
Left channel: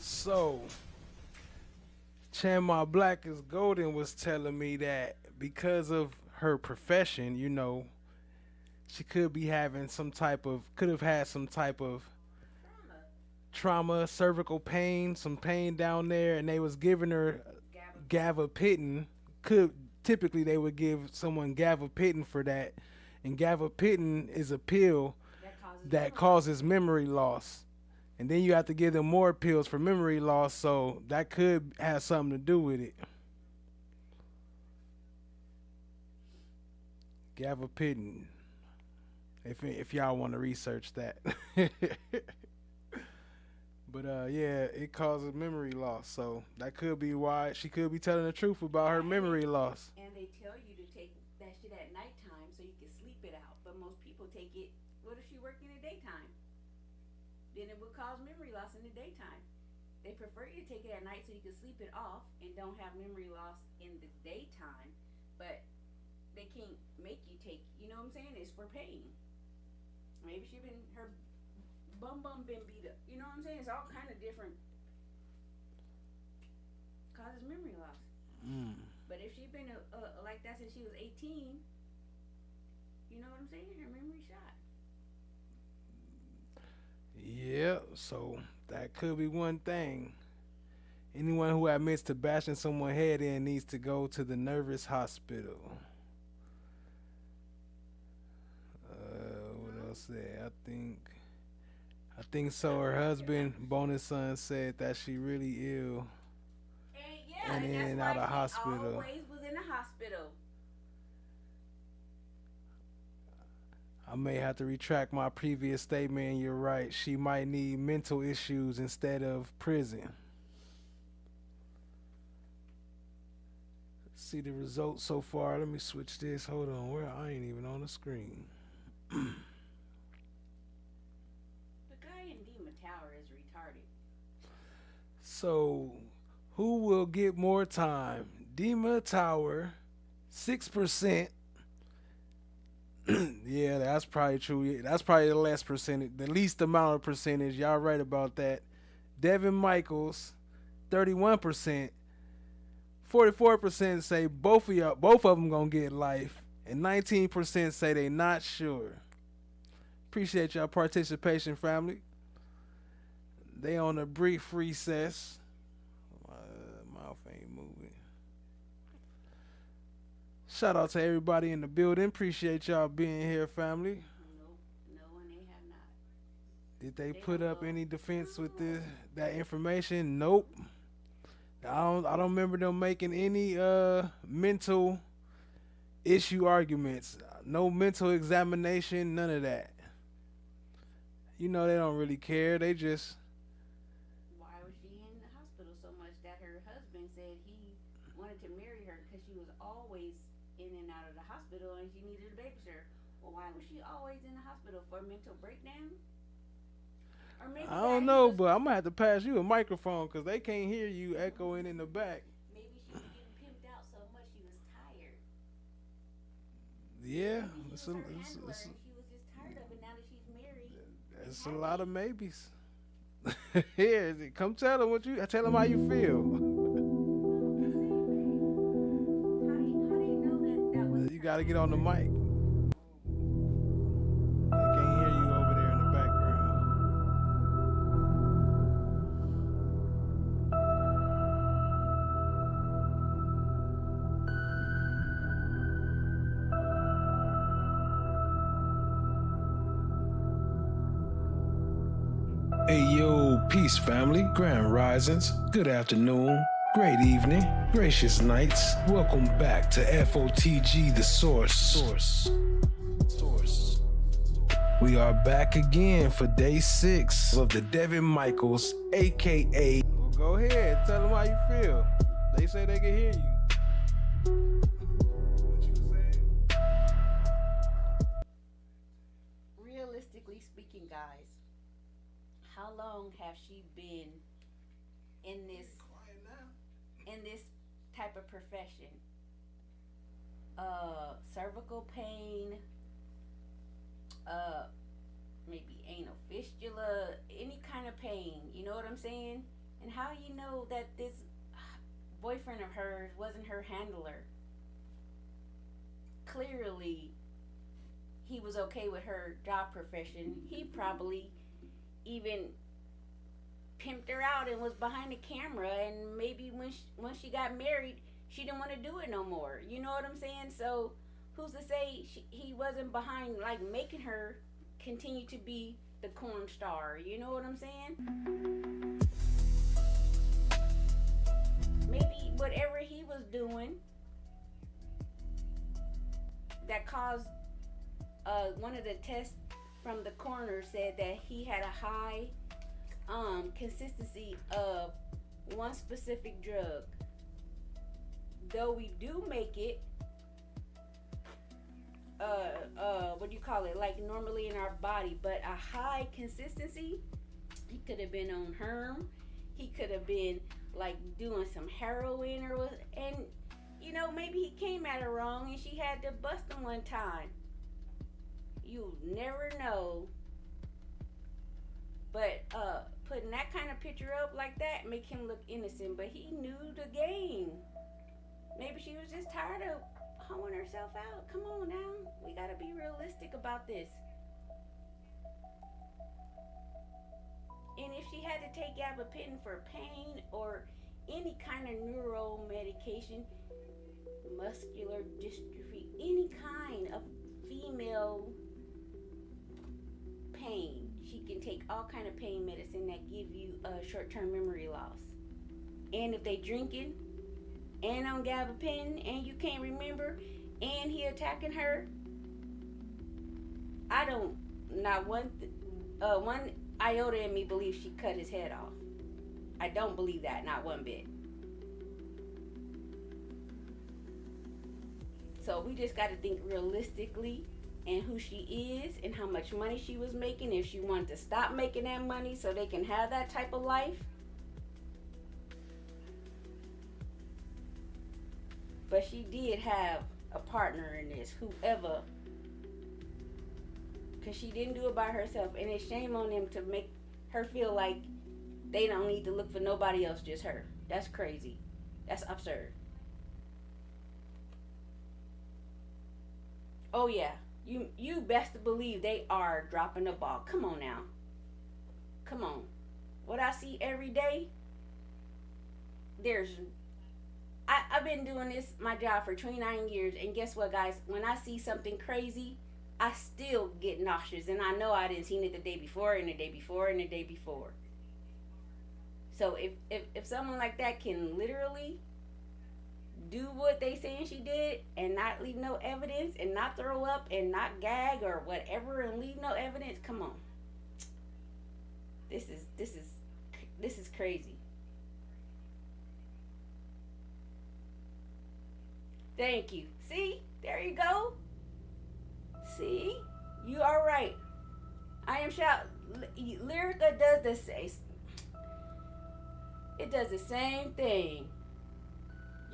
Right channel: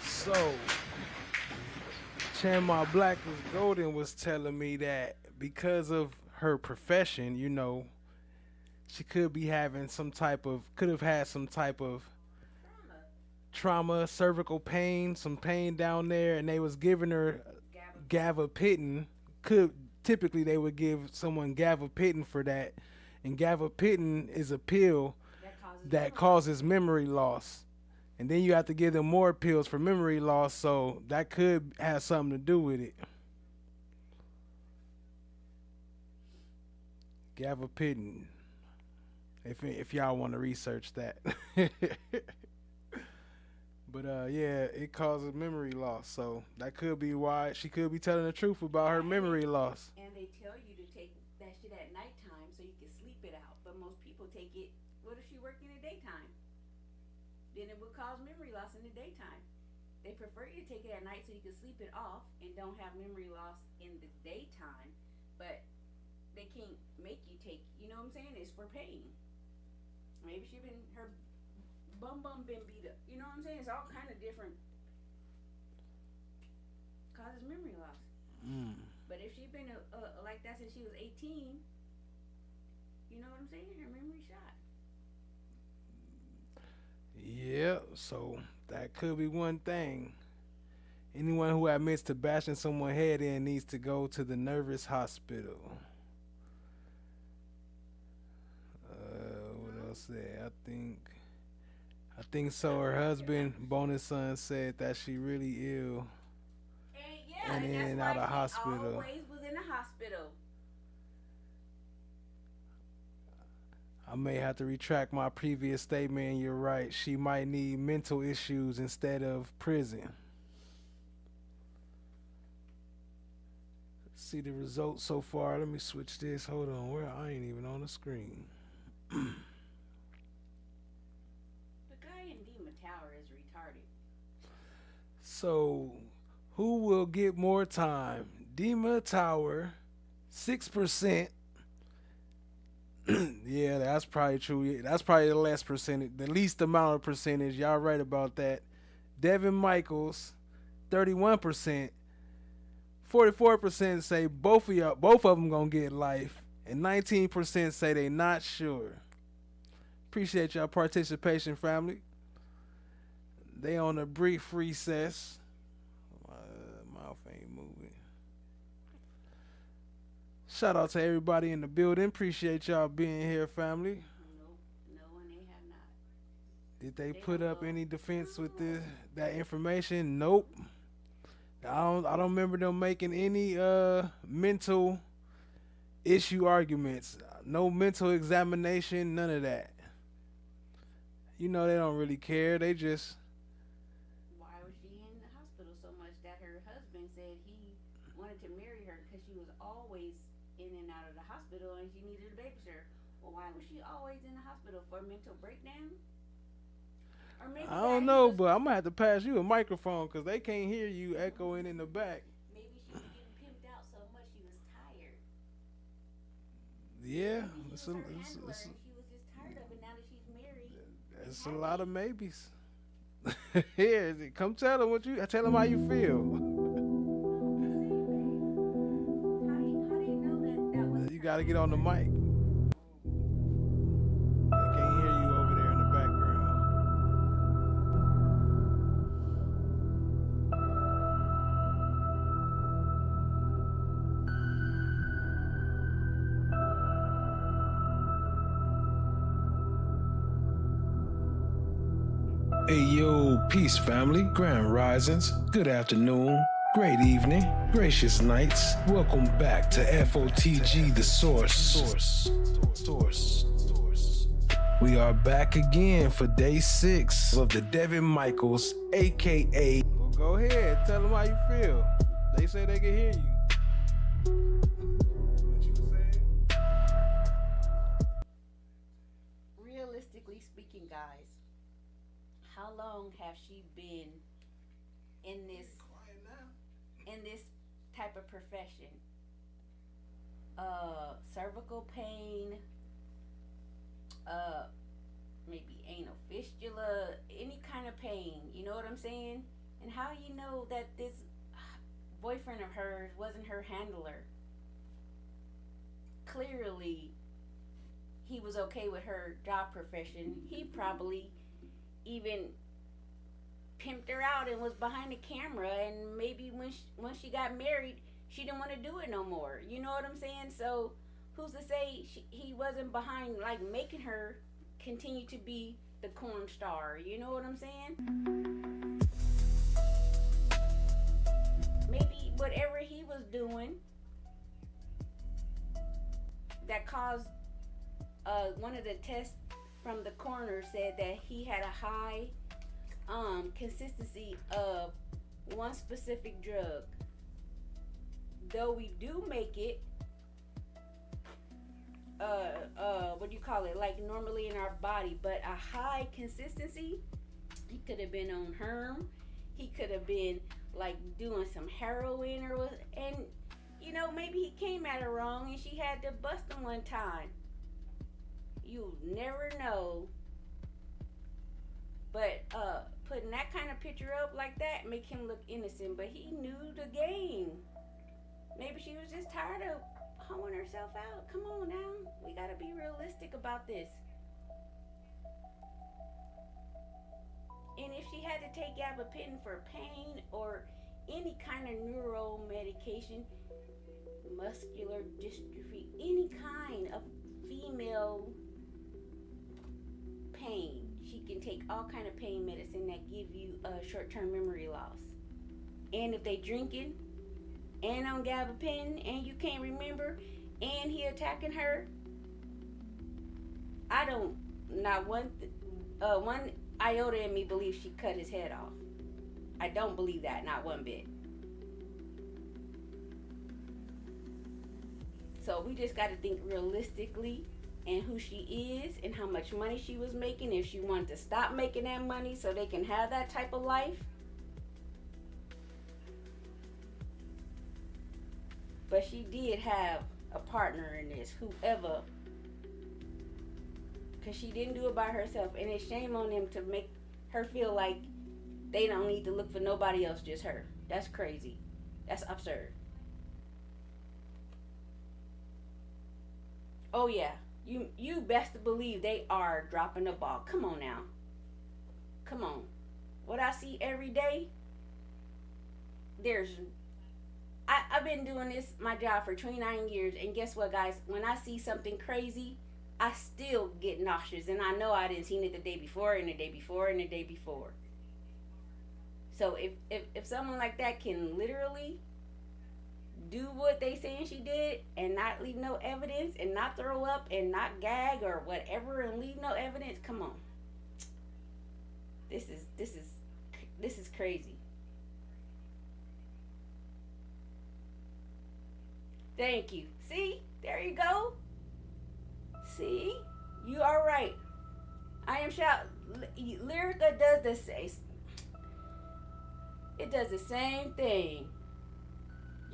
So, Chanma Black is Golden was telling me that because of her profession, you know, she could have had some type of trauma, cervical pain, some pain down there, and they was giving her gabapentin. Typically they would give someone gabapentin for that, and gabapentin is a pill that causes memory loss, and then you have to give them more pills for memory loss, so that could have something to do with it. Gabapentin, if y'all want to research that. But yeah, it causes memory loss, so that could be why she could be telling the truth about her memory loss. And they tell you to take that shit at nighttime so you can sleep it out. But most people take it, what if she worked in the daytime? Then it would cause memory loss in the daytime. They prefer you to take it at night so you can sleep it off and don't have memory loss in the daytime. But they can't make you take, you know what I'm saying? It's for pain. Maybe her bum been beat up. You know what I'm saying? It's all kind of different. Causes memory loss. But if she'd been like that since she was 18, you know what I'm saying? Her memory shot. Yeah, so that could be one thing. Anyone who admits to bashing someone's head in needs to go to the nervous hospital. What else there? I think so. Her husband, bonus son, said that she really ill. And in and out of hospital. Always was in the hospital. I may have to retract my previous statement, and you're right. She might need mental issues instead of prison. Let's see the results so far. Let me switch this. Hold on. Where I ain't even on the screen. The guy in Dima Tower is retarded. So, who will get more time? Dima Tower, 6%. Yeah, that's probably true. That's probably the less percentage, the least amount of percentage. Y'all right about that. Devyn Michaels, 31%. 44% say both of them gonna get life, and 19% say they not sure. Appreciate y'all participation, family. They on a brief recess. My mouth ain't moving. Shout out to everybody in the building. Appreciate y'all being here, family. No, and they have not. Did they put up any defense with that information? Nope. I don't remember them making any mental issue arguments. No mental examination, none of that. You know they don't really care. They just. Why was she in the hospital so much that her husband said he wanted to marry her because she was always in and out of the hospital and she needed a babysitter? Well, why was she always in the hospital? For a mental breakdown? Or maybe I don't know, but I'm gonna have to pass you a microphone because they can't hear you echoing in the back. Maybe she was getting pimped out so much she was tired. Yeah, Maybe she was her handler and she was just tired of it now that she's married. it's a lot of maybes. Here, come tell them tell them how you feel. How do you know that was You gotta get on the mic. They can't hear you over there in the background. Hey yo, peace family, grand risings, good afternoon, great evening, gracious nights. Welcome back to FOTG, the source. We are back again for day 6 of the Devyn Michaels, aka. Well, go ahead, tell them how you feel. They say they can hear you. What you saying? Realistically speaking, guys, how long have she been in this type of profession? Cervical pain, maybe anal fistula, any kind of pain, you know what I'm saying? And how you know that this boyfriend of hers wasn't her handler? Clearly, he was okay with her job profession. He probably even pimped her out and was behind the camera, and maybe when she got married, she didn't want to do it no more. You know what I'm saying? So who's to say he wasn't behind, like, making her continue to be the corn star? You know what I'm saying? Maybe whatever he was doing that caused one of the tests from the coroner said that he had a high consistency of one specific drug. Though we do make it what do you call it, like normally in our body, but a high consistency, he could have been on herm, he could have been like doing some heroin or what, and you know, maybe he came at her wrong and she had to bust him one time. You never know. But putting that kind of picture up like that make him look innocent, but he knew the game. Maybe she was just tired of hoeing herself out. Come on now, we gotta be realistic about this. And if she had to take gabapentin for pain or any kind of neuro medication, muscular dystrophy, any kind of female pain, she can take all kind of pain medicine that give you short-term memory loss. And if they drinking and on gabapentin and you can't remember and he attacking her, I don't, not one iota in me believes she cut his head off. I don't believe that, not one bit. So we just got to think realistically and who she is and how much money she was making. If she wanted to stop making that money so they can have that type of life. But she did have a partner in this, whoever, because she didn't do it by herself. And it's shame on them to make her feel like they don't need to look for nobody else, just her. That's crazy. That's absurd. Oh yeah, you best to believe they are dropping the ball. Come on now. Come on. What I see every day, I've been doing this, my job, for 29 years, and guess what, guys? When I see something crazy, I still get nauseous, and I know I didn't seen it the day before, and the day before, and the day before. So if someone like that can literally do what they saying she did and not leave no evidence and not throw up and not gag or whatever and leave no evidence, come on. This is crazy. Thank you. See? There you go. See? You are right. I am shout. Lyrica does the same. It does the same thing.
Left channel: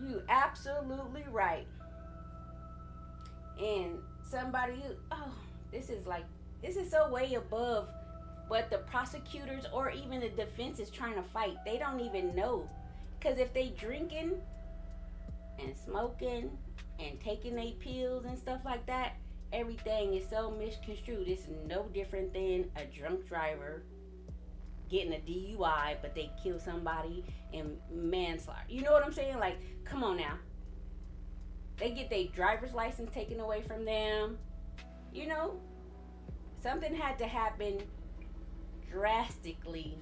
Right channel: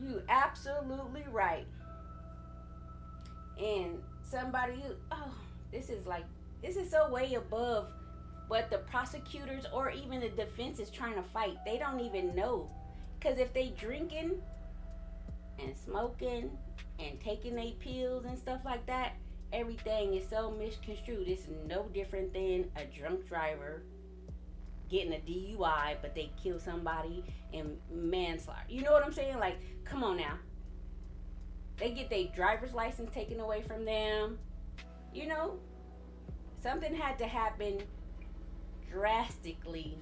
You absolutely right. And somebody, this is so way above what the prosecutors or even the defense is trying to fight. They don't even know. Because if they drinking and smoking and taking their pills and stuff like that, everything is so misconstrued. It's no different than a drunk driver getting a DUI, but they kill somebody and manslaughter. You know what I'm saying? Like, come on now. They get their driver's license taken away from them. You know, something had to happen drastically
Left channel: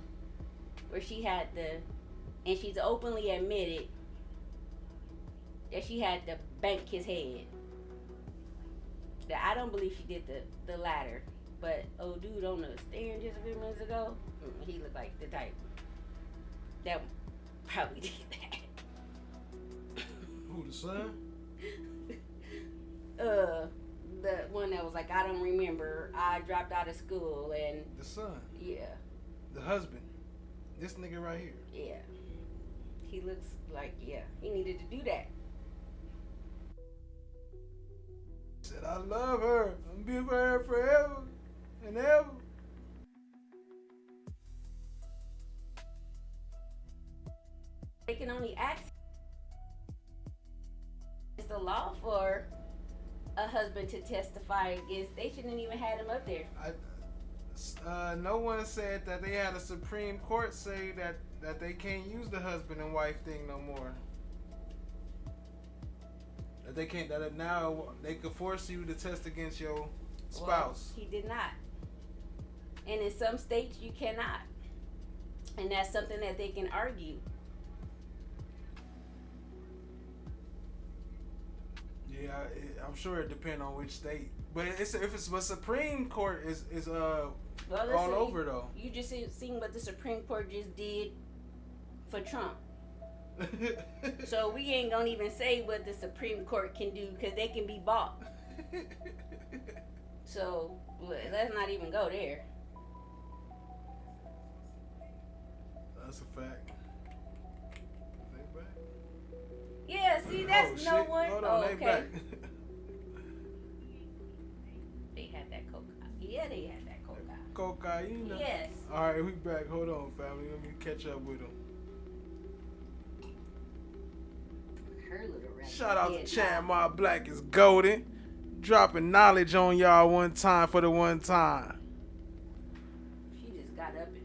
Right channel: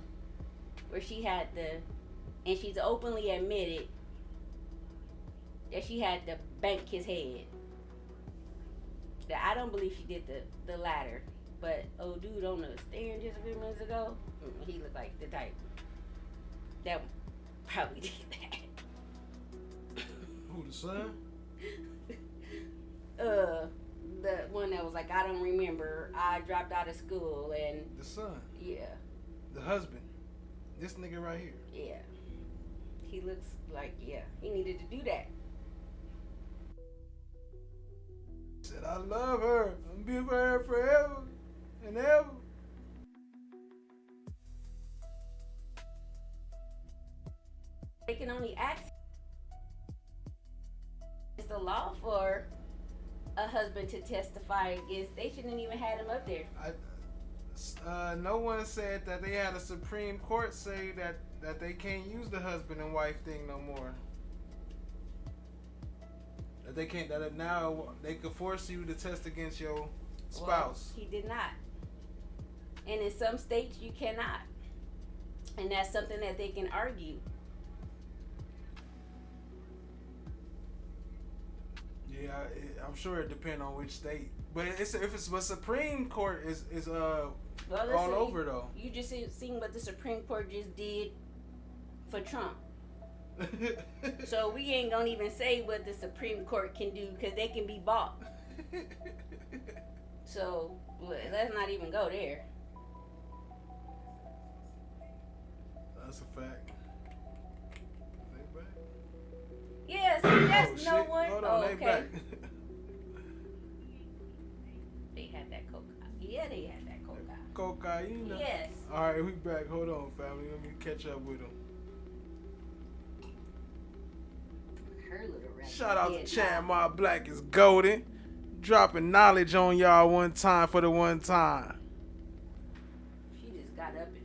where she had to, and she's openly admitted that she had to bank his head. I don't believe she did the latter. But old dude on the stand just a few minutes ago, he looked like the type that probably did that. Who, the son? The one that was like, I don't remember. I dropped out of school and the son. Yeah. The husband. This nigga right here. Yeah. He looks like, yeah, he needed to do that. Said, I love her. I'm gonna be with her forever and ever. They can only ask. It's the law for a husband to testify against. They shouldn't even had him up there. No one said that they had a Supreme Court say that they can't use the husband and wife thing no more. That they can't. That now they could force you to test against your spouse. Well, he did not. And in some states you cannot. And that's something that they can argue. Yeah, I'm sure it depends on which state. But if it's the Supreme Court is all over though. You just seen what the Supreme Court just did for Trump. So we ain't gonna even say what the Supreme Court can do because they can be bought. So let's not even go there. That's a fact. They back? Yeah, see, that's no shit. one. Hold on, okay. They back. They had that cocaine. Yeah, they had that cocaine. Cocaine. Yes. All right, we back. Hold on, family. Let me catch up with them. Her little rat. Shout out to Chad My Black is golden. Dropping knowledge on y'all one time for the one time. She just got up and.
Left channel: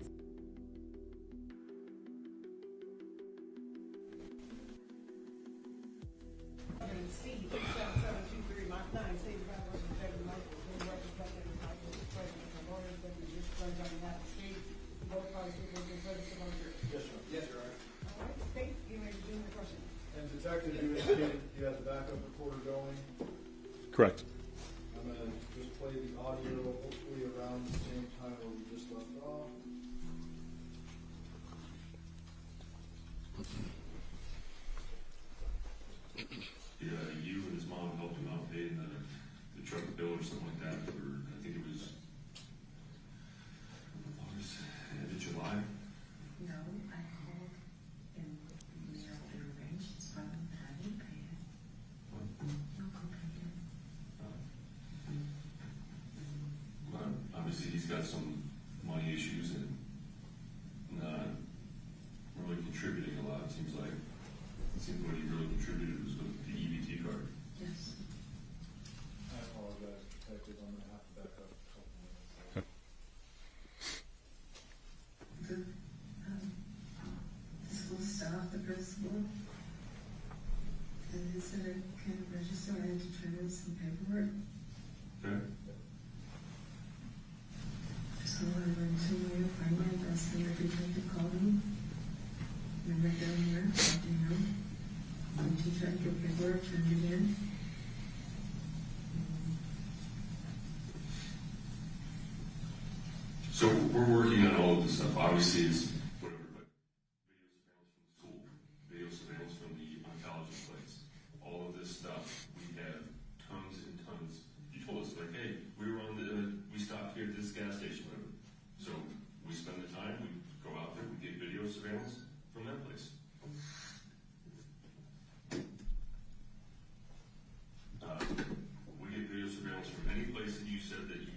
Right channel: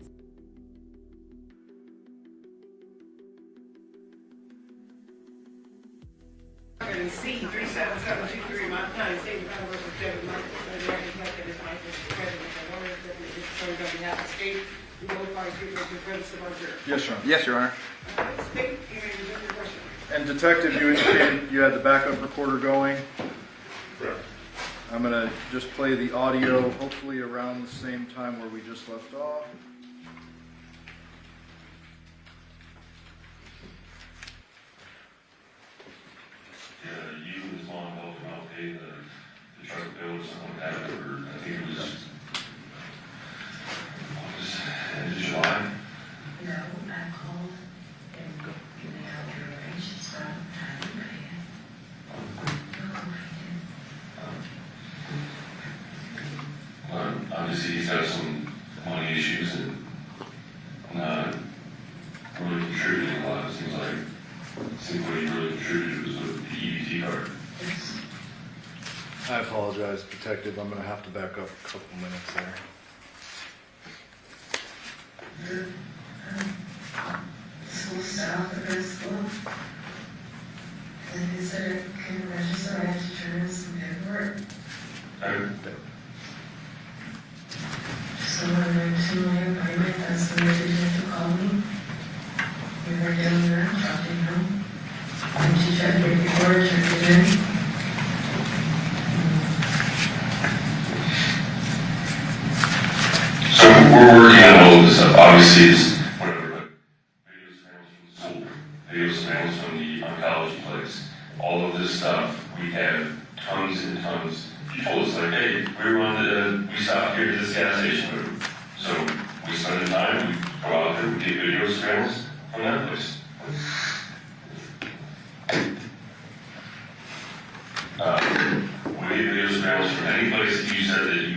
C 37723 Montana State Department versus Devyn Michaels. And the reflected is Michaels, President of the Order, President serves on behalf of the state. We both parties give us the credits of our jury. Yes, Your Honor. Yes, Your Honor. State, you may resume your question. And Detective, you indicated you had the backup recorder going. Correct. I'm gonna just play the audio, hopefully around the same time where we just left off. You and his mom helped him out pay the truck bill or something like that, or I think it was end of July. No, I called and they had to arrange his stuff. I didn't pay it. Obviously he's got some money issues and not really contributing a lot. It seems like what he really contributed was with the EBT card. I apologize, Detective. I'm gonna have to back up a couple minutes there. School staff at the school. And he said, can you register? I have to turn in some paperwork. to my apartment, that's the way the detective called me. We were down there, talking to him. And she tried to get before her, turned it in. So we're working on all of this stuff. Obviously, it's whatever, but video surveillance from the school, video surveillance from the oncology place, all of this stuff, we have tons and tons. She told us, like, hey, we stopped here at this gas station. So we spend the time, we go out there, we get video surveillance from that place. We get video surveillance from any place that you said that you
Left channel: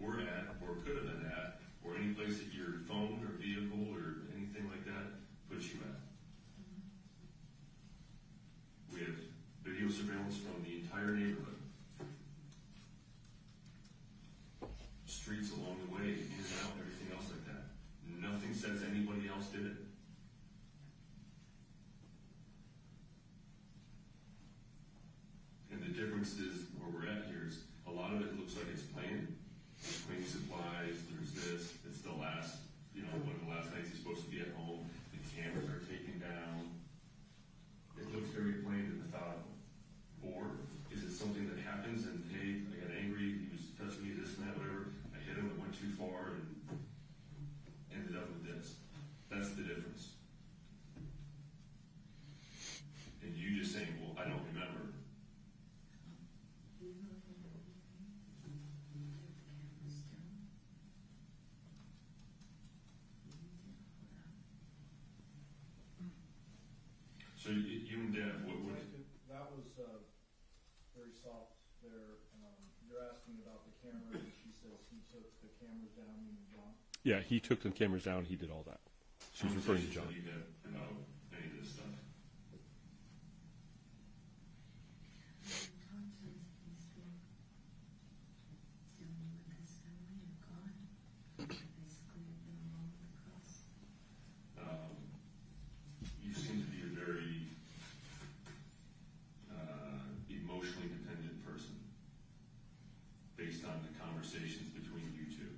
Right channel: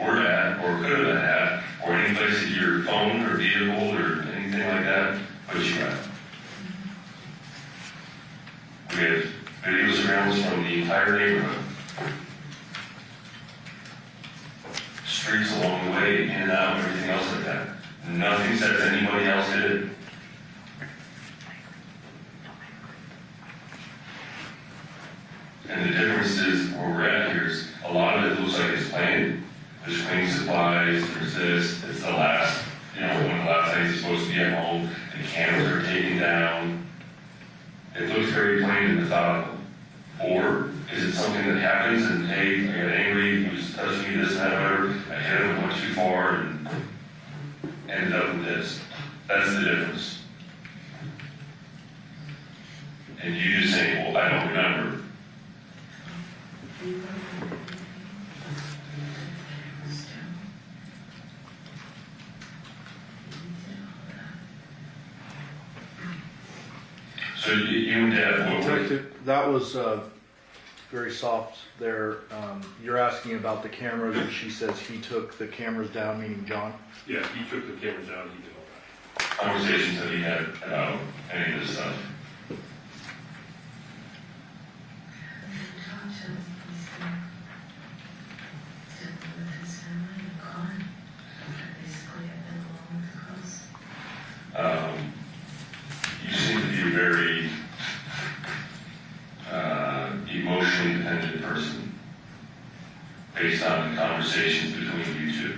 were at or could have been at, or any place that your phone or vehicle or anything like that put you at. We have video surveillance from the entire neighborhood. Streets along the way, in and out, everything else like that. Nothing says anybody else did it. And the difference is where we're at here is a lot of it looks like it's planned. There's cleaning supplies, there's this, it's the last, one of the last things you're supposed to be at home. The cameras are taken down. It looks very plain and methodical. Or is it something that happens and, hey, I got angry, he was touching me, this and that, whatever, I hit him, went too far, and ended up with this. That's the difference. And you just say, well, I don't remember. So you and Dad, Detective, that was very soft there. You're asking about the cameras, and she says he took the cameras down, meaning John? Yeah, he took the cameras down, he did all that. Conversations that he had about any of this stuff. You seem to be a very emotionally dependent person based on the conversations between you two.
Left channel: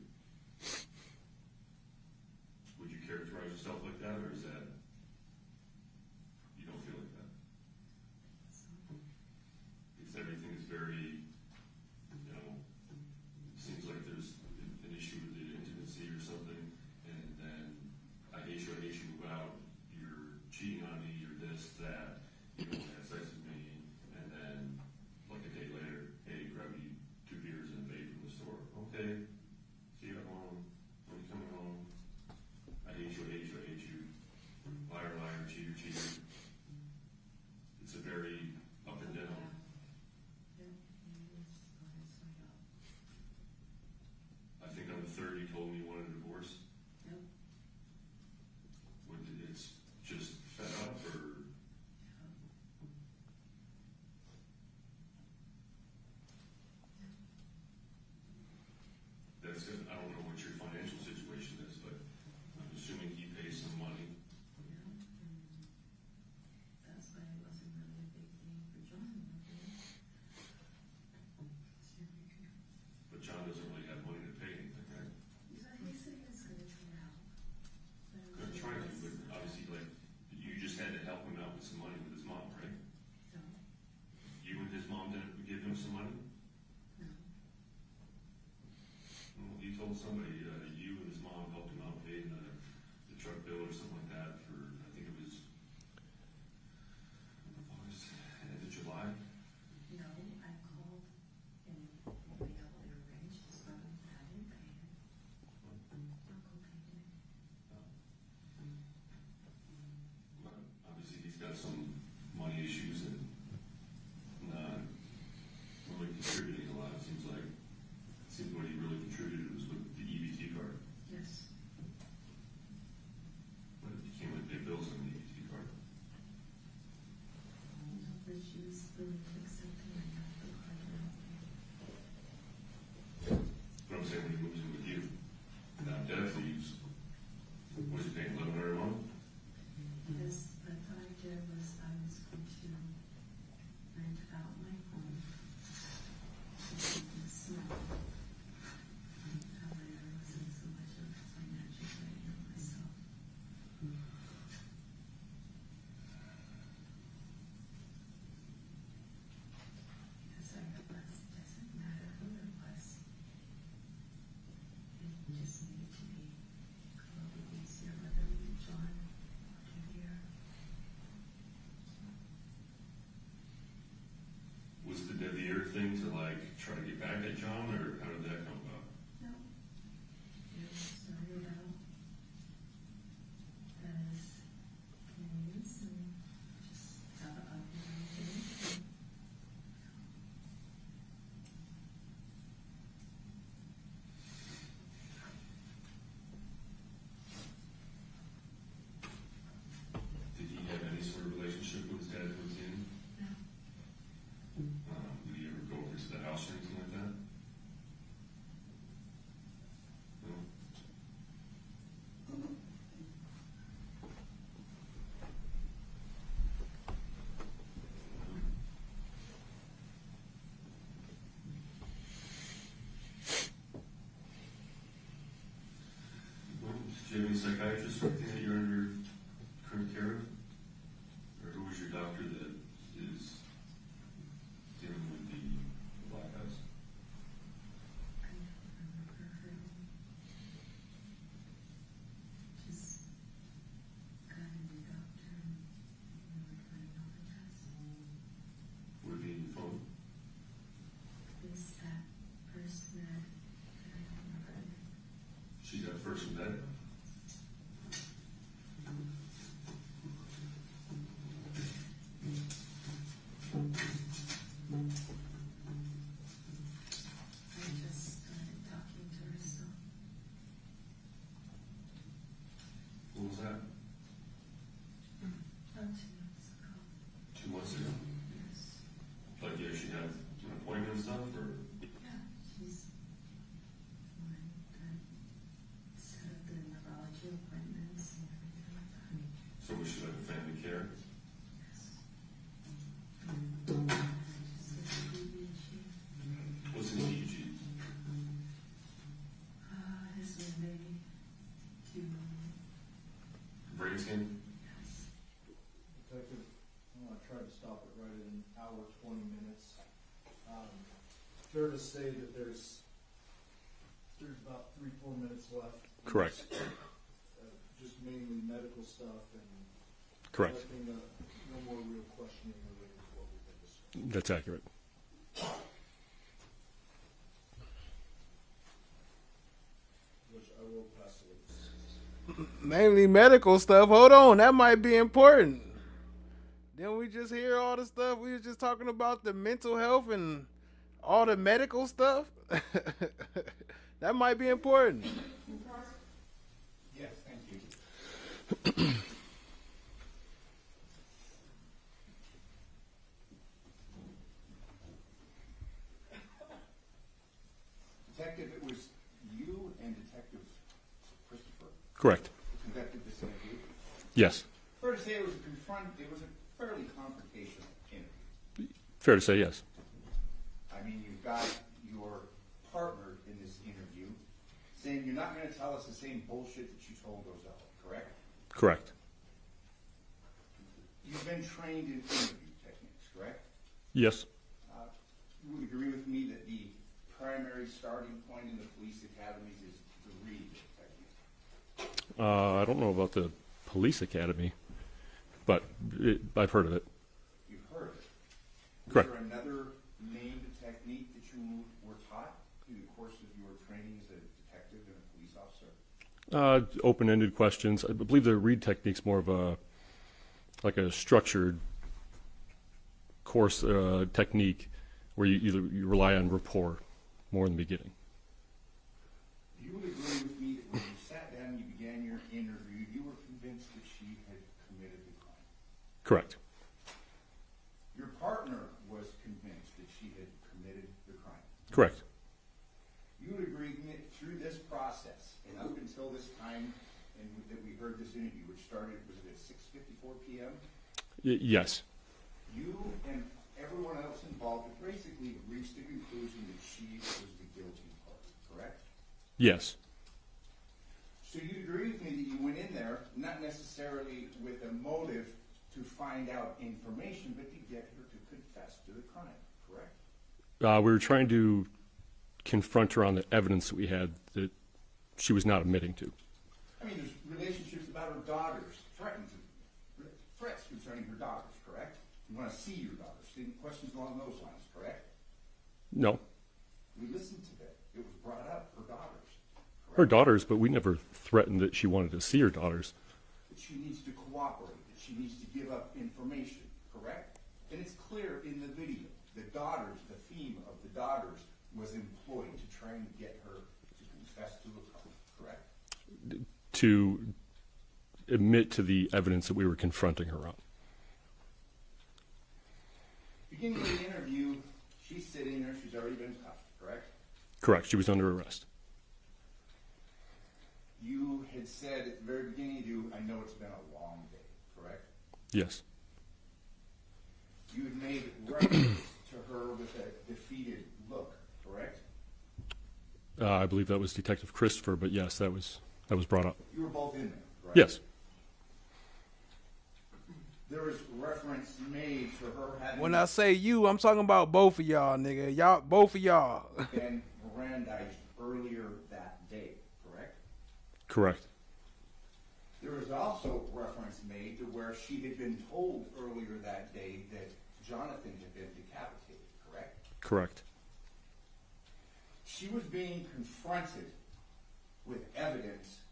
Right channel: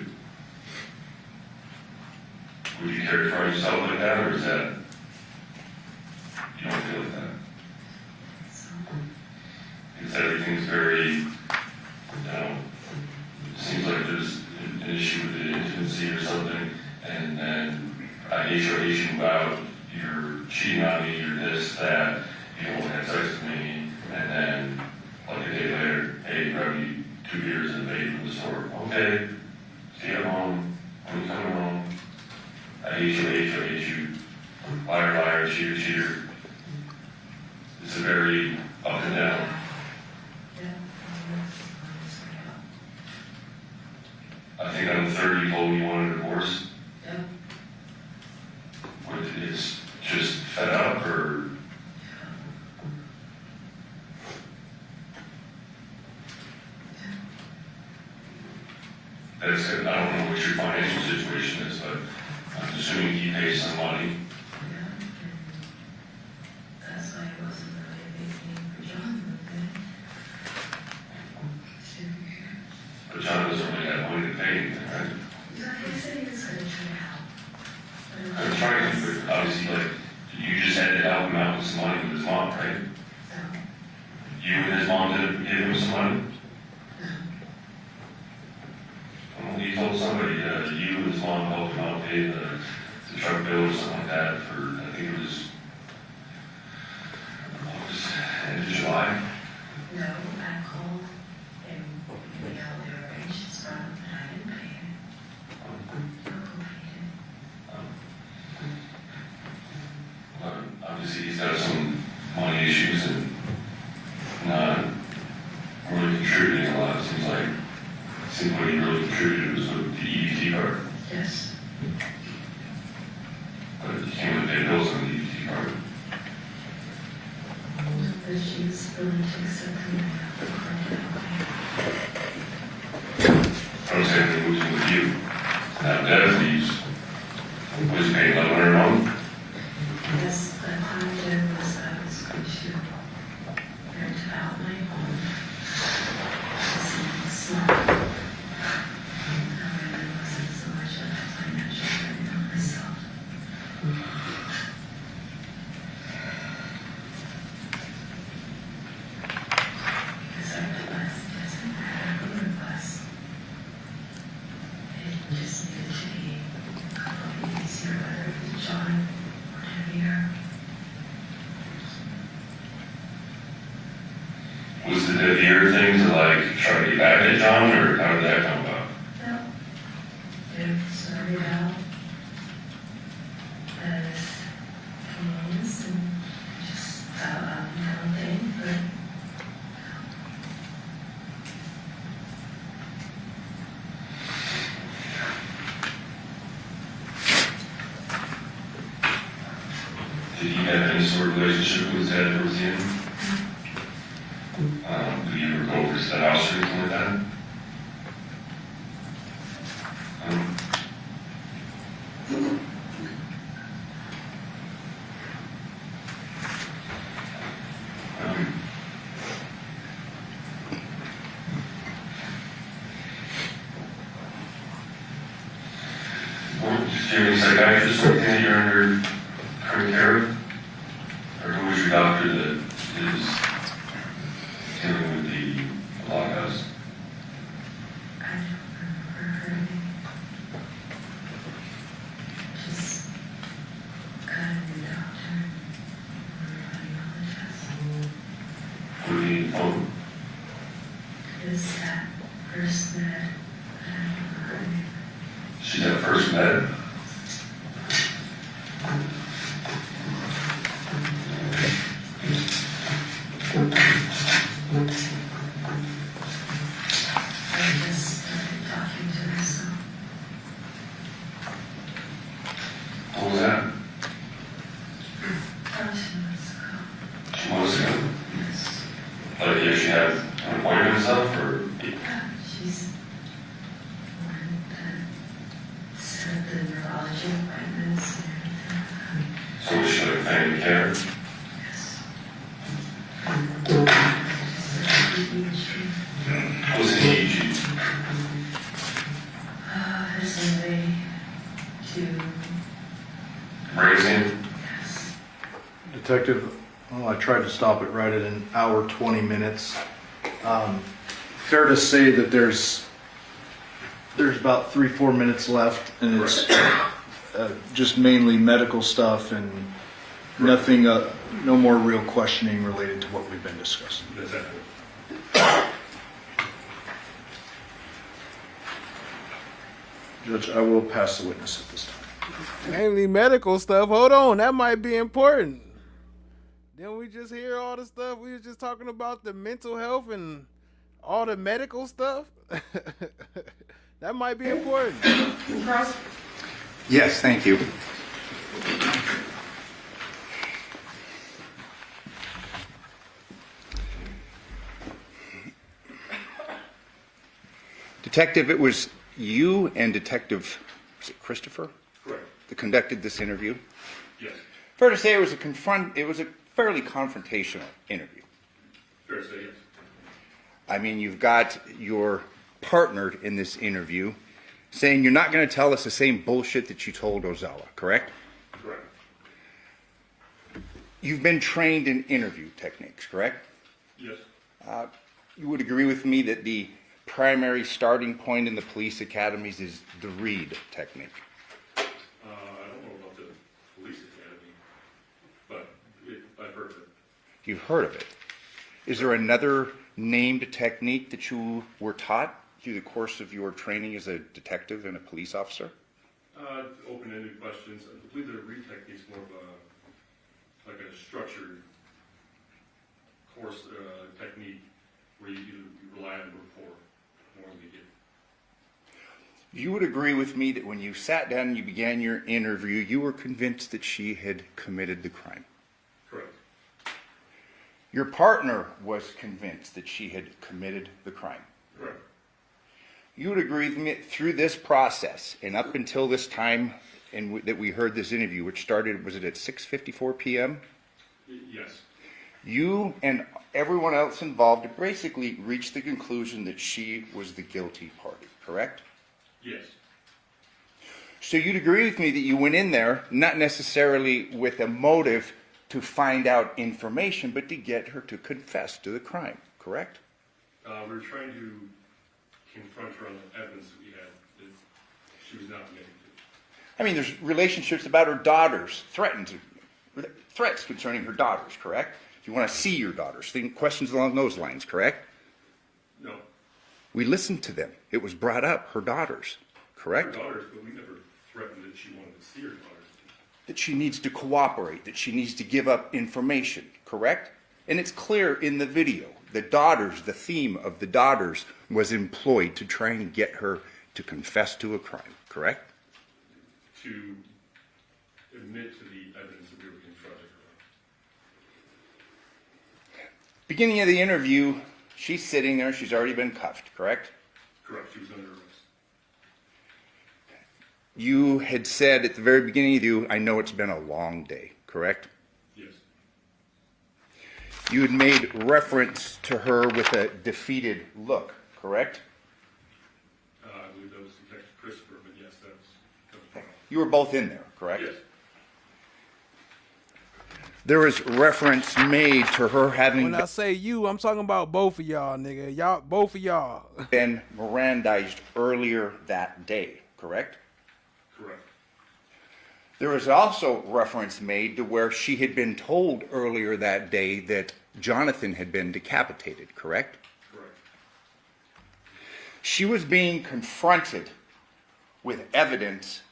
Would you characterize yourself like that, or is that, you don't feel like that? Because everything's very, it seems like there's an issue with the intimacy or something, and then I hate you out, you're cheating on me, you're this, that, you don't want to have sex with me, and then, like a day later, hey, grab you 2 beers and a baby from the store. Okay, see you at home, when you coming home, I hate you, liar, liar, cheater, cheater. It's a very up and down. I think on the third you told me you wanted a divorce. It's just fed up, or that's it. I don't know what your financial situation is, but I'm assuming he pays some money. That's why it wasn't really a big thing for John, But John doesn't really have money to pay anything, right? He said he was going to try to help. I'm trying to, but obviously, like, you just had to help him out with some money with his mom, right? You and his mom didn't give him some money? Well, he told somebody, you and his mom helped him out pay the truck bill or something like that for, I think it was end of July. No, I called and we got the arrangements from him, and I didn't pay him. LOKO paid him. Obviously, he's got some money issues and not really contributing a lot. It seems like what he really contributed was with the EBT card. Yes. But you can't really pay bills on the EBT card. But she's willing to accept him. I was saying they moved in with you. Now, Dad leaves. Was paying $1,100 a month? Yes, the idea was I was going to rent out my home to something small. However, it wasn't so much of a package on, or how did that come about? No. It started out as games and just out and down thing, but Did he have any sort of relationship with Ted or with him? Do you ever go over to that house or anything like that? Do you have any psychiatrist or anything you're under current care of? Or who was your doctor that is dealing with the lockouts? I don't remember her name. Just got a new doctor. What do you need phone? Is that first med? I don't remember her name. She's at first med? I just started talking to her, so What was that? 2 months ago. 2 months ago? Yes. Like, if she had an appointment and stuff, or? She's the one that set the neurology appointments and everything. So was she like family care? What was an EEG? There's a way to Raising? Detective, well, I tried to stop it right at an hour, 20 minutes. Fair to say that there's about 3-4 minutes left, and it's just mainly medical stuff and nothing, no more real questioning related to what we've been discussing. That's accurate. Judge, I will pass the witness at this time. Mainly medical stuff. Hold on, that might be important. Didn't we just hear all the stuff? We were just talking about the mental health and all the medical stuff. That might be important. Cross. Yes, thank you. Detective, it was you and Detective, was it Christopher? Correct. That conducted this interview? Yes. Fair to say it was a fairly confrontational interview. Fair to say yes. I mean, you've got your partner in this interview saying you're not going to tell us the same bullshit that you told Ozella, correct? Correct. You've been trained in interview techniques, correct? Yes. You would agree with me that the primary starting point in the police academies is the read technique. I don't know about the police academy, but I've heard of it. You've heard of it. Is Correct. there another named technique that you were taught through the course of your training as a detective and a police officer? Open-ended questions. I believe the read technique's more of a structured course technique where you rely on rapport more in the beginning. You would agree with me that when you sat down and you began your interview, you were convinced that she had committed the crime. Correct. Your partner was convinced that she had committed the crime. Correct. You would agree with me that through this process and up until this time that we heard this interview, which started, was it at 6:54 p.m.? Yes. You and everyone else involved basically reached the conclusion that she was the guilty party, correct? Yes. So you'd agree with me that you went in there not necessarily with a motive to find out information, but to get her to confess to the crime, correct? We were trying to confront her on the evidence that we had that she was not admitting to. I mean, there's relationships about her daughters, threats concerning her daughters, correct? You want to see your daughters, questions along those lines, correct? No. We listened to them. It was brought up, her daughters, correct? Her daughters, but we never threatened that she wanted to see her daughters. That she needs to cooperate, that she needs to give up information, correct? And it's clear in the video. The daughters, the theme of the daughters was employed to try and get her to confess to a crime, correct? To admit to the evidence that we were confronting her on. Beginning of the interview, she's sitting there, she's already been cuffed, correct? Correct, she was under arrest. You had said at the very beginning of you, I know it's been a long day, correct? Yes. You had made reference to her with a defeated look, correct? I believe that was Detective Christopher, but yes, that was brought up. You were both in there, correct? Yes. There was reference made to her having... When I say you, I'm talking about both of y'all, nigga. Y'all, both of y'all. ...been Mirandized earlier that day, correct? Correct. There was also reference made to where she had been told earlier that day that Johnathan had been decapitated, correct? Correct. She was being confronted with evidence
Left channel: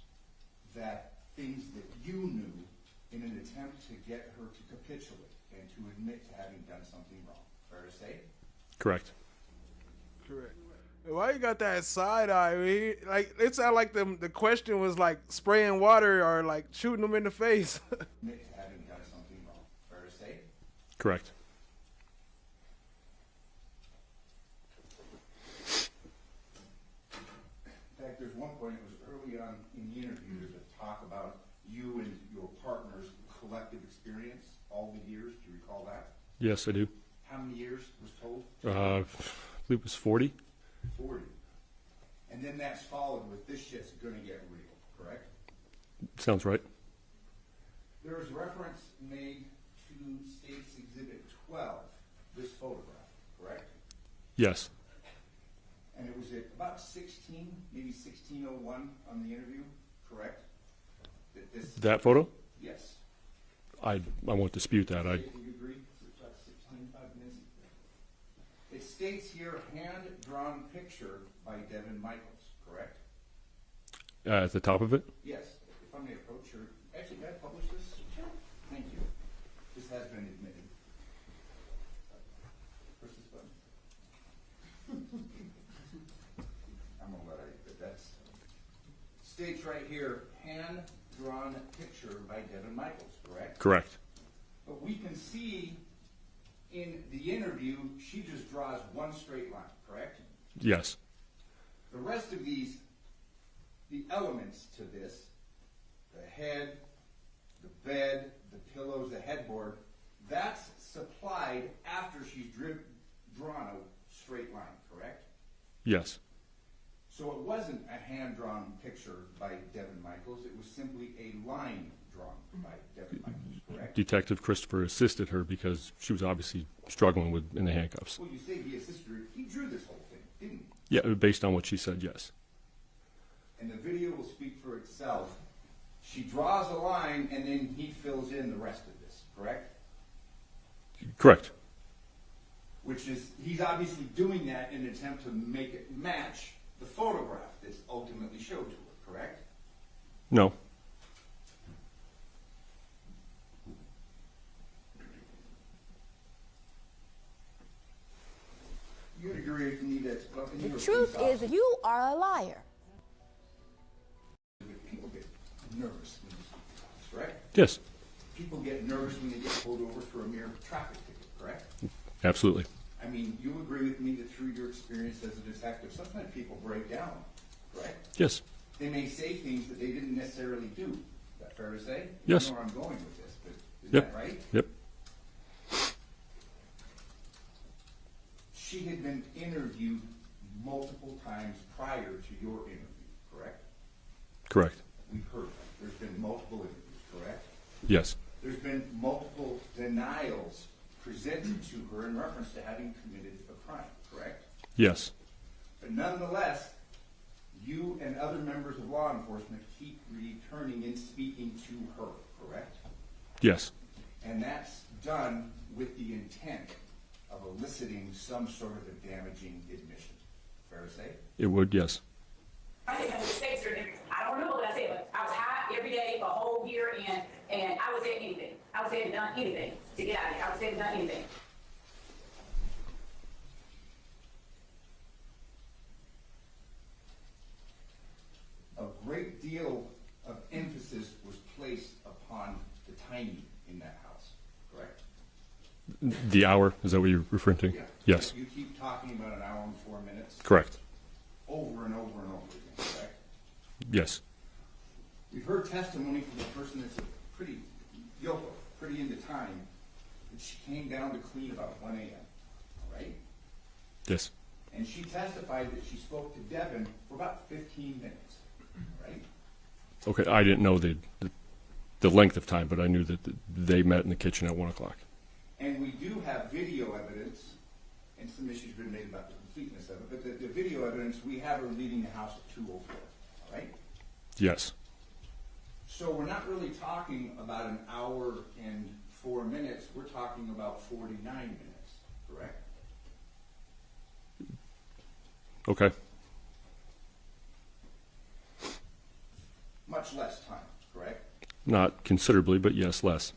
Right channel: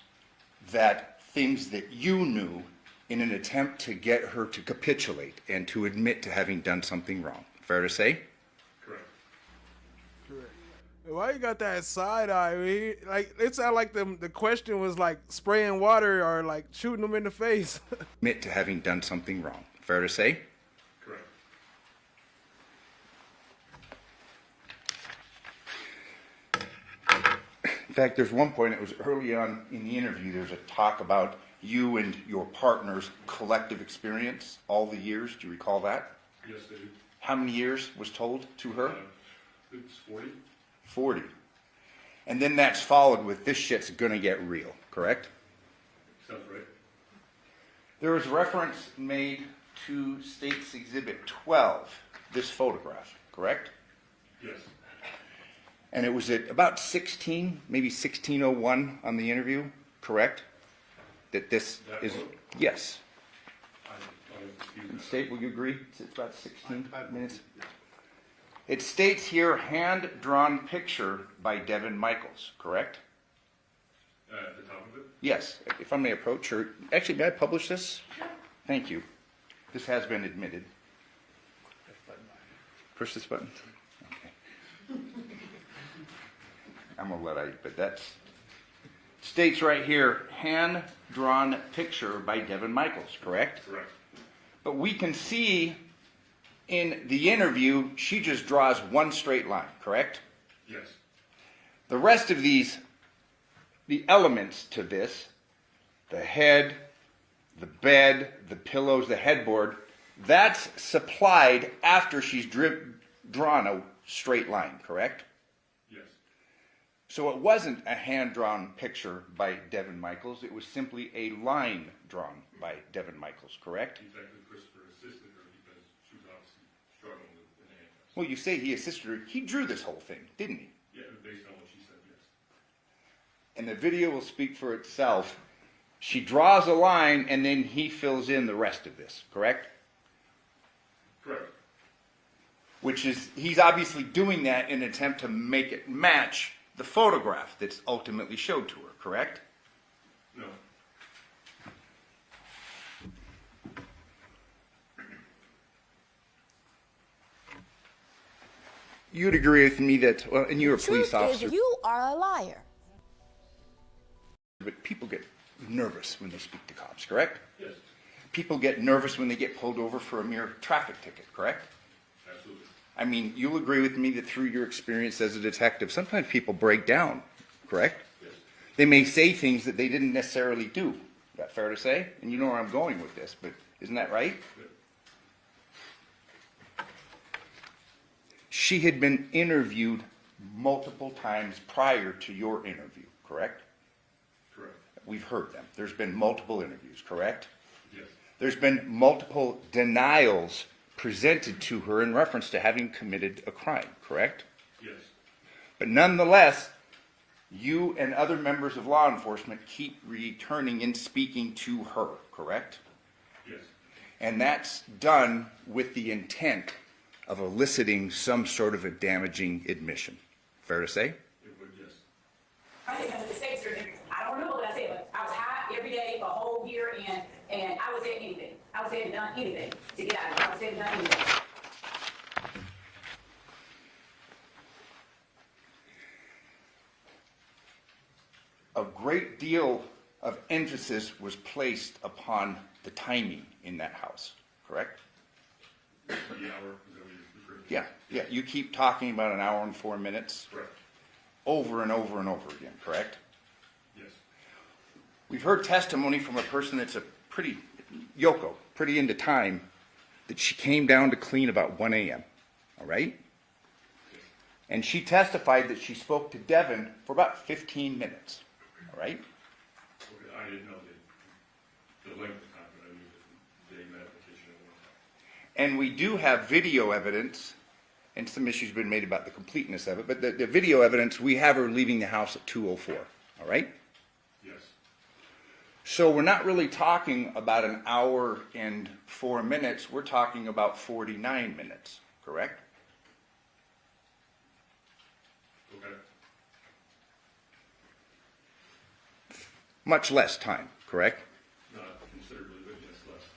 that things that you knew in an attempt to get her to capitulate and to admit to having done something wrong. Fair to say? Correct. Correct. Why you got that side eye? Like, it sounded like the question was like spraying water or like shooting them in the face. Admit to having done something wrong. Fair to say? Correct. In fact, there's one point, it was early on in the interview, there's a talk about you and your partner's collective experience all the years. Do you recall that? Yes, I do. How many years was told to her? I believe it was 40. 40. And then that's followed with this shit's gonna get real, correct? Sounds right. There was reference made to State's Exhibit 12, this photograph, correct? Yes. And it was at about 16, maybe 16:01 on the interview, correct? That photo? Yes. I won't dispute that. State, will you agree? It's about 16 minutes. It states here, hand-drawn picture by Devyn Michaels, correct? At the top of it? Yes. If I may approach her. Actually, may I publish this? Thank you. This has been admitted. Push this button. Okay. I'm going to let but that's... States right here, hand-drawn picture by Devyn Michaels, correct? Correct. But we can see in the interview, she just draws one straight line, correct? Yes. The rest of these, the elements to this, the head, the bed, the pillows, the headboard, that's supplied after she's drawn a straight line, correct? Yes. So it wasn't a hand-drawn picture by Devyn Michaels, it was simply a line drawn by Devyn Michaels, correct? Detective Christopher assisted her because she was obviously struggling in the handcuffs. Well, you say he assisted her. He drew this whole thing, didn't he? Yeah, based on what she said, yes. And the video will speak for itself. She draws a line, and then he fills in the rest of this, correct? Correct. Which is, he's obviously doing that in an attempt to make it match the photograph that's ultimately showed to her, correct? No. You'd agree with me that, well, and you're a police officer. Truth is, you are a liar. But people get nervous when they speak to cops, correct? Yes. People get nervous when they get pulled over for a mere traffic ticket, correct? Absolutely. I mean, you'll agree with me that through your experience as a detective, sometimes people break down, correct? Yes. They may say things that they didn't necessarily do. Is that fair to say? And yes. You know where I'm going with this, but isn't Yep. that right? Yep. She had been interviewed multiple times prior to your interview, correct? Correct. We've heard them. There's been multiple interviews, correct? Yes. There's been multiple denials presented to her in reference to having committed a crime, correct? Yes. But nonetheless, you and other members of law enforcement keep returning and speaking to her, correct? Yes. And that's done with the intent of eliciting some sort of a damaging admission. Fair to say? It would, yes. I think that's a mistake, sir. I don't remember what I said, but I was high every day for a whole year, and I was saying anything. I was saying done anything to get out of here. I was saying done anything. A great deal of emphasis was placed upon the timing in that house, correct? The hour, is that what you're referring to? Yeah. Yes. Yeah, you keep talking about an hour and 4 minutes. Correct. Over and over and over again, correct? Yes. We've heard testimony from a person that's Yoko, pretty into time, that she came down to clean about 1 a.m., all right? Yes. And she testified that she spoke to Devyn for about 15 minutes, all right? Okay, I didn't know the length of time, but I knew that they met in the kitchen at 1 o'clock. And we do have video evidence, and some issues have been made about the completeness of it, but the video evidence, we have her leaving the house at 2:04, all right? Yes. So we're not really talking about an hour and 4 minutes, we're talking about 49 minutes, correct? Okay. Much less time, correct? Not considerably, but yes, less.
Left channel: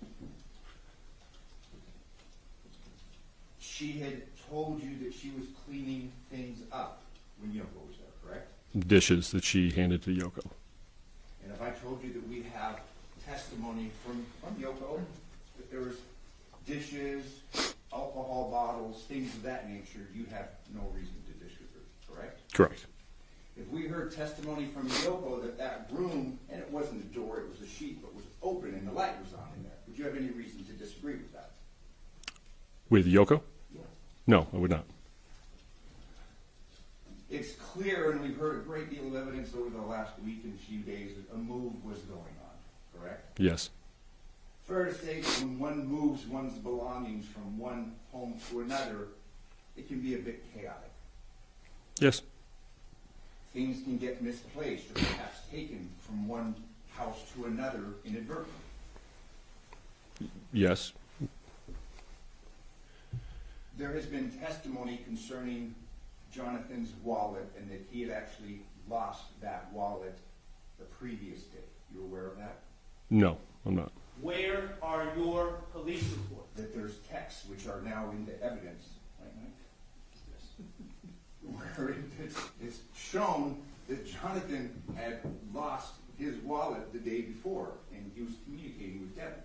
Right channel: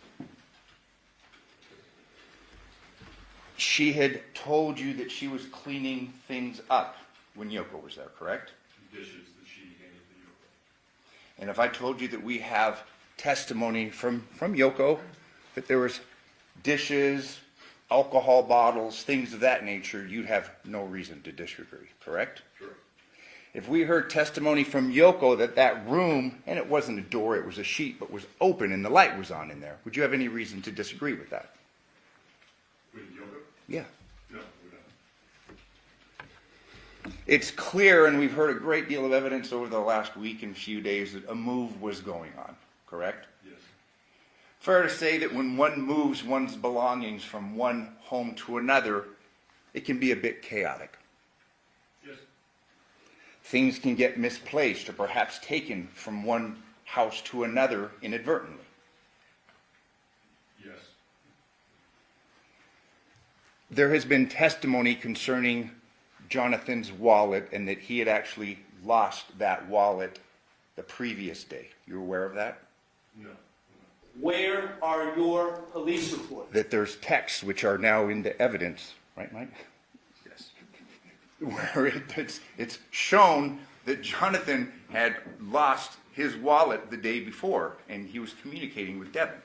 She had told you that she was cleaning things up when Yoko was there, correct? Dishes that she handed to Yoko. And if I told you that we have testimony from Yoko that there was dishes, alcohol bottles, things of that nature, you'd have no reason to disagree, correct? Correct. If we heard testimony from Yoko that that room, and it wasn't a door, it was a sheet, but was open and the light was on in there, would you have any reason to disagree with that? With Yoko? Yeah. No, I would not. It's clear, and we've heard a great deal of evidence over the last week and few days, that a move was going on, correct? Yes. Fair to say that when one moves one's belongings from one home to another, it can be a bit chaotic. Yes. Things can get misplaced or perhaps taken from one house to another inadvertently. Yes. There has been testimony concerning Johnathan's wallet and that he had actually lost that wallet the previous day. You're aware of that? No, I'm not. Where are your police reports? That there's texts which are now in the evidence, right, Mike? Yes. Where it's shown that Johnathan had lost his wallet the day before and he was communicating with Devyn.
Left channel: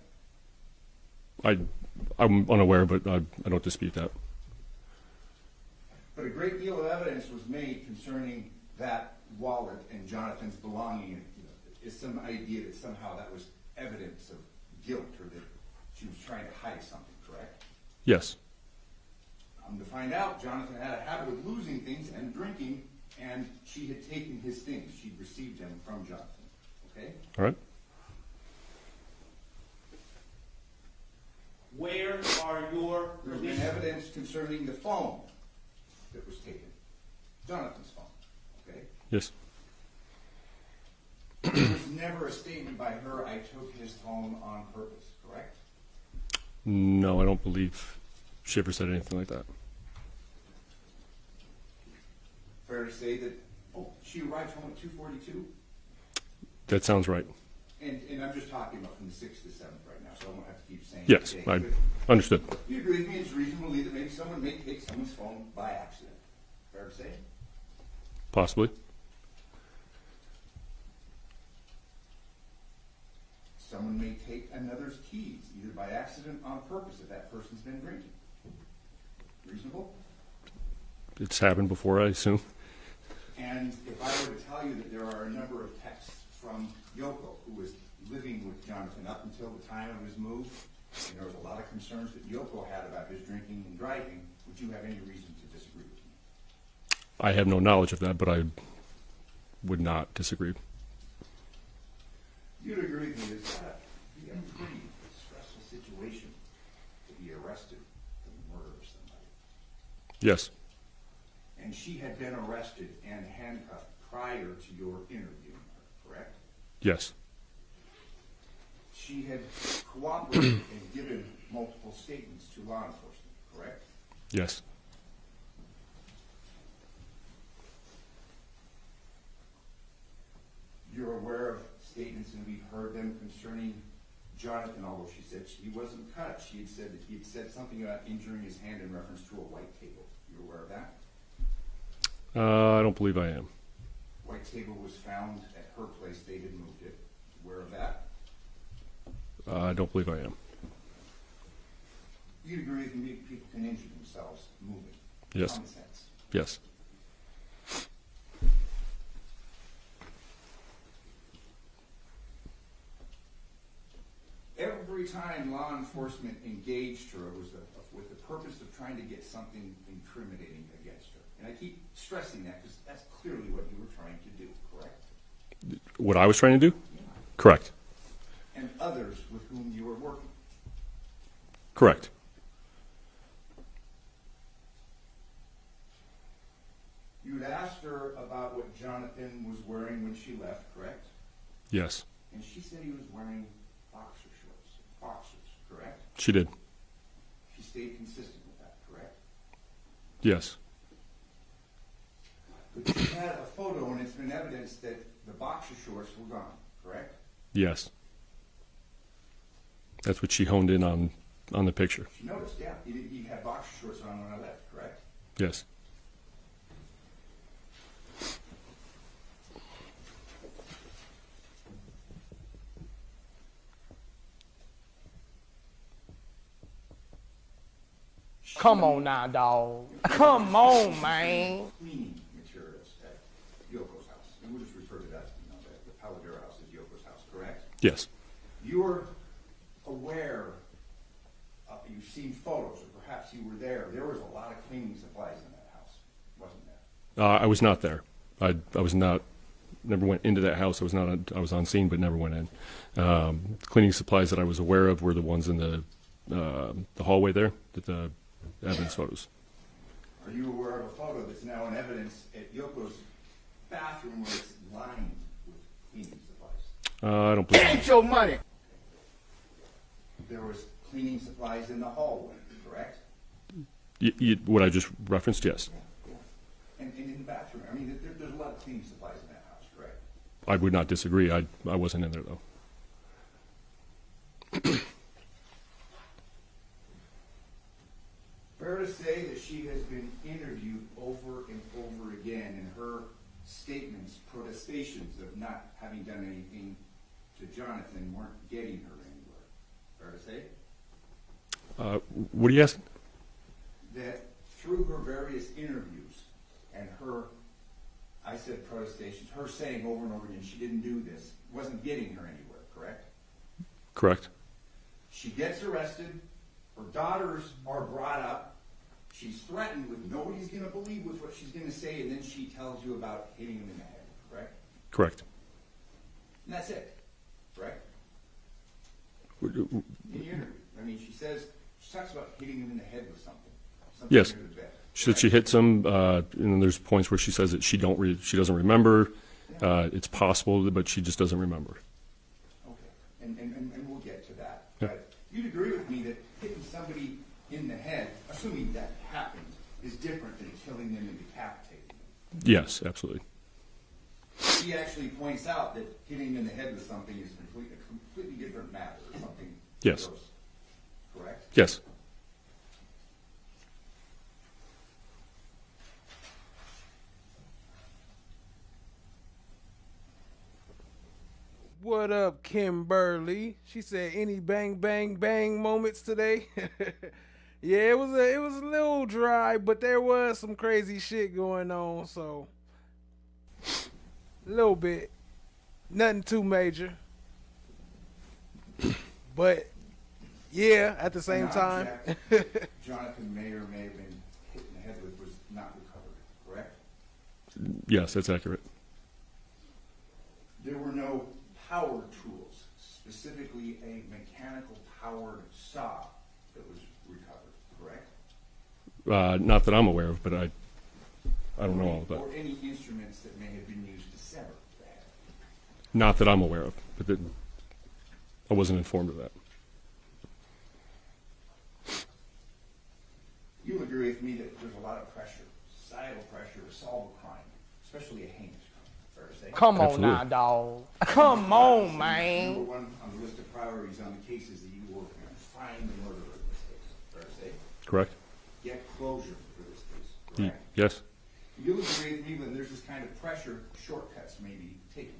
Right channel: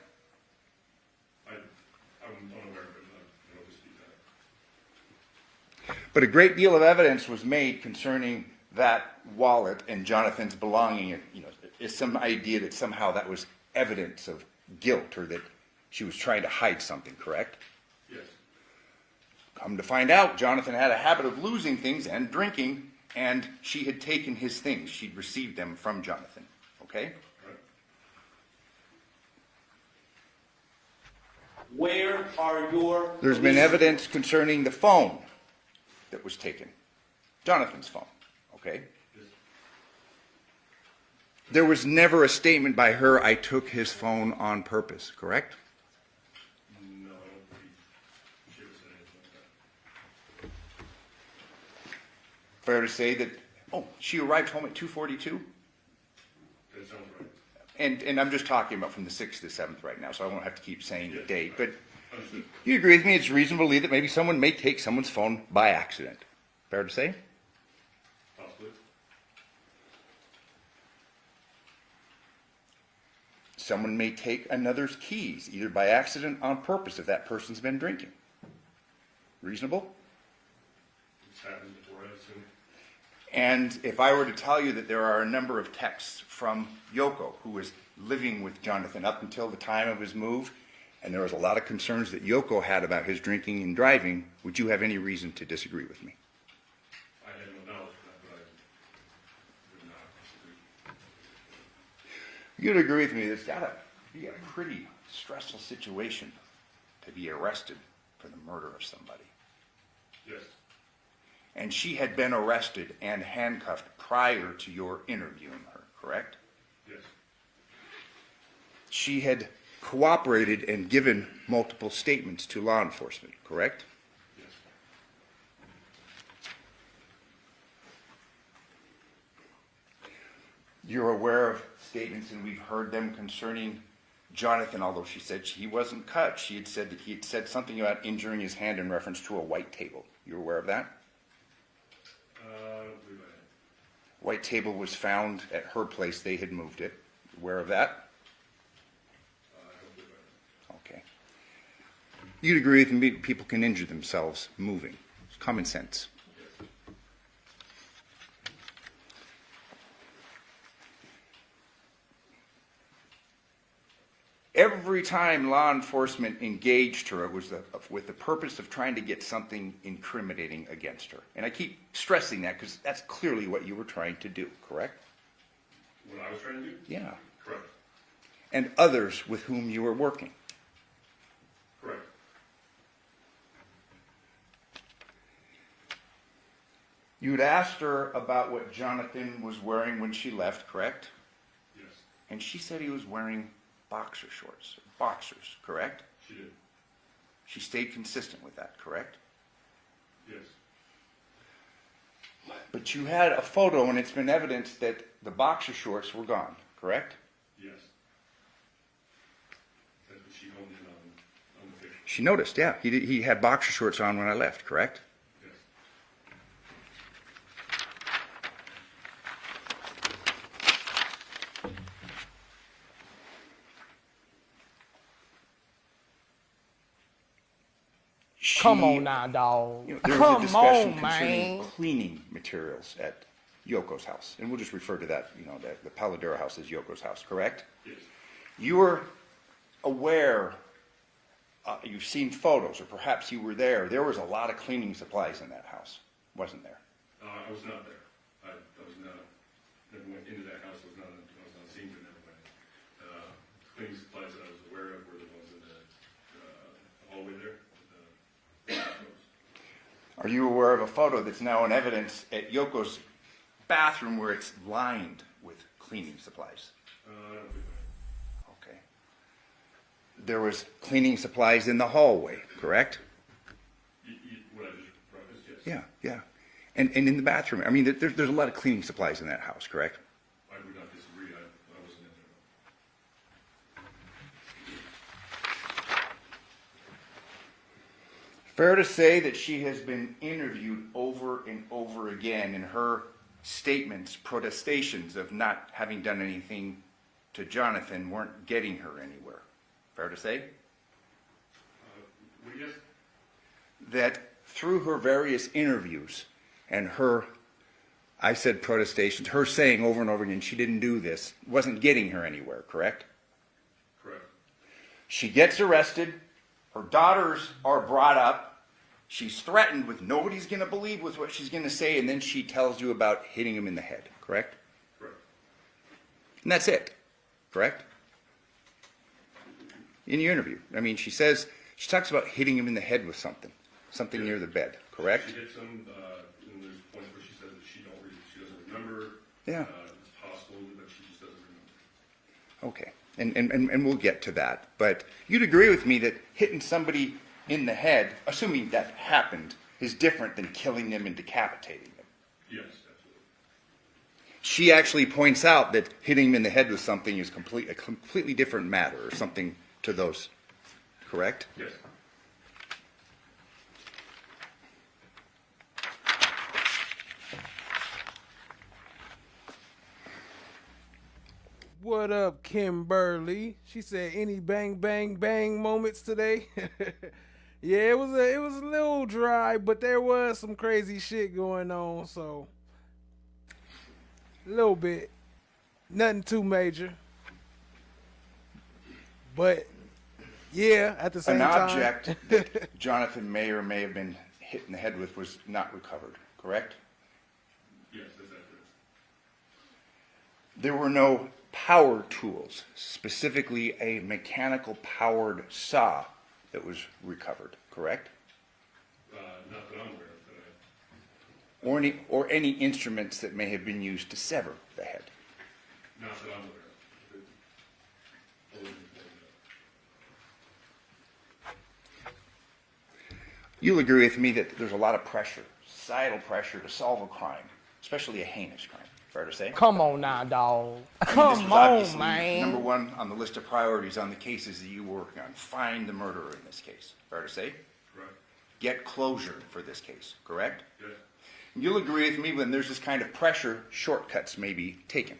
I'm unaware, but I don't dispute that. But a great deal of evidence was made concerning that wallet and Johnathan's belonging, and is some idea that somehow that was evidence of guilt or that she was trying to hide something, correct? Yes. Come to find out, Johnathan had a habit of losing things and drinking, and she had taken his things. She'd received them from Johnathan, okay? All right. Where are your There's been evidence concerning the phone that was taken. Johnathan's phone, okay? Yes. There was never a statement by her, I took his phone on purpose, correct? No, I don't believe she ever said anything like that. Fair to say that, she arrived home at 2:42? That sounds right. And I'm just talking about from the 6th to 7th right now, so I won't have to keep saying Yes, the date. I But understood. you agree with me, it's reasonable to believe that maybe someone may take someone's phone by accident. Fair to say? Possibly. Someone may take another's keys, either by accident or on purpose, if that person's been drinking. Reasonable? It's happened before, I assume. And if I were to tell you that there are a number of texts from Yoko, who was living with Johnathan up until the time of his move, and there was a lot of concerns that Yoko had about his drinking and driving, would you have any reason to disagree with me? I have no knowledge of that, but I would not disagree. You'd agree with me, it's got to be a pretty stressful situation to be arrested for the murder of somebody. Yes. And she had been arrested and handcuffed prior to your interviewing her, correct? Yes. She had cooperated and given multiple statements to law enforcement, correct? Yes. You're aware of statements, and we've heard them concerning Johnathan, although she said he wasn't cut. She had said that he had said something about injuring his hand in reference to a white table. You're aware of that? I don't believe I am. White table was found at her place. They had moved it. Aware of that? I don't believe I am. Okay. You'd agree with me, people can injure themselves moving. Yes. Common sense. Yes. Every time law enforcement engaged her, it was with the purpose of trying to get something incriminating against her. And I keep stressing that because that's clearly what you were trying to do, correct? What I was trying to do? Yeah. Correct. And others with whom you were working. Correct. You'd asked her about what Johnathan was wearing when she left, correct? Yes. And she said he was wearing boxer shorts, boxers, correct? She did. She stayed consistent with that, correct? Yes. But you had a photo, and it's been evidenced that the boxer shorts were gone, correct? Yes. That's what she honed in on the picture. She noticed, yeah. He had boxer shorts on when I left, correct? Yes. Come on now, dog. Come on, man. Cleaning materials at Yoko's house, and we'll just refer to that, the Paladera house as Yoko's house, correct? Yes. You were aware, you've seen photos, or perhaps you were there. There was a lot of cleaning supplies in that house, wasn't there? I was not there. I was not. Never went into that house. I was on scene, but never went in. Cleaning supplies that I was aware of were the ones in the hallway there. The evidence photos. Are you aware of a photo that's now in evidence at Yoko's bathroom where it's lined with cleaning supplies? I don't believe. Get your money. Okay. There was cleaning supplies in the hallway, correct? What I just referenced, yes. Yeah, yeah. And in the bathroom, I mean, there's a lot of cleaning supplies in that house, correct? I would not disagree. I wasn't in there though. Fair to say that she has been interviewed over and over again, and her statements, protestations of not having done anything to Johnathan weren't getting her anywhere. Fair to say? What are you asking? That through her various interviews and her, I said protestations, her saying over and over again she didn't do this, wasn't getting her anywhere, correct? Correct. She gets arrested. Her daughters are brought up. She's threatened with nobody's going to believe with what she's going to say, and then she tells you about hitting him in the head, correct? Correct. And that's it, correct? In your interview. I mean, she talks about hitting him in the head with something yes. near the bed, She correct? she hits him, and there's points where she says that she doesn't remember. Yeah. It's possible, but she just doesn't remember. Okay. And we'll get to that. But you'd agree with me that hitting somebody in the head, assuming that happened, is different than killing them and decapitating them. Yes, absolutely. She actually points out that hitting him in the head with something is a completely different matter, or something to Yes. those. Correct? Yes. What up, Kimberly? She said, any bang, bang, bang moments today? Yeah, it was a little dry, but there was some crazy shit going on, so a little bit. Nothing too major. But yeah, at the same time. An object Johnathan may or may have been hit in the head with was not recovered, correct? Yes, that's accurate. There were no power tools, specifically a mechanical powered saw that was recovered, correct? Not that I'm aware of, but I don't know. Or any instruments that may have been used to sever the head. Not that I'm aware of, but I wasn't informed of that. You'll agree with me that there's a lot of pressure, societal pressure to solve a crime, especially a heinous crime. Fair to say? Come on now, dog. Come on, man. Number one on the list of priorities on the cases that you work on. Find the murderer in this case. Fair to say? Correct. Get closure for this case. Correct? Yes. You'll agree with me when there's this kind of pressure, shortcuts may be taken.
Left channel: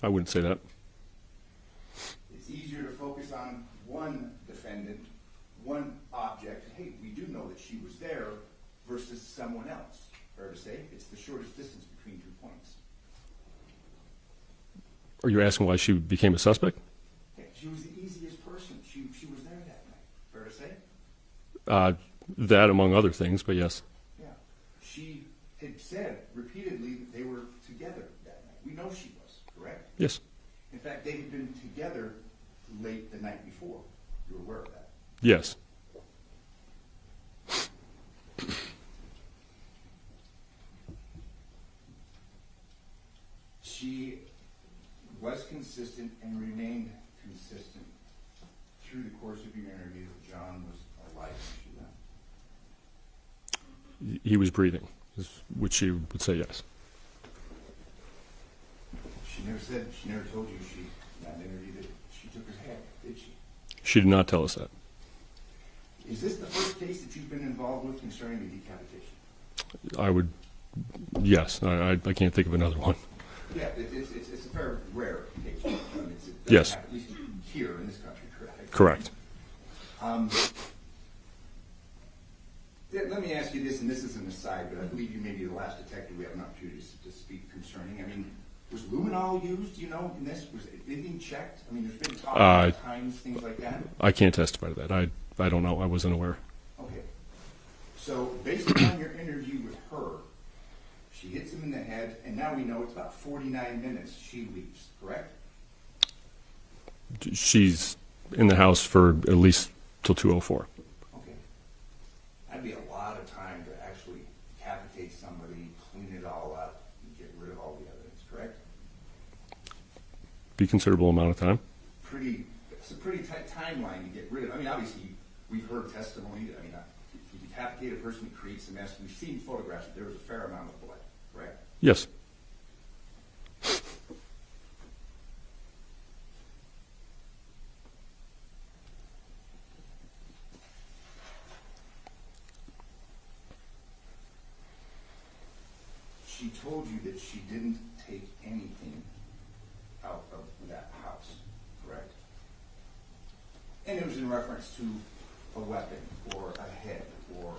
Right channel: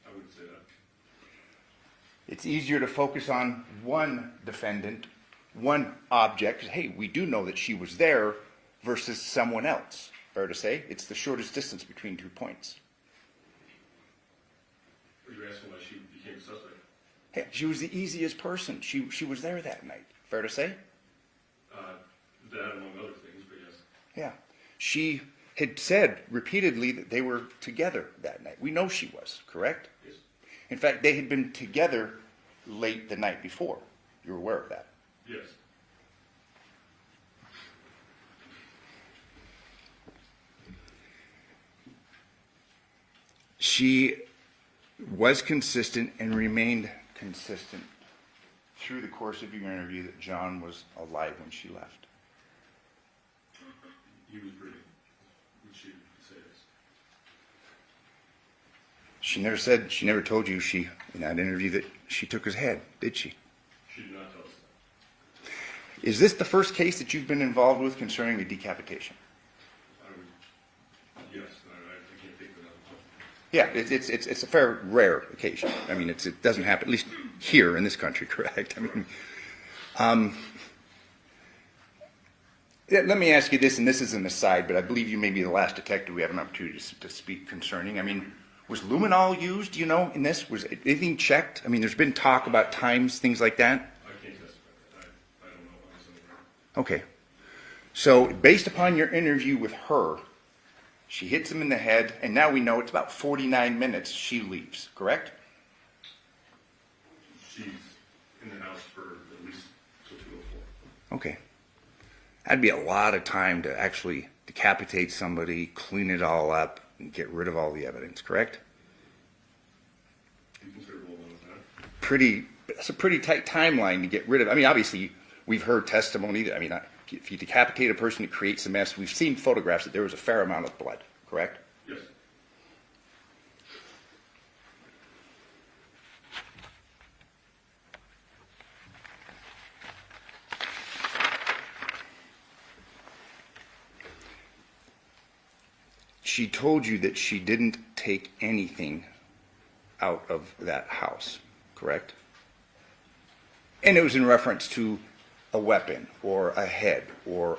I wouldn't say that. It's easier to focus on one defendant, one object. Hey, we do know that she was there versus someone else. Fair to say? It's the shortest distance between 2 points. Are you asking why she became a suspect? Hey, she was the easiest person. She was there that night. Fair to say? That among other things, but yes. Yeah. She had said repeatedly that they were together that night. We know she was, correct? Yes. In fact, they had been together late the night before. You're aware of that? Yes. She was consistent and remained consistent through the course of your interview that John was alive when she left. He was breathing, which she would say yes. She never told you in that interview that she took his head, did she? She did not tell us that. Is this the first case that you've been involved with concerning the decapitation? Yes. I can't think of another one. Yeah, it's a fair rare occasion. I mean, it doesn't Yes. happen, at least here in this country, correct? Correct. Let me ask you this, and this is an aside, but I believe you may be the last detective we have an opportunity to speak concerning. I mean, was luminol used, do you know, in this? Was anything checked? I mean, there's been talk about times, things like that. I can't testify to that. I don't know. I wasn't aware. Okay. So, based upon your interview with her, she hits him in the head, and now we know it's about 49 minutes she leaves, correct? She's in the house for at least till 2:04. Okay. That'd be a lot of time to actually decapitate somebody, clean it all up, and get rid of all the evidence, correct? Be a considerable amount of time. That's a pretty tight timeline to get rid of. I mean, obviously, we've heard testimony that, if you decapitate a person, it creates a mess. We've seen photographs that there was a fair amount of blood, correct? Yes. She told you that she didn't take anything out of that house, correct? And it was in reference to a weapon or a head or,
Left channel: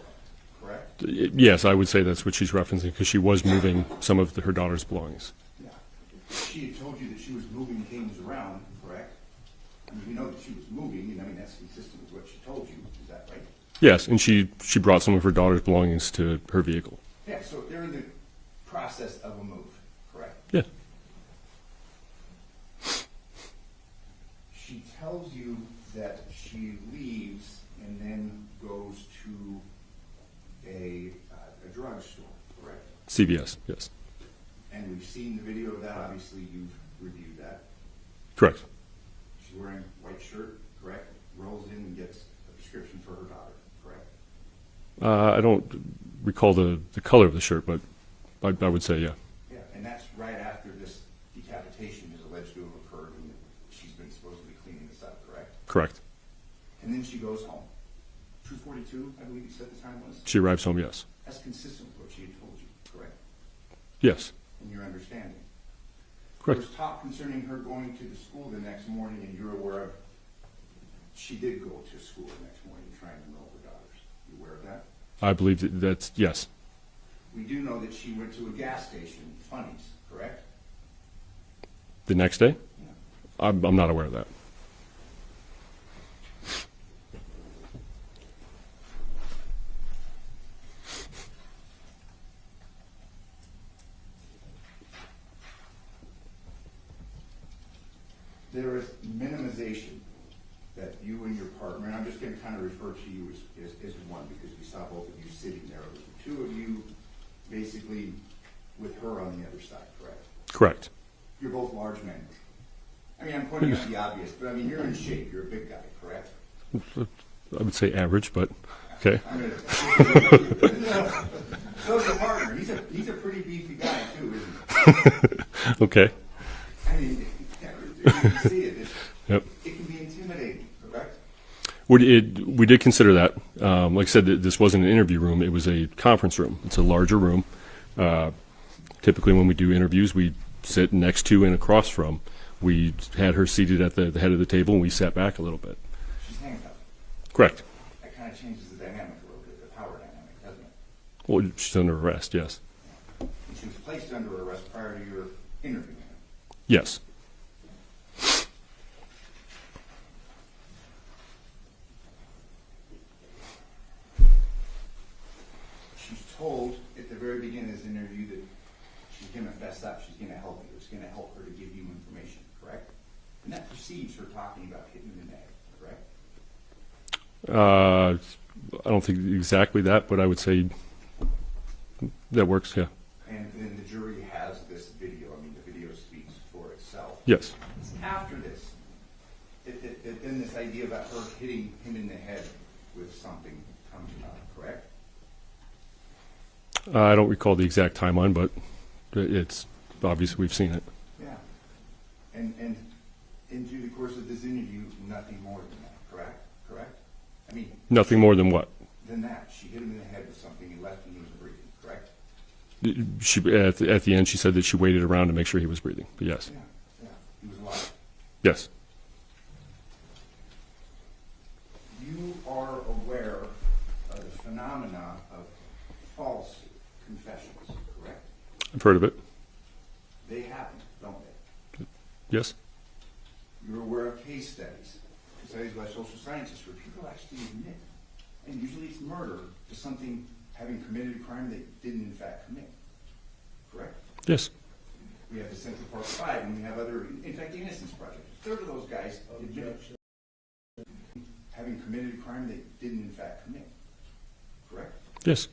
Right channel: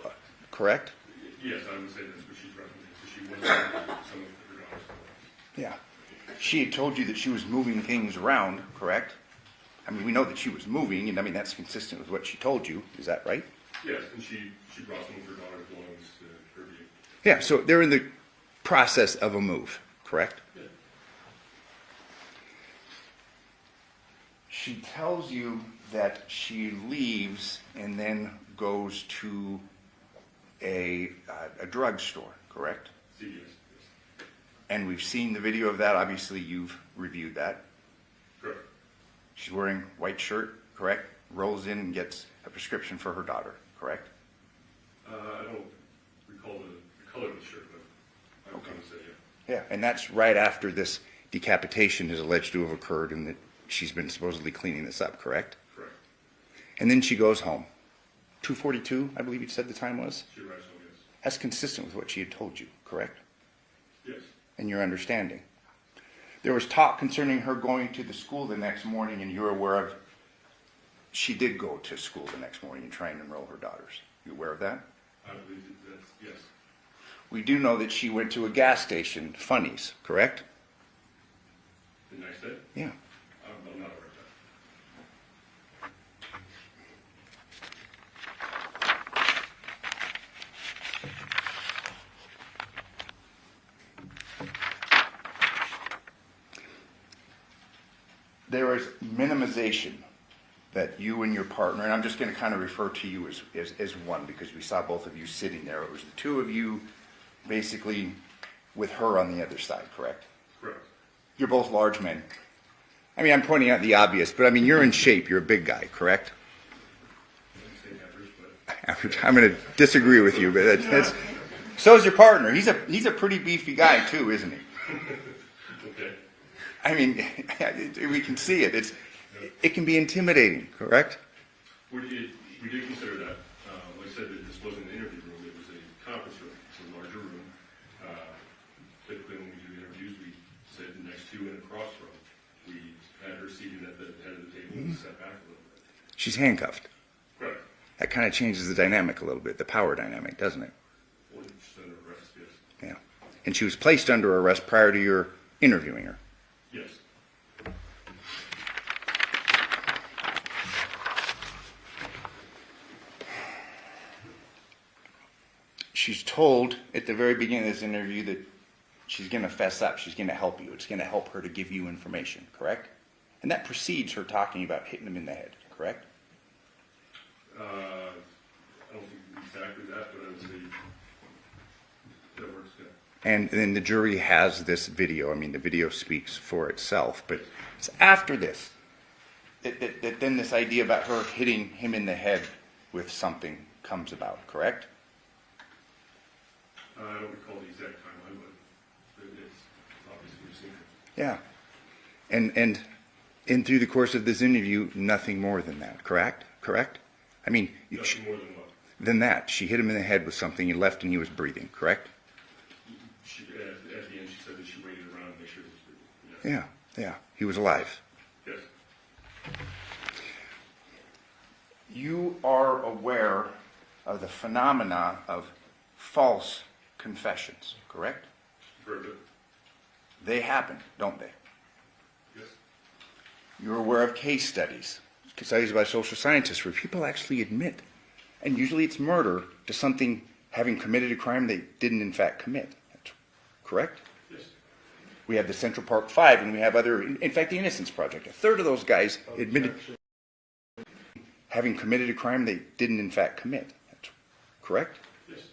correct? Yes, I would say that's what she's referencing because she was moving some of her daughter's belongings. Yeah. She had told you that she was moving things around, correct? I mean, we know that she was moving, and I mean, that's consistent with what she told you. Is that right? Yes, and she brought some of her daughter's belongings to her vehicle. Yeah, so they're in the process of a move, correct? Yeah. She tells you that she leaves and then goes to a drugstore, correct? CVS, yes. And we've seen the video of that. Obviously, you've reviewed that. Correct. She's wearing white shirt, correct? Rolls in and gets a prescription for her daughter, correct? I don't recall the color of the shirt, but I would say yeah. Yeah, and that's right after this decapitation is alleged to have occurred and that she's been supposedly cleaning this up, correct? Correct. And then she goes home. 2:42, I believe you said the time was? She arrives home, yes. That's consistent with what she had told you, correct? Yes. And your understanding. There was talk concerning her going to the school the next morning, and you're aware of she did go to school the next morning and try and enroll her daughters. You aware of that? I believe that's yes. We do know that she went to a gas station, Funnies, correct? The next day? Yeah. I'm not aware of that. There is minimization that you and your partner, and I'm just going to kind of refer to you as one because we saw both of you sitting there. It was the two of you basically with her on the other side, correct? Correct. You're both large men. I mean, I'm pointing out the obvious, but I mean, you're in shape. You're a big guy, correct? I would say average, but okay. I'm going to disagree with you, but So is your partner. He's a pretty beefy guy too, isn't he? Okay. I mean, we can see it. Yep. It can be intimidating, correct? We did consider that. Like I said, this wasn't an interview room. It was a conference room. It's a larger room. Typically when we do interviews, we sit next to and across from. We had her seated at the head of the table, and we sat back a little bit. She's handcuffed. Correct. That kind of changes the dynamic a little bit, the power dynamic, doesn't it? Well, she's under arrest, yes. Yeah. And she was placed under arrest prior to your interviewing her. Yes. She's told at the very beginning of this interview that she's going to fess up. She's going to help you. It's going to help her to give you information, correct? And that precedes her talking about hitting him in the head, correct? I don't think exactly that, but I would say that works, yeah. And then the jury has this video. I mean, the video speaks for itself. Yes. It's after this that then this idea about her hitting him in the head with something comes about, correct? I don't recall the exact timeline, but it's obvious we've seen it. Yeah. And through the course of this interview, nothing more than that, correct? Correct? I mean... Nothing more than what? Than that. She hit him in the head with something, he left and he was breathing, correct? She, at the end, she said that she waited around to make sure he was breathing, but yes. Yeah, yeah. He was alive. Yes. You are aware of the phenomena of false confessions, correct? I've heard of it. They happen, don't they? Yes. You're aware of case studies by social scientists where people actually admit, and usually it's murder, to something having committed a crime they didn't in fact commit, correct? Yes. We have the Central Park Five, and we have other, in fact, the Innocence Project. A third of those guys admitted having committed a crime they didn't in fact commit, correct? Yes.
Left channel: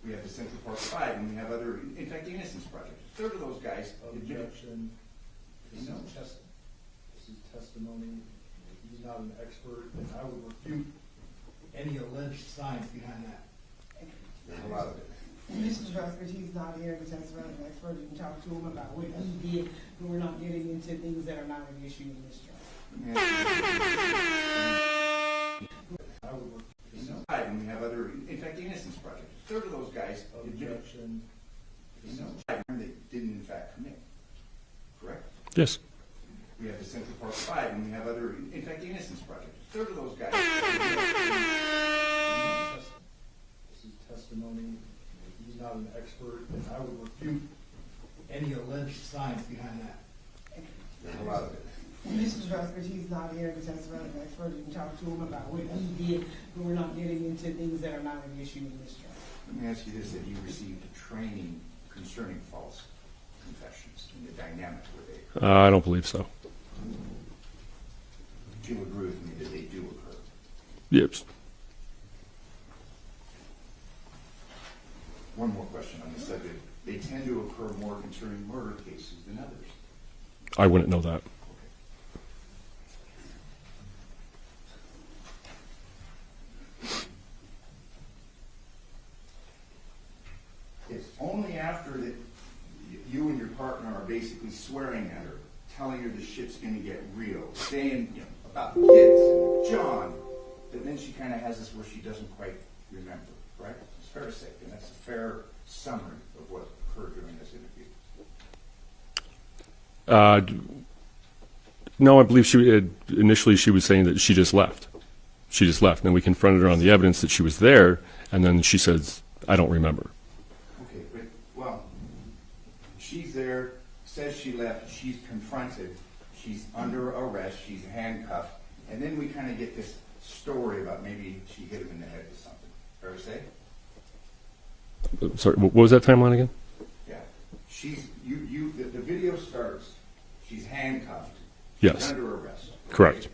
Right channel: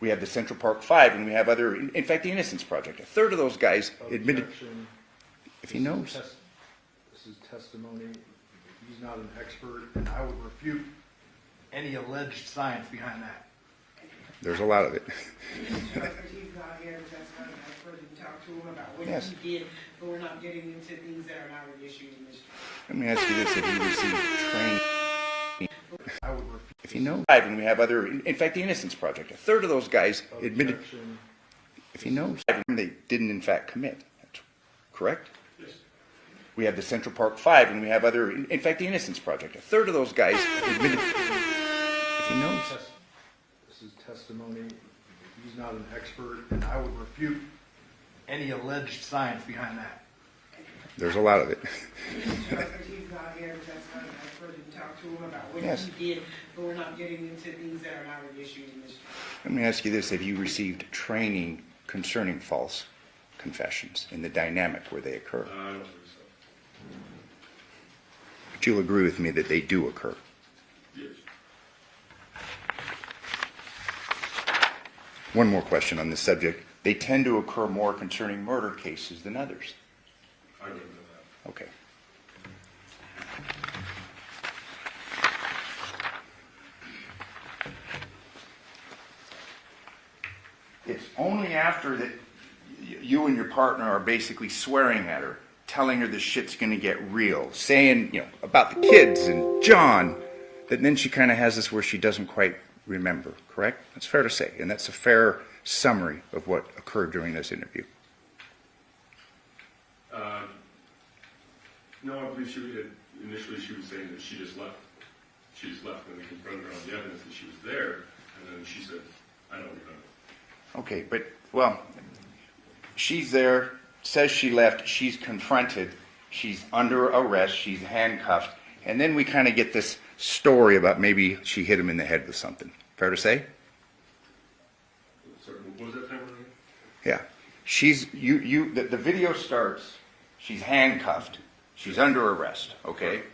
We have the Central Park Five, and we have other, in fact, the Innocence Project. A third of those guys admitted, if he knows. This is testimony. He's not an expert, and I would refute any alleged science behind that. There's a lot of it. Mr. Director, he's not here to testify as an expert. You can talk to him about what Yes. he did, but we're not getting into things that are not an issue in this. Let me ask you this: if you received training, if he knows, and we have other, in fact, the Innocence Project. A third of those guys admitted, if he knows, they didn't in fact commit, correct? Yes. We have the Central Park Five, and we have other, in fact, the Innocence Project. A third of those guys admitted, if he knows. This is testimony. He's not an expert, and I would refute any alleged science behind that. There's a lot of it. Mr. Director, he's not here to testify as an expert. You can talk to him about what Yes. he did, but we're not getting into things that are not an issue in this. Let me ask you this: have you received training concerning false confessions and the dynamic where they occur? I don't believe so. But you'll agree with me that they do occur. Yes. One more question on this subject. They tend to occur more concerning murder cases than others. I wouldn't know that. Okay. It's only after that you and your partner are basically swearing at her, telling her this shit's gonna get real, saying, you know, about the kids and John, that then she kind of has this where she doesn't quite remember, correct? That's fair to say, and that's a fair summary of what occurred during this interview. No, I believe initially she was saying that she just left. She just left. And then we confronted her on the evidence that she was there, and then she says, I don't remember. Okay, but, well, she's there, says she left, she's confronted, she's under arrest, she's handcuffed, and then we kind of get this story about maybe she hit him in the head with something. Fair to say? Sorry, what was that timeline again? Yeah. The video starts, she's handcuffed, she's Yes. under arrest, okay? Correct.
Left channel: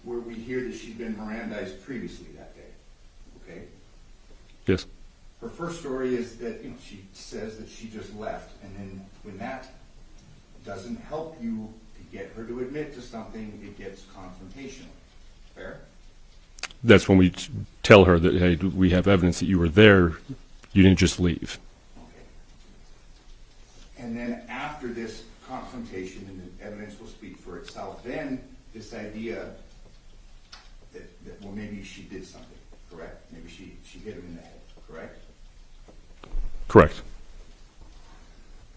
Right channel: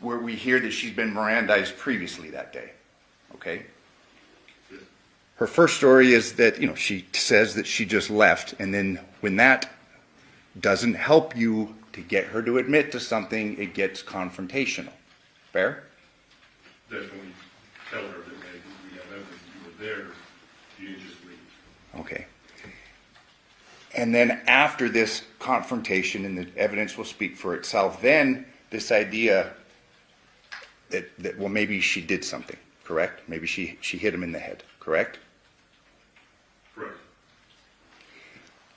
Where we hear that she's been Mirandized previously that day, okay? Yes. Her first story is that, you know, she says that she just left, and then when that doesn't help you to get her to admit to something, it gets confrontational. Fair? That's when we tell her that, hey, we have evidence that you were there You didn't just leave. Okay. And then after this confrontation, and the evidence will speak for itself, then this idea that well, maybe she did something, correct? Maybe she hit him in the head, correct? Correct.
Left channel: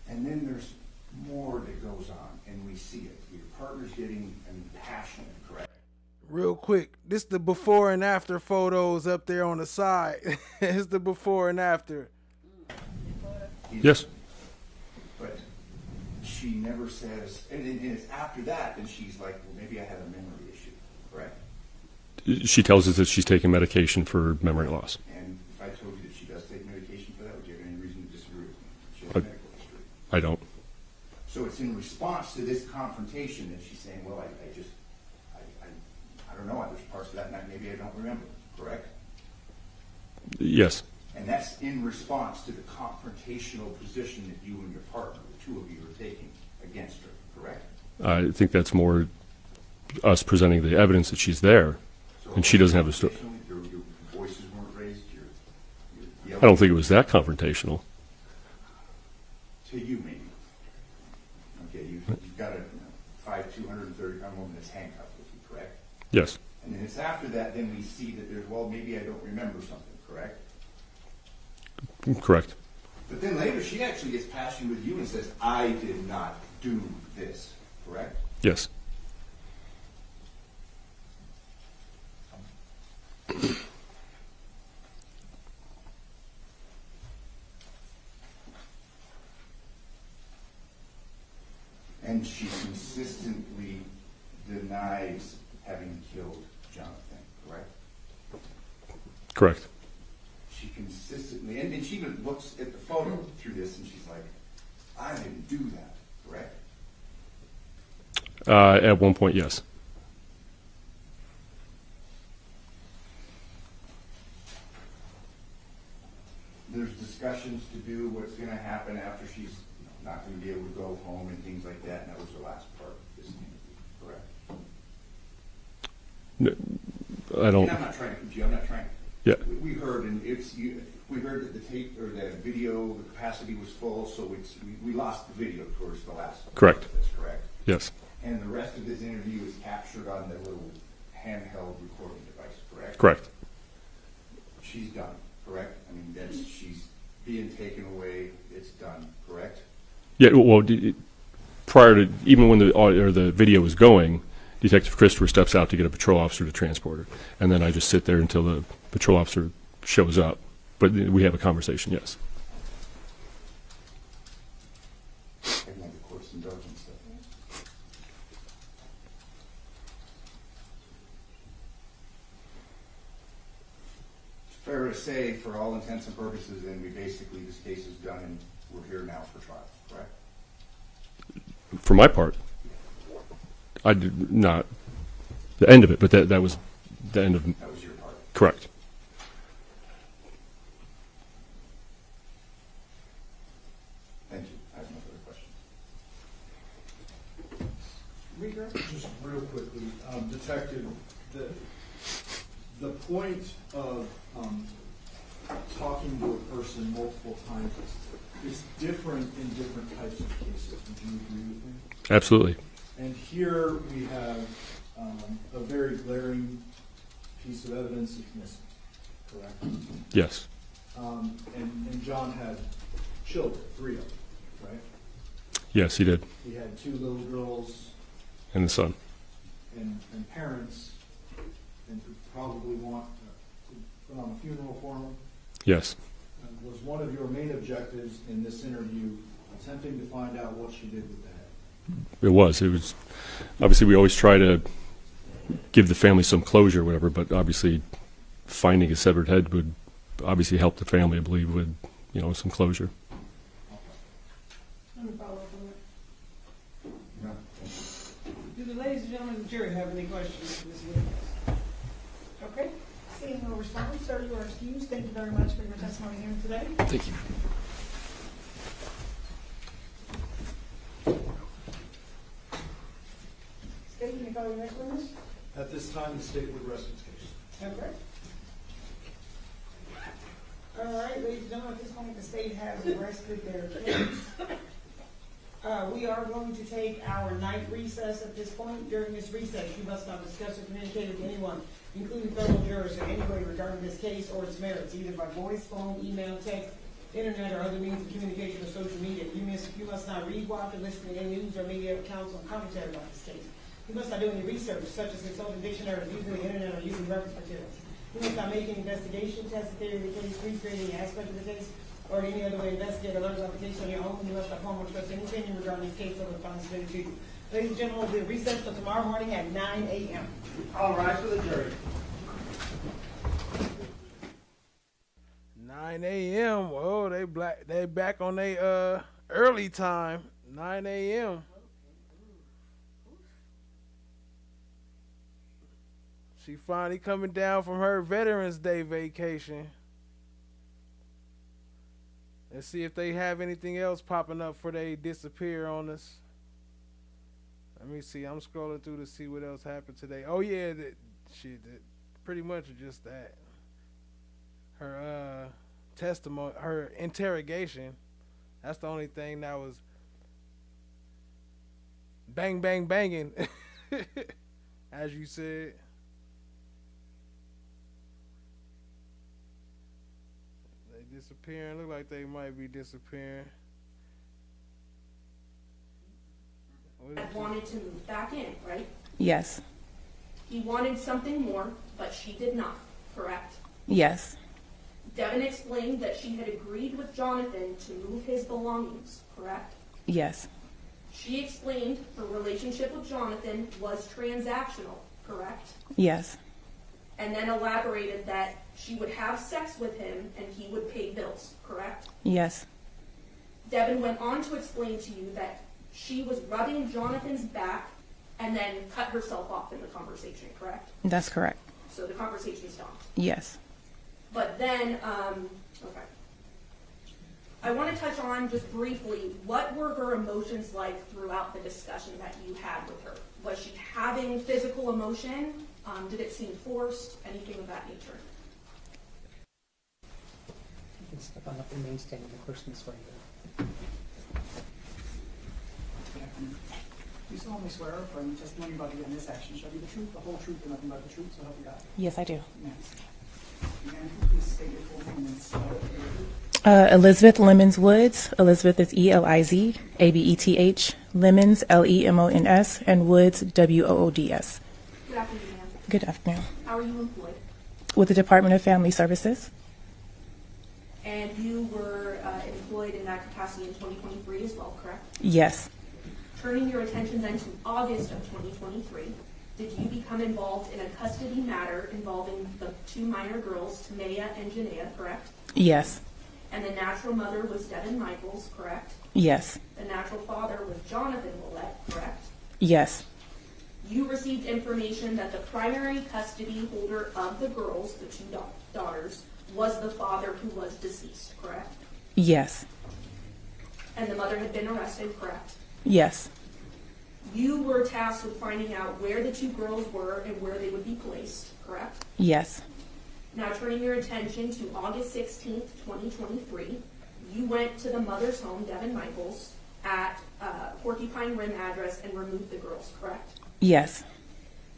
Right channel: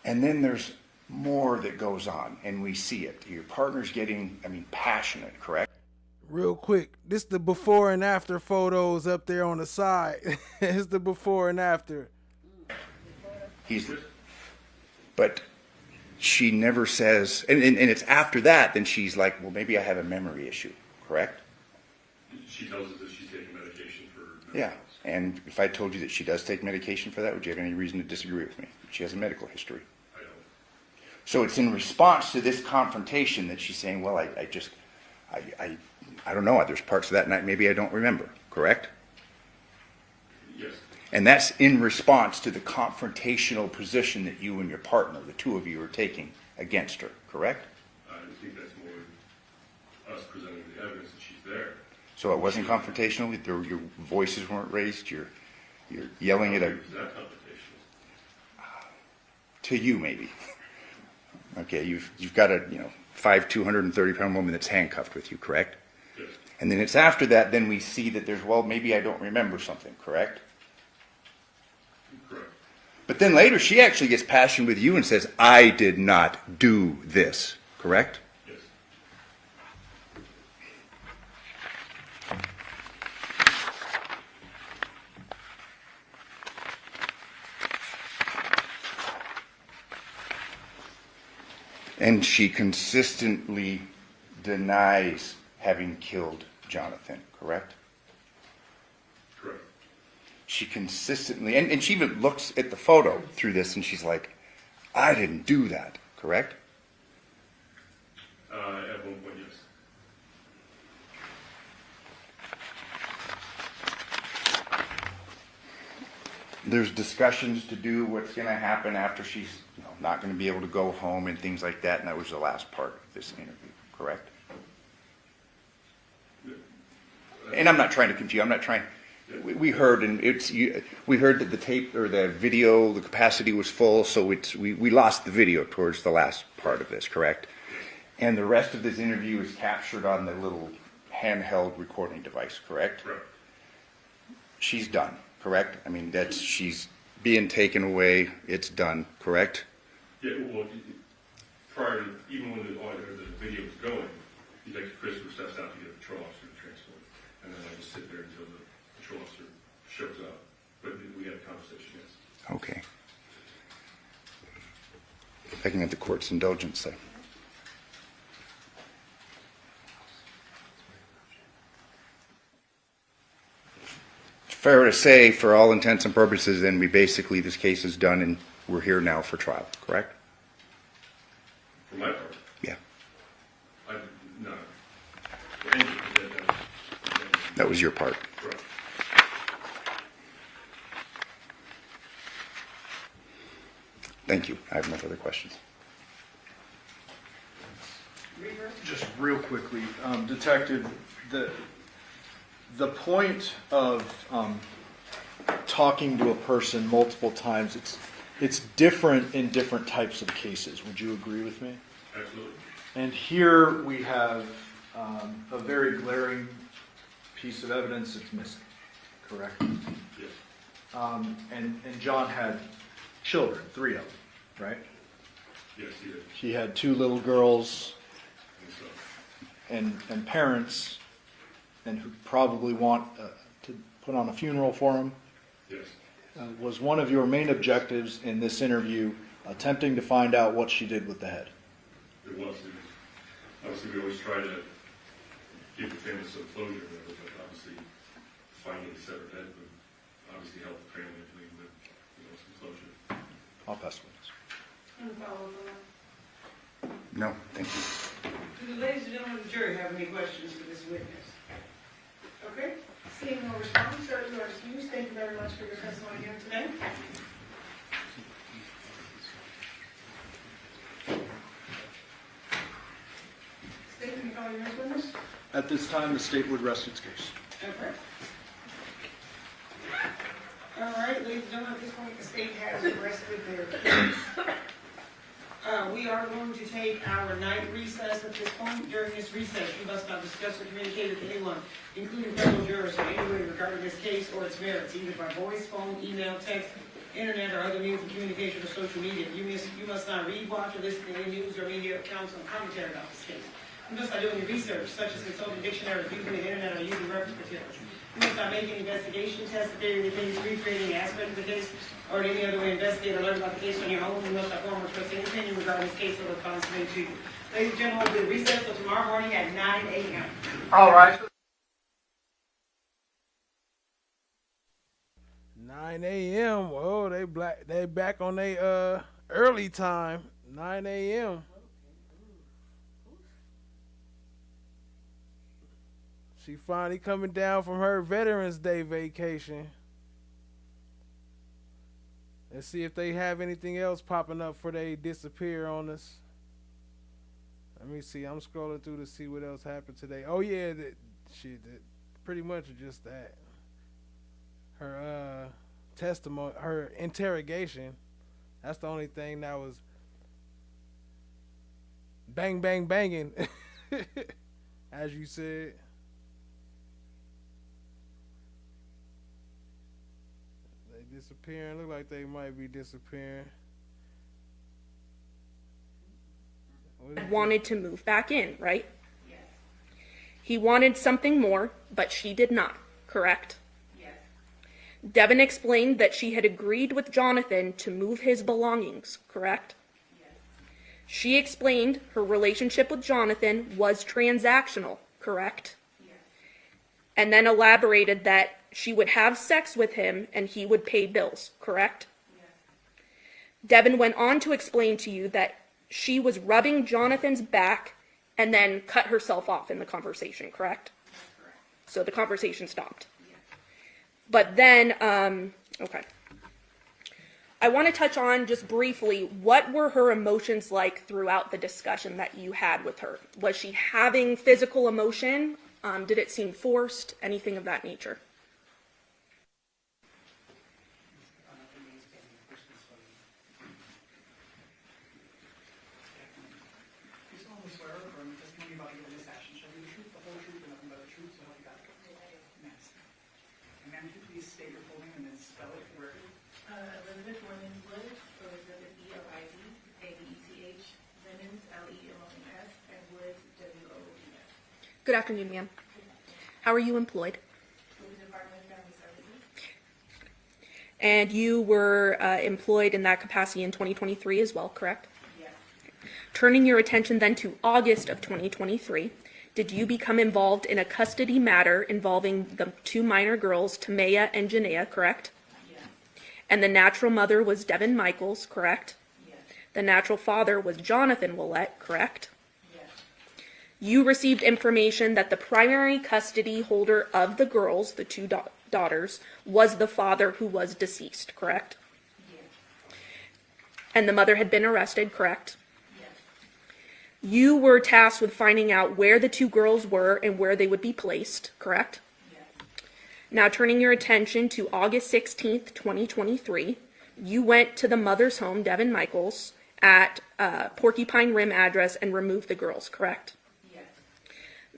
And then there's more that goes on, and we see it. Your partner's getting, passionate, correct? Real quick, this the before and after photos up there on the side. It's the before and after. Yes. But she never says, and it's after that, then she's like, well, maybe I have a memory issue, correct? She tells us that she's taking medication for memory loss. And if I told you that she does take medication for that, would you have any reason to disagree with me? She has a medical history. I don't. So it's in response to this confrontation that she's saying, well, I don't know. There's parts of that night maybe I don't remember, correct? Yes. And that's in response to the confrontational position that you and your partner, the two of you, are taking against her, correct? I think that's more us presenting the evidence that she's there. So it and wasn't she doesn't confrontational? Your voices weren't raised? You're yelling? I don't think it was that confrontational. To you, maybe. Okay, you've got a 230-pound woman that's handcuffed with you, correct? Yes. And then it's after that, then we see that there's, well, maybe I don't remember something, correct? Correct. But then later, she actually gets passionate with you and says, I did not do this, correct? Yes. And she consistently denies having killed Johnathan, correct? Correct. She consistently, and she even looks at the photo through this and she's like, I didn't do that, correct? At one point, yes. There's discussions to do what's going to happen after she's not going to be able to go home and things like that, and that was the last part of this interview, correct? No, I don't. And I'm not trying to confuse. I'm not trying. Yeah. We heard, and we heard that the tape or the video, the capacity was full, so we lost the video towards the last part of this, correct? Yes. And the rest of this interview is captured on the little handheld recording device, correct? Correct. She's done, correct? She's being taken away. It's done, correct? Yeah. Well, prior to even when the audio or the video was going, Detective Christopher steps out to get a patrol officer to transport her, and then I just sit there until the patrol officer shows up. But we have a conversation. Yes. Okay. I can get the court's indulgence there. Fair to say, for all intents and purposes, then this case is done and we're here now for trial, correct? For my part. Yeah. I did not the end of it, but that was the end of it. That was your part. Correct. Thank you. I have no further questions. Just real quickly, Detective, the point of talking to a person multiple times, it's different in different types of cases. Would you agree with me? Absolutely. And here we have a very glaring piece of evidence that's missing, correct? Yes. And John had children, 3 of them, right? Yes, he did. He had 2 little girls. And the son. And parents, and who probably want to put on a funeral for him. Yes. Was one of your main objectives in this interview attempting to find out what she did with the head? It was. Obviously we always try to give the family some closure or whatever, but obviously finding a severed head would obviously help the family, I believe, with some closure. I'll pass the witness. No, thank you. Do the ladies and gentlemen of the jury have any questions for this witness? Okay, seeing no response, sir, you are excused. Thank you very much for your testimony here today. Thank you. State, can you call your next witness? At this time, the state would rest its case. Okay. All right, ladies and gentlemen, at this point, the state has arrested their case. We are going to take our night recess at this point. During this recess, you must not discuss or communicate with anyone, including fellow jurors, in any way regarding this case or its merits, either by voice, phone, email, text, internet, or other means of communication or social media. You must not read, watch, or listen to any news or media accounts or commentary about this case. You must not do any research, such as consulting dictionaries, using the internet, or using reference materials. You must not make any investigation, test the theory of the case, recreate any aspect of the case, or in any other way investigate or learn about the case on your own. You must not form or express any opinion regarding this case or the comments made to you. Ladies and gentlemen, we'll be recessed until tomorrow morning at 9 a.m. All right. For the jury. 9 a.m. Oh, they back on their early time. 9 a.m. She finally coming down from her Veterans Day vacation. Let's see if they have anything else popping up before they disappear on us. Let me see. I'm scrolling through to see what else happened today. Oh yeah, pretty much just that. Her testimony, her interrogation. That's the only thing that was bang, bang, banging, as you said. They disappearing. Look like they might be disappearing. Wanted to move back in, right? Yes. He wanted something more, but she did not, correct? Yes. Devyn explained that she had agreed with Johnathan to move his belongings, correct? Yes. She explained her relationship with Johnathan was transactional, correct? Yes. And then elaborated that she would have sex with him and he would pay bills, correct? Yes. Devyn went on to explain to you that she was rubbing Jonathan's back and then cut herself off in the conversation, correct? That's correct. So the conversation stopped. Yes. But then, okay. I want to touch on just briefly, what were her emotions like throughout the discussion that you had with her? Was she having physical emotion? Did it seem forced? Anything of that nature? You can step on up and main stand. The question is for you. You solemnly swear or affirm the testimony you're about to give in this action shall be the truth, the whole truth, and nothing but the truth, so help you God. Yes, I do. Yes. Again, please state your full name and spell it. Elizabeth Lemons Woods. Elizabeth is Eliz, Abeth. Lemons, Lemons, and Woods, Woods. Good afternoon, ma'am. Good afternoon. How are you employed? With the Department of Family Services. And you were employed in that capacity in 2023 as well, correct? Yes. Turning your attention then to August of 2023, did you become involved in a custody matter involving the two minor girls, Tamaya and Janaea, correct? Yes. And the natural mother was Devyn Michaels, correct? Yes. The natural father was Johnathan Willette, correct? Yes. You received information that the primary custody holder of the girls, the two daughters, was the father who was deceased, correct? Yes. And the mother had been arrested, correct? Yes. You were tasked with finding out where the two girls were and where they would be placed, correct? Yes. Now turning your attention to August 16th, 2023, you went to the mother's home, Devyn Michaels, at Porcupine Rim address and removed the girls, correct? Yes.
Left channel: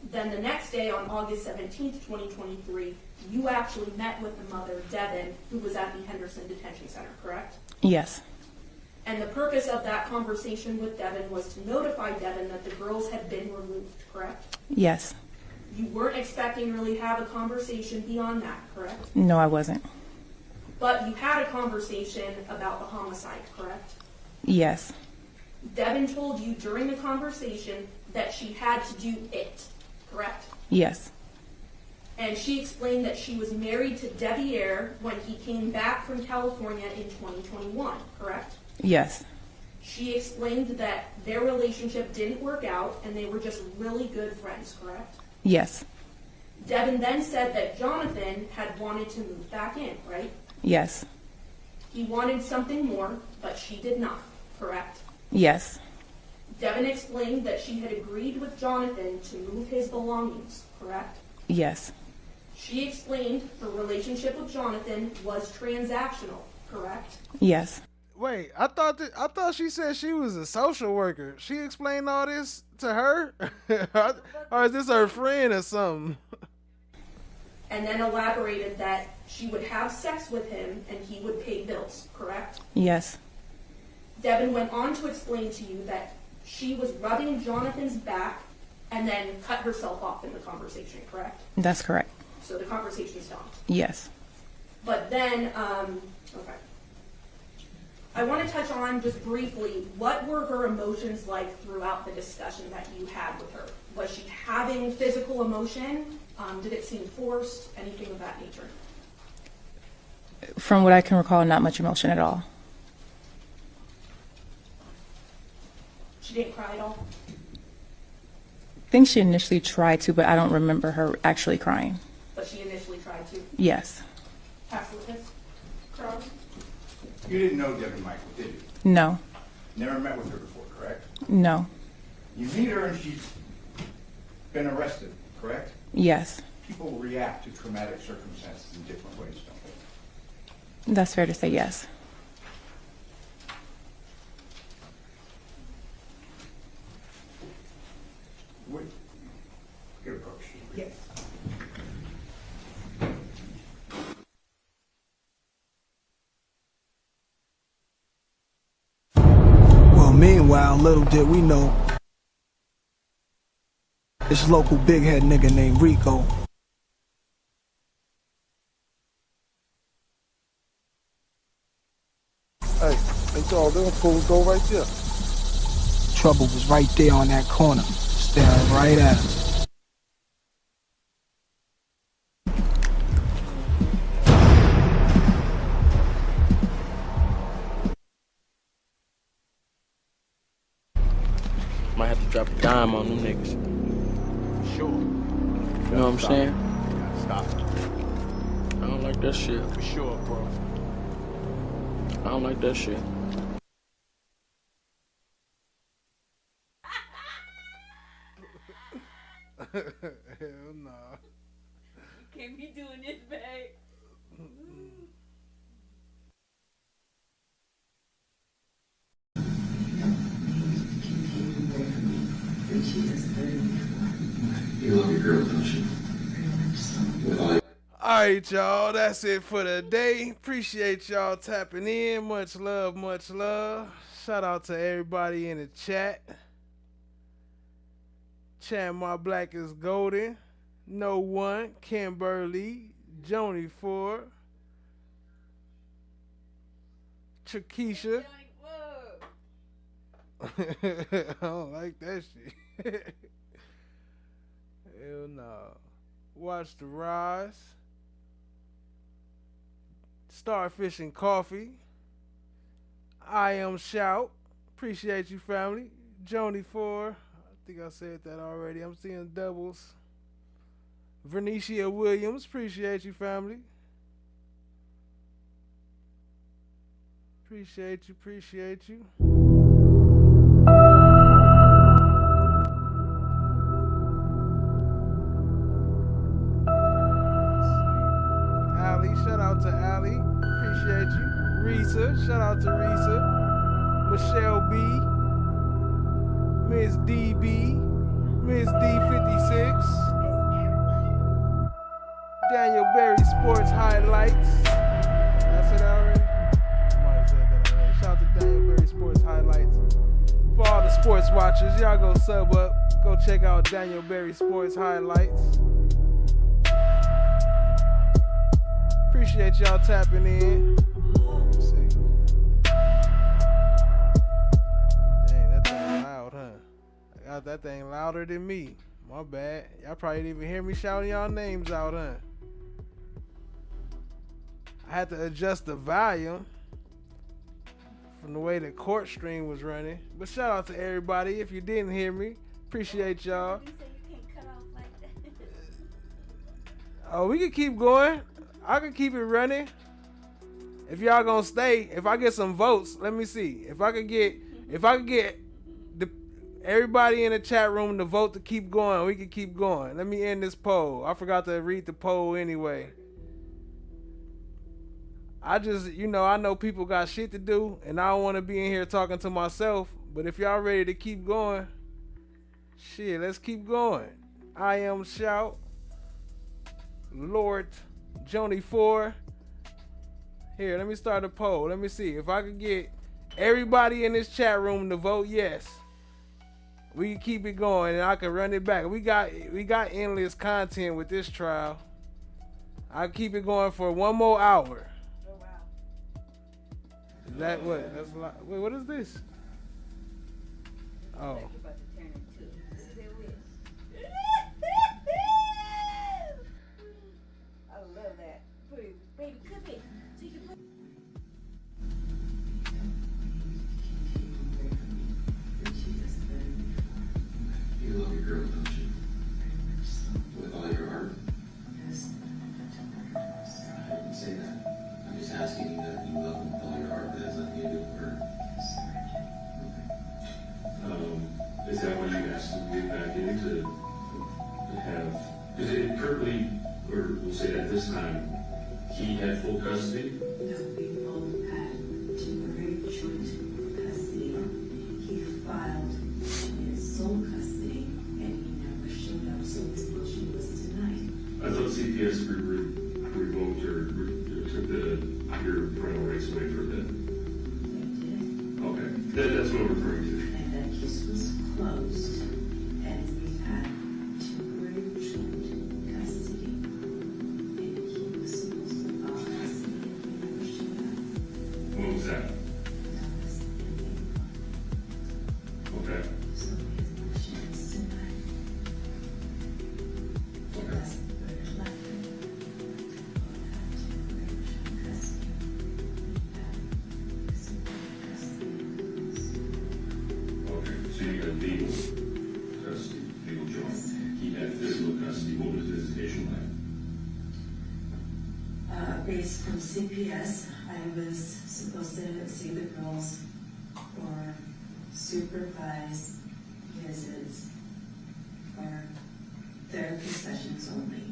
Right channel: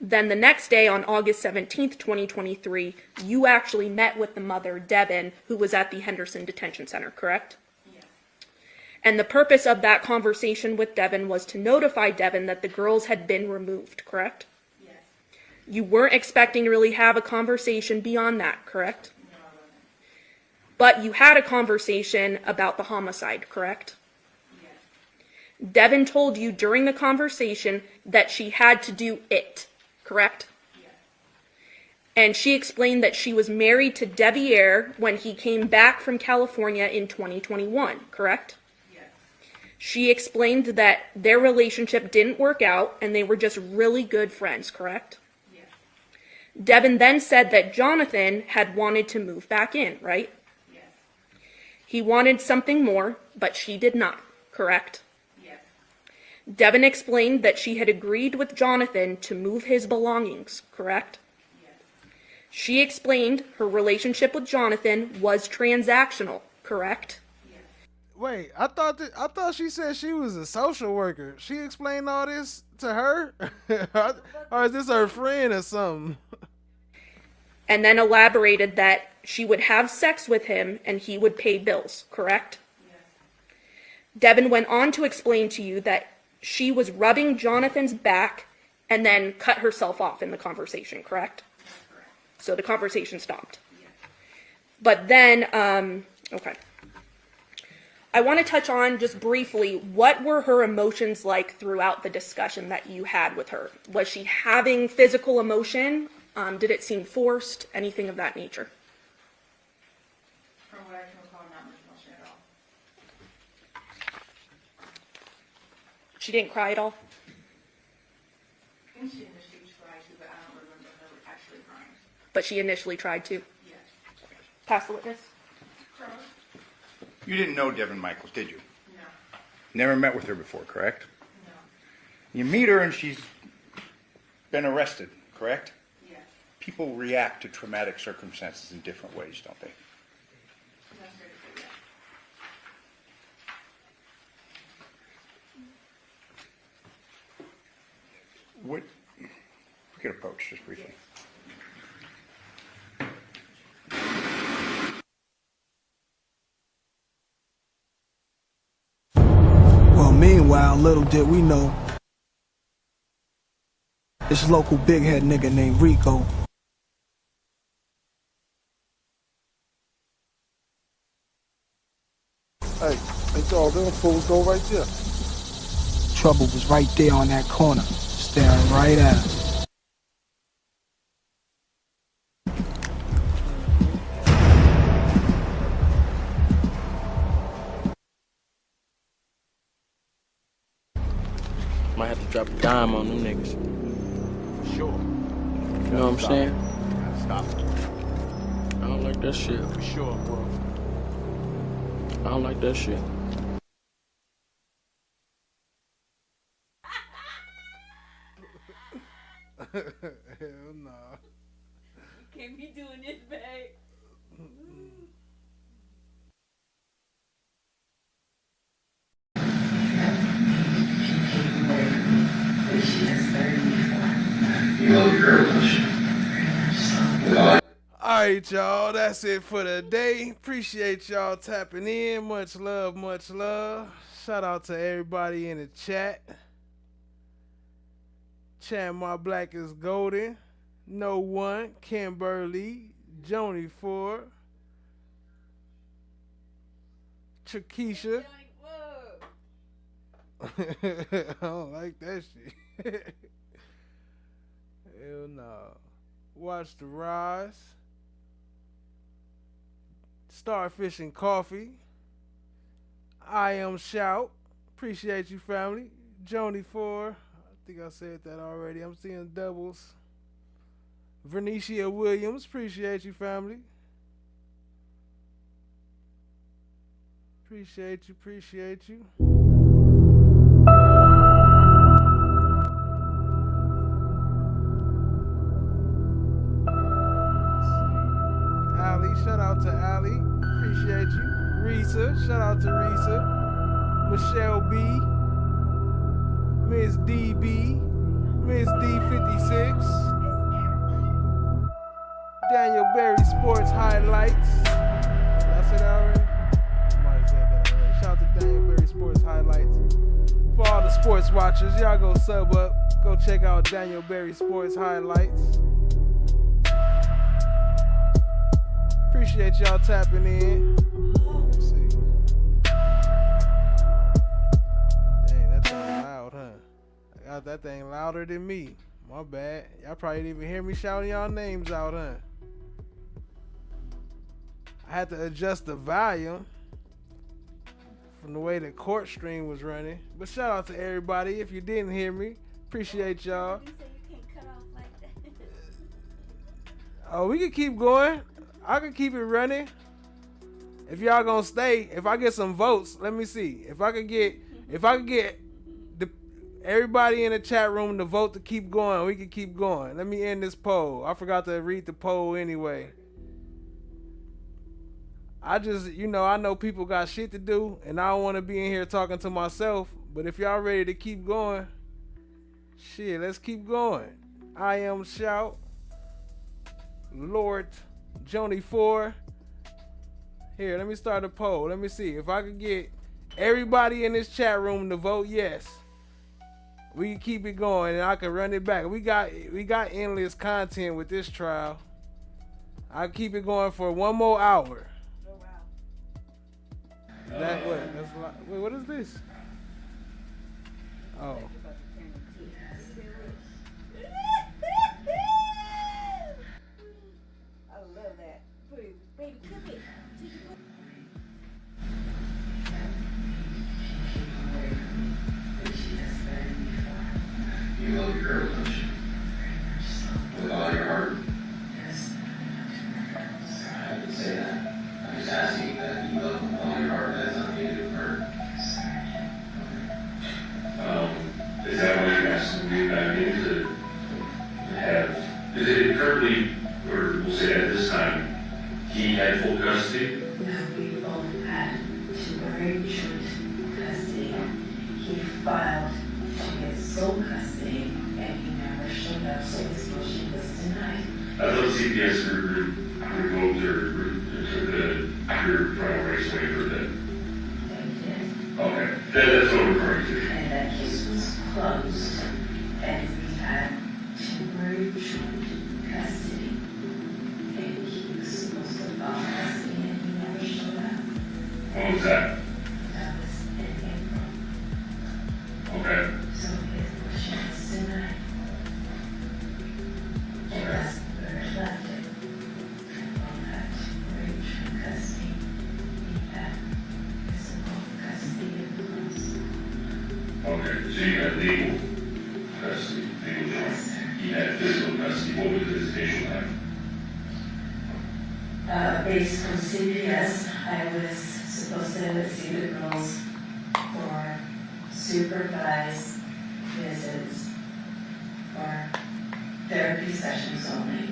Then the next day on August 17th, 2023, you actually met with the mother, Devyn, who was at the Henderson Detention Center, correct? Yes. And the purpose of that conversation with Devyn was to notify Devyn that the girls had been removed, correct? Yes. You weren't expecting to really have a conversation beyond that, correct? No, I wasn't. But you had a conversation about the homicide, correct? Yes. Devyn told you during the conversation that she had to do it, correct? Yes. And she explained that she was married to Deviere when he came back from California in 2021, correct? Yes. She explained that their relationship didn't work out and they were just really good friends, correct? Yes. Devyn then said that Johnathan had wanted to move back in, right? Yes. He wanted something more, but she did not, correct? Yes. Devyn explained that she had agreed with Johnathan to move his belongings, correct? Yes. She explained her relationship with Johnathan was transactional, correct? Yes. Wait, I thought she said she was a social worker. She explained all this to her? Or is this her friend or something? And then elaborated that she would have sex with him and he would pay bills, correct? Yes. Devyn went on to explain to you that she was rubbing Jonathan's back and then cut herself off in the conversation, correct? That's correct. So the conversation stopped. Yes. But then, okay. I want to touch on just briefly, what were her emotions like throughout the discussion that you had with her? Was she having physical emotion? Did it seem forced? Anything of that nature? From what I can recall, not much emotion at all. She didn't cry at all? I think she initially tried to, but I don't remember her actually crying. But she initially tried to? Yes. Pass the witness. You didn't know Devyn Michaels, did you? No. Never met with her before, correct? No. You meet her and she's been arrested, correct? Yes. People react to traumatic circumstances in different ways, don't they? That's fair to say, yes. What, we could approach just briefly. Well, meanwhile, little did we know, this local big head nigga named Rico Hey, ain't all them fools go right there. trouble was right there on that corner, staring right at us. Might have to drop a dime on them niggas. For sure. You know what I'm saying? Gotta stop. I don't like that shit. For sure, bro. I don't like that shit. Hell no. You can't be doing this, babe. You love your girl, don't you? Alright, y'all, that's it for the day. Appreciate y'all tapping in. Much love, much love. Shout out to everybody in the chat. Chat My Black is Golden. No One, Kimberly, Joni Ford, Chakisha. I don't like that shit. Hell no. Watch the Rise. Starfish and Coffee. I Am Shout. Appreciate you, family. Joni Ford. I think I said that already. I'm seeing doubles. Vernicia Williams. Appreciate you, family. Appreciate you, appreciate you. Shout out to Allie, appreciate you. Risa, shout out to Risa. Michelle B, Miss DB, Miss D56, Daniel Berry Sports Highlights. Did I say that already? Might have said that already. Shout out to Daniel Berry Sports Highlights. For all the sports watchers, y'all go sub up. Go check out Daniel Berry Sports Highlights. Appreciate y'all tapping in. Let me see. Dang, that thing loud, huh? I got that thing louder than me. My bad. Y'all probably didn't even hear me shouting y'all names out, huh? I had to adjust the volume from the way the court stream was running. But shout out to everybody. If you didn't hear me, appreciate y'all. You say you can't cut off like that. Oh, we can keep going. I can keep it running. If y'all gonna stay, if I get some votes, let me see. If I could get the Everybody in the chat room to vote to keep going. We can keep going. Let me end this poll. I forgot to read the poll anyway. I just, I know people got shit to do, and I don't want to be in here talking to myself. But if y'all ready to keep going, shit, let's keep going. I am Shout, Lord, Joni 4. Here, let me start a poll. Let me see if I could get everybody in this chat room to vote yes. We can keep it going, and I can run it back. We got endless content with this trial. I'll keep it going for one more hour. Oh, wow. Is that what? That's a lot. Wait, what is this? Oh. I love that. Baby, come here. So you can put You love your girl, don't you? With all your heart? Yes. I didn't say that. I'm just asking that you love with all your heart. That's nothing to do with her. Is that why you're asking me back in to have, is it currently, or we'll say at this time, he had full custody? No, we both had temporary joint custody. He filed to get sole custody, and he never showed up, so his motion was denied. I thought CPS revoked or took your parental rights away for that. Okay, that's what I'm referring to. And that case was closed, and we had temporary joint custody. And he was supposed to file custody, and he never showed up. When was that? That was in April. Okay. So his motion was denied. He was elected. We had temporary joint custody. He had physical custody in the house. Okay, so you had legal custody, legal joint. He had physical custody. What was his initial name? Based on CPS, I was supposed to see the girls for supervised visits for therapy sessions only,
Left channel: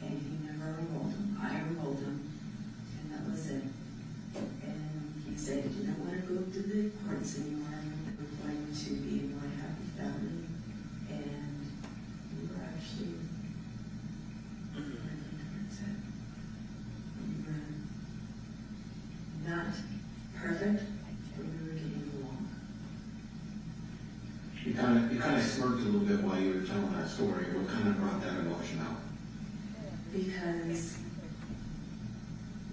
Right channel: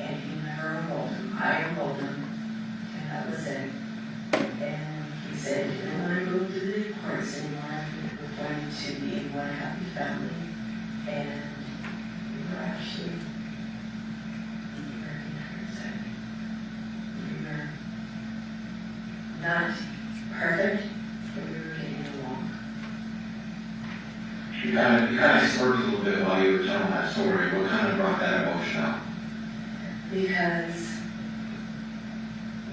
and he never enrolled them. I enrolled them, and that was it. And he said he didn't want to go to the courts anymore. We're going to be one happy family, and we were actually not perfect, but we were getting along. You kind of smirked a little bit while you were telling that story. What kind of brought that emotion out? Because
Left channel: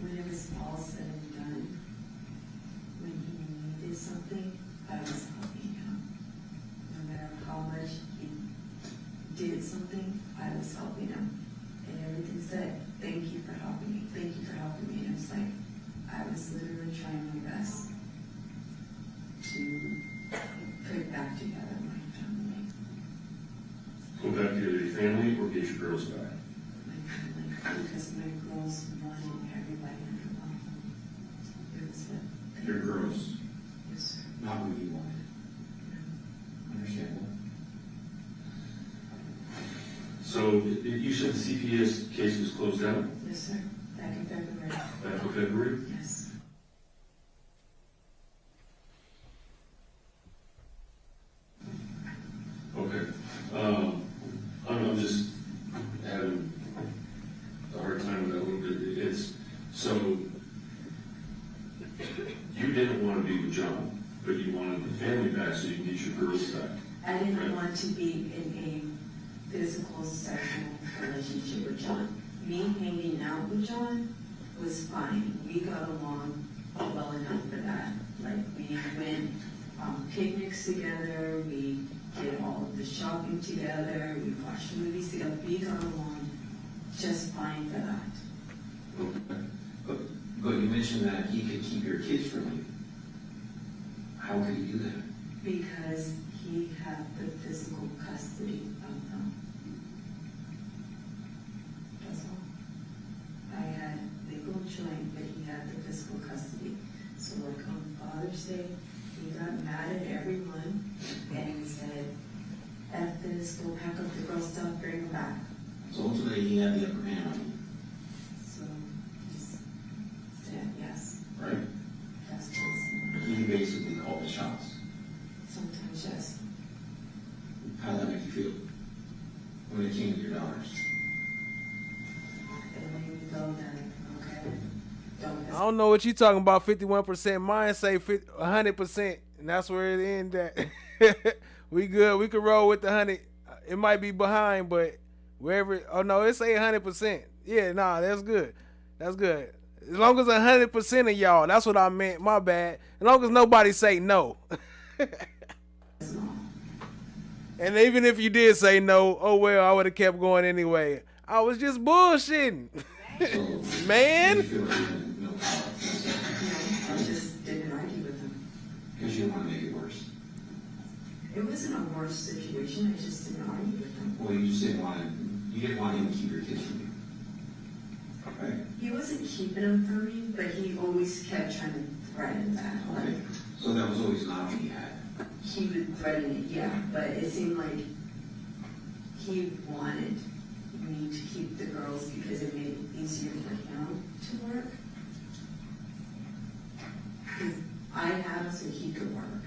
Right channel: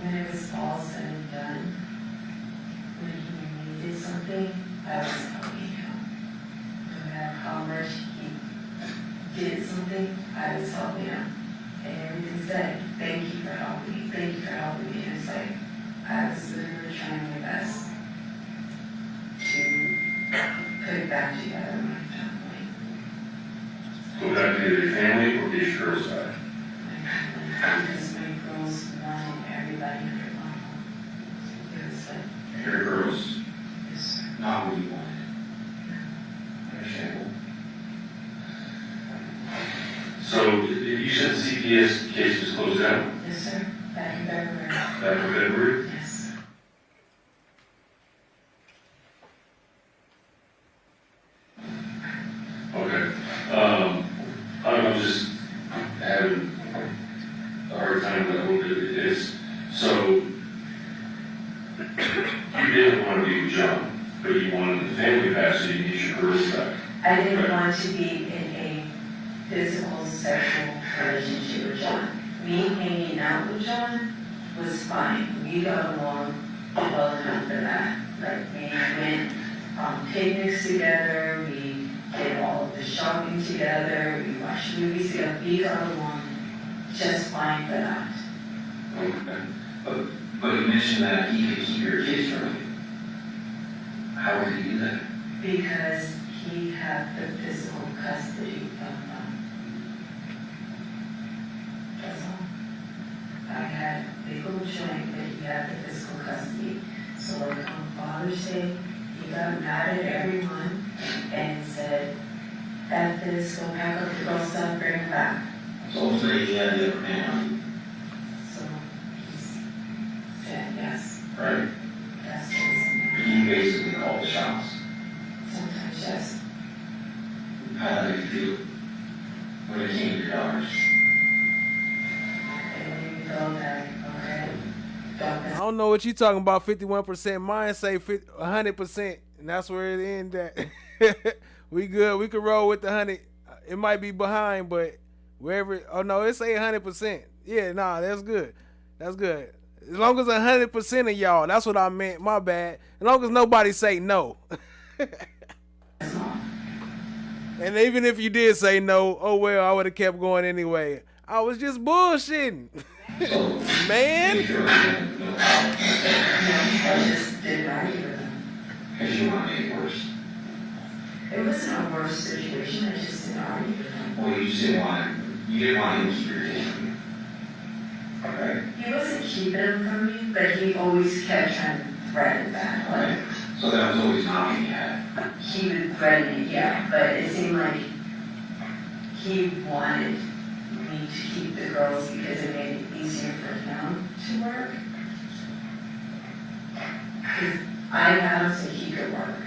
when it was all said and done, when he needed something, I was helping him. No matter how much he did something, I was helping him. And everything said, thank you for helping me, thank you for helping me. And it's like, I was literally trying my best to put it back together in my family. So that be the family or the girl's side? Because my girls wanted everybody under one. It was like, Your girls? yes, sir. Not what you wanted. Understandable. So you said the CPS case was closed down? Yes, sir. Back in February. Back in February? Yes. Okay. I'm just having a hard time with what it is. So you didn't want to be with John, but you wanted the family back, so you need your girls back. I didn't want to be in a physical, sexual relationship with John. Me hanging out with John was fine. We got along well enough for that. Like, we went on picnics together, we did all of the shopping together, we watched movies together. We got along just fine for that. Okay. But you mentioned that he could keep your kids from you. How would he do that? Because he had the physical custody of them. That's all. I had legal joint, but he had the physical custody. So like on Father's Day, he got mad at everyone and said, back. So ultimately, he had the upper hand on you, So he's said yes. right? Yes, please. He basically called the shots. Sometimes yes. How did you feel when it came to your daughters? They don't even go there, okay? I don't know what you talking about. 51%. Mine say 100%, and that's where it ends at. We good. We can roll with the 100. It might be behind, but wherever. Oh no, it say 100%. Yeah, nah, that's good. That's good. As long as 100% of y'all, that's what I meant. My bad. As long as nobody say no. And even if you did say no, oh well, I would have kept going anyway. I was just bullshitting. Man. I just didn't argue with him. Because you want to make it worse. It wasn't a worse situation, I just didn't argue with him. Well, you didn't want him to keep your attention from you. Okay? He wasn't keeping him from me, but he always kept trying to threaten that. Right. So that was always an option you had. He would threaten it, yeah, but it seemed like he wanted me to keep the girls because it made it easier for him to work. Because I had him so he could work.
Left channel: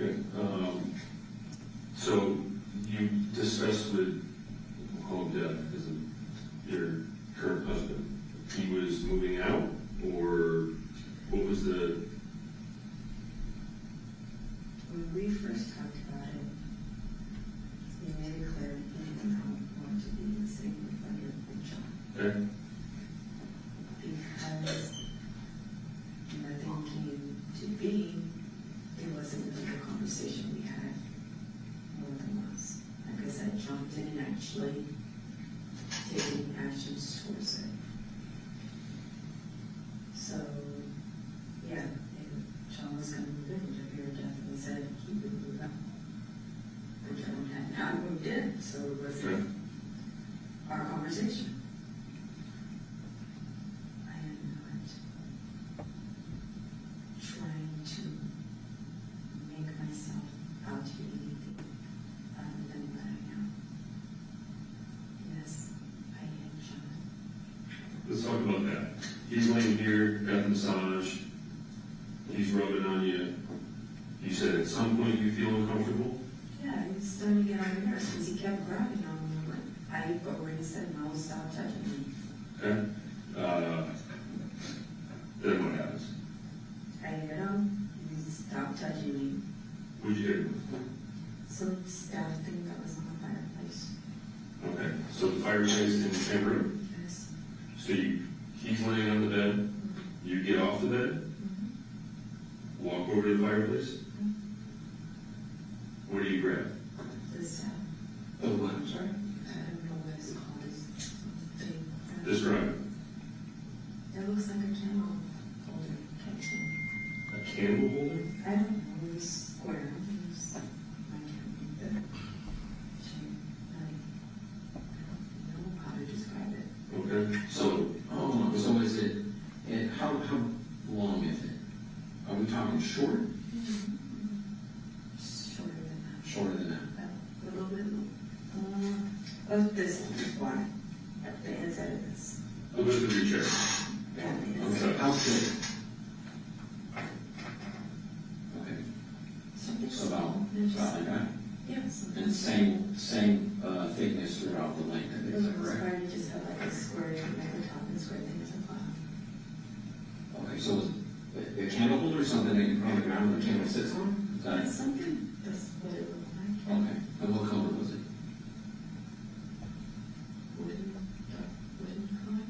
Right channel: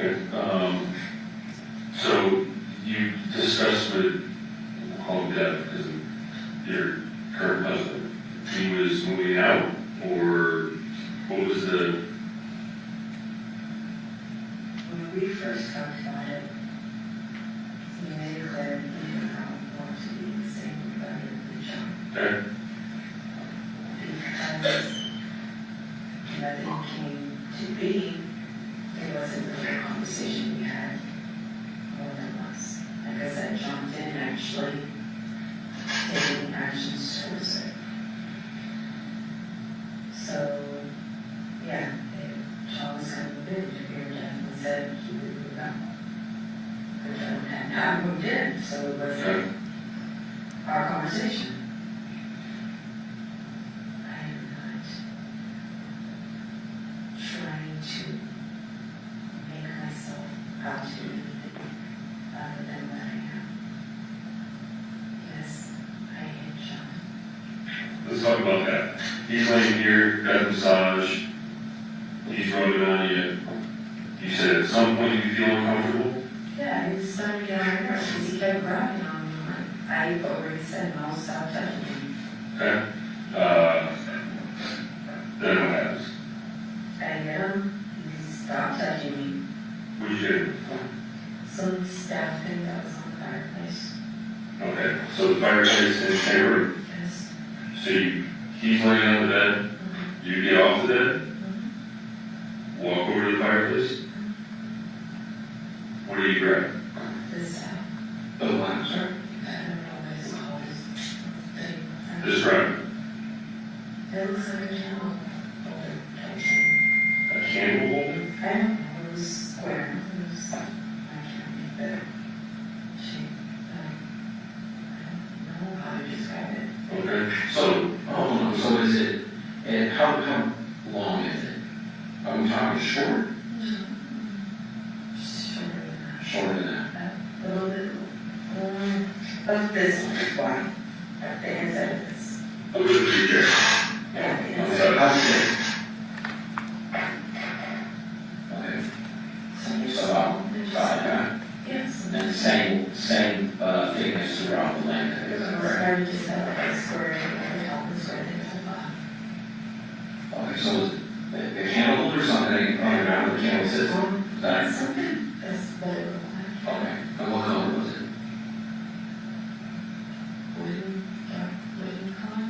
Okay, so you discussed with, we'll call him Dev, because of your current husband, he was moving out, or what was the? When we first talked about it, he made it clear he did not want to be the same under the job. Okay. Because nothing came to be, it wasn't really a conversation we had more than once. Like I said, John didn't actually take any actions towards it. So, yeah, John was kind of moved. Deviere definitely said he would move out. But John hadn't I moved in, so it wasn't our conversation. I am not trying to make myself out to be anything other than what I am. Yes, I hate John. Let's talk about that. He's laying here, got a massage, he's rubbing on you. You said at some point you feel uncomfortable? Yeah, he was starting to get on my nerves because he kept grabbing on me. I've already said no, stop touching me. Okay. Then what happens? I hit him, he stopped touching me. What'd you do? Some staff thing that was on the fireplace. Okay, so the fireplace in the same room? Yes. So he's laying on the bed, you get off the bed, walk over to the fireplace. What do you grab? This staff. The lamp, sir. I don't know what it's called. Describe it. It looks like a candle holder type thing. A candle holder? I don't know, it was square. It was, I can't make the shape. I don't know how to describe it. Okay, so, So is it, and how long is it? Are we talking short? Shorter than that. A little bit of this one, why? At the inside of this. a little bit of your chair. Yeah, the On the inside. side. Okay. So about that. Yes. And same thickness throughout the length, is that correct? Started just have like a square, the top and square things on the bottom. Okay, so the candle holder, something on the ground the candle sits on? Is that Something that's better than okay? And what color was it? wooden color.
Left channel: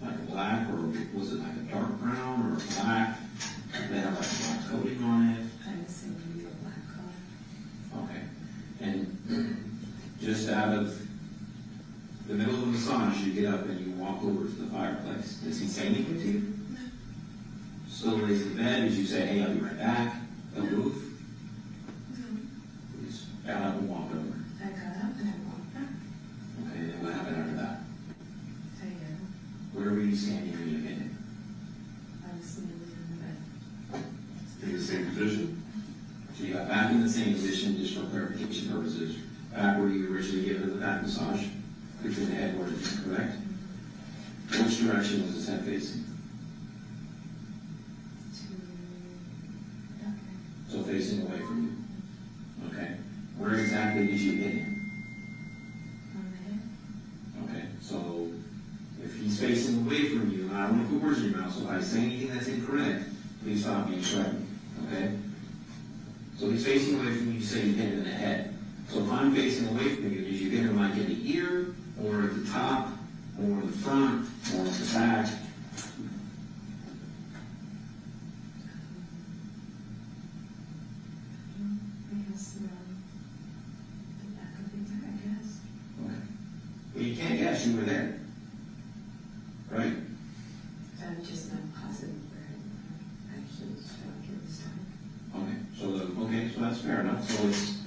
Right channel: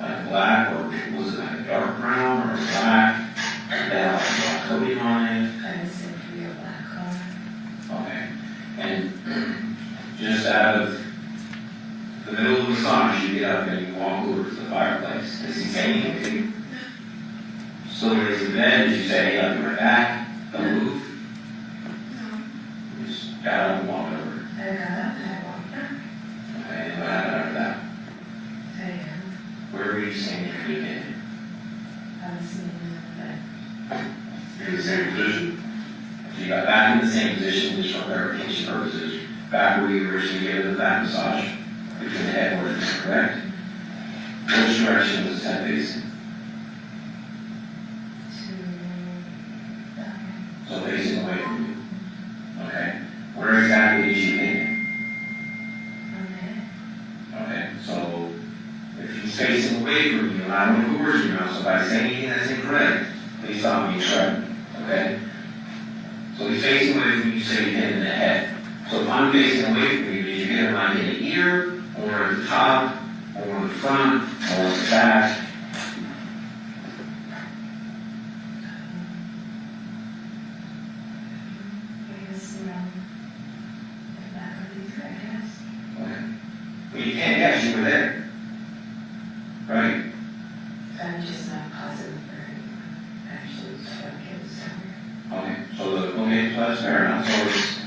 Like black, or was it like a dark brown, or black? That had like a black coating on it? I would say maybe a black color. Okay. And just out of the middle of the massage, you get up and you walk over to the fireplace. Does he say anything to you? So raise the bed, did you say, hey, I'll be right back? Don't move? You just got up and walked over. I got up and I walked up. Okay, and what happened after that? Where were you standing when you did it? I was sitting in the bed. In the same position. So you got back in the same position just for clarification purposes? back where you originally gave it the back massage, between the headboard, correct? Which direction was the head facing? So facing away from you. Okay. Where exactly did you hit him? Okay. So if he's facing away from you, allow him to put words in your mouth. So by saying anything that's incorrect, please stop me and correct me. Okay. So he's facing away from you. You say you hit him in the head. So if I'm facing away from you, did you hit him like in the ear, or at the top, or in the front, or in the back? Well, you can't guess, you were there. Right? I'm just not positive where actually struck it somewhere. Okay, so that's fair enough. So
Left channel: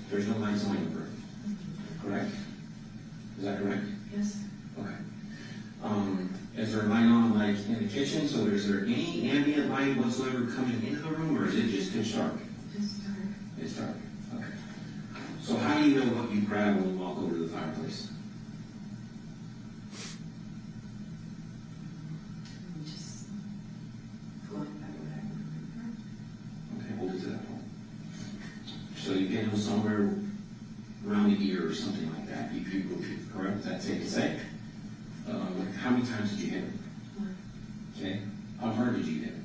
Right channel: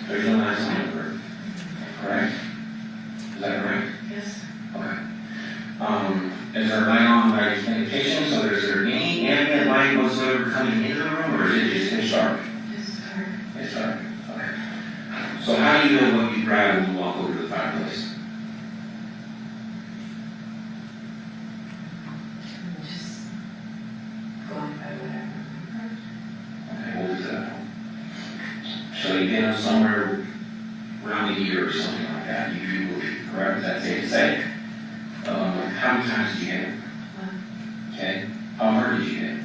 there's no lines on the bird. Correct? Is that correct? Yes. Okay. Is there a light on by indication? So is there any ambient light whatsoever coming into the room, or is it just pitch dark? It's dark. It's dark. Okay. So how do you know what you grab when you walk over to the fireplace? I'm just going by what I remember. Okay, what was that? So you get him somewhere around the ear or something like that, you believe, correct? Is that safe to say? How many times did you hit him? Okay. How hard did you hit him?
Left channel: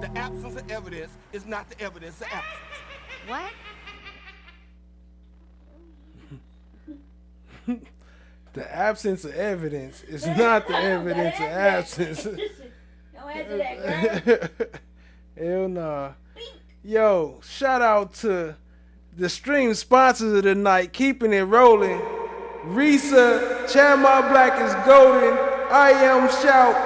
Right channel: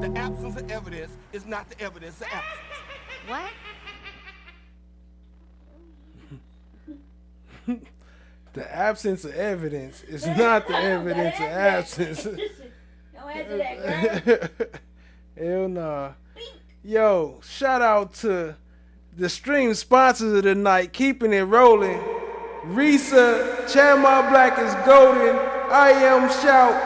The absence of evidence is not the evidence of absence. What? The absence of evidence is not the evidence of absence. Don't answer that, girl. Hell nah. Yo, shout out to the stream sponsors of the night, keeping it rolling. Risa, Chandmar Black is golden. I am Shout,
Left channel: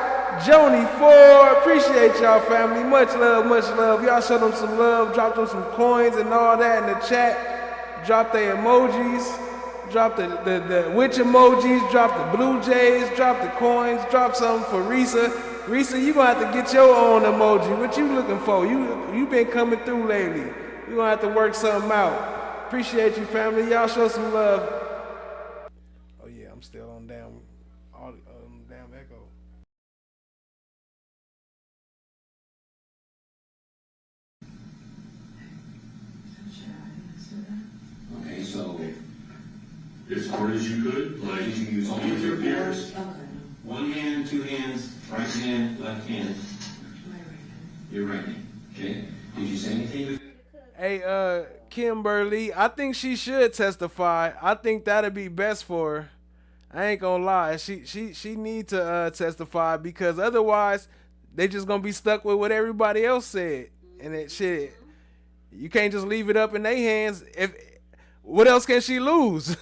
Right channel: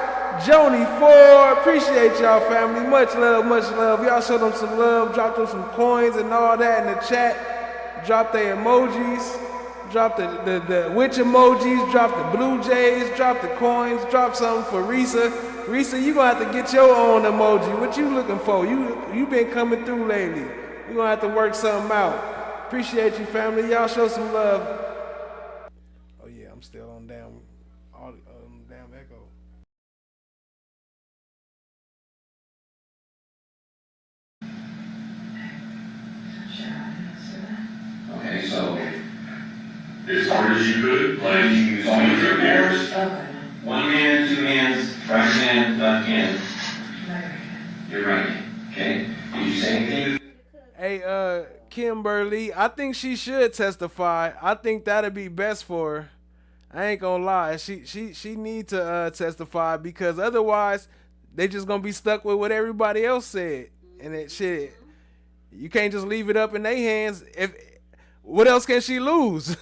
Joni Ford. Appreciate y'all, family. Much love, much love. Y'all show them some love, drop them some coins and all that in the chat. Drop their emojis. Drop the witch emojis. Drop the Blue Jays. Drop the coins. Drop something for Risa. Risa, you gonna have to get your own emoji. What you looking for? You been coming through lately. You gonna have to work something out. Appreciate you, family. Y'all show some love. Oh yeah, I'm still on damn echo. Okay, so as hard as you could, like you use all your ears. One hand, two hands, right hand, left hand. Your right hand. Okay. Did you say anything? Hey, Kimberly, I think she should testify. I think that'd be best for her. I ain't gonna lie. She need to testify, because otherwise they just gonna be stuck with what everybody else said. And it shit. You can't just leave it up in their hands. What else can she lose?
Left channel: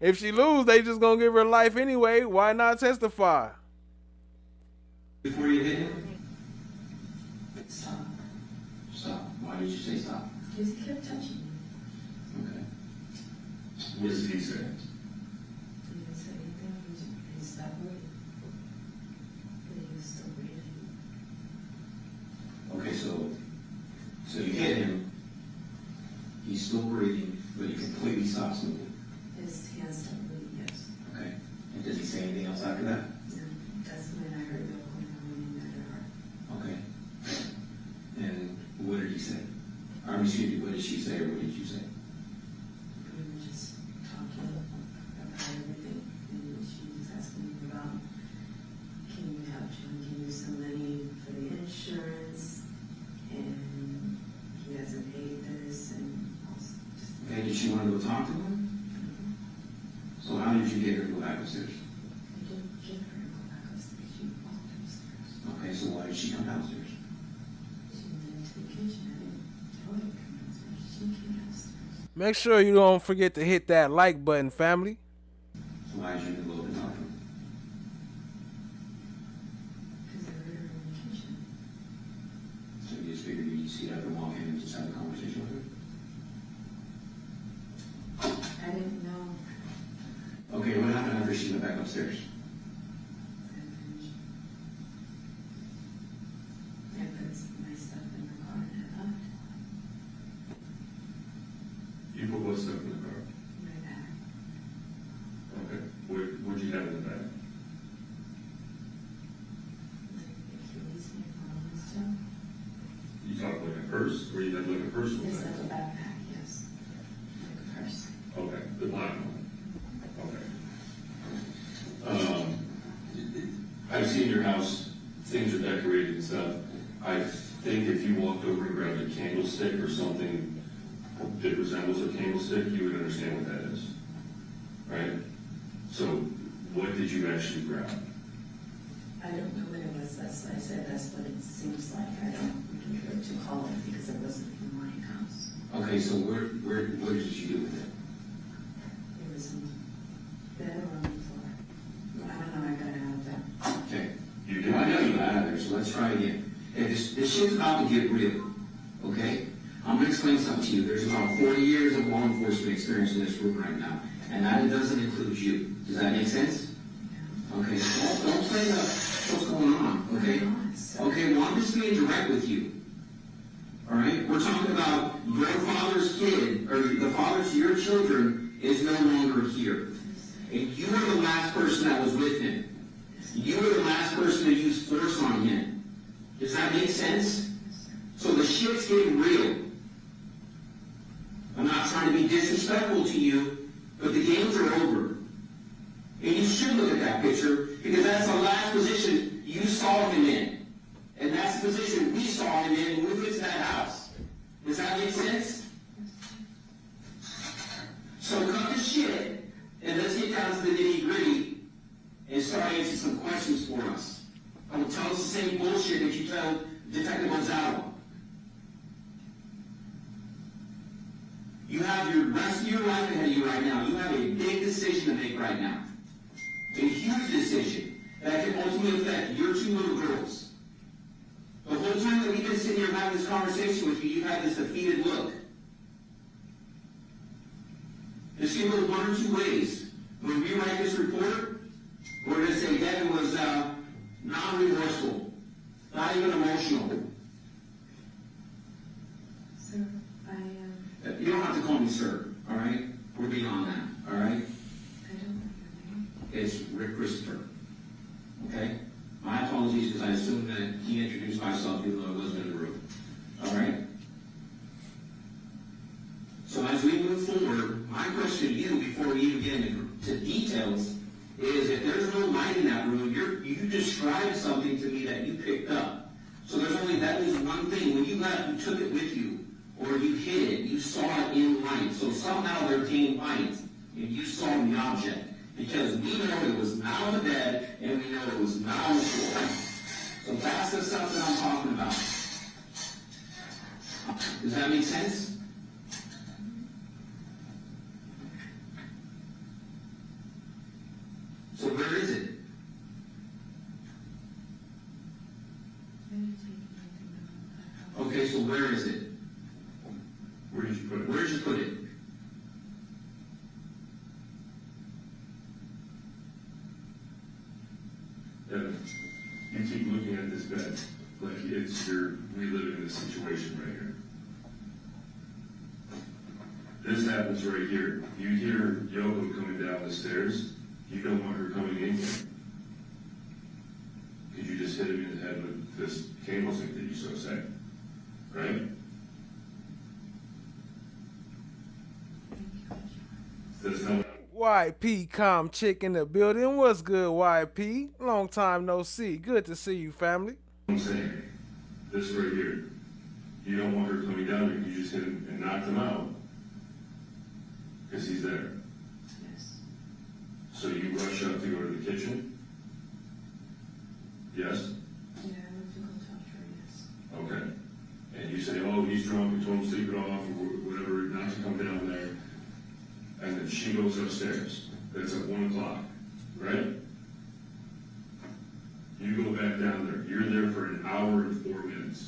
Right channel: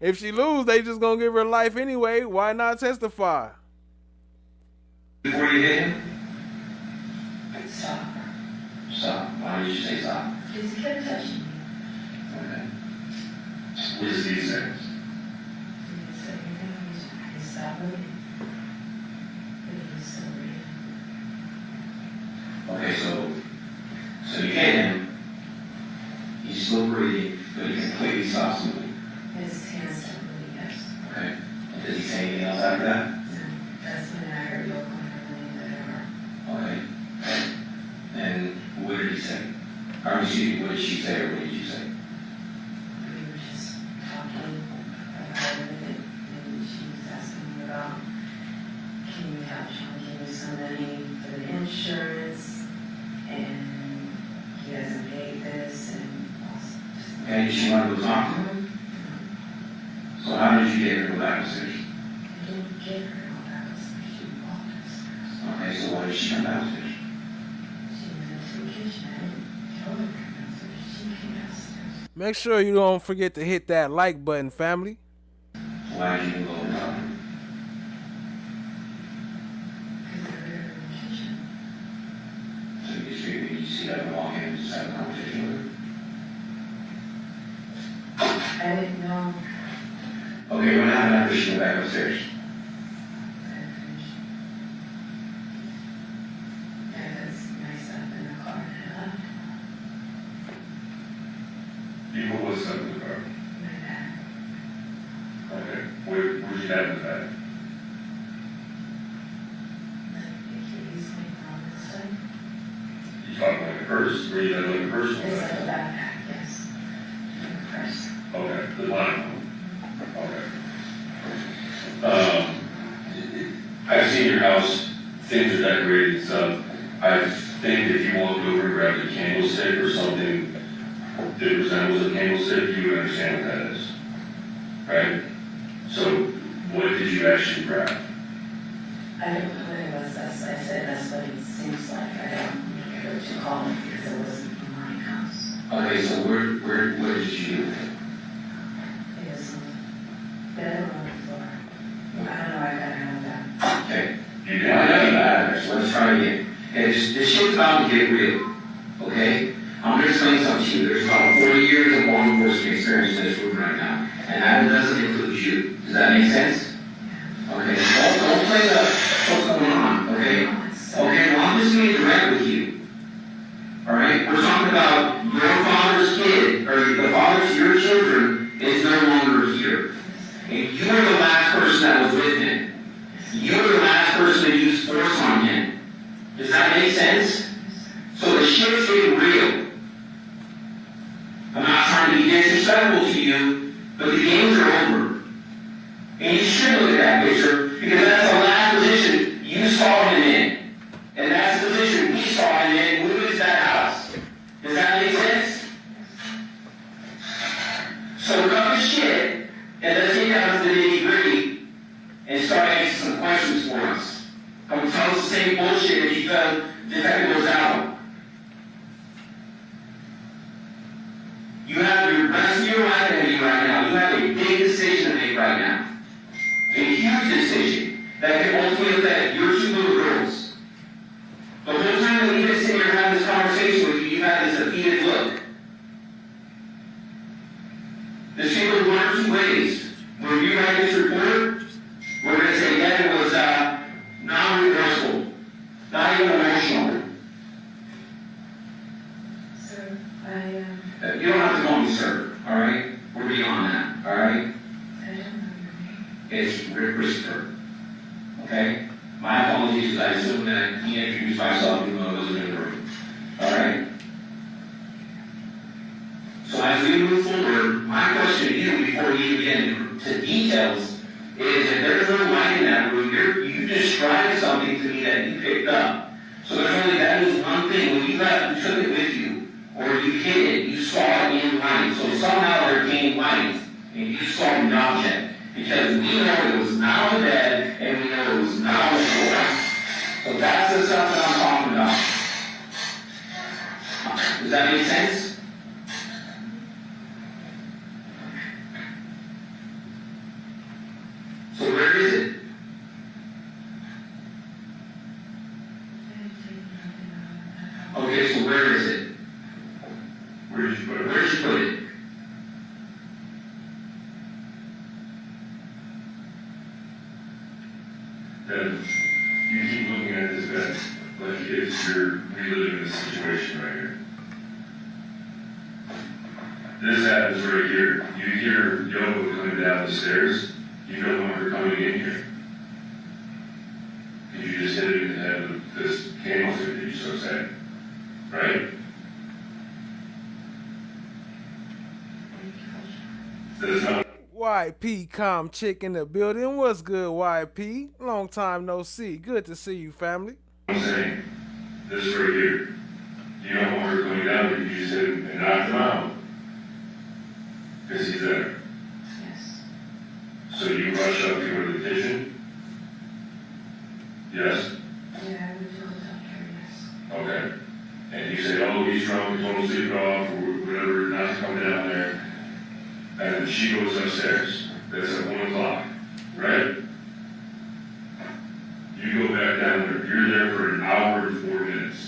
If she lose, they just gonna give her life anyway. Why not testify? Before you hit him? Stop. Stop. Why did you say stop? Just kept touching me. Okay. What does he say? He didn't say anything. He stopped moving. But he was still breathing. Okay, so you hit him. He's still breathing, but he completely stops moving. His hands stopped moving, yes. Okay. And does he say anything else after that? No. That's when I heard LOKO and everything that I heard. Okay. And what did he say? Or excuse me, what did she say, or what did you say? We were just talking about it, and she was asking me about, can you help Sean give me some money for the insurance, and he hasn't paid this, and also just... Okay, did she want to go talk to him? So how did you get her to go back upstairs? I didn't get her to go back upstairs, she walked upstairs. Okay, so why did she come downstairs? She went into the kitchen, I didn't tell her to come downstairs, she came downstairs. Make sure you don't forget to hit that like button, family. So why did you go and talk to him? Because I heard her in the kitchen. So you figured you see her walk in and just have a conversation with her? I didn't know. Okay, what happened after she went back upstairs? I put my stuff in the car and I left. you have with that? You talking like a purse, or you got like a purse? It's like a backpack, yes. Like a purse. Okay, the line. Okay. I've seen your house, things are decorated and stuff. I think if you walked over and grabbed a candlestick or something that resembles a candlestick, you would understand what that is. Right? So, what did you actually grab? I don't know what it was. I said that's what it seems like. I don't know what you call it because it wasn't in my house. Okay, so where did you? It was on the bed or on the floor. I don't know. I got it out of that. Okay. You did that. So let's try again. Okay, this shit's about to get real. Okay? I'm going to explain something to you. There's about 40 years of law enforcement experience in this room right now. And that doesn't include you. Does that make sense? Okay. Don't play what's going on. Okay? Okay, well, I'm just being direct with you. Alright? We're talking about your father's kid, or the father's, your children, is no longer here. And you were the last person that was with him. You were the last person to use force on him. Does that make sense? So the shit's getting real. I'm not trying to be disrespectful to you, but the games are over. And you should look at that picture, because that's the last position you saw him in. And that's the position we saw him in when we went to that house. Does that make sense? So cut the shit, and let's get down to the nitty-gritty and start answering some questions for us. Don't tell us the same bullshit that you felt Detective was out. You have the rest of your life ahead of you right now. You have a big decision to make right now. A huge decision that can ultimately affect your two little girls. The whole time that we've been sitting here having this conversation with you, you've had this defeated look. This can go one or two ways. When you write this report, we're going to say Devyn was non-remorseful, not even emotional. Sir, You don't have to call me sir, all right? We're beyond that, all right? I don't know your name. It's Rick Christopher, okay? My apologies, because I assumed that he introduced myself even though I wasn't in the room, all right? So as we move forward, my question to you before we even get into details is if there's no light in that room, you described something to me that you picked up. So there's only that is one thing. When you left, you took it with you, or you hid it, you saw it in light. So somehow there came light, and you saw the object. Because we know it was not on the bed, and we know it was not on the floor. So that's the stuff that I'm talking about. Does that make sense? So where is it? Okay, so where is it? Where did you put it? Where did you put it? Then you keep looking at this bed like it's you're reliving this situation right here. This happens right here. You hear Yogo coming down the stairs. You don't want her coming in here. Because you just hit it in the head with this candlestick that you so say. Right? That's not YP calm chick in the building. What's good, YP? Long time no see. Good to see you, family. I'm saying. This right here. You don't want her coming down, but you just hit him and knocked him out. Because he's there. Yes. So you rush up to her to the kitchen? Yes? Yeah, I would feel the doctor, yes. Okay. And you say, oh, he's drunk, he's going to sleep it off, or whatever, not to come down there. And then she goes upstairs. That's at 1 o'clock, right? You go back down there. You're there for an hour and 4 minutes.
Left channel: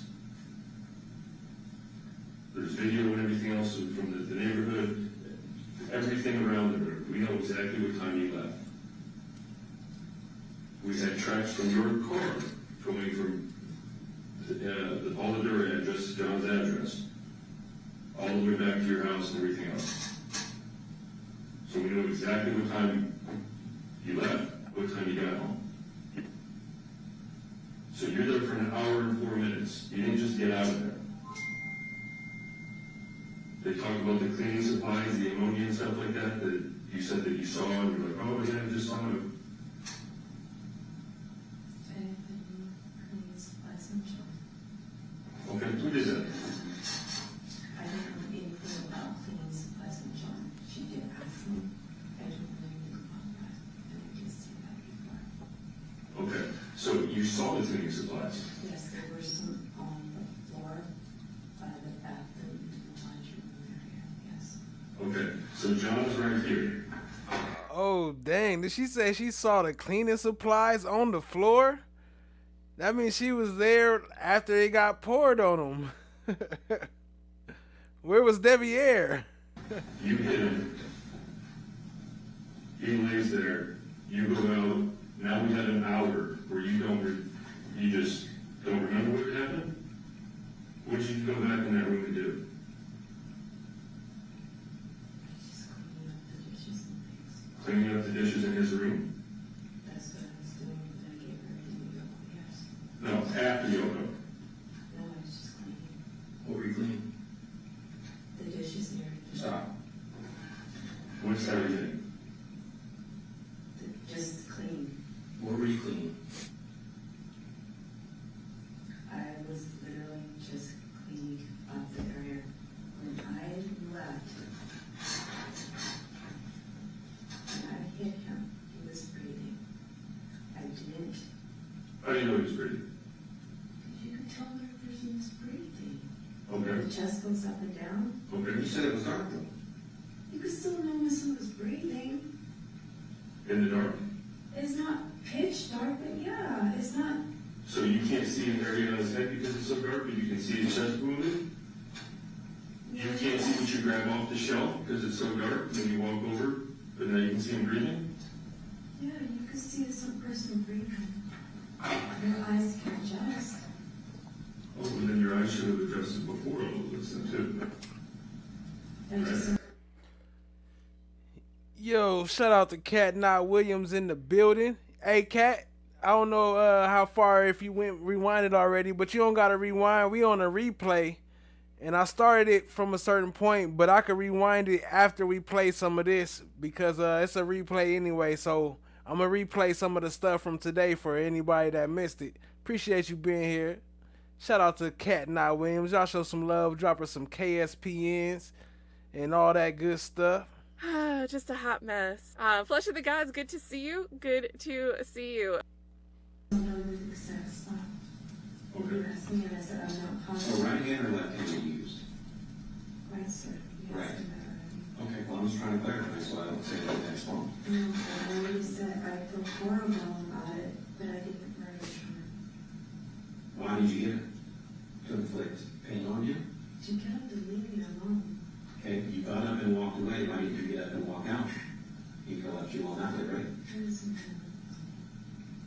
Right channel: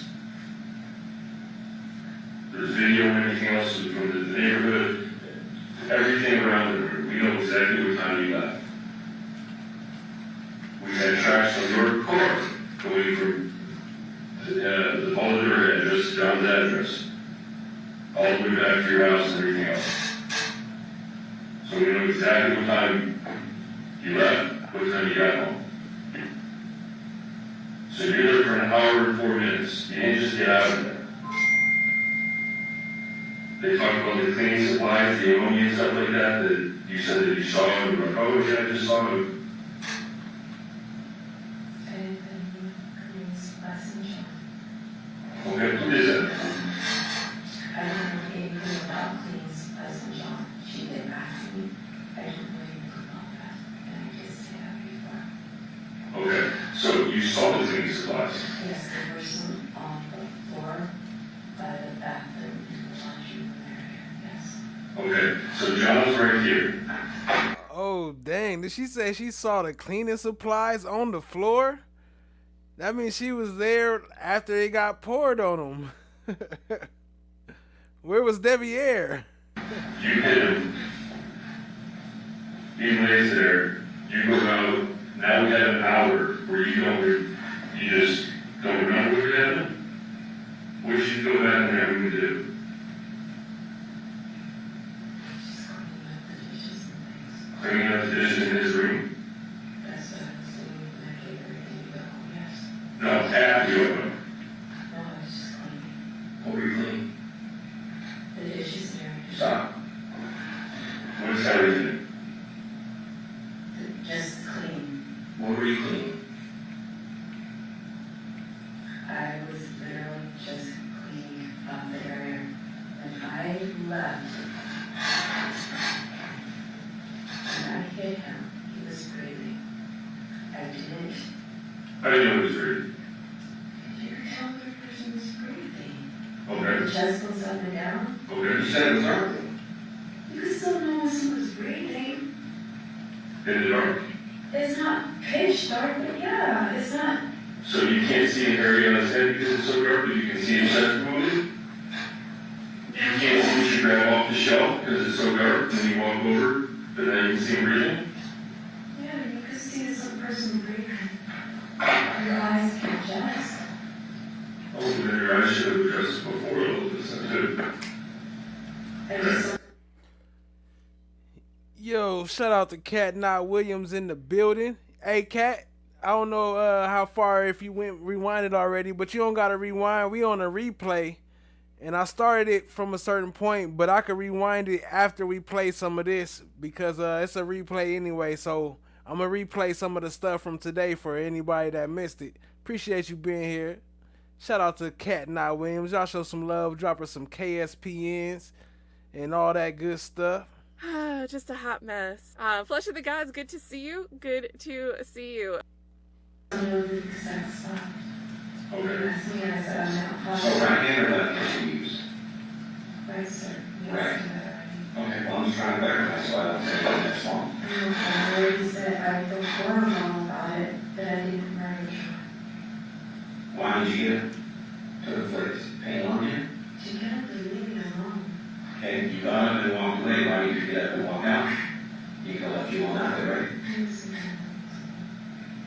There's video and everything else from the neighborhood, everything around the room. We know exactly what time you left. We had tracks on your car going from the Boulder address to John's address, all the way back to your house and everything else. So we know exactly what time You left. What time you got home? So you're there for an hour and 4 minutes. You didn't just get out of there. They talked about the cleaning supplies, the ammonia and stuff like that, that you said that you saw them. You were like, oh yeah, I just saw them. Okay, who is that? I don't know anything about cleaning supplies in John. She didn't ask me. I didn't know anything about that. And I just said that before. Okay, so you saw the cleaning supplies? Yes, there were some on the floor by the bathroom in the laundry room area. Yes. Okay, so John's right here. Oh, dang. Did she say she saw the cleaning supplies on the floor? That means she was there after it got poured on them. Where was Deviere? You hit him. He lays there. You go out. Now we have an hour where you just don't remember what you had. What should you go back and have him do? Cleaning up the dishes in his room? That's what I was doing when I gave her ready to go, yes. No, after you open. No, I was just cleaning. What were you cleaning? The dishes there. Stop. What's everything? Just clean. What were you cleaning? I was literally just cleaning up the area. When I left, when I hit him, he was breathing. I didn't. How do you know he was breathing? You could tell the person was breathing. Okay. The chest goes up and down. Okay. You said it was dark. You could still know when someone's breathing. In the dark. It's not pitch dark, but yeah, it's not. So you can't see an area on his head because it's so dark, but you can see his chest moving? You can't see what you grab off the shelf because it's so dark, and you walk over, and then you can see him breathing? Yeah, you could see some person breathing. Your eyes can adjust. Oh, then your eyes should have adjusted before all of this, too. I just Yo, shout out to Cat Not Williams in the building. Hey, Cat, I don't know how far if you went rewinded already, but you don't got to rewind. We on a replay, and I started it from a certain point, but I could rewind it after we play some of this because it's a replay anyway, so I'm going to replay some of the stuff from today for anybody that missed it. Appreciate you being here. Shout out to Cat Not Williams. Y'all show some love, drop her some KSPNs and all that good stuff. Just a hot mess. Flush of the Gods, good to see you. Good to see you. Okay. So right hand or left hand you use? Right, sir. Right. Okay, well, I'm just trying to verify so I don't say that that's wrong. I already said I feel horrible about it, but I didn't marry her. Why did you get it to the place? Pain on you? She kept leaving me alone. Okay, you got up and walked away. Why did you get up and walk out? You could have left you on out there, right?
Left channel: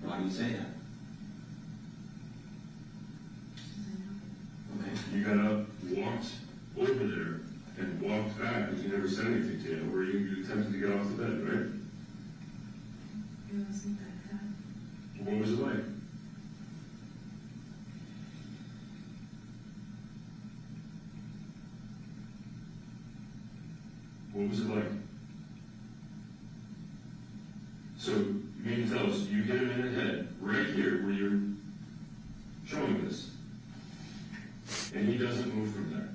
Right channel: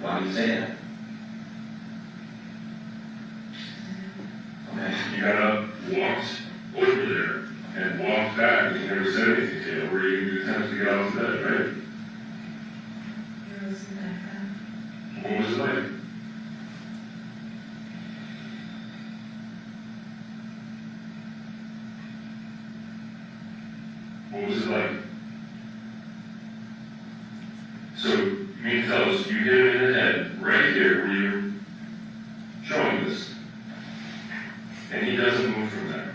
Why did you say that? Okay. You got up, walked over there, and walked back, and you never said anything to him. Were you attempting to get off the bed, right? It wasn't like that. What was it like? What was it like? So, you mean to tell us you hit him in the head, right here, where you're showing this, and he doesn't move from there?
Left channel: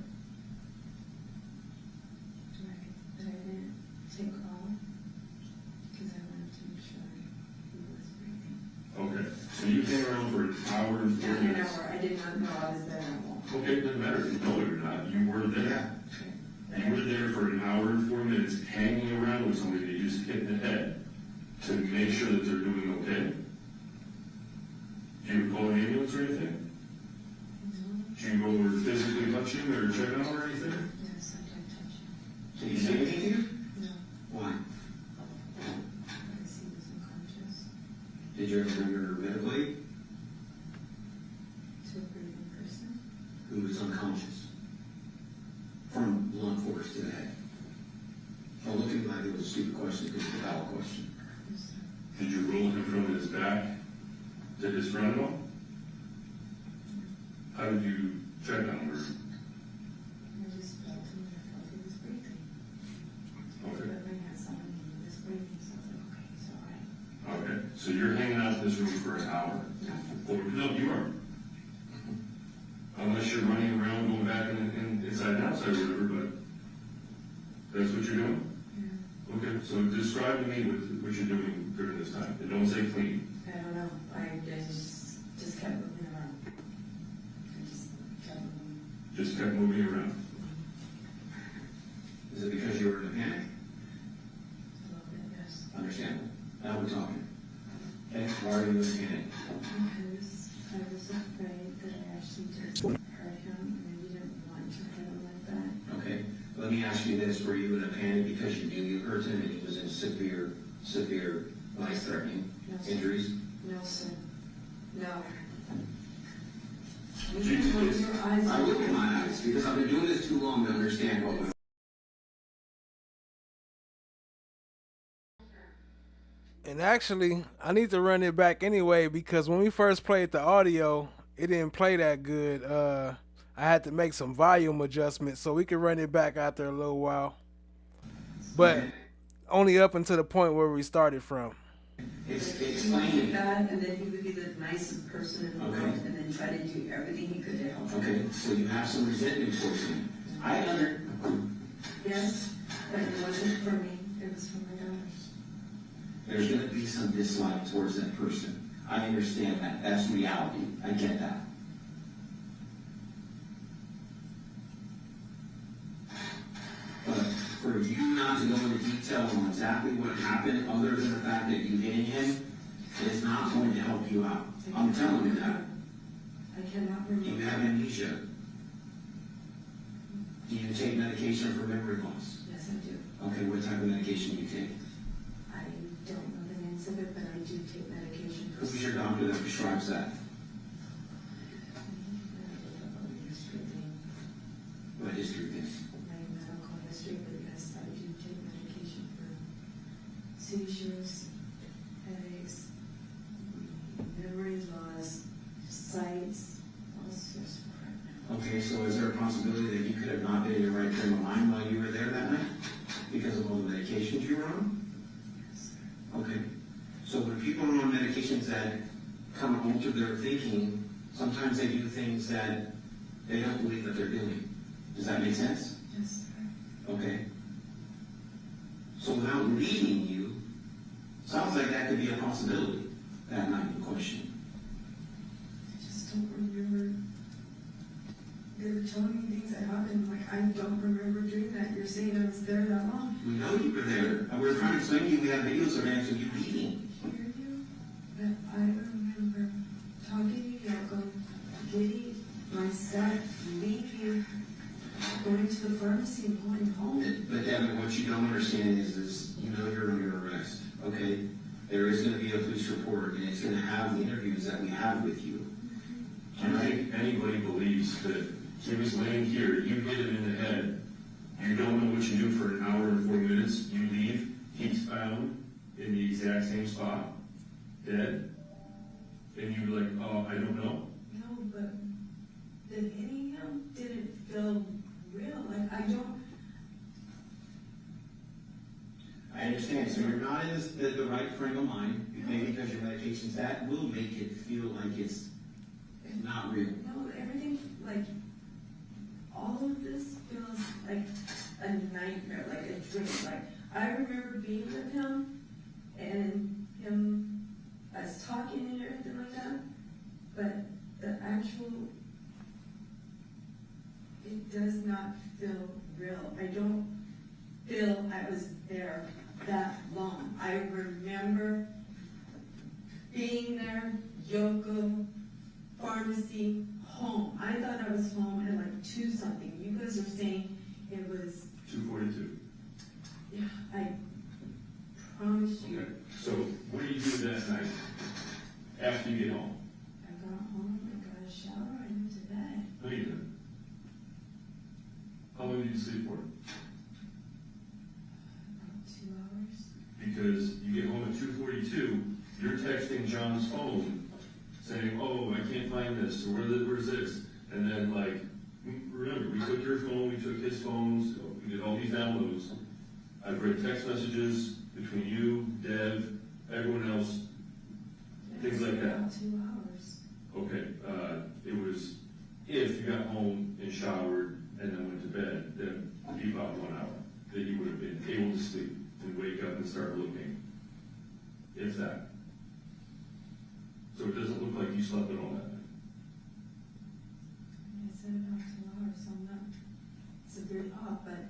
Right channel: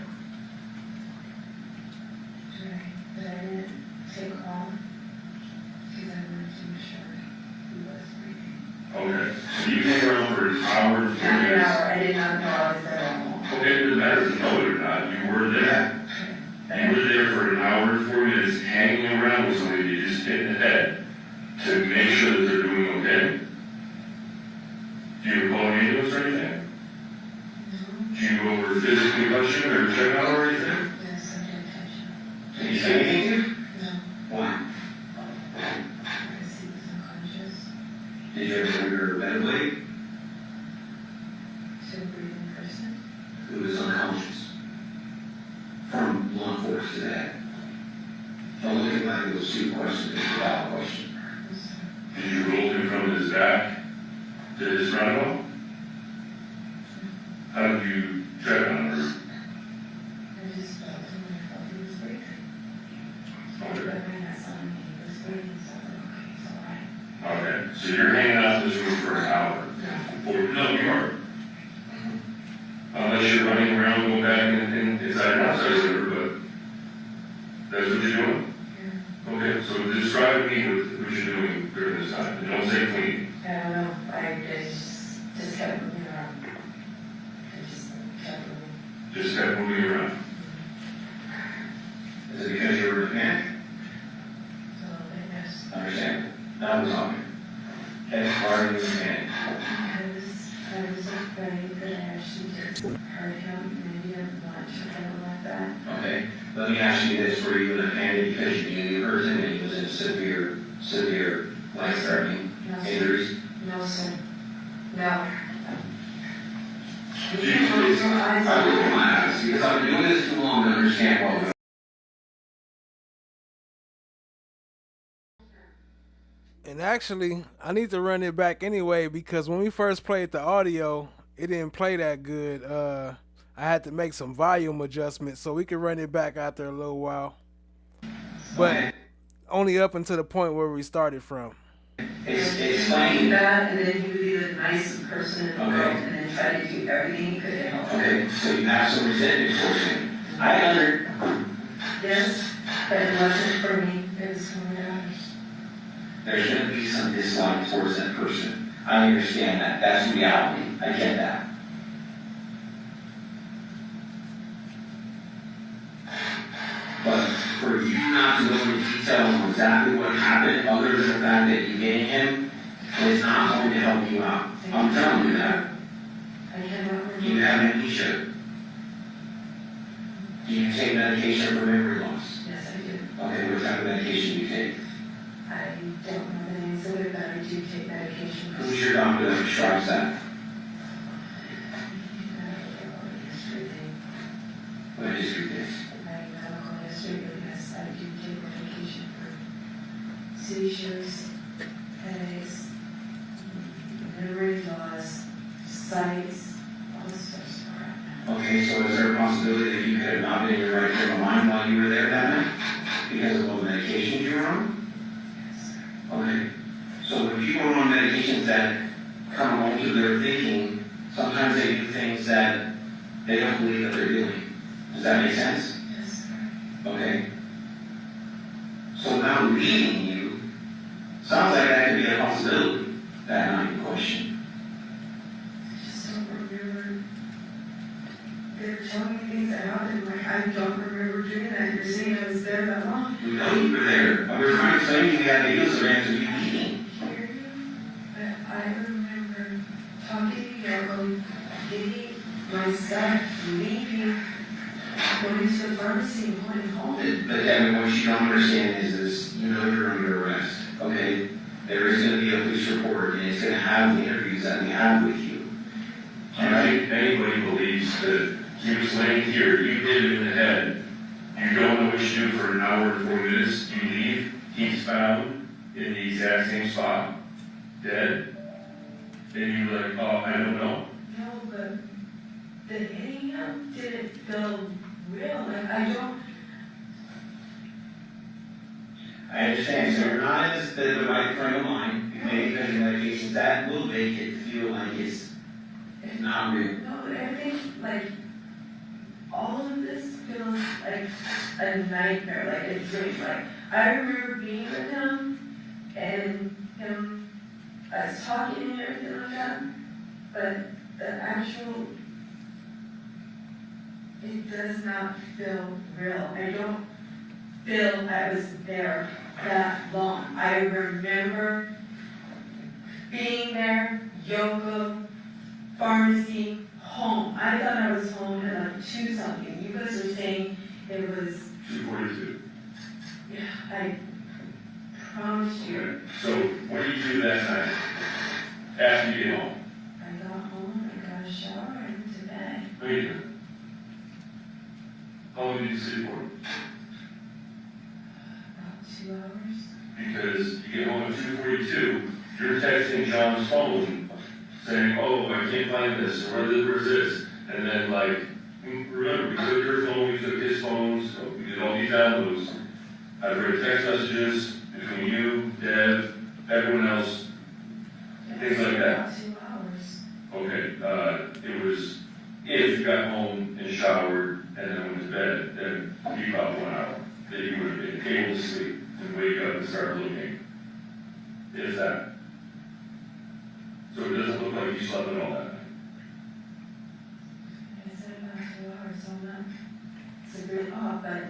Right, but I didn't take long because I wanted to make sure he was breathing. Okay, so you hang around for an hour and 4 Not an minutes. hour, I did not know I was there alone. Okay, it doesn't matter if you know it or not, you were there. You were there for an hour and 4 minutes hanging around with somebody you just hit in the head to make sure that they're doing okay. Do you call an ambulance or anything? Did you go over physically touch him or check out or anything? Yes, I did touch him. Did he say anything to you? No, Why? because he was unconscious. Did you ever remember a blade? To a breathing person. Who was unconscious? From law enforcement to that. Don't look at like it was a stupid question, it's a valid question. Did you roll him from his back to his front wall? How did you tread on her? I just felt him, I felt he was breathing. But when I saw him, he was breathing, so I was like, okay, it's all right. Okay, so you're hanging out in this room for an hour. No, you aren't. Unless you're running around, going back inside and outside of her, but that's what you're doing? Yeah. Okay, so describe to me what you're doing during this time. And don't say clean. I don't know, I just kept moving around. I just kept moving. Just kept moving around. Is it because you were a mechanic? A little bit, yes. Understand? That was on me. Okay, why are you a mechanic? I was afraid that I actually did hurt him, and I didn't want to feel like that. Okay, let me ask you this, were you in a panic because you knew you hurt him and he was in severe life-threatening injuries? No, sir. No. I will my eyes, because I've been doing this too long to understand what we're And actually, I need to run it back anyway because when we first played the audio, it didn't play that good. I had to make some volume adjustments so we could run it back after a little while. But only up until the point where we started from. Explain that, and then he would be the nicest person in the world, and then try to do everything he could to help him. Okay, so you have some resentment towards him. Yes, but it wasn't for me, it was for my daughters. There's going to be some dislike towards that person. I understand that. That's reality. I get that. But for you not to go into detail on exactly what happened, other than the fact that you gained him, is not going to help you out. I'm telling you that. You have amnesia. Do you take medication for memory loss? Yes, I do. Okay, what type of medication do you take? I don't know the names of it, but I do take medication. Who's your doctor that prescribes that? What history is? My medical history, but yes, I do take medication for seizures, headaches, memory loss, sights, all this stuff. Okay, so is there a possibility that you could have not been in your right frame of mind while you were there that night? Because of all the medications you were on? Yes. Okay. So when people are on medications that come alter their thinking, sometimes they do things that they don't believe that they're doing. Does that make sense? Yes. Okay. So now leading you, sounds like that could be a possibility, that night in question. I just don't remember. They're telling me things that happened, like I don't remember doing that. You're saying I was there that long. We know you were there. We were trying to explain to you we had videos around you eating. But I remember talking to Yoko, getting my stuff, leaving, going to the pharmacy and going home. But Devyn, what you don't understand is you know you're under arrest, okay? There is going to be a police report, and it's going to have the interviews that we have with you. Do you think anybody believes that he was laying here, you hit him in the head, you don't know what you do for an hour and 4 minutes, you leave, he's found in the exact same spot, dead, and you're like, oh, I don't know. No, but the hitting him didn't feel real. Like I don't. I understand. So you're not in the right frame of mind, maybe because your medications, that will make it feel like it's not real. No, everything, like, all of this feels like a nightmare, like a dream. Like, I remember being with him, and him, us talking and everything like that, but the actual, it does not feel real. I don't feel I was there that long. I remember being there, Yoko, pharmacy, home. I thought I was home at like 2 something. You guys are saying it was 2:42. Yeah, I promise you. Okay. So what do you do that night after you get home? I got home, I got a shower, I went to bed. What do you do? How long did you sleep for? About 2 hours. Because is, you get home at 2:42, you're texting John's phone saying, oh, I can't find this, or where's this? And then, like, remember, we took your phone, we took his phones, so we did all these downloads. I've read text messages between you, Dev, everyone else, things like that. 2 hours. Okay, it was, if you got home and showered and then went to bed, then it'd be about 1 hour. Then you would have been able to sleep and wake up and start looking. If that. So it doesn't look like you slept at all that night. I said about 2 hours, so I'm not, it's a bit off, but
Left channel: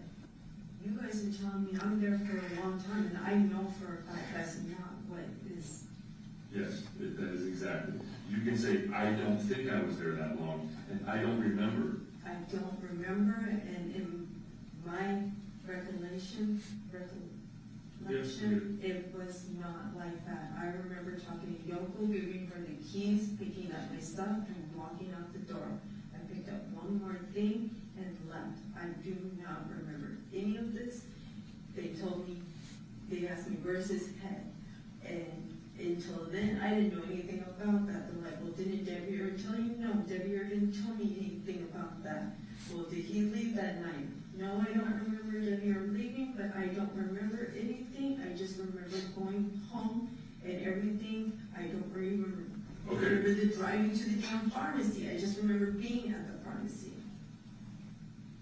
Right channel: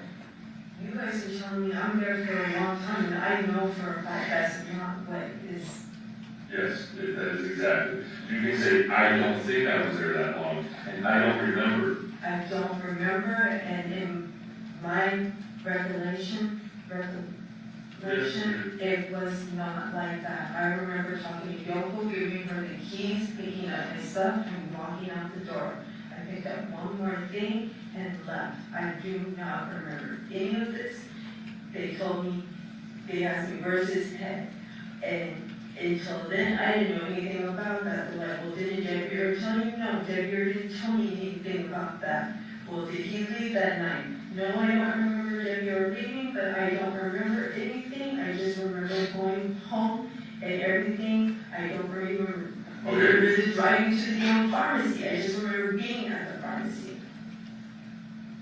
you guys are telling me I'm there for a long time, and I know for a fact that's not what is. Yes, that is exactly. You can say, I don't think I was there that long, and I don't remember. I don't remember, and in my recollection, it was not like that. I remember talking to Yoko, giving her the keys, picking up my stuff, and walking out the door. I picked up one more thing and left. I do not remember any of this. They told me, they asked me, where's his head? And until then, I didn't know anything about that. They're like, well, didn't Deviere tell you? No, Deviere didn't tell me anything about that. Well, did he leave that night? No, I don't remember Deviere leaving, but I don't remember anything. I just remember going home and everything. I don't remember the driving to the damn pharmacy. I just remember being at the pharmacy.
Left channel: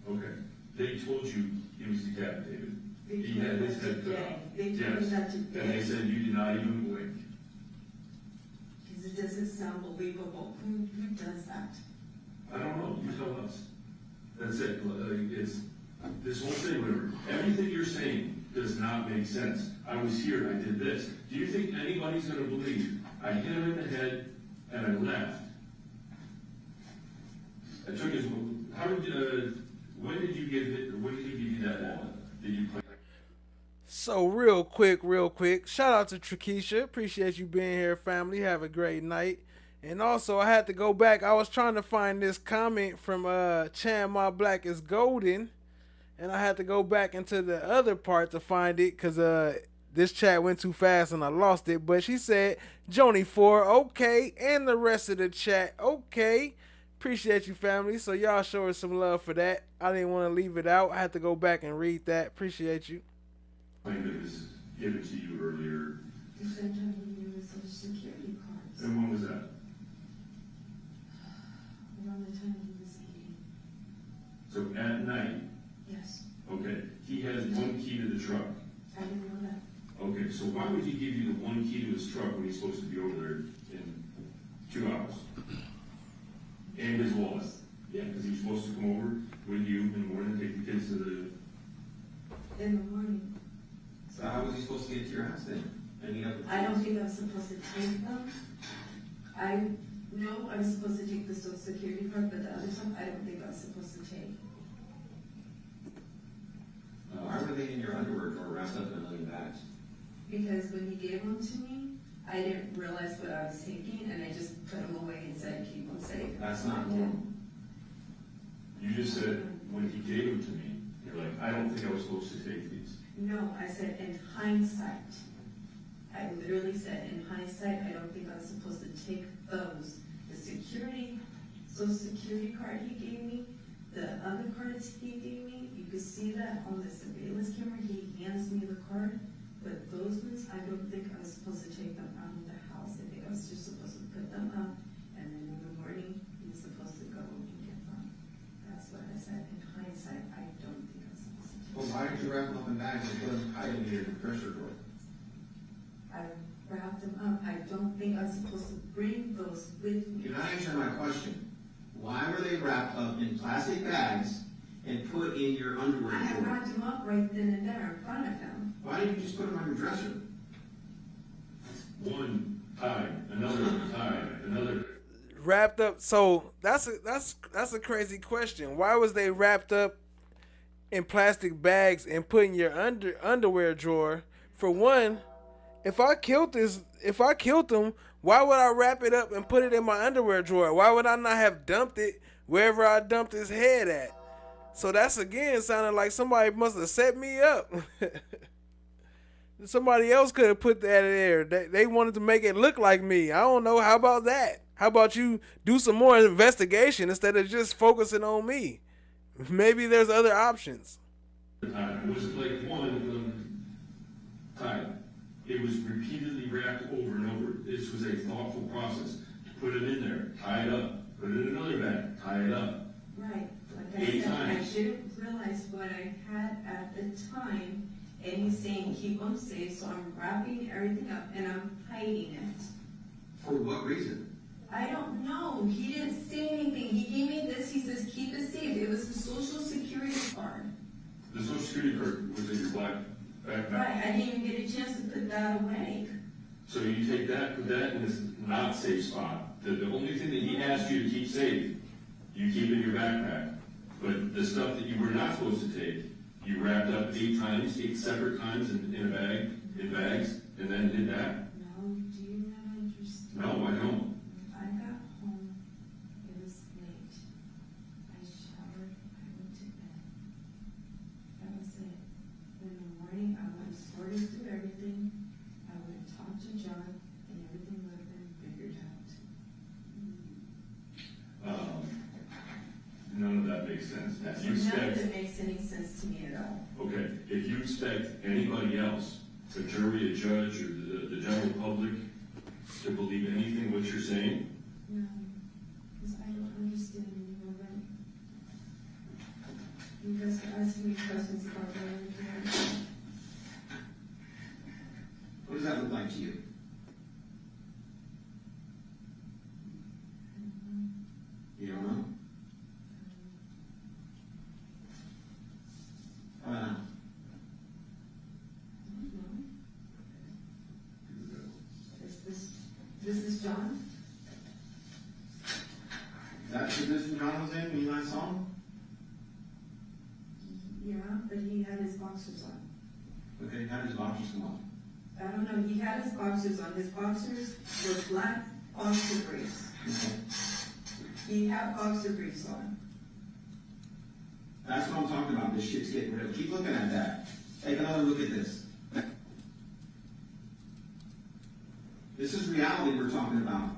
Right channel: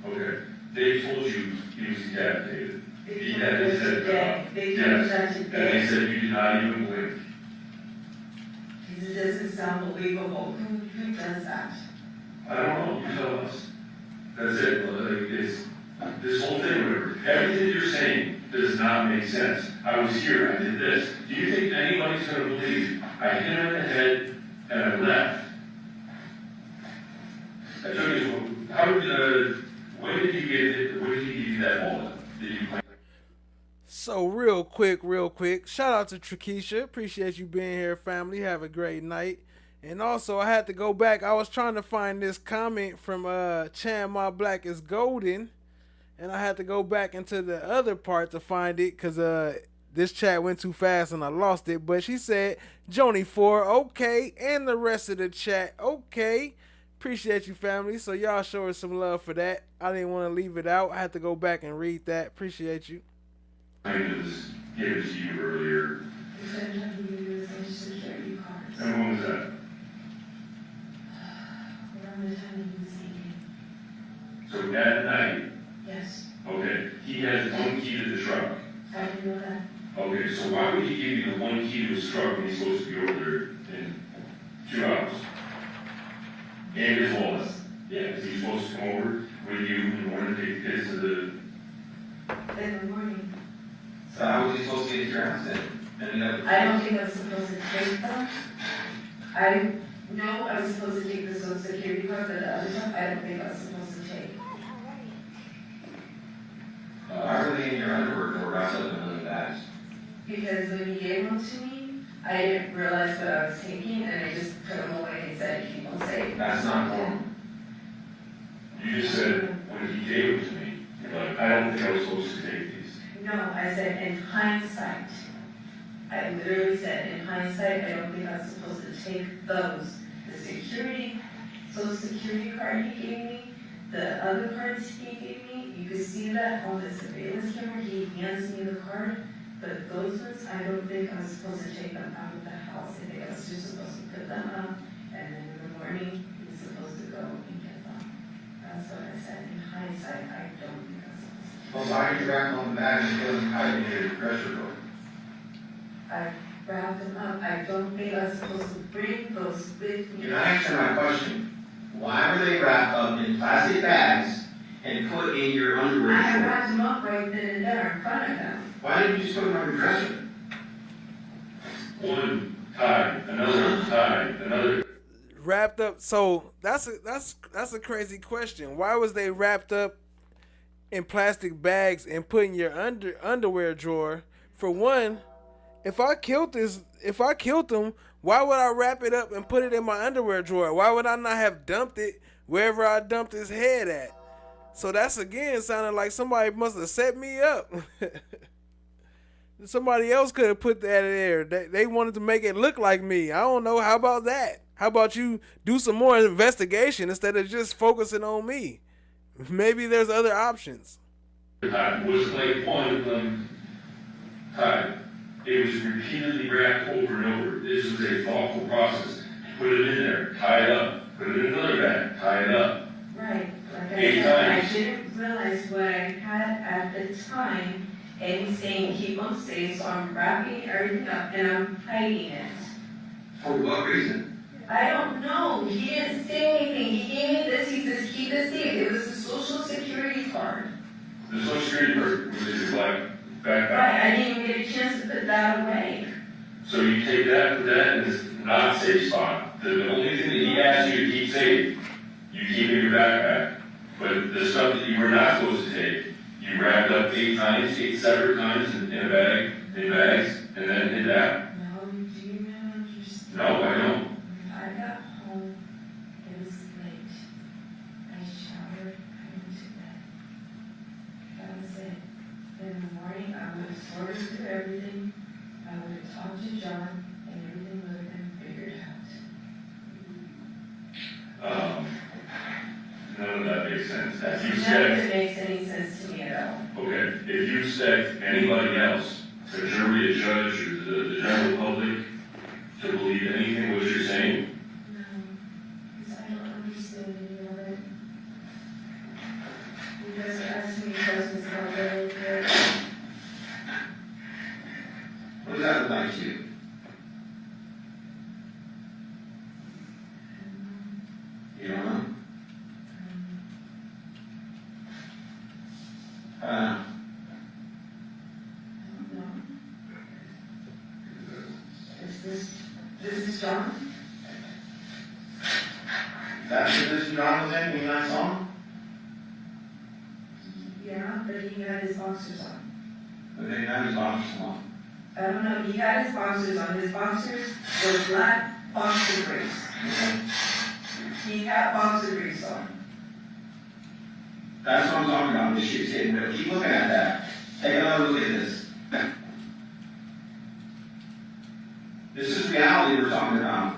Okay. They told you he was decapitated. He had his head cut off. They told me that today. And they said you did not even blink. It doesn't sound believable. Who does that? I don't know. You tell us. That's it. It's this whole thing. Remember, everything you're saying does not make sense. I was here. I did this. Do you think anybody's going to believe I hit him in the head and I left? I took his. How did? When did you get it? When did he give you that wallet? Did you plan? So real quick, shout out to Trakisha. Appreciate you being here, family. Have a great night. And also, I had to go back. I was trying to find this comment from Chan My Black is Golden, and I had to go back into the other part to find it because this chat went too fast and I lost it. But she said, Joni4, okay, and the rest of the chat, okay. Appreciate you, family. So y'all show us some love for that. I didn't want to leave it out. I had to go back and read that. Appreciate you. I just gave it to you earlier. You said how you use Social Security cards. And when was that? Around the time he was eating. So at night? Yes. Okay. He has one key to the truck. I didn't know that. Okay, so why would he give you the one key to his truck when he's supposed to be over there in 2 hours? And his wallet. Yeah, because he's supposed to come over with you in the morning to take the kids to the... In the morning. So how was he supposed to get your house then? I don't think I was supposed to take them. I know I was supposed to take the Social Security card, but the other stuff I don't think I was supposed to take. Why were they in your underwear or wrapped up in a million bags? Because when he gave them to me, I didn't realize what I was taking, and I just put them away and said, keep them safe. That's not normal. You just said, when he gave them to me, like, I don't think I was supposed to take these. No, I said in hindsight. I literally said in hindsight, I don't think I was supposed to take those. The Social Security card he gave me, the other cards he gave me, you could see that on the surveillance camera, he hands me the card, but those ones, I don't think I was supposed to take them out of the house. I think I was just supposed to put them up, and then in the morning, he was supposed to go and get them. That's what I said. In hindsight, I don't think I was supposed to. Well, why did you wrap them on the bag and put them hide in your pressure cooker? I wrapped them up. I don't think I was supposed to bring those with me. You're not answering my question. Why were they wrapped up in plastic bags and put in your underwear? I wrapped them up right then and there in front of them. Why didn't you just put them on your dresser? One tie, another. Wrapped up. So that's a crazy question. Why was they wrapped up in plastic bags and put in your underwear drawer? For one, if I killed them, why would I wrap it up and put it in my underwear drawer? Why would I not have dumped it wherever I dumped his head at? So that's again sounding like somebody must have set me up. Somebody else could have put that in there. They wanted to make it look like me. I don't know. How about that? How about you do some more investigation instead of just focusing on me? Maybe there's other options. It wasn't like one of them tied. It was repeatedly wrapped over and over. This was a thoughtful process. Put it in there, tie it up, put it in another bag, tie it up. Right, like I 8 said, times. I didn't realize what I had at the time, and he's saying keep them safe, so I'm wrapping everything up and I'm hiding it. For what reason? I don't know, he didn't say anything, he gave me this, he says keep it safe, it was the social security card. The social security card was in your black backpack. Right, I didn't even get a chance to put that away. So you take that, put that in this not safe spot. The only thing that he asked you to keep safe, you keep in your backpack. But the stuff that you were not supposed to take, you wrapped up 8 times, 8 separate times in a bag, in bags, and then hid that. No, do you not understand? No, I don't. I got home, it was late. I showered, I went to bed. That was it. In the morning, I would have sorted through everything. I would have talked to John, and everything would have been figured out. None of that makes sense. If you None of it expect, makes any sense to me at all. okay, if you expect anybody else, a jury, a judge, or the general public, to believe anything what you're saying, No, because I don't understand any of it. You guys are asking me questions about the What does that look like to you? You don't know? This is John? That's this Johnathan when you last saw him? Yeah, but he had his boxers on. Okay, now his boxers on. I don't know, he had his boxers on. His boxers were black boxer briefs. He had boxer briefs on. That's what I'm talking about, this shit's getting real. Keep looking at that. Take another look at this. This is reality we're talking about.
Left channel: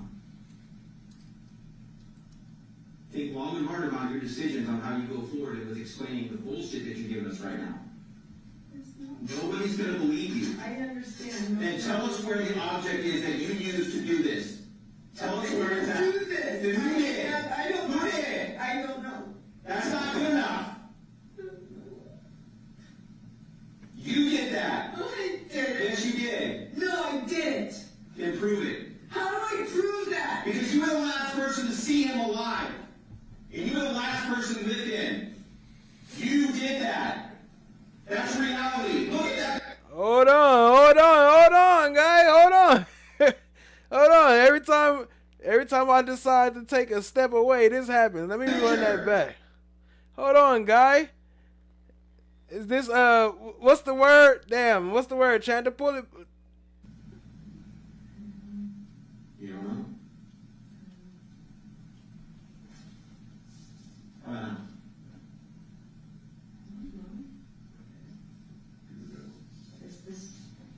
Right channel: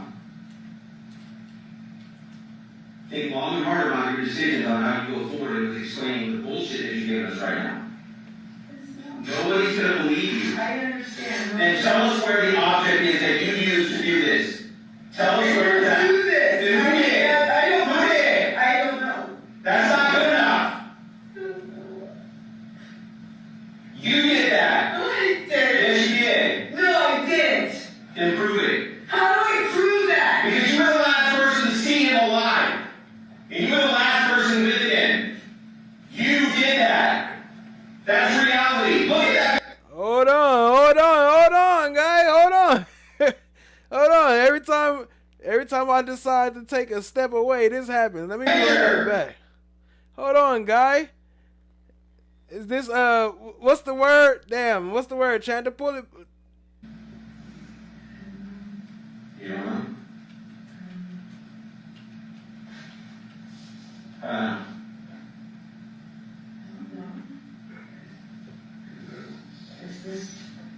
Think long and hard about your decisions on how you go forward with explaining the bullshit that you're giving us right now. Nobody's going to believe you. I understand. And tell us where the object is that you used to do this. Tell us where it's at. Do this. Who did? I don't know. Who did? I don't know. That's not good enough. You did that. No, I didn't. Yes, you did. No, I didn't. Then prove it. How do I prove that? Because you were the last person to see him alive. And you were the last person with him. You did that. That's reality. Look at that. Hold on, guy. Hold on. Hold on. Every time I decide to take a step away, this happens. Let me run that back. Hold on, guy. Is this what's the word? Damn, what's the word? Trying to pull it. You don't know?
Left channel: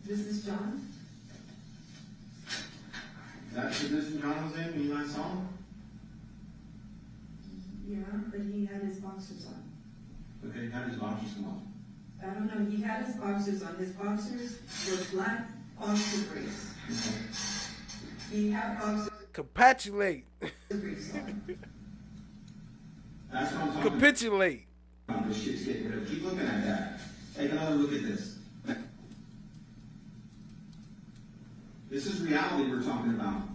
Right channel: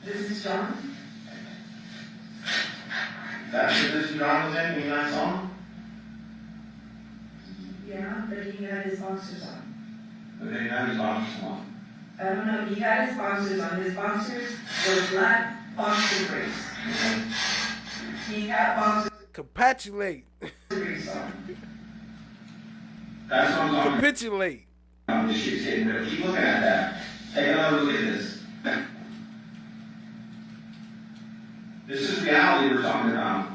This is John? That's this Johnathan when you last saw him? Yeah, but he had his boxers on. Okay, now his boxers on. I don't know, he had his boxers on. His boxers were black boxer briefs. He had boxer Capitulate. briefs on. That's what I'm talking about. Capitulate. This shit's getting real. Keep looking at that. Take another look at this. This is reality we're talking about.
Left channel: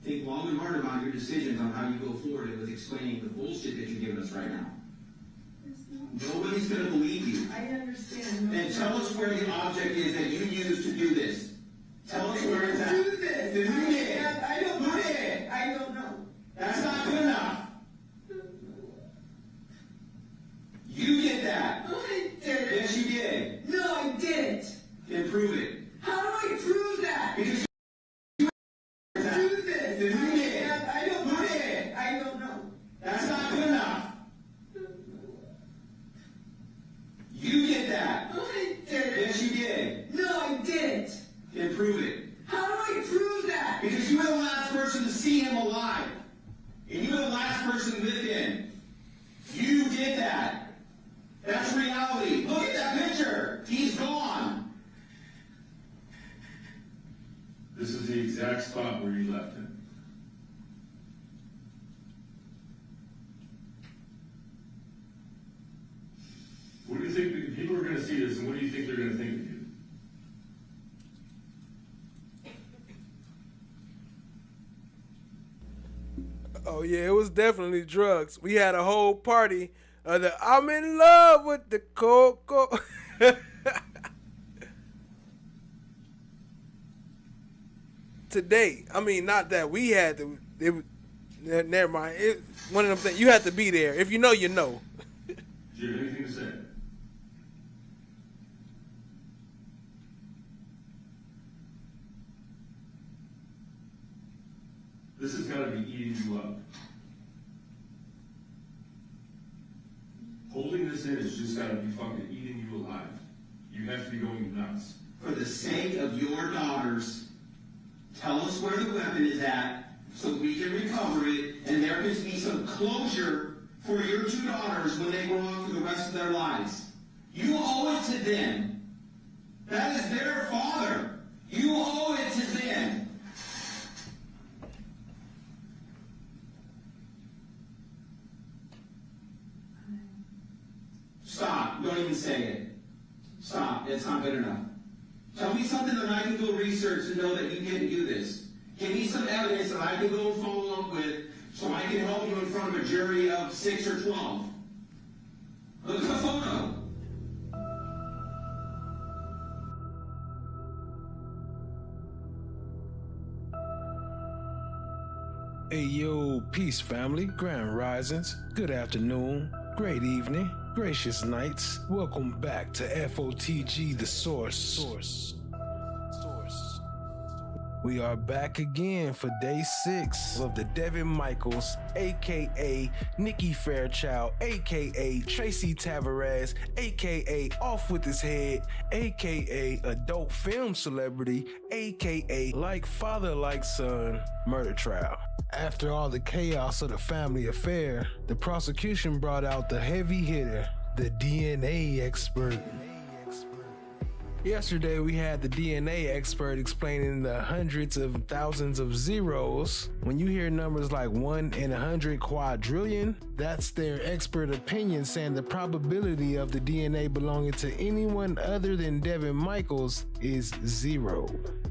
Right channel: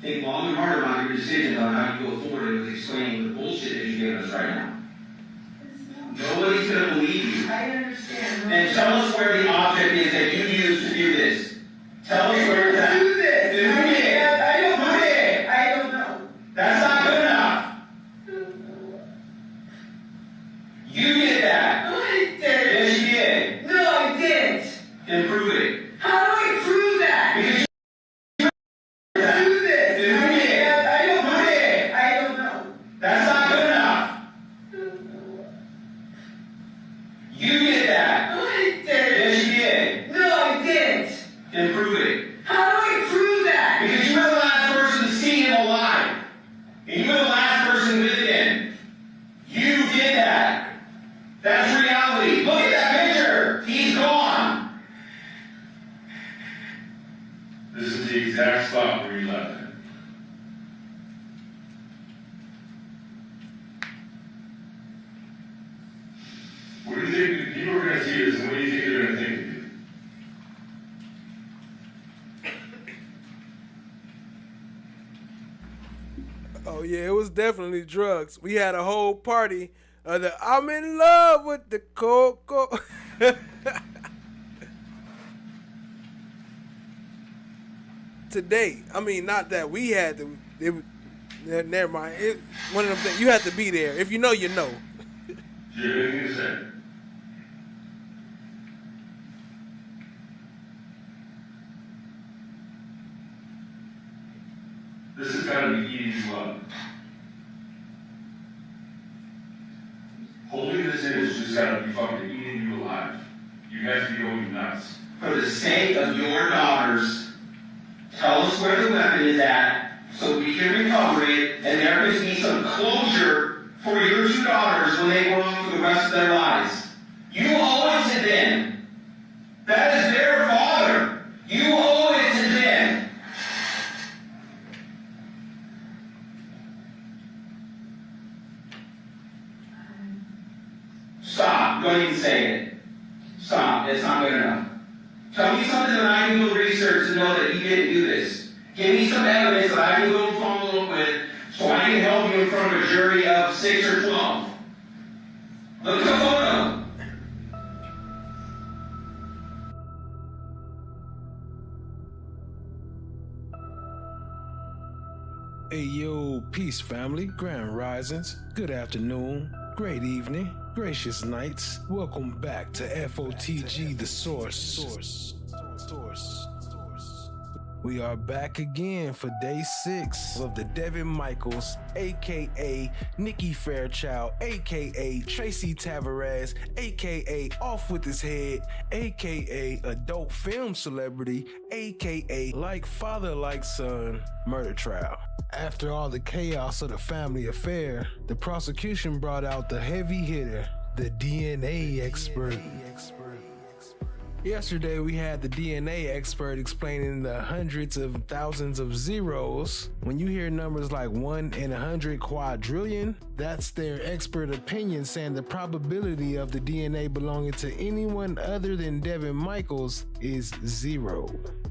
Think long and hard about your decisions on how you go forward with explaining the bullshit that you're giving us right now. Nobody's going to believe you. I understand. And tell us where the object is that you used to do this. Tell us where it's at. Do this. Then who did? I don't Who did? I don't know. That's not good enough. You did that. No, I didn't. Yes, you did. No, I didn't. Then prove it. How do I prove that? Because Do this. Then who did? Who did? I don't know. That's not good enough. You did that. No, Oh yeah, it was definitely drugs. We had a whole party of the I'm in love with the cocoa. Today, I mean, not that we had to. Never mind. One of them things you have to be there. If you know, you know. Do you have anything to say? This has got to be eating you up. Holding this in has just got to be fucking eating you alive. You have to be going nuts. For the sake of your daughters, tell us where the weapon is at so we can recover it, and there gives me some closure for your two daughters when they grow up for the rest of their lives. You owe it to them. That is their father. You owe it to them. Stop. Don't even say it. Stop. It's not good enough. Tell me something that I can go research to know that you didn't do this. Give me some evidence that I can go follow up with so I can help you in front of a jury of 6 or 12. Look at the photo. Hey yo, peace family, grand risings, good afternoon, great evening, gracious nights. Welcome back to FOTG, the source. We are back again for day 6 of the Devyn Michaels, aka Nikki Fairchild, aka Tracy Tavares, aka Off With His Head, aka adult film celebrity, aka like father like son murder trial. After all the chaos of the family affair, the prosecution brought out the heavy hitter, the DNA expert. Yesterday, we had the DNA expert explaining the hundreds of thousands of zeros. When you hear numbers like 1 in 100 quadrillion, that's their expert opinion saying the probability of the DNA belonging to anyone other than Devyn Michaels is 0.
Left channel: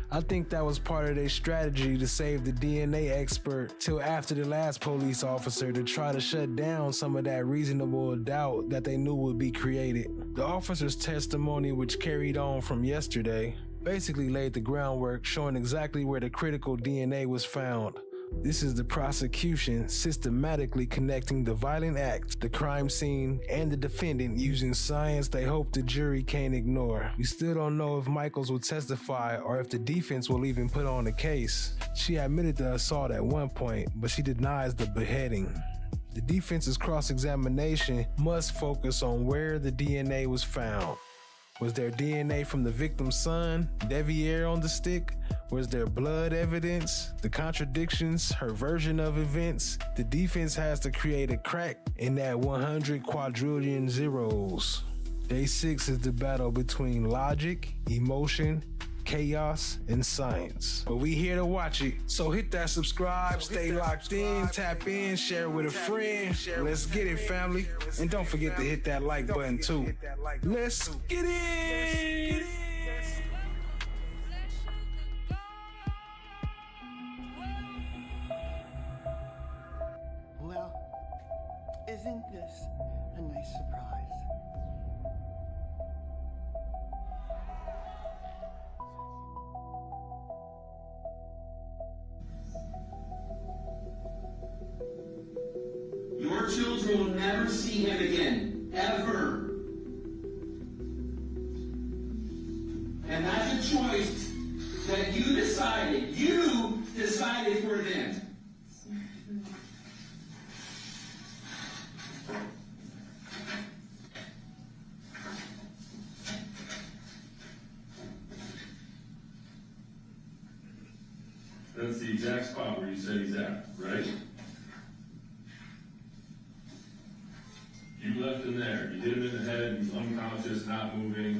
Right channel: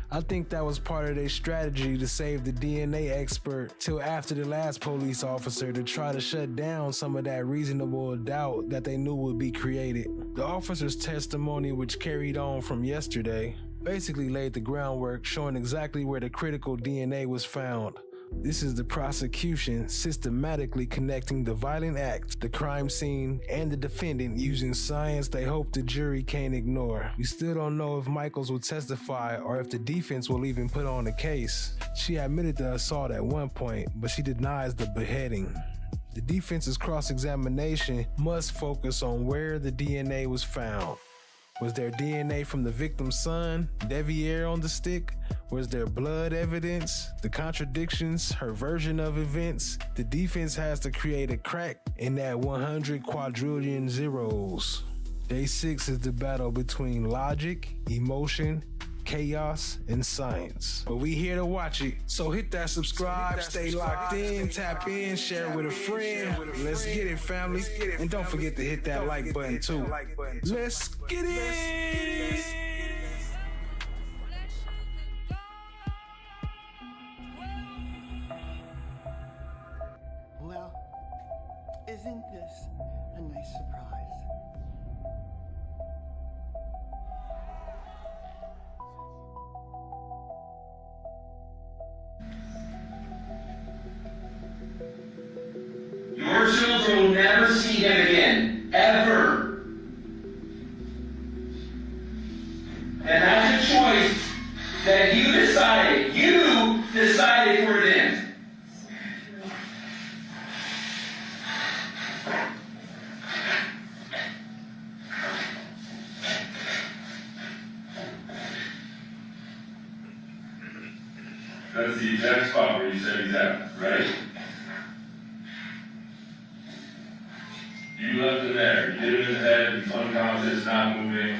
I think that was part of their strategy to save the DNA expert till after the last police officer to try to shut down some of that reasonable doubt that they knew would be created. The officer's testimony, which carried on from yesterday, basically laid the groundwork showing exactly where the critical DNA was found. This is the prosecution systematically connecting the violent act, the crime scene, and the defendant using science they hope the jury can't ignore. We still don't know if Michaels will testify or if the defense will even put on a case. She admitted the assault at one point, but she denies the beheading. The defense's cross-examination must focus on where the DNA was found. Was there DNA from the victim's son, Deviere, on the stick? Was there blood evidence? The contradictions, her version of events? The defense has to create a crack in that 100 quadrillion zeros. Day 6 is the battle between logic, emotion, chaos, and science. But we here to watch it. So hit that subscribe, stay locked in, tap in, share with a friend. Let's get it, family. And don't forget to hit that like button too. Let's get it! Well, isn't this a nice surprise? Your children will never see him again, ever. And that's a choice that you decided for them. That's the exact spot where you said he's at, right? You left him there. You hit him in the head. He's unconscious, not moving.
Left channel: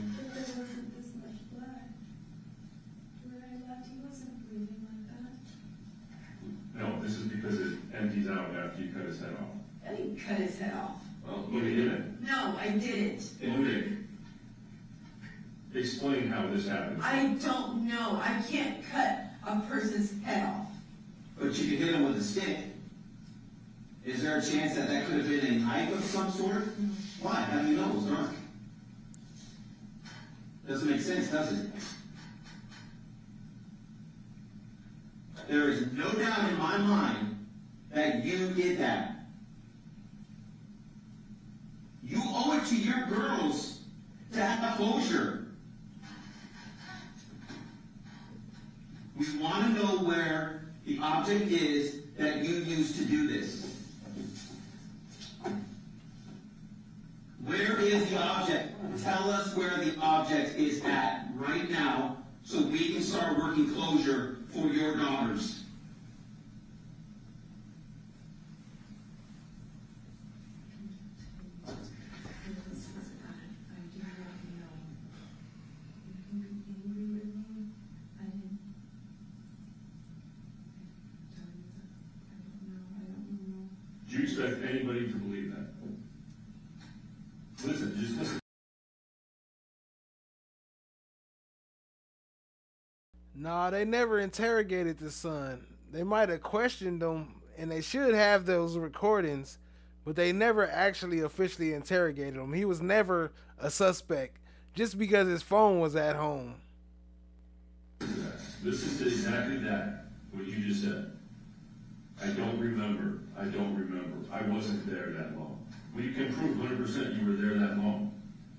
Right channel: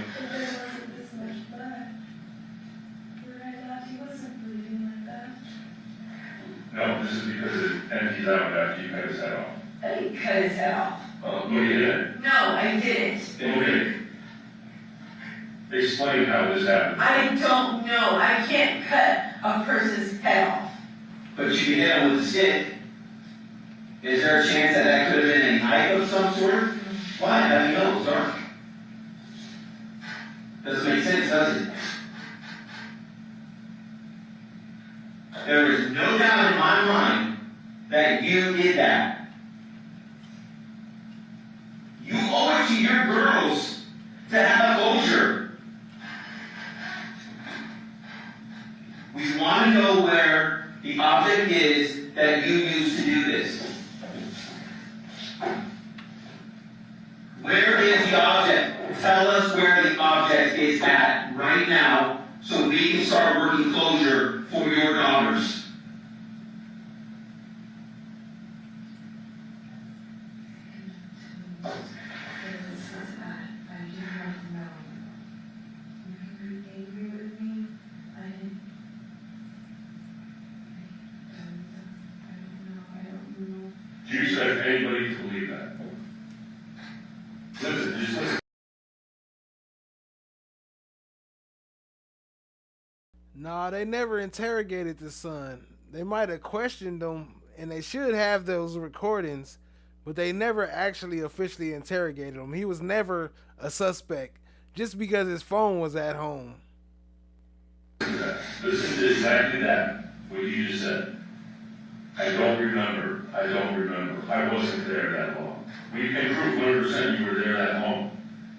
No, this is because it empties out after you cut his head off. I didn't cut his head off. Oh, you did. No, I didn't. Okay. Explain how this happened. I don't know. I can't cut a person's head off. But you can hit him with a stick. Is there a chance that that could have been a knife of some sort? Why? How do you know? It's dark. Doesn't make sense, does it? There is no doubt in my mind that you did that. You owe it to your girls to have a closure. We want to know where the object is that you used to do this. Where is the object? Tell us where the object is at right now so we can start working closure for your daughters. Do you expect anybody to believe that? Listen, just listen. Nah, they never interrogated the son. They might have questioned him, and they should have those recordings, but they never actually officially interrogated him. He was never a suspect just because his phone was at home. Listen to exactly that, what you just said. I don't remember. I wasn't there that long. We can prove 100% you were there that long.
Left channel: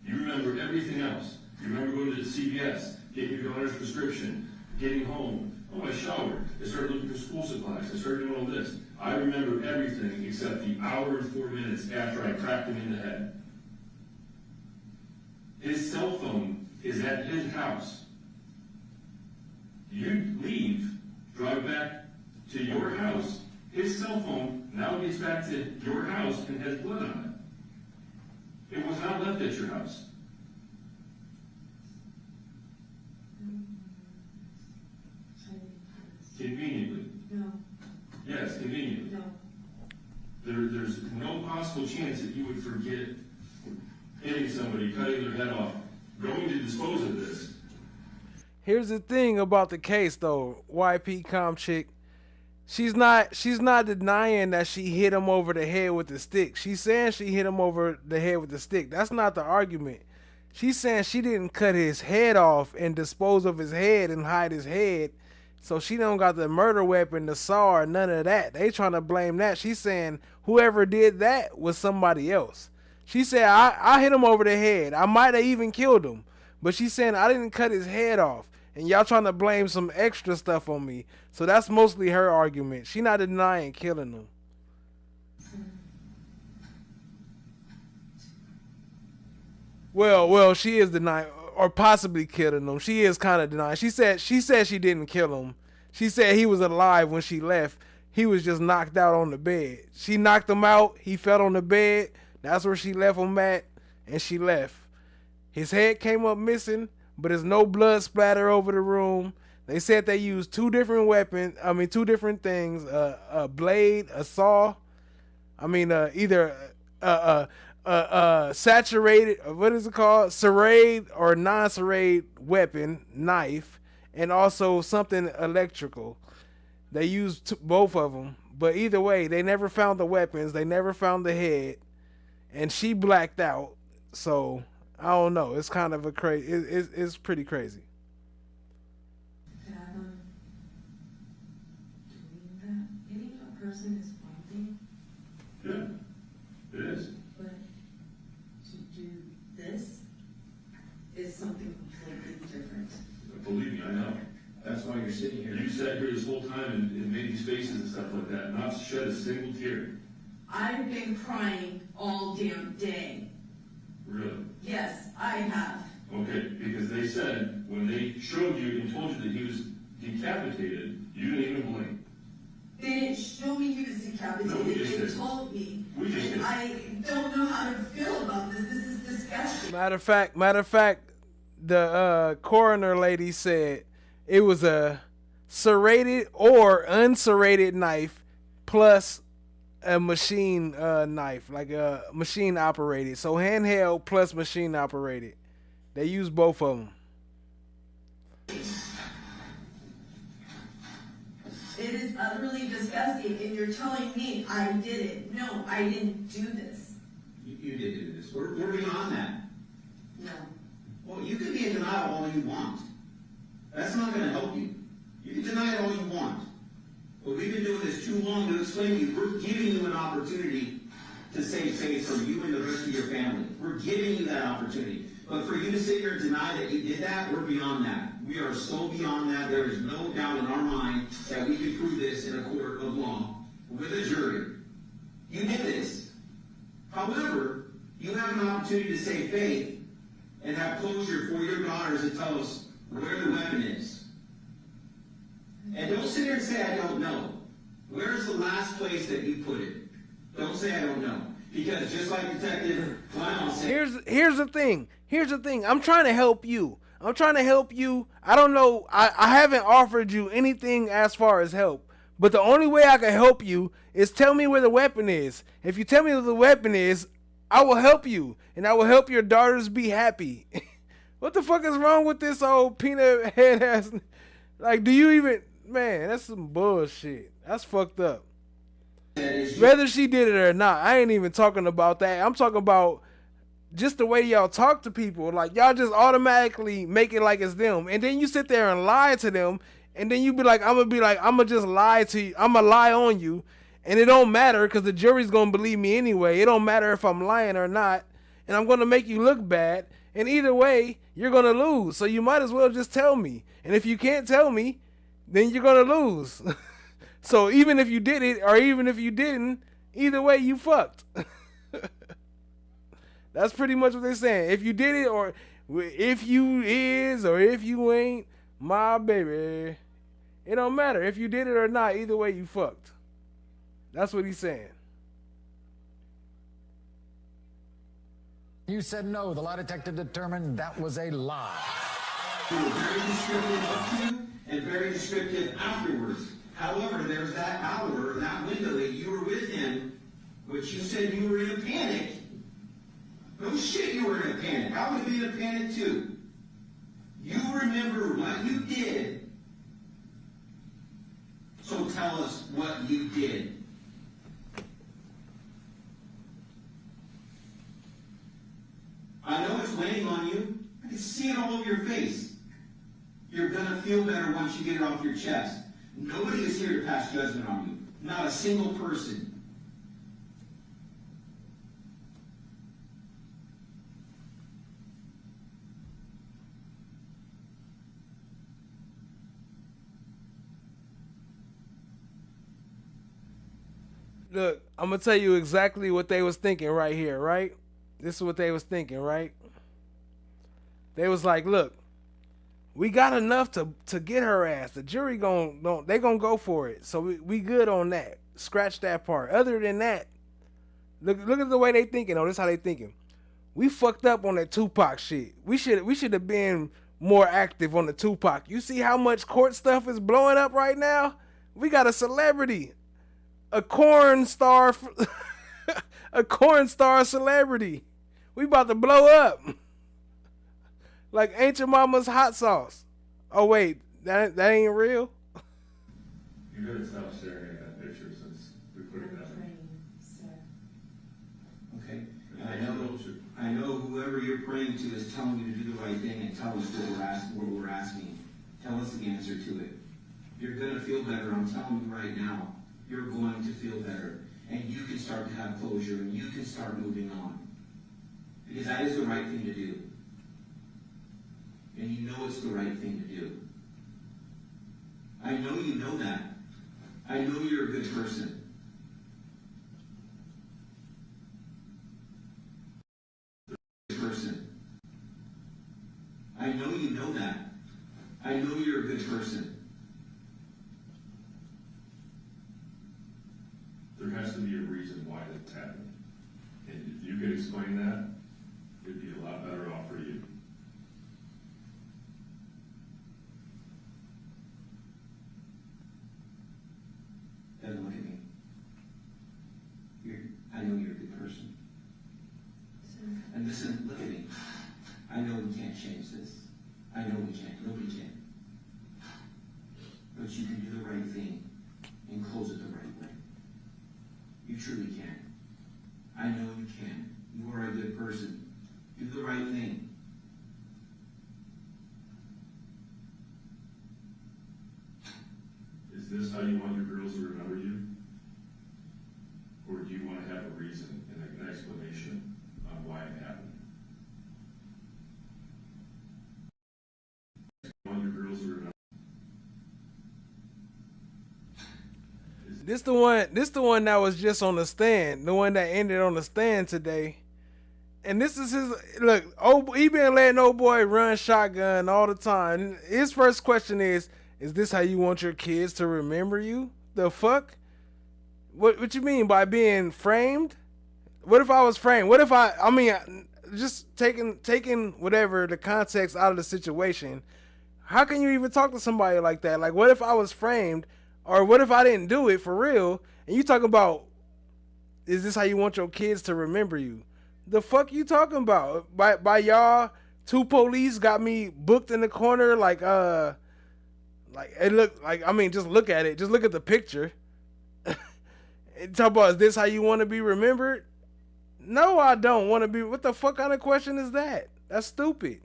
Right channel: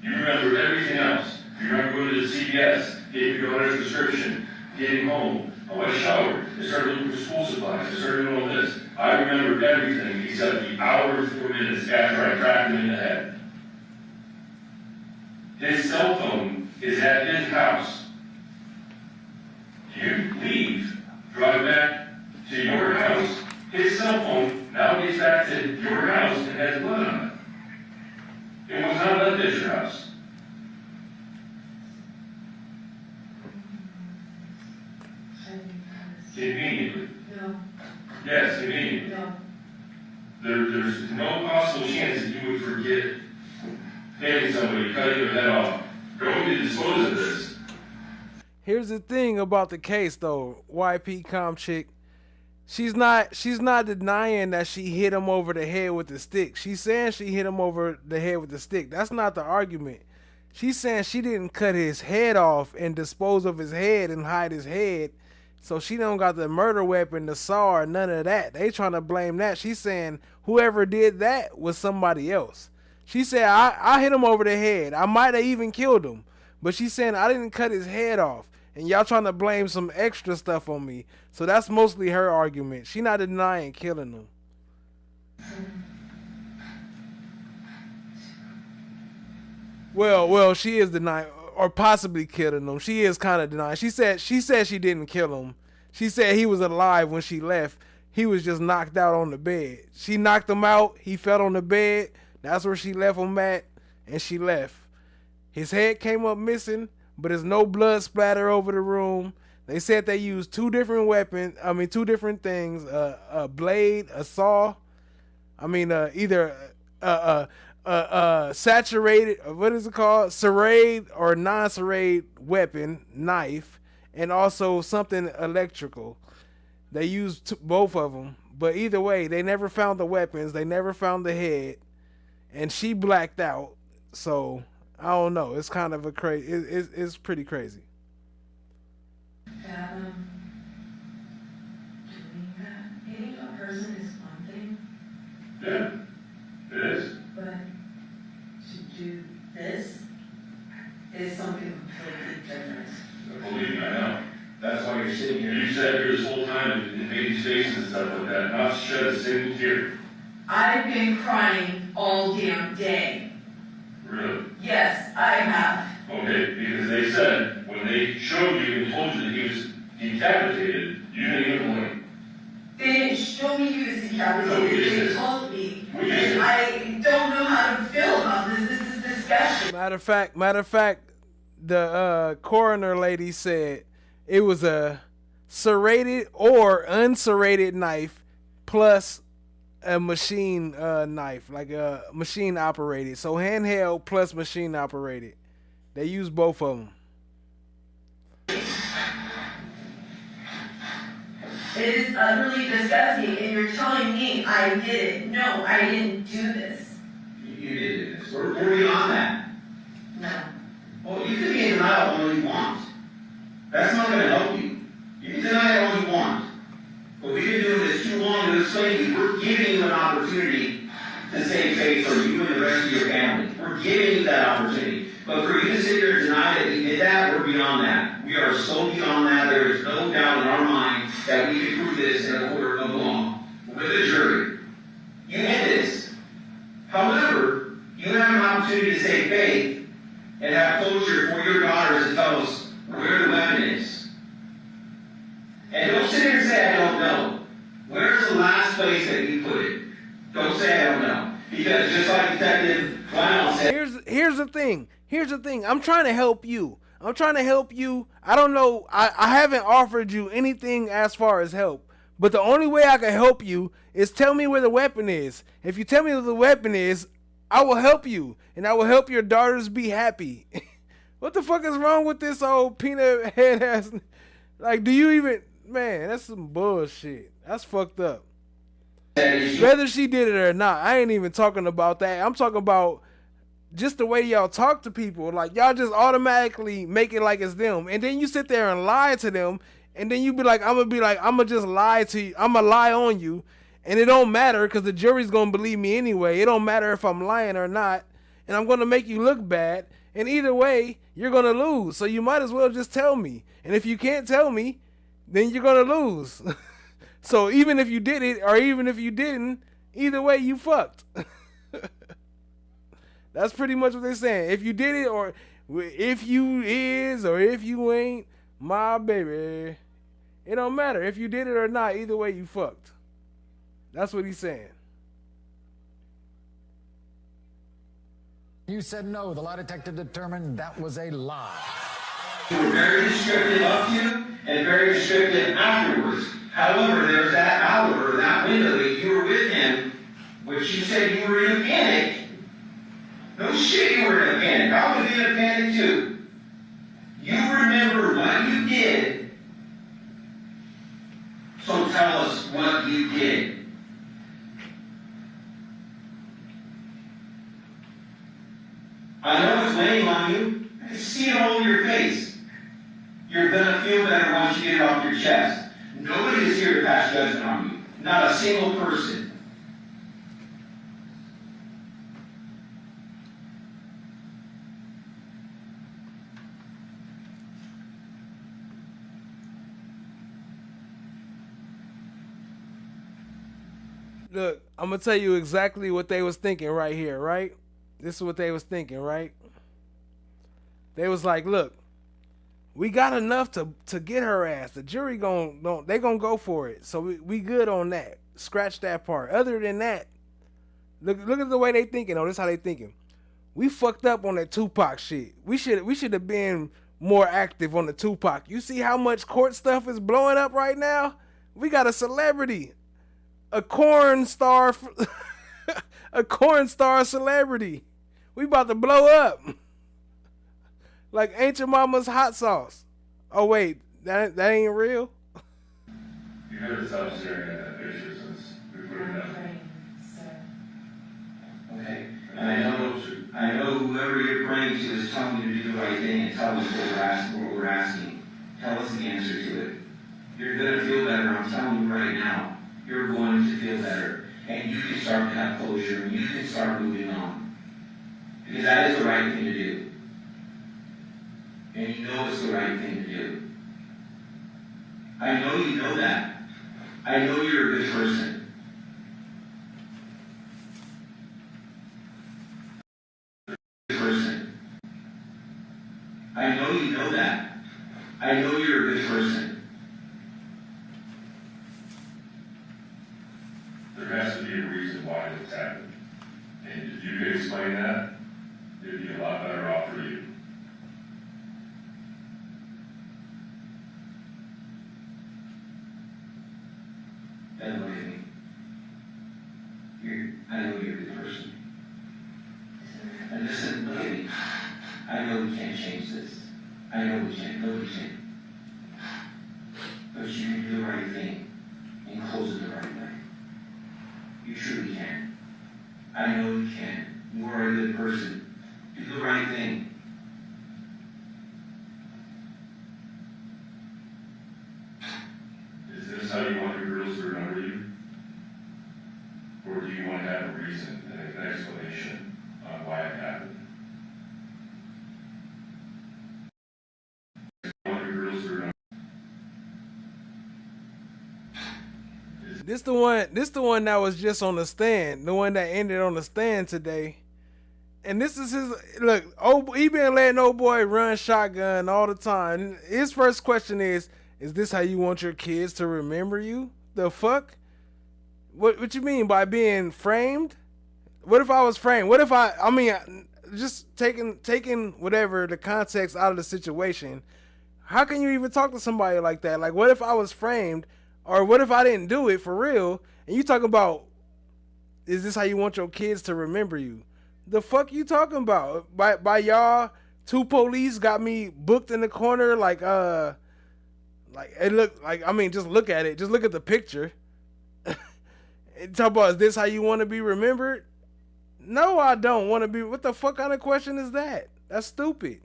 You remember everything else. You remember going to the CVS, getting your daughter's prescription, getting home. Oh, I showered. I started looking for school supplies. I started doing all this. I remember everything except the hour and 4 minutes after I cracked him in the head. His cell phone is at his house. You leave, drive back to your house. His cell phone now gets back to your house and has blood on it. It was not left at your house. Conveniently. No. Yes, conveniently. No. There's no possible chance that you would forget hitting somebody, cutting their head off, going to dispose of this. Here's the thing about the case, though. YP Com chick, she's not denying that she hit him over the head with the stick. She's saying she hit him over the head with the stick. That's not the argument. She's saying she didn't cut his head off and dispose of his head and hide his head. So she don't got the murder weapon, the saw, or none of that. They trying to blame that. She's saying whoever did that was somebody else. She said, I hit him over the head. I might have even killed him. But she's saying I didn't cut his head off. And y'all trying to blame some extra stuff on me. So that's mostly her argument. She not denying killing him. Well, she is denying, or possibly killing him. She is kind of denying. She said she didn't kill him. She said he was alive when she left. He was just knocked out on the bed. She knocked him out. He fell on the bed. That's where she left him at, and she left. His head came up missing, but there's no blood splatter over the room. They said they used two different things, a blade, a saw. Either saturated, what is it called? Serrate or non-serrate weapon, knife, and also something electrical. They used both of them, but either way, they never found the weapons. They never found the head, and she blacked out. So I don't know. It's kind of a crazy. It's pretty crazy. Hitting a person is one thing. Yeah, it is. But to do this is something completely different. Believe me, I know. That's why you're sitting here. You sat here this whole time and made these faces and stuff like that, not shed a single tear. I've been crying all damn day. Really? Yes, I have. Okay, because they said when they showed you and told you that he was decapitated, you didn't even blink. They didn't show me he was decapitated. They told me. And I don't know how to feel about this. This is disgusting. Matter of fact, the coroner lady said it was a serrated or unserrated knife plus a machine knife, like a machine operated. So handheld plus machine operated. They use both of them. It is utterly disgusting, and you're telling me I did it. No, I didn't do this. You did do this. We're beyond that. No. Well, you can be in denial all you want. That's not going to help you. You can deny it all you want. But we've been doing this too long to explain to you. We're giving you an opportunity to save face for you and the rest of your family. We're giving you that opportunity. But for you to sit here and deny that we did that, we're beyond that. We are so beyond that, there is no doubt in our mind that we can prove this in a court of law with a jury. You did this. However, you have an opportunity to save faith and have closure for your daughters to tell us where the weapon is. And don't sit here and say, I don't know. Where's the last place that you put it? Don't say, I don't know. Because just like Detective Lionel said... Here's the thing. I'm trying to help you. I don't know. I haven't offered you anything as far as help. But the only way I can help you is tell me where the weapon is. If you tell me where the weapon is, I will help you. And I will help your daughters be happy. What the fuck is wrong with this old peanut head ass? Like, do you even... Man, that's some bullshit. That's fucked up. Whether she did it or not, I ain't even talking about that. I'm talking about just the way y'all talk to people. Like, y'all just automatically make it like it's them. And then you sit there and lie to them. And then you be like, I'm gonna just lie to you. I'm gonna lie on you. And it don't matter because the jury's gonna believe me anyway. It don't matter if I'm lying or not. And I'm gonna make you look bad. And either way, you're gonna lose. So you might as well just tell me. And if you can't tell me, then you're gonna lose. So even if you did it or even if you didn't, either way you fucked. That's pretty much what they're saying. If you did it or if you is or if you ain't, my baby, it don't matter. If you did it or not, either way you fucked. That's what he's saying. You said no. The lie detector determined that was a lie. You were very descriptive up to and very descriptive afterwards. However, there's that hour, that window that you were with him, which you said you were in a panic. No shit, you were in a panic. I would be in a panic too. You remember what you did, so tell us what you did. I know it's weighing on you. I can see it all over your face. You're gonna feel better once you get it off your chest. Nobody is here to pass judgment on you. Not a single person. Look, I'm gonna tell you exactly what they was thinking right here, right? This is what they was thinking, right? They was like, look, we got enough to get her ass. The jury they gonna go for it. So we good on that. Scratch that part. Other than that, look at the way they thinking. Oh, this is how they thinking. We fucked up on that Tupac shit. We should have been more active on the Tupac. You see how much court stuff is blowing up right now? We got a celebrity. A corn star a corn star celebrity. We about to blow up. Like Ain't Your Mama's hot sauce. Oh wait, that ain't real? You heard us stop staring at that picture since we put it up. Okay. And I know whoever you're praying to is telling you to do the right thing and tell us what we're asking. Tell us the answer to it. You're gonna feel better, I'm telling you right now. You're going to feel better. And you can start to have closure and you can start moving on. Because that is the right thing to do. And you know it's the right thing to do. I know you know that. I know you're a good person. I know you know that. I know you're a good person. There has to be a reason why it's happened. And if you could explain that, it'd be a lot better off for you. Then look at me. I know you're a good person. And listen, look at me. I know we can't change this. I know we can't. Nobody can. But you can do the right thing and close it the right way. right thing. Is this how you want your girls to remember you? Or do you want to have a reason, an explanation on why it happened? You want your girls to remember? This the one that was just on the stand, the one that ended on the stand today. And this is his look. Oh, he been letting old boy run shotgun all the time. His first question is this how you want your kids to remember you? The fuck? What you mean by being framed? What if I was framed? What if I mean, just taking whatever the context out of the situation. How can you even talk to somebody like that? Like, what if I was framed? Or what if I didn't do it for real? And you talking about, is this how you want your kids to remember you? The fuck you talking about? By y'all, 2 police got me booked in the corner like it looked like, I mean, just look at it. Just look at the picture. And talk about, is this how you want to be remembered? No, I don't want to be. What the fuck kind of question is that? That's stupid.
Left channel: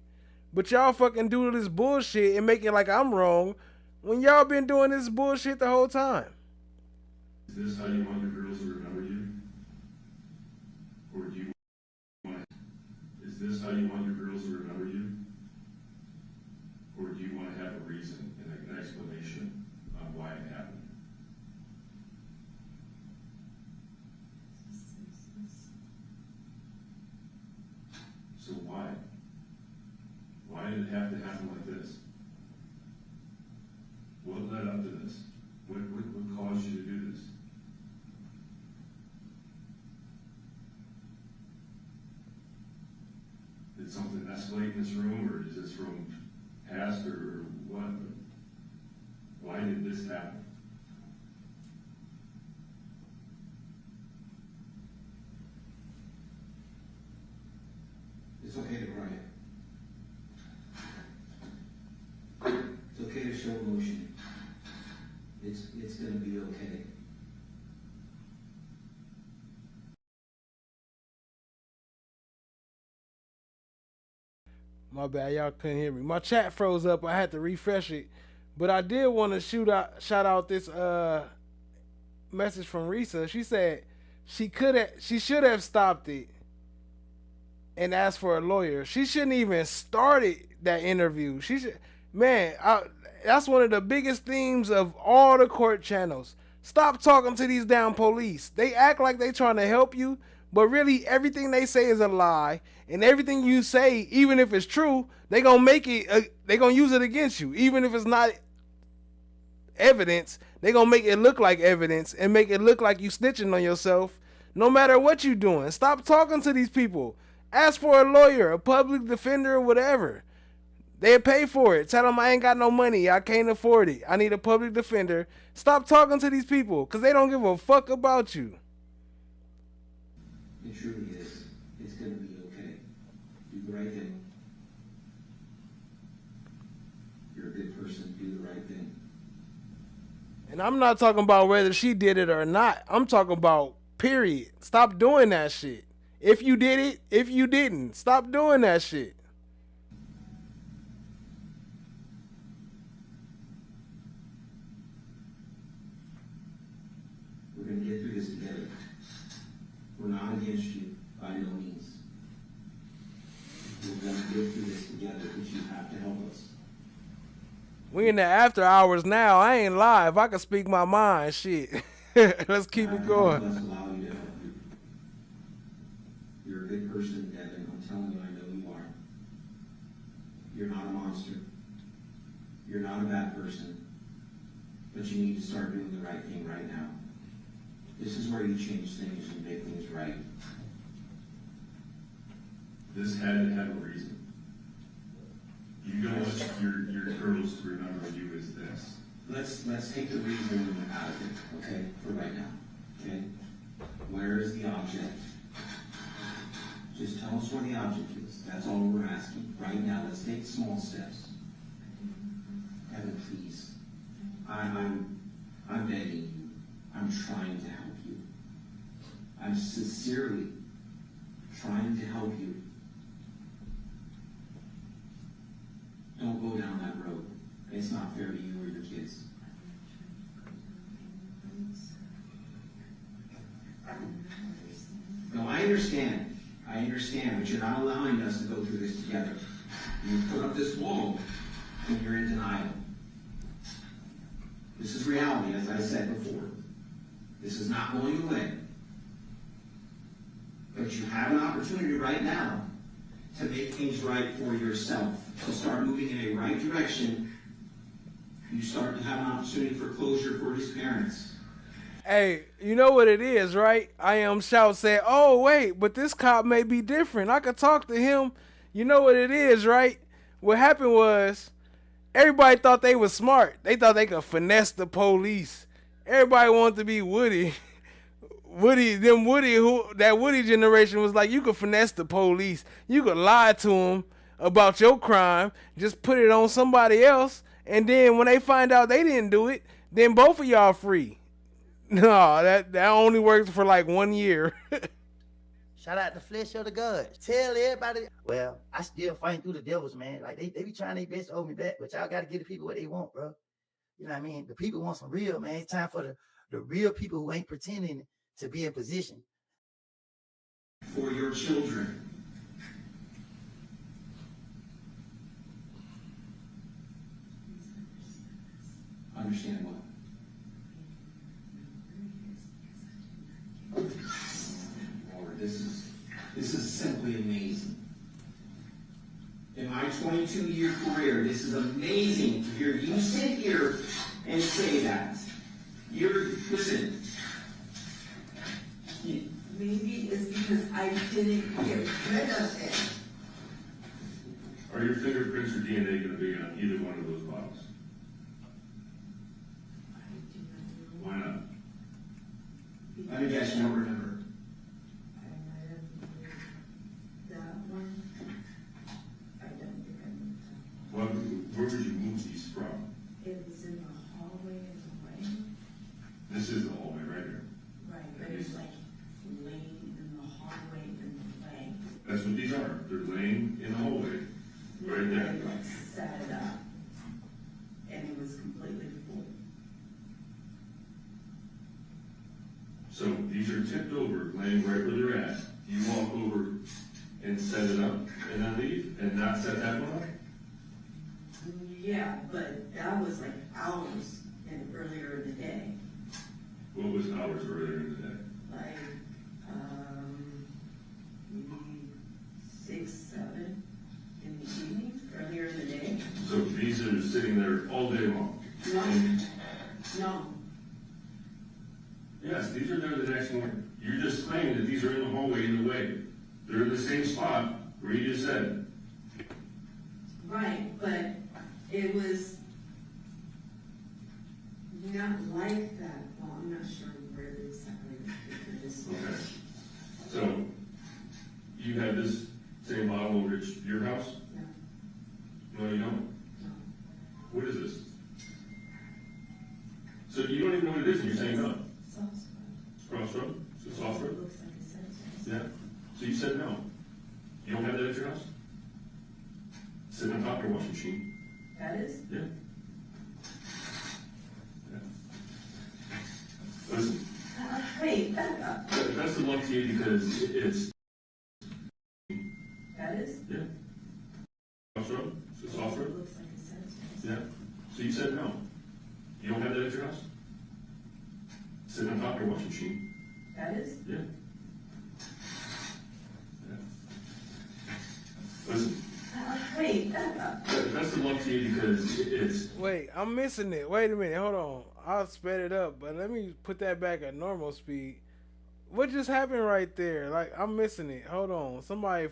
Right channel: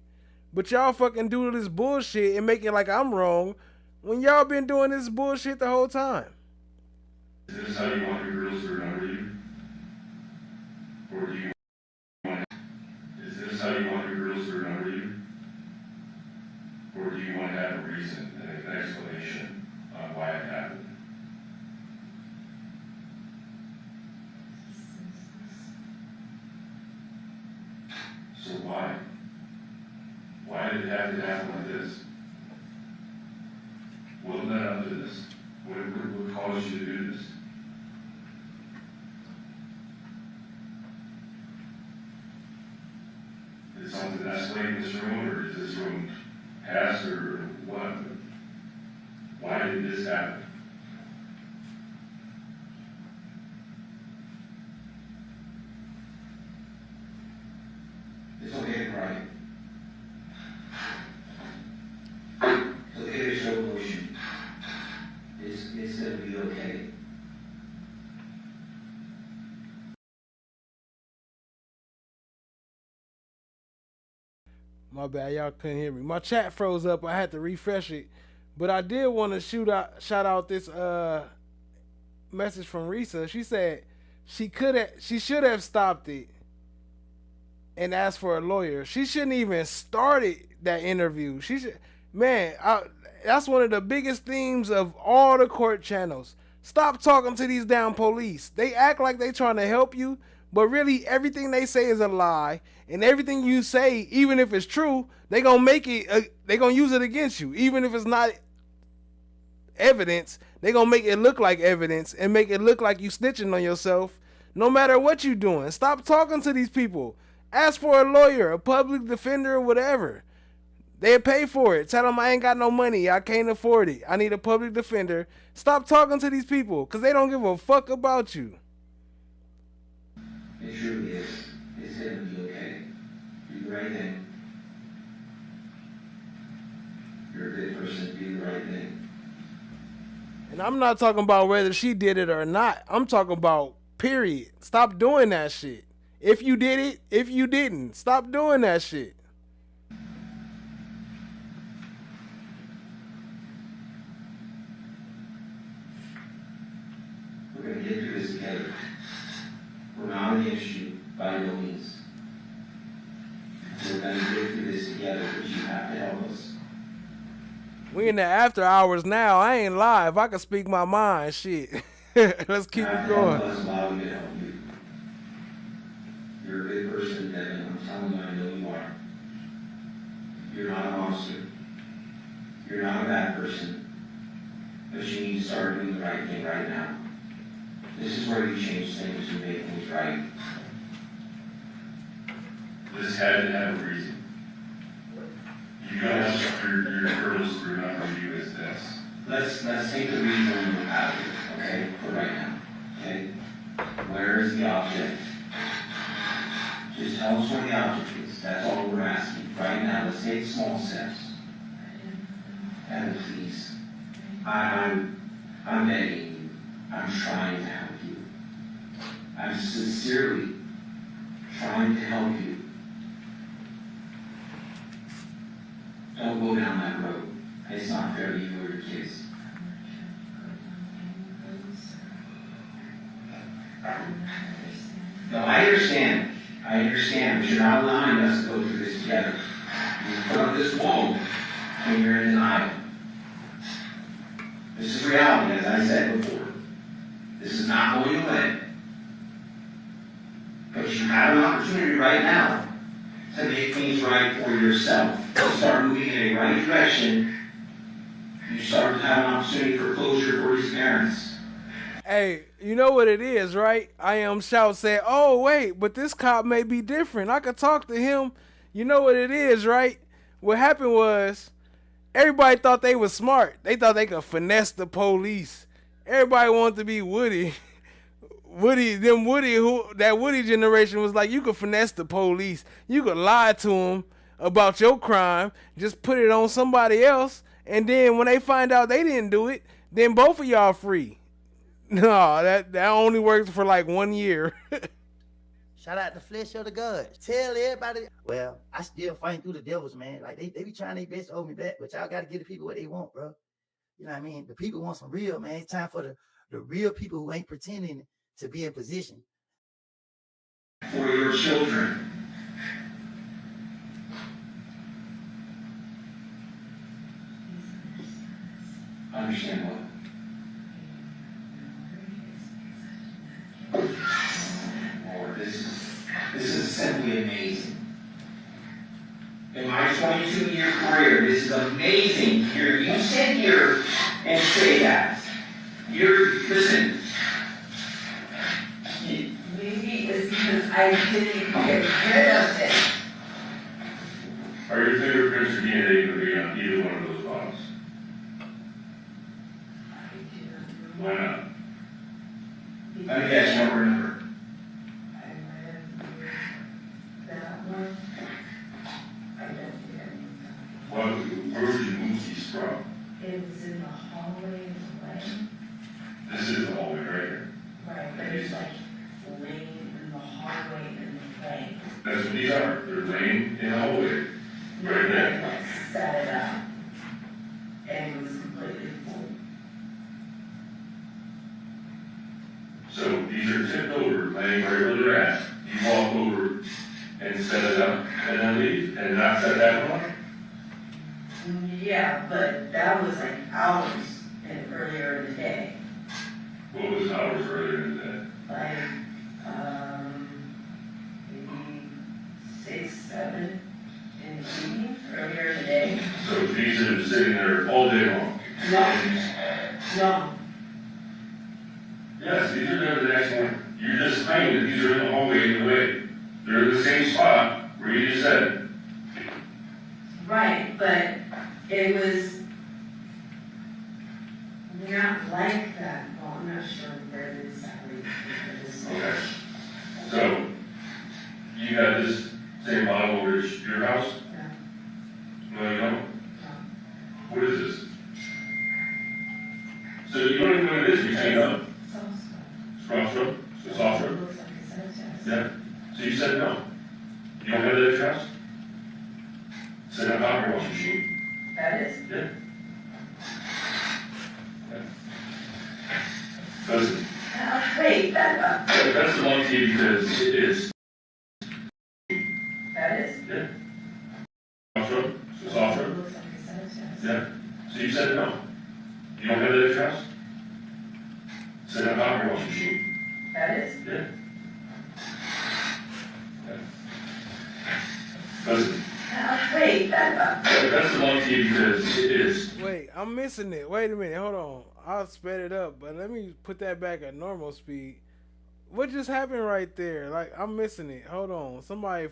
But y'all fucking do this bullshit and make it like I'm wrong when y'all been doing this bullshit the whole time. Is this how you want your girls to remember you? Or do you want, is this how you want your girls to remember you? Or do you want to have a reason, an explanation on why it happened? So why? Why did it have to happen like this? What led up to this? What caused you to do this? Did something escalate in this room, or is this room passed, or what? Why did this happen? It's okay to cry. It's okay to show emotion. It's gonna be okay. My bad, y'all couldn't hear me. My chat froze up. I had to refresh it. But I did want to shout out this message from Risa. She said she should have stopped it and asked for a lawyer. She shouldn't even started that interview. She should, man. That's one of the biggest themes of all the court channels. Stop talking to these damn police. They act like they trying to help you, but really everything they say is a lie. And everything you say, even if it's true, they gonna make it. They gonna use it against you, even if it's not evidence. They gonna make it look like evidence and make it look like you snitching on yourself. No matter what you doing, stop talking to these people. Ask for a lawyer, a public defender, or whatever. They'll pay for it. Tell them I ain't got no money. I can't afford it. I need a public defender. Stop talking to these people because they don't give a fuck about you. It truly is. It's going to be okay. Do the right thing. You're a good person. Do the right thing. And I'm not talking about whether she did it or not. I'm talking about period. Stop doing that shit. If you did it, if you didn't, stop doing that shit. We're going to get through this together. We're not against you by no means. We're going to get through this together, but you have to help us. We in the after hours now. I ain't live. I can speak my mind. Shit. Let's keep it going. Let's allow me to help you. You're a good person, Devyn. I'm telling you, I know you are. You're not a monster. You're not a bad person. But you need to start doing the right thing right now. This is where you change things and make things right. This had to have a reason. You don't want your girls to remember you as this. Let's take the reason out of it, okay, for right now, okay? Where is the object? Just tell us where the object is. That's all we're asking. Right now, let's take small steps. And please, I'm begging you. I'm trying to help you. I'm sincerely trying to help you. go down that road. It's not fair to you or your kids. No, I understand. But you're not allowing us to go through this together. You put up this wall when you're in denial. This is reality, as I said before. This is not going away. But you have an opportunity right now to make things right for yourself. To start moving in a right direction. You start to have an opportunity for closure for these parents. Hey, you know what it is, right? I Am Shout said, oh, wait, but this cop may be different. I could talk to him. You know what it is, right? What happened was everybody thought they was smart. They thought they could finesse the police. Everybody wanted to be Woody. That Woody generation was like, you could finesse the police. You could lie to them about your crime. Just put it on somebody else. And then when they find out they didn't do it, then both of y'all free. No, that only works for like 1 year. Shout out the flesh of the gods. Tell everybody. Well, I still fight through the devils, man. Like they be trying their best to hold me back, but y'all got to give the people what they want, bro. You know what I mean? The people want some real, man. It's time for the real people who ain't pretending to be in position. For your children. Understand what? Lord, this is simply amazing. In my 22-year career, this is amazing to hear you sit here and say that. Listen. Maybe it's because I didn't get rid of it. Are your fingerprints or DNA going to be on either one of those bottles? Why not? Let me guess, you don't remember. That one, I don't remember. Well, where would you move these from? It was in the hallway in the way. This is the hallway right here. Right, but it's like laying in the hallway in the way. That's what these are. They're laying in the hallway. Right there. Like set it up. And it was completely full. So these are tipped over, laying right where they're at. You walk over and set it up and then leave and not set that one? Yeah, but that was like hours earlier in the day. What was hours earlier in the day? Like, maybe 6, 7 in the evening, earlier in the day. So these are sitting there all day long? No. Yes, these are there the next morning. You're just claiming that these are in the hallway in the way. They're in the same spot where you just said. Right, but it was not like that. Well, I'm not sure where exactly it is. Okay. So, you got this same bottle over at your house? No, you don't? What is this? So you don't even know what it is, you're saying no? Soft stroke? Soft stroke? Yeah. So you said no. You don't have that at your house? Sit on top of your washing machine. That is? Yeah. Listen. Wait, that's the one to you because it is. That is? Yeah. Soft stroke? Soft stroke? Yeah. So you said no. You don't have that at your house? Sit on top of your washing machine. That is? Yeah. Listen. Wait, that's the one to you because it is. Wait, I'm missing it. Wait a minute, hold on. I'll sped it up, but let me put that back at normal speed. What just happened right there? Like, I'm missing it. Hold on. Somebody,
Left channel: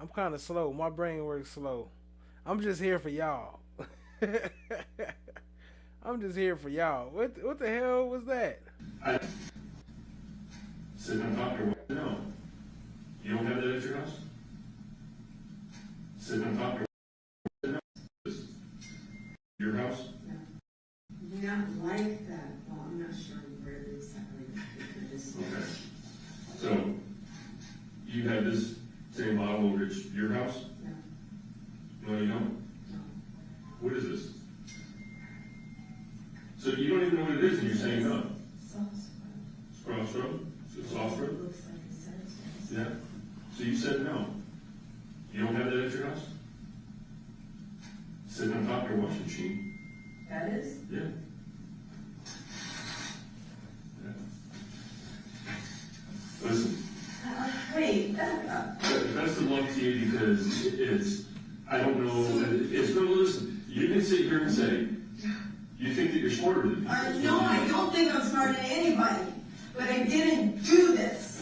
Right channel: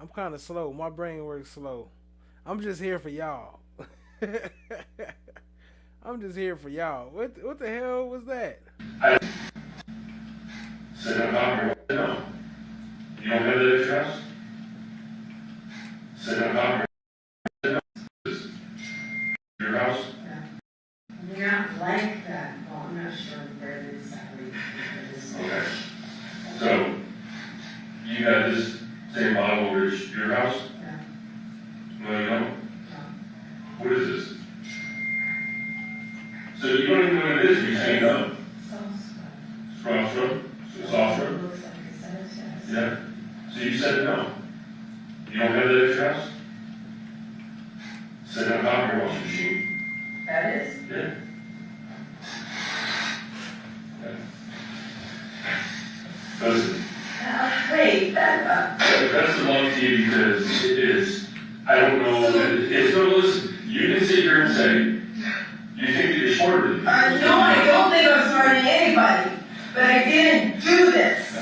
I'm kind of slow. My brain works slow. I'm just here for y'all. I'm just here for y'all. What the hell was that? Sit on top of your no. You don't have that at your house? Sit on top of your house? Not like that. Well, I'm not sure where it exactly is. Okay. So, you got this same bottle over at your house? No, you don't? You don't have that at your house? Sit down, power wash machine. That is? Yeah. Listen. Wait, That's belongs to you because it is, I don't know, it's no, listen, you can sit here and say, you think that you're smarter than me. No, I don't think I'm smarter than anybody, but I didn't do this.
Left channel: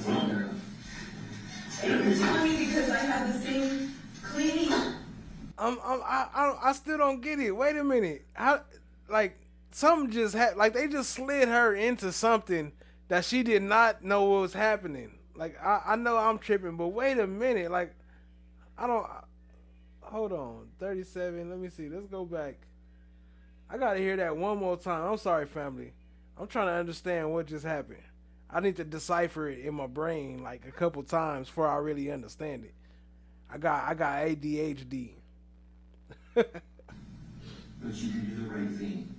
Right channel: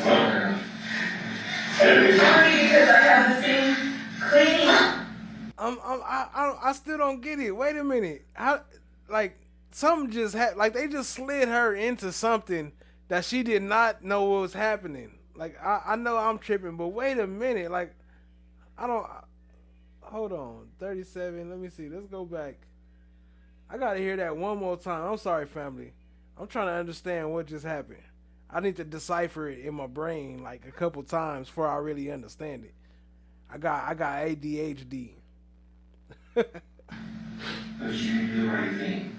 It's only because I have the same cleaning. I still don't get it. Wait a minute. How, like, something just happened. Like, they just slid her into something that she did not know what was happening. Like, I know I'm tripping, but wait a minute. Like, I don't... Hold on. 37. Let me see. Let's go back. I gotta hear that one more time. I'm sorry, family. I'm trying to understand what just happened. I need to decipher it in my brain like a couple times before I really understand it. I got ADHD. But you can do the right thing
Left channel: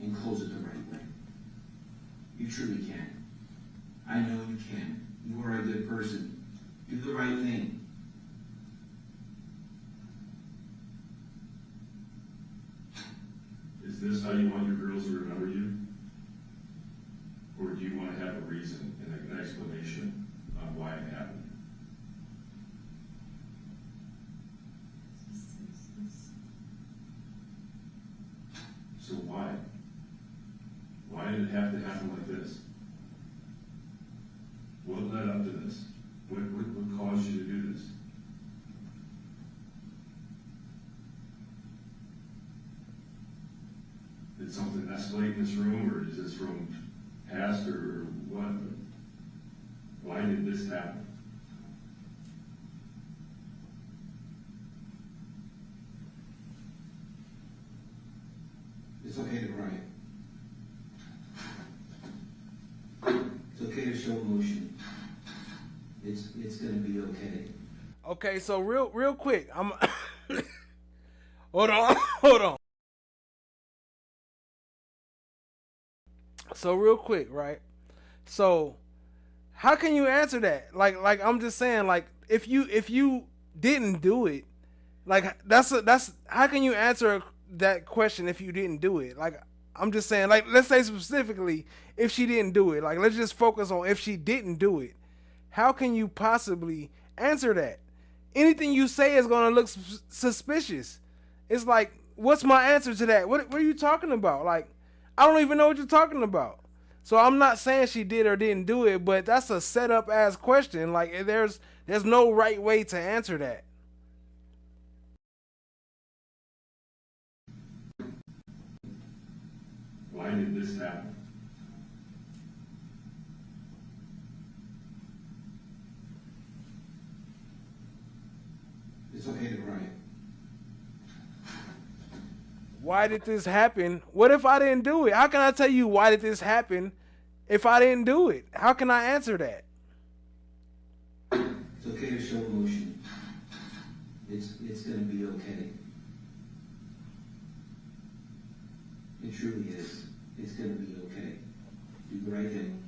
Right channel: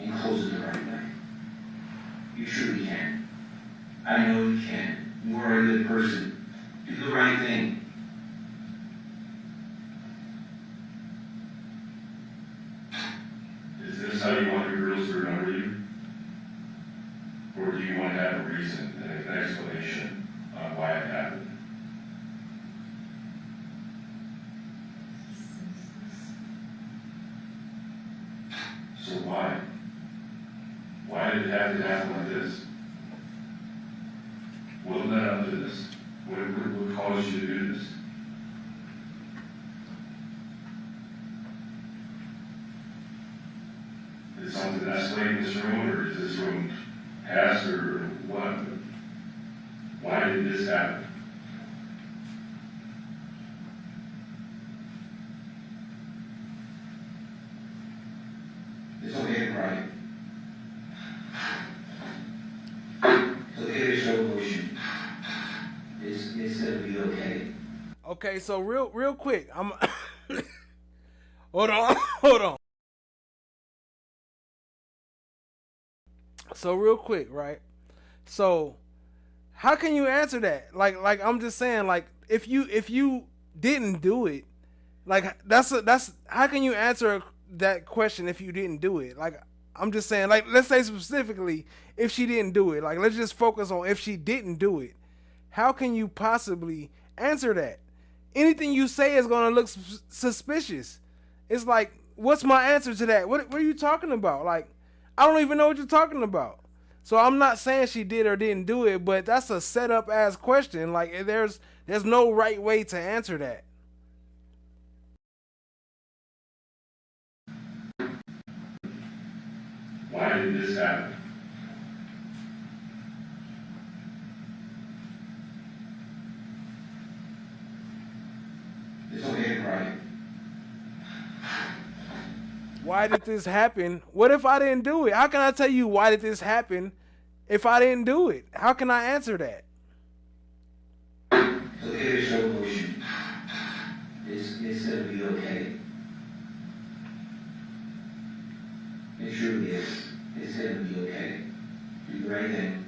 and close it the right way. You truly can. I know you can. You are a good person. Do the right thing. Is this how you want your girls to remember you? Or do you want to have a reason, an explanation on why it happened? So why? Why did it have to happen like this? What led up to this? What caused you to do this? Did something escalate in this room, or is this room past, or what? Why did this happen? It's okay to cry. It's okay to show emotion. It's gonna be okay. Okay, so real quick, I'm hold on. So real quick, right? So how can you answer that? Like I'm just saying, like if you didn't do it, like that's how can you answer that question if you didn't do it? Like I'm just saying, like let's say specifically if she didn't do it. Like let's just focus on if she didn't do it. How can you possibly answer that? Anything you say is gonna look suspicious. It's like, what's my answer to that? What are you talking about? Like, I don't even know what you're talking about. So I'm not saying she did or didn't do it, but that's a setup ass question. Like there's no right way to answer that. Why did this happen? It's okay to cry. Why did this happen? What if I didn't do it? How can I tell you why did this happen if I didn't do it? How can I answer that? It's okay to show emotion. It's gonna be okay. It truly is. It's gonna be okay. Do the right thing.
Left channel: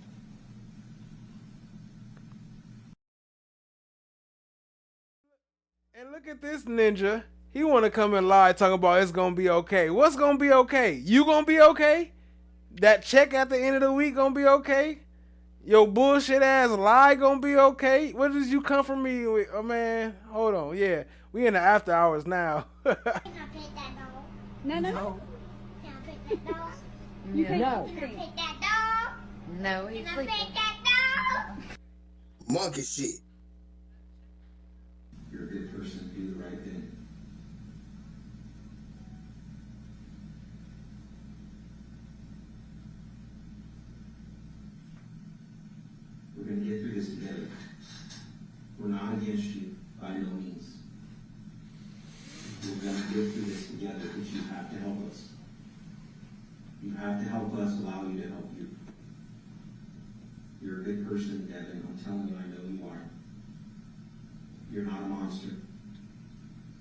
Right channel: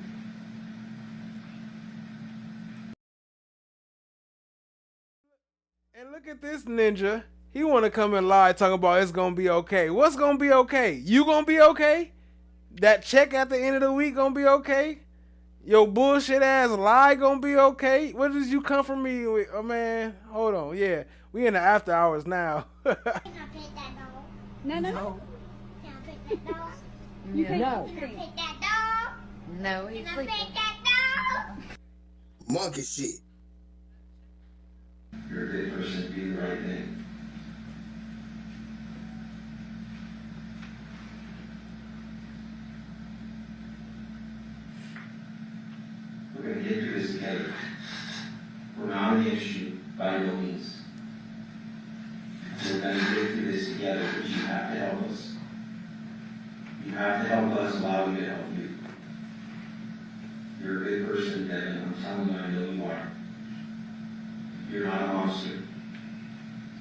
And look at this ninja. He want to come and lie talking about it's going to be okay. What's going to be okay? You going to be okay? That check at the end of the week going to be okay? Your bullshit ass lie going to be okay? What did you come from me with? Oh, man, hold on. Yeah, we in the after hours now. Can I pet that dog? No. Can I pet that dog? You Can I can't. pet that dog? No, he's Can I sleeping. pet that dog? Monkey shit. You're a good person. Do the right thing. We're going to get through this together. We're not against you, by no means. We're going to get through this together, but you have to help us. You have to help us, allow me to help you. You're a good person, Devyn. I'm telling you, I know you are. You're not a monster.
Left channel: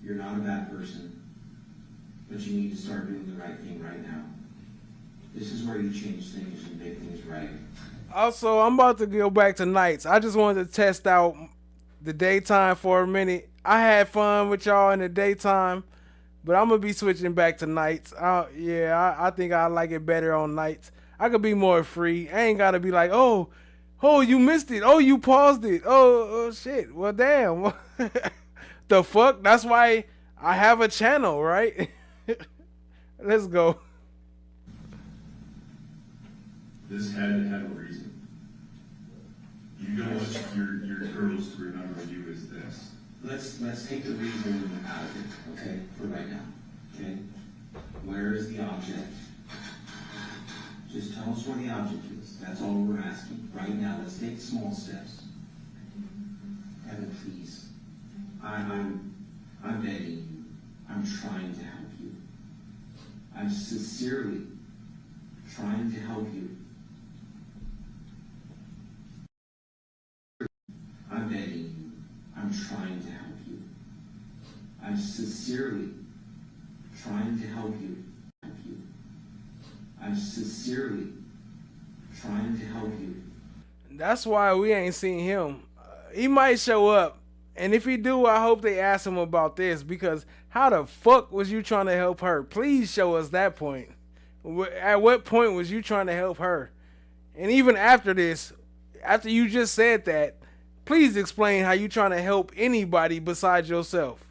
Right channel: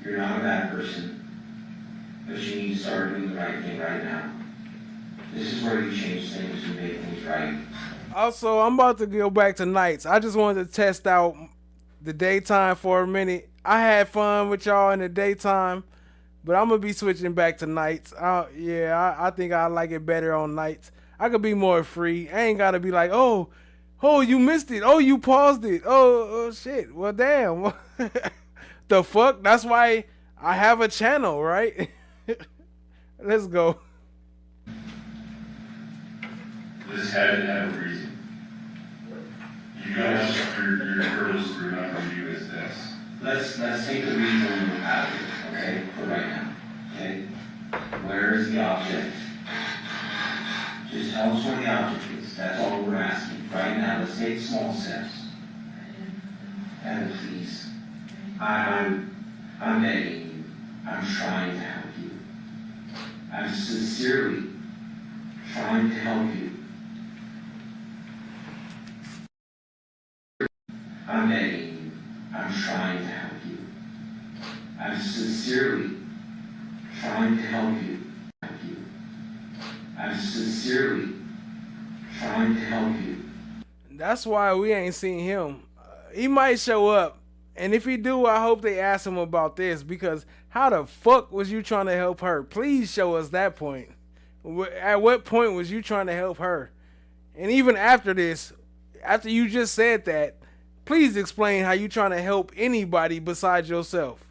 You're not a bad person. But you need to start doing the right thing right now. This is where you change things and make things right. Also, I'm about to go back to nights. I just wanted to test out the daytime for a minute. I had fun with y'all in the daytime, but I'm gonna be switching back to nights. I think I like it better on nights. I could be more free. I ain't gotta be like, oh, you missed it. Oh, you paused it. Oh shit. Well, damn. The fuck? That's why I have a channel, right? Let's go. This had to have a reason. You guys, your hurdles to remember you as this. Let's take the reason out of it, okay, for right now, okay? Where is the object? Just tell us where the object is. That's all we're asking. Right now, let's take small steps. And please, I'm begging you. I'm trying to help you. I'm sincerely trying to help you. I'm begging you. I'm trying to help you. I'm sincerely trying to help you. I'm sincerely trying to help you. That's why we ain't seen him. He might show up, and if he do, I hope they ask him about this, because how the fuck was you trying to help her? Please show us that point. At what point was you trying to help her? And even after this, after you just said that, please explain how you trying to help anybody besides yourself.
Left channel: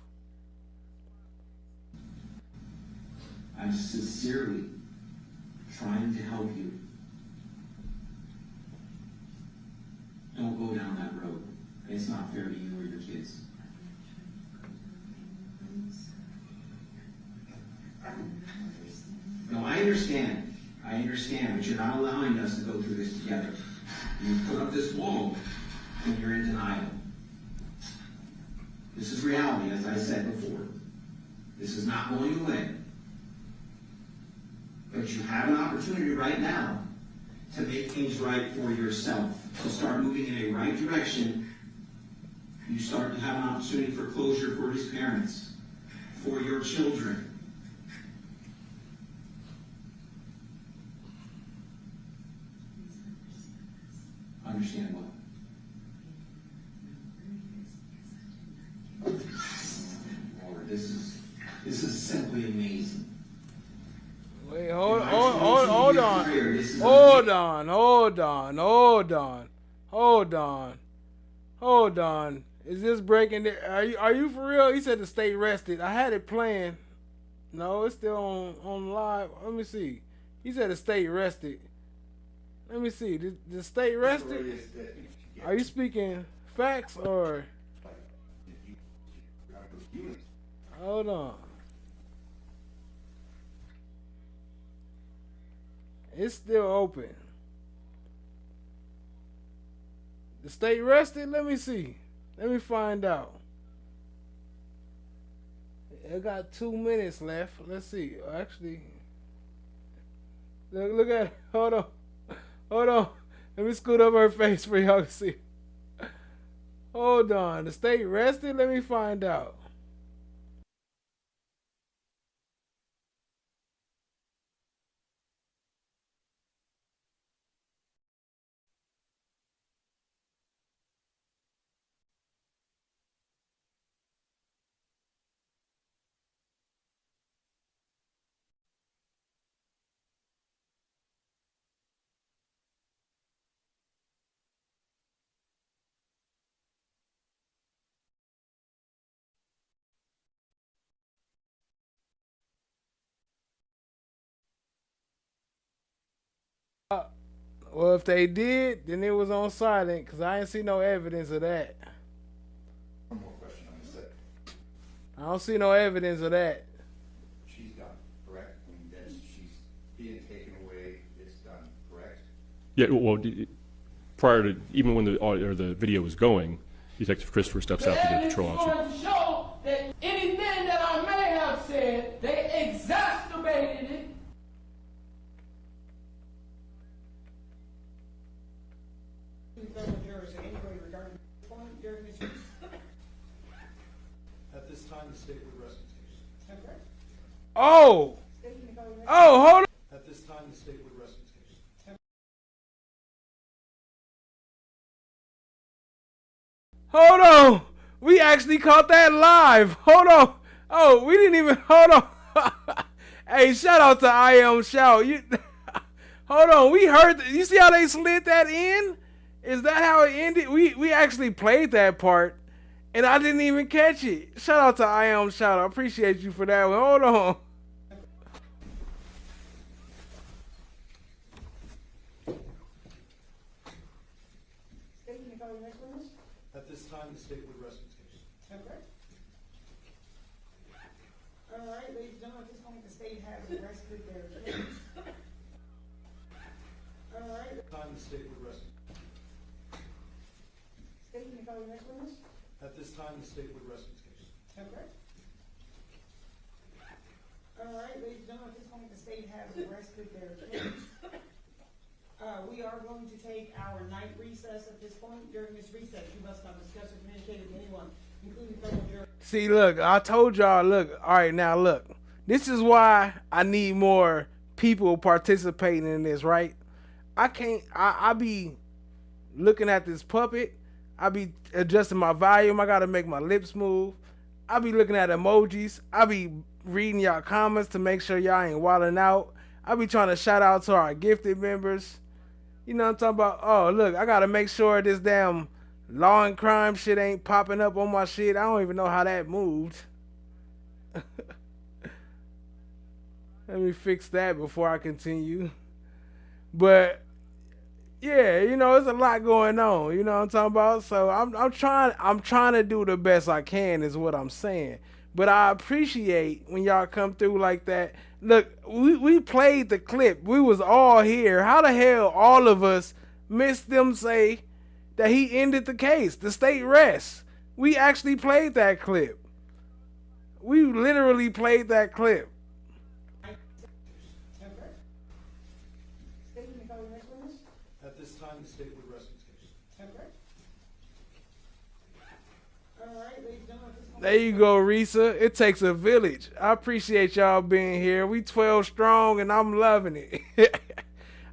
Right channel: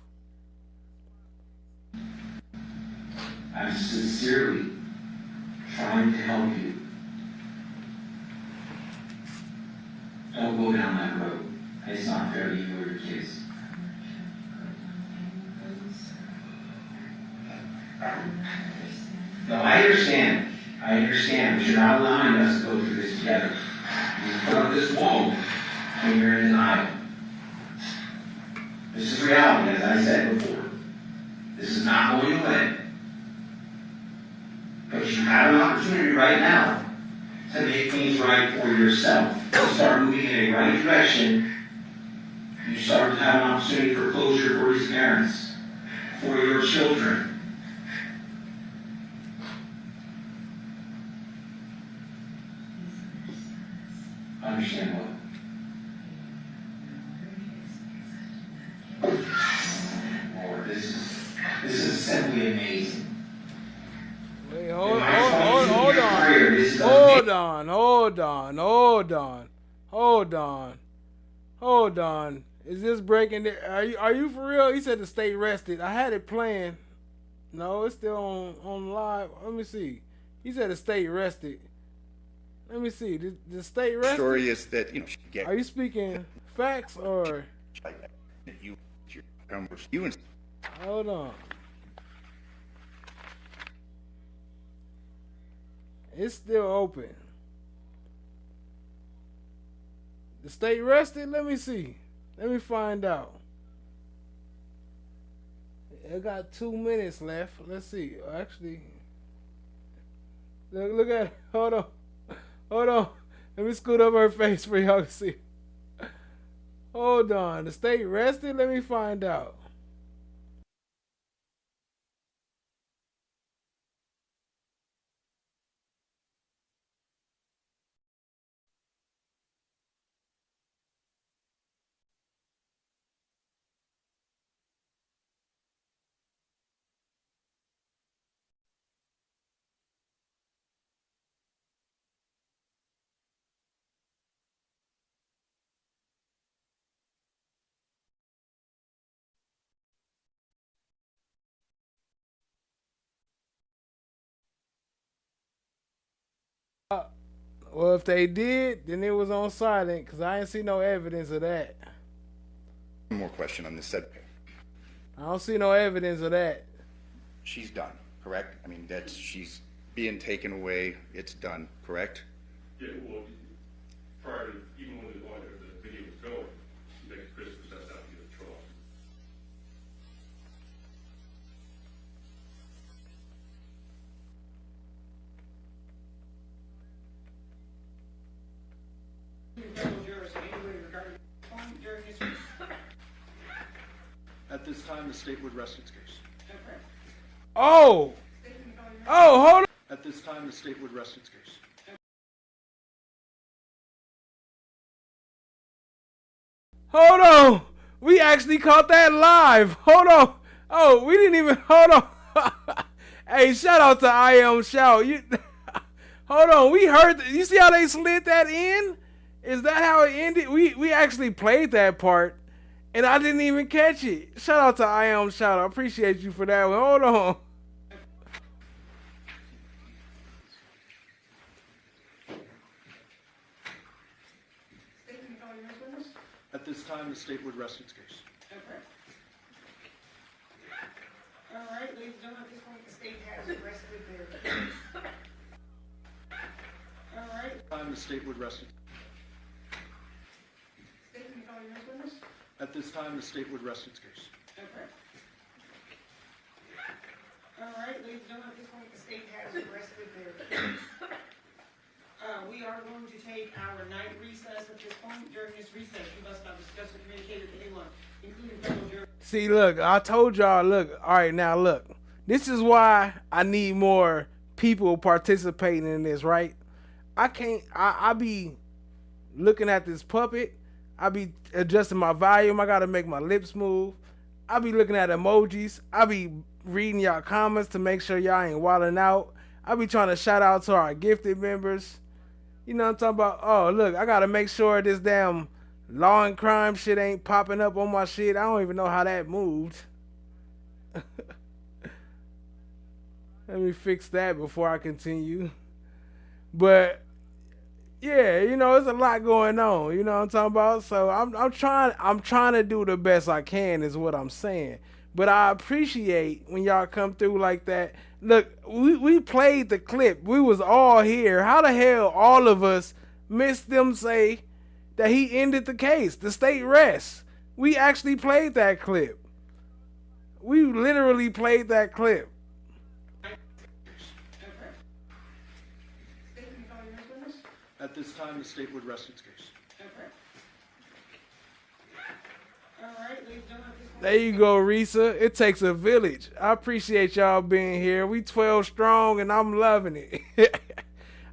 I'm sincerely trying to help you. Don't go down that road. It's not fair to you or your kids. No, I understand. But you're not allowing us to go through this together. You put up this wall when you're in denial. This is reality, as I said before. This is not going away. But you have an opportunity right now to make things right for yourself. To start moving in a right direction. You start to have an opportunity for closure for his parents, for your children. Understand what? Lord, this is simply amazing. Wait, hold on. Is this breaking? Are you for real? He said to stay rested. I had it playing. No, it's still on live. Let me see. He said to stay rested. Let me see. The stay rested. The story is that Are you speaking facts or? Hold on. It's still open. The state rested? Let me see. Let me find out. I got 2 minutes left. Let's see. Actually, look at it. Hold on. Let me scoot up her face for y'all to see. Hold on. The state rested? Let me find out. Well, if they did, then it was on silent, because I ain't see no evidence of that. One more question on this subject. I don't see no evidence of that. She's done, correct? I mean, she's being taken away. It's done, correct? Yeah, well, prior to, even when the video was going, Detective Christopher steps out to the patrol officer. To show that anything that I may have said, they exacerbated it. At this time, the state would rest its case. Oh, hold on. At this time, the state would rest its case. Hold on. We actually caught that live. Hold on. Oh, we didn't even, hold on. Hey, shout out to I Am Shout. Hold on, we heard, you see how they slid that in? Is that how it ended? We actually played that part, and I didn't even catch it. Shout out to I Am Shout. I appreciate you for that one. Hold on. At this time, the state would rest its case. Okay. All right, ladies and gentlemen, at this point, the state has arrested their case. All right. At this time, the state would rest its State, can you call your next witness? At this time, the state would rest its case. Okay. All right, ladies and gentlemen, at this point, the state has arrested their case. We are going to take our night recess at this point. During this recess, you must not discuss or communicate with anyone, including fellow jurors. See, look, I told y'all, look, all right, now look. This is why I need more people participating in this, right? I be looking at this puppet. I be adjusting my volume. I got to make my lips move. I be looking at emojis. I be reading y'all comments to make sure y'all ain't wilding out. I be trying to shout out to our gifted members. You know what I'm talking about? Oh, look, I got to make sure this damn law and crime shit ain't popping up on my shit. I don't even know how that moved. Let me fix that before I continue. But yeah, you know, there's a lot going on. You know what I'm talking about? So I'm trying to do the best I can is what I'm saying. But I appreciate when y'all come through like that. Look, we played the clip. We was all here. How the hell all of us missed them say that he ended the case? The state rests. We actually played that clip. We literally played that clip. At this time, the state would rest its case. There you go, Risa. It takes a village. I appreciate y'all being here. We 12 strong, and I'm loving it.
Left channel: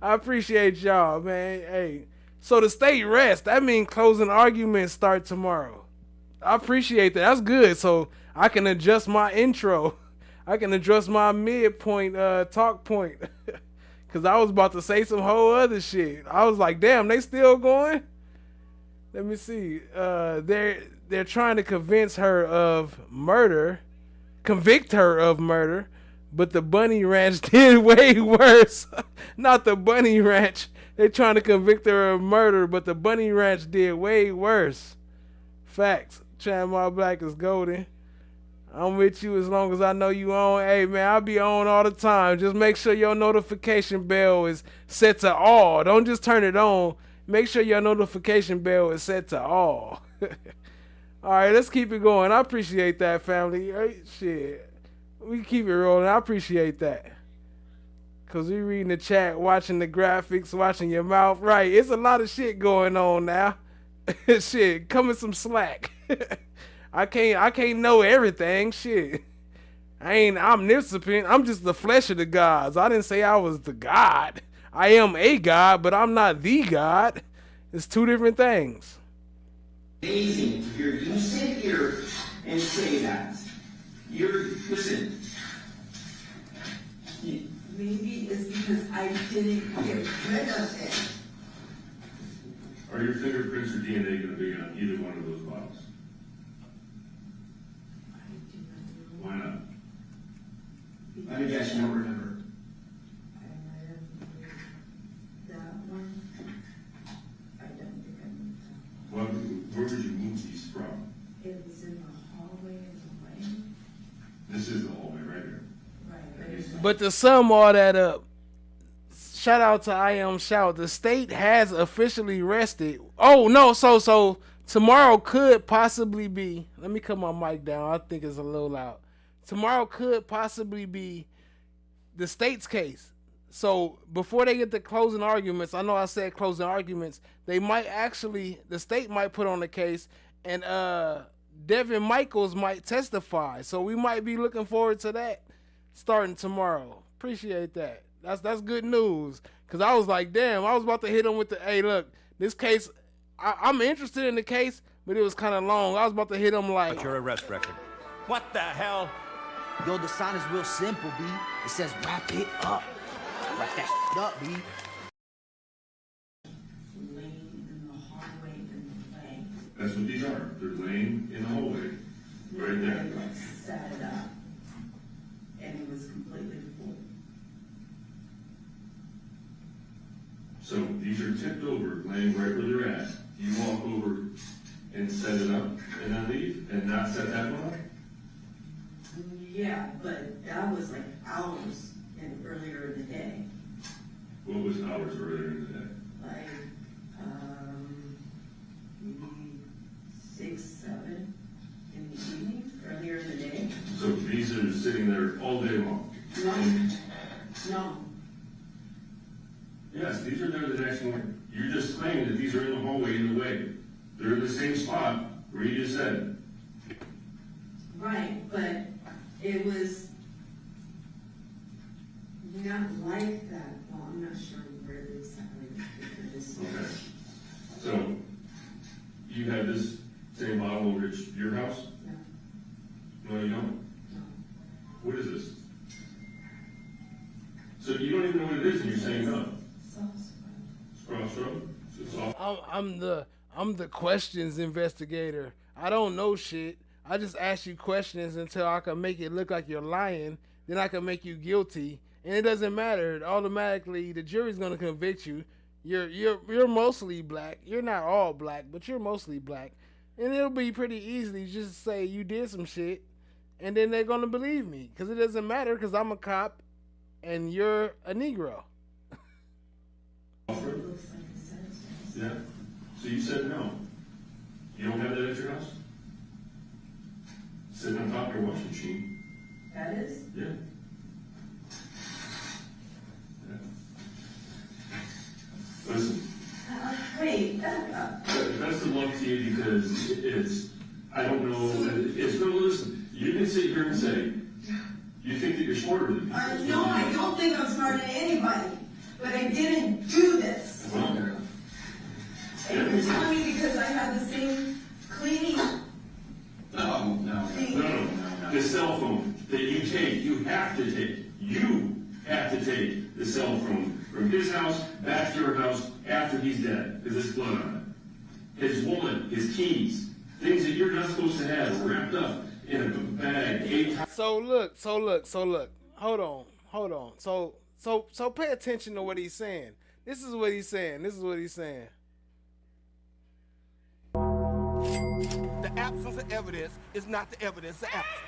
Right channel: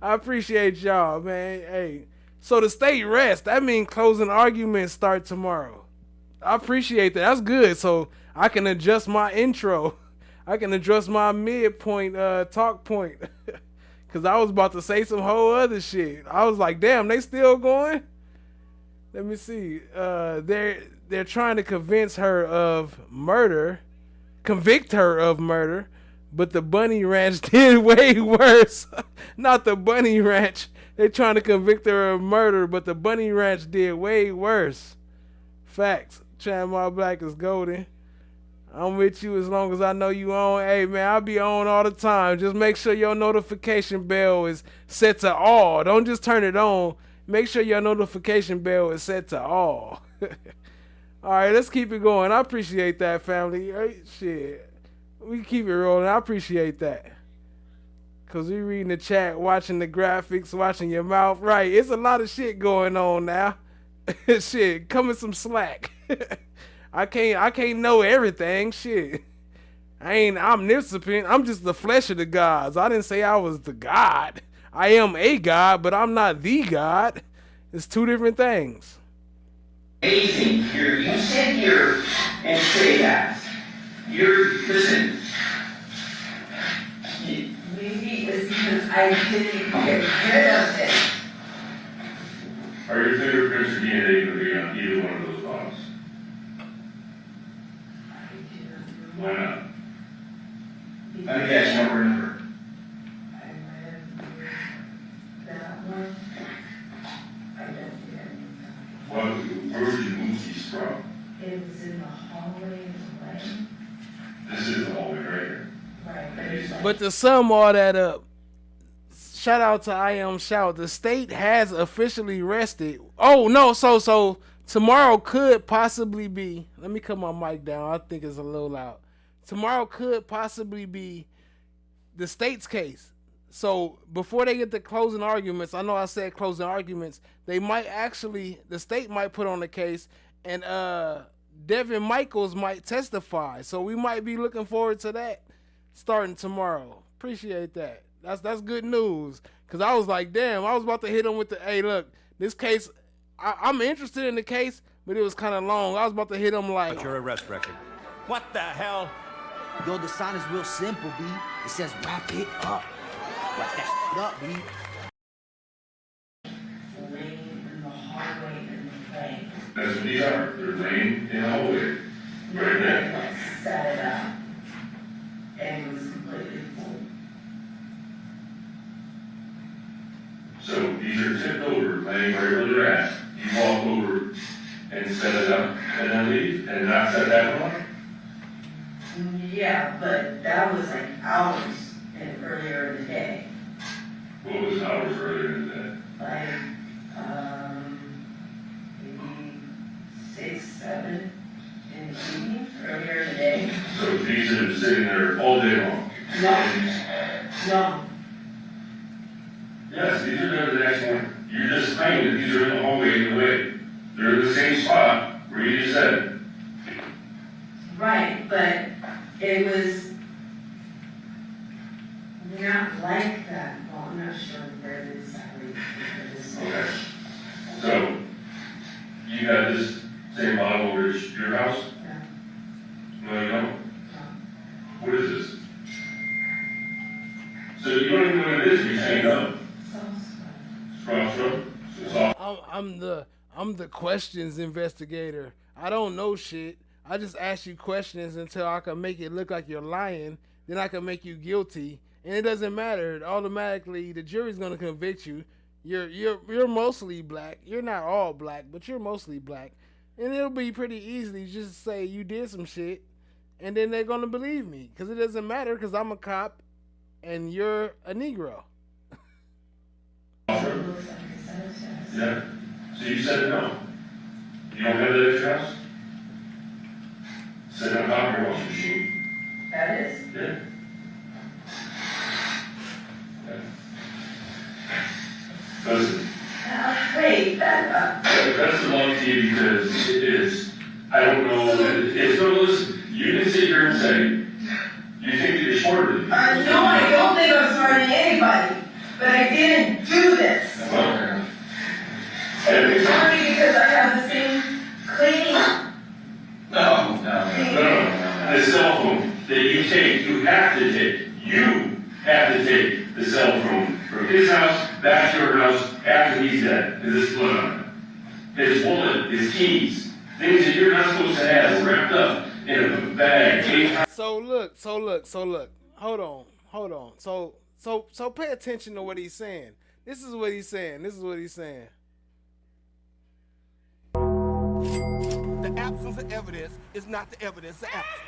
I appreciate y'all, man. Hey, so the state rests. That means closing arguments start tomorrow. I appreciate that. That's good. So I can adjust my intro. I can adjust my midpoint talk point. Because I was about to say some whole other shit. I was like, damn, they still going? Let me see. They're trying to convince her of murder, convict her of murder, but the Bunny Ranch did way worse. Not the Bunny Ranch. They're trying to convict her of murder, but the Bunny Ranch did way worse. Facts. Chad My Black is golden. I'm with you as long as I know you on. Hey, man, I'll be on all the time. Just make sure your notification bell is set to all. Don't just turn it on. Make sure your notification bell is set to all. All right, let's keep it going. I appreciate that, family. Hey, shit. We keep it rolling. I appreciate that. Because we reading the chat, watching the graphics, watching your mouth. Right, it's a lot of shit going on now. Shit, coming some slack. I can't know everything. Shit. I ain't omniscient. I'm just the flesh of the gods. I didn't say I was the God. I am a God, but I'm not the God. It's two different things. Amazing. You sit here and say that. Listen. Maybe it's because I didn't get rid of it. Are your fingerprints or DNA going to be on either one of those bottles? Why not? Let me guess, you don't remember. That one, I don't remember. Well, where would you move these from? It was in the hallway of the lane. This is the hallway right here. Right. But to sum all that up, shout out to I Am Shout. The state has officially rested. Oh, no, so tomorrow could possibly be, let me cut my mic down. I think it's a little loud. Tomorrow could possibly be the state's case. So before they get to closing arguments, I know I said closing arguments, they might actually, the state might put on the case, and Devyn Michaels might testify. So we might be looking forward to that starting tomorrow. Appreciate that. That's good news. Because I was like, damn, I was about to hit him with the, hey, look, this case, I'm interested in the case, but it was kind of long. I was about to hit him like. What's your arrest record? What the hell? Yo, the sign is real simple, B. It says wrap it up. Wrap that shit up, B. That's what these are. They're laying in the hallway. Right there. Set it up. And it was completely full. So these are tipped over, laying right where they're at. You walk over and set it up and then leave and not set that one? Yeah, but that was like hours earlier in the day. What was hours earlier in the day? Like, maybe 6, 7 in the evening, earlier in the day. So these are sitting there all day long? No. Yes, these are there the next one. You're just claiming that these are in the hallway in the way. They're in the same spot where you just said. Right, but it was not like that. Well, I'm not sure where it is exactly. Okay. So, you got this same bottle over at your house? No, you don't? No. What is this? So you don't even know what it is, you're saying no? I'm the questions investigator. I don't know shit. I just ask you questions until I can make it look like you're lying. Then I can make you guilty, and it doesn't matter. Automatically, the jury's gonna convict you. You're mostly black. You're not all black, but you're mostly black, and it'll be pretty easy just to say you did some shit, and then they're gonna believe me because it doesn't matter because I'm a cop, and you're a Negro. Yeah. So you said no. You don't have that at your house? Sit on top of your washing machine. That is? Yeah. Listen. Wait, that's the long to you because it is, I don't know, it's no, listen, you can sit here and say, you think that you're smarter than me. No, I don't think I'm smarter than anybody, but I didn't do this. Only because I have the same cleaning. No. The cell phone that you take, you have to take the cell phone from his house back to your house after he's dead. Is this blood on it? His wallet, his keys, things that you're not supposed to have wrapped up in a bag. So look. Hold on. So pay attention to what he's saying. This is what he's saying. The absence of evidence is not the evidence of absence.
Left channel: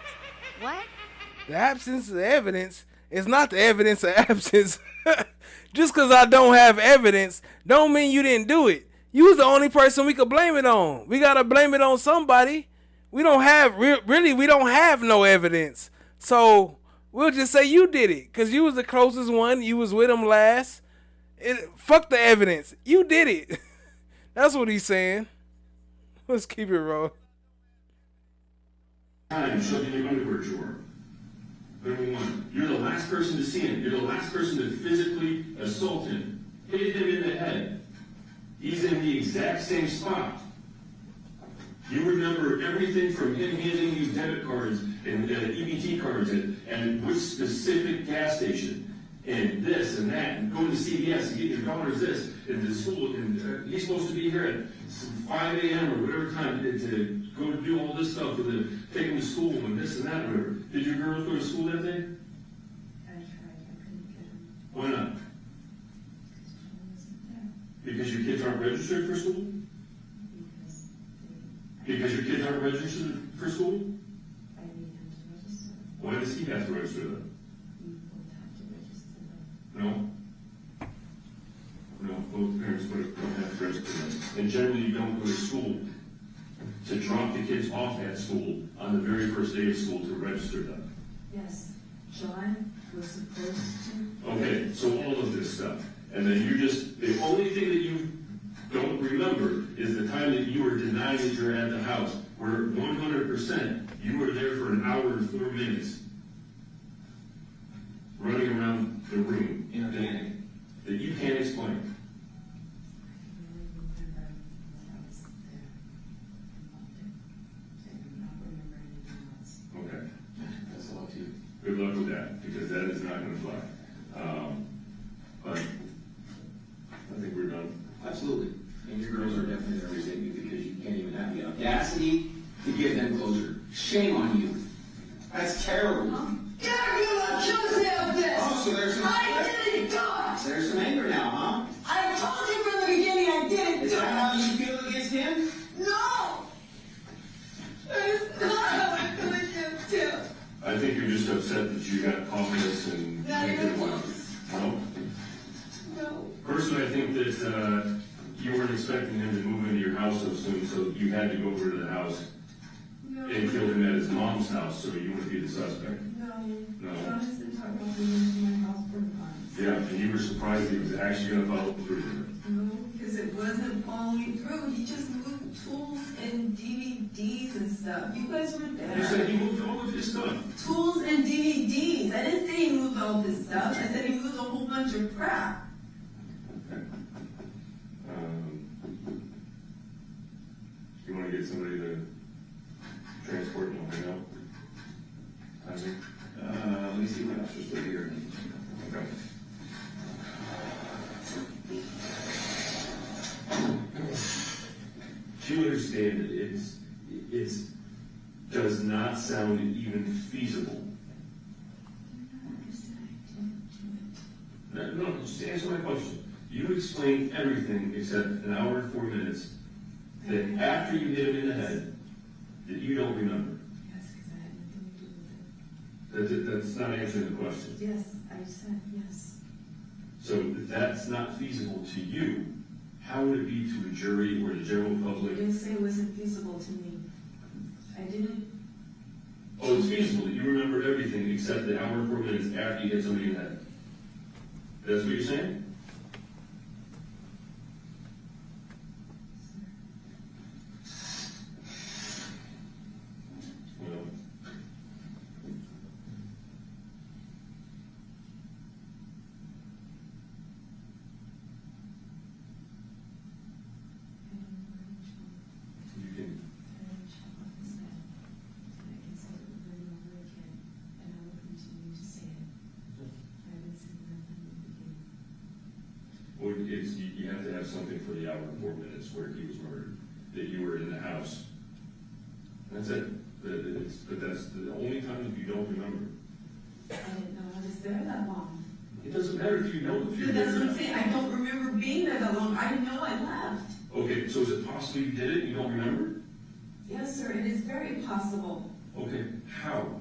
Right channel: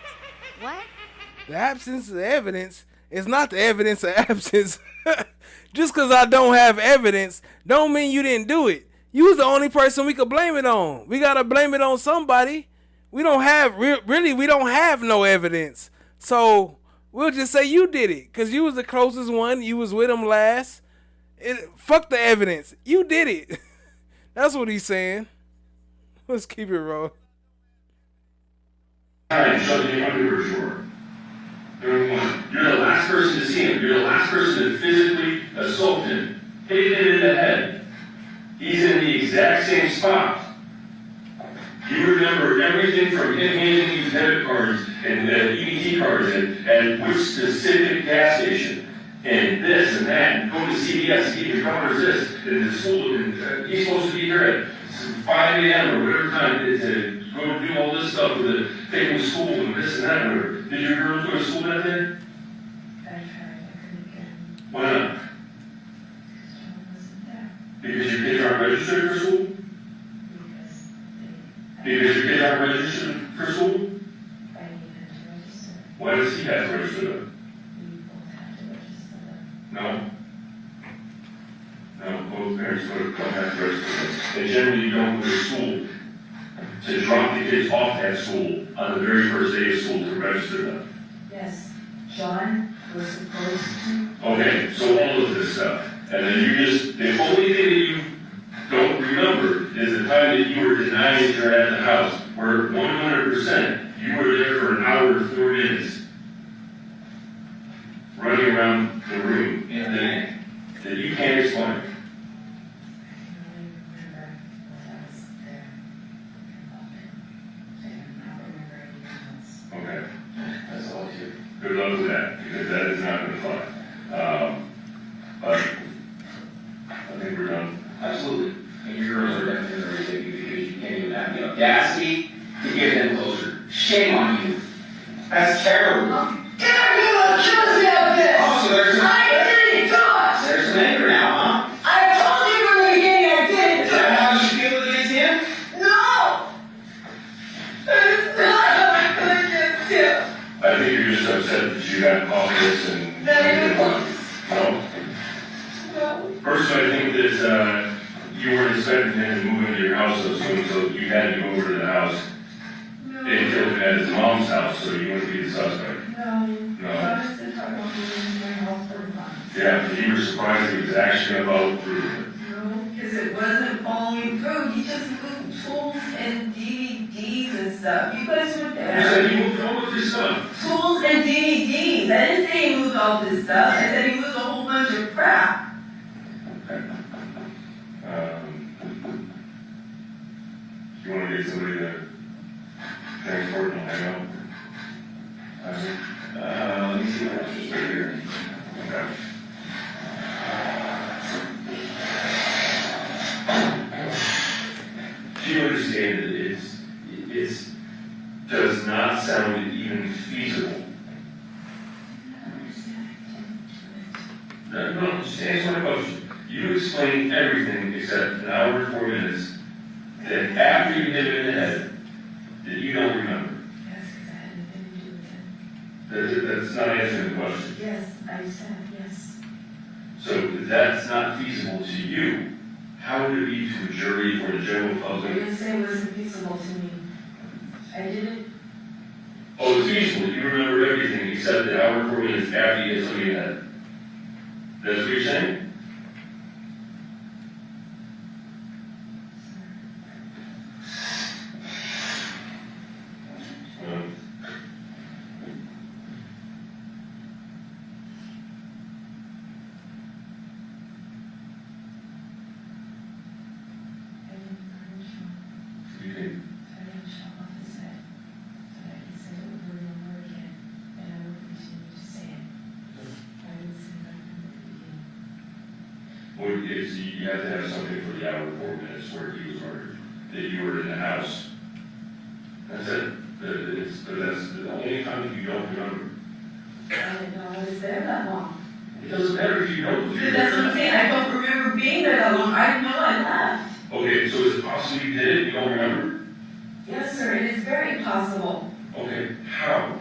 What? The absence of evidence is not the evidence of absence. Just because I don't have evidence don't mean you didn't do it. You was the only person we could blame it on. We got to blame it on somebody. We don't have, we don't have no evidence. So we'll just say you did it because you was the closest one. You was with him last. Fuck the evidence. You did it. That's what he's saying. Let's keep it rolling. Shut the underwear drawer. You're the last person to see him. You're the last person to physically assault him. Hit him in the head. He's in the exact same spot. You remember everything from him handing you debit cards and EBT cards and which specific gas station and this and that and going to CVS to get your daughter's this and the school and he's supposed to be here at 5 a.m. or whatever time it is to go do all this stuff with take him to school and this and that and whatever. Did your girls go to school that day? I tried, I couldn't get him. Why not? Because Because John wasn't there. your kids aren't registered for school? Because your kids aren't registered for school? I needed to register. Why does he have to register them? We both had to register them. No. No, both parents don't have to register them. And generally you don't go to school to drop the kids off at school on the very first day of school to register them. Yes, John was supposed to. Okay, so all of this stuff. And then you just, the only thing that you don't remember is the time that you were denied that you're at the house, where 100% you were there for an hour and 4 minutes, running around the room that you can't explain. go to that, because that is not gonna fly. But I think we're done. Absolutely. And your girls are definitely going to take you because you can't even have the audacity to give them closure. Shame on you. That's terrible. Can I trust me about this? Oh, so there's There's some anger now, huh? I told you from the beginning I didn't. Is that how you feel against him? No! It's not how I feel against him. I think you're just upset that you got all this and. No? No. Personally, I think that, you weren't expecting him to move into your house so soon, so you had to go over to the house. No. And killed him at his mom's house, so you wouldn't be the suspect. No. No. I just didn't talk about moving into my house for months. Yeah, you were surprised he was actually about through it. No, because it wasn't following through. He just moved tools and DVDs and stuff. You guys were there. You said he moved all of his stuff. Tools and DVDs. I didn't say he moved all this stuff. I said he moved a whole bunch of crap. Okay. You want to get somebody to transport and hang out? Let me see what else is right here. Okay. Do you understand that it does not sound even feasible? No, just answer my question. You explained everything except an hour and 4 minutes that after you hit it in the head, that you don't remember. Yes, because I had nothing to do with it. That's not answering the question. Yes, I said yes. So if that's not feasible to you, how would it be to a jury or the general I public? didn't say it wasn't feasible to me. I didn't. Oh, it's feasible. You remember everything except the hour and 4 minutes after you hit somebody in the head. That's what you're saying? You can. I didn't shut off his head. So that he said it over and over again. And I would continue to say it. I would say that from the beginning. Well, you have to have something for the hour and 4 minutes where he was murdered, that you were in the house. That's it. But that's the only time that you don't remember. I didn't know I was there that long. It doesn't matter if you don't. That's what I'm saying. I don't remember being there that long. I didn't know I left. Okay, so is it possible you did it, you don't remember? Yes, sir. It is very possible. Okay, how?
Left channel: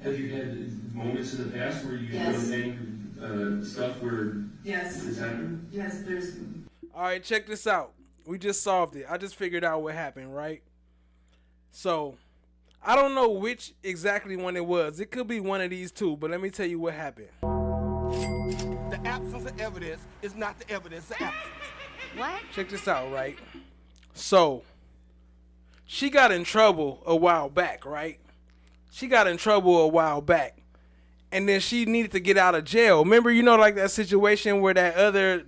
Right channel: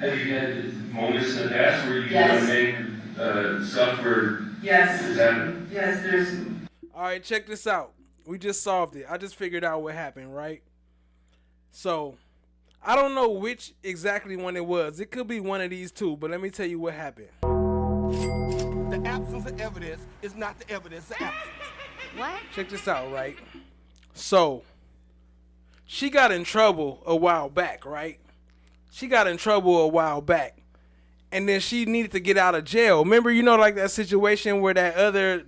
Have you had moments in the past where you've Yes. done stuff where Yes. this happened? Yes, there's. All right, check this out. We just solved it. I just figured out what happened, right? So, I don't know which exactly one it was. It could be one of these two, but let me tell you what happened. The absence of evidence is not the evidence of absence. What? Check this out, right? So, she got in trouble a while back, right? She got in trouble a while back. And then she needed to get out of jail. Remember, you know, like that situation where that other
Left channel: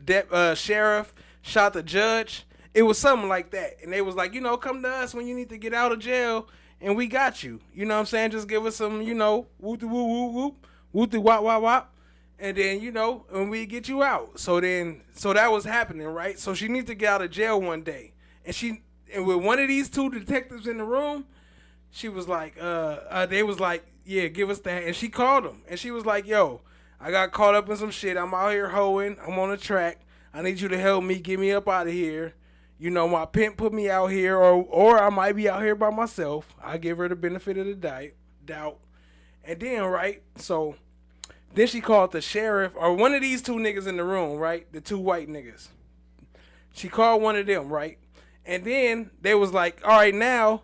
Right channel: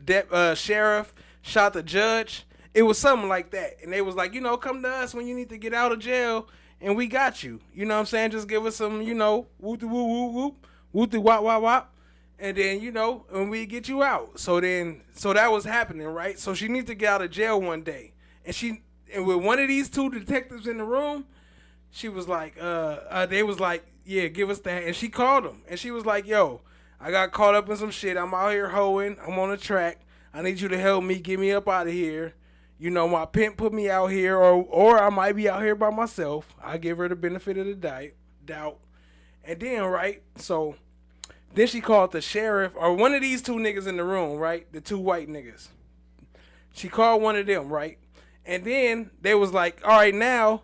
sheriff shot the judge? It was something like that. And they was like, you know, come to us when you need to get out of jail, and we got you. You know what I'm saying? Just give us some, you know, whoop whoop whoop whoop, whoop wop wop wop. And then, you know, and we get you out. So that was happening, right? So she needs to get out of jail one day. And with one of these two detectives in the room, she was like, they was like, yeah, give us that. And she called him. And she was like, yo, I got caught up in some shit. I'm out here hoeing. I'm on the track. I need you to help me get me up out of here. You know, my pimp put me out here, or I might be out here by myself. I give her the benefit of the doubt. And then, right, so then she called the sheriff, or one of these two niggas in the room, right, the two white niggas. She called one of them, right? And then they was like, all right, now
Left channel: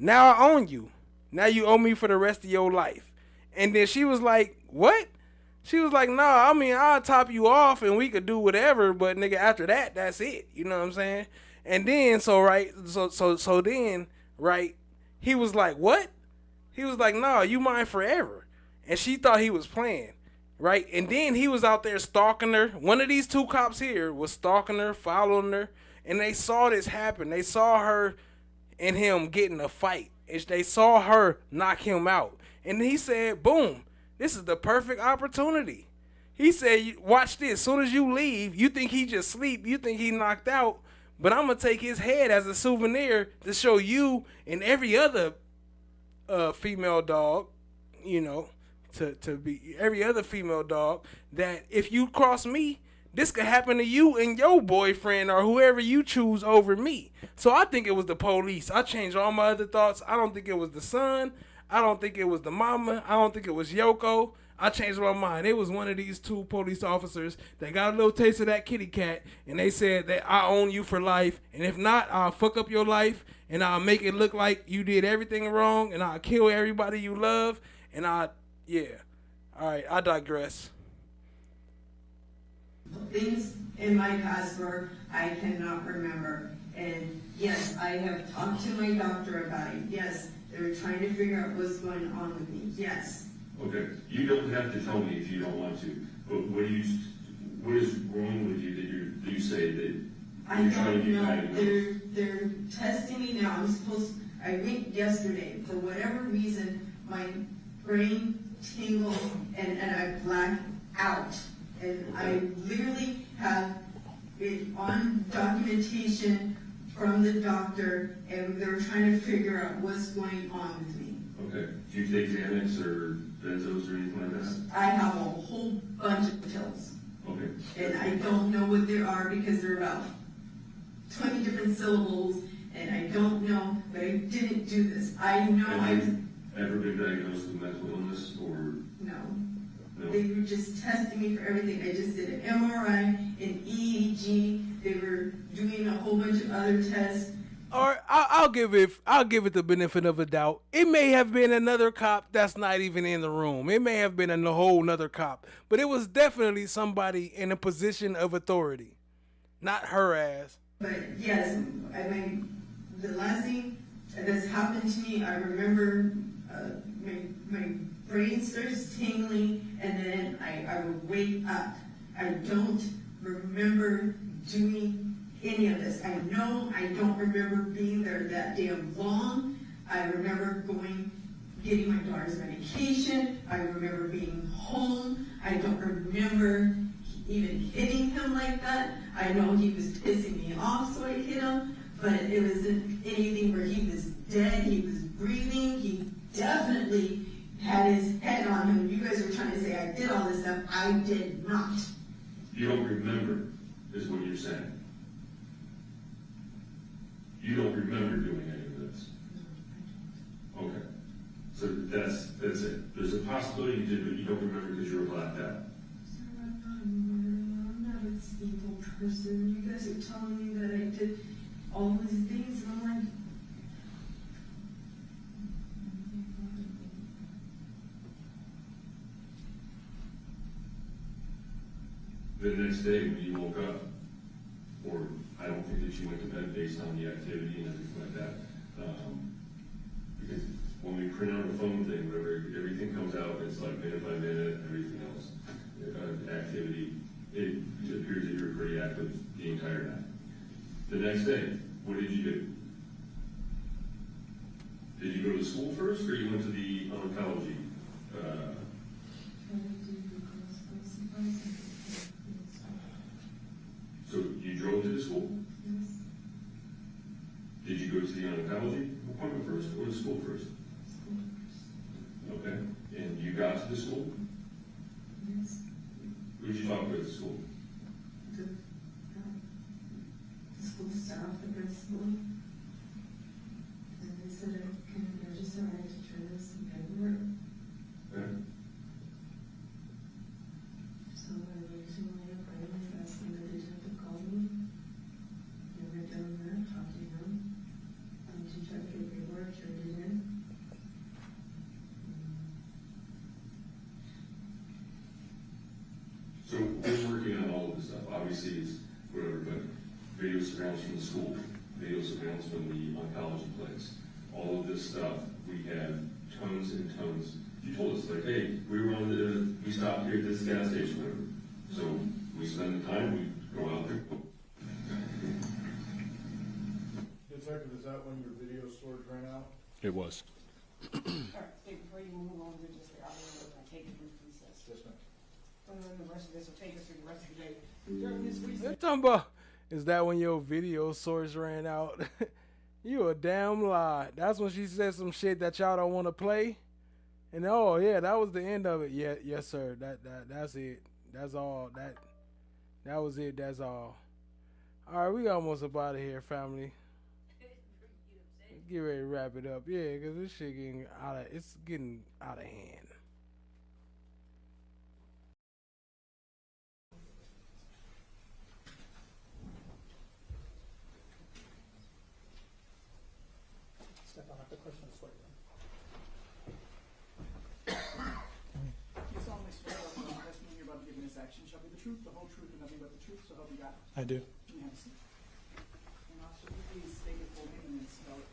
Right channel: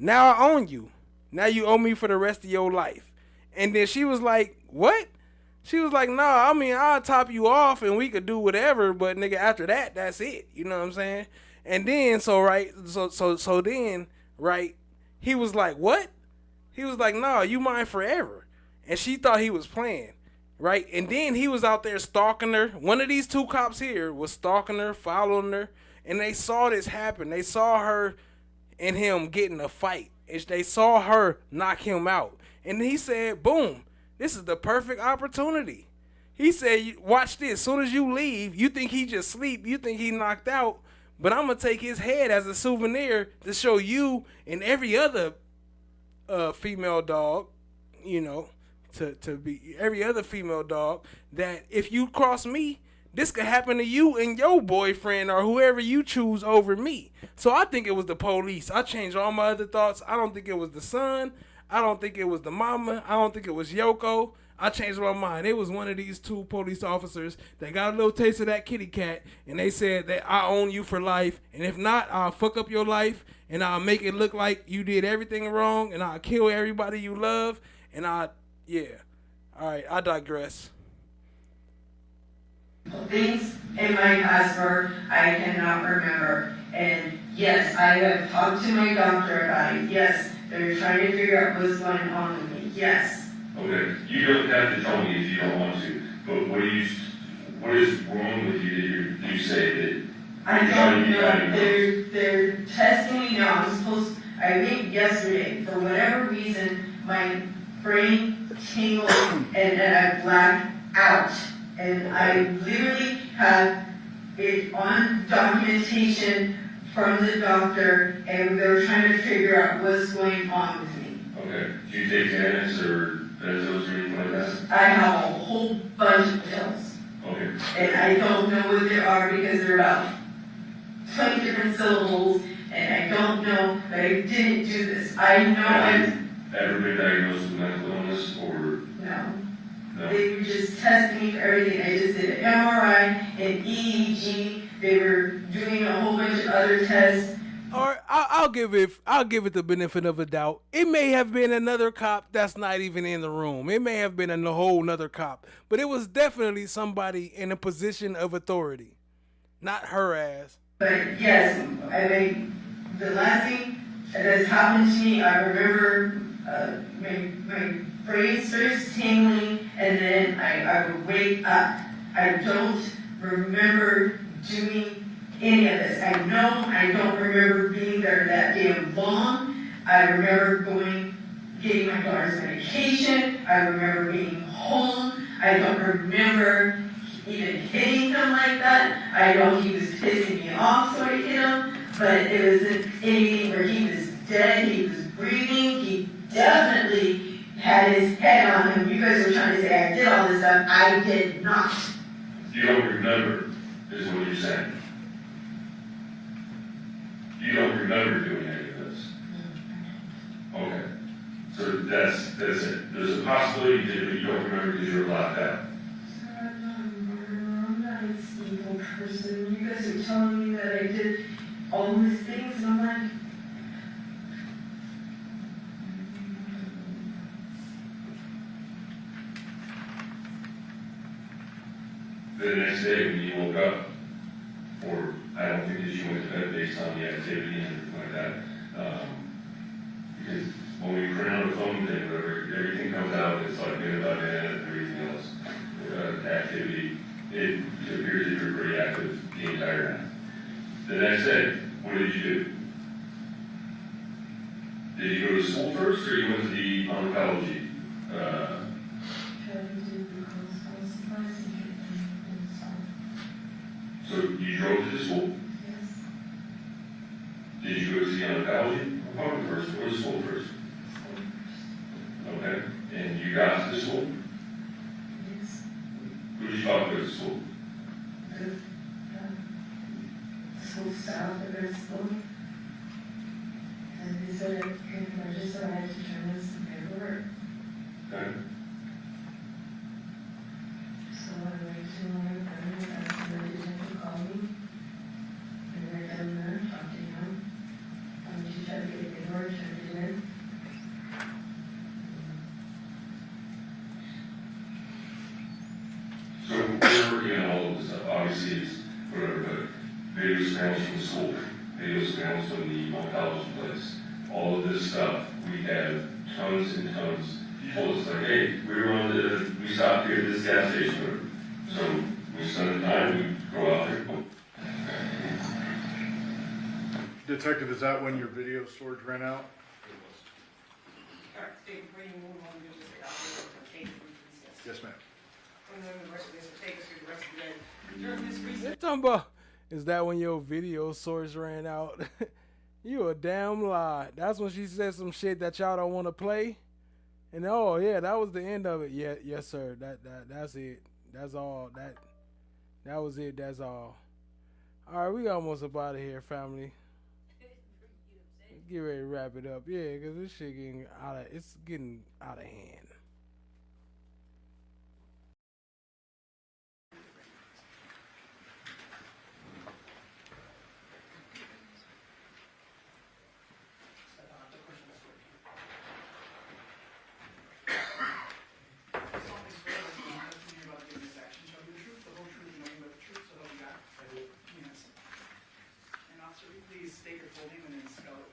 I own you. Now you owe me for the rest of your life. And then she was like, what? She was like, nah, I mean, I'll top you off and we could do whatever, but nigga, after that, that's it. You know what I'm saying? And then, so then, right, he was like, what? He was like, nah, you mine forever. And she thought he was playing, right? And then he was out there stalking her. One of these two cops here was stalking her, following her, and they saw this happen. They saw her and him getting a fight. They saw her knock him out. And he said, boom, this is the perfect opportunity. He said, watch this. As soon as you leave, you think he just sleep. You think he knocked out. But I'm going to take his head as a souvenir to show you and every other female dog, you know, to be every other female dog, that if you cross me, this could happen to you and your boyfriend or whoever you choose over me. So I think it was the police. I changed all my other thoughts. I don't think it was the son. I don't think it was the mama. I don't think it was Yoko. I changed my mind. It was one of these two police officers that got a little taste of that kitty cat, and they said that I own you for life, and if not, I'll fuck up your life, and I'll make it look like you did everything wrong, and I'll kill everybody you love, and yeah. All right, I digress. Things in my password I cannot remember. And yes, I have talked to my doctor about it. Yes, they're trying to figure out what's going on with me. Yes. Okay, you don't have to tell me if you don't want to, but what is wrong with you that you say that I don't know. They're testing me now. I think yesterday, for whatever reason, my brain tingled and I blacked out. And I literally have it on documentation from the doctor, and they're trying to figure out what's going on with me. Okay, do you take Xanax or benzos or anything like that? I have a whole bunch of pills. Okay. And I don't know what they are because they're about 20 different syllables, and I don't know, but I didn't do this. I know Have you ever been diagnosed with mental illness or? No. No. They were just testing me for everything. I just did an MRI, an EEG. They were doing a whole bunch of other tests. Or I'll give it the benefit of a doubt. It may have been another cop that's not even in the room. It may have been a whole nother cop, but it was definitely somebody in a position of authority, not her ass. But yes, I mean, the last thing that has happened to me, I remember my brain starts tingling, and then I would wake up. I don't remember doing any of this. I know I don't remember being there that damn long. I remember getting my daughter's medication. I remember being home. I don't remember even hitting him like that. I know he was pissing me off, so I hit him, but it wasn't anything where he was dead. He was breathing. He definitely had his head on him. You guys were trying to say I did all this stuff. I did not. You don't remember, is what you're saying. You don't remember doing any of this. Okay. So that's it. There's a possibility you did, but you don't remember because you were blacked out. I'm not an evil person. You guys are telling me that I did all these things, and I'm like, The next day when you woke up, or I don't think that you went to bed based on the activity and everything like that, because when we print out a phone thing, everything comes out, it's like minute by minute and everything else. Activity, it appears that you were pretty active the entire night. The next day, what did you do? Did you go to school first, or you went to the oncology? So you drove to the school? Yes. Did you go to the oncology appointment first or the school first? School first. Okay. And you got to the school? Yes. Who did you talk to at the school? The school staff at their school. And they said I can register, I had to turn in some paperwork. Okay. So I went to my friend, asked him to call me. And I went down there, talked to him. She tried to get the paperwork, turned it in. So we're working on all of this stuff. Obviously, it's whatever, but video scrambles from the school, video scrambles from the oncology place. All of this stuff, we have tons and tons. You told us, like, hey, we stopped here at this gas station. So we spend the time, we go out there. Detective, is that when your video storage ran out? It was. All right, Steve, where you move on and the rest of this will take us through the rest of the day. During this recess. They're talking about, is that when your video source ran out? You a damn lie. That's when she said some shit that y'all don't want to play. And oh yeah, that was the end of it. Yeah, yes sir. That's it. That's all. That was it. That's all. All right, we almost up out of here, family. Get ready to wrap it up. Yeah, because this shit getting out of hand. I do. And officer, please state your full name and then spell it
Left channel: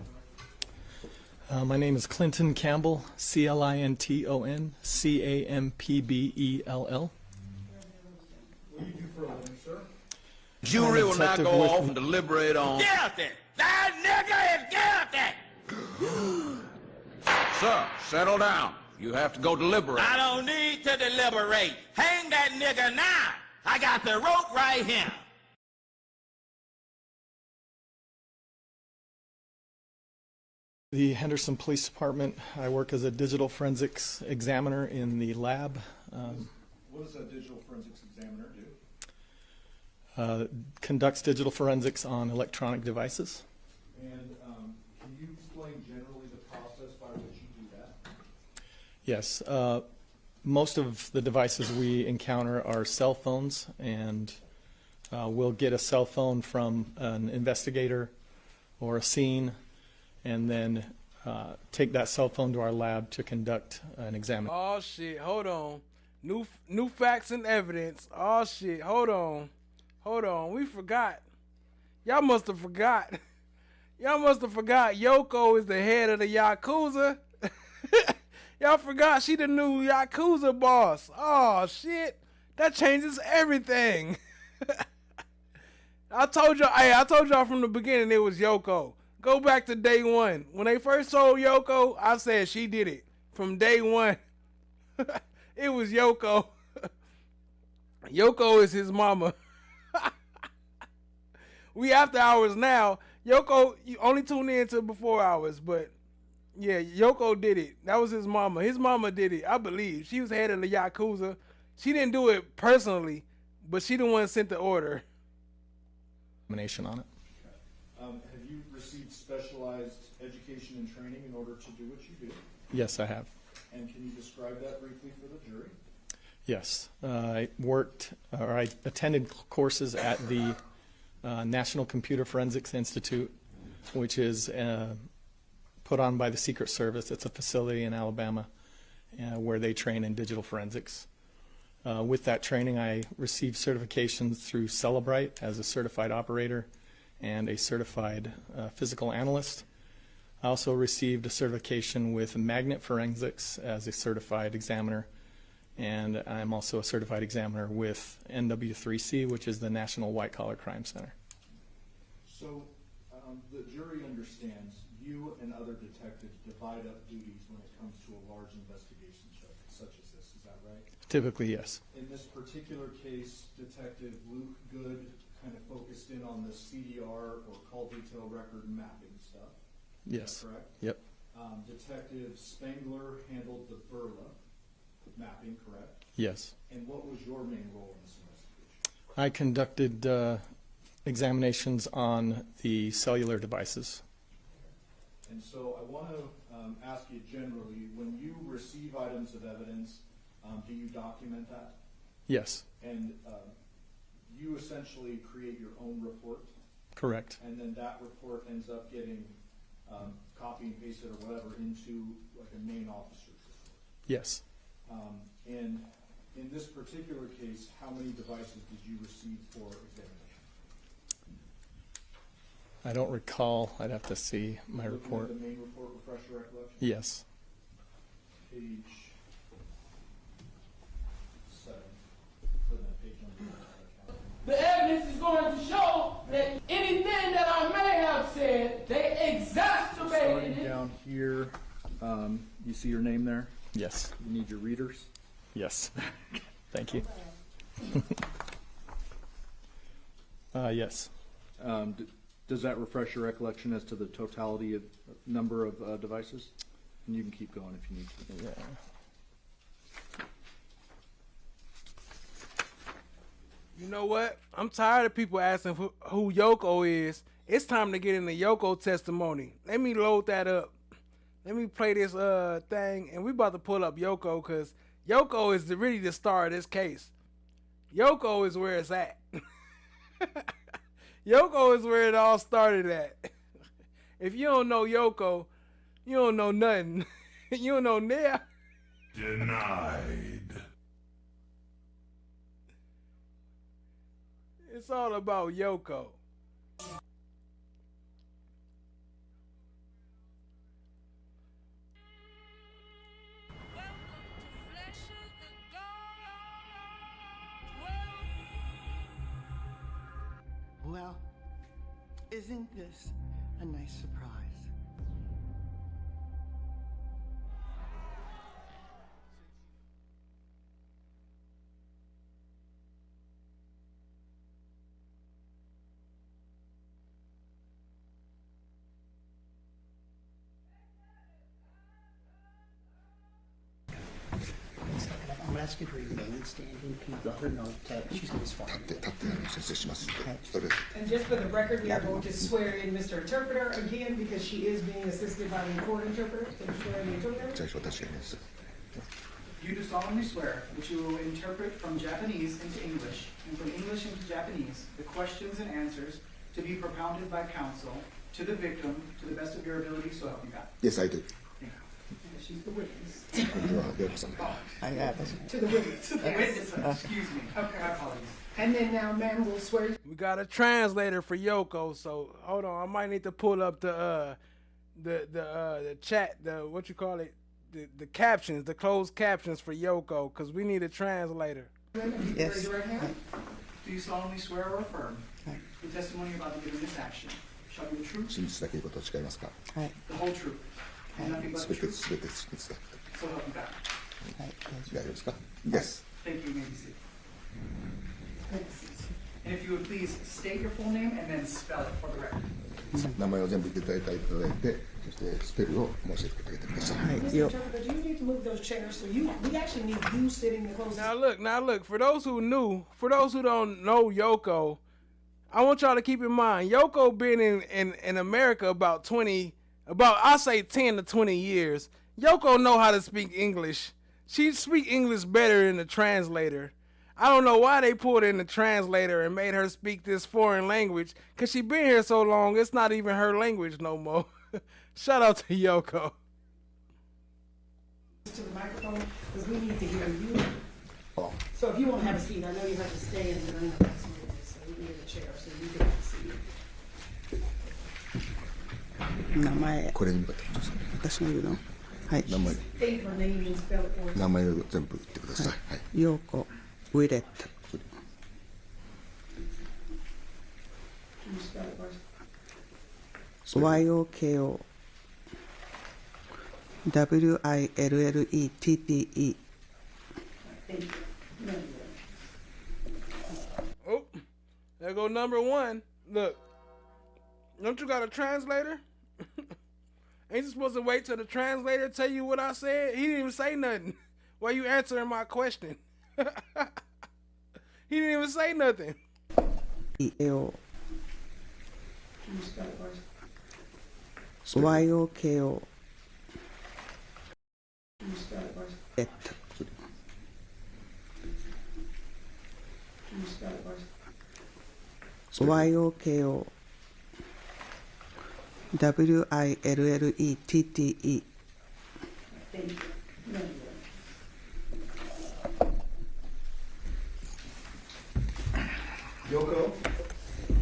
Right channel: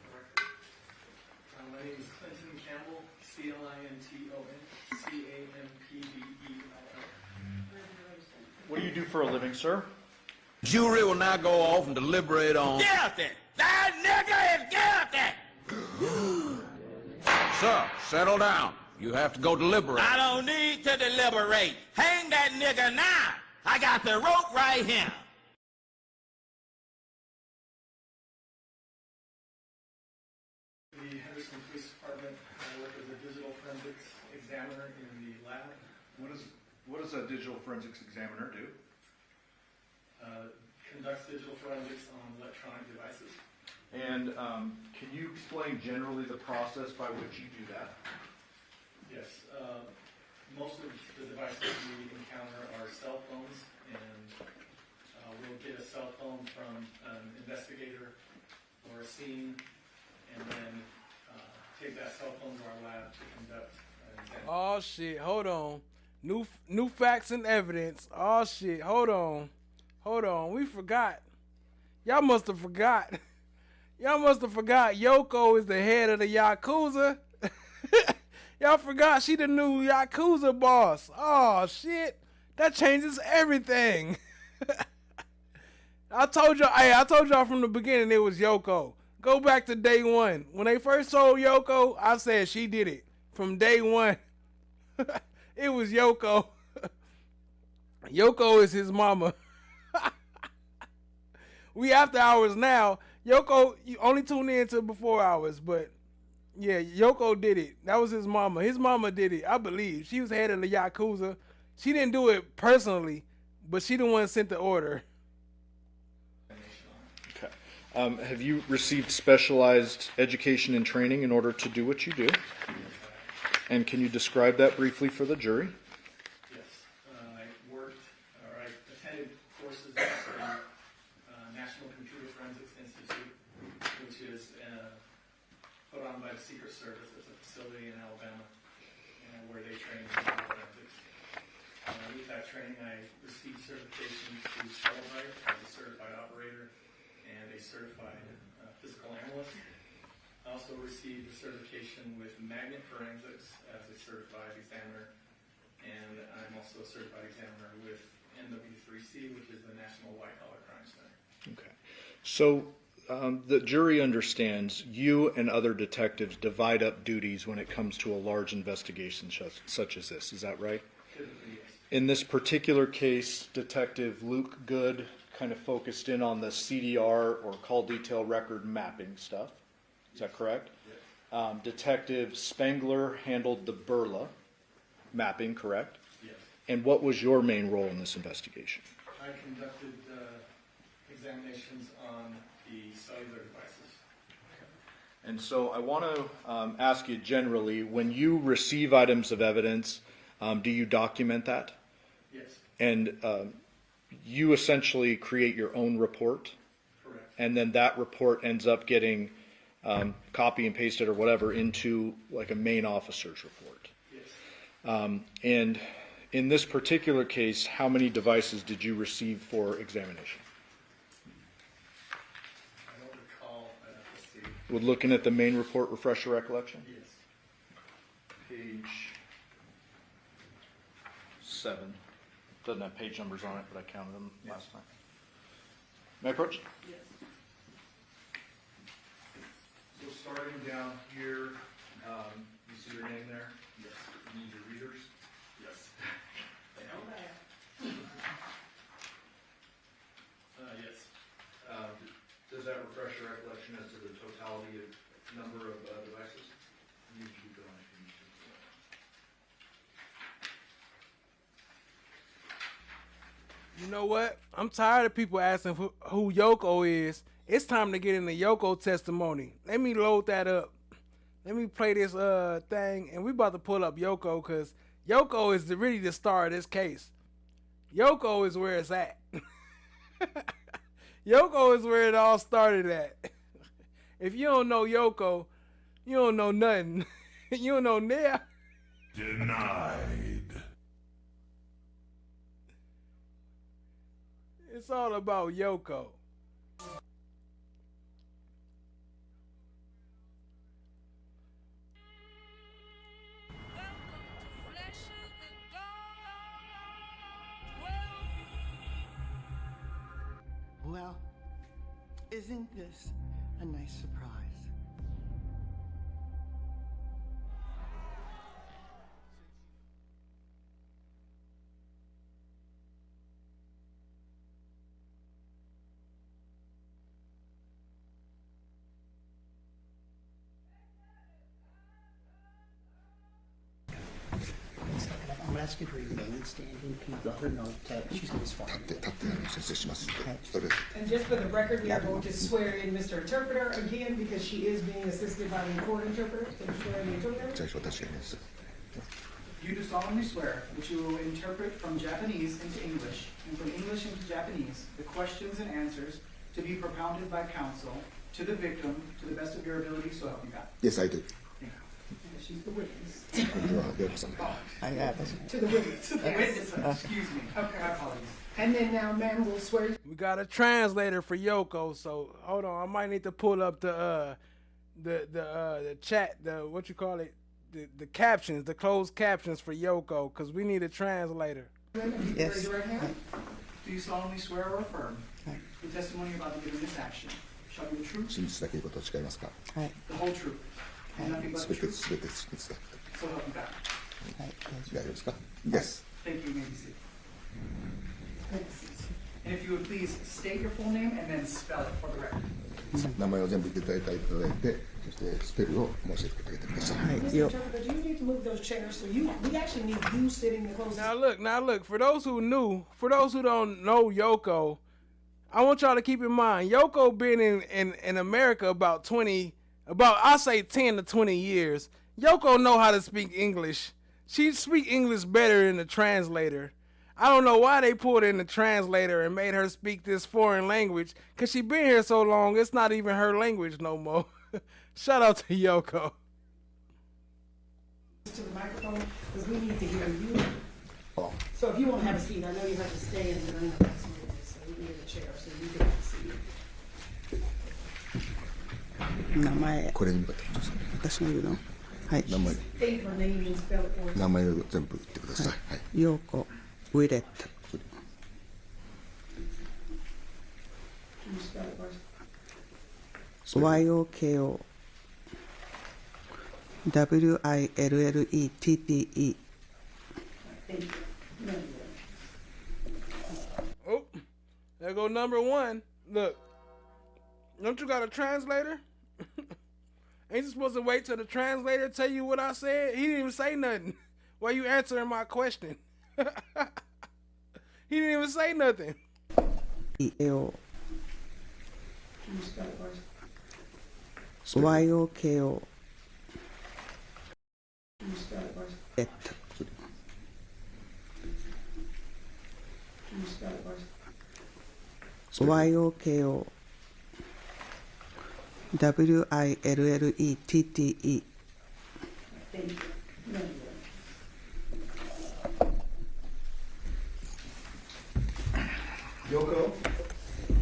correctly. My name is Clinton Campbell, Clinton Campbell. What do you do for a living, sir? Jury will now go off and deliberate on. Guilty! That nigga is guilty! Sir, settle down. You have to go deliberate. I don't need to deliberate. Hang that nigga now. I got the rope right here. The Henderson Police Department. I work as a digital forensics examiner in the lab. What does a digital forensics examiner do? Conducts digital forensics on electronic devices. And can you explain generally the process by which you do that? Yes. Most of the devices we encounter are cell phones, and we'll get a cell phone from an investigator or a scene, and then take that cell phone to our lab to conduct an examination. Oh shit, hold on. New facts and evidence. Oh shit, hold on. We forgot. Y'all must have forgot. Y'all must have forgot LOKO is the head of the Yakuza. Y'all forgot she the new Yakuza boss. Oh shit. That changes everything. I told y'all from the beginning it was LOKO. Go back to day one. When they first told LOKO, I said she did it. From day one. It was LOKO. LOKO is his mama. We after hours now. LOKO, you only tune in to before hours, but yeah, LOKO did it. That was his mama. His mama did it, I believe. She was head of the Yakuza. She didn't do it personally, but she the one that sent the order. Examination on it. Okay. Have you received specialized education and training in order to do what you do? Yes, I have. And can you describe that briefly for the jury? Yes. I attended courses at the National Computer Forensics Institute, which is put on by the Secret Service. It's a facility in Alabama where they train in digital forensics. With that training, I received certification through Celebrite as a certified operator and a certified physical analyst. I also received a certification with Magnet Forensics as a certified examiner, and I'm also a certified examiner with NW3C, which is the National White Collar Crime Center. Okay. So the jury understands you and other detectives divide up duties when it comes to a large investigation such as this. Is that right? Typically, yes. In this particular case, Detective Luke Good kind of focused in on the CDR or call detail record mapping stuff. Is that correct? Yep. Detective Spangler handled the Burla mapping, correct? Yes. And what was your main role in this investigation? I conducted examinations on the cellular devices. And so I want to ask you generally, when you receive items of evidence, do you document that? Yes. And you essentially create your own report? Correct. And then that report ends up getting copy and pasted or whatever into like a main officer's report? Yes. And in this particular case, how many devices did you receive for examination? I don't recall. I'd have to see. We're looking at the main report, refresh your recollection? Yes. Page 7. Doesn't have page numbers on it, but I counted them. The evidence is going to show that anything that I may have said, they exacerbated Starting down here, you see your name there? Yes. You need your readers? Yes. Thank you. Yes. Does that refresh your recollection as to the totality of number of devices? And you can keep going if you need to. Yeah. You know what? I'm tired of people asking who Yoko is. It's time to get into Yoko testimony. Let me load that up. Let me play this thing, and we about to pull up Yoko because Yoko is really the star of this case. Yoko is where it's at. Yoko is where it all started at. If you don't know Yoko, you don't know nothing. You don't know Nia. Denied. It's all about Yoko. Well, isn't this a nice surprise? I'm gonna ask you to remain standing. Can you let her know that she's gonna be sworn in? And just for the record, we are going to swear in Mr. Interpreter again because she is being assisted by the court interpreter. So swear in the interpreter. You do solemnly swear that you will interpret from Japanese into English and from English into Japanese the questions and answers to be propounded by counsel to the victim to the best of your ability, so help you God. Yes, I do. She's the witness. I got it. To the witness. To the witness, excuse me. Okay, my apologies. And then now, ma'am, we'll swear. We got a translator for Yoko, so hold on. I might need to pull up the chat, what you call it, the captions, the closed captions for Yoko, because we need a translator. Yes. Raise your right hand. Do you solemnly swear or affirm the testimony you're about to give in this action shall be the truth, 真実だけのことを誓いますか はい。 the whole truth, and nothing but す the べて truth, すべて真実だ so help you God. はい。大丈夫ですか Yes Thank you, you may be seated. And if you would please state your full name and then spell it for the record. 名前を全部言っていただいてそしてスペルを申し上げてあげてください Mr. Interpreter, do you need to move those chairs so we actually need you sitting the closest? Now look, for those who don't know Yoko, I want y'all to keep in mind, Yoko been in America about I say 10 to 20 years. Yoko know how to speak English. She speak English better than the translator. I don't know why they pulled in the translator and made her speak this foreign language, because she been here so long, it's not even her language no more. Shout out to Yoko. To the microphone, because we need to hear you. So if you won't have a seat, I know you have to stay in the room. So we need a chair so you can have a seat. 名前。これに向かってください私の言うの。はい。名前 State her name and spell it for us. 名前を全部言ってくださいはいヨーコウィレット。 Can you spell it for us? YOKO WILLETTE. Thank you. Oh, there go number one. Look, don't you got a translator? Ain't you supposed to wait till the translator tell you what I said? He didn't even say nothing. Why you answering my question? He didn't even say nothing. EO Can you spell it for us? YOKO Can you spell it for us? WILLETTE. Can you spell it for us? YOKO WILLETTE. Thank you. Yoko,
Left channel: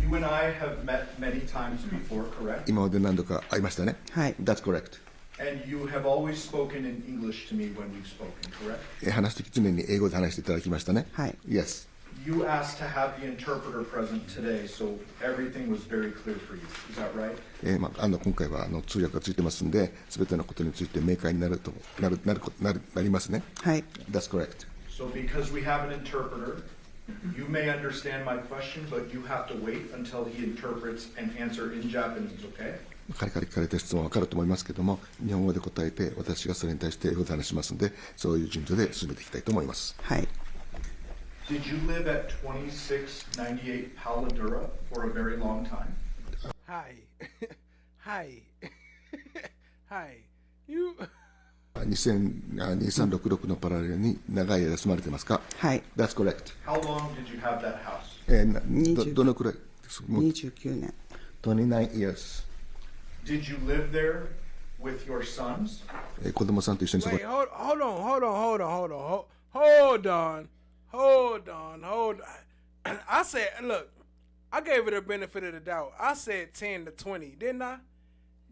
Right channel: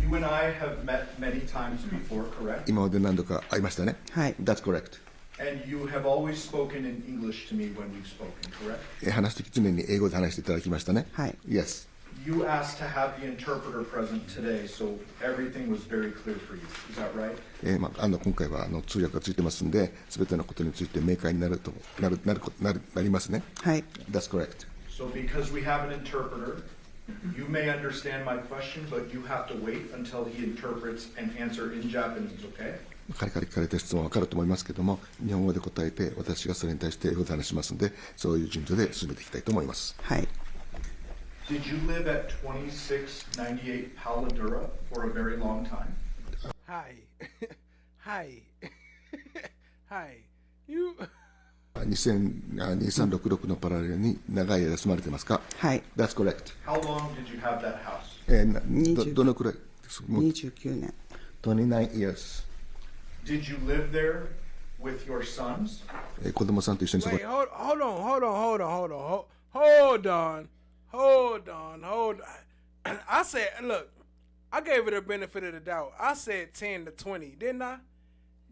you and I have met many times before, correct? 今まで何度か会いましたねはい。 That's correct And you have always spoken in English to me when we've spoken, correct? 話すとき常に英語で話していただきましたねはい。 Yes You asked to have the interpreter present today, so everything was very clear for you. Is that right? 今回は通訳がついてますんで、すべてのことについて明快になりますね。はい。 That's correct. So because we have an interpreter, You may understand my question, but you have to wait until he interprets and answer in Japanese, okay? 彼から聞かれた質問は分かると思いますけども、日本語で答えて、私がそれに対して英語で話しますので、そういう順序で進めていきたいと思います。はい。Did you live at 2698 Paladura for a very long time? Hi. Hi. Hi. You. 2366のパラレルに長い間住まれてますか？はい。That's correct. How long did you have that house? どのくらい29年。29 years. Did you live there with your sons? 子供さんと一緒に過ご Wait, hold on. I said, look, I gave it the benefit of the doubt. I said 10 to 20, didn't I?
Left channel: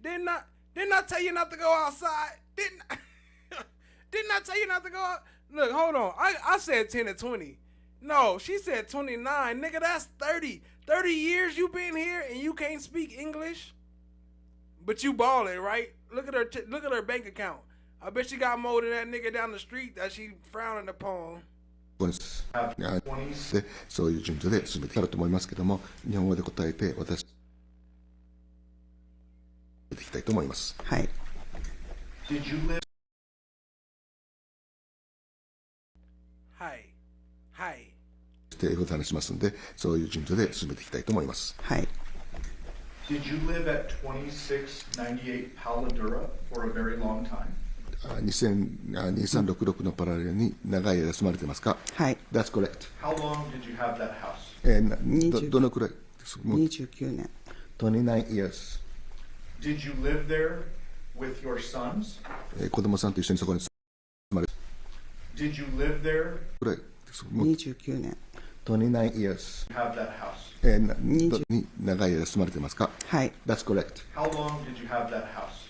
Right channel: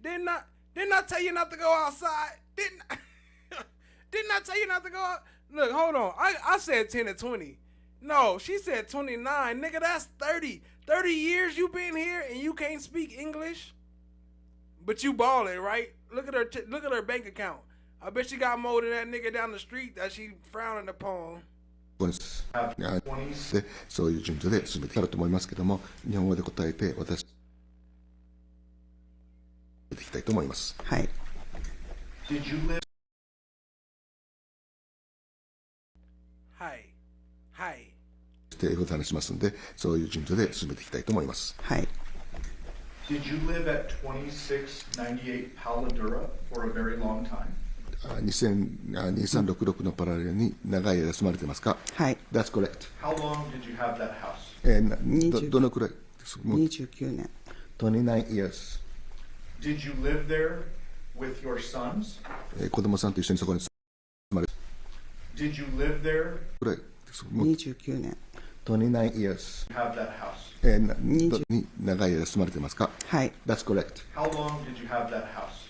Didn't I tell you not to go outside? Didn't I tell you not to go out? Look, hold on. I said 10 to 20. No, she said 29. Nigga, that's 30. 30 years you been here and you can't speak English? But you ballin', right? Look at her bank account. I bet she got more than that nigga down the street that she frowning upon. で、そういう順序で進めていくと思いますけども、日本語で答えて私いきたいと思います。はい。Did you live? はい。はい。英語で話しますので、そういう順序で進めていきたいと思います。はい。Did you live at 2698 Paladura for a very long time? 2366のパラレルに長い間住まれてますか？はい。That's correct. How long did you have that house? どのくらい29年。29 years. Did you live there with your sons? 子供さんと一緒にそこに住まれ Did you live there? 29年。29 years. Have that house? に長い間住まれてますか？はい。That's correct. How long did you have that house?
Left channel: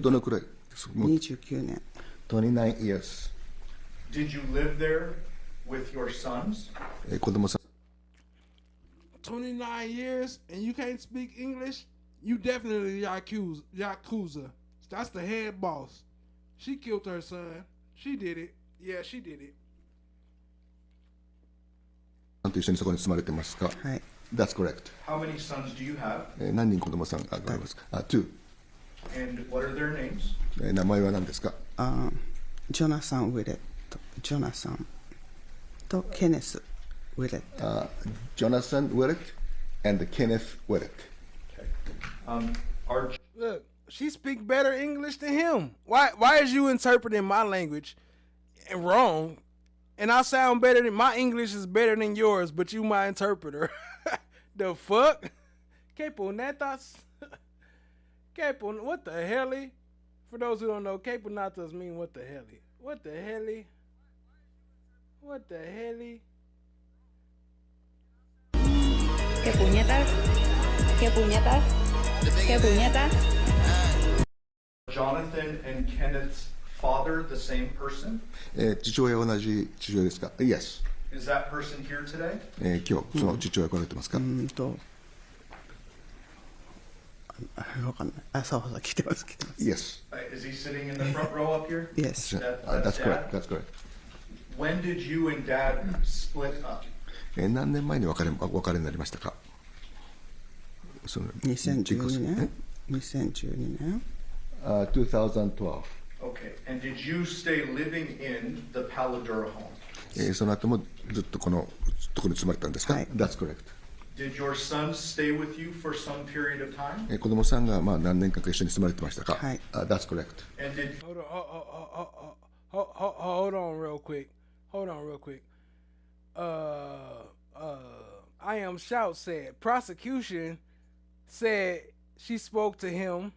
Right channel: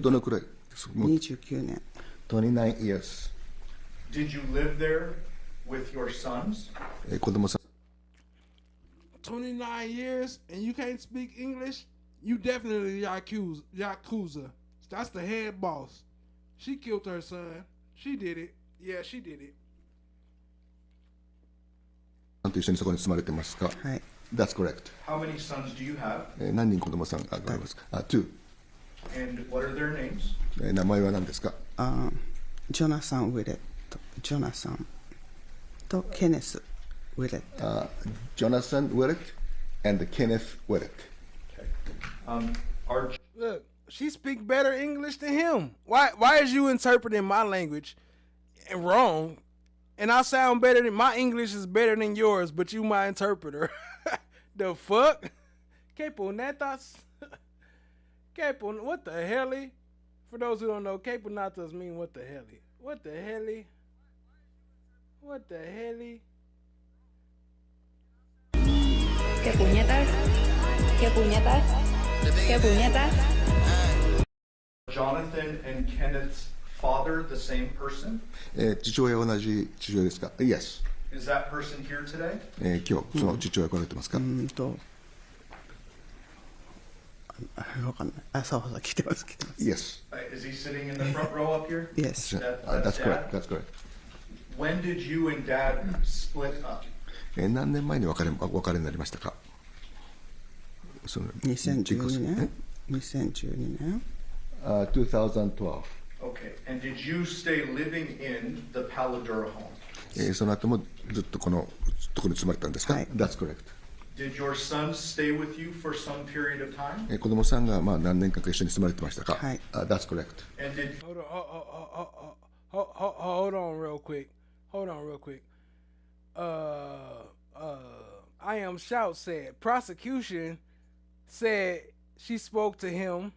どのくらい29年。29 years. Did you live there with your sons? 子供さん29 years and you can't speak English? You definitely Yakuza. That's the head boss. She killed her son. She did it. Yeah, she did it. と一緒にそこに住まれてますか？はい。That's correct. How many sons do you have? 何人子供さんがありますか？2. And what are their names? 名前は何ですか？ジョナサン・ウィレット。ジョナサンとケネス・ウィレット。Johnathan Willette and Kenneth Willette. Look, she speak better English than him. Why is you interpreting my language and wrong? And I sound better than my English is better than yours, but you my interpreter. The fuck? Que punetas? What the hell? For those who don't know, que punetas mean what the hell? What the hell? What the hell? Que puñetas? Que puñetas? Que puñetas? Johnathan and Kenneth's father the same person? 父親は同じ父親ですか？ Yes. Is that person here today? 今日その父親来られてますか？わかんない。あ、そうそう、来てます。Yes. Is he sitting in the front row up here? Yes. That's correct. That's correct. When did you and Dad split up? 何年前に別れになりましたか？2012年。2012年。2012. Okay. And did you stay living in the Paladura home? その後もずっとこのところに住まれたんですか？ That's correct. Did your sons stay with you for some period of time? 子供さんが何年間か一緒に住まれてましたか？ That's correct. And did Hold on real quick. I Am Shout said prosecution said she spoke to him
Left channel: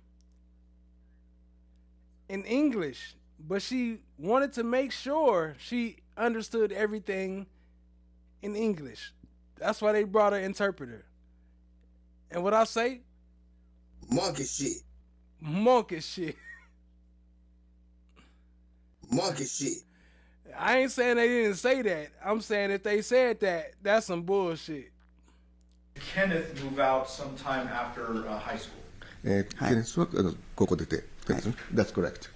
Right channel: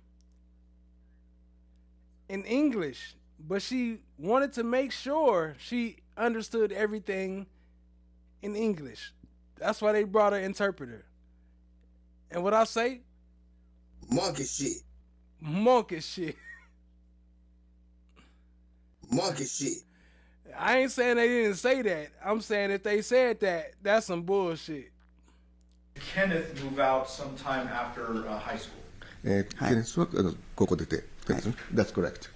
in English, but she wanted to make sure she understood everything in English. That's why they brought an interpreter. And what I say? Monkey shit. Monkey shit. Monkey shit. I ain't saying they didn't say that. I'm saying if they said that, that's some bullshit. Kenneth move out sometime after high school? Kenneth は高校出て、That's correct.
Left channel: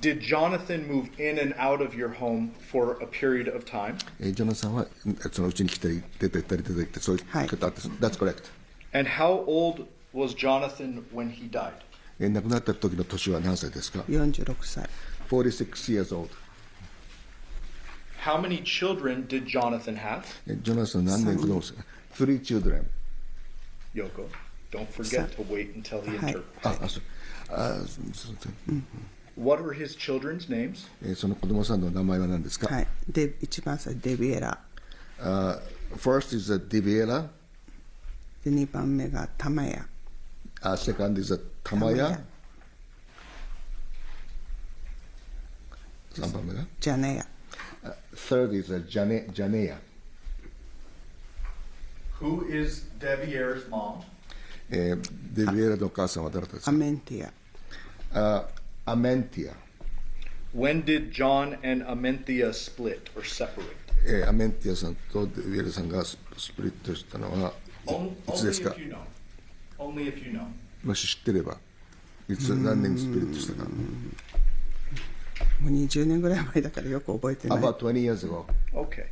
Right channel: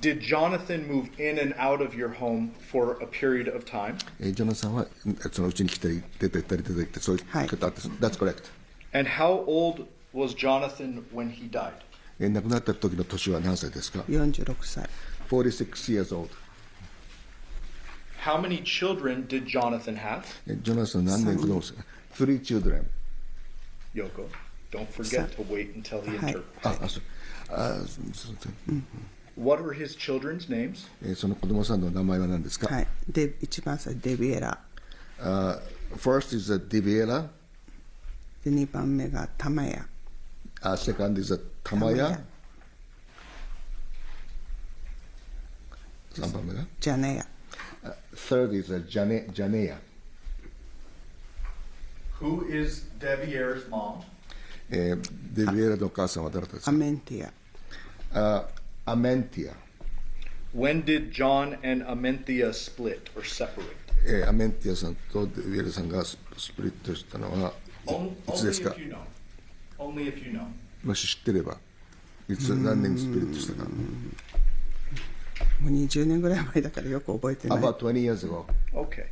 Did Johnathan move in and out of your home for a period of time? ジョナサンはそのうちに来たり出て行ったり出て行ってそういうことあって、That's correct. And how old was Johnathan when he died? 亡くなった時の年は何歳ですか46歳。46 years old. How many children did Johnathan have? ジョナサン何年子供ですか ?3 children. Yoko, don't forget to wait until he interprets. そう。What were his children's names? その子供さんの名前は何ですかはい。で、一番最初、デビエラ。First is Deviere. で、2番目がタマヤ。Second is Tamaya. 3番目がジャネヤ。Third is Janeya. Who is Deviere's mom? デビエラのお母さんは誰ですかアメンティア。Amentia. When did John and Amenthea split or separate? アメンティアさんとデビエラさんがスプリットしたのはいつですか Only if you know. もし知ってればいつ何年にスプリットしたかもう20年ぐらい前だからよく覚えてない。About 20 years ago. Okay.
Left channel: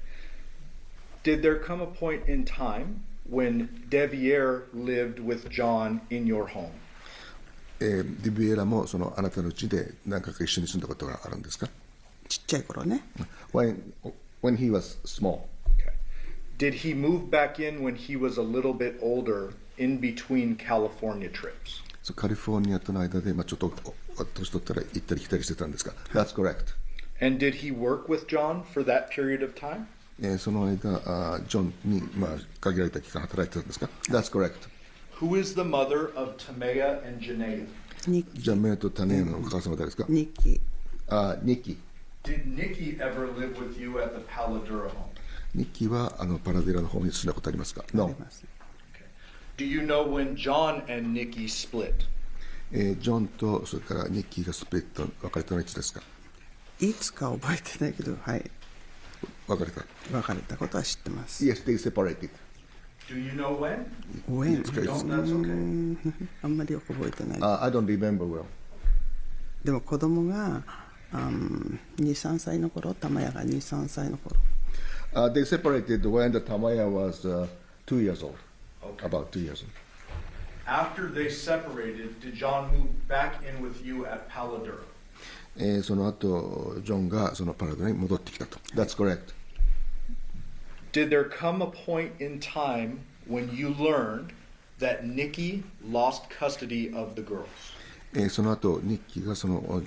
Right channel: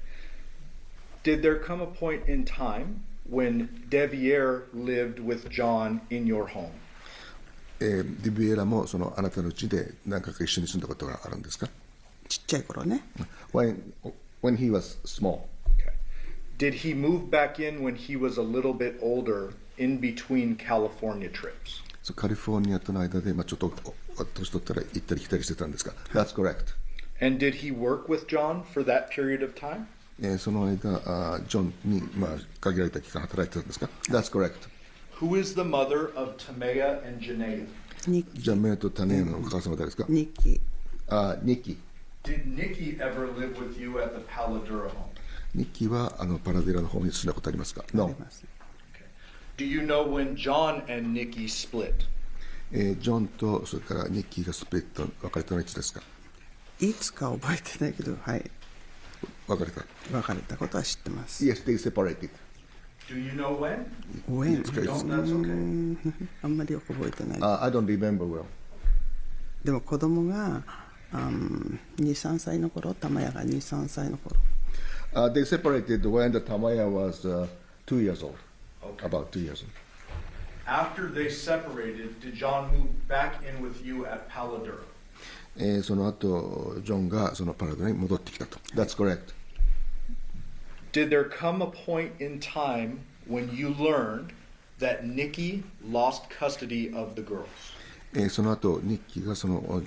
Did there come a point in time when Deviere lived with John in your home? デビエラもそのあなたの家で何回か一緒に住んだことがあるんですかちっちゃい頃ね。When he was small. Okay. Did he move back in when he was a little bit older in between California trips? カリフォルニアとの間でちょっと年取ったら行ったり来たりしてたんですか That's correct. And did he work with John for that period of time? その間、ジョンに限られた期間働いてたんですか That's correct. Who is the mother of Tamea and Janea? ジャメアとタネアのお母様誰ですかニッキー。ニッキー。Did Nikki ever live with you at the Paladura home? ニッキーはパラデラの方に住んだことありますか No. Do you know when John and Nikki split? ジョンとそれからニッキーがスプリット別れたのはいつですかいつか覚えてないけど、はい。別れたことは知ってます。Yes, they separated. Do you know when? When? That's okay. あんまりよく覚えてない。I don't remember well. でも子供が2、3歳の頃、タマヤが2、3歳の頃。They separated when the Tamaya was 2 years old. Okay. About 2 years old. After they separated, did John move back in with you at Paladura? その後、ジョンがそのパラデラに戻ってきたと。That's correct. Did there come a point in time when you learned that Nikki lost custody of the girls? その後、ニッキーがその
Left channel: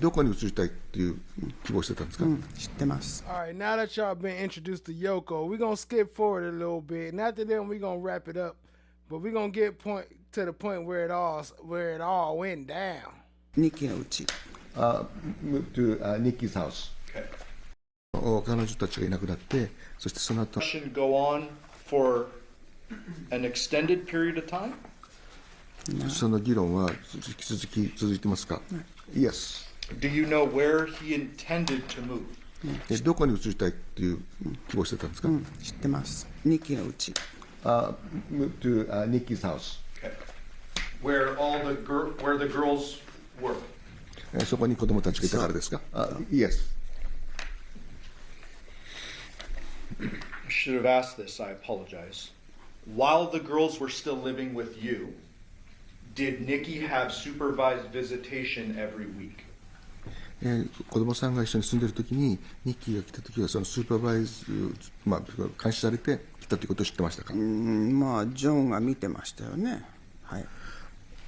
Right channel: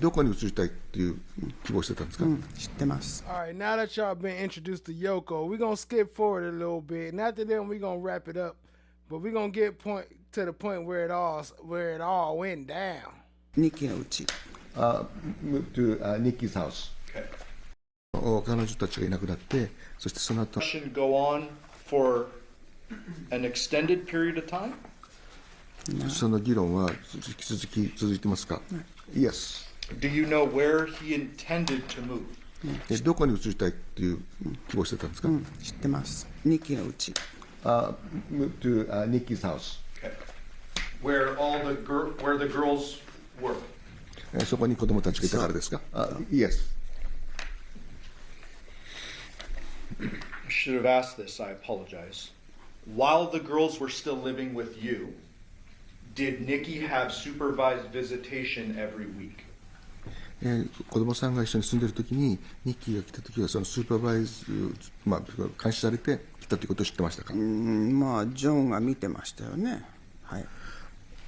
どこに移りたいっていう希望してたんですか知ってます。Alright, now that y'all been introduced to Yoko, we're gonna skip forward a little bit. And after that, we're gonna wrap it up. But we're gonna get to the point where it all went down. ニッキーのうち。Moved to Nikki's house. Okay. 彼女たちがいなくなって、そしてその後。Should go on for an extended period of time? その議論は引き続き続いてますか Yes. Do you know where he intended to move? どこに移りたいっていう希望してたんですか知ってます。ニッキーのうち。Moved to Nikki's house. Okay. Where the girls were? そこに子供たちがいたからですか Yes. I should have asked this, I apologize. While the girls were still living with you, did Nikki have supervised visitation every week? 子供さんが一緒に住んでるときにニッキーが来たときはそのスーパーバイズ、監視されて来たということを知ってましたかジョンが見てましたよね。はい。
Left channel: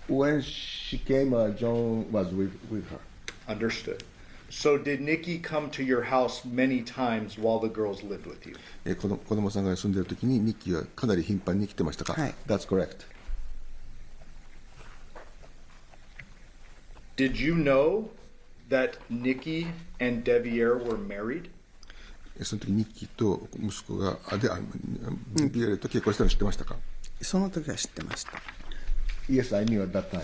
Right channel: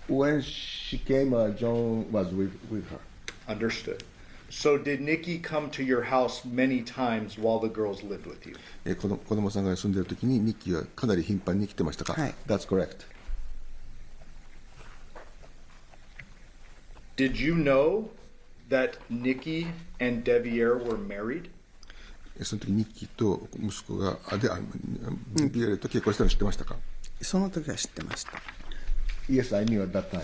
When she came, John was with her. Understood. So did Nikki come to your house many times while the girls lived with you? 子供さんが住んでるときにニッキーはかなり頻繁に来てましたかはい。That's correct. Did you know that Nikki and Deviere were married? その時ニッキーと息子がデビエルと結婚したの知ってましたかその時は知ってました。Yes, I knew at that time.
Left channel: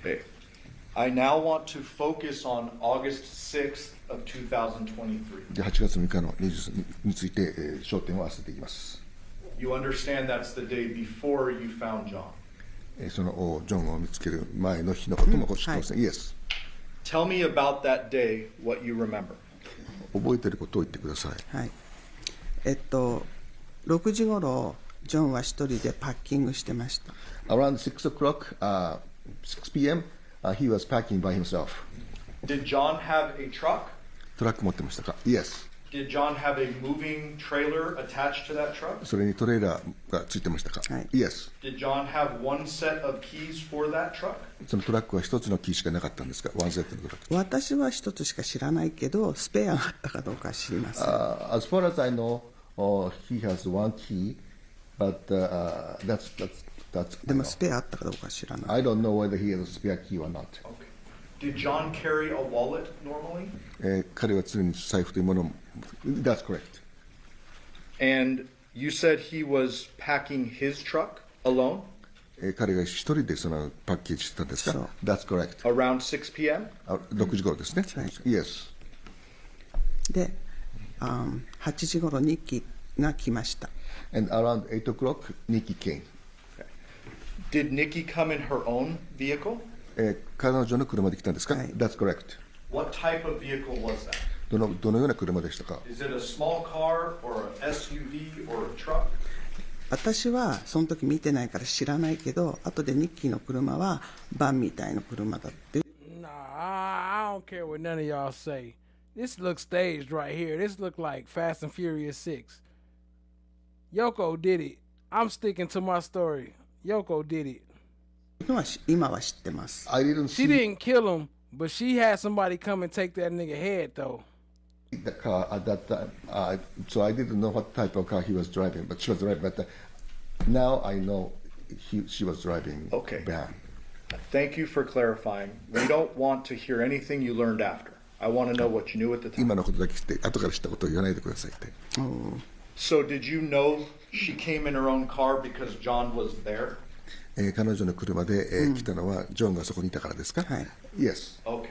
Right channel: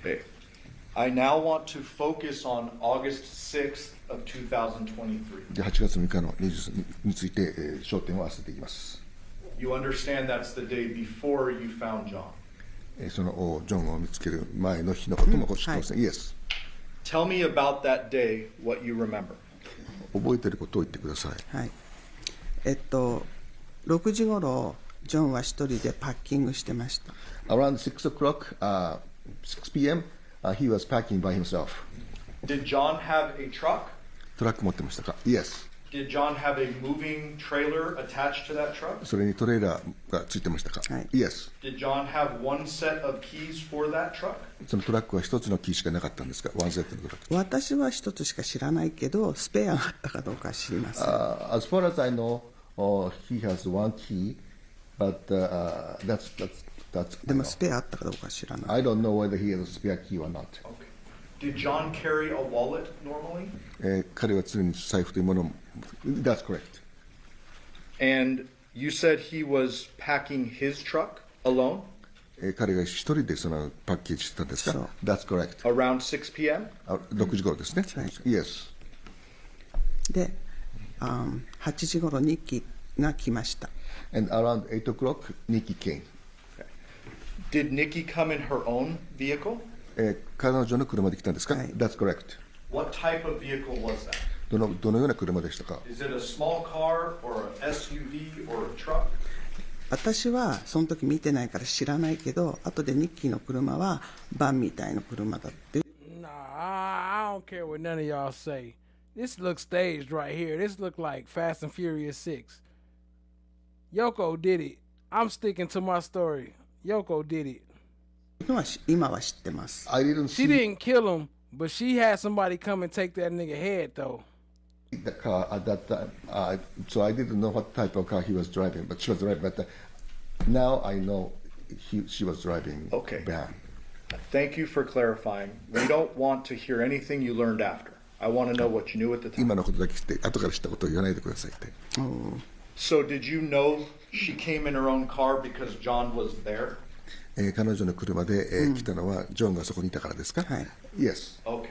Okay. I now want to focus on August 6th of 2023. 8月6日の23について焦点を合わせていきます。You understand that's the day before you found John. そのジョンを見つける前の日のことも知ってますね。Yes. Tell me about that day, what you remember. 覚えてることを言ってください。はい。6時頃ジョンは一人でパッキングしてました。Around 6 o'clock, 6 p.m., he was packing by himself. Did John have a truck? トラック持ってましたか Yes. Did John have a moving trailer attached to that truck? それにトレーラーがついてましたか Yes. Did John have one set of keys for that truck? そのトラックは一つのキーしかなかったんですかワンセットのトラック。私は一つしか知らないけど、スペアがあったかどうか知りません。As far as I know, he has one key, but that's でもスペアあったかどうか知らない。I don't know whether he has a spare key or not. Did John carry a wallet normally? 彼は常に財布というものを That's correct. And you said he was packing his truck alone? 彼が一人でそのパッケージしてたんですか That's correct. Around 6 p.m.? 6時頃ですね。Yes. で、8時頃ニッキーが来ました。And around 8 o'clock, Nikki came. Did Nikki come in her own vehicle? 彼女の車で来たんですか That's correct. What type of vehicle was that? どのような車でしたか Is it a small car or an SUV or a truck? 私はその時見てないから知らないけど、後でニッキーの車はバンみたいな車だって。Nah, I don't care what none of y'all say. This looks staged right here. This look like Fast and Furious 6. Yoko did it. I'm sticking to my story. Yoko did it. 今は知ってます。She didn't kill him, but she had somebody come and take that nigga head though. The car at that time, so I didn't know what type of car he was driving, but she was driving. But now I know she was driving. Okay. Van. Thank you for clarifying. We don't want to hear anything you learned after. I want to know what you knew at the time. 今のことだけ知って後から知ったことを言わないでくださいって。So did you know she came in her own car because John was there? 彼女の車で来たのはジョンがそこにいたからですか Yes. Okay.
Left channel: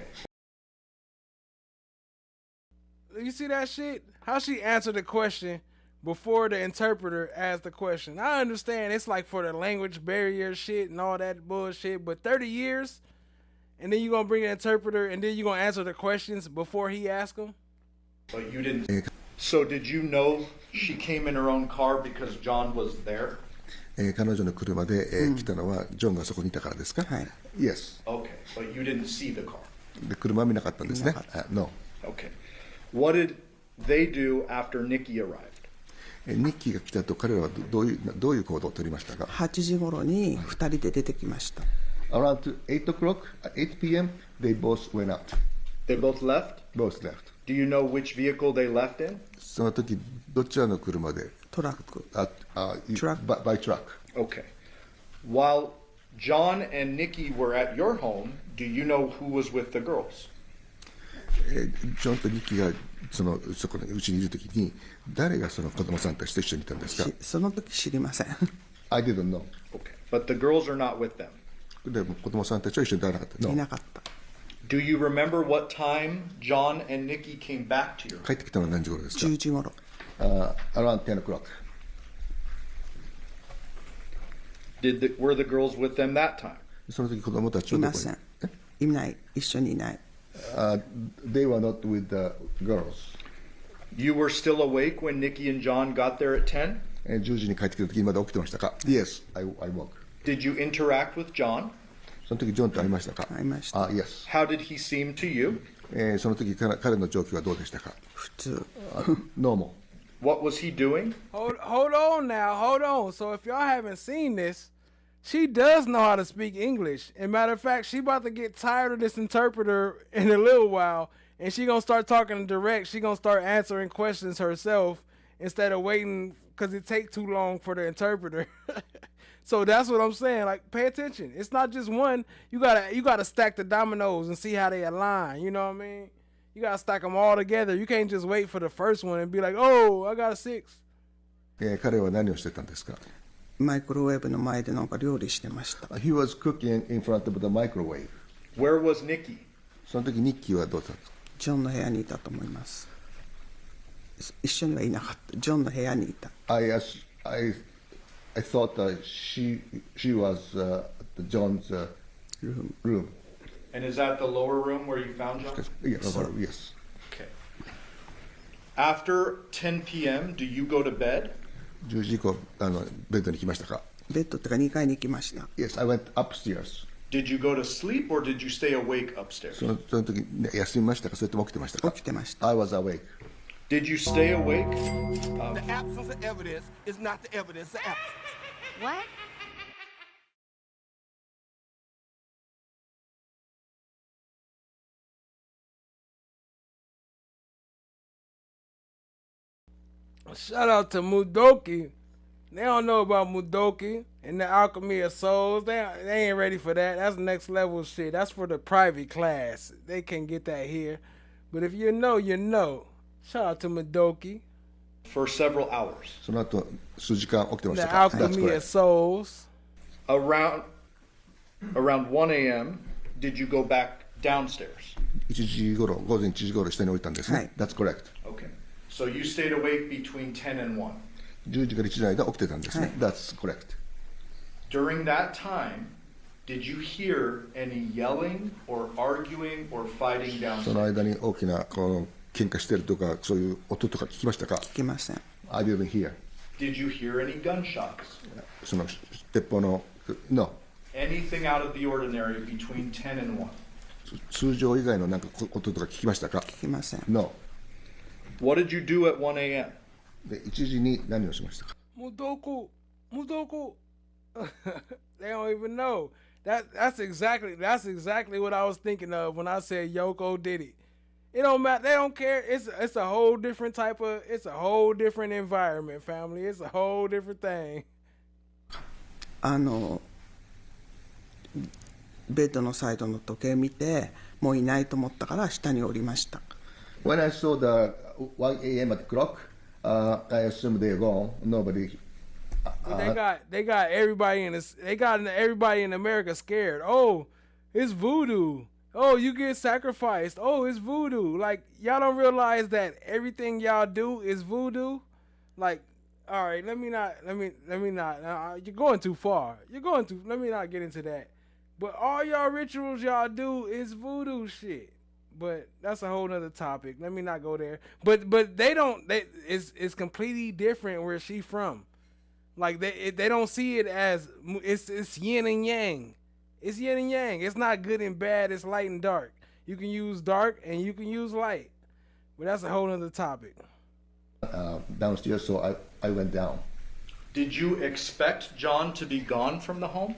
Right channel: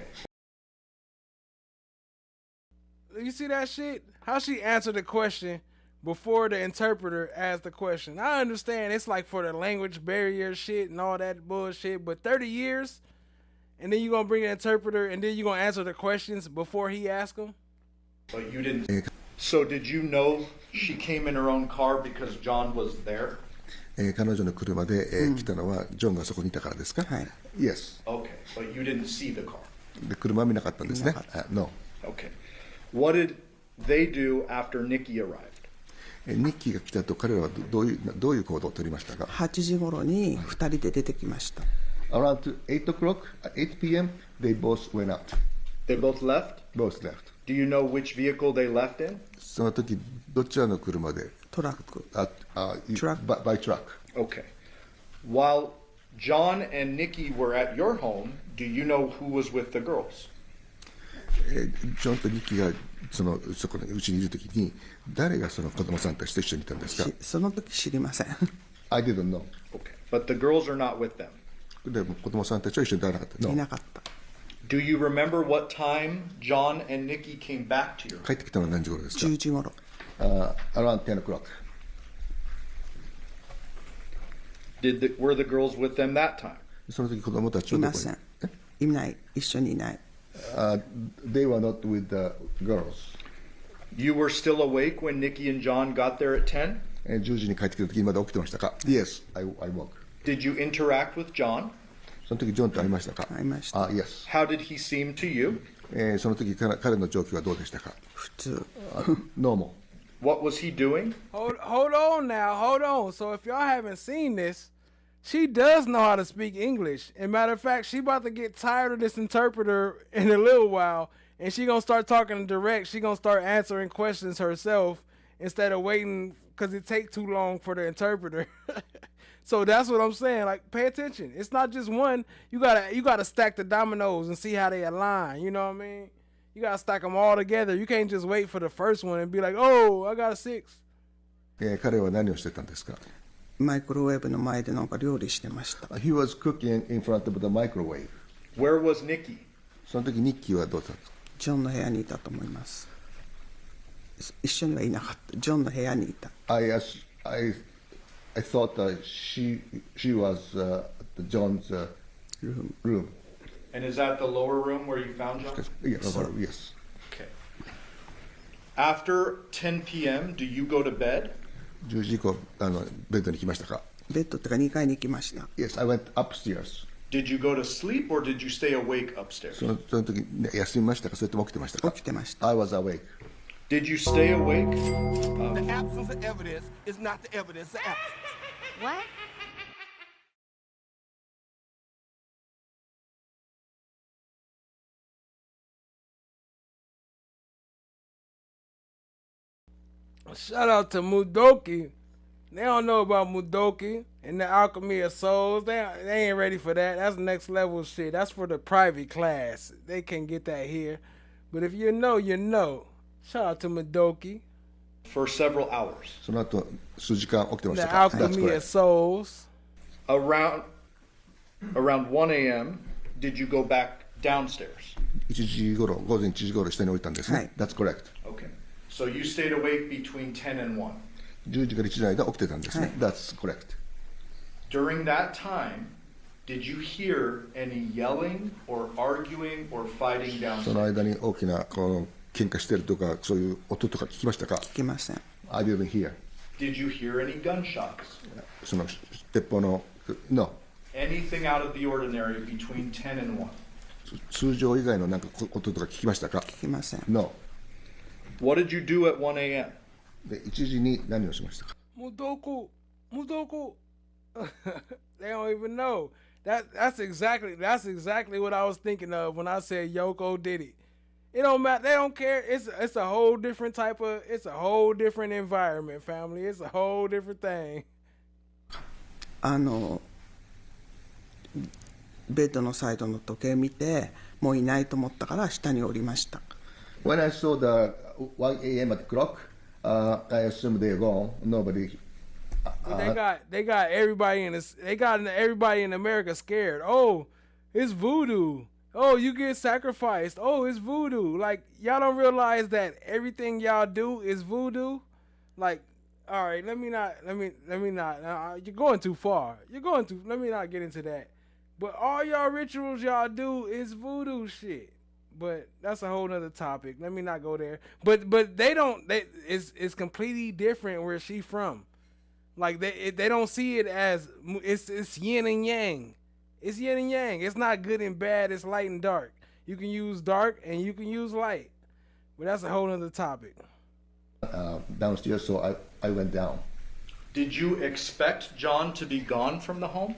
You see that shit? How she answered the question before the interpreter asked the question. I understand it's like for the language barrier shit and all that bullshit, but 30 years and then you're going to bring an interpreter and then you're going to answer the questions before he asks them? But you didn't. So did you know she came in her own car because John was there? 彼女の車で来たのはジョンがそこにいたからですか Yes. Okay, but you didn't see the car. で車は見なかったんですね No. Okay. What did they do after Nikki arrived? ニッキーが来たと彼らはどういう行動を取りましたか8時頃に2人で出てきました。Around 8 o'clock, 8 p.m., they both went out. They both left? Both left. Do you know which vehicle they left in? その時どちらの車でトラック。By truck. Okay. While John and Nikki were at your home, do you know who was with the girls? ジョンとニッキーがそこのうちにいる時に誰がその子供さんたちと一緒にいたんですかその時知りません。I didn't know. Okay. But the girls are not with them. でも子供さんたちは一緒にいなかった。いなかった。Do you remember what time John and Nikki came back to your home? 帰ってきたのは何時頃ですか10時頃。Around 10 o'clock. Were the girls with them that time? その時子供たちはいません。いない。一緒にいない。They were not with the girls. You were still awake when Nikki and John got there at 10? 10時に帰ってきた時にまだ起きてましたか Yes, I woke. Did you interact with John? その時ジョンと会いましたか会いました。Yes. How did he seem to you? その時彼の状況はどうでしたか普通。Normal. What was he doing? Hold on now, hold on. So if y'all haven't seen this, she does know how to speak English. And matter of fact, she about to get tired of this interpreter in a little while, and she gonna start talking direct. She gonna start answering questions herself instead of waiting because it take too long for the interpreter. So that's what I'm saying. Like, pay attention. It's not just one. You gotta stack the dominoes and see how they align. You know what I mean? You gotta stack them all together. You can't just wait for the first one and be like, oh, I got a 6. 彼は何をしてたんですかマイクロウェーブの前でなんか料理してました。He was cooking in front of the microwave. Where was Nikki? その時ニッキーはどうだったんですかジョンの部屋にいたと思います。一緒にはいなかった。ジョンの部屋にいた。I I thought she was John's room. And is that the lower room where you found John? Yes, yes. Okay. After 10 p.m., do you go to bed? 10時以降ベッドに来ましたか？ベッドってか2階に行きました。Yes, I went upstairs. Did you go to sleep or did you stay awake upstairs? その時休みましたか？それとも起きてましたか？起きてました。 I was awake. Did you stay awake? The absence of evidence is not the evidence of absence. What? Shout out to Mudoki. They don't know about Mudoki and the Alchemy of Souls. They ain't ready for that. That's next level shit. That's for the private class. They can't get that here. But if you know, you know. Shout out to Mudoki. For several hours. その後数時間起きてまし The たか？ Alchemy of Souls. Around 1 a.m., did you go back downstairs? 1時頃、午前1時頃下に降りたんですね。はい。 That's correct. Okay. So you stayed awake between 10 and 1. 10時から1時の間起きてたんですね。That's correct. During that time, did you hear any yelling or arguing or fighting その downstairs? 間に大きなこの喧嘩してるとかそういう音とか聞きましたか？聞きません。 I didn't hear. Did you hear any gunshots? その鉄砲の No. Anything out of the ordinary between 10 and 1? 通常以外のなんか音とか聞きましたか？聞きません。 No. What did you do at 1 a.m.? で1時に何をしましたか？ Mudoku. They don't even know. That's exactly what I was thinking of when I said Yoko did it. It don't matter. They don't care. It's a whole different it's a whole different environment, family. It's a whole different thing. ベッドのサイドの時計見てもういないと思ったから下に降りました。 When I saw the 1 a.m. at the clock, I assumed they're gone. Nobody. They got everybody everybody in America scared. Oh, it's voodoo. Oh, you get sacrificed. Oh, it's voodoo. Like, y'all don't realize that everything y'all do is voodoo. Like, all right, let me not. You're going too far. Let me not get into that. But all y'all rituals y'all do is voodoo shit. But that's a whole nother topic. Let me not go there. But they don't. It's completely different where she from. Like they don't see it as it's yin and yang. It's yin and yang. It's not good and bad. It's light and dark. You can use dark and you can use light. But that's a whole nother topic. Downstairs, so I went down. Did you expect John to be gone from the home?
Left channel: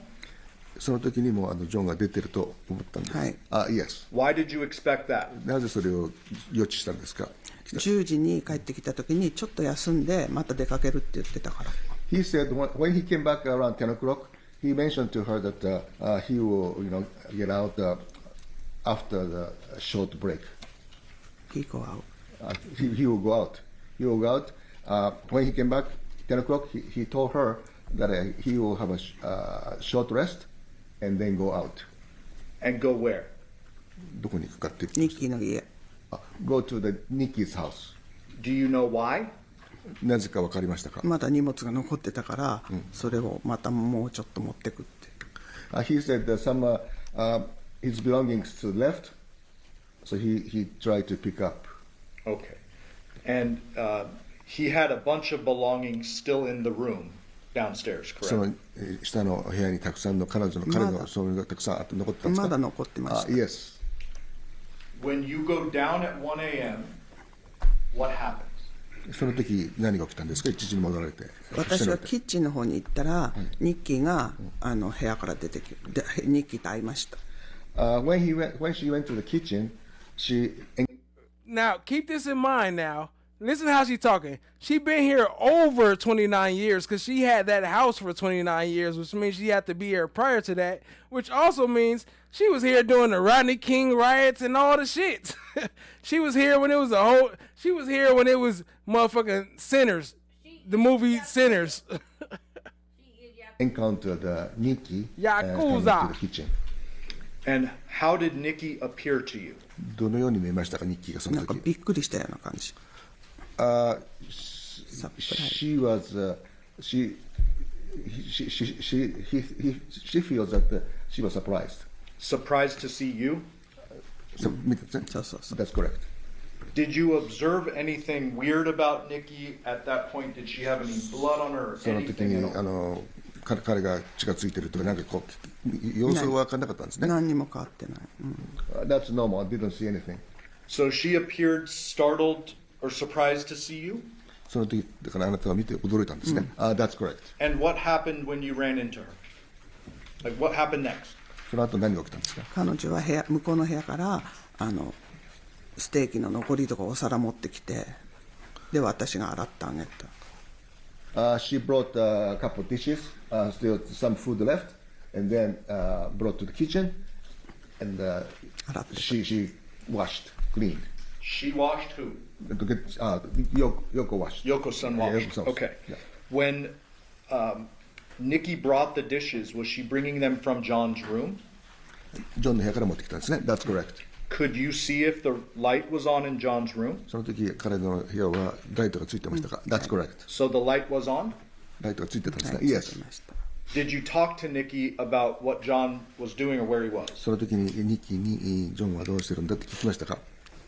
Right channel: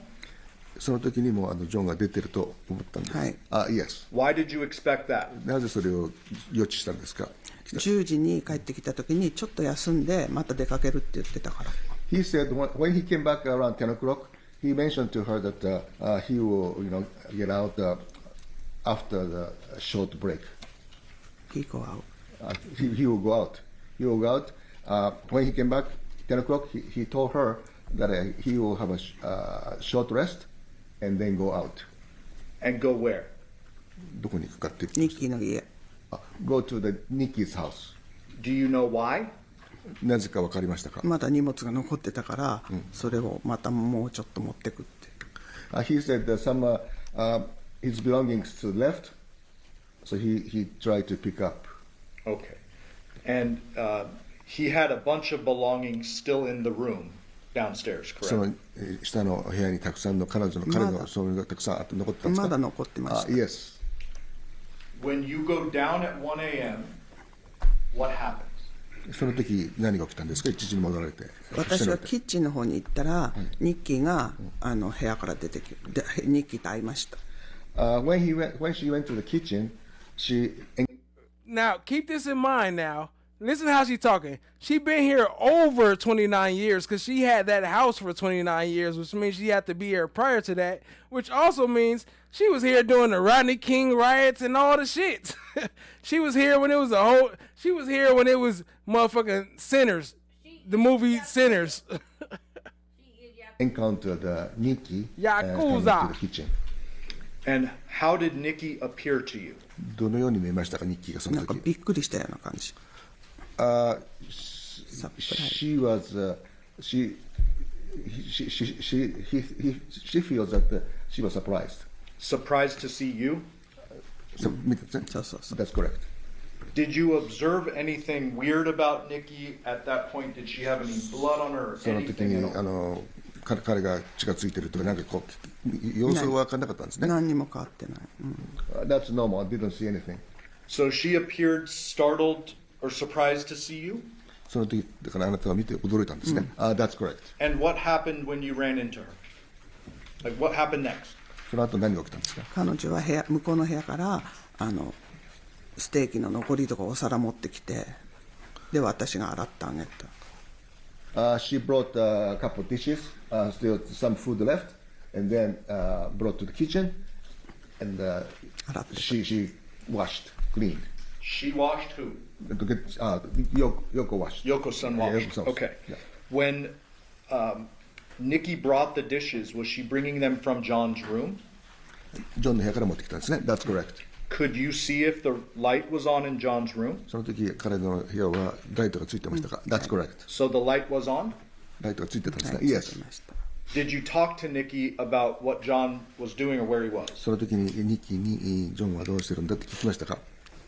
その時にもジョンが出てると思ったんです。はい。Yes. Why did you expect that? なぜそれを予知したんですか？10時に帰ってきた時にちょっと休んでまた出かけるって言ってたから。He said when he came back around 10 o'clock, he mentioned to her that he will, get out after the short break. He go out. He will go out. He will go out. When he came back 10 o'clock, he told her that he will have a short rest and then go out. And go where? どこに行くかって。ニッキーの家。Go to the Nikki's house. Do you know why? なぜか分かりましたか？まだ荷物が残ってたから、それをまたもうちょっと持ってくって。He said that some his belongings to the left, so he tried to pick up. Okay. And he had a bunch of belongings still in the room downstairs, correct? その下の部屋にたくさんの彼のそういうのがたくさん残ってたんですか？まだ残ってました。Yes. When you go down at 1 a.m., what happens? その時何が起きたんですか？1時に戻られて。私はキッチンの方に行ったら、ニッキーが部屋から出てきて、ニッキーと会いました。When she went to the kitchen, she. Now keep this in mind. Now listen how she's talking. She been here over 29 years because she had that house for 29 years, which means she had to be here prior to that, which also means she was here during the Rodney King riots and all the shit. She was here when it was she was here when it was motherfucking Sinners, the movie Sinners. Encountered Nikki Yakuza. To the kitchen. And how did Nikki appear to you? どのように見えましたか、ニッキーがその時。なんかびっくりしたような感じ。She was she feels that she was surprised. Surprised to see you? That's correct. Did you observe anything weird about Nikki at that point? Did she have any blood on her or その時 anything に at all? 彼が血がついてるとかなんかこう様子は分からなかったんですね。何にも変わってない。That's normal. I didn't see anything. So she appeared startled or surprised to see you? その時だからあなたが見て驚いたんですね。That's correct. And what happened when you ran into her? Like what happened next? その後何が起きたんですか？彼女は向こうの部屋からステーキの残りとかお皿持ってきて、で私が洗ってあげた。She brought a couple of dishes, still some food left, and then brought to the kitchen, and she washed, cleaned. She washed who? Yoko washed. Yoko-san washed. Yoko-san. Okay. Yeah. When Nikki brought the dishes, was she bringing them from John's room? ジョンの部屋から持ってきたんですね。That's correct. Could you see if the light was on in John's room? その時彼の部屋はライトがついてましたか？ That's correct. So the light was on? ライトがついてたんですね。Yes. Did you talk to Nikki about what John was doing or where he was? その時にニッキーにジョンはどうしてるんだって聞きましたか？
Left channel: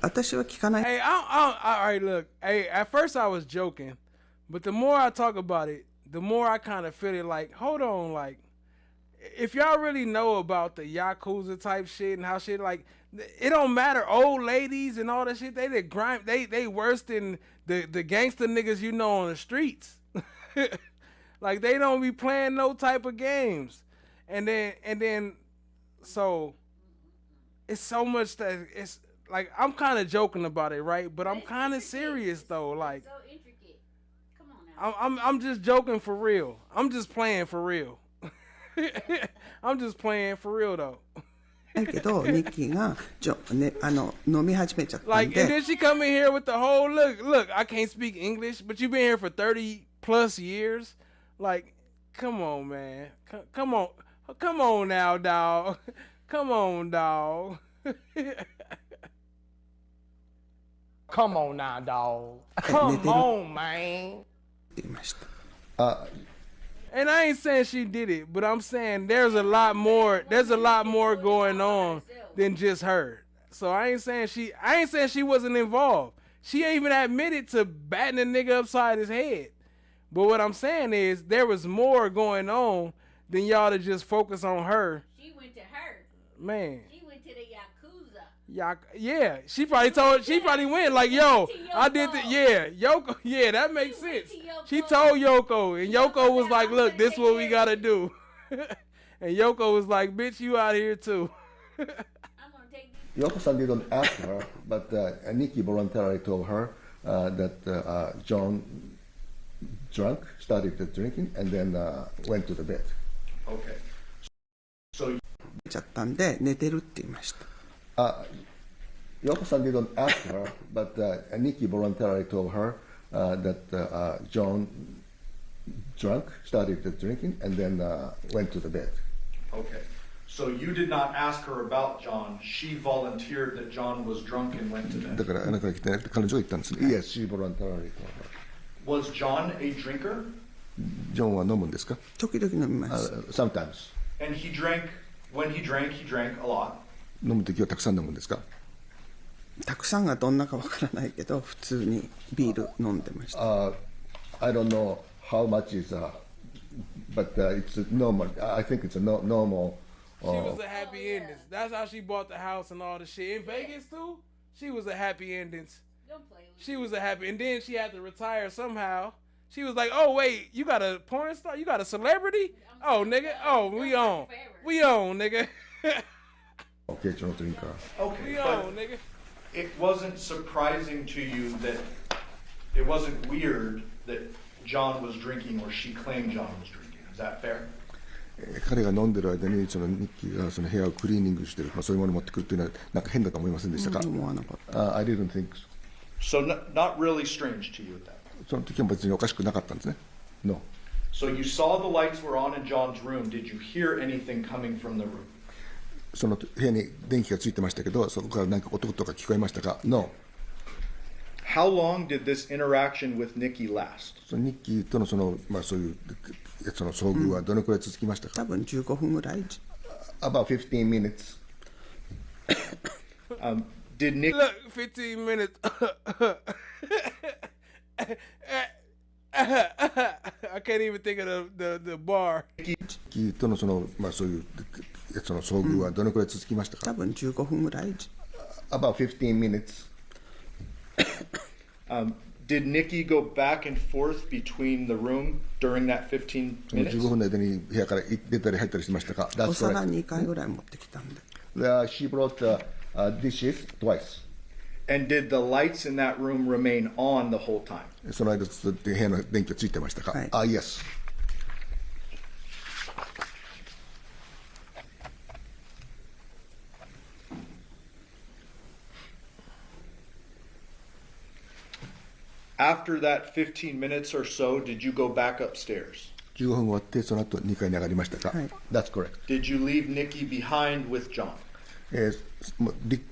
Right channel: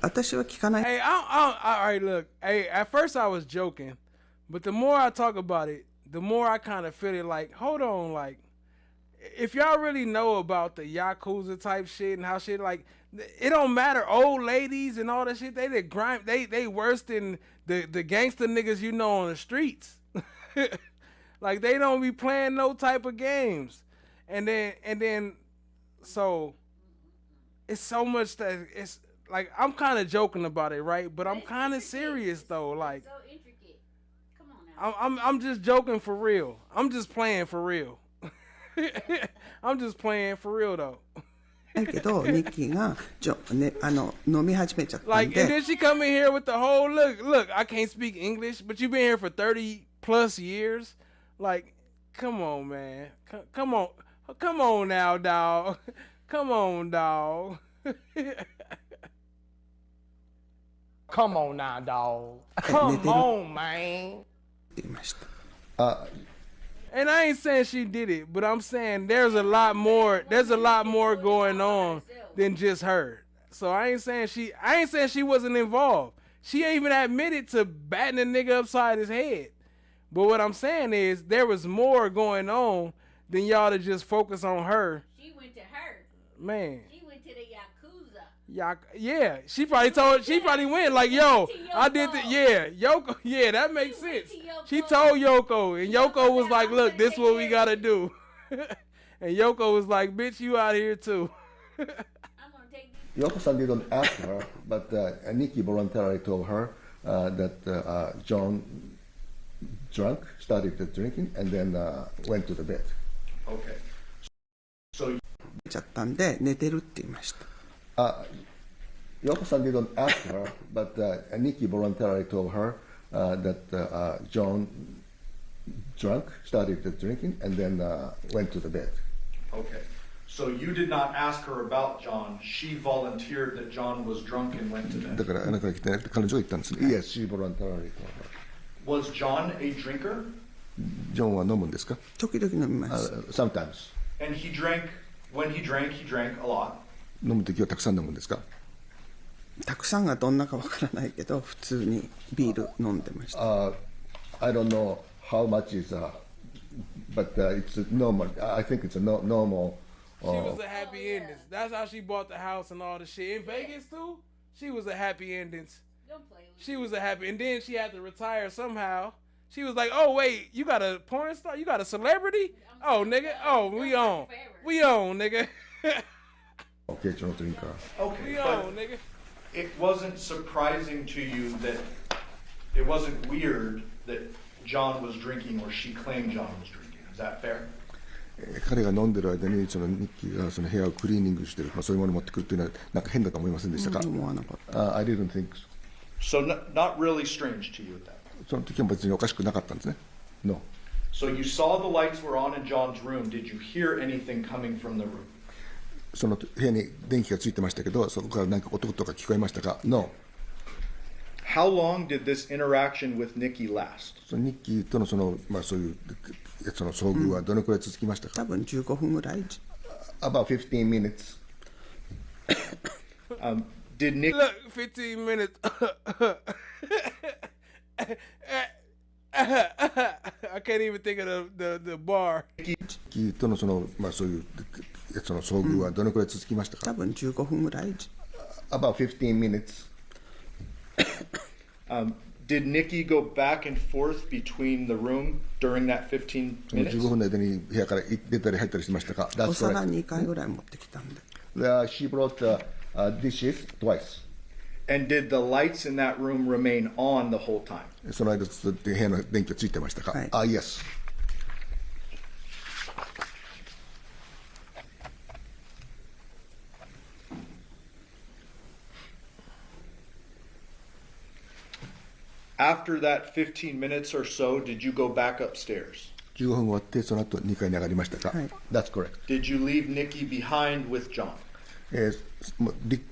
私は聞かない。 Hey, all right, look. Hey, at first I was joking, but the more I talk about it, the more I kind of feel it like, hold on, like, if y'all really know about the Yakuza type shit and how shit, like, it don't matter, old ladies and all that shit, they worse than the gangster niggas you know on the streets. Like, they don't be playing no type of games. And then, so, it's so much that it's, like, I'm kind of joking about it, right? But I'm kind of serious, though, like. So intricate. Come on now. I'm just joking for real. I'm just playing for real. I'm just playing for real, though. だけどニッキーが飲み始めちゃったんで。Like, and then she come in here with the whole look. I can't speak English, but you've been here for 30 plus years. Like, come on, man. Come on now, dog. Come on, dog. Come on now, dog. Come on, man. And I ain't saying she did it, but I'm saying there's a lot more going on than just her. So I ain't saying she wasn't involved. She even admitted to batting a nigga upside his head. But what I'm saying is there was more going on than y'all to just focus on her. She went to her. Man. She went to the Yakuza. Yeah, she probably went like, yo, I did the, yeah, Yoko, yeah, that makes sense. She told Yoko, and Yoko was like, look, this is what we gotta do. And Yoko was like, bitch, you out here too. Yoko-san didn't ask her, but Nikki voluntarily told her that John drank, started drinking, and then went to the bed. Okay. So ちゃったんで寝てるって言いました。Yoko-san didn't ask her, but Nikki voluntarily told her that John drank, started drinking, and then went to the bed. Okay. So you did not ask her about John. She volunteered that John was drunk and went to bed. だからあなたが来てなくて彼女が言ったんですね。Yes, she voluntarily told her. Was John a drinker? ジョンは飲むんですか？時々飲みます。Sometimes. And he drank, when he drank a lot. 飲むときはたくさん飲むんですか？たくさんがどんなかわからないけど普通にビール飲んでました。I don't know how much is, but it's normal. I think it's a normal. She was a happy ending. That's how she bought the house and all the shit. In Vegas too, she was a happy ending. She was a happy, and then she had to retire somehow. She was like, "Oh wait, you got a porn star? You got a celebrity? Oh nigga, oh we on, nigga." Okay, Johnathan. Okay, we on, nigga. It wasn't surprising to you that it wasn't weird that John was drinking or she claimed John was drinking. Is that fair? 彼が飲んでる間にそのニッキーがその部屋をクリーニングしてる、そういうものを持ってくるっていうのはなんか変だと思いませんでしたか？思わなかった。I didn't think So so. not really strange to you at that. その時は別におかしくなかったんですね。No. So you saw the lights were on in John's room. Did you hear anything coming from the room? その部屋に電気がついてましたけど、そこから何か音とか聞こえましたか？ No. How long did this interaction with Nikki last? ニッキーとのそういうその遭遇はどのくらい続きましたか？多分15分ぐらい。About 15 minutes. Did Nick? Look, 15 minutes. I can't even think of the bar. ニッキーとのそういうその遭遇はどのくらい続きましたか？多分15分ぐらい。About 15 minutes. Did Nikki go back and forth between the room during that 15 minutes? 15分の間に部屋から出たり入ったりしましたか？お皿2回ぐらい持ってきたんで。She brought dishes twice. And did the lights in that room remain on the whole time? その間ずっと部屋の電気はついてましたか？Yes. After that 15 minutes or so, did you go back upstairs? 15分終わってその後2階に上がりましたか？That's correct. Did you leave Nikki behind with John?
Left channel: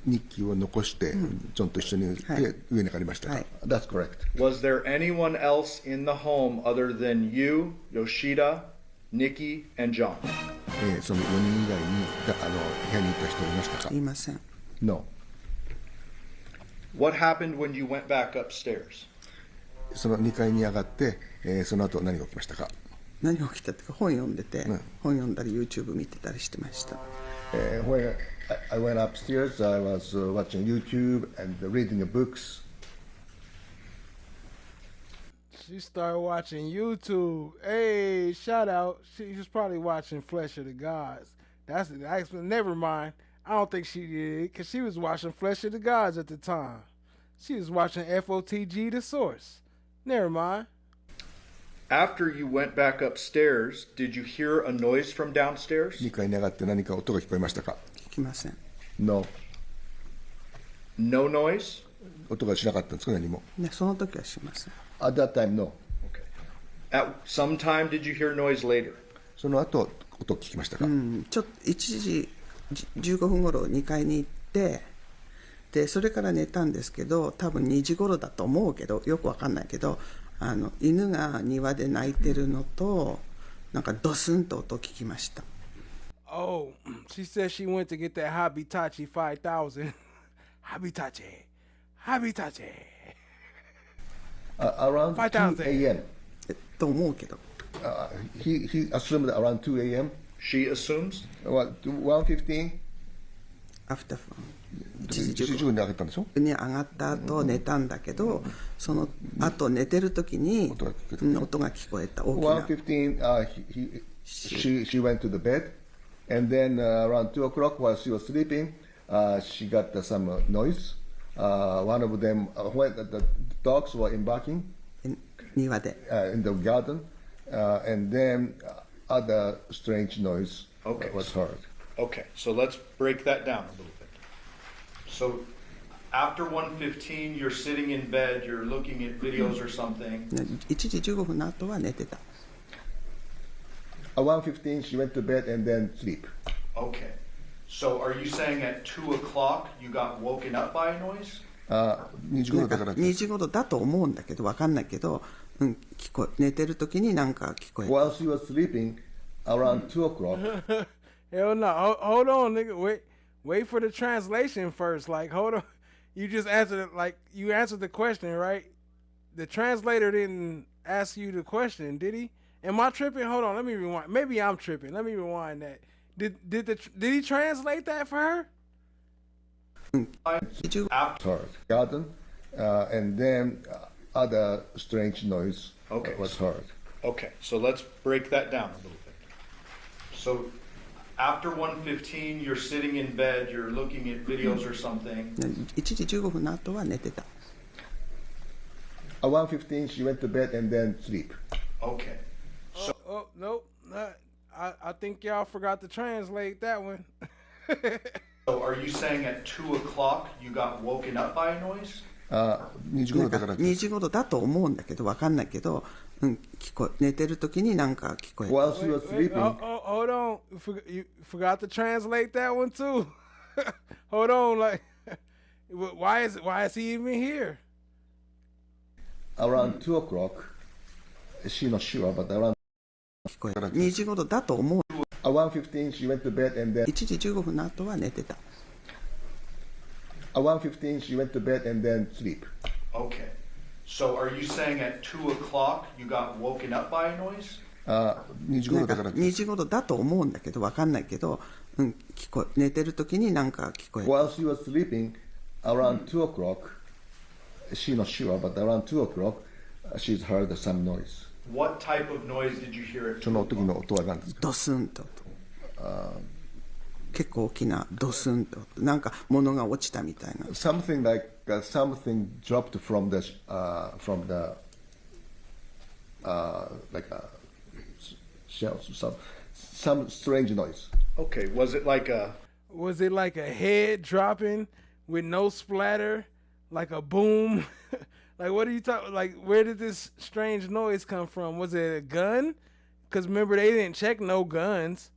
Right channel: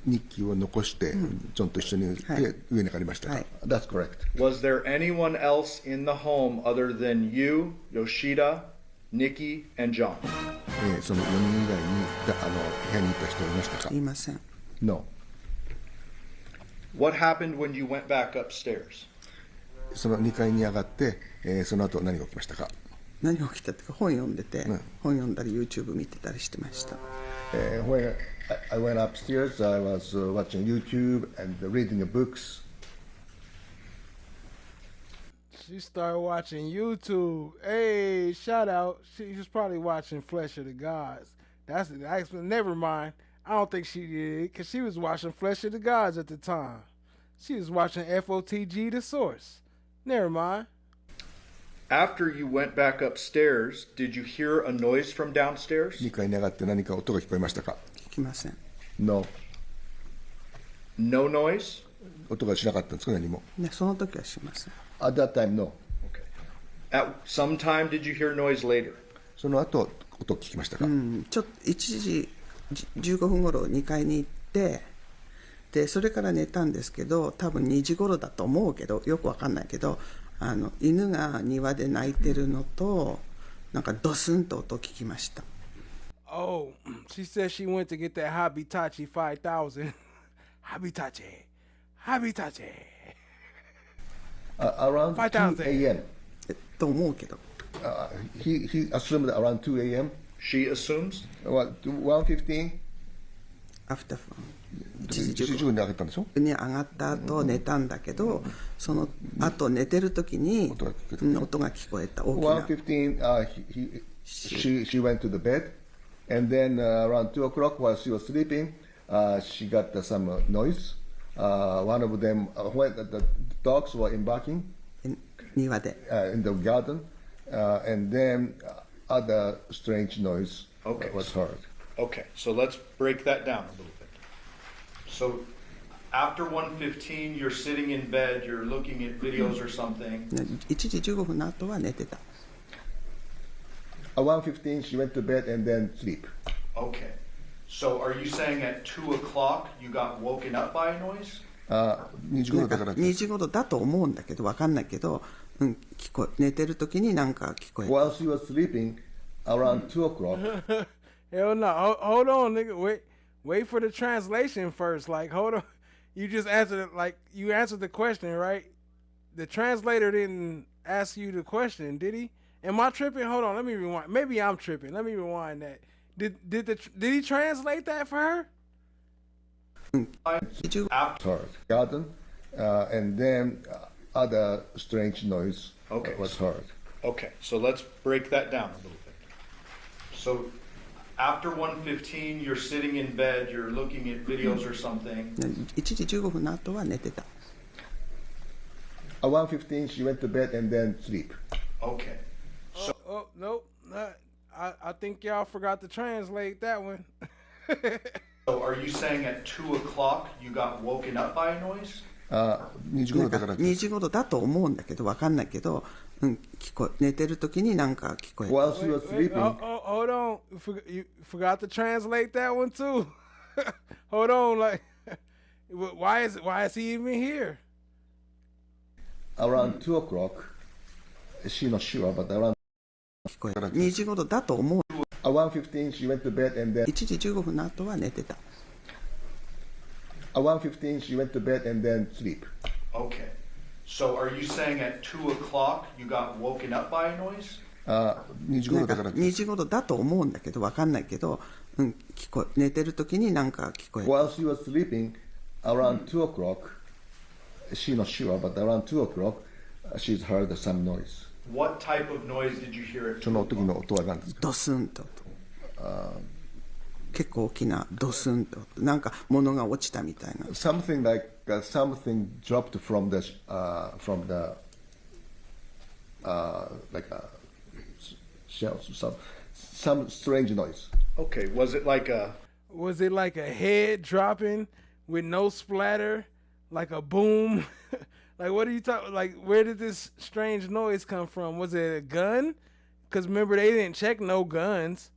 ニッキーを残してジョンと一緒に上に上がりましたか？That's correct. Was there anyone else in the home other than you, Yoshida, Nikki, and John? その4人以外に部屋にいた人いましたか？いません。No. What happened when you went back upstairs? その2階に上がって、その後何が起きましたか？何が起きたっていうか本読んでて、本読んだり YouTube 見てたりしてました。When I went upstairs, I was watching YouTube and reading the books. She started watching YouTube. Hey, shout out. She was probably watching Flesh of the Gods. That's never mind. I don't think she did, because she was watching Flesh of the Gods at the time. She was watching FOTG, The Source. Never mind. After you went back upstairs, did you hear a noise from downstairs? 2階に上がって何か音が聞こえましたか？聞きません。No. No noise? 音がしなかったんですか？何も。その時はしません。At that time, no. Okay. At some time, did you hear noise later? その後音を聞きましたか？ちょっと1時15分頃2階に行って、でそれから寝たんですけど、多分2時頃だと思うけど、よくわかんないけど、犬が庭で鳴いてるのと、なんかドスンと音を聞きました。Oh, she said she went to get that Habitachi 5000. Habitachi. Around 2 a.m. と思うけど。He assumed around 2 a.m. She assumes? 1:15? After 1時15分に上がったんでしょ？に上がった後寝たんだけど、その後寝てる時に音が聞こえた。大きな。1:15, she went to the bed, and then around 2 o'clock while she was sleeping, she got some noise. One of them, when the dogs were embarking 庭で。in the garden, and then other strange noise was heard. Okay, so let's break that down a little bit. So after 1:15, you're sitting in bed, you're looking at videos or something. 1時15分の後は寝てた。At 1:15, she went to bed and then sleep. Okay. So are you saying at 2 o'clock you got woken up by a noise? 2時頃だから2時頃だと思うんだけど、わかんないけど、寝てる時になんか聞こえた。While she was sleeping, around 2 o'clock. Hell no. Hold on, nigga. Wait for the translation first. Like, hold on. You just answered it. Like, you answered the question, right? The translator didn't ask you the question, did he? Am I tripping? Hold on. Let me rewind. Maybe I'm tripping. Let me rewind that. Did he translate that for her? After garden, and then other strange noise was heard. Okay, so let's break that down a little bit. So after 1:15, you're sitting in bed, you're looking at videos or something. 1時15分の後は寝てた。At 1:15, she went to bed and then sleep. Okay. So, nope. I think y'all forgot to translate that one. So are you saying at 2 o'clock you got woken up by a noise? 2時頃だから。2時頃だと思うんだけど、わかんないけど、寝てる時になんか聞こえた。While she was sleeping. Hold on. You forgot to translate that one too. Hold on. Like, why is he even here? around 2 o'clock, she's not sure, but around 2時頃だと思う。 1:15 she went to bed and then 1時15分の後は寝てた。 1:15 she went to bed and then sleep. Okay. So are you saying at 2 o'clock you got woken up by a noise? 2時頃だから2時頃だと思うんだけど、わかんないけど、寝てる時になんか聞こえる。 While she was sleeping, around 2 o'clock, she's not sure, but around 2 o'clock, she's heard some noise. What type of noise did you hear at その時の音は何ですか？ドスンと。結構大きなドスンと、なんか物が落ちたみたいな。Something like something dropped from the like shells, some strange noise. Okay, was it like a head dropping with no splatter, like a boom? Like, what are you talking? Like, where did this strange noise come from? Was it a gun? Because remember, they didn't check no guns,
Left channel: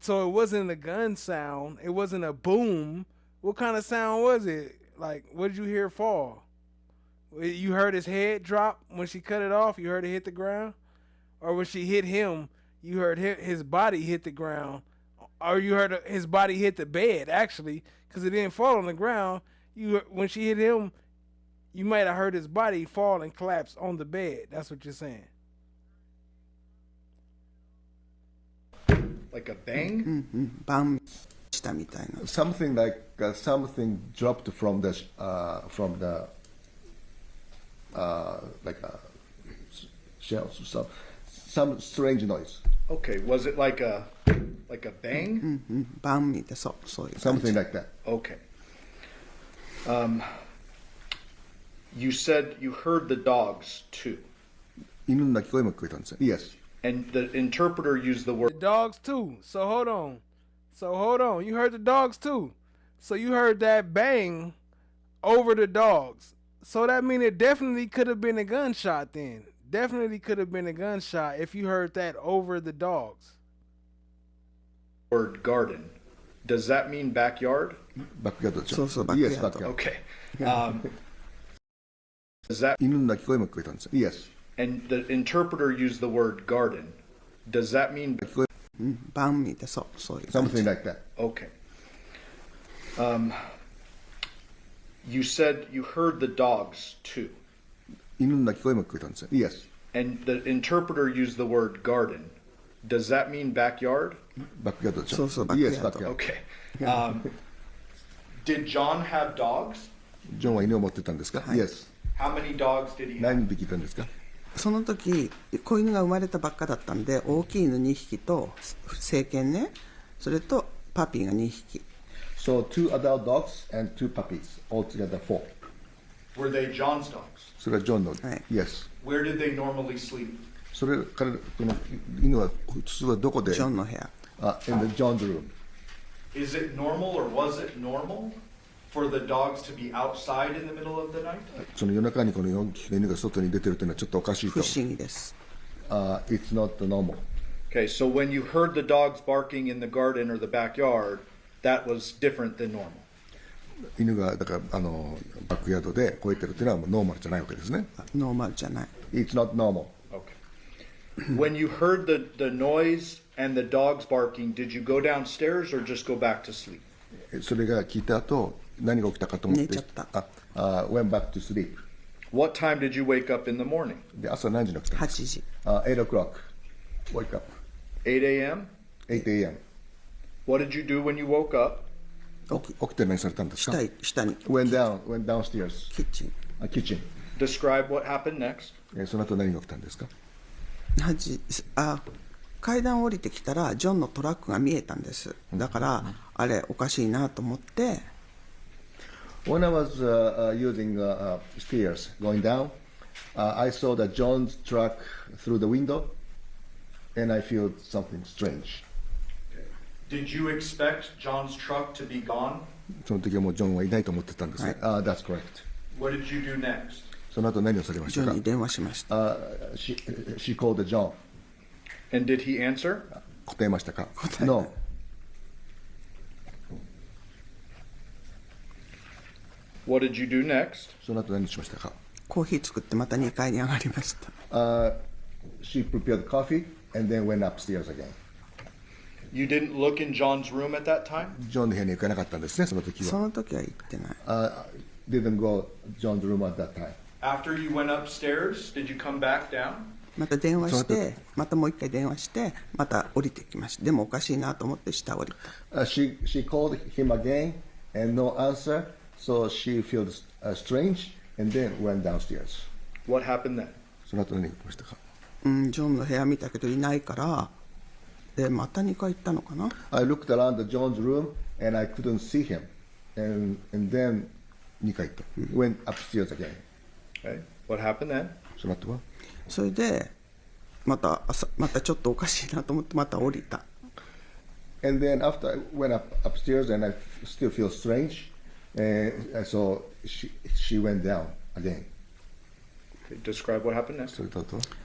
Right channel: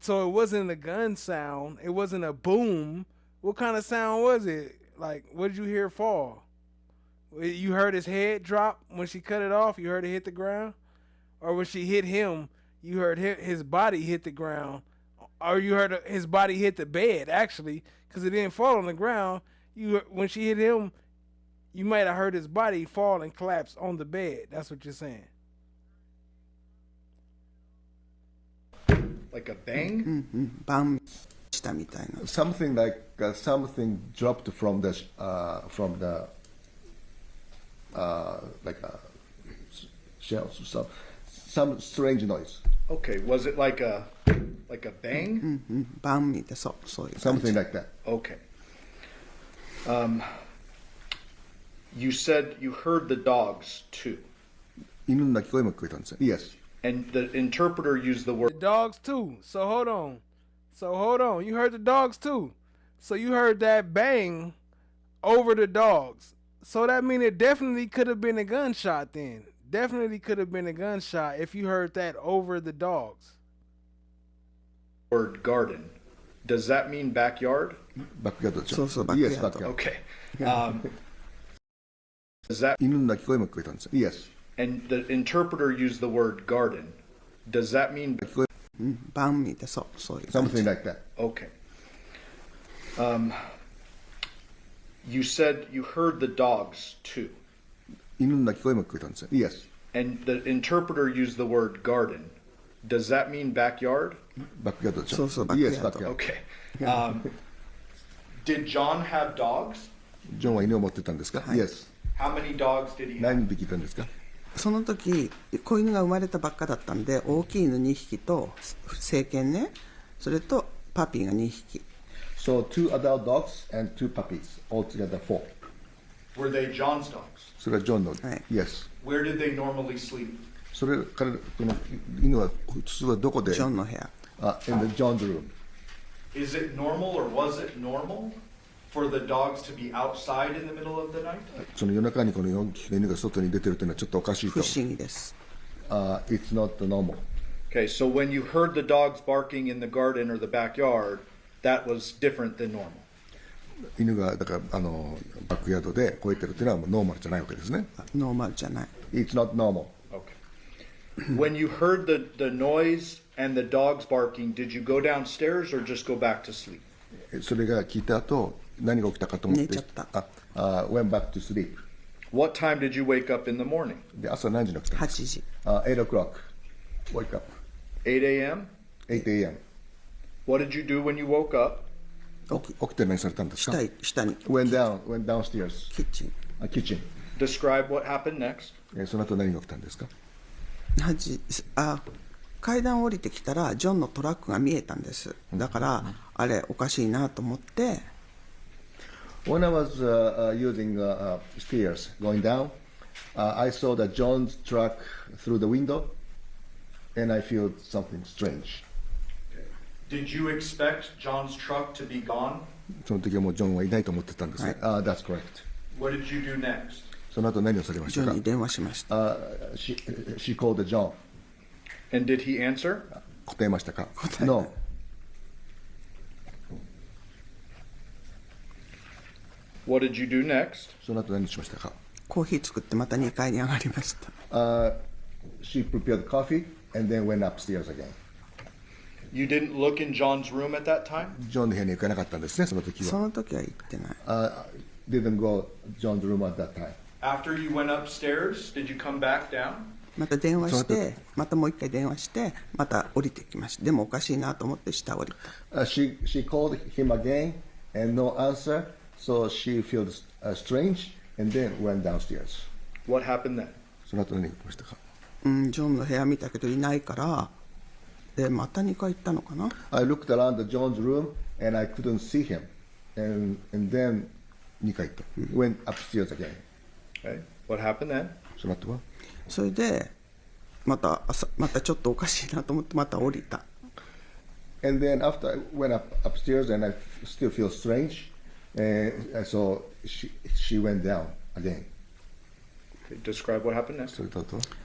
so it wasn't a gun sound. It wasn't a boom. What kind of sound was it? Like, what did you hear fall? You heard his head drop when she cut it off? You heard it hit the ground? Or when she hit him, you heard his body hit the ground? Or you heard his body hit the bed, actually, because it didn't fall on the ground. When she hit him, you might have heard his body fall and collapse on the bed. That's what you're saying. Like a bang? Bang. Something like something dropped from the like shells, some strange noise. Okay, was it like a bang? Bang. Something like that. Okay. You said you heard the dogs too. 犬の鳴き声も聞こえたんですよ。Yes. And the interpreter used the word. The dogs too. So hold on. You heard the dogs too. So you heard that bang over the dogs. So that means it definitely could have been a gunshot then. Definitely could have been a gunshot if you heard that over the dogs. Word garden. Does that mean backyard? Backyard. backyard. Yes, backyard. Okay. Does that? 犬の鳴き声も聞こえたんですよ。Yes. And the interpreter used the word garden. Does that mean? Bang. Something like that. Okay. You said you heard the dogs too. 犬の鳴き声も聞こえたんですよ。Yes. And the interpreter used the word garden. Does that mean backyard? Backyard. backyard. Yes, backyard. Okay. Did John have dogs? ジョンは犬を持ってたんですか？ Yes. How many dogs did he have? 何匹いたんですか？その時子犬が生まれたばっかだったんで、大きい犬2匹と成犬ね、それとパピーが2匹。So 2 adult dogs and 2 puppies, altogether 4. Were they John's dogs? それはジョンの。はい。Yes. Where did they normally sleep? それこの犬は普通はどこで？ジョンの部屋。In the John's room. Is it normal or was it normal for the dogs to be outside in the middle of the night? その夜中にこの4匹の犬が外に出てるというのはちょっとおかしいと。不思議です。It's not normal. Okay, so when you heard the dogs barking in the garden or the backyard, that was different than normal. 犬がだからバックヤードで吠えてるというのはもうノーマルじゃないわけですね。ノーマルじゃない。It's not normal. Okay. When you heard the noise and the dogs barking, did you go downstairs or just go back to sleep? それが聞いた後何が起きたかと思って。寝ちゃった。Went back to sleep. What time did you wake up in the morning? で朝何時に起きたんですか？ 8時。8 o'clock. Wake up. 8 a.m.? 8 a.m. What did you do when you woke up? 起きて何されたんですか？下に。Went downstairs. Kitchen. Describe what happened next. その後何が起きたんですか？階段降りてきたらジョンのトラックが見えたんです。だからあれおかしいなと思って。When I was using stairs going down, I saw the John's truck through the window, and I feel something strange. Did you expect John's truck to be gone? その時はもうジョンはいないと思ってたんですね。That's correct. What did you do next? その後何をされましたか？ジョンに電話しました。She called John. And did he answer? 答えましたか？ No. What did you do next? その後何しましたか？コーヒー作ってまた2階に上がりました。She prepared coffee and then went upstairs again. You didn't look in John's room at that time? ジョンの部屋に行かなかったんですね、その時は。その時は行ってない。Didn't go John's room at that time. After you went upstairs, did you come back down? また電話して、またもう一回電話して、また降りてきました。でもおかしいなと思って下降りた。She called him again and no answer, so she feels strange and then went downstairs. What happened then? その後何が起きましたか？ジョンの部屋見たけどいないから、でまた2階行ったのかな。I looked around the John's room and I couldn't see him, and then 2階行った。Went upstairs again. Okay. What happened then? その後は？それでまたちょっとおかしいなと思ってまた降りた。And then after I went upstairs and I still feel strange, so she went down again. Okay, describe what happened next.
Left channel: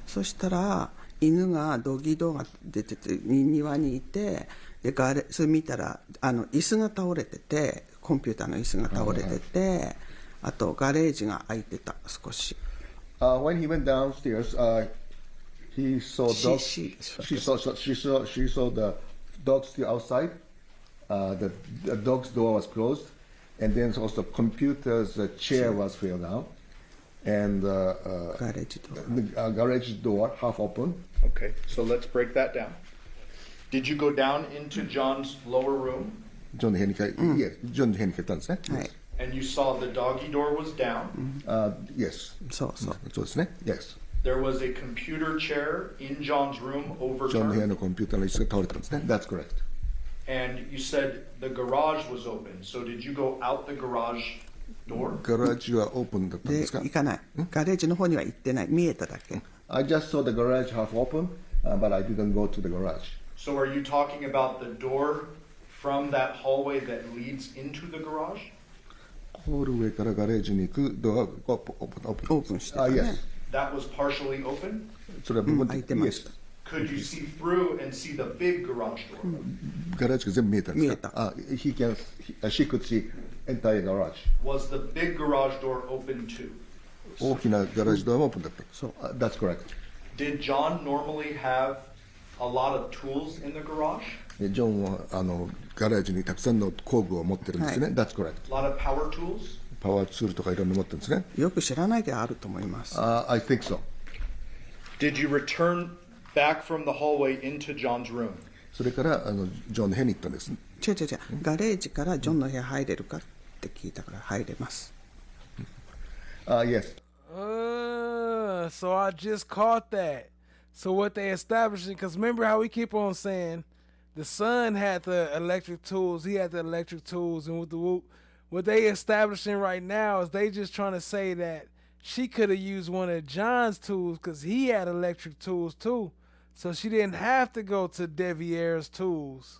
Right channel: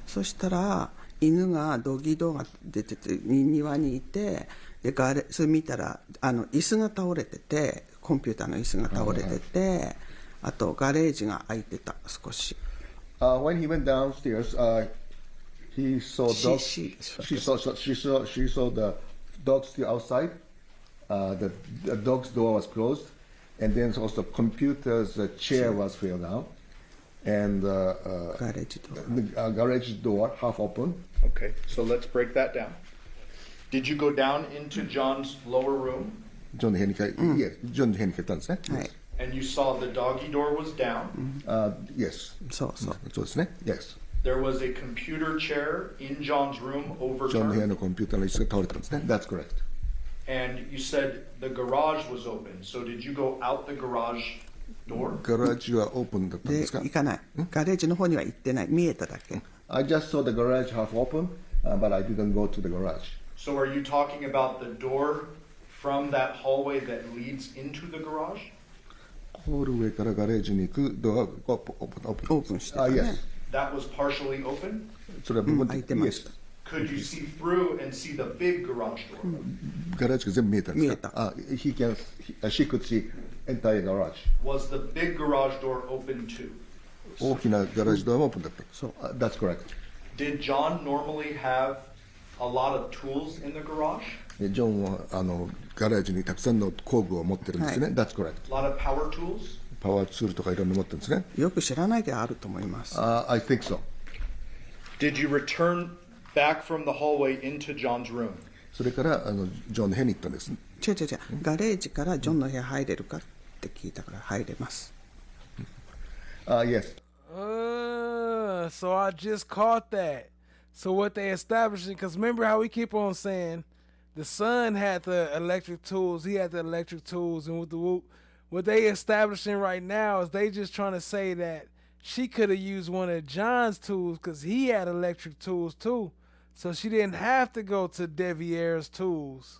そしたら犬がドギドが出てて庭にいて、でそれ見たら椅子が倒れてて、コンピューターの椅子が倒れてて、あとガレージが開いてた少し。When he went downstairs, he saw dogs. She saw the dogs still outside. The dog's door was closed, and then also computer's chair was filled out, and garage door half open. Okay, so let's break that down. Did you go down into John's lower room? ジョンの部屋にジョンの部屋に帰ったんですね。はい。And you saw the doggy door was down. Yes. そうですね。Yes. There was a computer chair in John's room ジョンの部屋 overturned. のコンピューターの椅子が倒れたんですね。That's correct. And you said the garage was open. So did you go out the garage door? ガラージはオープンだったんでですか？行かない。ガレージの方には行ってない。見えただけ。I just saw the garage half open, but I didn't go to the garage. So are you talking about the door from that hallway that leads into the garage? ホールウェイからガレージに行くドアがオープンしてたね。Yes. That was partially open? それは部分開いてました。Could you see through and see the big garage door? ガレージが全部見えたんですか？見えた。She could see entire garage. Was the big garage door open too? 大きなガレージドアもオープンだった。そう。That's correct. Did John normally have a lot of tools in the garage? ジョンはガレージにたくさんの工具を持ってるんですね。That's correct. A lot of power tools? パワーツールとかいろんな持ってるんですね。よく知らないであると思います。I think so. Did you return back from the hallway into John's room? それからジョンの部屋に行ったんです。違う。ガレージからジョンの部屋入れるかって聞いたから入れます。Yes. So I just caught that. So what they establishing, because remember how we keep on saying the son had the electric tools, he had the electric tools, and with the whoop, what they establishing right now is they just trying to say that she could have used one of John's tools because he had electric tools too. So she didn't have to go to Deviere's tools.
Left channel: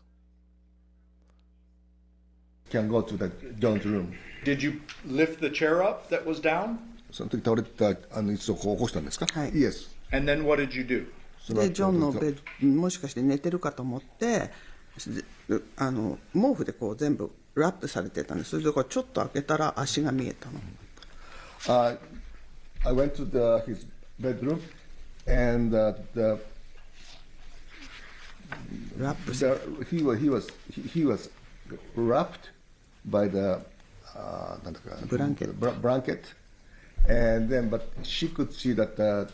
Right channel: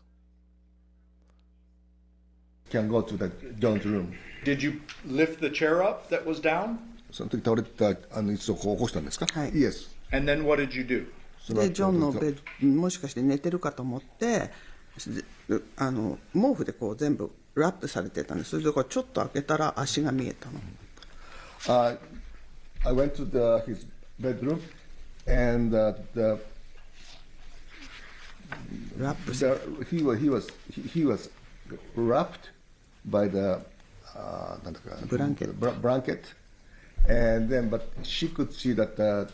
Can go to the John's room. Did you lift the chair up that was down? その時倒れてた椅子をこう起こしたんですか？はい。Yes. And then what did you do? でジョンのベッドもしかして寝てるかと思って毛布でこう全部ラップされてたんです。それでこうちょっと開けたら足が見えたの。I went to his bedroom and he was wrapped by the blanket. And then, but she could see that the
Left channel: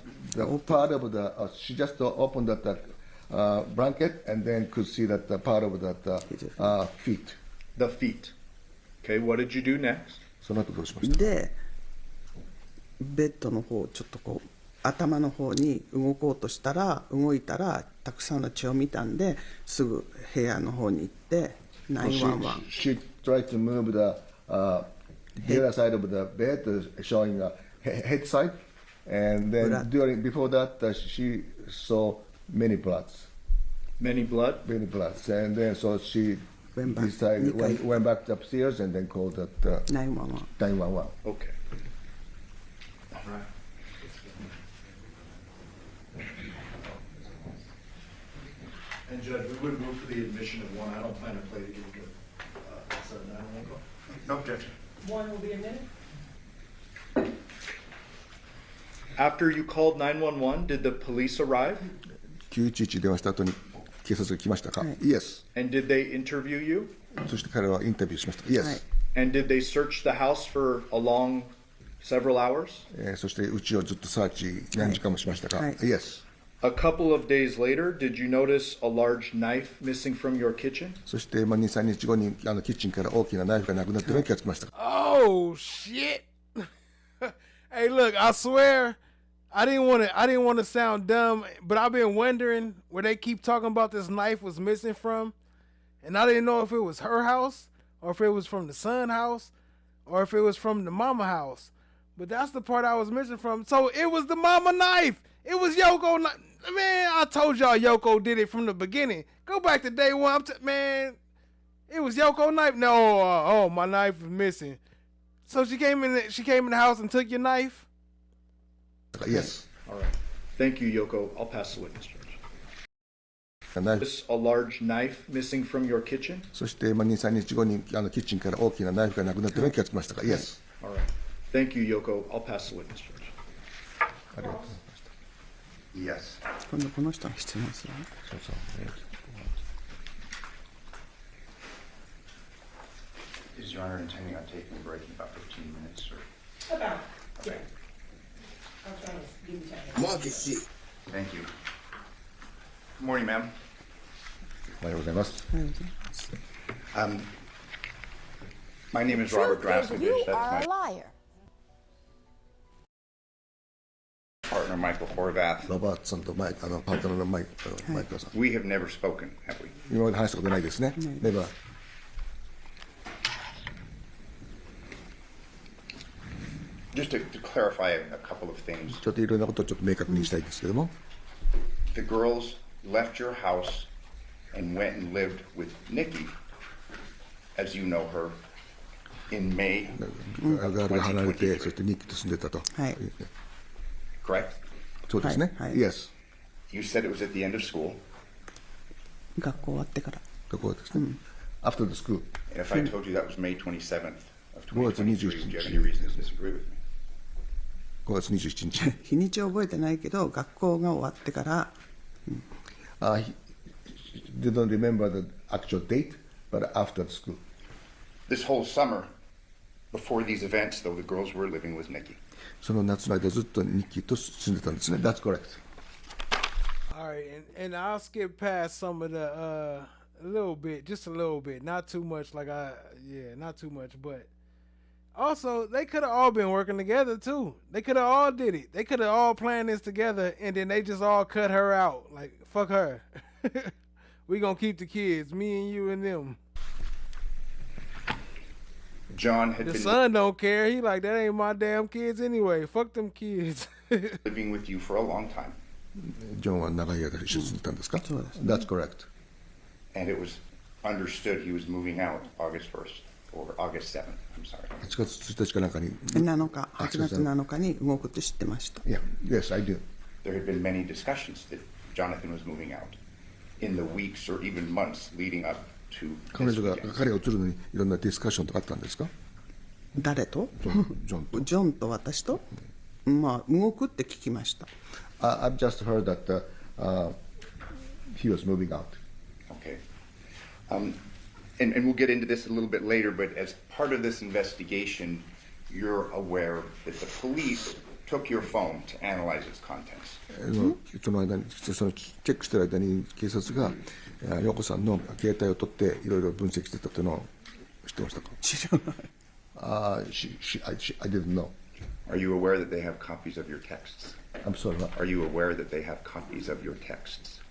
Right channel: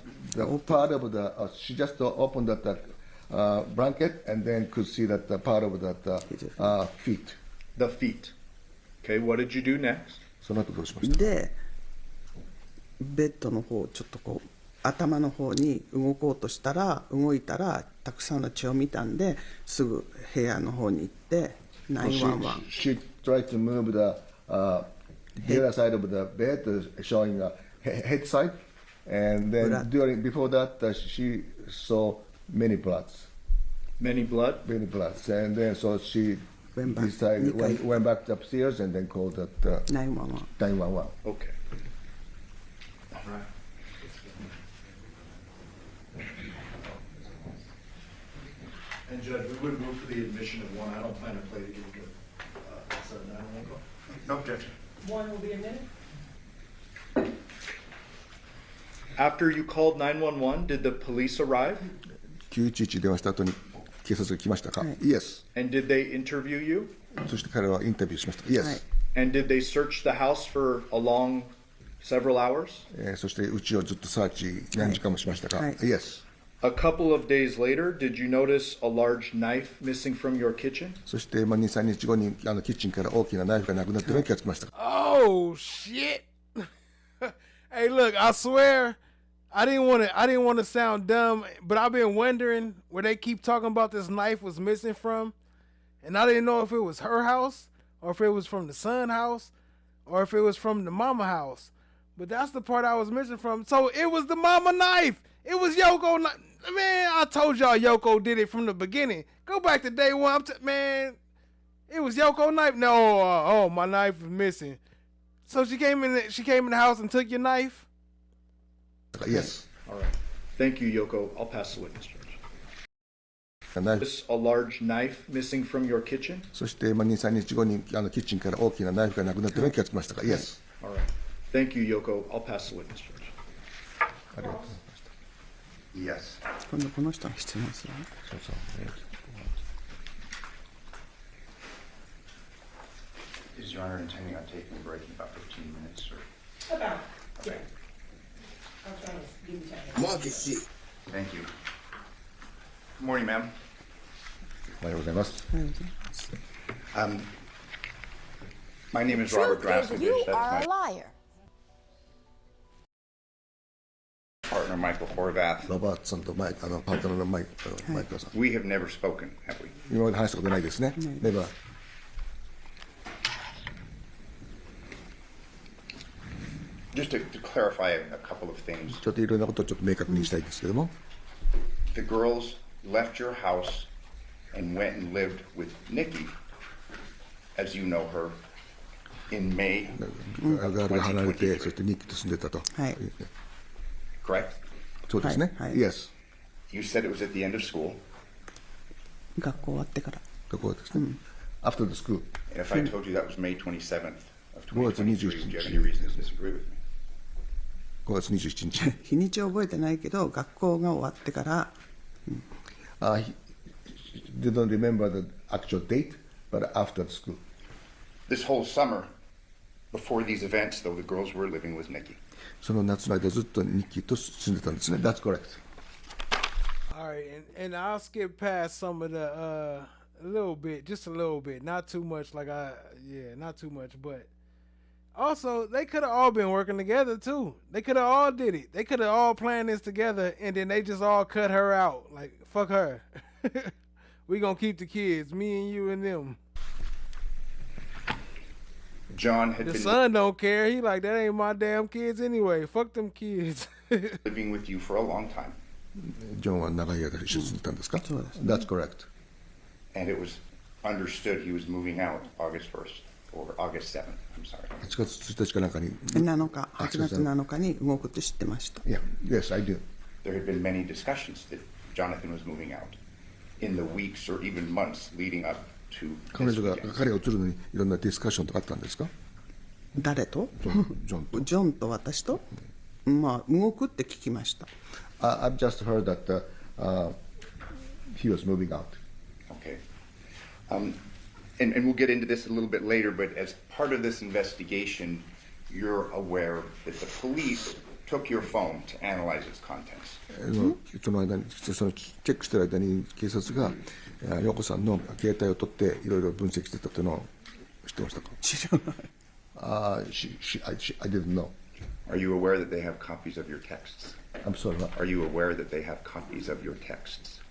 part of she just opened the blanket and then could see that the part of the feet. The feet. Okay, what did you do next? その後どうしました？で、ベッドの方ちょっとこう頭の方に動こうとしたら動いたらたくさんの血を見たんで、すぐ部屋の方に行って911。She tried to move the other side of the bed, showing a head side, and then before that she saw many bloods. Many bloods, and then so she went back upstairs and then called 911. 911. Okay. All right. And Judge, we would move for the admission of one. I don't plan to play the game. So 911 call. No objection. One will be a minute. After you called 911, did the police arrive? 911電話した後に警察が来ましたか？ Yes. And did they interview you? そして彼はインタビューしました。Yes. And did they search the house for a long, several hours? そしてうちをずっとサーチ何時間もしましたか？ Yes. A couple of days later, did you notice a large knife missing from your kitchen? そして2、3日後にキッチンから大きなナイフがなくなっているのに気がつきました。Oh shit! Hey, look, I swear, I didn't want to sound dumb, but I've been wondering where they keep talking about this knife was missing from, and I didn't know if it was her house, or if it was from the son house, or if it was from the mama house. But that's the part I was missing from. So it was the mama knife. It was Yoko. Man, I told y'all Yoko did it from the beginning. Go back to day one. Man, it was Yoko knife. No, oh, my knife is missing. So she came in the house and took your knife? Yes. All right. Thank you, Yoko. I'll pass the witness charge. Is a large knife missing from your kitchen? そして2、3日後にキッチンから大きなナイフがなくなっているのに気がつきましたか？ Yes. All right. Thank you, Yoko. I'll pass the witness charge. ありがとうございました。Yes. 今度この人の質問するね。そうそう。Is Your Honor intending on taking a break in about 15 minutes? Or? About, yeah. I'll try to give you time. Thank you. Good morning, ma'am. おはようございます。 My name is Robert Draskovich. You That's are my a liar. partner, Michael Horvath. ロバートさんとパートナーのマイクさん。We have never spoken, have we? 今まで話したことないですね。Never. Just to clarify a couple of things. ちょっといろんなことをちょっと明確にしたいんですけども。The girls left your house and went and lived with Nikki, as you know her, in May. ガールが離れて、そしてニッキーと住んでたと。はい。Correct? そうですね。Yes. You said it was at the end of school. 学校終わってから。学校ですね。After the school. And if I told you that was May 27th of 5月 2023, 27 would you have any reason to disagree with me? 5月27日。日にちは覚えてないけど、学校が終わってから。He didn't remember the actual date, but after the school. This whole summer, before these events, though, the girls were living with Nikki. その夏の間ずっとニッキーと住んでたんですね。That's correct. All right, and I'll skip past some of the a little bit, just a little bit, not too much. Not too much, but also they could have all been working together too. They could have all did it. They could have all planned this together, and then they just all cut her out. Like fuck her. We gonna keep the kids, me and you and them. John had the been son don't care. He like, that ain't my damn kids anyway. Fuck them kids. living with you for a long time. ジョンは長い間一緒に住んでたんですか？そうですね。That's correct. And it was understood he was moving out August 1st or August 7th. I'm sorry. 8月1日かなんかに。8月7日に動くって知ってました。Yeah, yes, I do. There had been many discussions that Johnathan was moving out in the weeks or even months leading up to. 彼が移るのにいろんなディスカッションとかあったんですか？誰と？ジョンジョンと私と？まあ動くって聞きました。I've just heard that he was moving out. Okay. And we'll get into this a little bit later, but as part of this investigation, you're aware that the police took your phone to analyze its contents. その間にそのチェックしている間に警察が陽子さんの携帯を取っていろいろ分析してたというのを知ってましたか？知らない。I didn't know. Are you aware that they have copies of your texts? I'm sorry, what? Are you aware that they have copies of your texts?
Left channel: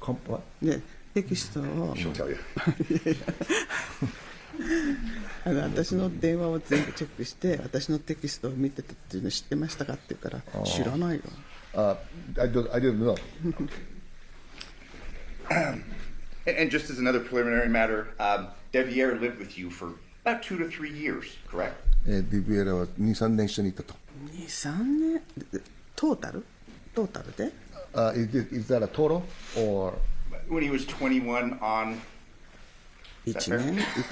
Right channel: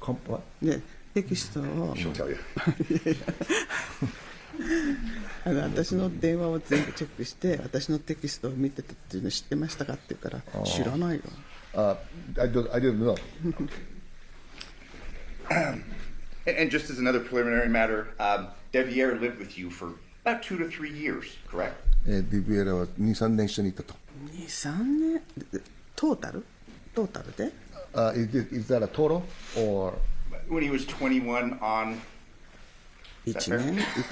What? ね、テキストを。She'll tell you. 私の電話を全部チェックして私のテキストを見てたっていうの知ってましたかって言うから知らないよ。I didn't know. And just as another preliminary matter, Deviere lived with you for about 2 to 3 years, correct? デビエラは2、3年一緒にいたと。2、3年トータルで？Is that a total or? When he was 21 on. 1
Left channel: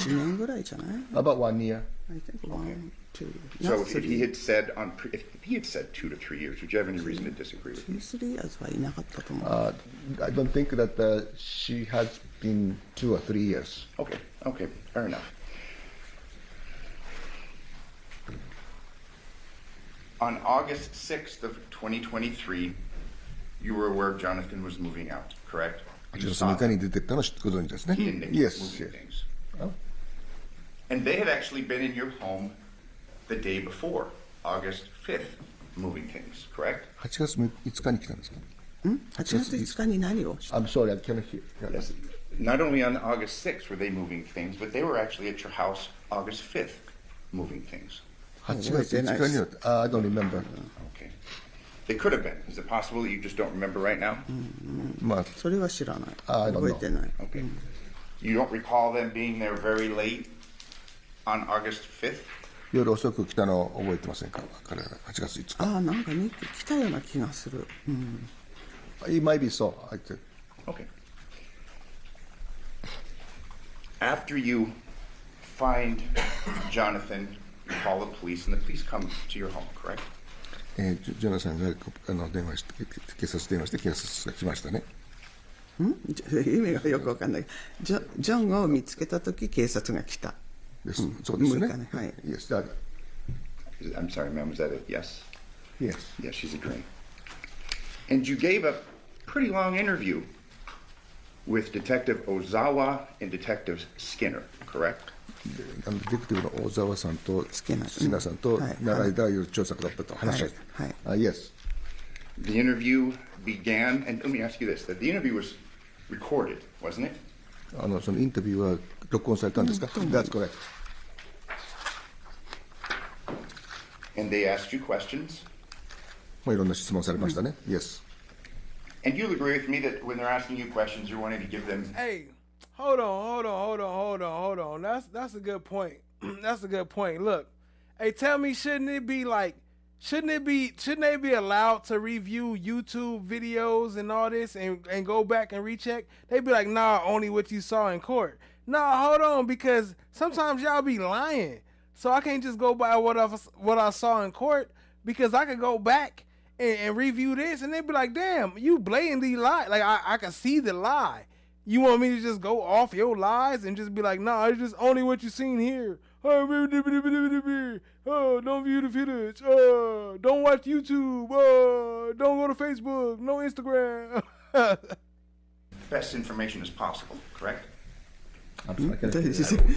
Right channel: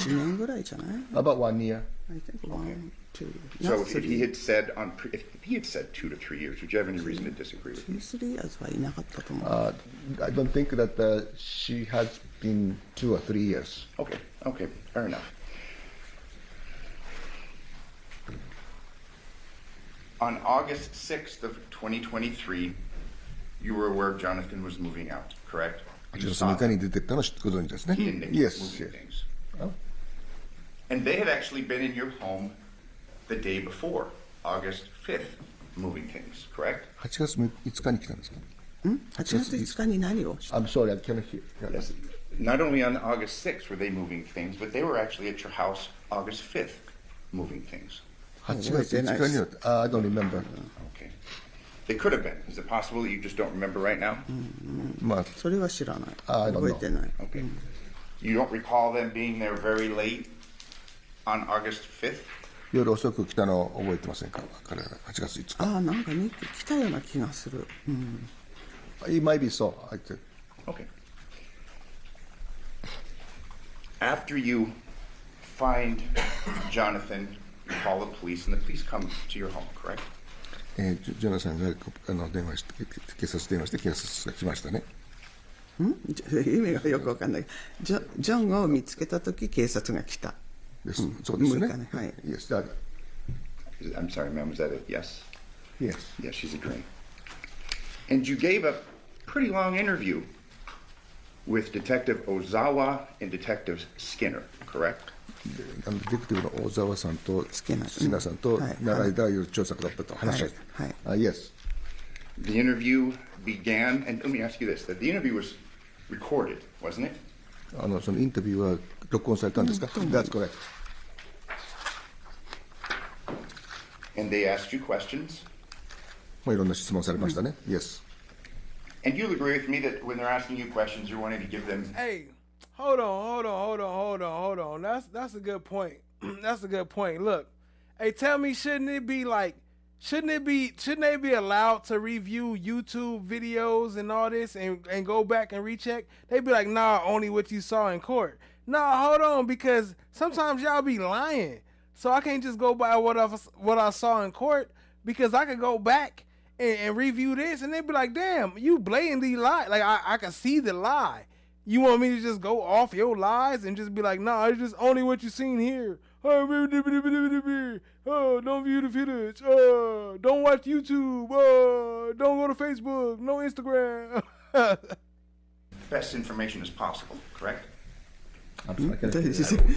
年ぐらいじゃない？ About 1 year. I think 1, 2. So not if he 3. had said if he had said 2 to 3 years, would you have any reason to disagree with me? 3 years はいなかったと思う。 I don't think that she has been 2 or 3 years. Okay, okay, fair enough. On August 6th of 2023, you were aware Johnathan was moving out, correct? You saw8月6日に出てったのご存知ですね。 he and Nick Yes, moving yes. things. And they had actually been in your home the day before, August 5th, moving things, correct? 8月5日に来たんですか？ 8月5日に何を？ I'm sorry, I cannot hear. Yes. Not only on August 6th were they moving things, but they were actually at your house August 5th, moving things. 8月5日には、I don't remember. Okay. They could have been. Is it possible that you just don't remember right now? まあ、それは知らない。 I don't 覚え know. てない。 Okay. You don't recall them being there very late on August 5th? 夜遅く来たのを覚えてませんか？彼ら8月5日。ああ、なんか2来たような気がする。うん。 It might be so. I think. Okay. After you find Johnathan, you call the police, and the police come to your home, correct? ジョナサンが電話して警察電話して警察が来ましたね。意味がよくわかんない。ジョンを見つけたとき警察が来た。そうですね。はい。 Yes, that. I'm sorry, ma'am, was that it? Yes? Yes. Yes, she's agreeing. And you gave a pretty long interview with Detective Ozawa and Detective Skinner, correct? デテクティブの大沢さんとスキナさんと長い間調査だったと話し合って。Yes. The interview began, and let me ask you this: that the interview was recorded, wasn't it? そのインタビューは録音されたんですか？ That's correct. And they asked you questions. まあいろんな質問されましたね。Yes. And you'll agree with me that when they're asking you questions, you're wanting to give them. Hey, hold on. That's a good point. That's a good point. Look, hey, tell me, shouldn't they be allowed to review YouTube videos and all this and go back and recheck? They'd be like, nah, only what you saw in court. Nah, hold on, because sometimes y'all be lying. So I can't just go by what I saw in court, because I could go back and review this and they'd be like, damn, you blatantly lie. Like I can see the lie. You want me to just go off your lies and just be like, nah, it's just only what you seen here. Oh, don't view the footage. Don't watch YouTube. Don't go to Facebook. No Instagram. Best information as possible, correct? I'm sorry.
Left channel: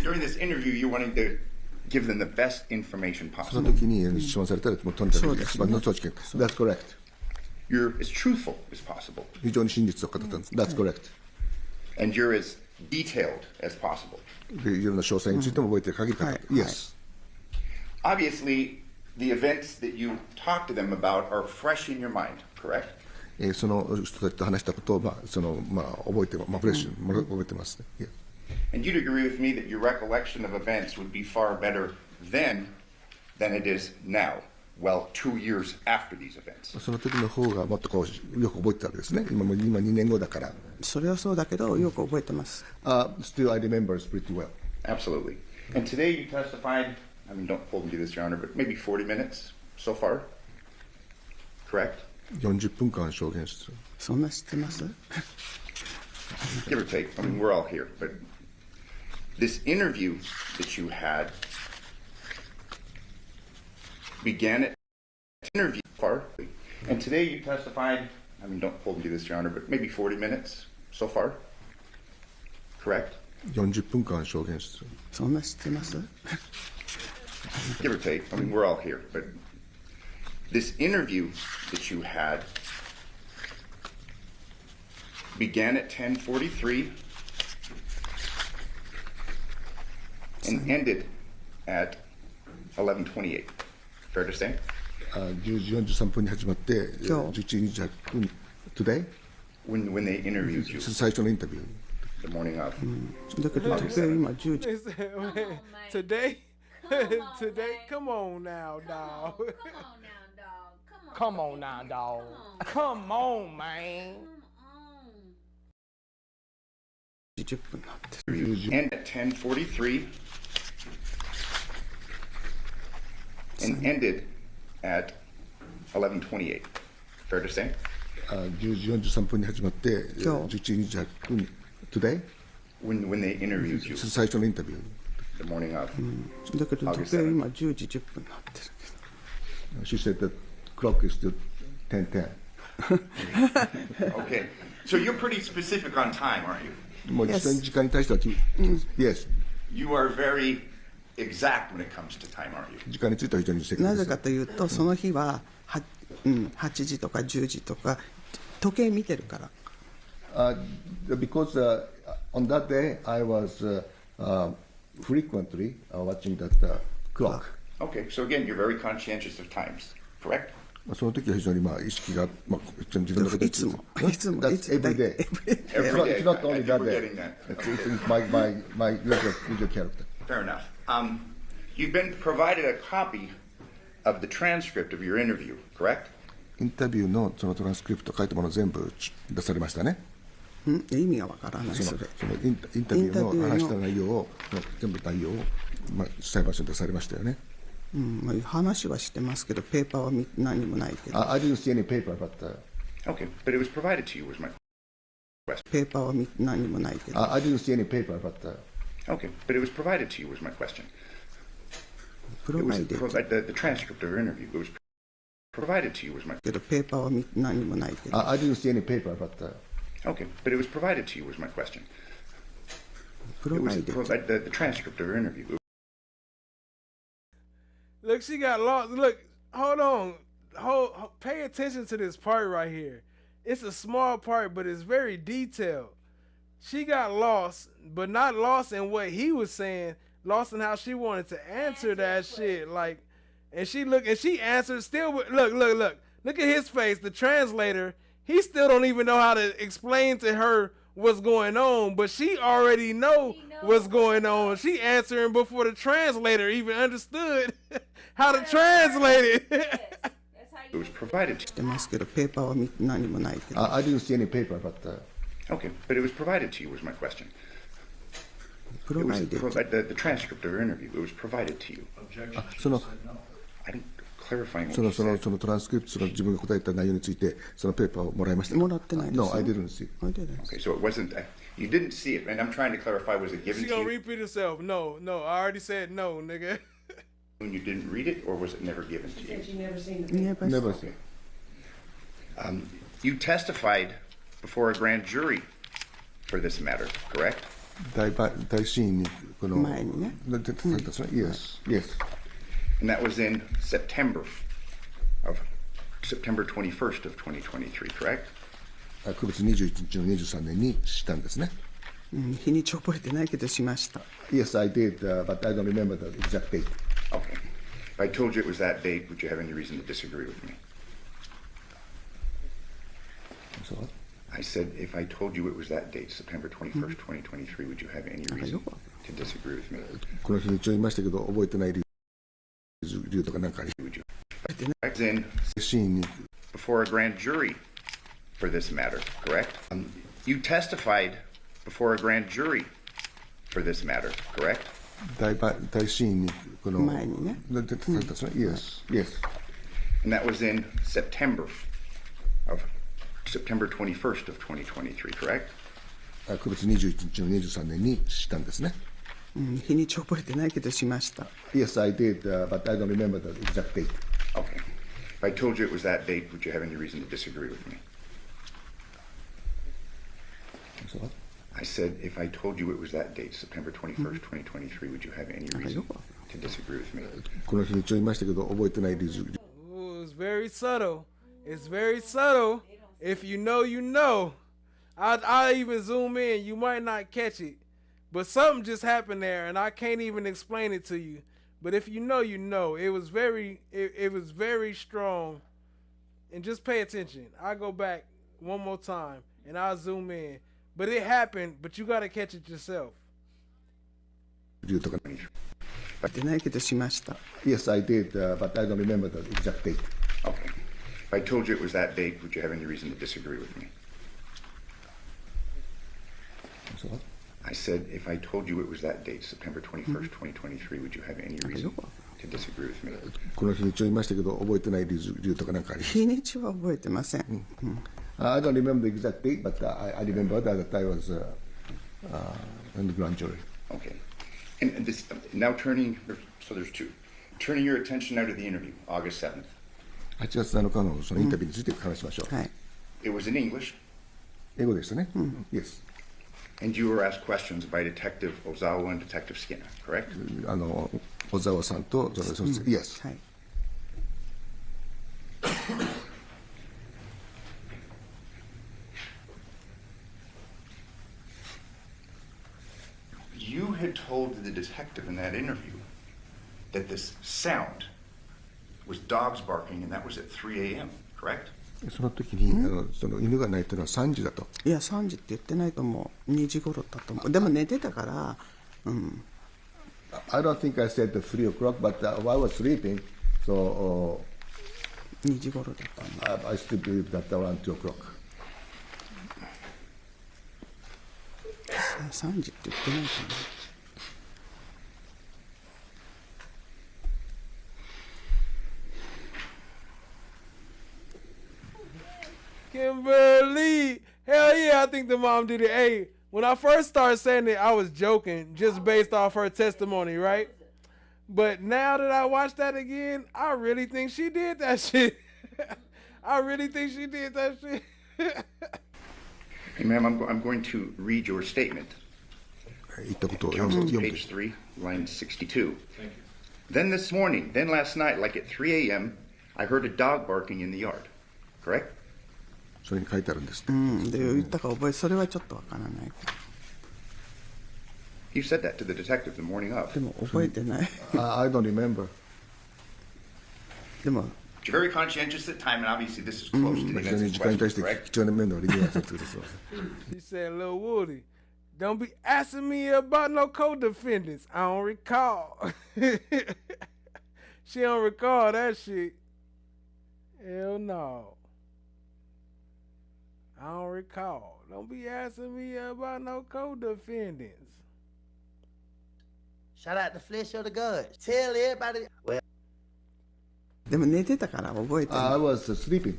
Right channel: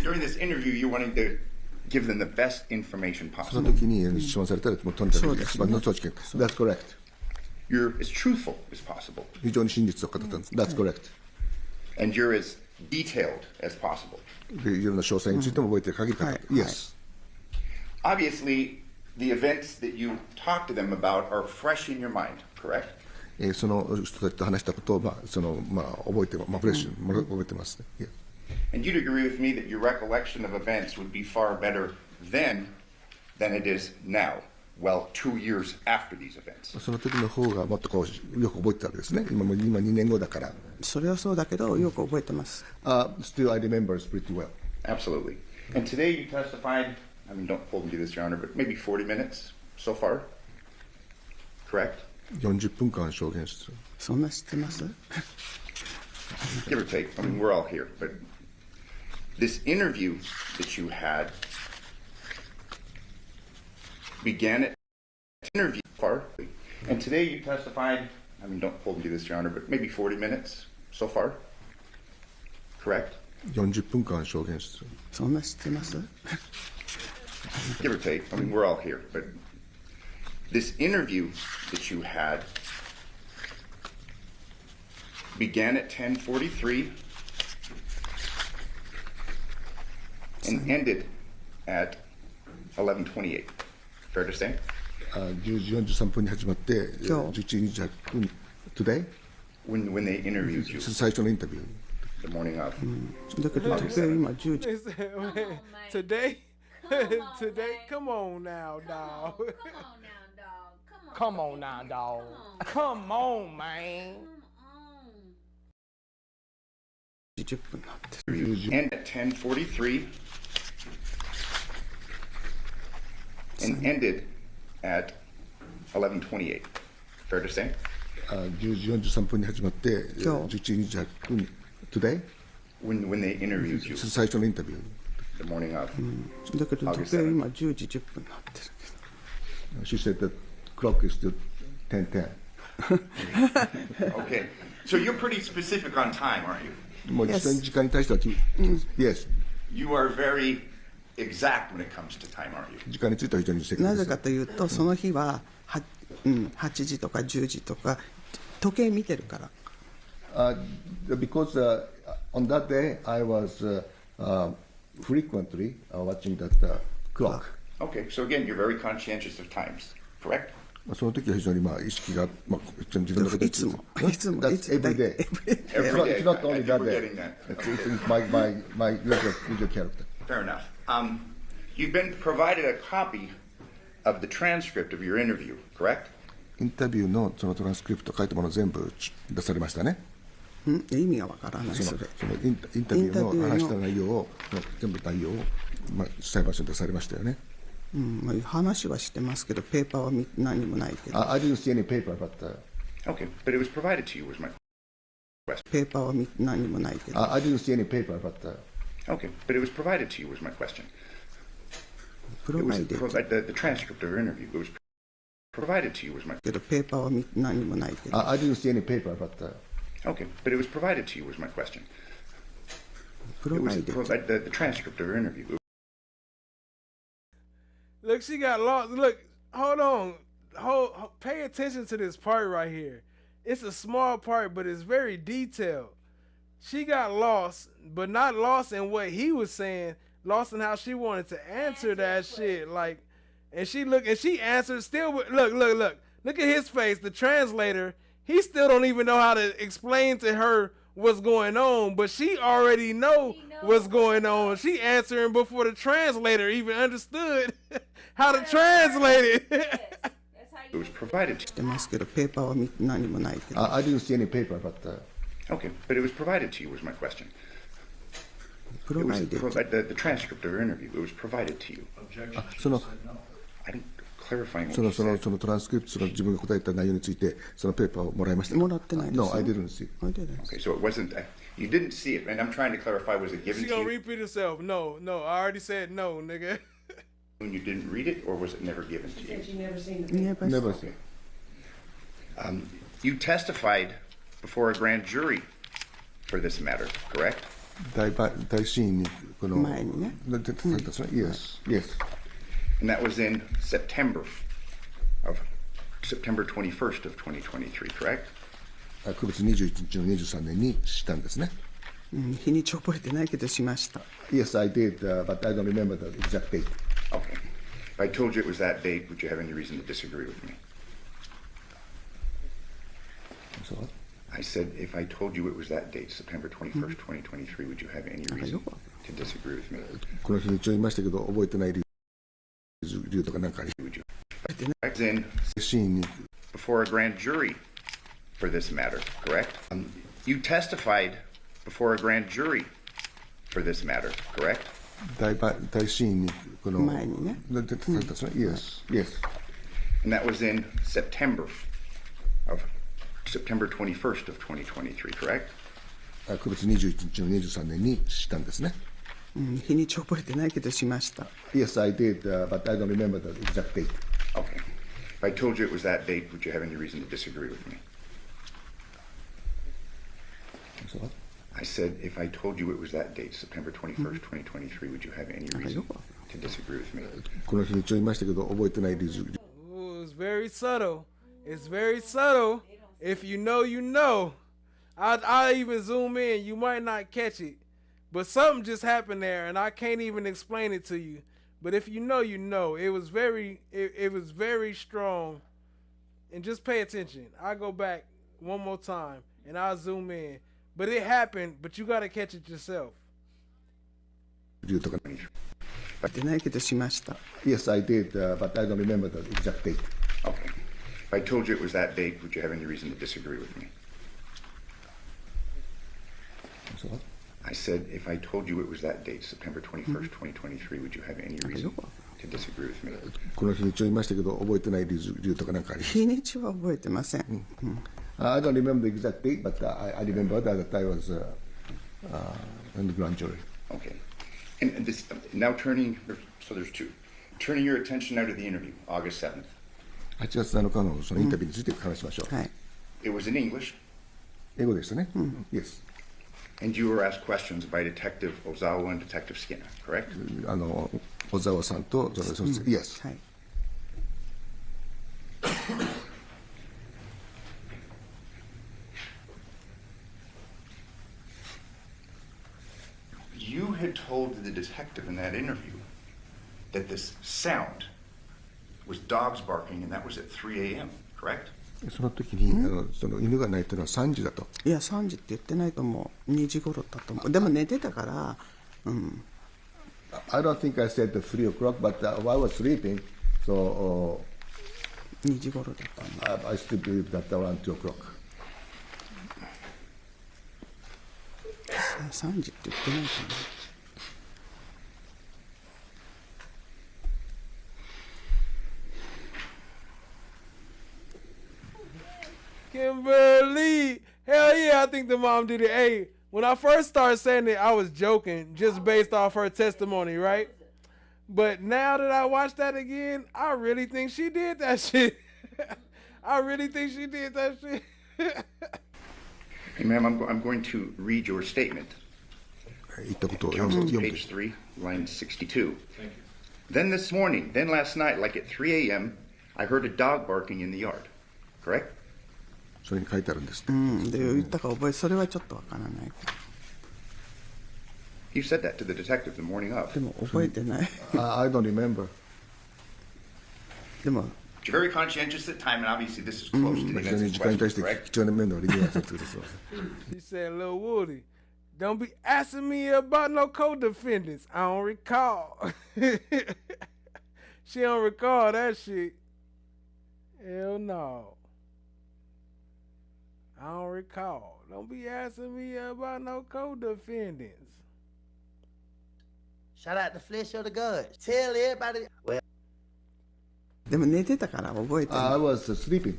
During this interview, you're wanting to give them the best information その possible. 時に質問されたらもうとにかく一番の正直。That's correct. You're as truthful as possible. 非常に真実を語ったんです。That's correct. And you're as detailed as possible. でいろんな詳細についても覚えてる限り語る。Yes. Obviously, the events that you talk to them about are fresh in your mind, correct? その人たちと話したことを覚えてフレッシュに覚えてますね。Yeah. And you'd agree with me that your recollection of events would be far better then than it is now, well, 2 years after these events. その時の方がもっとこうよく覚えてたわけですね。今2年後だから。それはそうだけどよく覚えてます。Still, I remember it pretty well. Absolutely. And today you testified, I mean, don't hold me to this, Your Honor, but maybe 40 minutes so far, correct? 40分間証言してる。そんな知ってます？ Give or take. I mean, we're all here, but this interview that you had began at interview far, and today you testified, I mean, don't hold me to this, Your Honor, but maybe 40 minutes so far, correct? 40分間証言してる。そんな知ってます？ Give or take. I mean, we're all here, but this interview that you had began at 10:43 and ended at 11:28. Fair to say? 10時43分に始まって11時28分 Today? When they interviewed you. 最初のインタビュー。The morning of. だけど今10時。Today? Today? Come on now, dog. Come on now, dog. Come on, man. And at 10:43 and ended at 11:28. Fair to say? 10時43分に始まって今日11時28分 today When they interviewed you 最初のインタビュー the morning of. だけど時計今10時10分になってるけど She said the clock is still 10:10 Okay. So you're pretty specific on time, aren't you? もう時間に対してはYes You are very exact when it comes to time, aren't you? 時間については非常に正確ですなぜかというとその日は8時とか10時とか時計見てるから Because on that day I was frequently watching that clock. Okay. So again, you're very conscientious of times, correct? その時は非常に意識が自分のこといつも That's every day. Every day. It's not only I think that we're day. getting that. It's my usual character. Fair enough. You've been provided a copy of the transcript of your interview, correct? インタビューのそのトランスクリプト書いたもの全部出されましたね。意味がわからないそれそのインタビューの話した内容を全部内容を裁判所に出されましたよね。話はしてますけどペーパーは何もないけど I didn't see any paper, but Okay, but it was provided to you, was my question. ペーパーは何もないけど I didn't see any paper, but Okay, but it was provided to you, was my question. It was the transcript of your interview. It was provided to you, was my けどペーパーは何もないけど I didn't see any paper, but Okay, but it was provided to you, was my question. It was the transcript of your interview. Look, she got lost. Look, hold on. Pay attention to this part right here. It's a small part, but it's very detailed. She got lost, but not lost in what he was saying, lost in how she wanted to answer that shit. Like, and she answered still. Look at his face. The translator, he still don't even know how to explain to her what's going on, but she already know what's going on. She answering before the translator even understood how to translate it. It was provided to してますけどペーパーは何もないけど I didn't see any paper, but Okay, but it was provided to you, was my question. It was the transcript of your interview. It was provided to you. I didn't clarify what you said. そのトランスクリプトの自分が答えた内容についてそのペーパーをもらいました。もらってないですよ No, I didn't see. Okay, so it wasn't. You didn't see it, and I'm trying to clarify. Was it given She to gonna you repeat herself. No, I already said no, nigga. when you didn't read it, or was it never given to you? She never seen the Never seen. You testified before a grand jury for this matter, correct? 大シーンにこの前にね出てたんですね。Yes, yes. And that was in September 21st of 2023, correct? 9月21日の23年にしたんですね。日にち覚えてないけどしました Yes, I did, but I don't remember the exact date. Okay. If I told you it was that date, would you have any reason to disagree with me? So, I said, if I told you it was that date, September 21st, 2023, would you have any reason to disagree with me? この日にちを言いましたけど覚えてない理由とか何かあり Would you? I was in シーンに before a grand jury for this matter, correct? You testified before a grand jury for this matter, correct? 大シーンにこの前にね出てたんですね。Yes, yes. And that was in September 21st of 2023, correct? 9月21日の23年にしたんですね。日にち覚えてないけどしました Yes, I did, but I don't remember the exact date. Okay. If I told you it was that date, would you have any reason to disagree with me? So, I said, if I told you it was that date, September 21st, 2023, would you have any reason to disagree with me? この日にちを言いましたけど覚えてない理由 Ooh, it's very subtle. It's very subtle. If you know, you know. I even zoom in. You might not catch it. But something just happened there, and I can't even explain it to you. But if you know, you know. It was very strong. And just pay attention. I go back one more time, and I'll zoom in. But it happened, but you got to catch it yourself. 理由とか覚えてないけどしました Yes, I did, but I don't remember the exact date. Okay. If I told you it was that date, would you have any reason to disagree with me? So, I said, if I told you it was that date, September 21st, 2023, would you have any reason can disagree with me. この日にちを言いましたけど、覚えてない理由とかなんかあります。日にちは覚えてません。I don't remember the exact date, but I remember that I was in the grand jury. Okay. And this, now turning, so there's two. Turning your attention now to the interview, August 7th. 8月7日のそのインタビューについて話しましょう。It was in English. 英語でしたね。Yes. And you were asked questions by Detective Ozawa and Detective Skinner, correct? 小沢さんと、Yes. はい。You had told the detective in that interview that this sound was dogs barking, and that was at 3 a.m., correct? その時にその犬が鳴いたのは3時だと。いや、3時って言ってないと思う。2時頃だと思う。でも寝てたから、I don't think I said 3 o'clock, but while I was sleeping, so 2時頃だった。I still believe that around 2 o'clock. 3時って言ってないと思う。Kimberly, hell yeah, I think the mom did it. Hey, when I first started saying it, I was joking just based off her testimony, right? But now that I watched that again, I really think she did that shit. I really think she did that shit. Hey, ma'am, I'm going to read your statement. Counsel, page 3, line 62. Thank you. Then this morning, then last night, like at 3 a.m., I heard a dog barking in the yard. Correct? それに書いてあるんですって。で、言ったか覚え、それはちょっとわからない。You said that to the detective the morning of. でも覚えてない。I don't remember. でも。You're very conscientious at time, and obviously this is close to the events in question, correct? He said, Lil Woody, don't be asking me about no co-defendants. I don't recall. She don't recall that shit. Hell no. I don't recall. Don't be asking me about no co-defendants. Shout out the flesh of the gods. Tell everybody. Well. でも寝てたから覚えてない。I was sleeping.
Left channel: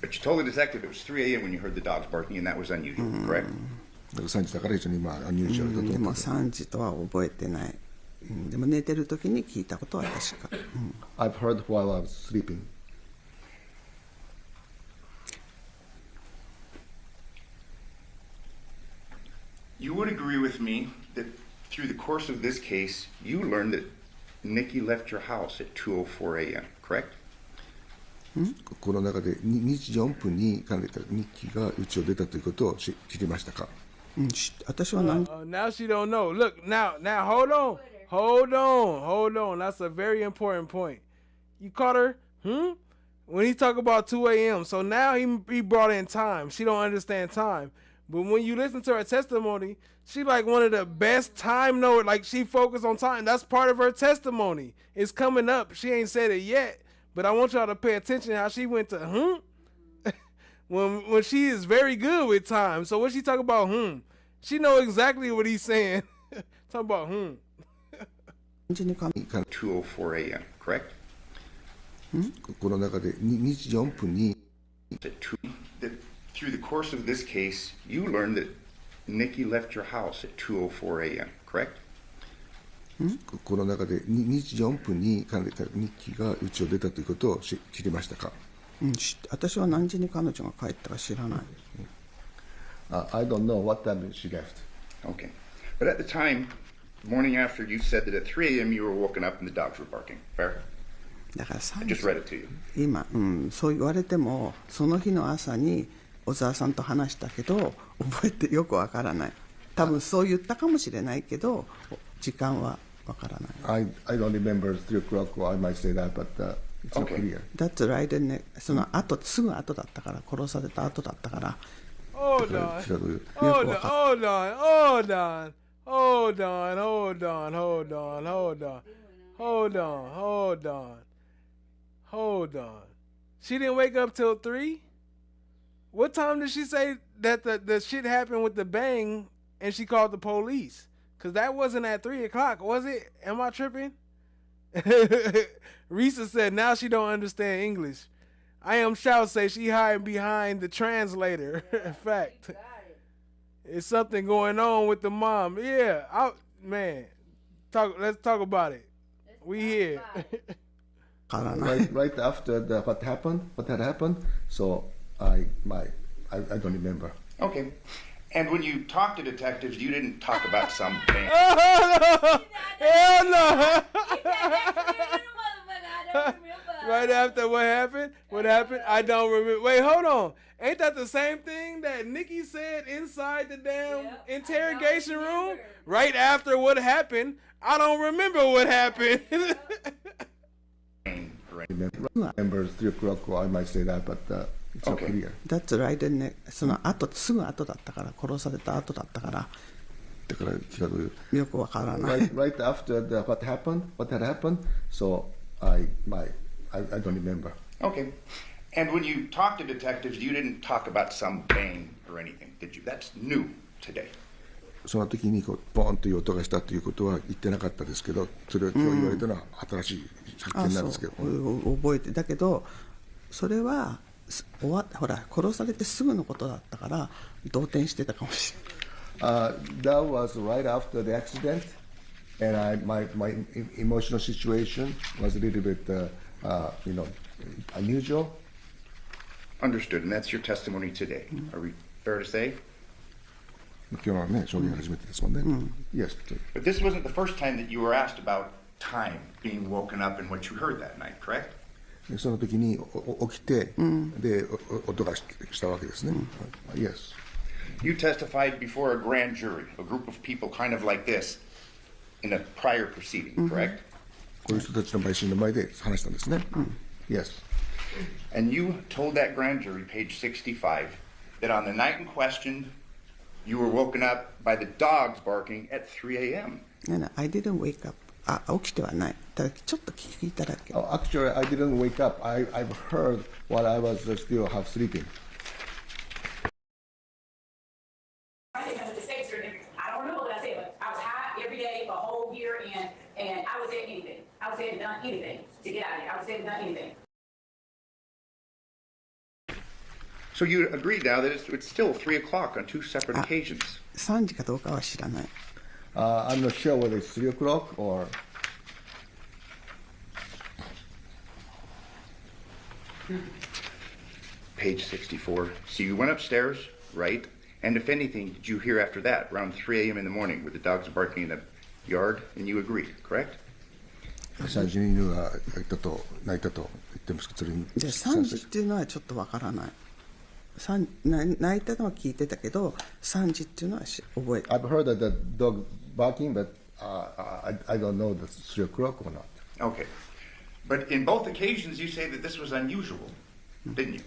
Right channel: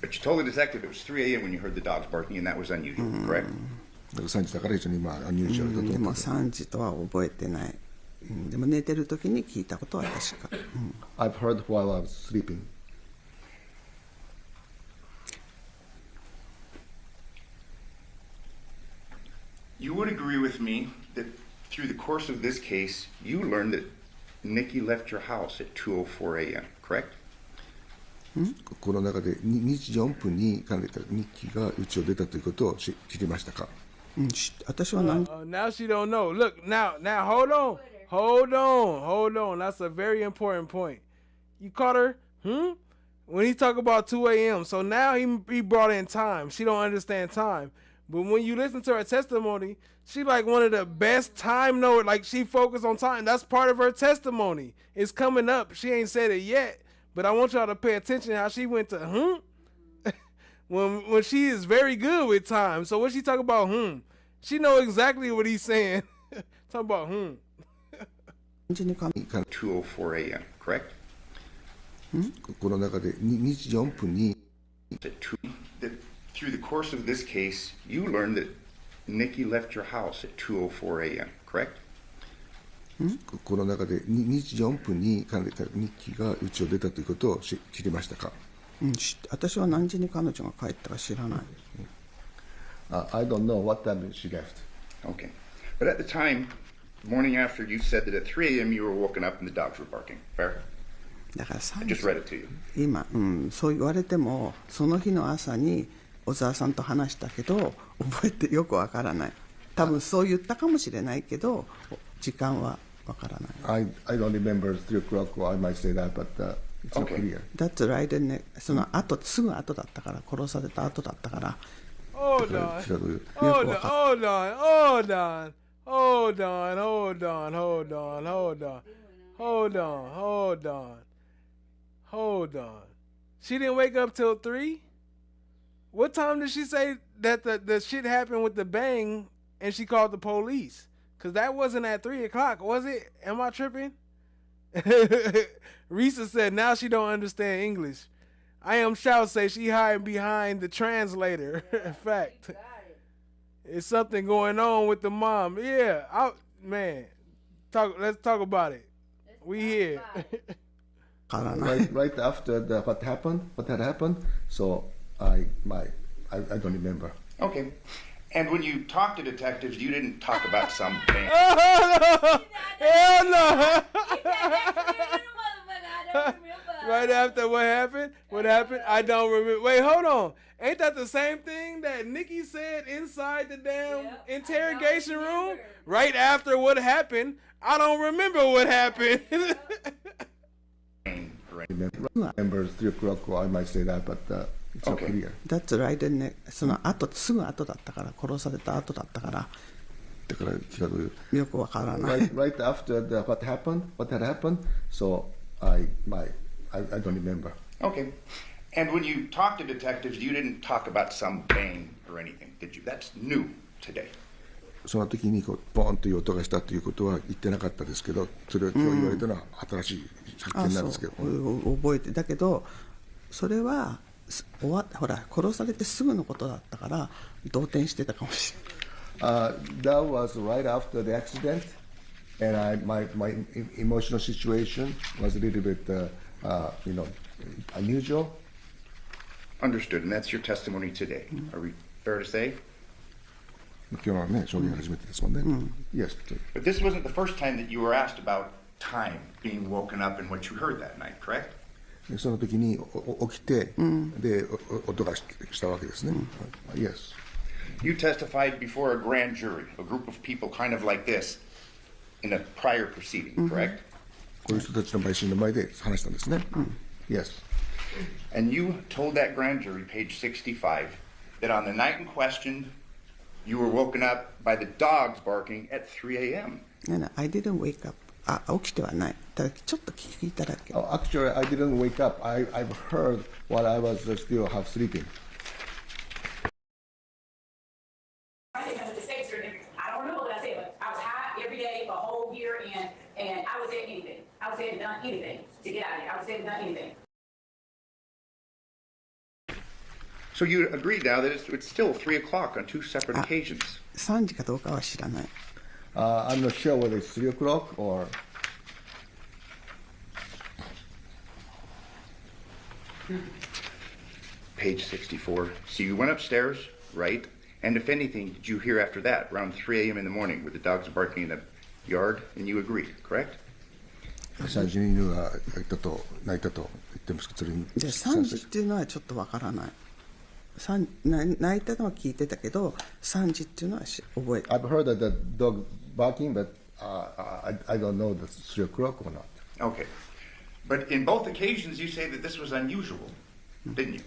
But you told the detective it was 3 a.m. when you heard the dogs barking, and that was unusual, correct? 3時だから非常にunusual だと思う。でも3時とは覚えてない。でも寝てる時に聞いたことは確か。I've heard while I was sleeping. You would agree with me that through the course of this case, you learned that Nikki left your house at 2:04 a.m., correct? この中で2時4分に彼女ニッキーが家を出たということを知りましたか？私は何Now she don't know. Look, now hold on. That's a very important point. You caught her? When he talk about 2 a.m. So now he brought in time. She don't understand time. But when you listen to her testimony, she like one of the best time knower. Like she focused on time. That's part of her testimony. It's coming up. She ain't said it yet. But I want y'all to pay attention how she went to when she is very good with time. So what she talk about she know exactly what he's saying. Talk about 2:04 a.m., correct? この中で2時4分に Through the course of this case, you learned that Nikki left your house at 2:04 a.m., correct? この中で2時4分に彼女ニッキーが家を出たということを知りましたか？私は何時に彼女が帰ったか知らない。I don't know what time she left. Okay. But at the time, the morning after, you said that at 3 a.m. you were woken up and the dogs were barking. Fair? だからI just read it to you. 今、そう言われてもその日の朝に小沢さんと話したけど覚えてよくわからない。多分そう言ったかもしれないけど時間はわからない。I don't remember 3 o'clock, or I might say that, but it's not clear. That's right, ね。その後すぐ後だったから殺された後だったから。Hold on. She didn't wake up till 3? What time did she say that the shit happened with the bang and she called the police? Cause that wasn't at 3 o'clock, was it? Am I tripping? Risa said now she don't understand English. I am shout say she hiding behind the translator. Fact. It's something going on with the mom. Yeah, man. Let's talk about it. We here. right after what had happened. So I don't remember. Okay. And when you talked to detectives, you didn't talk about some thing. Oh, no. Hell no. Right after what happened? What happened? I don't remember. Wait, hold on. Ain't that the same thing that Nikki said inside the damn interrogation room? Right after what happened? I don't remember what happened. Remember 3 o'clock, or I might say that, but it's not clear. That's right,ね。その後すぐ後だったから殺された後だったから。だからよくわからない。Right after what had happened, so I don't remember. Okay. And when you talked to detectives, you didn't talk about some bang or anything, did you? That's new today. その時にボーンという音がしたということは言ってなかったですけど、それを今日言われたのは新しい発見なんですけど。覚えてだけど、それはほら殺されてすぐのことだったから動転してたかもしれない。That was right after the accident, and my emotional situation was a little bit, unusual. Understood, and that's your testimony today. Are we fair to say? 今日はね、証言初めてですもんね。Yes. But this wasn't the first time that you were asked about time being woken up and what you heard that night, correct? その時に起きて、で音がしたわけですね。Yes. You testified before a grand jury, a group of people kind of like this, in a prior proceeding, correct? こういう人たちの陪審の前で話したんですね。Yes. And you told that grand jury, page 65, that on the night in question, you were woken up by the dogs barking at 3 a.m. I didn't wake up. 起きてはない。ただちょっと聞いただけ。Actually, I didn't wake up. I've heard while I was still half sleeping. I don't remember what I said, but I was high every day for a whole year, and I would say anything. I would say and done anything to get out of here. I would say and done anything. So you agree now that it's still 3 o'clock on two separate occasions. 3時かどうかは知らない。I'm not sure whether it's 3 o'clock or. Page 64. So you went upstairs, right? And if anything, did you hear after that, around 3 a.m. in the morning, with the dogs barking in the yard? And you agreed, correct? 3時に犬が鳴いたと言ってますけど、それに。じゃあ3時っていうのはちょっとわからない。泣いたのは聞いてたけど、3時っていうのは覚えて。I've heard that the dog barking, but I don't know if it's 3 o'clock or not. Okay. But in both occasions, you say that this was unusual, didn't you?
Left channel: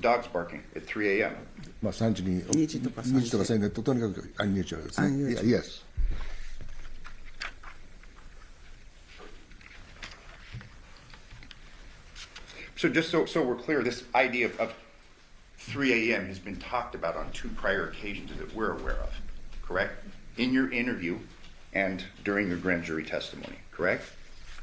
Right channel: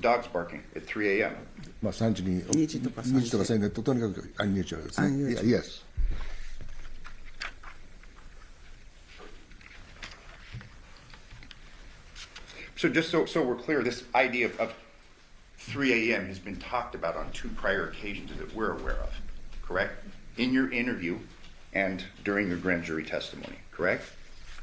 Dogs barking at 3 a.m. まあ3時に2時とか3時でとにかくunusualですね。Yes. So just so we're clear, this idea of 3 a.m. has been talked about on two prior occasions that we're aware of, correct? In your interview and during your grand jury testimony, correct?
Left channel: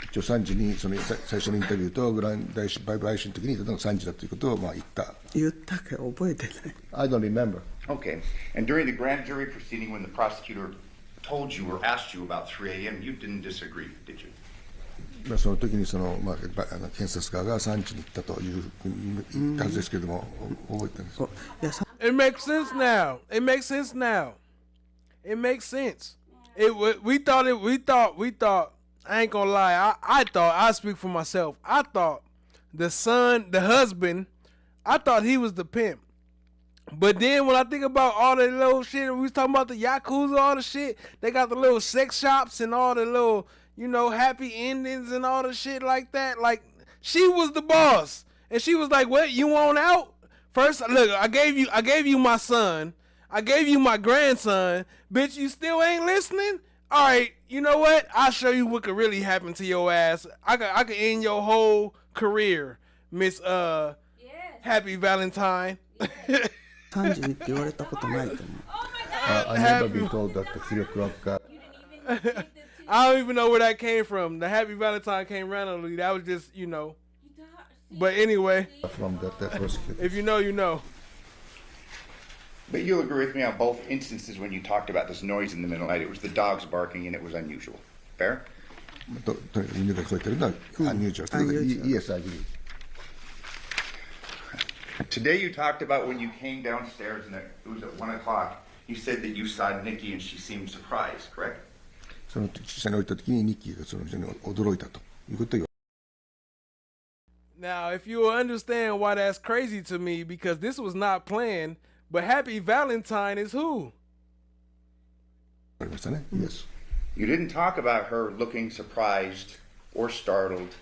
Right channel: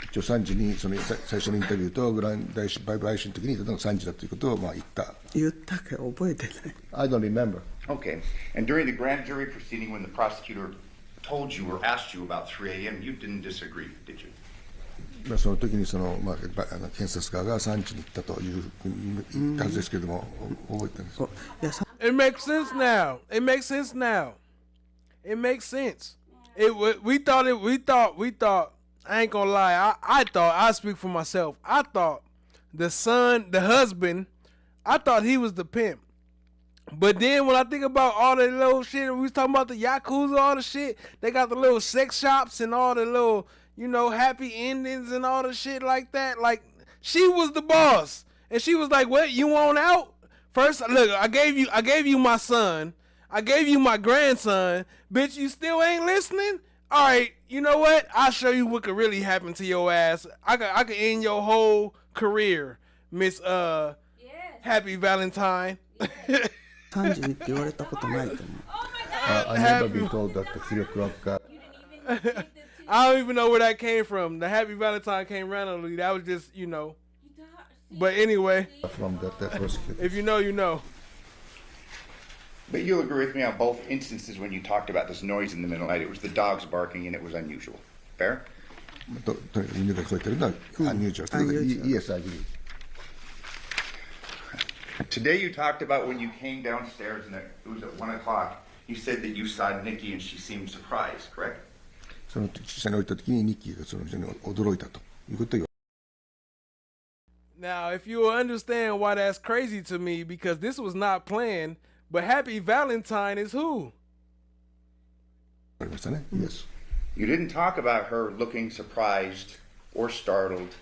一応3時にその最初のインタビューとグラン大陪審の時に3時だということをまあ言った。言ったけど覚えてない。I don't remember. Okay. And during the grand jury proceeding, when the prosecutor told you or asked you about 3 a.m., you didn't disagree, did you? その時にそのまあ検察側が3時に行ったという言ったはずですけれども覚えてるんです。It makes sense now. It makes sense now. It makes sense. We thought. I ain't gonna lie. I thought, I speak for myself. I thought the husband, I thought he was the pimp. But then when I think about all the little shit, we was talking about the Yakuza, all the shit, they got the little sex shops and all the little, happy endings and all the shit like that. Like, she was the boss. And she was like, what, you want out? First, look, I gave you my son. I gave you my grandson. Bitch, you still ain't listening? All right, you know what? I'll show you what could really happen to your ass. I could end your whole career, Miss Happy Valentine. 3時にって言われたことないと思う。I never been told that the 3 o'clock. I don't even know where that came from. The Happy Valentine came randomly. That was just, you know. But anyway, from the prosecutor. if you know, you know. But you'll agree with me on both instances when you talked about this noise in the middle of the night. It was the dogs barking and it was unusual. Fair? Yes, I agree. Today you talked about when you came downstairs and it was at 1 o'clock. You said that you saw Nikki and she seemed surprised, correct? その下に降りた時にニッキーがその人に驚いたということを言わ Now, if you will understand why that's crazy to me, because this was not planned, but Happy Valentine is who? れましたね。Yes. You didn't talk about her looking surprised or startled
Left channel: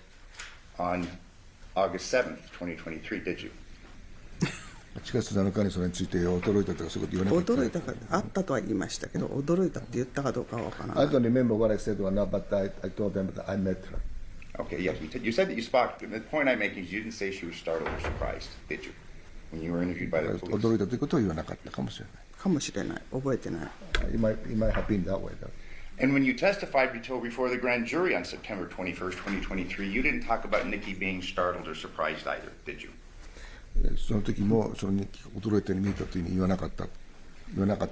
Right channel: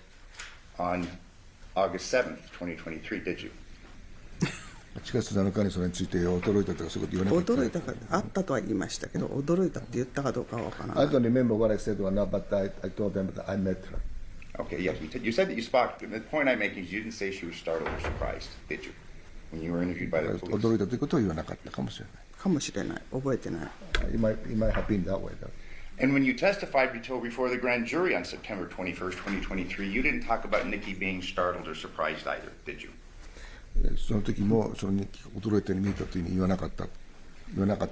on August 7th, 2023, did you? 8月7日にそれについて驚いたとかそういうこと言わなかった。驚いたかあったとは言いましたけど、驚いたって言ったかどうかは分からない。 I don't remember what I said or not, but I told them that I met her. Okay, yes, you said that you spoke. The point I'm making is you didn't say she was startled or surprised, did you? When you were interviewed by the police. 驚いたということは言わなかったかもしれない。かもしれない。覚えてない。It might have been that way, though. And when you testified before the grand jury on September 21st, 2023, you didn't talk about Nikki being startled or surprised either, did you? その時もその日記驚いたように見たというふうに言わなかった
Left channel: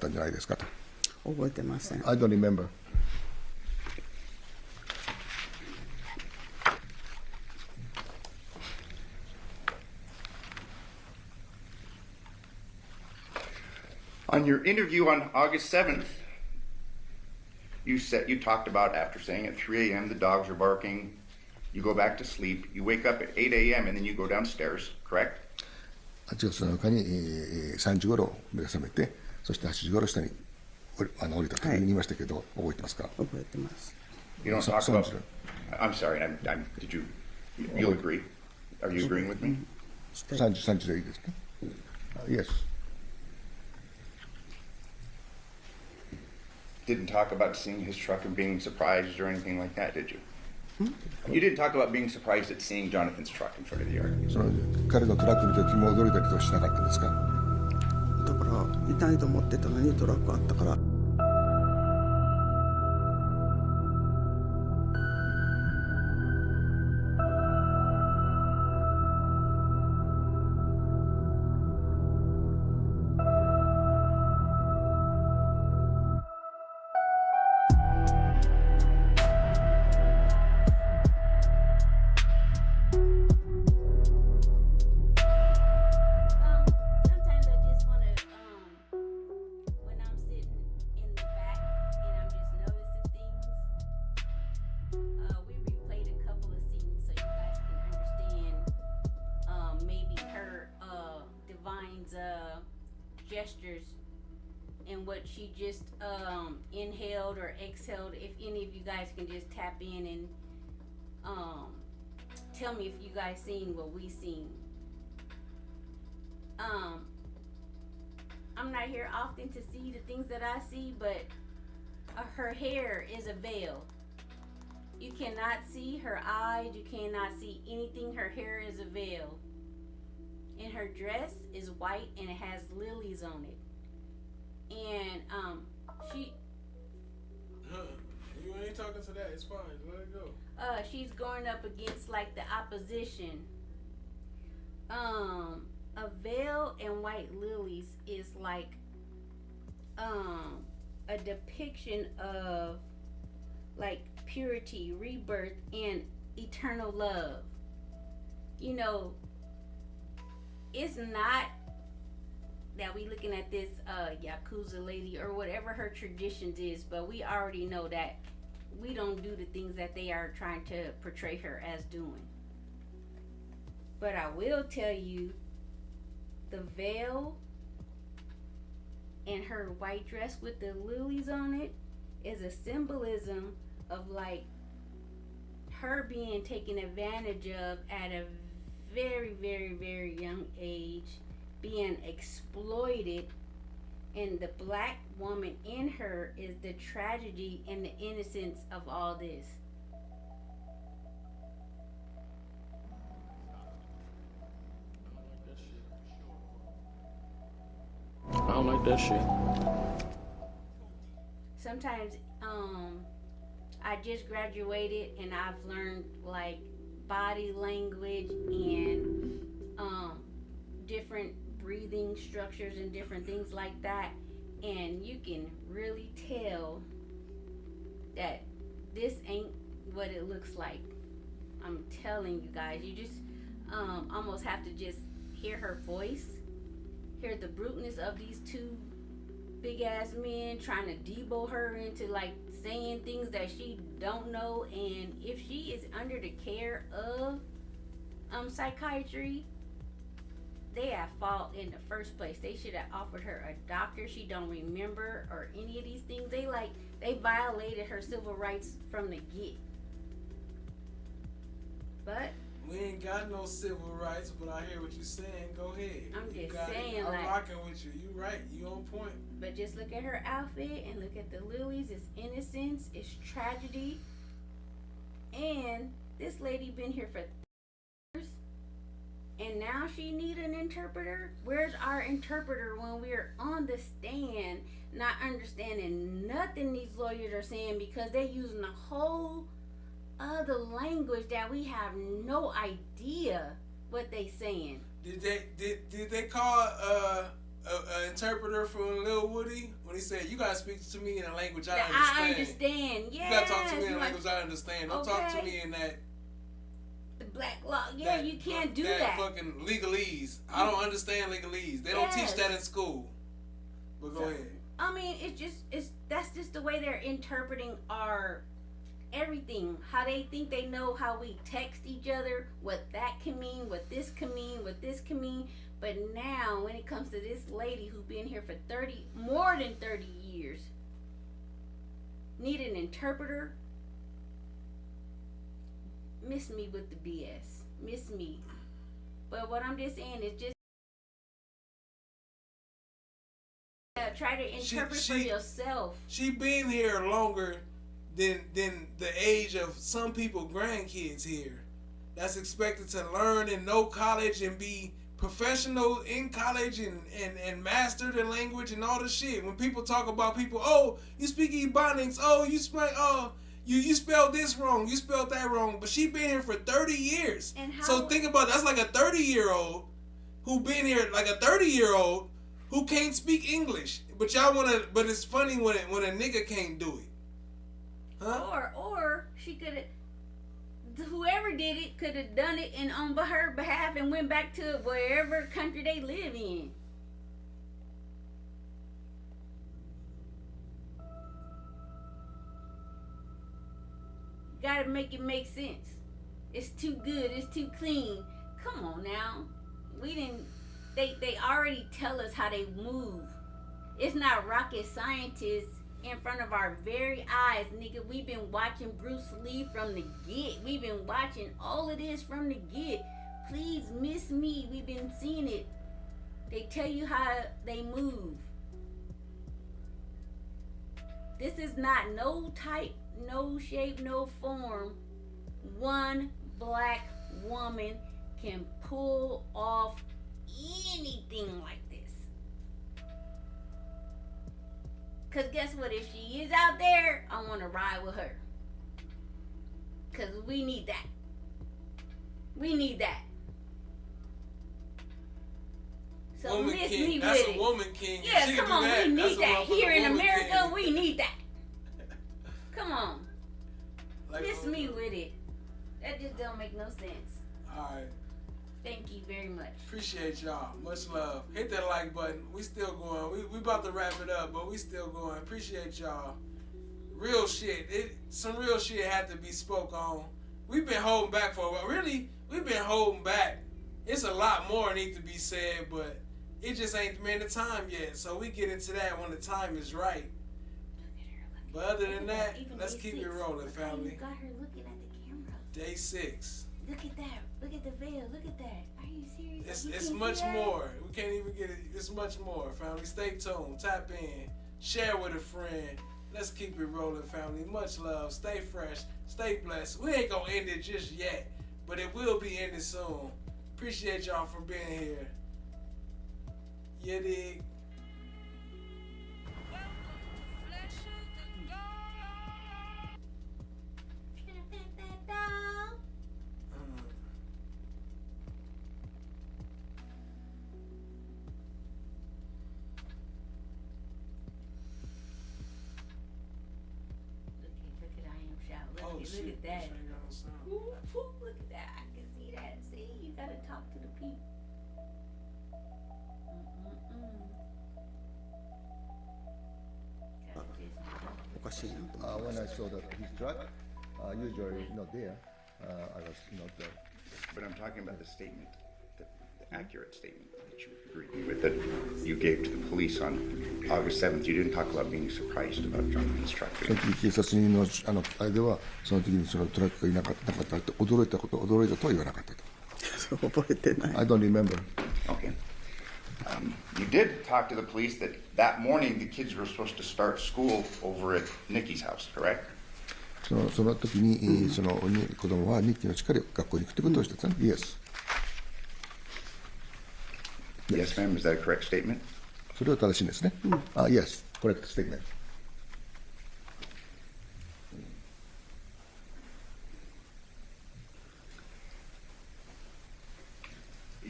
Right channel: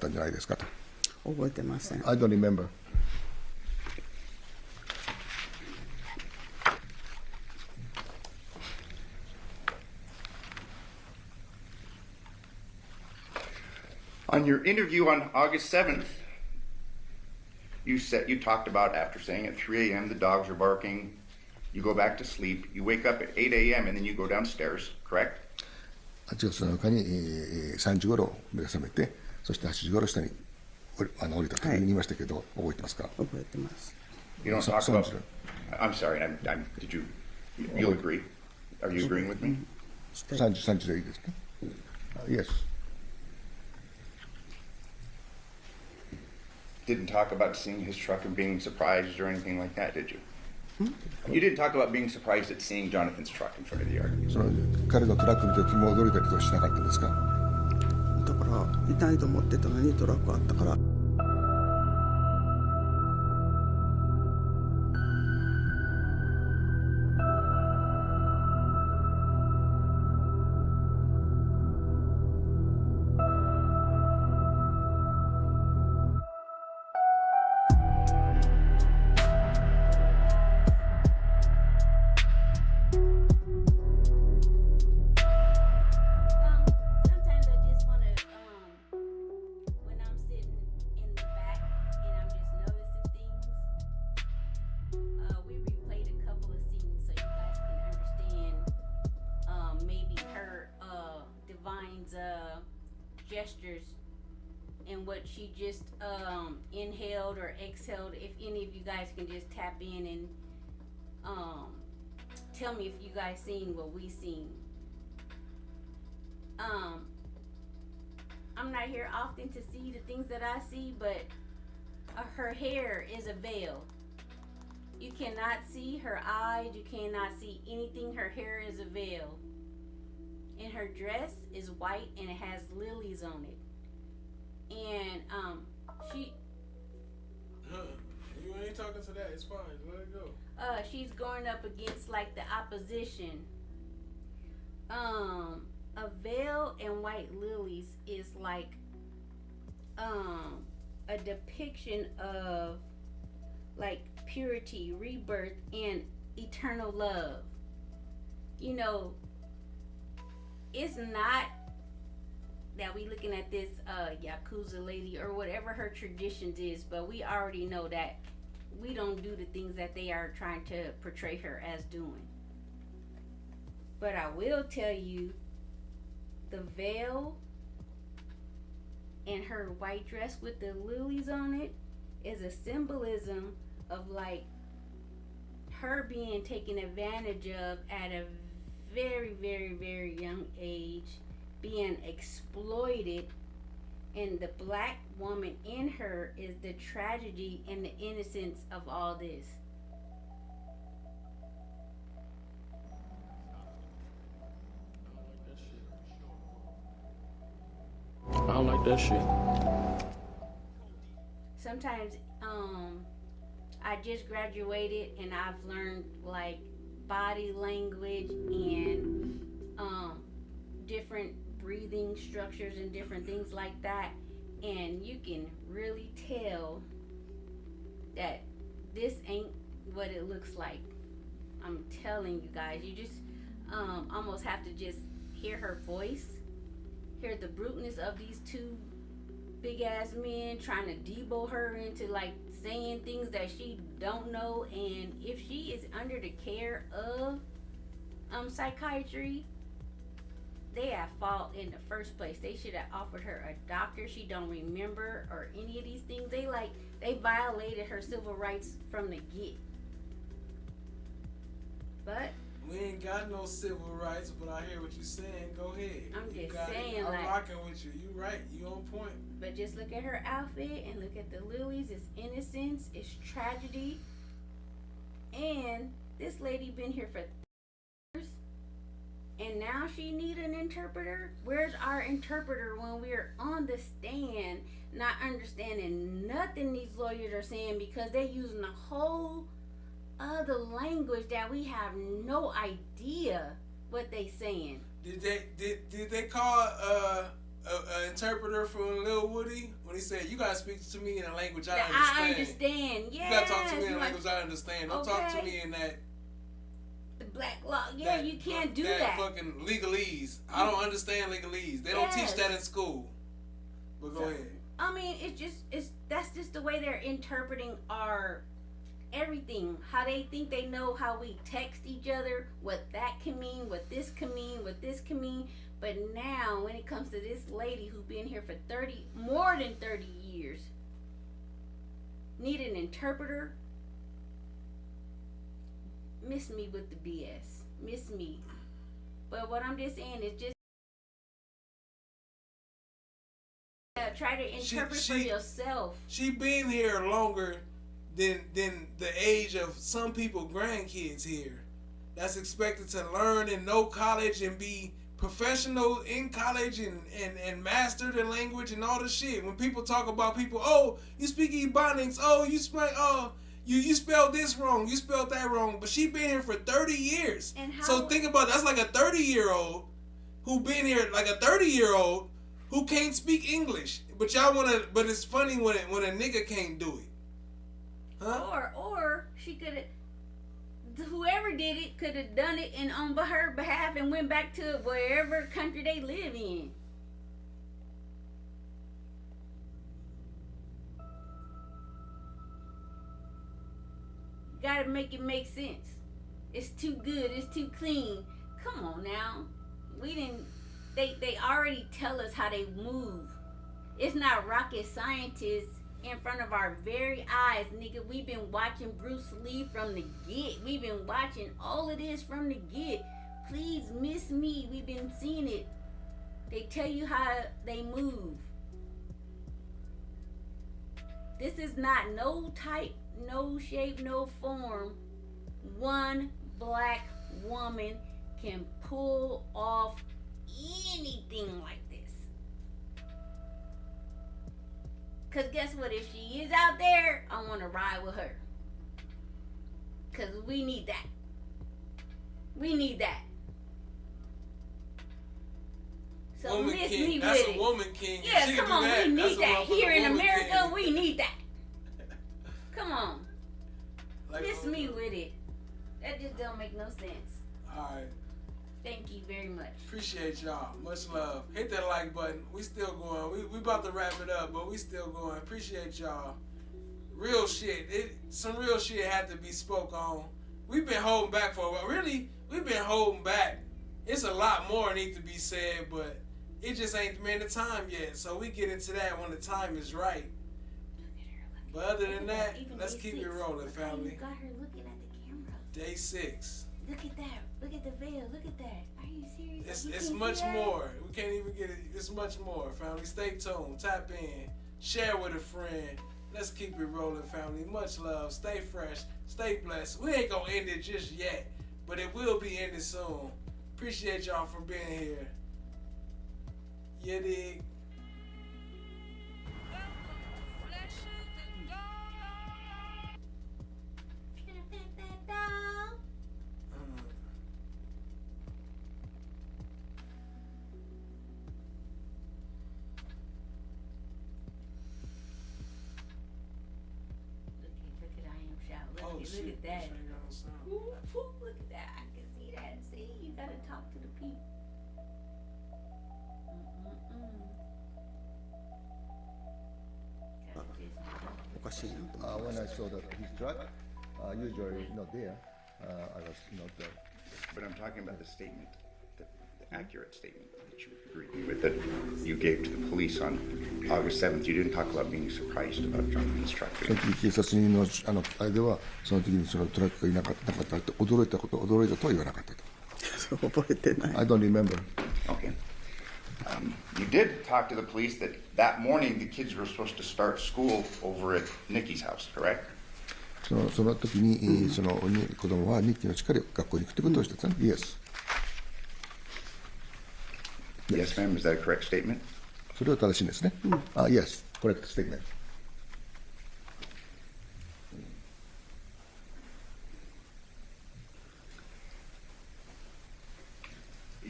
んじゃないですかと。覚えてません。I don't remember. On your interview on August 7th, you talked about after saying at 3 a.m. the dogs are barking, you go back to sleep, you wake up at 8 a.m. and then you go downstairs, correct? 8月7日に3時頃目が覚めて、そして8時頃下に降りたと言いましたけど、覚えてますか？覚えてます。 You don't talk about. I'm sorry. Did you? You'll agree? Are you agreeing with me? 3時でいいですか？ Yes. Didn't talk about seeing his truck and being surprised or anything like that, did you? You didn't talk about being surprised at seeing Johnathan's truck in front of the yard. その彼のトラック見た時も驚いたりとかしなかったんですか？だからいないと思ってたのにトラックあったから。Gestures and what she just inhaled or exhaled. If any of you guys can just tap in and tell me if you guys seen what we seen. I'm not here often to see the things that I see, but her hair is a veil. You cannot see her eyes, you cannot see anything. Her hair is a veil. And her dress is white and it has lilies on it. And she You ain't talking to that, it's fine, let it go. She's going up against like the opposition. A veil and white lilies is like a depiction of like purity, rebirth, and eternal love. You know, it's not that we looking at this Yakuza lady or whatever her traditions is, but we already know that we don't do the things that they are trying to portray her as doing. But I will tell you, the veil and her white dress with the lilies on it is a symbolism of like her being taken advantage of at a very, very, very young age, being exploited, and the black woman in her is the tragedy and the innocence of all this. I don't like that shit. Sometimes I just graduated and I've learned like body language and different breathing structures and different things like that, and you can really tell that this ain't what it looks like. I'm telling you guys, you just almost have to just hear her voice, hear the bruteness of these two big ass men trying to debo her into like saying things that she don't know. And if she is under the care of psychiatry, they at fault in the first place. They should have offered her a doctor. She don't remember or any of these things. They violated her civil rights from the get. But we ain't got no civil rights, but I hear what you're saying. Go ahead. I'm You just got it. saying, I'm like, rocking with you. You right. You on point. But just look at her outfit and look at the lilies. It's innocence. It's tragedy. And this lady been here for years, and now she need an interpreter. Where's our interpreter when we're on the stand, not understanding nothing these lawyers are saying because they're using a whole other language that we have no idea what they saying. Did they call an interpreter from Lil Woody when he said, "You gotta speak to me in a language I understand"? I understand. Yes. You gotta talk to me in a language I understand. Don't talk to me in that. The black law. Yeah, you can't do that. That fucking legalese. I don't understand legalese. They don't teach that in school. But go ahead. I mean, that's just the way they're interpreting our everything. How they think they know how we text each other, what that can mean, what this can mean, what this can mean. But now, when it comes to this lady who's been here for more than 30 years, need an interpreter, miss me with the BS. Miss me. But what I'm just saying is just try to interpret for yourself. She been here longer than the age of some people grandkids here. That's expected to learn and know college and be professional in college and master the language and all the shit. When people talk about people, oh, you speak Ebonics, oh, you spelled this wrong, you spelled that wrong. But she been here for 30 years. So think about it, that's like a 30-year-old who been here, like a 30-year-old who can't speak English. But y'all wanna, but it's funny when a nigga can't do it. Huh? Or she could have, whoever did it could have done it and on her behalf and went back to wherever country they live in. Gotta make it make sense. It's too good. It's too clean. Come on now. They already tell us how they move. It's not rocket scientists in front of our very eyes, nigga. We've been watching Bruce Lee from the get. We've been watching all of this from the get. Please miss me. We've been seeing it. They tell you how they move. This is not no type, no shape, no form. One black woman can pull off anything like this. Cause guess what? If she is out there, I want to ride with her. Cause we need that. We need that. So woman miss king. me That's with a it. woman king. Yeah, she come on, that. we That's need that. Here in America, king. we need that. Come on. Like Miss me with it. That just don't make no sense. Alright. Thank you very much. Appreciate y'all. Much love. Hit that like button. We still going. We about to wrap it up, but we still going. Appreciate y'all. Real shit. Some real shit had to be spoke on. We've been holding back for a while. Really, we've been holding back. It's a lot more need to be said, but it just ain't been the time yet. So we get into that when the time is right. But other than that, let's keep it rolling, family. You got her looking at the camera. Day 6. Look at that. Look at the veil. Look at that. Are you serious? It's much more. We can't even get it. It's much more, family. Stay tuned. Tap in. Share with a friend. Let's keep it rolling, family. Much love. Stay fresh. Stay blessed. We ain't gonna end it just yet, but it will be ended soon. Appreciate y'all for being here. You dig? look at that. Ooh, look at that. I can see that. See, you gotta talk to the people. When I saw that his truck, usually not there, I was not there. But I'm talking about the statement, the accurate statement that you agreed with, that you gave to the police on August 7th. You didn't talk about being surprised about Jonathan's truck. その時警察人のあれではその時にそのトラックがいなかったって驚いたとは言わなかったと。覚えてない。I don't remember. Okay. You did talk to the police that that morning the kids were supposed to start school over at Nikki's house, correct? その時に、その子供はニッキーの家から学校に行くってことをしたんですね。Yes, ma'am. Is that a correct statement? それは正しいんですね。Yes, correct statement.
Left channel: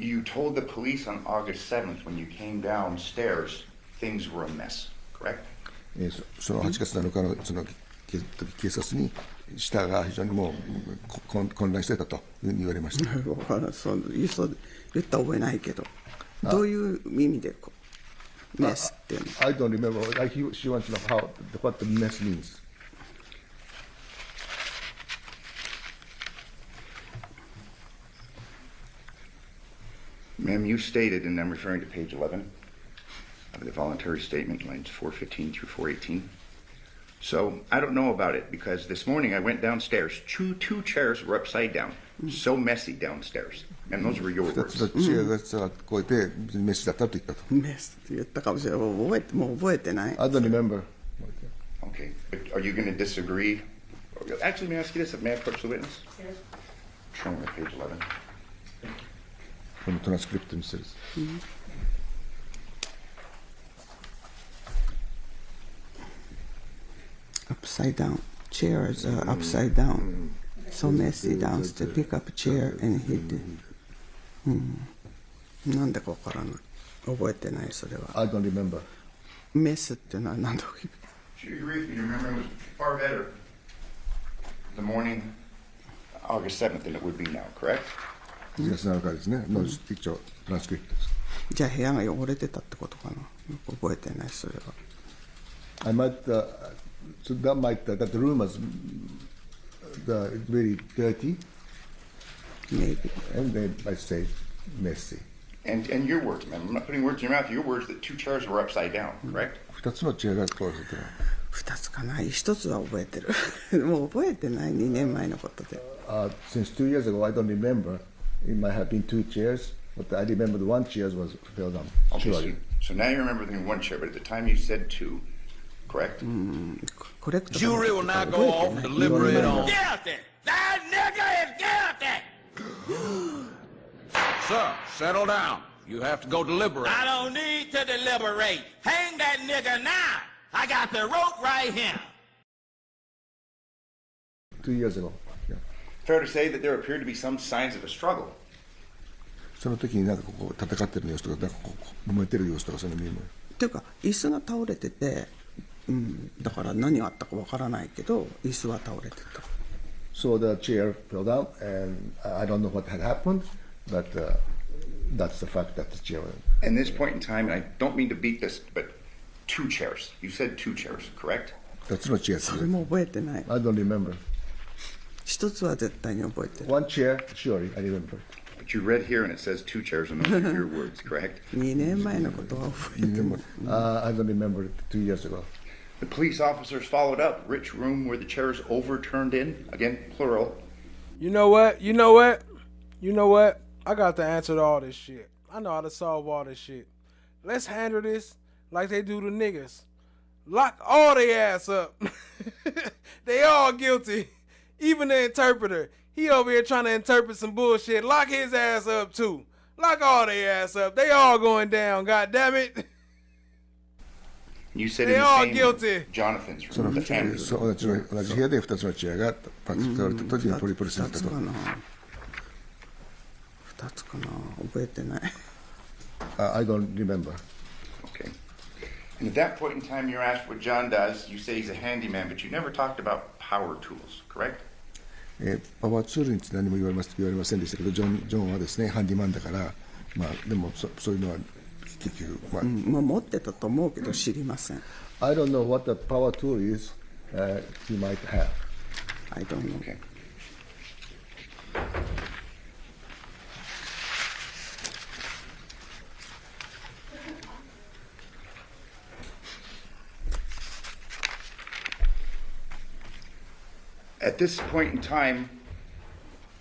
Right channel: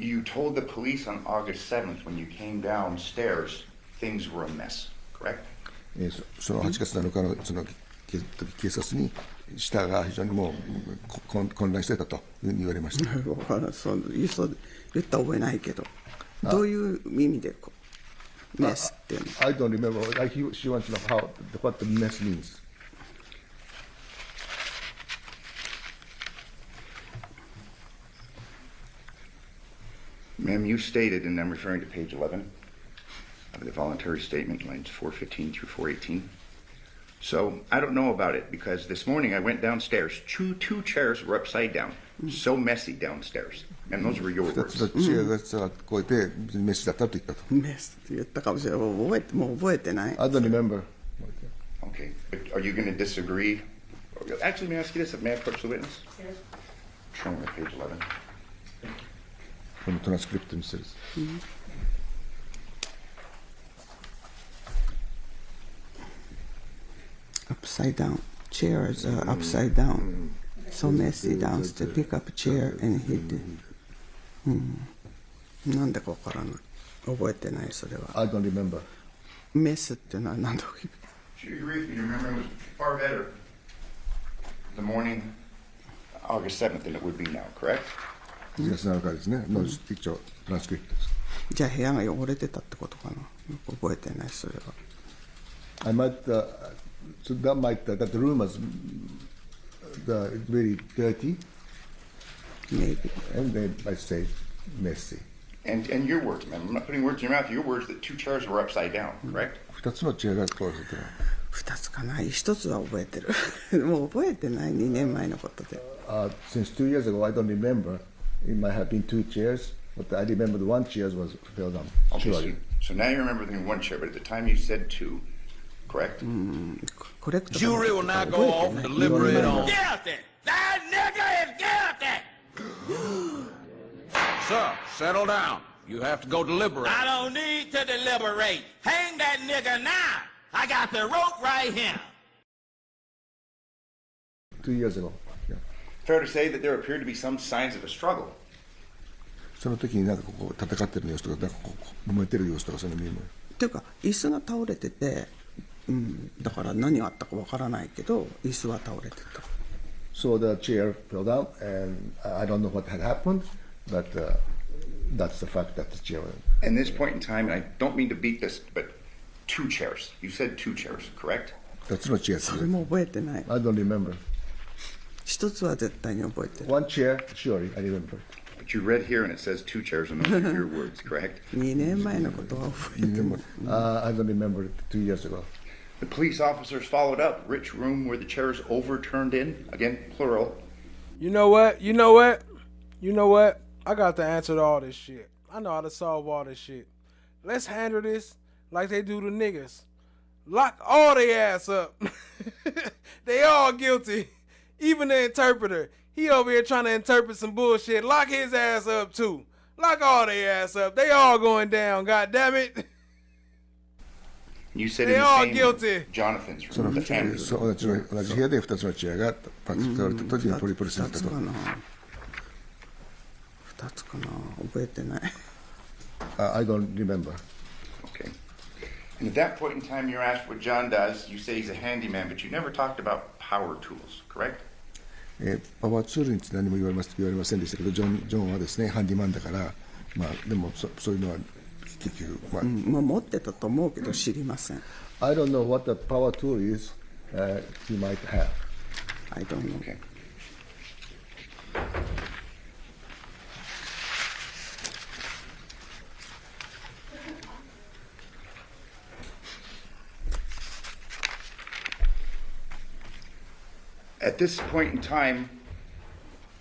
You told the police on August 7th when you came downstairs things were a mess, correct? その8月7日のその警察に下が非常にもう混乱してたというふうに言われました。そう言った覚えないけど、どういう意味でこうメスっていうの I don't remember. She wants to know what the mess means. Ma'am, you stated, and I'm referring to page 11 of the voluntary statement, lines 415 through 418. So I don't know about it because this morning I went downstairs. Two chairs were upside down. So messy downstairs. And those were your words. チェアがこうやってメスだったと言ったと。メスって言ったかもしれない。もう覚えてない。I don't remember. Okay. But are you going to disagree? Actually, may I ask you this? May I approach the witness? Yes. Show me page 11. このトランスクリプトにしてる。Upside down. Chairs are upside down. So messy downstairs. Pick up a chair and hit it. なんでかわからない。覚えてないそれは。I don't remember. メスってのは何だろう。Should you agree with me? Your memory was far better the morning August 7th than it would be now, correct? 8月7日ですね。の一応トランスクリプトです。じゃあ部屋が汚れてたってことかな。覚えてないそれは。I might, so that the room was really dirty. Maybe. And then I say messy. And your words, man. I'm not putting words in your mouth. Your words that two chairs were upside down, correct? 2つのチェアがこうしてる。2つかな。1つは覚えてる。もう覚えてない2年前のことで。Since 2 years ago, I don't remember. It might have been 2 chairs, but I remember the 1 chair fell down. Okay, so now you remember the 1 chair, but at the time you said 2, correct? Correct. Jury will now go off and deliberate on. Guilty! That nigga is guilty! Sir, settle down. You have to go deliberate. I don't need to deliberate. Hang that nigga now. I got the rope right here. 2 years ago. Yeah. Fair to say that there appeared to be some signs of a struggle. その時になんかこう戦ってる様子とか、なんかこう揉めてる様子とかそういうの見える。っていうか椅子が倒れてて、だから何があったかわからないけど椅子は倒れてた。So the chair fell down, and I don't know what had happened, but that's the fact that the chair. At this point in time, and I don't mean to beat this, but 2 chairs. You said 2 chairs, correct? 2つのチェア。それも覚えてない。I don't remember. 1つは絶対に覚えてる。One chair, surely I remember. But you read here and it says 2 chairs, and those are your words, correct? 2年前のことは覚えてる。I don't remember it 2 years ago. The police officers followed up. Rich room where the chairs overturned in. Again, plural. You know what? You know what? You know what? I got the answer to all this shit. I know how to solve all this shit. Let's handle this like they do the niggas. Lock all their ass up. They all guilty. Even the interpreter. He over here trying to interpret some bullshit. Lock his ass up too. Lock all their ass up. They all going down. God damn it. You said they in the all same guilty. Jonathan's room. 同じ部屋で2つのチェアが使われた時にトリプルスだったと。2つかな。覚えてない。I don't remember. Okay. And at that point in time, you're asked what John does. You say he's a handyman, but you never talked about power tools, correct? パワーツールについて何も言われませんでしたけど、ジョンはですね、ハンディマンだから、でもそういうのは結局、持ってたと思うけど知りません。I don't know what the power tool is he might have. I don't know. Okay. At this point in time,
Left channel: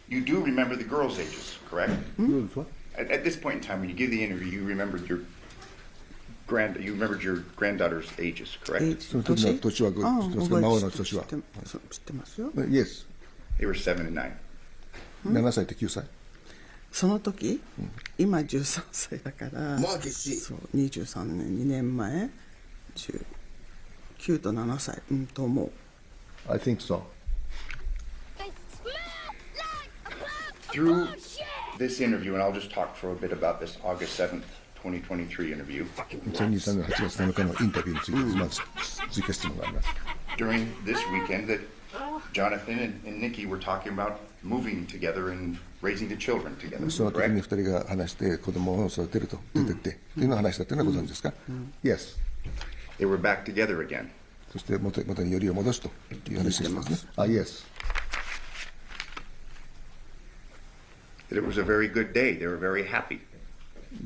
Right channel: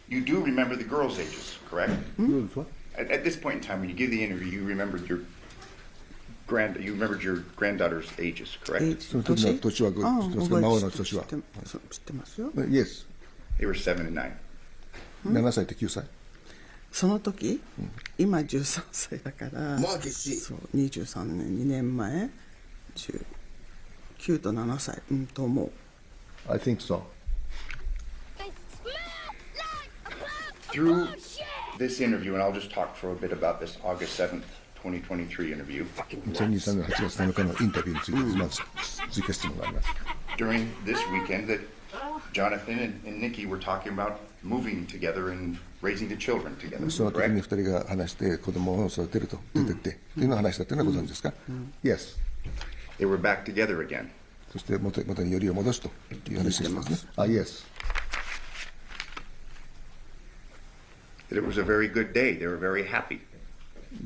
you do remember the girls' ages, correct? Girls what? At this point in time, when you give the interview, you remembered your granddaughter's ages, correct? その時の年は、孫の年は。知ってますよ。Yes. They were 7 and 9. 7歳と9歳。その時、今13歳だから、そう23年、2年前、9と7歳、と思う。I think so. Through this interview, and I'll just talk for a bit about this August 7th, 2023 interview. 2023年8月7日のインタビューについて、まず追加質問があります。During this weekend, that Johnathan and Nikki were talking about moving together and raising the children together. その時に2人が話して子供を育てると出てってというのを話したというのはご存知ですか？ Yes. They were back together again. そして元によりを戻すという話をしてますね。Yes. That it was a very good day. They were very happy.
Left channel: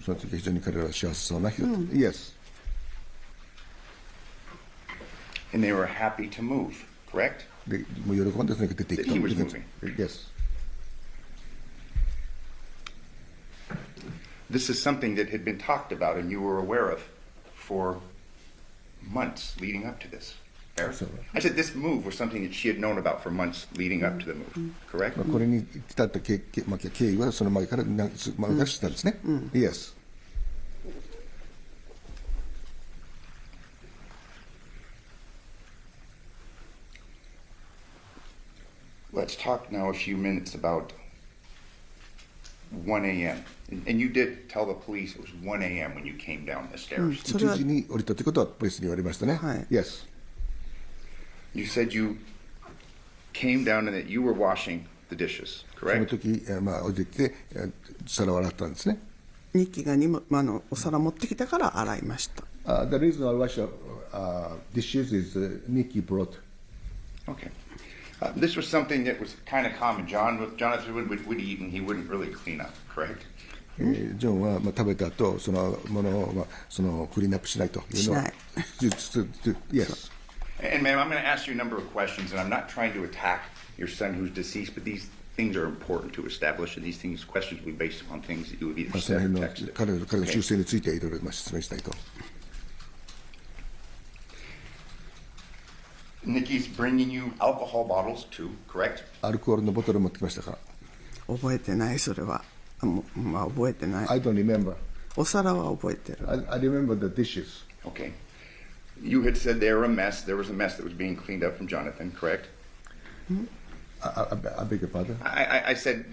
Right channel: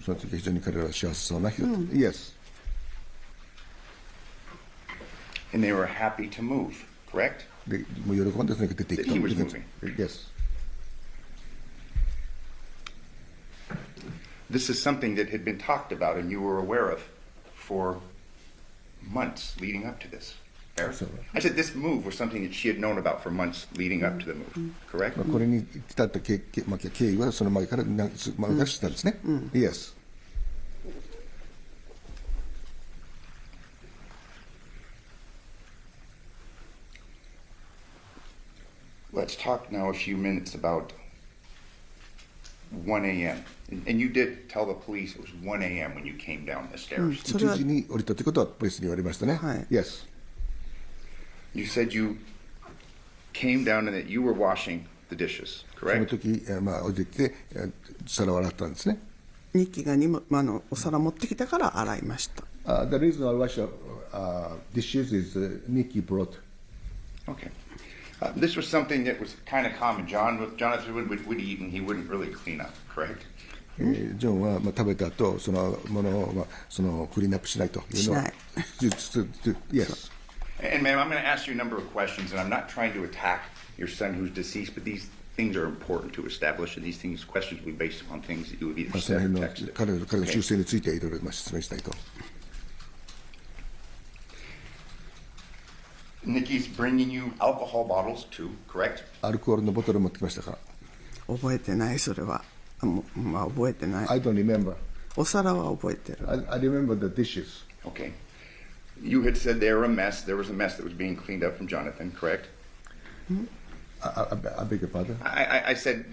その時非常に彼らは幸せそうな日だった。Yes. And they were happy to move, correct? で、もう喜んでとにかく出ていくと。He was moving. Yes. This is something that had been talked about and you were aware of for months leading up to this. I said this move was something that she had known about for months leading up to the move, correct? これに至った経緯はその前から知ったんですね。Yes. Let's talk now a few minutes about 1 a.m. And you did tell the police it was 1 a.m. when you came down the stairs. 1時に降りたということはポリスに言われましたね。Yes. You said you came down and that you were washing the dishes, その correct? 時、降りてきて皿を洗ったんですね。ニッキーがお皿持ってきたから洗いました。The reason I wash dishes is Nikki brought. Okay. This was something that was kind of common. Johnathan would eat and he wouldn't really clean up, correct? ジョンは食べた後そのものをクリーンアップしないというのは。Yes. And ma'am, I'm going to ask you a number of questions, and I'm not trying to attack your son who's deceased, but these things are important to establish, and these questions will be based upon things that you have either その said 辺 or の texted. 彼の習性についていろいろ説明したいと。Nikki's bringing you alcohol bottles too, correct? アルコールのボトルを持ってきましたか？覚えてない、それは。覚えてない。 I don't remember. お皿は覚えてる。I remember the dishes. Okay. You had said they were a mess. There was a mess that was being cleaned up from Johnathan, correct? I beg your pardon? I said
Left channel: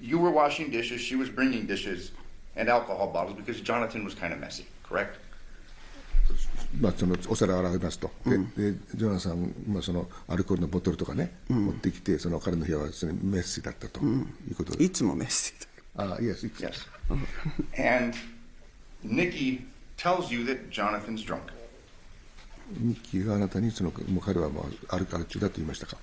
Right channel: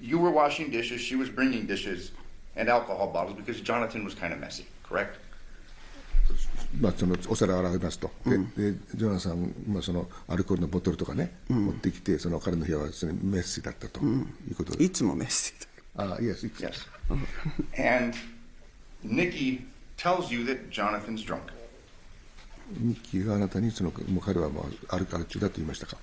you were washing dishes, she was bringing dishes and alcohol bottles because Johnathan was kind of messy, correct? そのお皿を洗いますと。でジョナサンそのアルコールのボトルとかね、持ってきてその彼の部屋はそれメッシーだったということで。いつもメッシーだ。Yes. Yes. And Nikki tells you that Jonathan's drunk. ニッキーがあなたにもう彼はもうアル中だと言いましたか？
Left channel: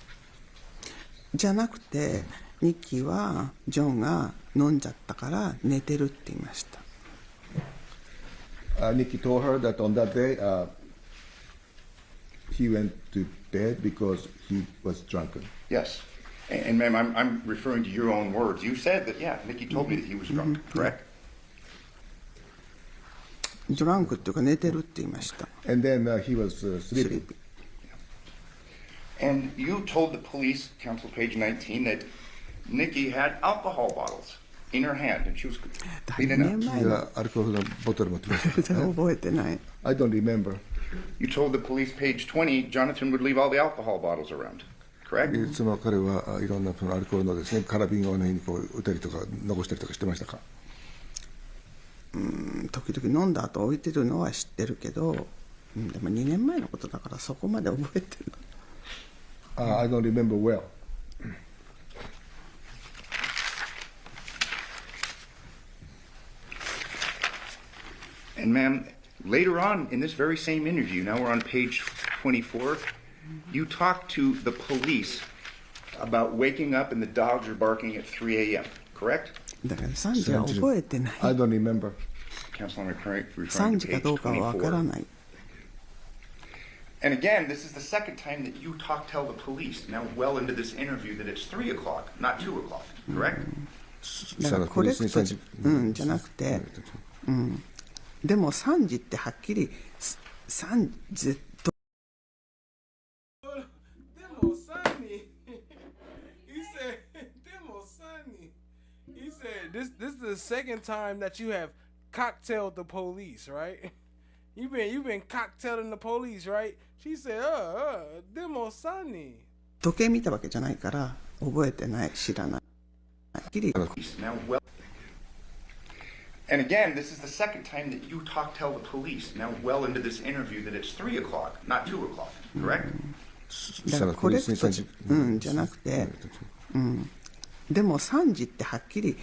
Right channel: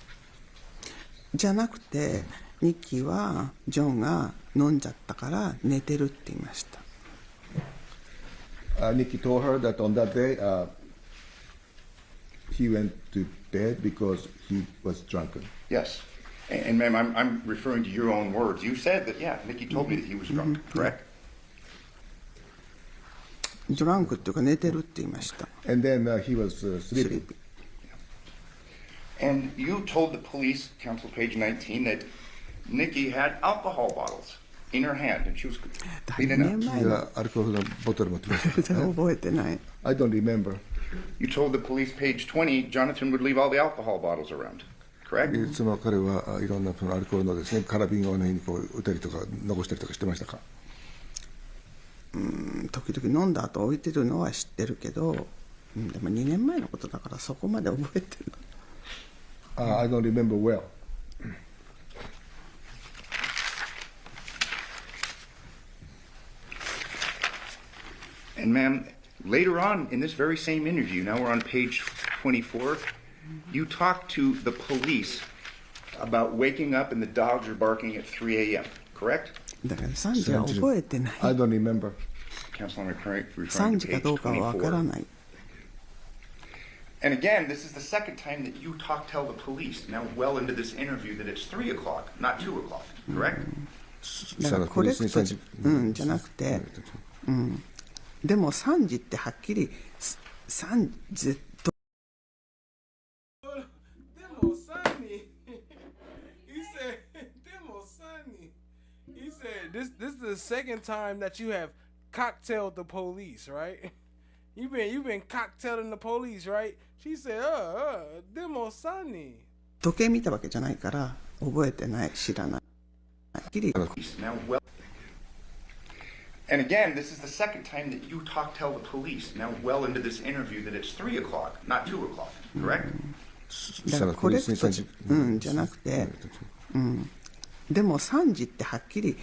じゃなくてニッキーはジョンが飲んじゃったから寝てるって言いました。Nikki told her that on that day he went to bed because he was drunken. Yes. And ma'am, I'm referring to your own words. You said that, yeah, Nikki told me that he was drunk, correct? ドランクっていうか寝てるって言いました。And then he was sleeping. And you told the police, Council page 19, that Nikki had alcohol bottles in her hand and she was cleaning up. アルコールのボトル持ってました。覚えてない。I don't remember. You told the police, page 20, Johnathan would leave all the alcohol bottles around, correct? その彼はいろんなそのアルコールのですね、カラビンをにこう打ったりとか残したりとかしてましたか？時々飲んだ後置いてるのは知ってるけど、でも2年前のことだからそこまで覚えてる。I don't remember well. And ma'am, later on in this very same interview, now we're on page 24, you talked to the police about waking up and the dogs are barking at 3 a.m., correct? だから3時は覚えてない。 I don't remember. Counsel, I'm referring 3 to 時か page どうかはわから 24. ない。 And again, this is the second time that you tell the police, now well into this interview, that it's 3 o'clock, not 2 o'clock, correct? だからコレクトじゃなくて、でも3時ってはっきり3時と。He said, "This is the second time that you have cocktailed the police, right? You've been cocktailing the police, right?" She said, demo sunny." 時計見たわけじゃないから覚えてない知らない。はっきり。 Now well. And again, this is the second time that you tell the police, now well into this interview, that it's 3 o'clock, not 2 o'clock, correct? だからコレクトじゃなくて、でも3時ってはっきり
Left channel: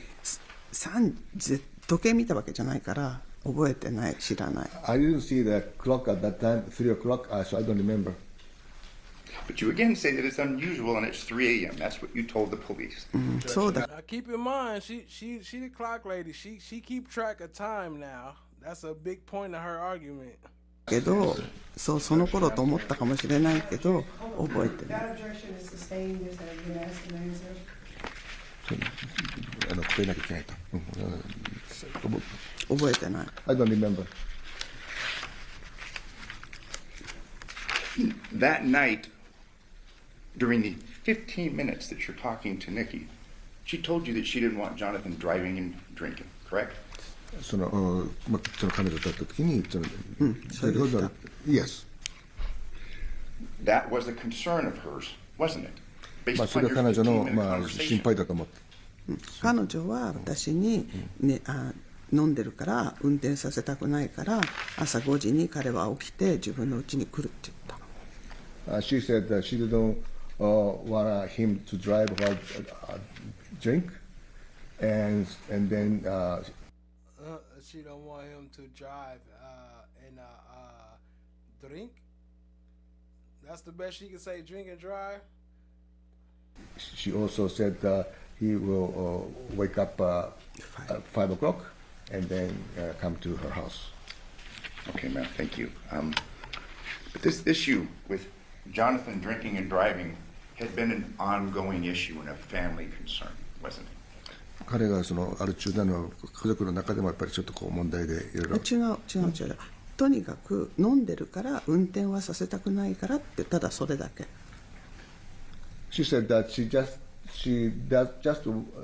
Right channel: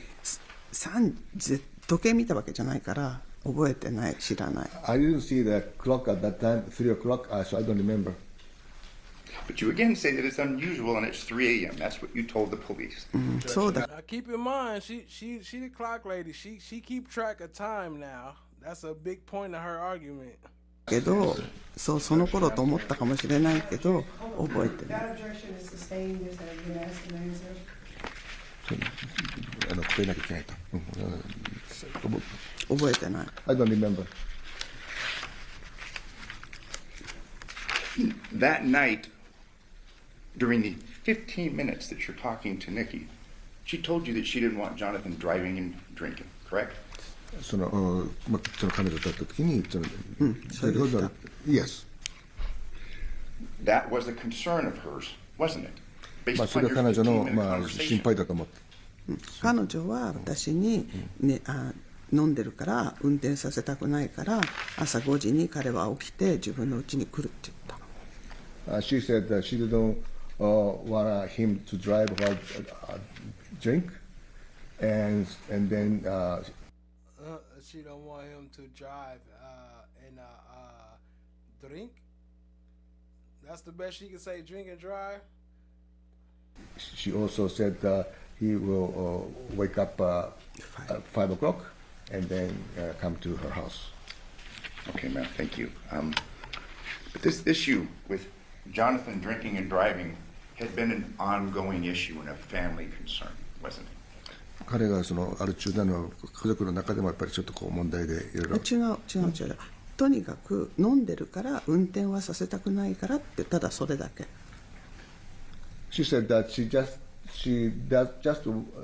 3時時計見たわけじゃないから覚えてない知らない。 I didn't see the clock at that time, 3 o'clock, so I don't remember. But you again say that it's unusual and it's 3 a.m. That's what you told the police. So that. Now keep in mind, she the clock lady. She keep track of time now. That's a big point of her argument. けど、その頃と思ったかもしれないけど覚えてない。 That objection is sustained as I've been asked and answered. 答えなきゃいけないと。覚えてない。 I don't remember. That night, during the 15 minutes that you're talking to Nikki, she told you that she didn't want Johnathan driving and drinking, correct? その彼女と会った時に、Yes. That was a concern of hers, wasn't it? Based そ upon れ your は彼女の 15-minute 心 conversation. 配だと思って。彼女は私に、ね、飲んでるから運転させたくないから朝5時に彼は起きて自分の家に来るって言った。She said that she didn't want him to drive or drink, and then. She don't want him to drive and drink. That's the best she can say. Drink and drive. She also said he will wake up at 5 o'clock and then come to her house. Okay, ma'am, thank you. But this issue with Johnathan drinking and driving had been an ongoing issue and a family concern, wasn't it? 彼がアル中なのは家族の中でもやっぱりちょっと問題でいろいろ。違う。とにかく飲んでるから運転はさせたくないからってただそれだけ。She said that she just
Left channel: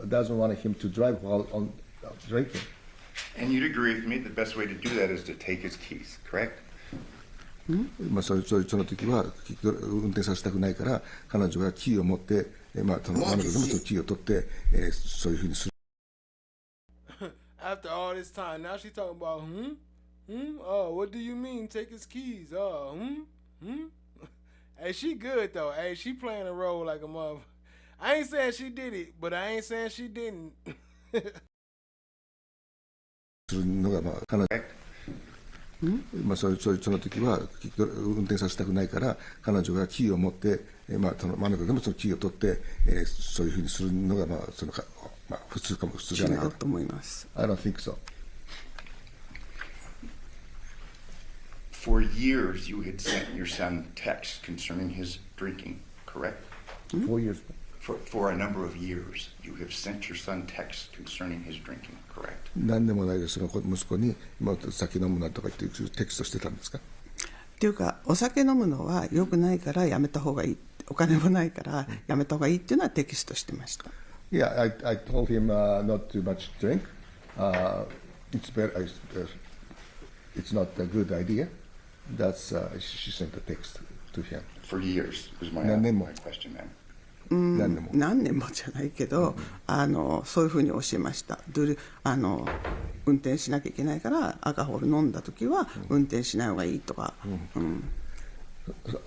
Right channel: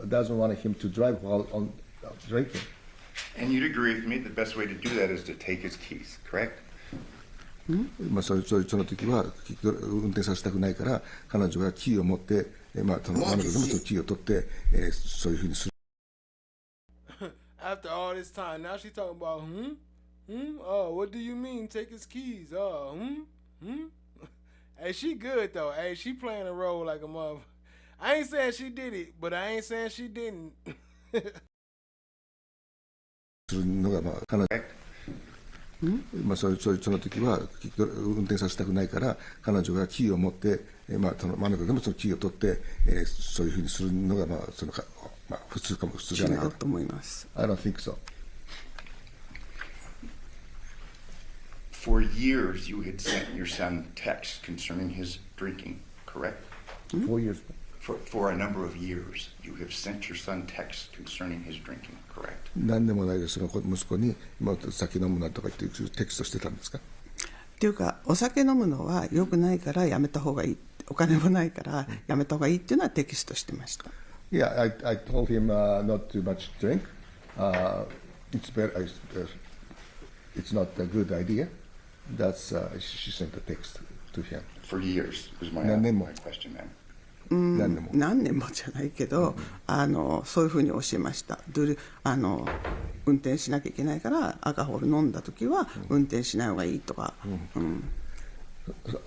doesn't want him to drive while on drinking. And you'd agree with me the best way to do that is to take his keys, correct? その時は運転させたくないから彼女がキーを持って、彼女でもそのキーを取って、そういうふうにする。After all this time, now she's talking about Oh, what do you mean? Take his keys? Hey, she good though. Hey, she playing a role like a mother. I ain't saying she did it, but I ain't saying she didn't. するのが彼女。その時は運転させたくないから彼女がキーを持って、彼女でもそのキーを取って、そういうふうにするのが普通じゃないかと思います。I don't think so. For years, you had sent your son texts concerning his drinking, correct? 4 years. For a number of years, you have sent your son texts concerning his drinking, correct? 何でもないです。その息子に酒飲むなとか言ってテキストしてたんですか？っていうかお酒飲むのは良くないからやめた方がいい。お金もないからやめた方がいいっていうのはテキストしてました。Yeah, I told him not too much drink. It's better. It's not a good idea. That's she sent a text to him. For years was my question, ma'am. 何年もじゃないけど、そういうふうに教えました。運転しなきゃいけないからアルコール飲んだ時は運転しない方がいいとか。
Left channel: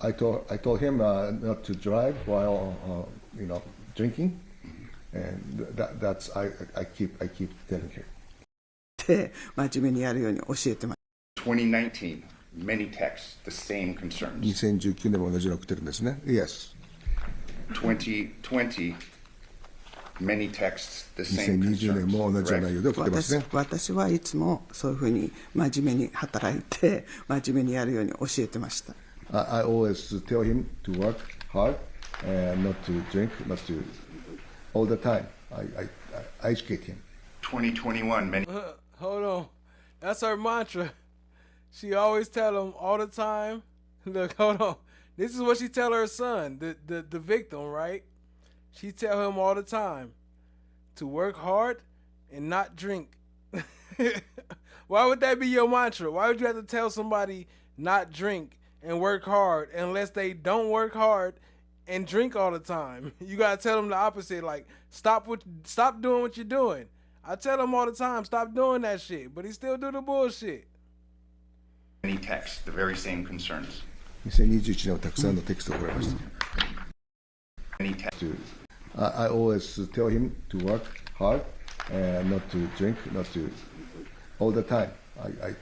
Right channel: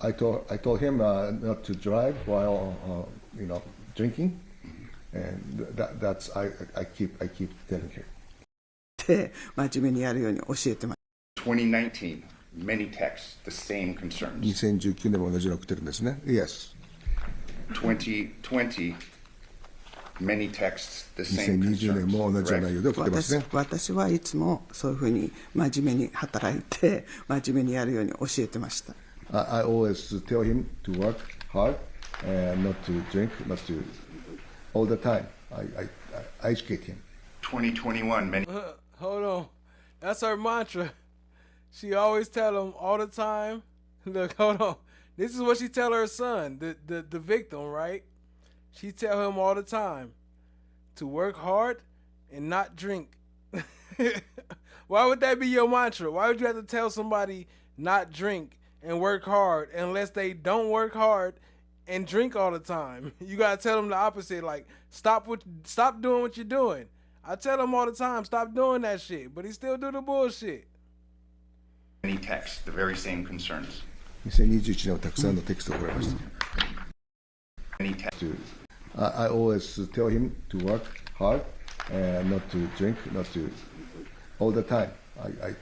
I told him not to drive while drinking, and that's I keep telling him. で真面目にやるように教えてます。2019, many texts, the same concerns. 2019年も同じの送ってるんですね。Yes. 2020, many texts, the same 2020 年も同じような内容で送ってますね。私はいつもそういうふうに真面目に働いて真面目にやるように教えてました。I always tell him to work hard and not to drink, not to all the time. I educate him. 2021, many. Hold on. That's her mantra. She always tell him all the time. Look, hold on. This is what she tell her son, the victim, right? She tell him all the time to work hard and not drink. Why would that be your mantra? Why would you have to tell somebody not drink and work hard unless they don't work hard and drink all the time? You gotta tell them the opposite, like stop doing what you're doing. I tell him all the time, stop doing that shit, but he still do the bullshit. Many texts, the very same concerns. 2021年はたくさんのテキストを送られました。Many texts. I always tell him to work hard and not to drink, not to all the time. I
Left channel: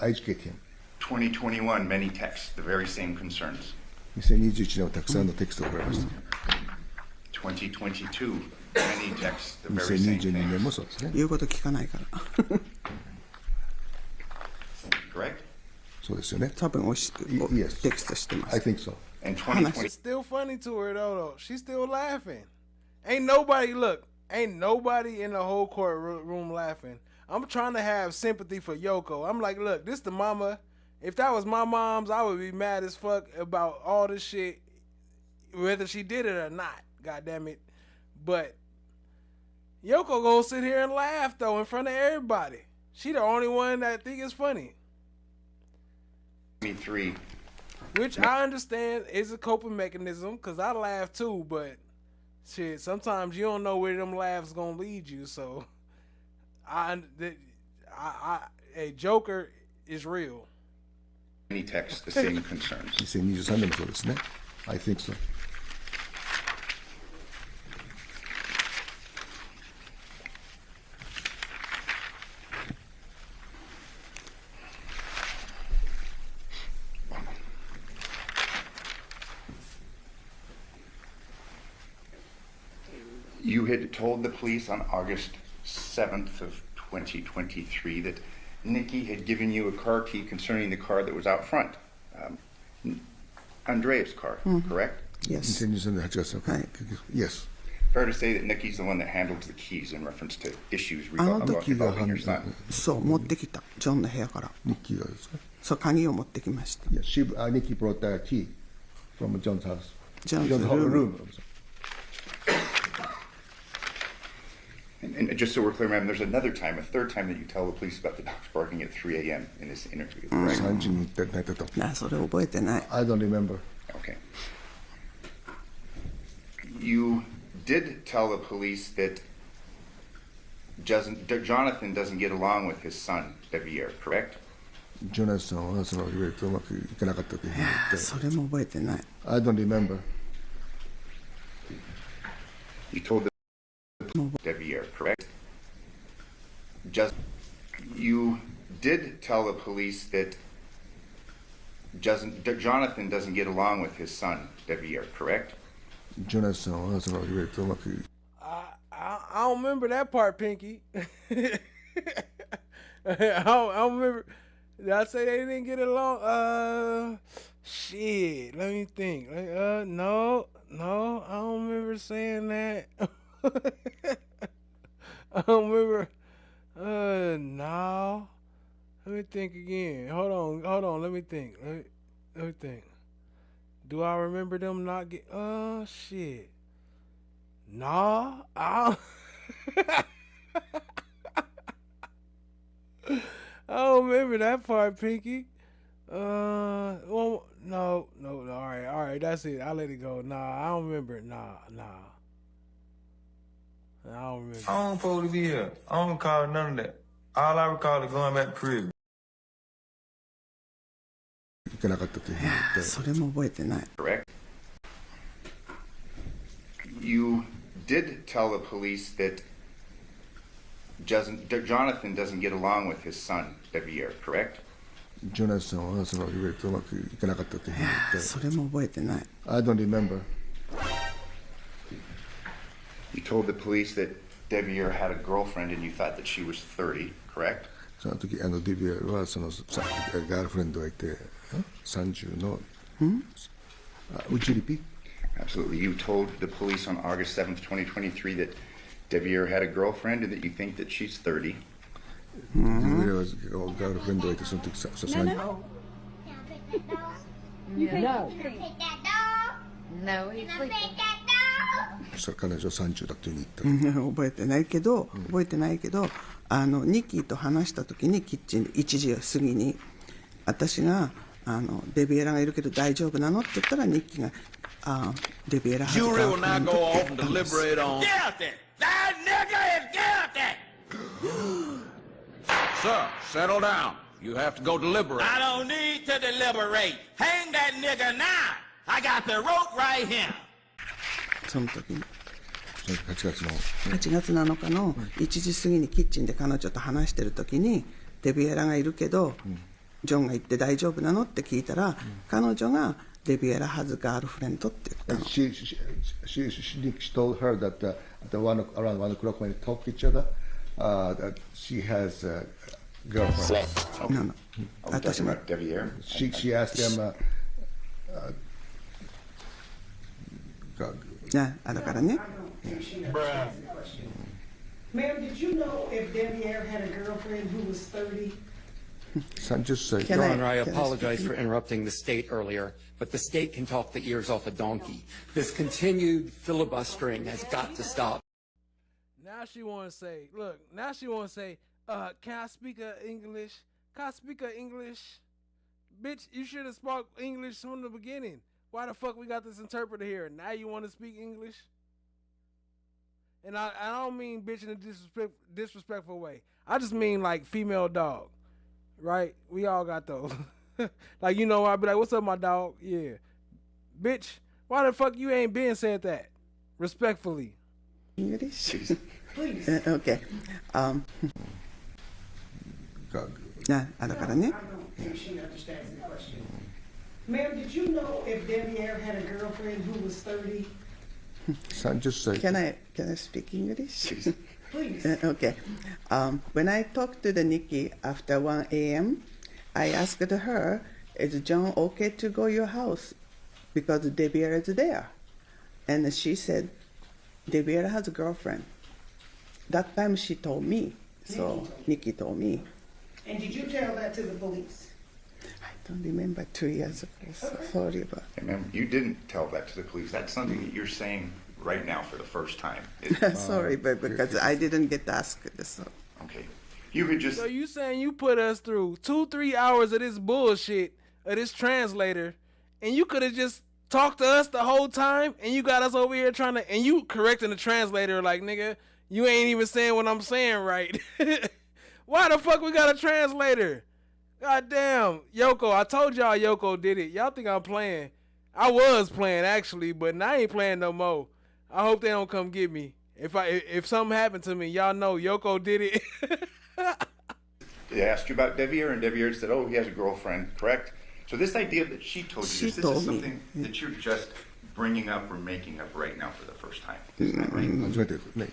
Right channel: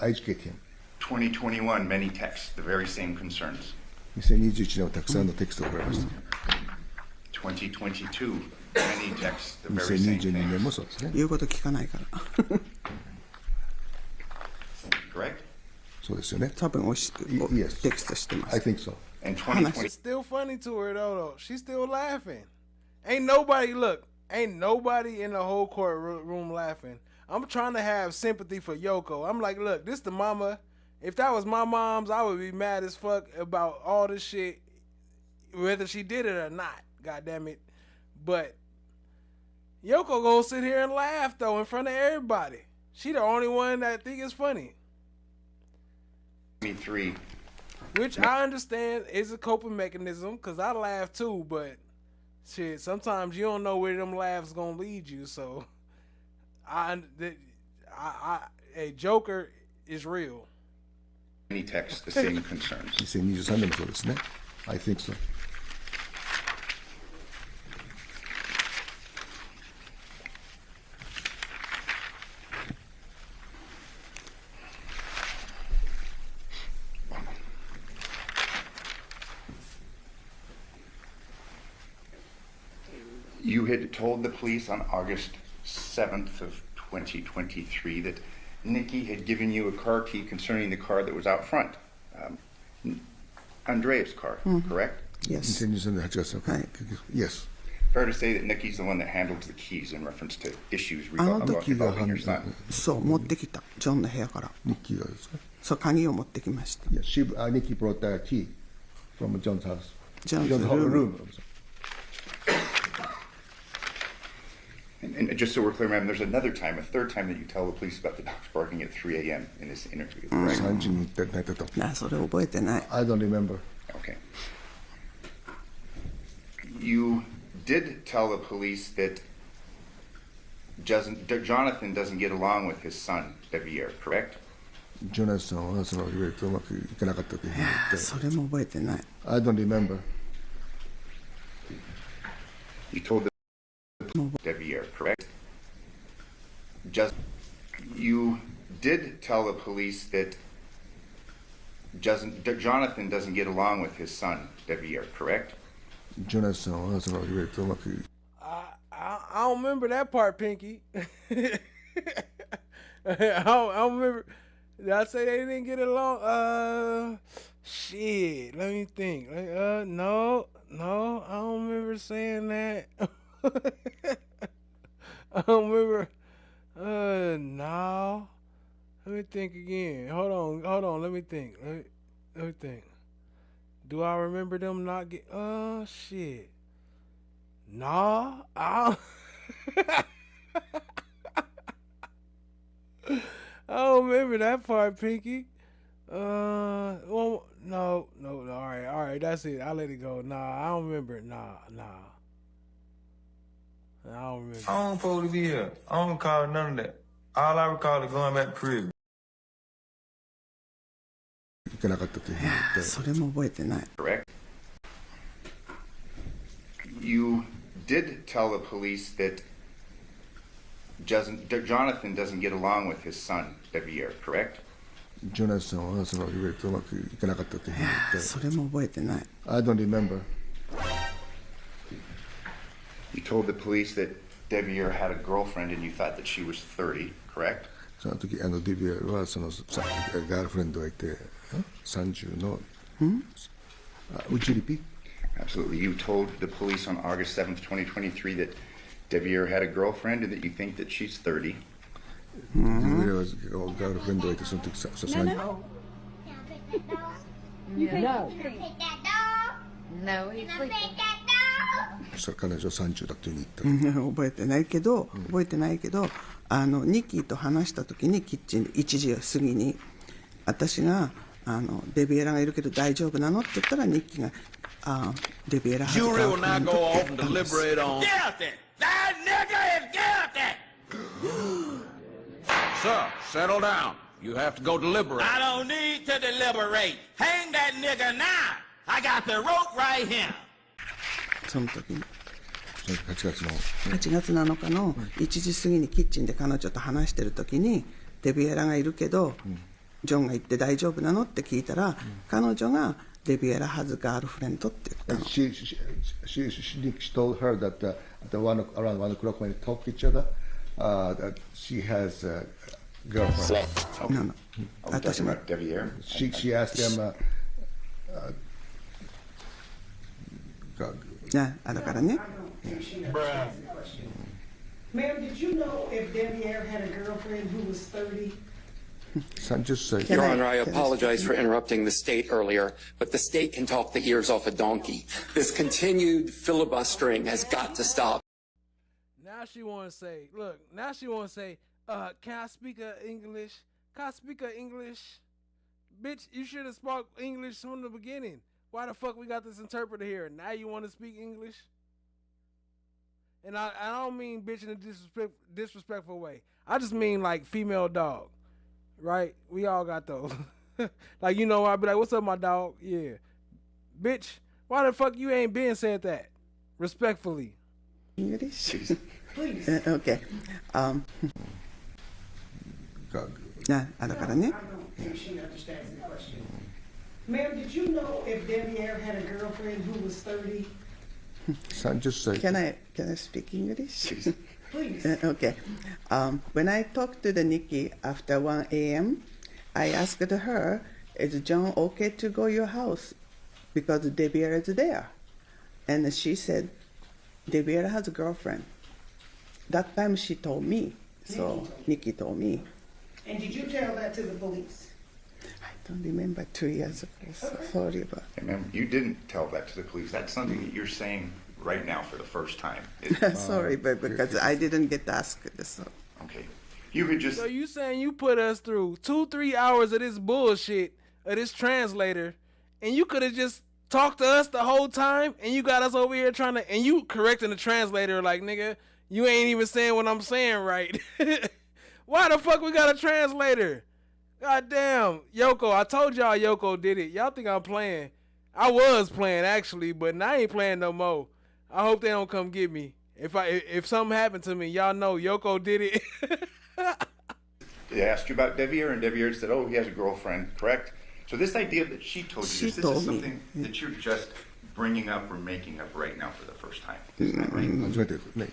educate him. 2021, many texts, the very same concerns. 2021年はたくさんのテキストを送られました。2022, many texts, the very same 2022 thing. 年もそうですね。言うこと聞かないから。Correct? そうですよね。多分テキストしてます。I think so. And 2020. It's still funny to her though. She's still laughing. Ain't nobody in the whole courtroom laughing. I'm trying to have sympathy for Yoko. I'm like, look, this the mama. If that was my mom's, I would be mad as fuck about all this shit, whether she did it or not. God damn it. But Yoko gonna sit here and laugh though in front of everybody. She the only one that think it's funny. 23. Which I understand is a coping mechanism, because I laugh too, but shit, sometimes you don't know where them laughs gonna lead you, so a Joker is real. Many texts, the same concerns. 2023年もそうですね。I think so. You had told the police on August 7th of 2023 that Nikki had given you a car key concerning the car that was out front. Andrea's car, correct? Yes. 2023年8月の回。Yes. Fair to say that Nikki's the one that handles the keys in reference to issues あの about 時が your son. そう持ってきたジョンの部屋から。ニッキーがですか？そう鍵を持ってきました。Yeah, Nikki brought the key from John's house. John's room. And just so we're clear, ma'am, there's another time, a third time that you tell the police about the dogs barking at 3 a.m. in this interview, correct? 3時に寝たと。それ覚えてない。I don't remember. Okay. You did tell the police that Johnathan doesn't get along with his son, Deviere, correct? ジョナサンはそのいろいろとうまくいかなかったというふうに言って。それも覚えてない。I don't remember. You told the Deviere, correct? You did tell the police that Johnathan doesn't get along with his son, Deviere, correct? ジョナサンはそのいろいろとうまく。I don't remember that part, Pinky. I don't remember. Did I say they didn't get along? Shit. Let me think. No, I don't remember saying that. I don't remember. No. Let me think again. Hold on. Let me think. Let me think. Do I remember them not get? Shit. No. I don't remember that part, Pinky. Well, no. All right. That's it. I'll let it go. Nah, I don't remember it. Nah. I don't remember. I don't supposed to be here. I don't recall none of that. All I recall is going back to prison. いかなかったというふうに言って。それも覚えてない。Correct. You did tell the police that Johnathan doesn't get along with his son, Deviere, correct? ジョナサンはそのうまくいかなかったというふうに言って。それも覚えてない。I don't remember. You told the police that Deviere had a girlfriend and you thought that she was 30, correct? その時デビエルはそのガールフレンドがいて30の。Would you repeat? Absolutely. You told the police on August 7th, 2023 that Deviere had a girlfriend and that you think that she's 30. デビエルはガールフレンドがいてその時30。No. No, he's sleeping. それ彼女30だというふうに言った。覚えてないけど、ニッキーと話した時にキッチンで1時過ぎに私がデビエラがいるけど大丈夫なのって言ったらニッキーがデビエラはずか Jury will now go off and deliberate on. Guilty! That nigga is guilty! Sir, settle down. You have to go deliberate. I don't need to deliberate. Hang that nigga now. I got the rope right here. その時に8月7日の1時過ぎにキッチンで彼女と話してる時にデビエラがいるけど、ジョンが言って大丈夫なのって聞いたら、彼女がデビエラはずガールフレンドって言ったの。She told her that around 1 o'clock when they talk to each other, that she has a girlfriend. No. Are we talking about Deviere? She asked them. だからね。Ma'am, did you know if Deviere had a girlfriend who was 30? 30歳。Your Honor, I apologize for interrupting the state earlier, but the state can talk the ears off a donkey. This continued filibustering has got to stop. Now she want to say, can I speak English? Can I speak English? Bitch, you should have spoke English from the beginning. Why the fuck we got this interpreter here? Now you want to speak English? And I don't mean bitch in a disrespectful way. I just mean like female dog, right? We all got those. Like, I'd be like, what's up, my dog? Yeah. Bitch, why the fuck you ain't been said that? Respectfully. English? Please. Okay. だからね。I don't think she understands the question. Ma'am, did you know if Deviere had a girlfriend who was 30? 30歳。Can I speak English? Please. Okay. When I talked to the Nikki after 1 a.m., I asked her, is John okay to go to your house? Because Deviere is there. And she said, Deviere has a girlfriend. That time she told me. So Nikki told me. And did you tell that to the police? I don't remember 2 years ago. So sorry about Hey, ma'am, you didn't tell that to the police. That's something that you're saying right now for the first time. Sorry, but because I didn't get asked. So. Okay. You could just... So you saying you put us through 2-3 hours of this bullshit, of this translator, and you could have just talked to us the whole time, and you got us over here and you correcting the translator like, nigga, you ain't even saying what I'm saying right. Why the fuck we got a translator? God damn, Yoko, I told y'all Yoko did it. Y'all think I'm playing. I was playing actually, but now I ain't playing no more. I hope they don't come get me. If something happened to me, y'all know Yoko did it. They asked you about Deviere, and Deviere said, oh, he has a girlfriend, correct? So this idea that she told you, this is something that you're just bringing up or making up right now for the first time. Isn't that right?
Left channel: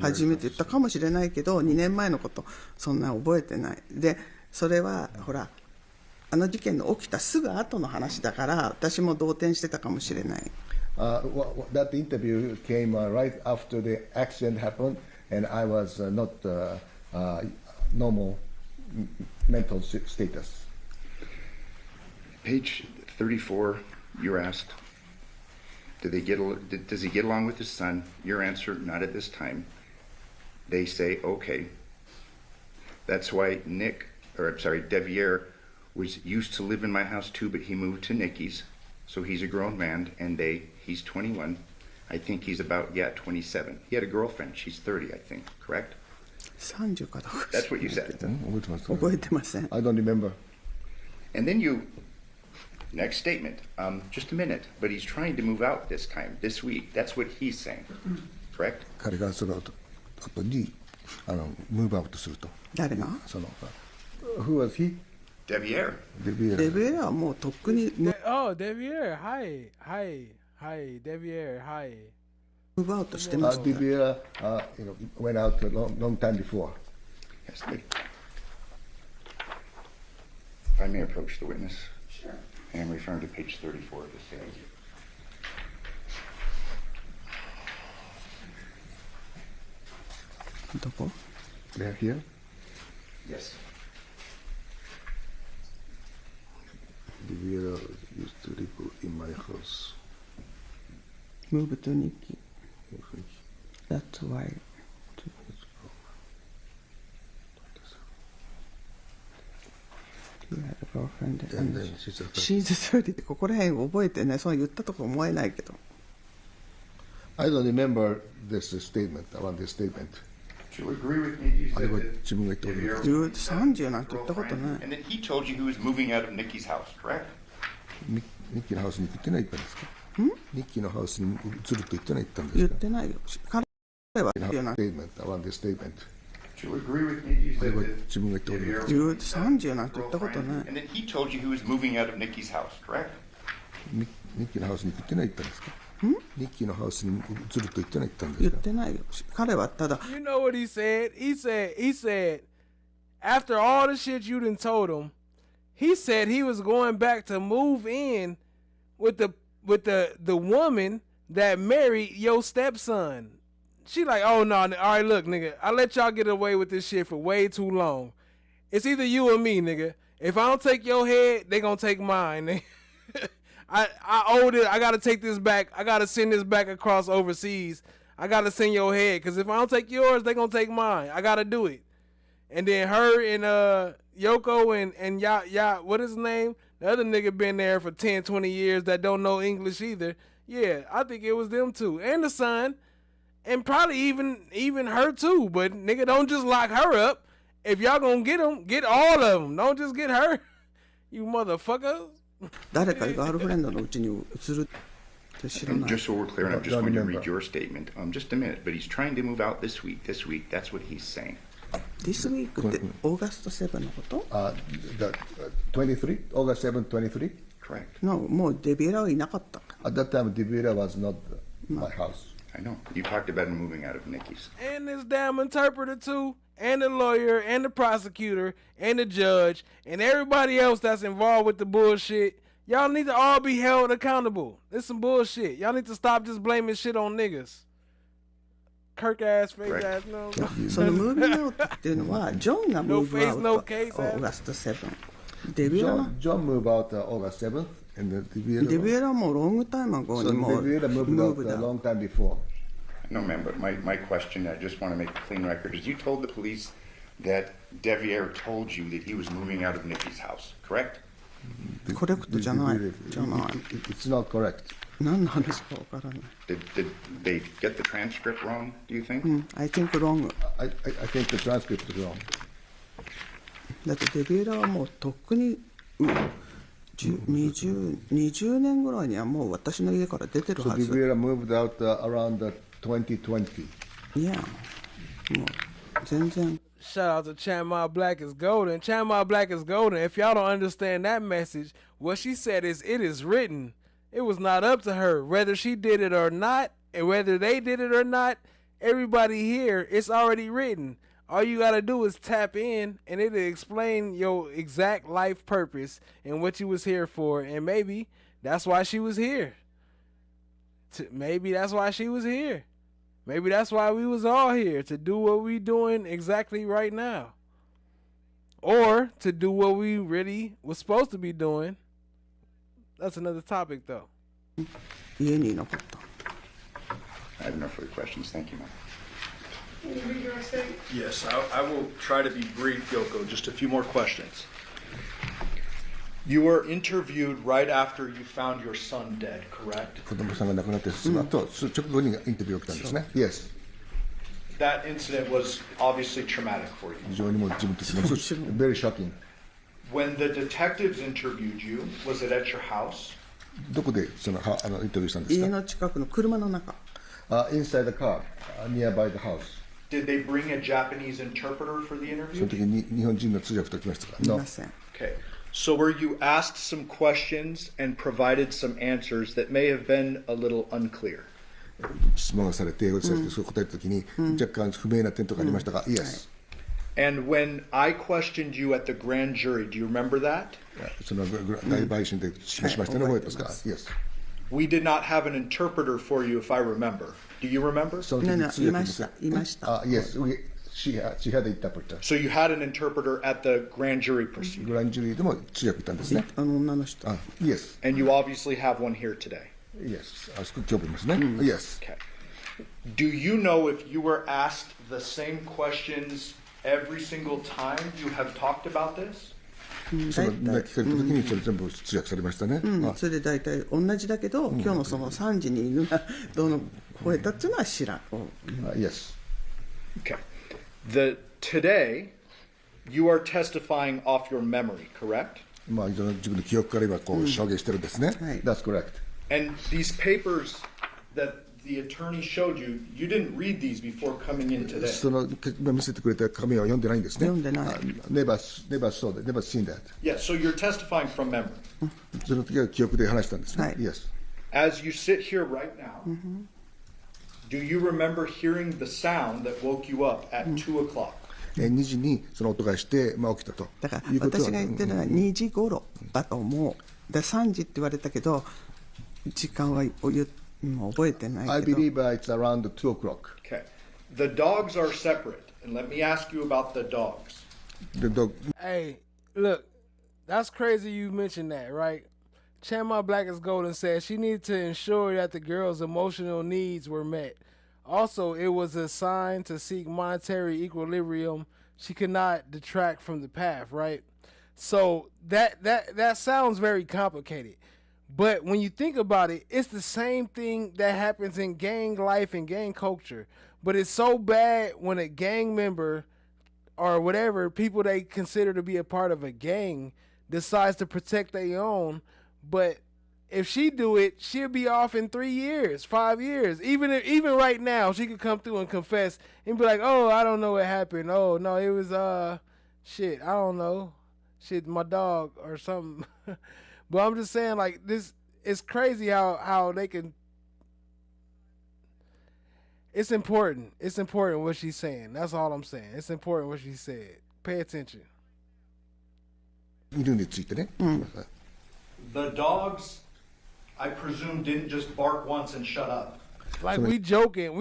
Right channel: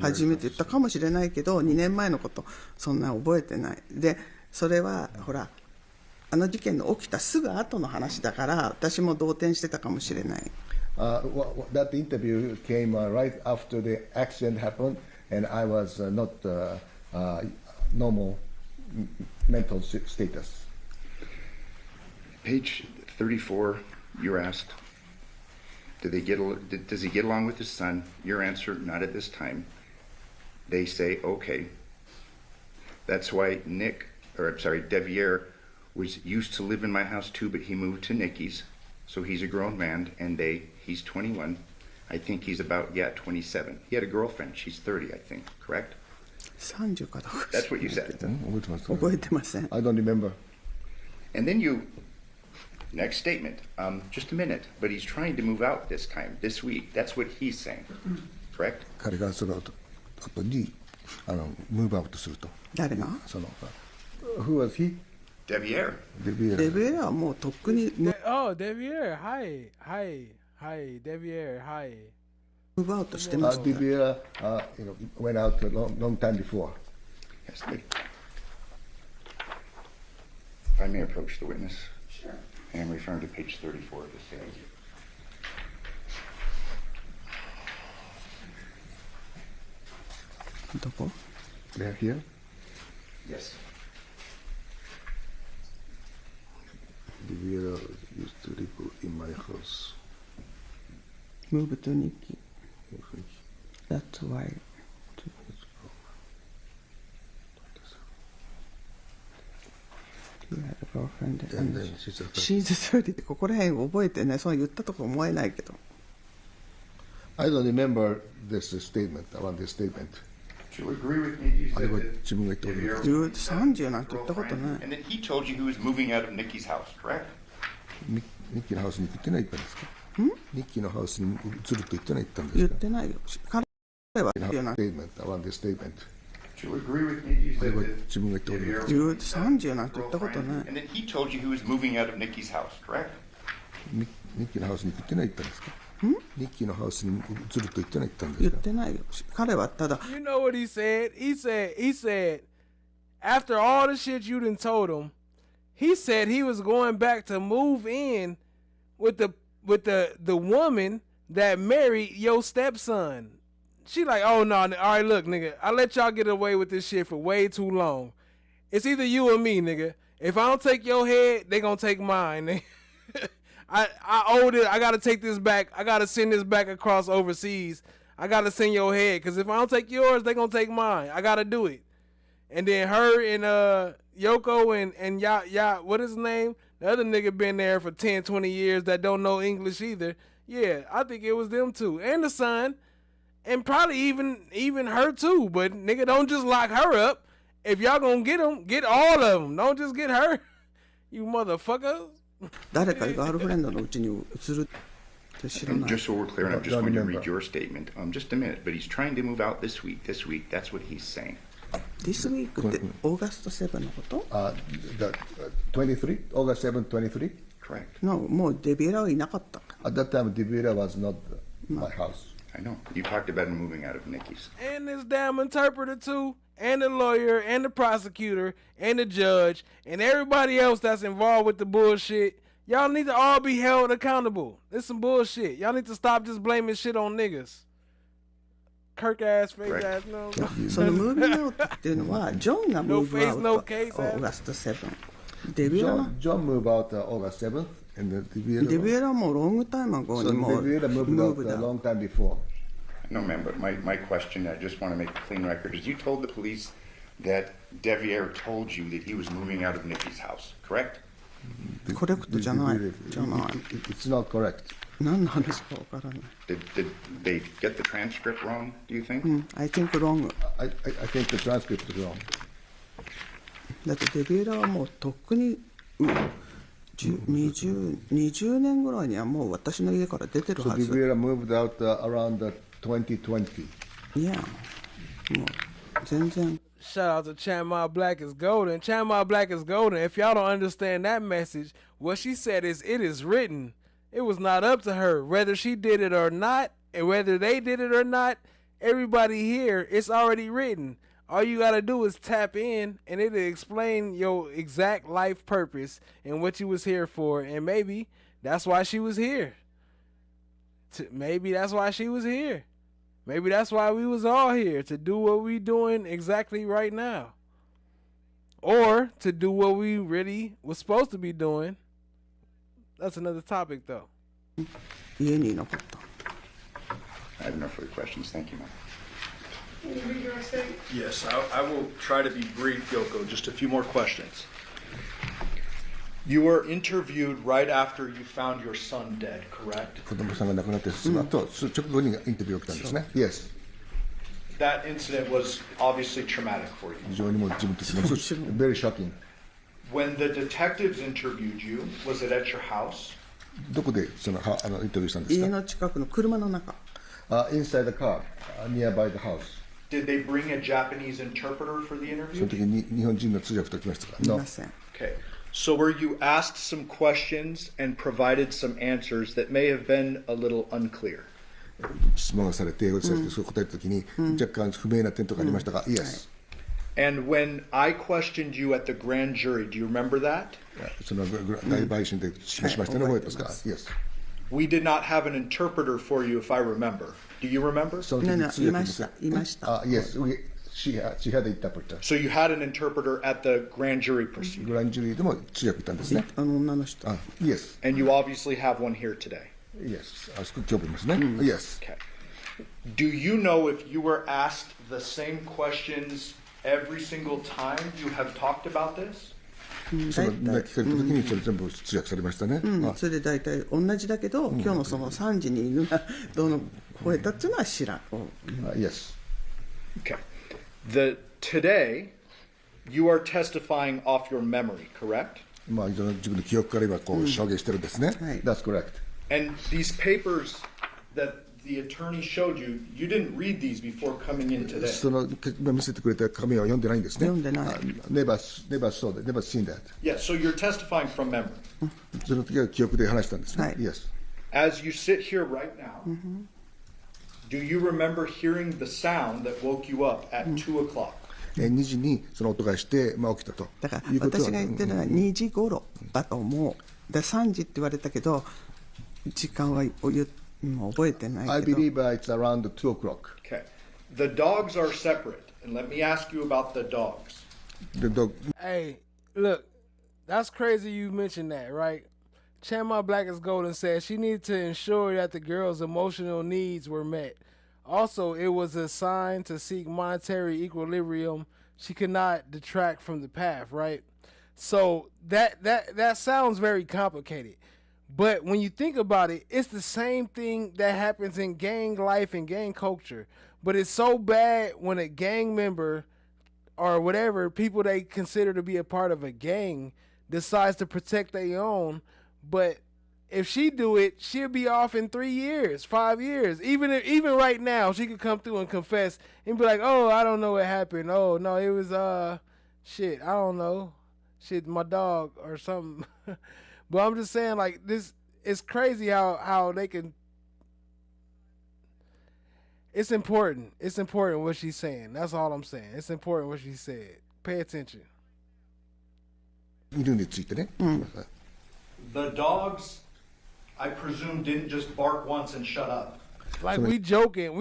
初めて言ったかもしれないけど、2年前のことそんな覚えてない。で、それはほら、あの事件の起きたすぐ後の話だから、私も動転してたかもしれない。That interview came right after the accident happened, and I was not normal mental status. Page 34, you're asked, does he get along with his son? Your answer, not at this time. They say, okay. That's why Deviere was used to live in my house too, but he moved to Nikki's. So he's a grown man, and he's 21. I think he's about, 27. He had a girlfriend. She's 30, I think, correct? 30かどうか。 That's what you said. 覚えてません。I don't remember. And then next statement, just a minute, but he's trying to move out this time, this week. That's what he's saying, correct? 彼がその後にムーブアウトすると。誰が？その Who was he? Deviere. デビエラはもうとっくに Oh, Deviere, hi, hi, hi, Deviere, hi. ムーブアウトしてます。 Deviere, went out a long time before. Yes, if I may approach the witness. Sure. I am referring to page 34 of the statement. They're here. Yes. Deviere used to live in my house. Move to Nikki. That's why. You had a girlfriend. And then she's a She's 30ってここら辺覚えてね、そう言ったとか思えないけど。I don't remember this statement, around this statement. Do you agree with me? You あれ said は that 自分が言ったこと 30なんて言ったことない。 and then he told you he was moving out of Nikki's house, correct? ニッキーのハウスに行ってない言ったんですかニッキーのハウスに移ると言ってない言ったんですか言ってないよ。彼は言うな。statement, around this statement. Do you agree with me? You あれ said は that 自分が言ったこと30なんて言ったことない。 and then he told you he was moving out of Nikki's house, correct? ニッキーのハウスに行ってない言ったんですかニッキーのハウスに移ると言ってない言ったんです言っかてないよ。彼はただ。 You know what he said? He said, after all the shit you done told him, he said he was going back to move in with the woman that married your stepson. She like, oh no, all right, look, nigga, I let y'all get away with this shit for way too long. It's either you or me, nigga. If I don't take your head, they gonna take mine, nigga. I owed it. I gotta take this back. I gotta send this back across overseas. I gotta send your head, cause if I don't take yours, they gonna take mine. I gotta do it. And then her and Yoko and Ya, what is his name? The other nigga been there for 10, 20 years that don't know English either. Yeah, I think it was them two. And the son. And probably even her too. But nigga, don't just lock her up. If y'all gonna get them, get all of them. Don't just get her. You motherfuckers. 誰かガールフレンドのうちに移るって知らない。 Just so we're clear, and I'm just going to read your statement. Just a minute, but he's trying to move out this week. This week, that's what he's saying. This week ってオーガスト7のこと the 23? August 7th, 23? Correct. No, もうデビエラはいなかった。 At that time, Deviere was not my house. I know. You talked about him moving out of Nikki's. And this damn interpreter too, and the lawyer, and the prosecutor, and the judge, and everybody else that's involved with the bullshit. Y'all need to all be held accountable. This some bullshit. Y'all need to stop just blaming shit on niggas. Kirk ass, fake ass, no. そのムービーアウトっていうのはジョンがムーブアウト No case, no case, オーガスト7。デビエラ John moved out August 7th, and Deviere. デビエラはもうロングタイムアゴ So にもう Deviere moved ムー out ブ a だ。 long time before. No, ma'am, but my question, I just want to make a clean record, is you told the police that Deviere told you that he was moving out of Nikki's house, correct? コレクトじゃない。じゃない。 It's not correct. 何の話かわからない。Did they get the transcript wrong, do you think? I think wrong. I think the transcript is wrong. だってデビエラはもうとっくに20年ぐらいにはもう私の家から出てる So はず。 Deviere moved out around 2020. いや、もう全然。 Shout out to Chanma Black is golden. Chanma Black is golden. If y'all don't understand that message, what she said is, it is written. It was not up to her. Whether she did it or not, and whether they did it or not, everybody here, it's already written. All you gotta do is tap in, and it'll explain your exact life purpose and what you was here for. And maybe that's why she was here. Maybe that's why she was here. Maybe that's why we was all here, to do what we doing exactly right now. Or to do what we really was supposed to be doing. That's another topic though.家に残った。 I have no further questions. Thank you, ma'am. Can you read your statement? Yes, I will try to be brief, Yoko. Just a few more questions. You were interviewed right after you found your son dead, correct? 子供さんが亡くなってその後直後にインタビューが来たんですね。Yes. That incident was obviously traumatic for you. 非常にもう自分としても very shocking. When the detectives interviewed you, was it at your house? どこでそのインタビューしたんですか？家の近くの車の中。Inside the car, nearby the house. Did they bring a Japanese interpreter for the その interview? 時に日本人の通訳と来ましたか？ いません。 Okay. So were you asked some questions and provided some answers that may have been a little unclear? 質問がされて、そう答えたときに、若干不明な点とかありましたが、Yes. And when I questioned you at the grand jury, do you remember that? その大陪審で示しましたね、覚えてますか Yes. We did not have an interpreter for you, if I remember. Do you remember? いました。Yes, she had an interpreter. So you had an interpreter at the grand jury proceeding? グランジュリーでも通訳いたんですね。女の人。Yes. And you obviously have one here today? Yes. あそこ今日いますね。Yes. Okay. Do you know if you were asked the same questions every single time you have talked about this? その聞かれた時にそれ全部通訳されましたね。それで大体同じだけど、今日のその3時に犬がどの吠えたっていうのは知らん。Yes. Okay. Today, you are testifying off your memory, correct? まあ自分の記憶から今こう証言してるんですね。That's correct. And these papers that the attorney showed you, you didn't read these before coming in today. その見せてくれた紙は読んでないんですね。読んでない。Never saw that, never seen that. Yeah, so you're testifying from memory. その時は記憶で話したんですね。Yes. As you sit here right now, do you remember hearing the sound that woke you up at 2 o'clock? 2時にその音がして、まあ、起きたと。だから私が言ってるのは2時頃だと思う。で3時って言われたけど、時間は覚えてないけど。I believe it's around 2 o'clock. Okay. The dogs are separate. And let me ask you about the dogs. The dog. Hey, look, that's crazy you mentioned that, right? Chandler Black is Golden said she needed to ensure that the girl's emotional needs were met. Also, it was a sign to seek monetary equilibrium. She could not detract from the path, right? So that sounds very complicated. But when you think about it, it's the same thing that happens in gang life and gang culture. But it's so bad when a gang member or whatever, people they consider to be a part of a gang, decides to protect their own. But if she do it, she'll be off in 3 years, 5 years. Even right now, she could come through and confess and be like, "Oh, I don't know what happened. Oh no, it was shit. I don't know, shit, my dog or something." But I'm just saying, like, this, it's crazy how they can. It's important. It's important what she's saying. That's all I'm saying. It's important what she said. Pay attention. 犬についてね。The dogs, I presume, didn't just bark once and shut up. Like we joking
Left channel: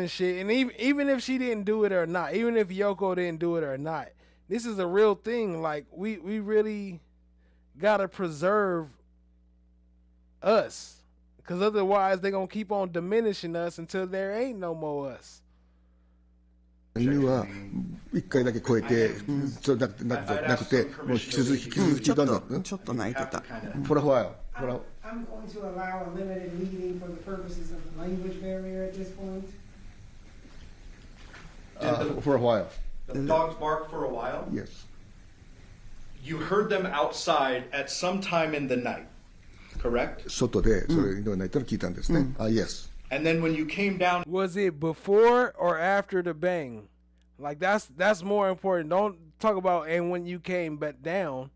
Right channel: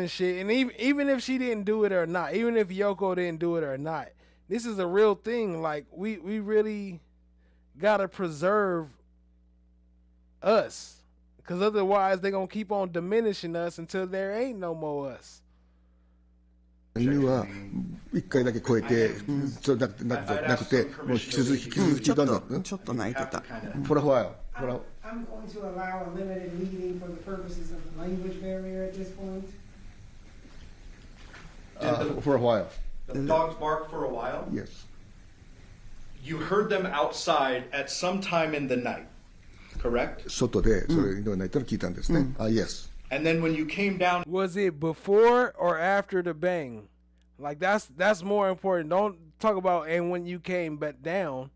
and shit. And even if she didn't do it or not, even if Yoko didn't do it or not, this is a real thing. Like we really gotta preserve us, because otherwise they're gonna keep on diminishing us until there ain't no more us. 犬は1回だけ超えて、そうなくて、もう引き続きどんどん。ちょっと泣いてた。For a while. I'm going to allow a limited reading for the purposes of the language barrier at this point. For a while. The dogs barked for a while? Yes. You heard them outside at some time in the night, correct? 外でそれ犬が鳴いたの聞いたんですね。Yes. And then when you came down, was it before or after the bang? Like that's more important. Don't talk about and when you came back down.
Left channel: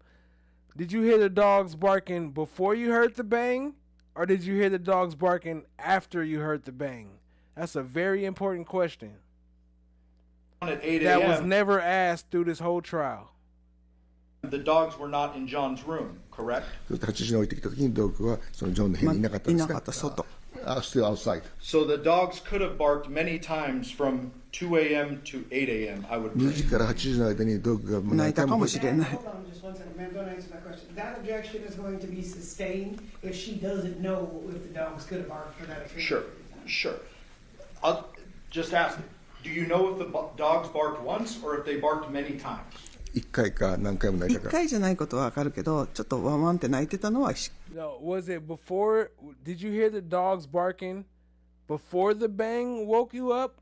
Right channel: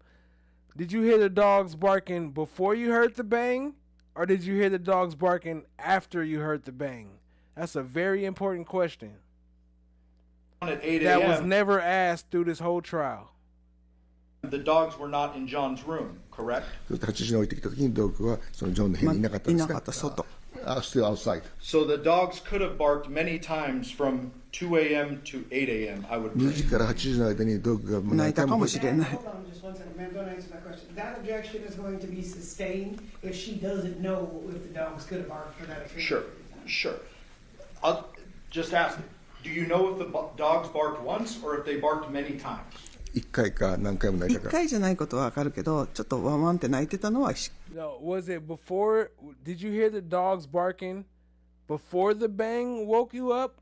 Did you hear the dogs barking before you heard the bang, or did you hear the dogs barking after you heard the bang? That's a very important question. At 8 that was never asked through this whole trial. The dogs were not in John's room, correct? 8時に置いてきた時にドッグはそのジョンの部屋にいなかったんですね。Still outside. So the dogs could have barked many times from 2 a.m. to 8 a.m. I would. 2時から8時の間にドッグが泣いたかもしれない。 Hold on just one second, ma'am. Don't answer that question. That objection is going to be sustained if she doesn't know if the dogs could have barked for that. Sure. I'll just ask you. Do you know if the dogs barked once or if they barked many times? 1回か何回も泣いたか。1回じゃないことはわかるけど、ちょっとワンワンって泣いてたのは。No, was it before? Did you hear the dogs barking before the bang woke you up,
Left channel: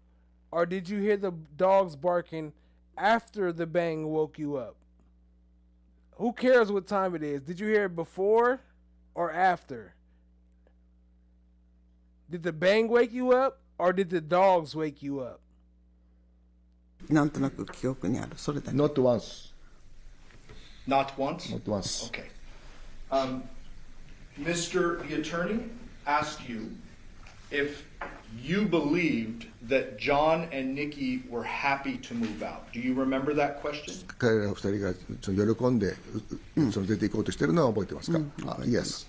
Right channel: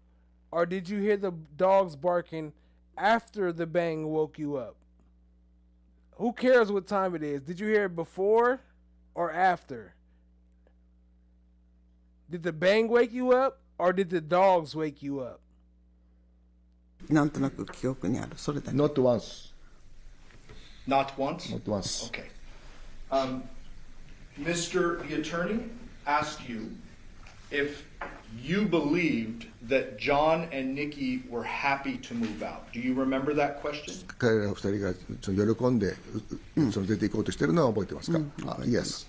or did you hear the dogs barking after the bang woke you up? Who cares what time it is? Did you hear it before or after? Did the bang wake you up, or did the dogs wake you up? なんとなく記憶にある。それだけ。Not once. Not once? Not once. Okay. Mr. the attorney asked you if you believed that John and Nikki were happy to move out. Do you remember that question? 彼ら二人が喜んで出て行こうとしてるのは覚えてますか？Yes.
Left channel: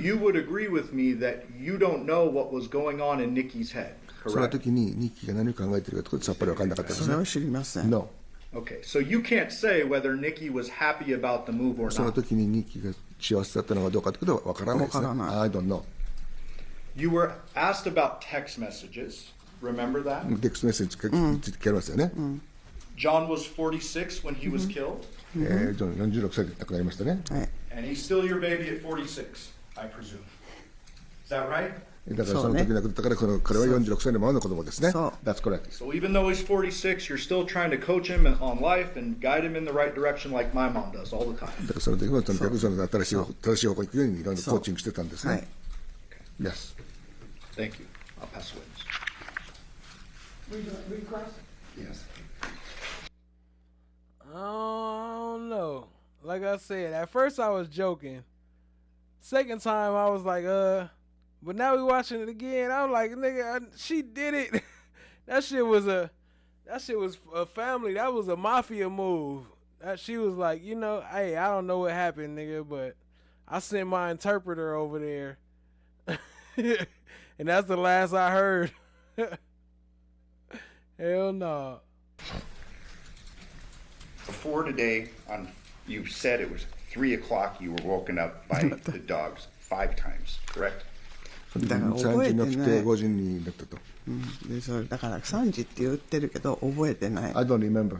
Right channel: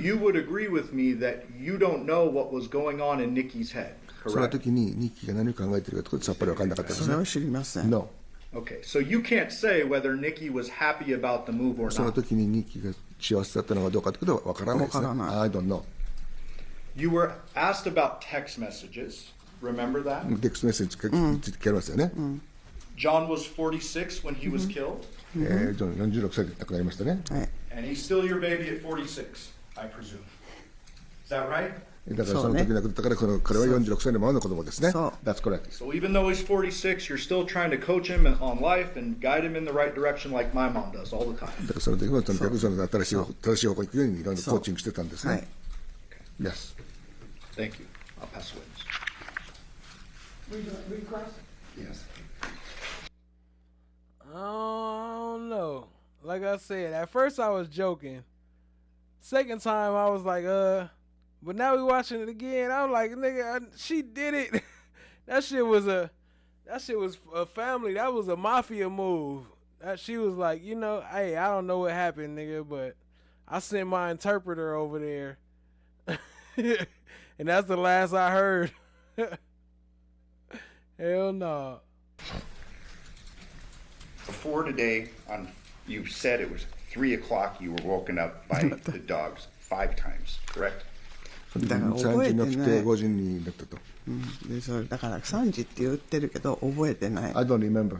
You would agree with me that you don't know what was going on in Nikki's head, その correct? 時にニッキーが何を考えているかとかさっぱり分かんなかったですね。それは知りません。 No. Okay, so you can't say whether Nikki was happy about the move or その not. 時にニッキーが幸せだったのかどうかということは分からないですね。分からない。 I don't know. You were asked about text messages. Remember that? テクストメッセージについて聞かれましたよね。John was 46 when he was killed, ジョン46歳で亡くなりましたね。 and he's still your baby at 46, I presume. Is that right? だからその時亡くなったから彼は46歳のままの子供ですね。That's correct. So even though he's 46, you're still trying to coach him on life and guide him in the right direction like my mom does all the time. だからその時もとにかくその正しい方向に行くようにいろんなコーチングしてたんですね。Yes. Thank you. I'll pass the witness. Read across? Yes. I don't know. Like I said, at first I was joking. Second time I was like, but now we watching it again. I'm like, nigga, she did it. That shit was a family. That was a mafia move. She was like, hey, I don't know what happened, nigga, but I sent my interpreter over there. And that's the last I heard. Hell no. Before today, you said it was 3 o'clock. You were woken up by the dogs 5 times, correct? だから覚えてない。 5時になったと。でそれだから3時って言ってるけど覚えてない。 I don't remember.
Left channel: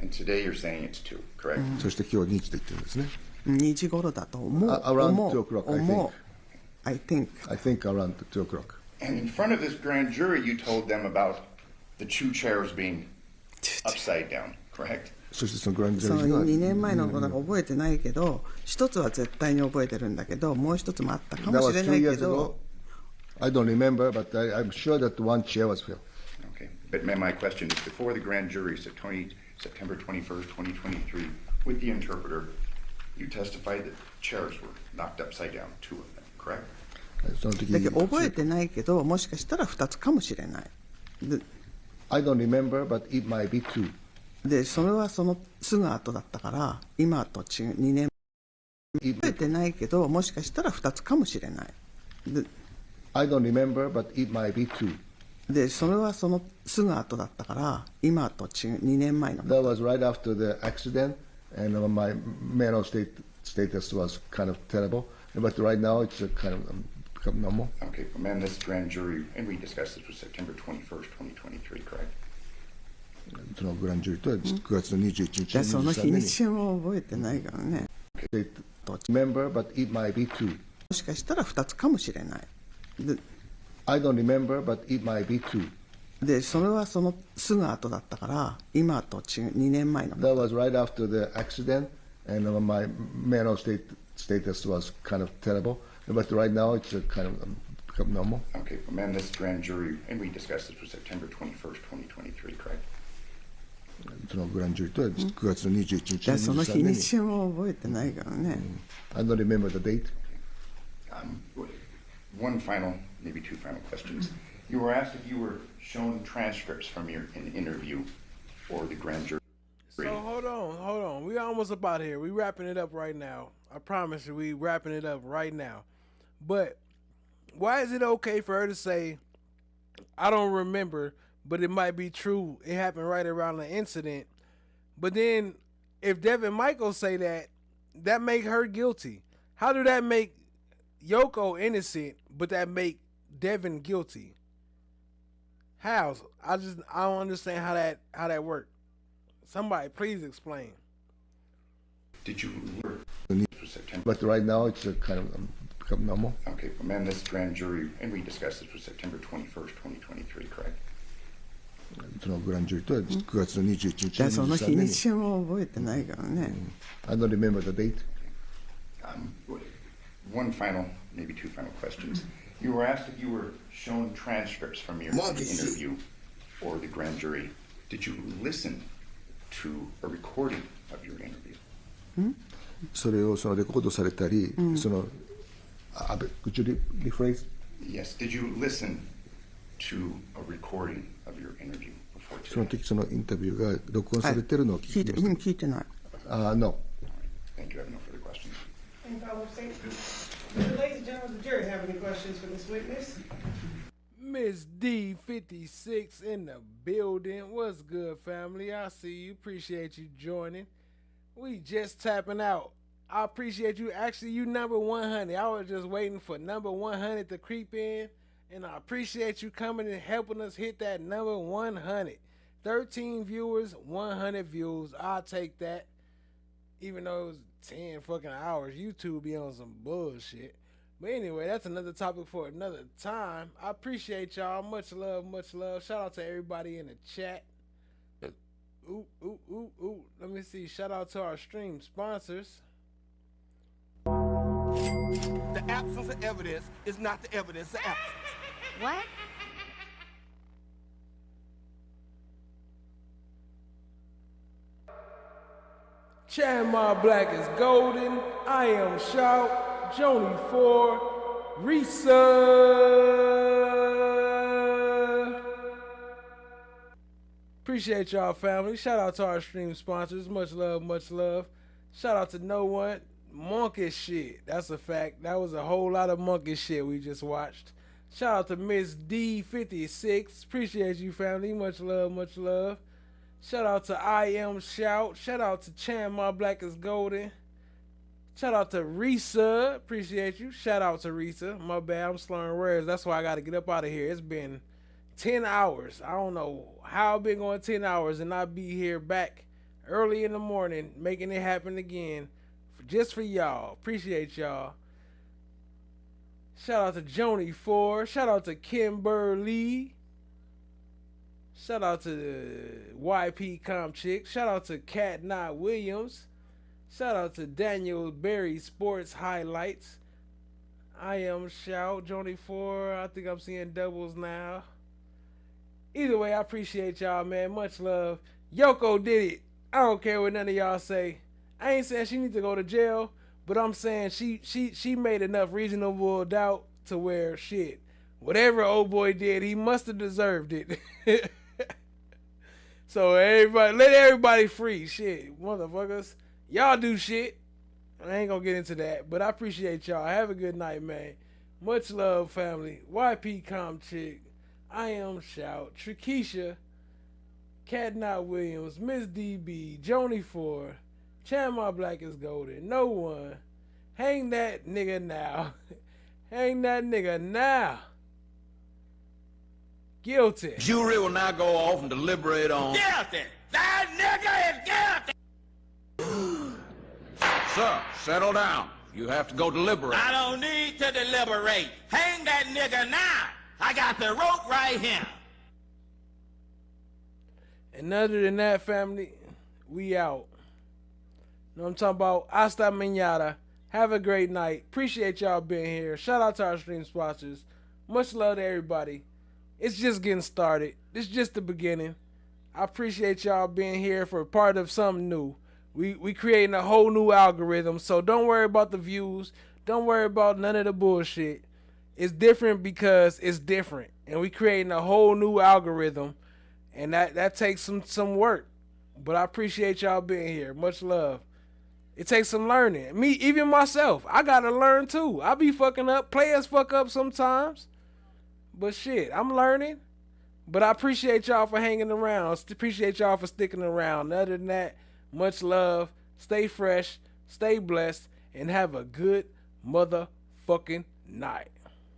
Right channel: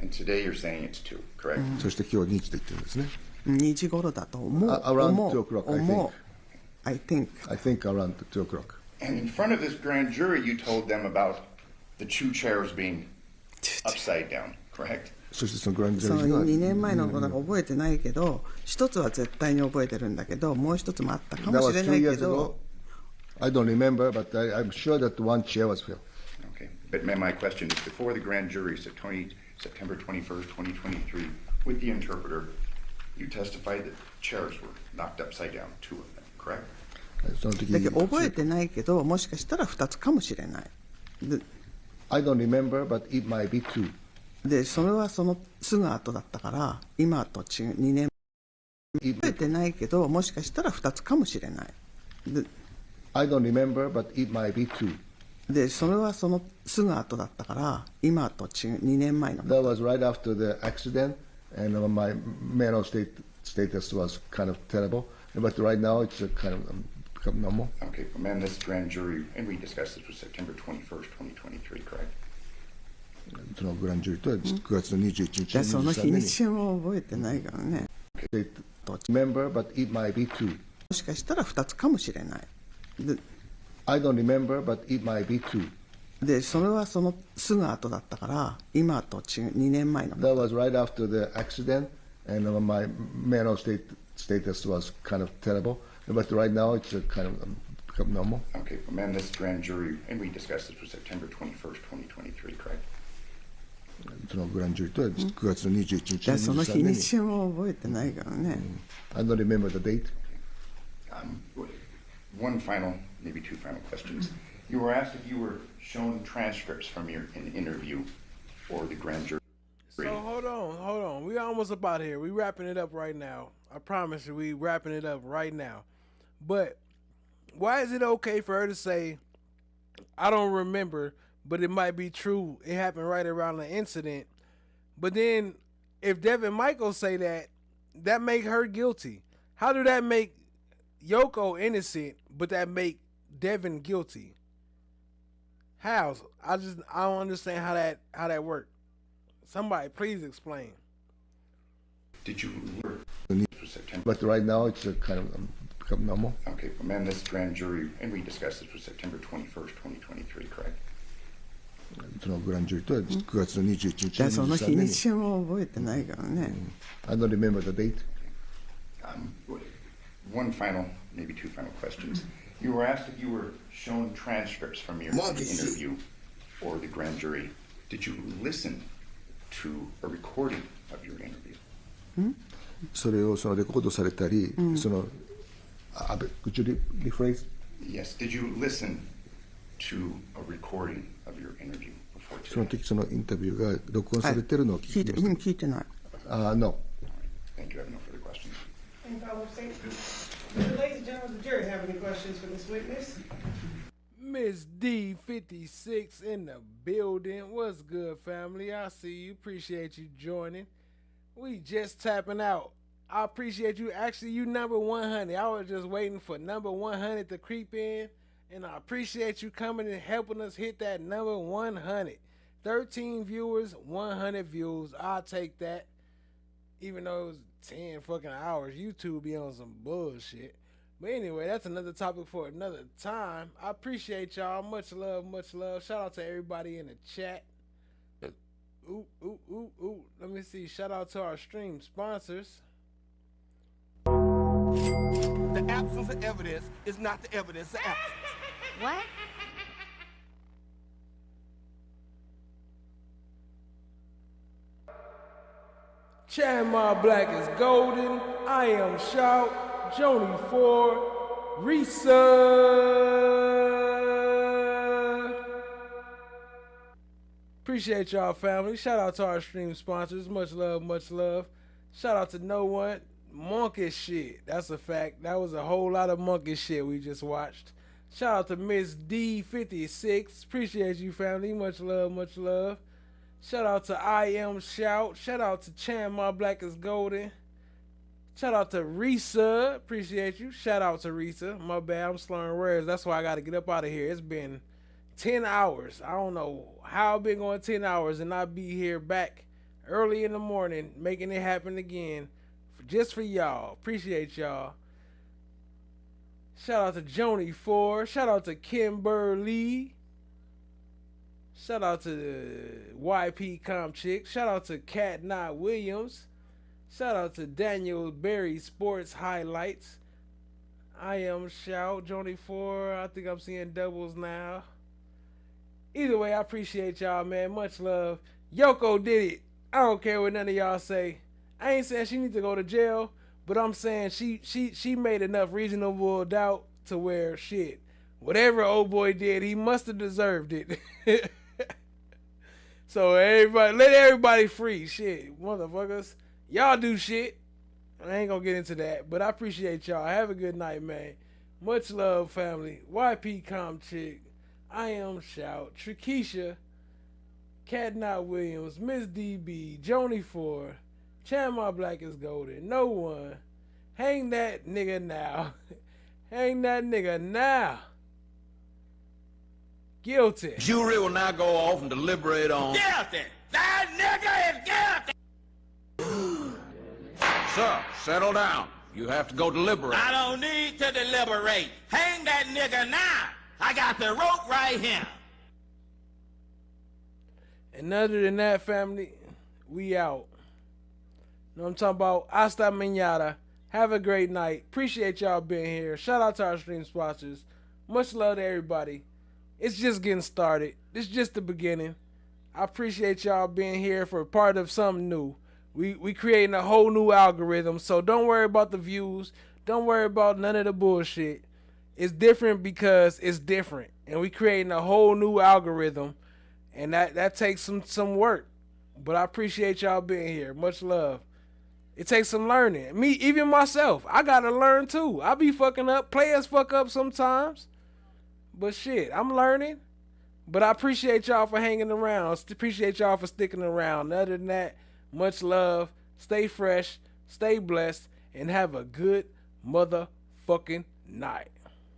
And today you're saying it's 2, correct? そして今日2時と言ってるんですね。2時頃だと思う。 Around 2 o'clock, I think. I think around 2 o'clock. And in front of this grand jury, you told them about the 2 chairs being upside down, correct? そしてそのグランドジそのャージ2年前のことが覚えてないけど、一つは絶対に覚えてるんだけど、もう一つもあったかもしれないけど。I don't remember, but I'm sure that one chair was filled. Okay. But my question is, before the grand jury, September 21st, 2023, with the interpreter, you testified that chairs were knocked upside down, 2 of them, correct? だけど覚えてないけど、もしかしたら2つかもしれない。I don't remember, but it might be 2. で、それはそのすぐ後だったから、今と違う2年。覚えてないけど、もしかしたら2つかもしれない。I don't remember, but it might be 2. で、それはそのすぐ後だったから、今と違う2年前の。That was right after the accident, and my mental status was kind of terrible. But right now, it's kind of become normal. Okay, but man, this grand jury, and we discussed this was September 21st, 2023, correct? そのグランジュリーとは9月の21日。その日にちも覚えてないからね。Remember, but it might be 2. もしかしたら2つかもしれない。I don't remember, but it might be 2. で、それはそのすぐ後だったから、今と違う2年前の。That was right after the accident, and my mental status was kind of terrible. But right now, it's kind of become normal. Okay, but man, this grand jury, and we discussed this was September 21st, 2023, correct? そのグランジュリーとは9月の21日。その日にちも覚えてないからね。I don't remember the date. One final, maybe 2 final questions. You were asked if you were shown transcripts from your interview or the grand jury. So hold on. We almost about here. We wrapping it up right now. I promise you, we wrapping it up right now. But why is it okay for her to say, I don't remember, but it might be true, it happened right around the incident? But then if Devyn Michaels say that, that make her guilty. How do that make LOKO innocent, but that make Devyn guilty? How? I don't understand how that worked. Somebody please explain. Did you September? But right now it's kind of become normal. Okay, but man, this grand jury, and we discussed this was September 21st, 2023, correct? そのグランジュリーとは9月の21日。その日にちも覚えてないからね。I don't remember the date. One final, maybe 2 final questions. You were asked if you were shown transcripts from your interview or the grand jury. Did you listen to a recording of your interview? それをそのレコードされたり、そのcould you rephrase? Yes. Did you listen to a recording of your interview before today? その時そのインタビューが録音されてるのを聞いてます。聞いてない。No. Thank you. I have no further questions. Any follow-up statements? Ladies and gentlemen, the jury have any questions for this witness? Miss D56 in the building. What's good, family? I see you. Appreciate you joining. We just tapping out. I appreciate you. Actually, you number 100. I was just waiting for number 100 to creep in. And I appreciate you coming and helping us hit that number 100. 13 viewers, 100 views. I'll take that. Even though it was 10 fucking hours. YouTube be on some bullshit. But anyway, that's another topic for another time. I appreciate y'all. Much love, much love. Shout out to everybody in the chat. Ooh. Let me see. Shout out to our stream sponsors. The absence of evidence is not the evidence of absence. What? Chan Black is golden. I am Shout. Joni 4. Risa. Appreciate y'all, family. Shout out to our stream sponsors. Much love, much love. Shout out to No One. Monkish shit. That's a fact. That was a whole lot of monkish shit we just watched. Shout out to Miss D56. Appreciate you, family. Much love, much love. Shout out to I Am Shout. Shout out to Chan Black is golden. Shout out to Risa. Appreciate you. Shout out to Risa. My bad. I'm slurring words. That's why I got to get up out of here. It's been 10 hours. I don't know how I've been going 10 hours and I'll be here back early in the morning making it happen again just for y'all. Appreciate y'all. Shout out to Joni 4. Shout out to Kimberly. Shout out to the YP Com Chick. Shout out to Cat Knot Williams. Shout out to Daniel Berry Sports Highlights. I Am Shout. Joni 4. I think I'm seeing doubles now. Either way, I appreciate y'all, man. Much love. LOKO did it. I don't care what none of y'all say. I ain't saying she needs to go to jail, but I'm saying she made enough reasonable doubt to where shit, whatever old boy did, he must have deserved it. So everybody, let everybody free. Shit, motherfuckers. Y'all do shit. I ain't gonna get into that, but I appreciate y'all. Have a good night, man. Much love, family. YP Com Chick. I Am Shout. Trikisha. Cat Knot Williams. Miss DB. Joni 4. Chan Black is golden. No One. Hang that nigga now. Hang that nigga now. Guilty. Jury will now go off and deliberate on... Guilty! That nigga is guilty! Sir, settle down. You have to go deliberate. I don't need to deliberate. Hang that nigga now. I got the rope right here. And other than that, family, we out. Know what I'm talking about? Hasta mañana. Have a great night. Appreciate y'all being here. Shout out to our stream sponsors. Much love to everybody. It's just getting started. It's just the beginning. I appreciate y'all being here for part of something new. We creating a whole new algorithm, so don't worry about the views. Don't worry about none of the bullshit. It's different because it's different. And we creating a whole new algorithm. And that takes some work. But I appreciate y'all being here. Much love. It takes some learning. Me, even myself, I gotta learn too. I be fucking up. Players fuck up sometimes. But shit, I'm learning. But I appreciate y'all for hanging around. Appreciate y'all for sticking around. Other than that, much love. Stay fresh. Stay blessed. And have a good motherfucking night.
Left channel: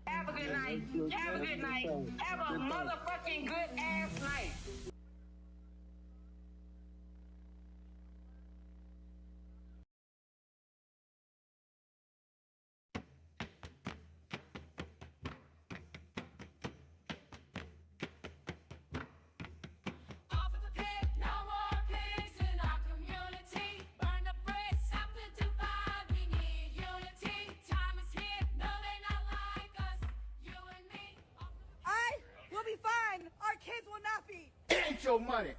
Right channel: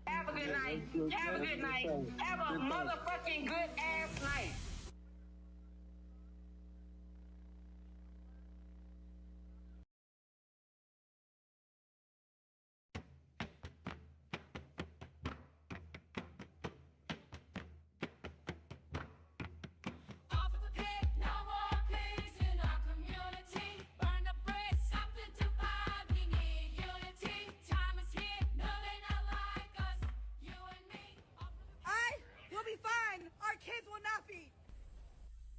Have a good night. Have a good night. Have a motherfucking good ass night. Our kids will not be. Get your money.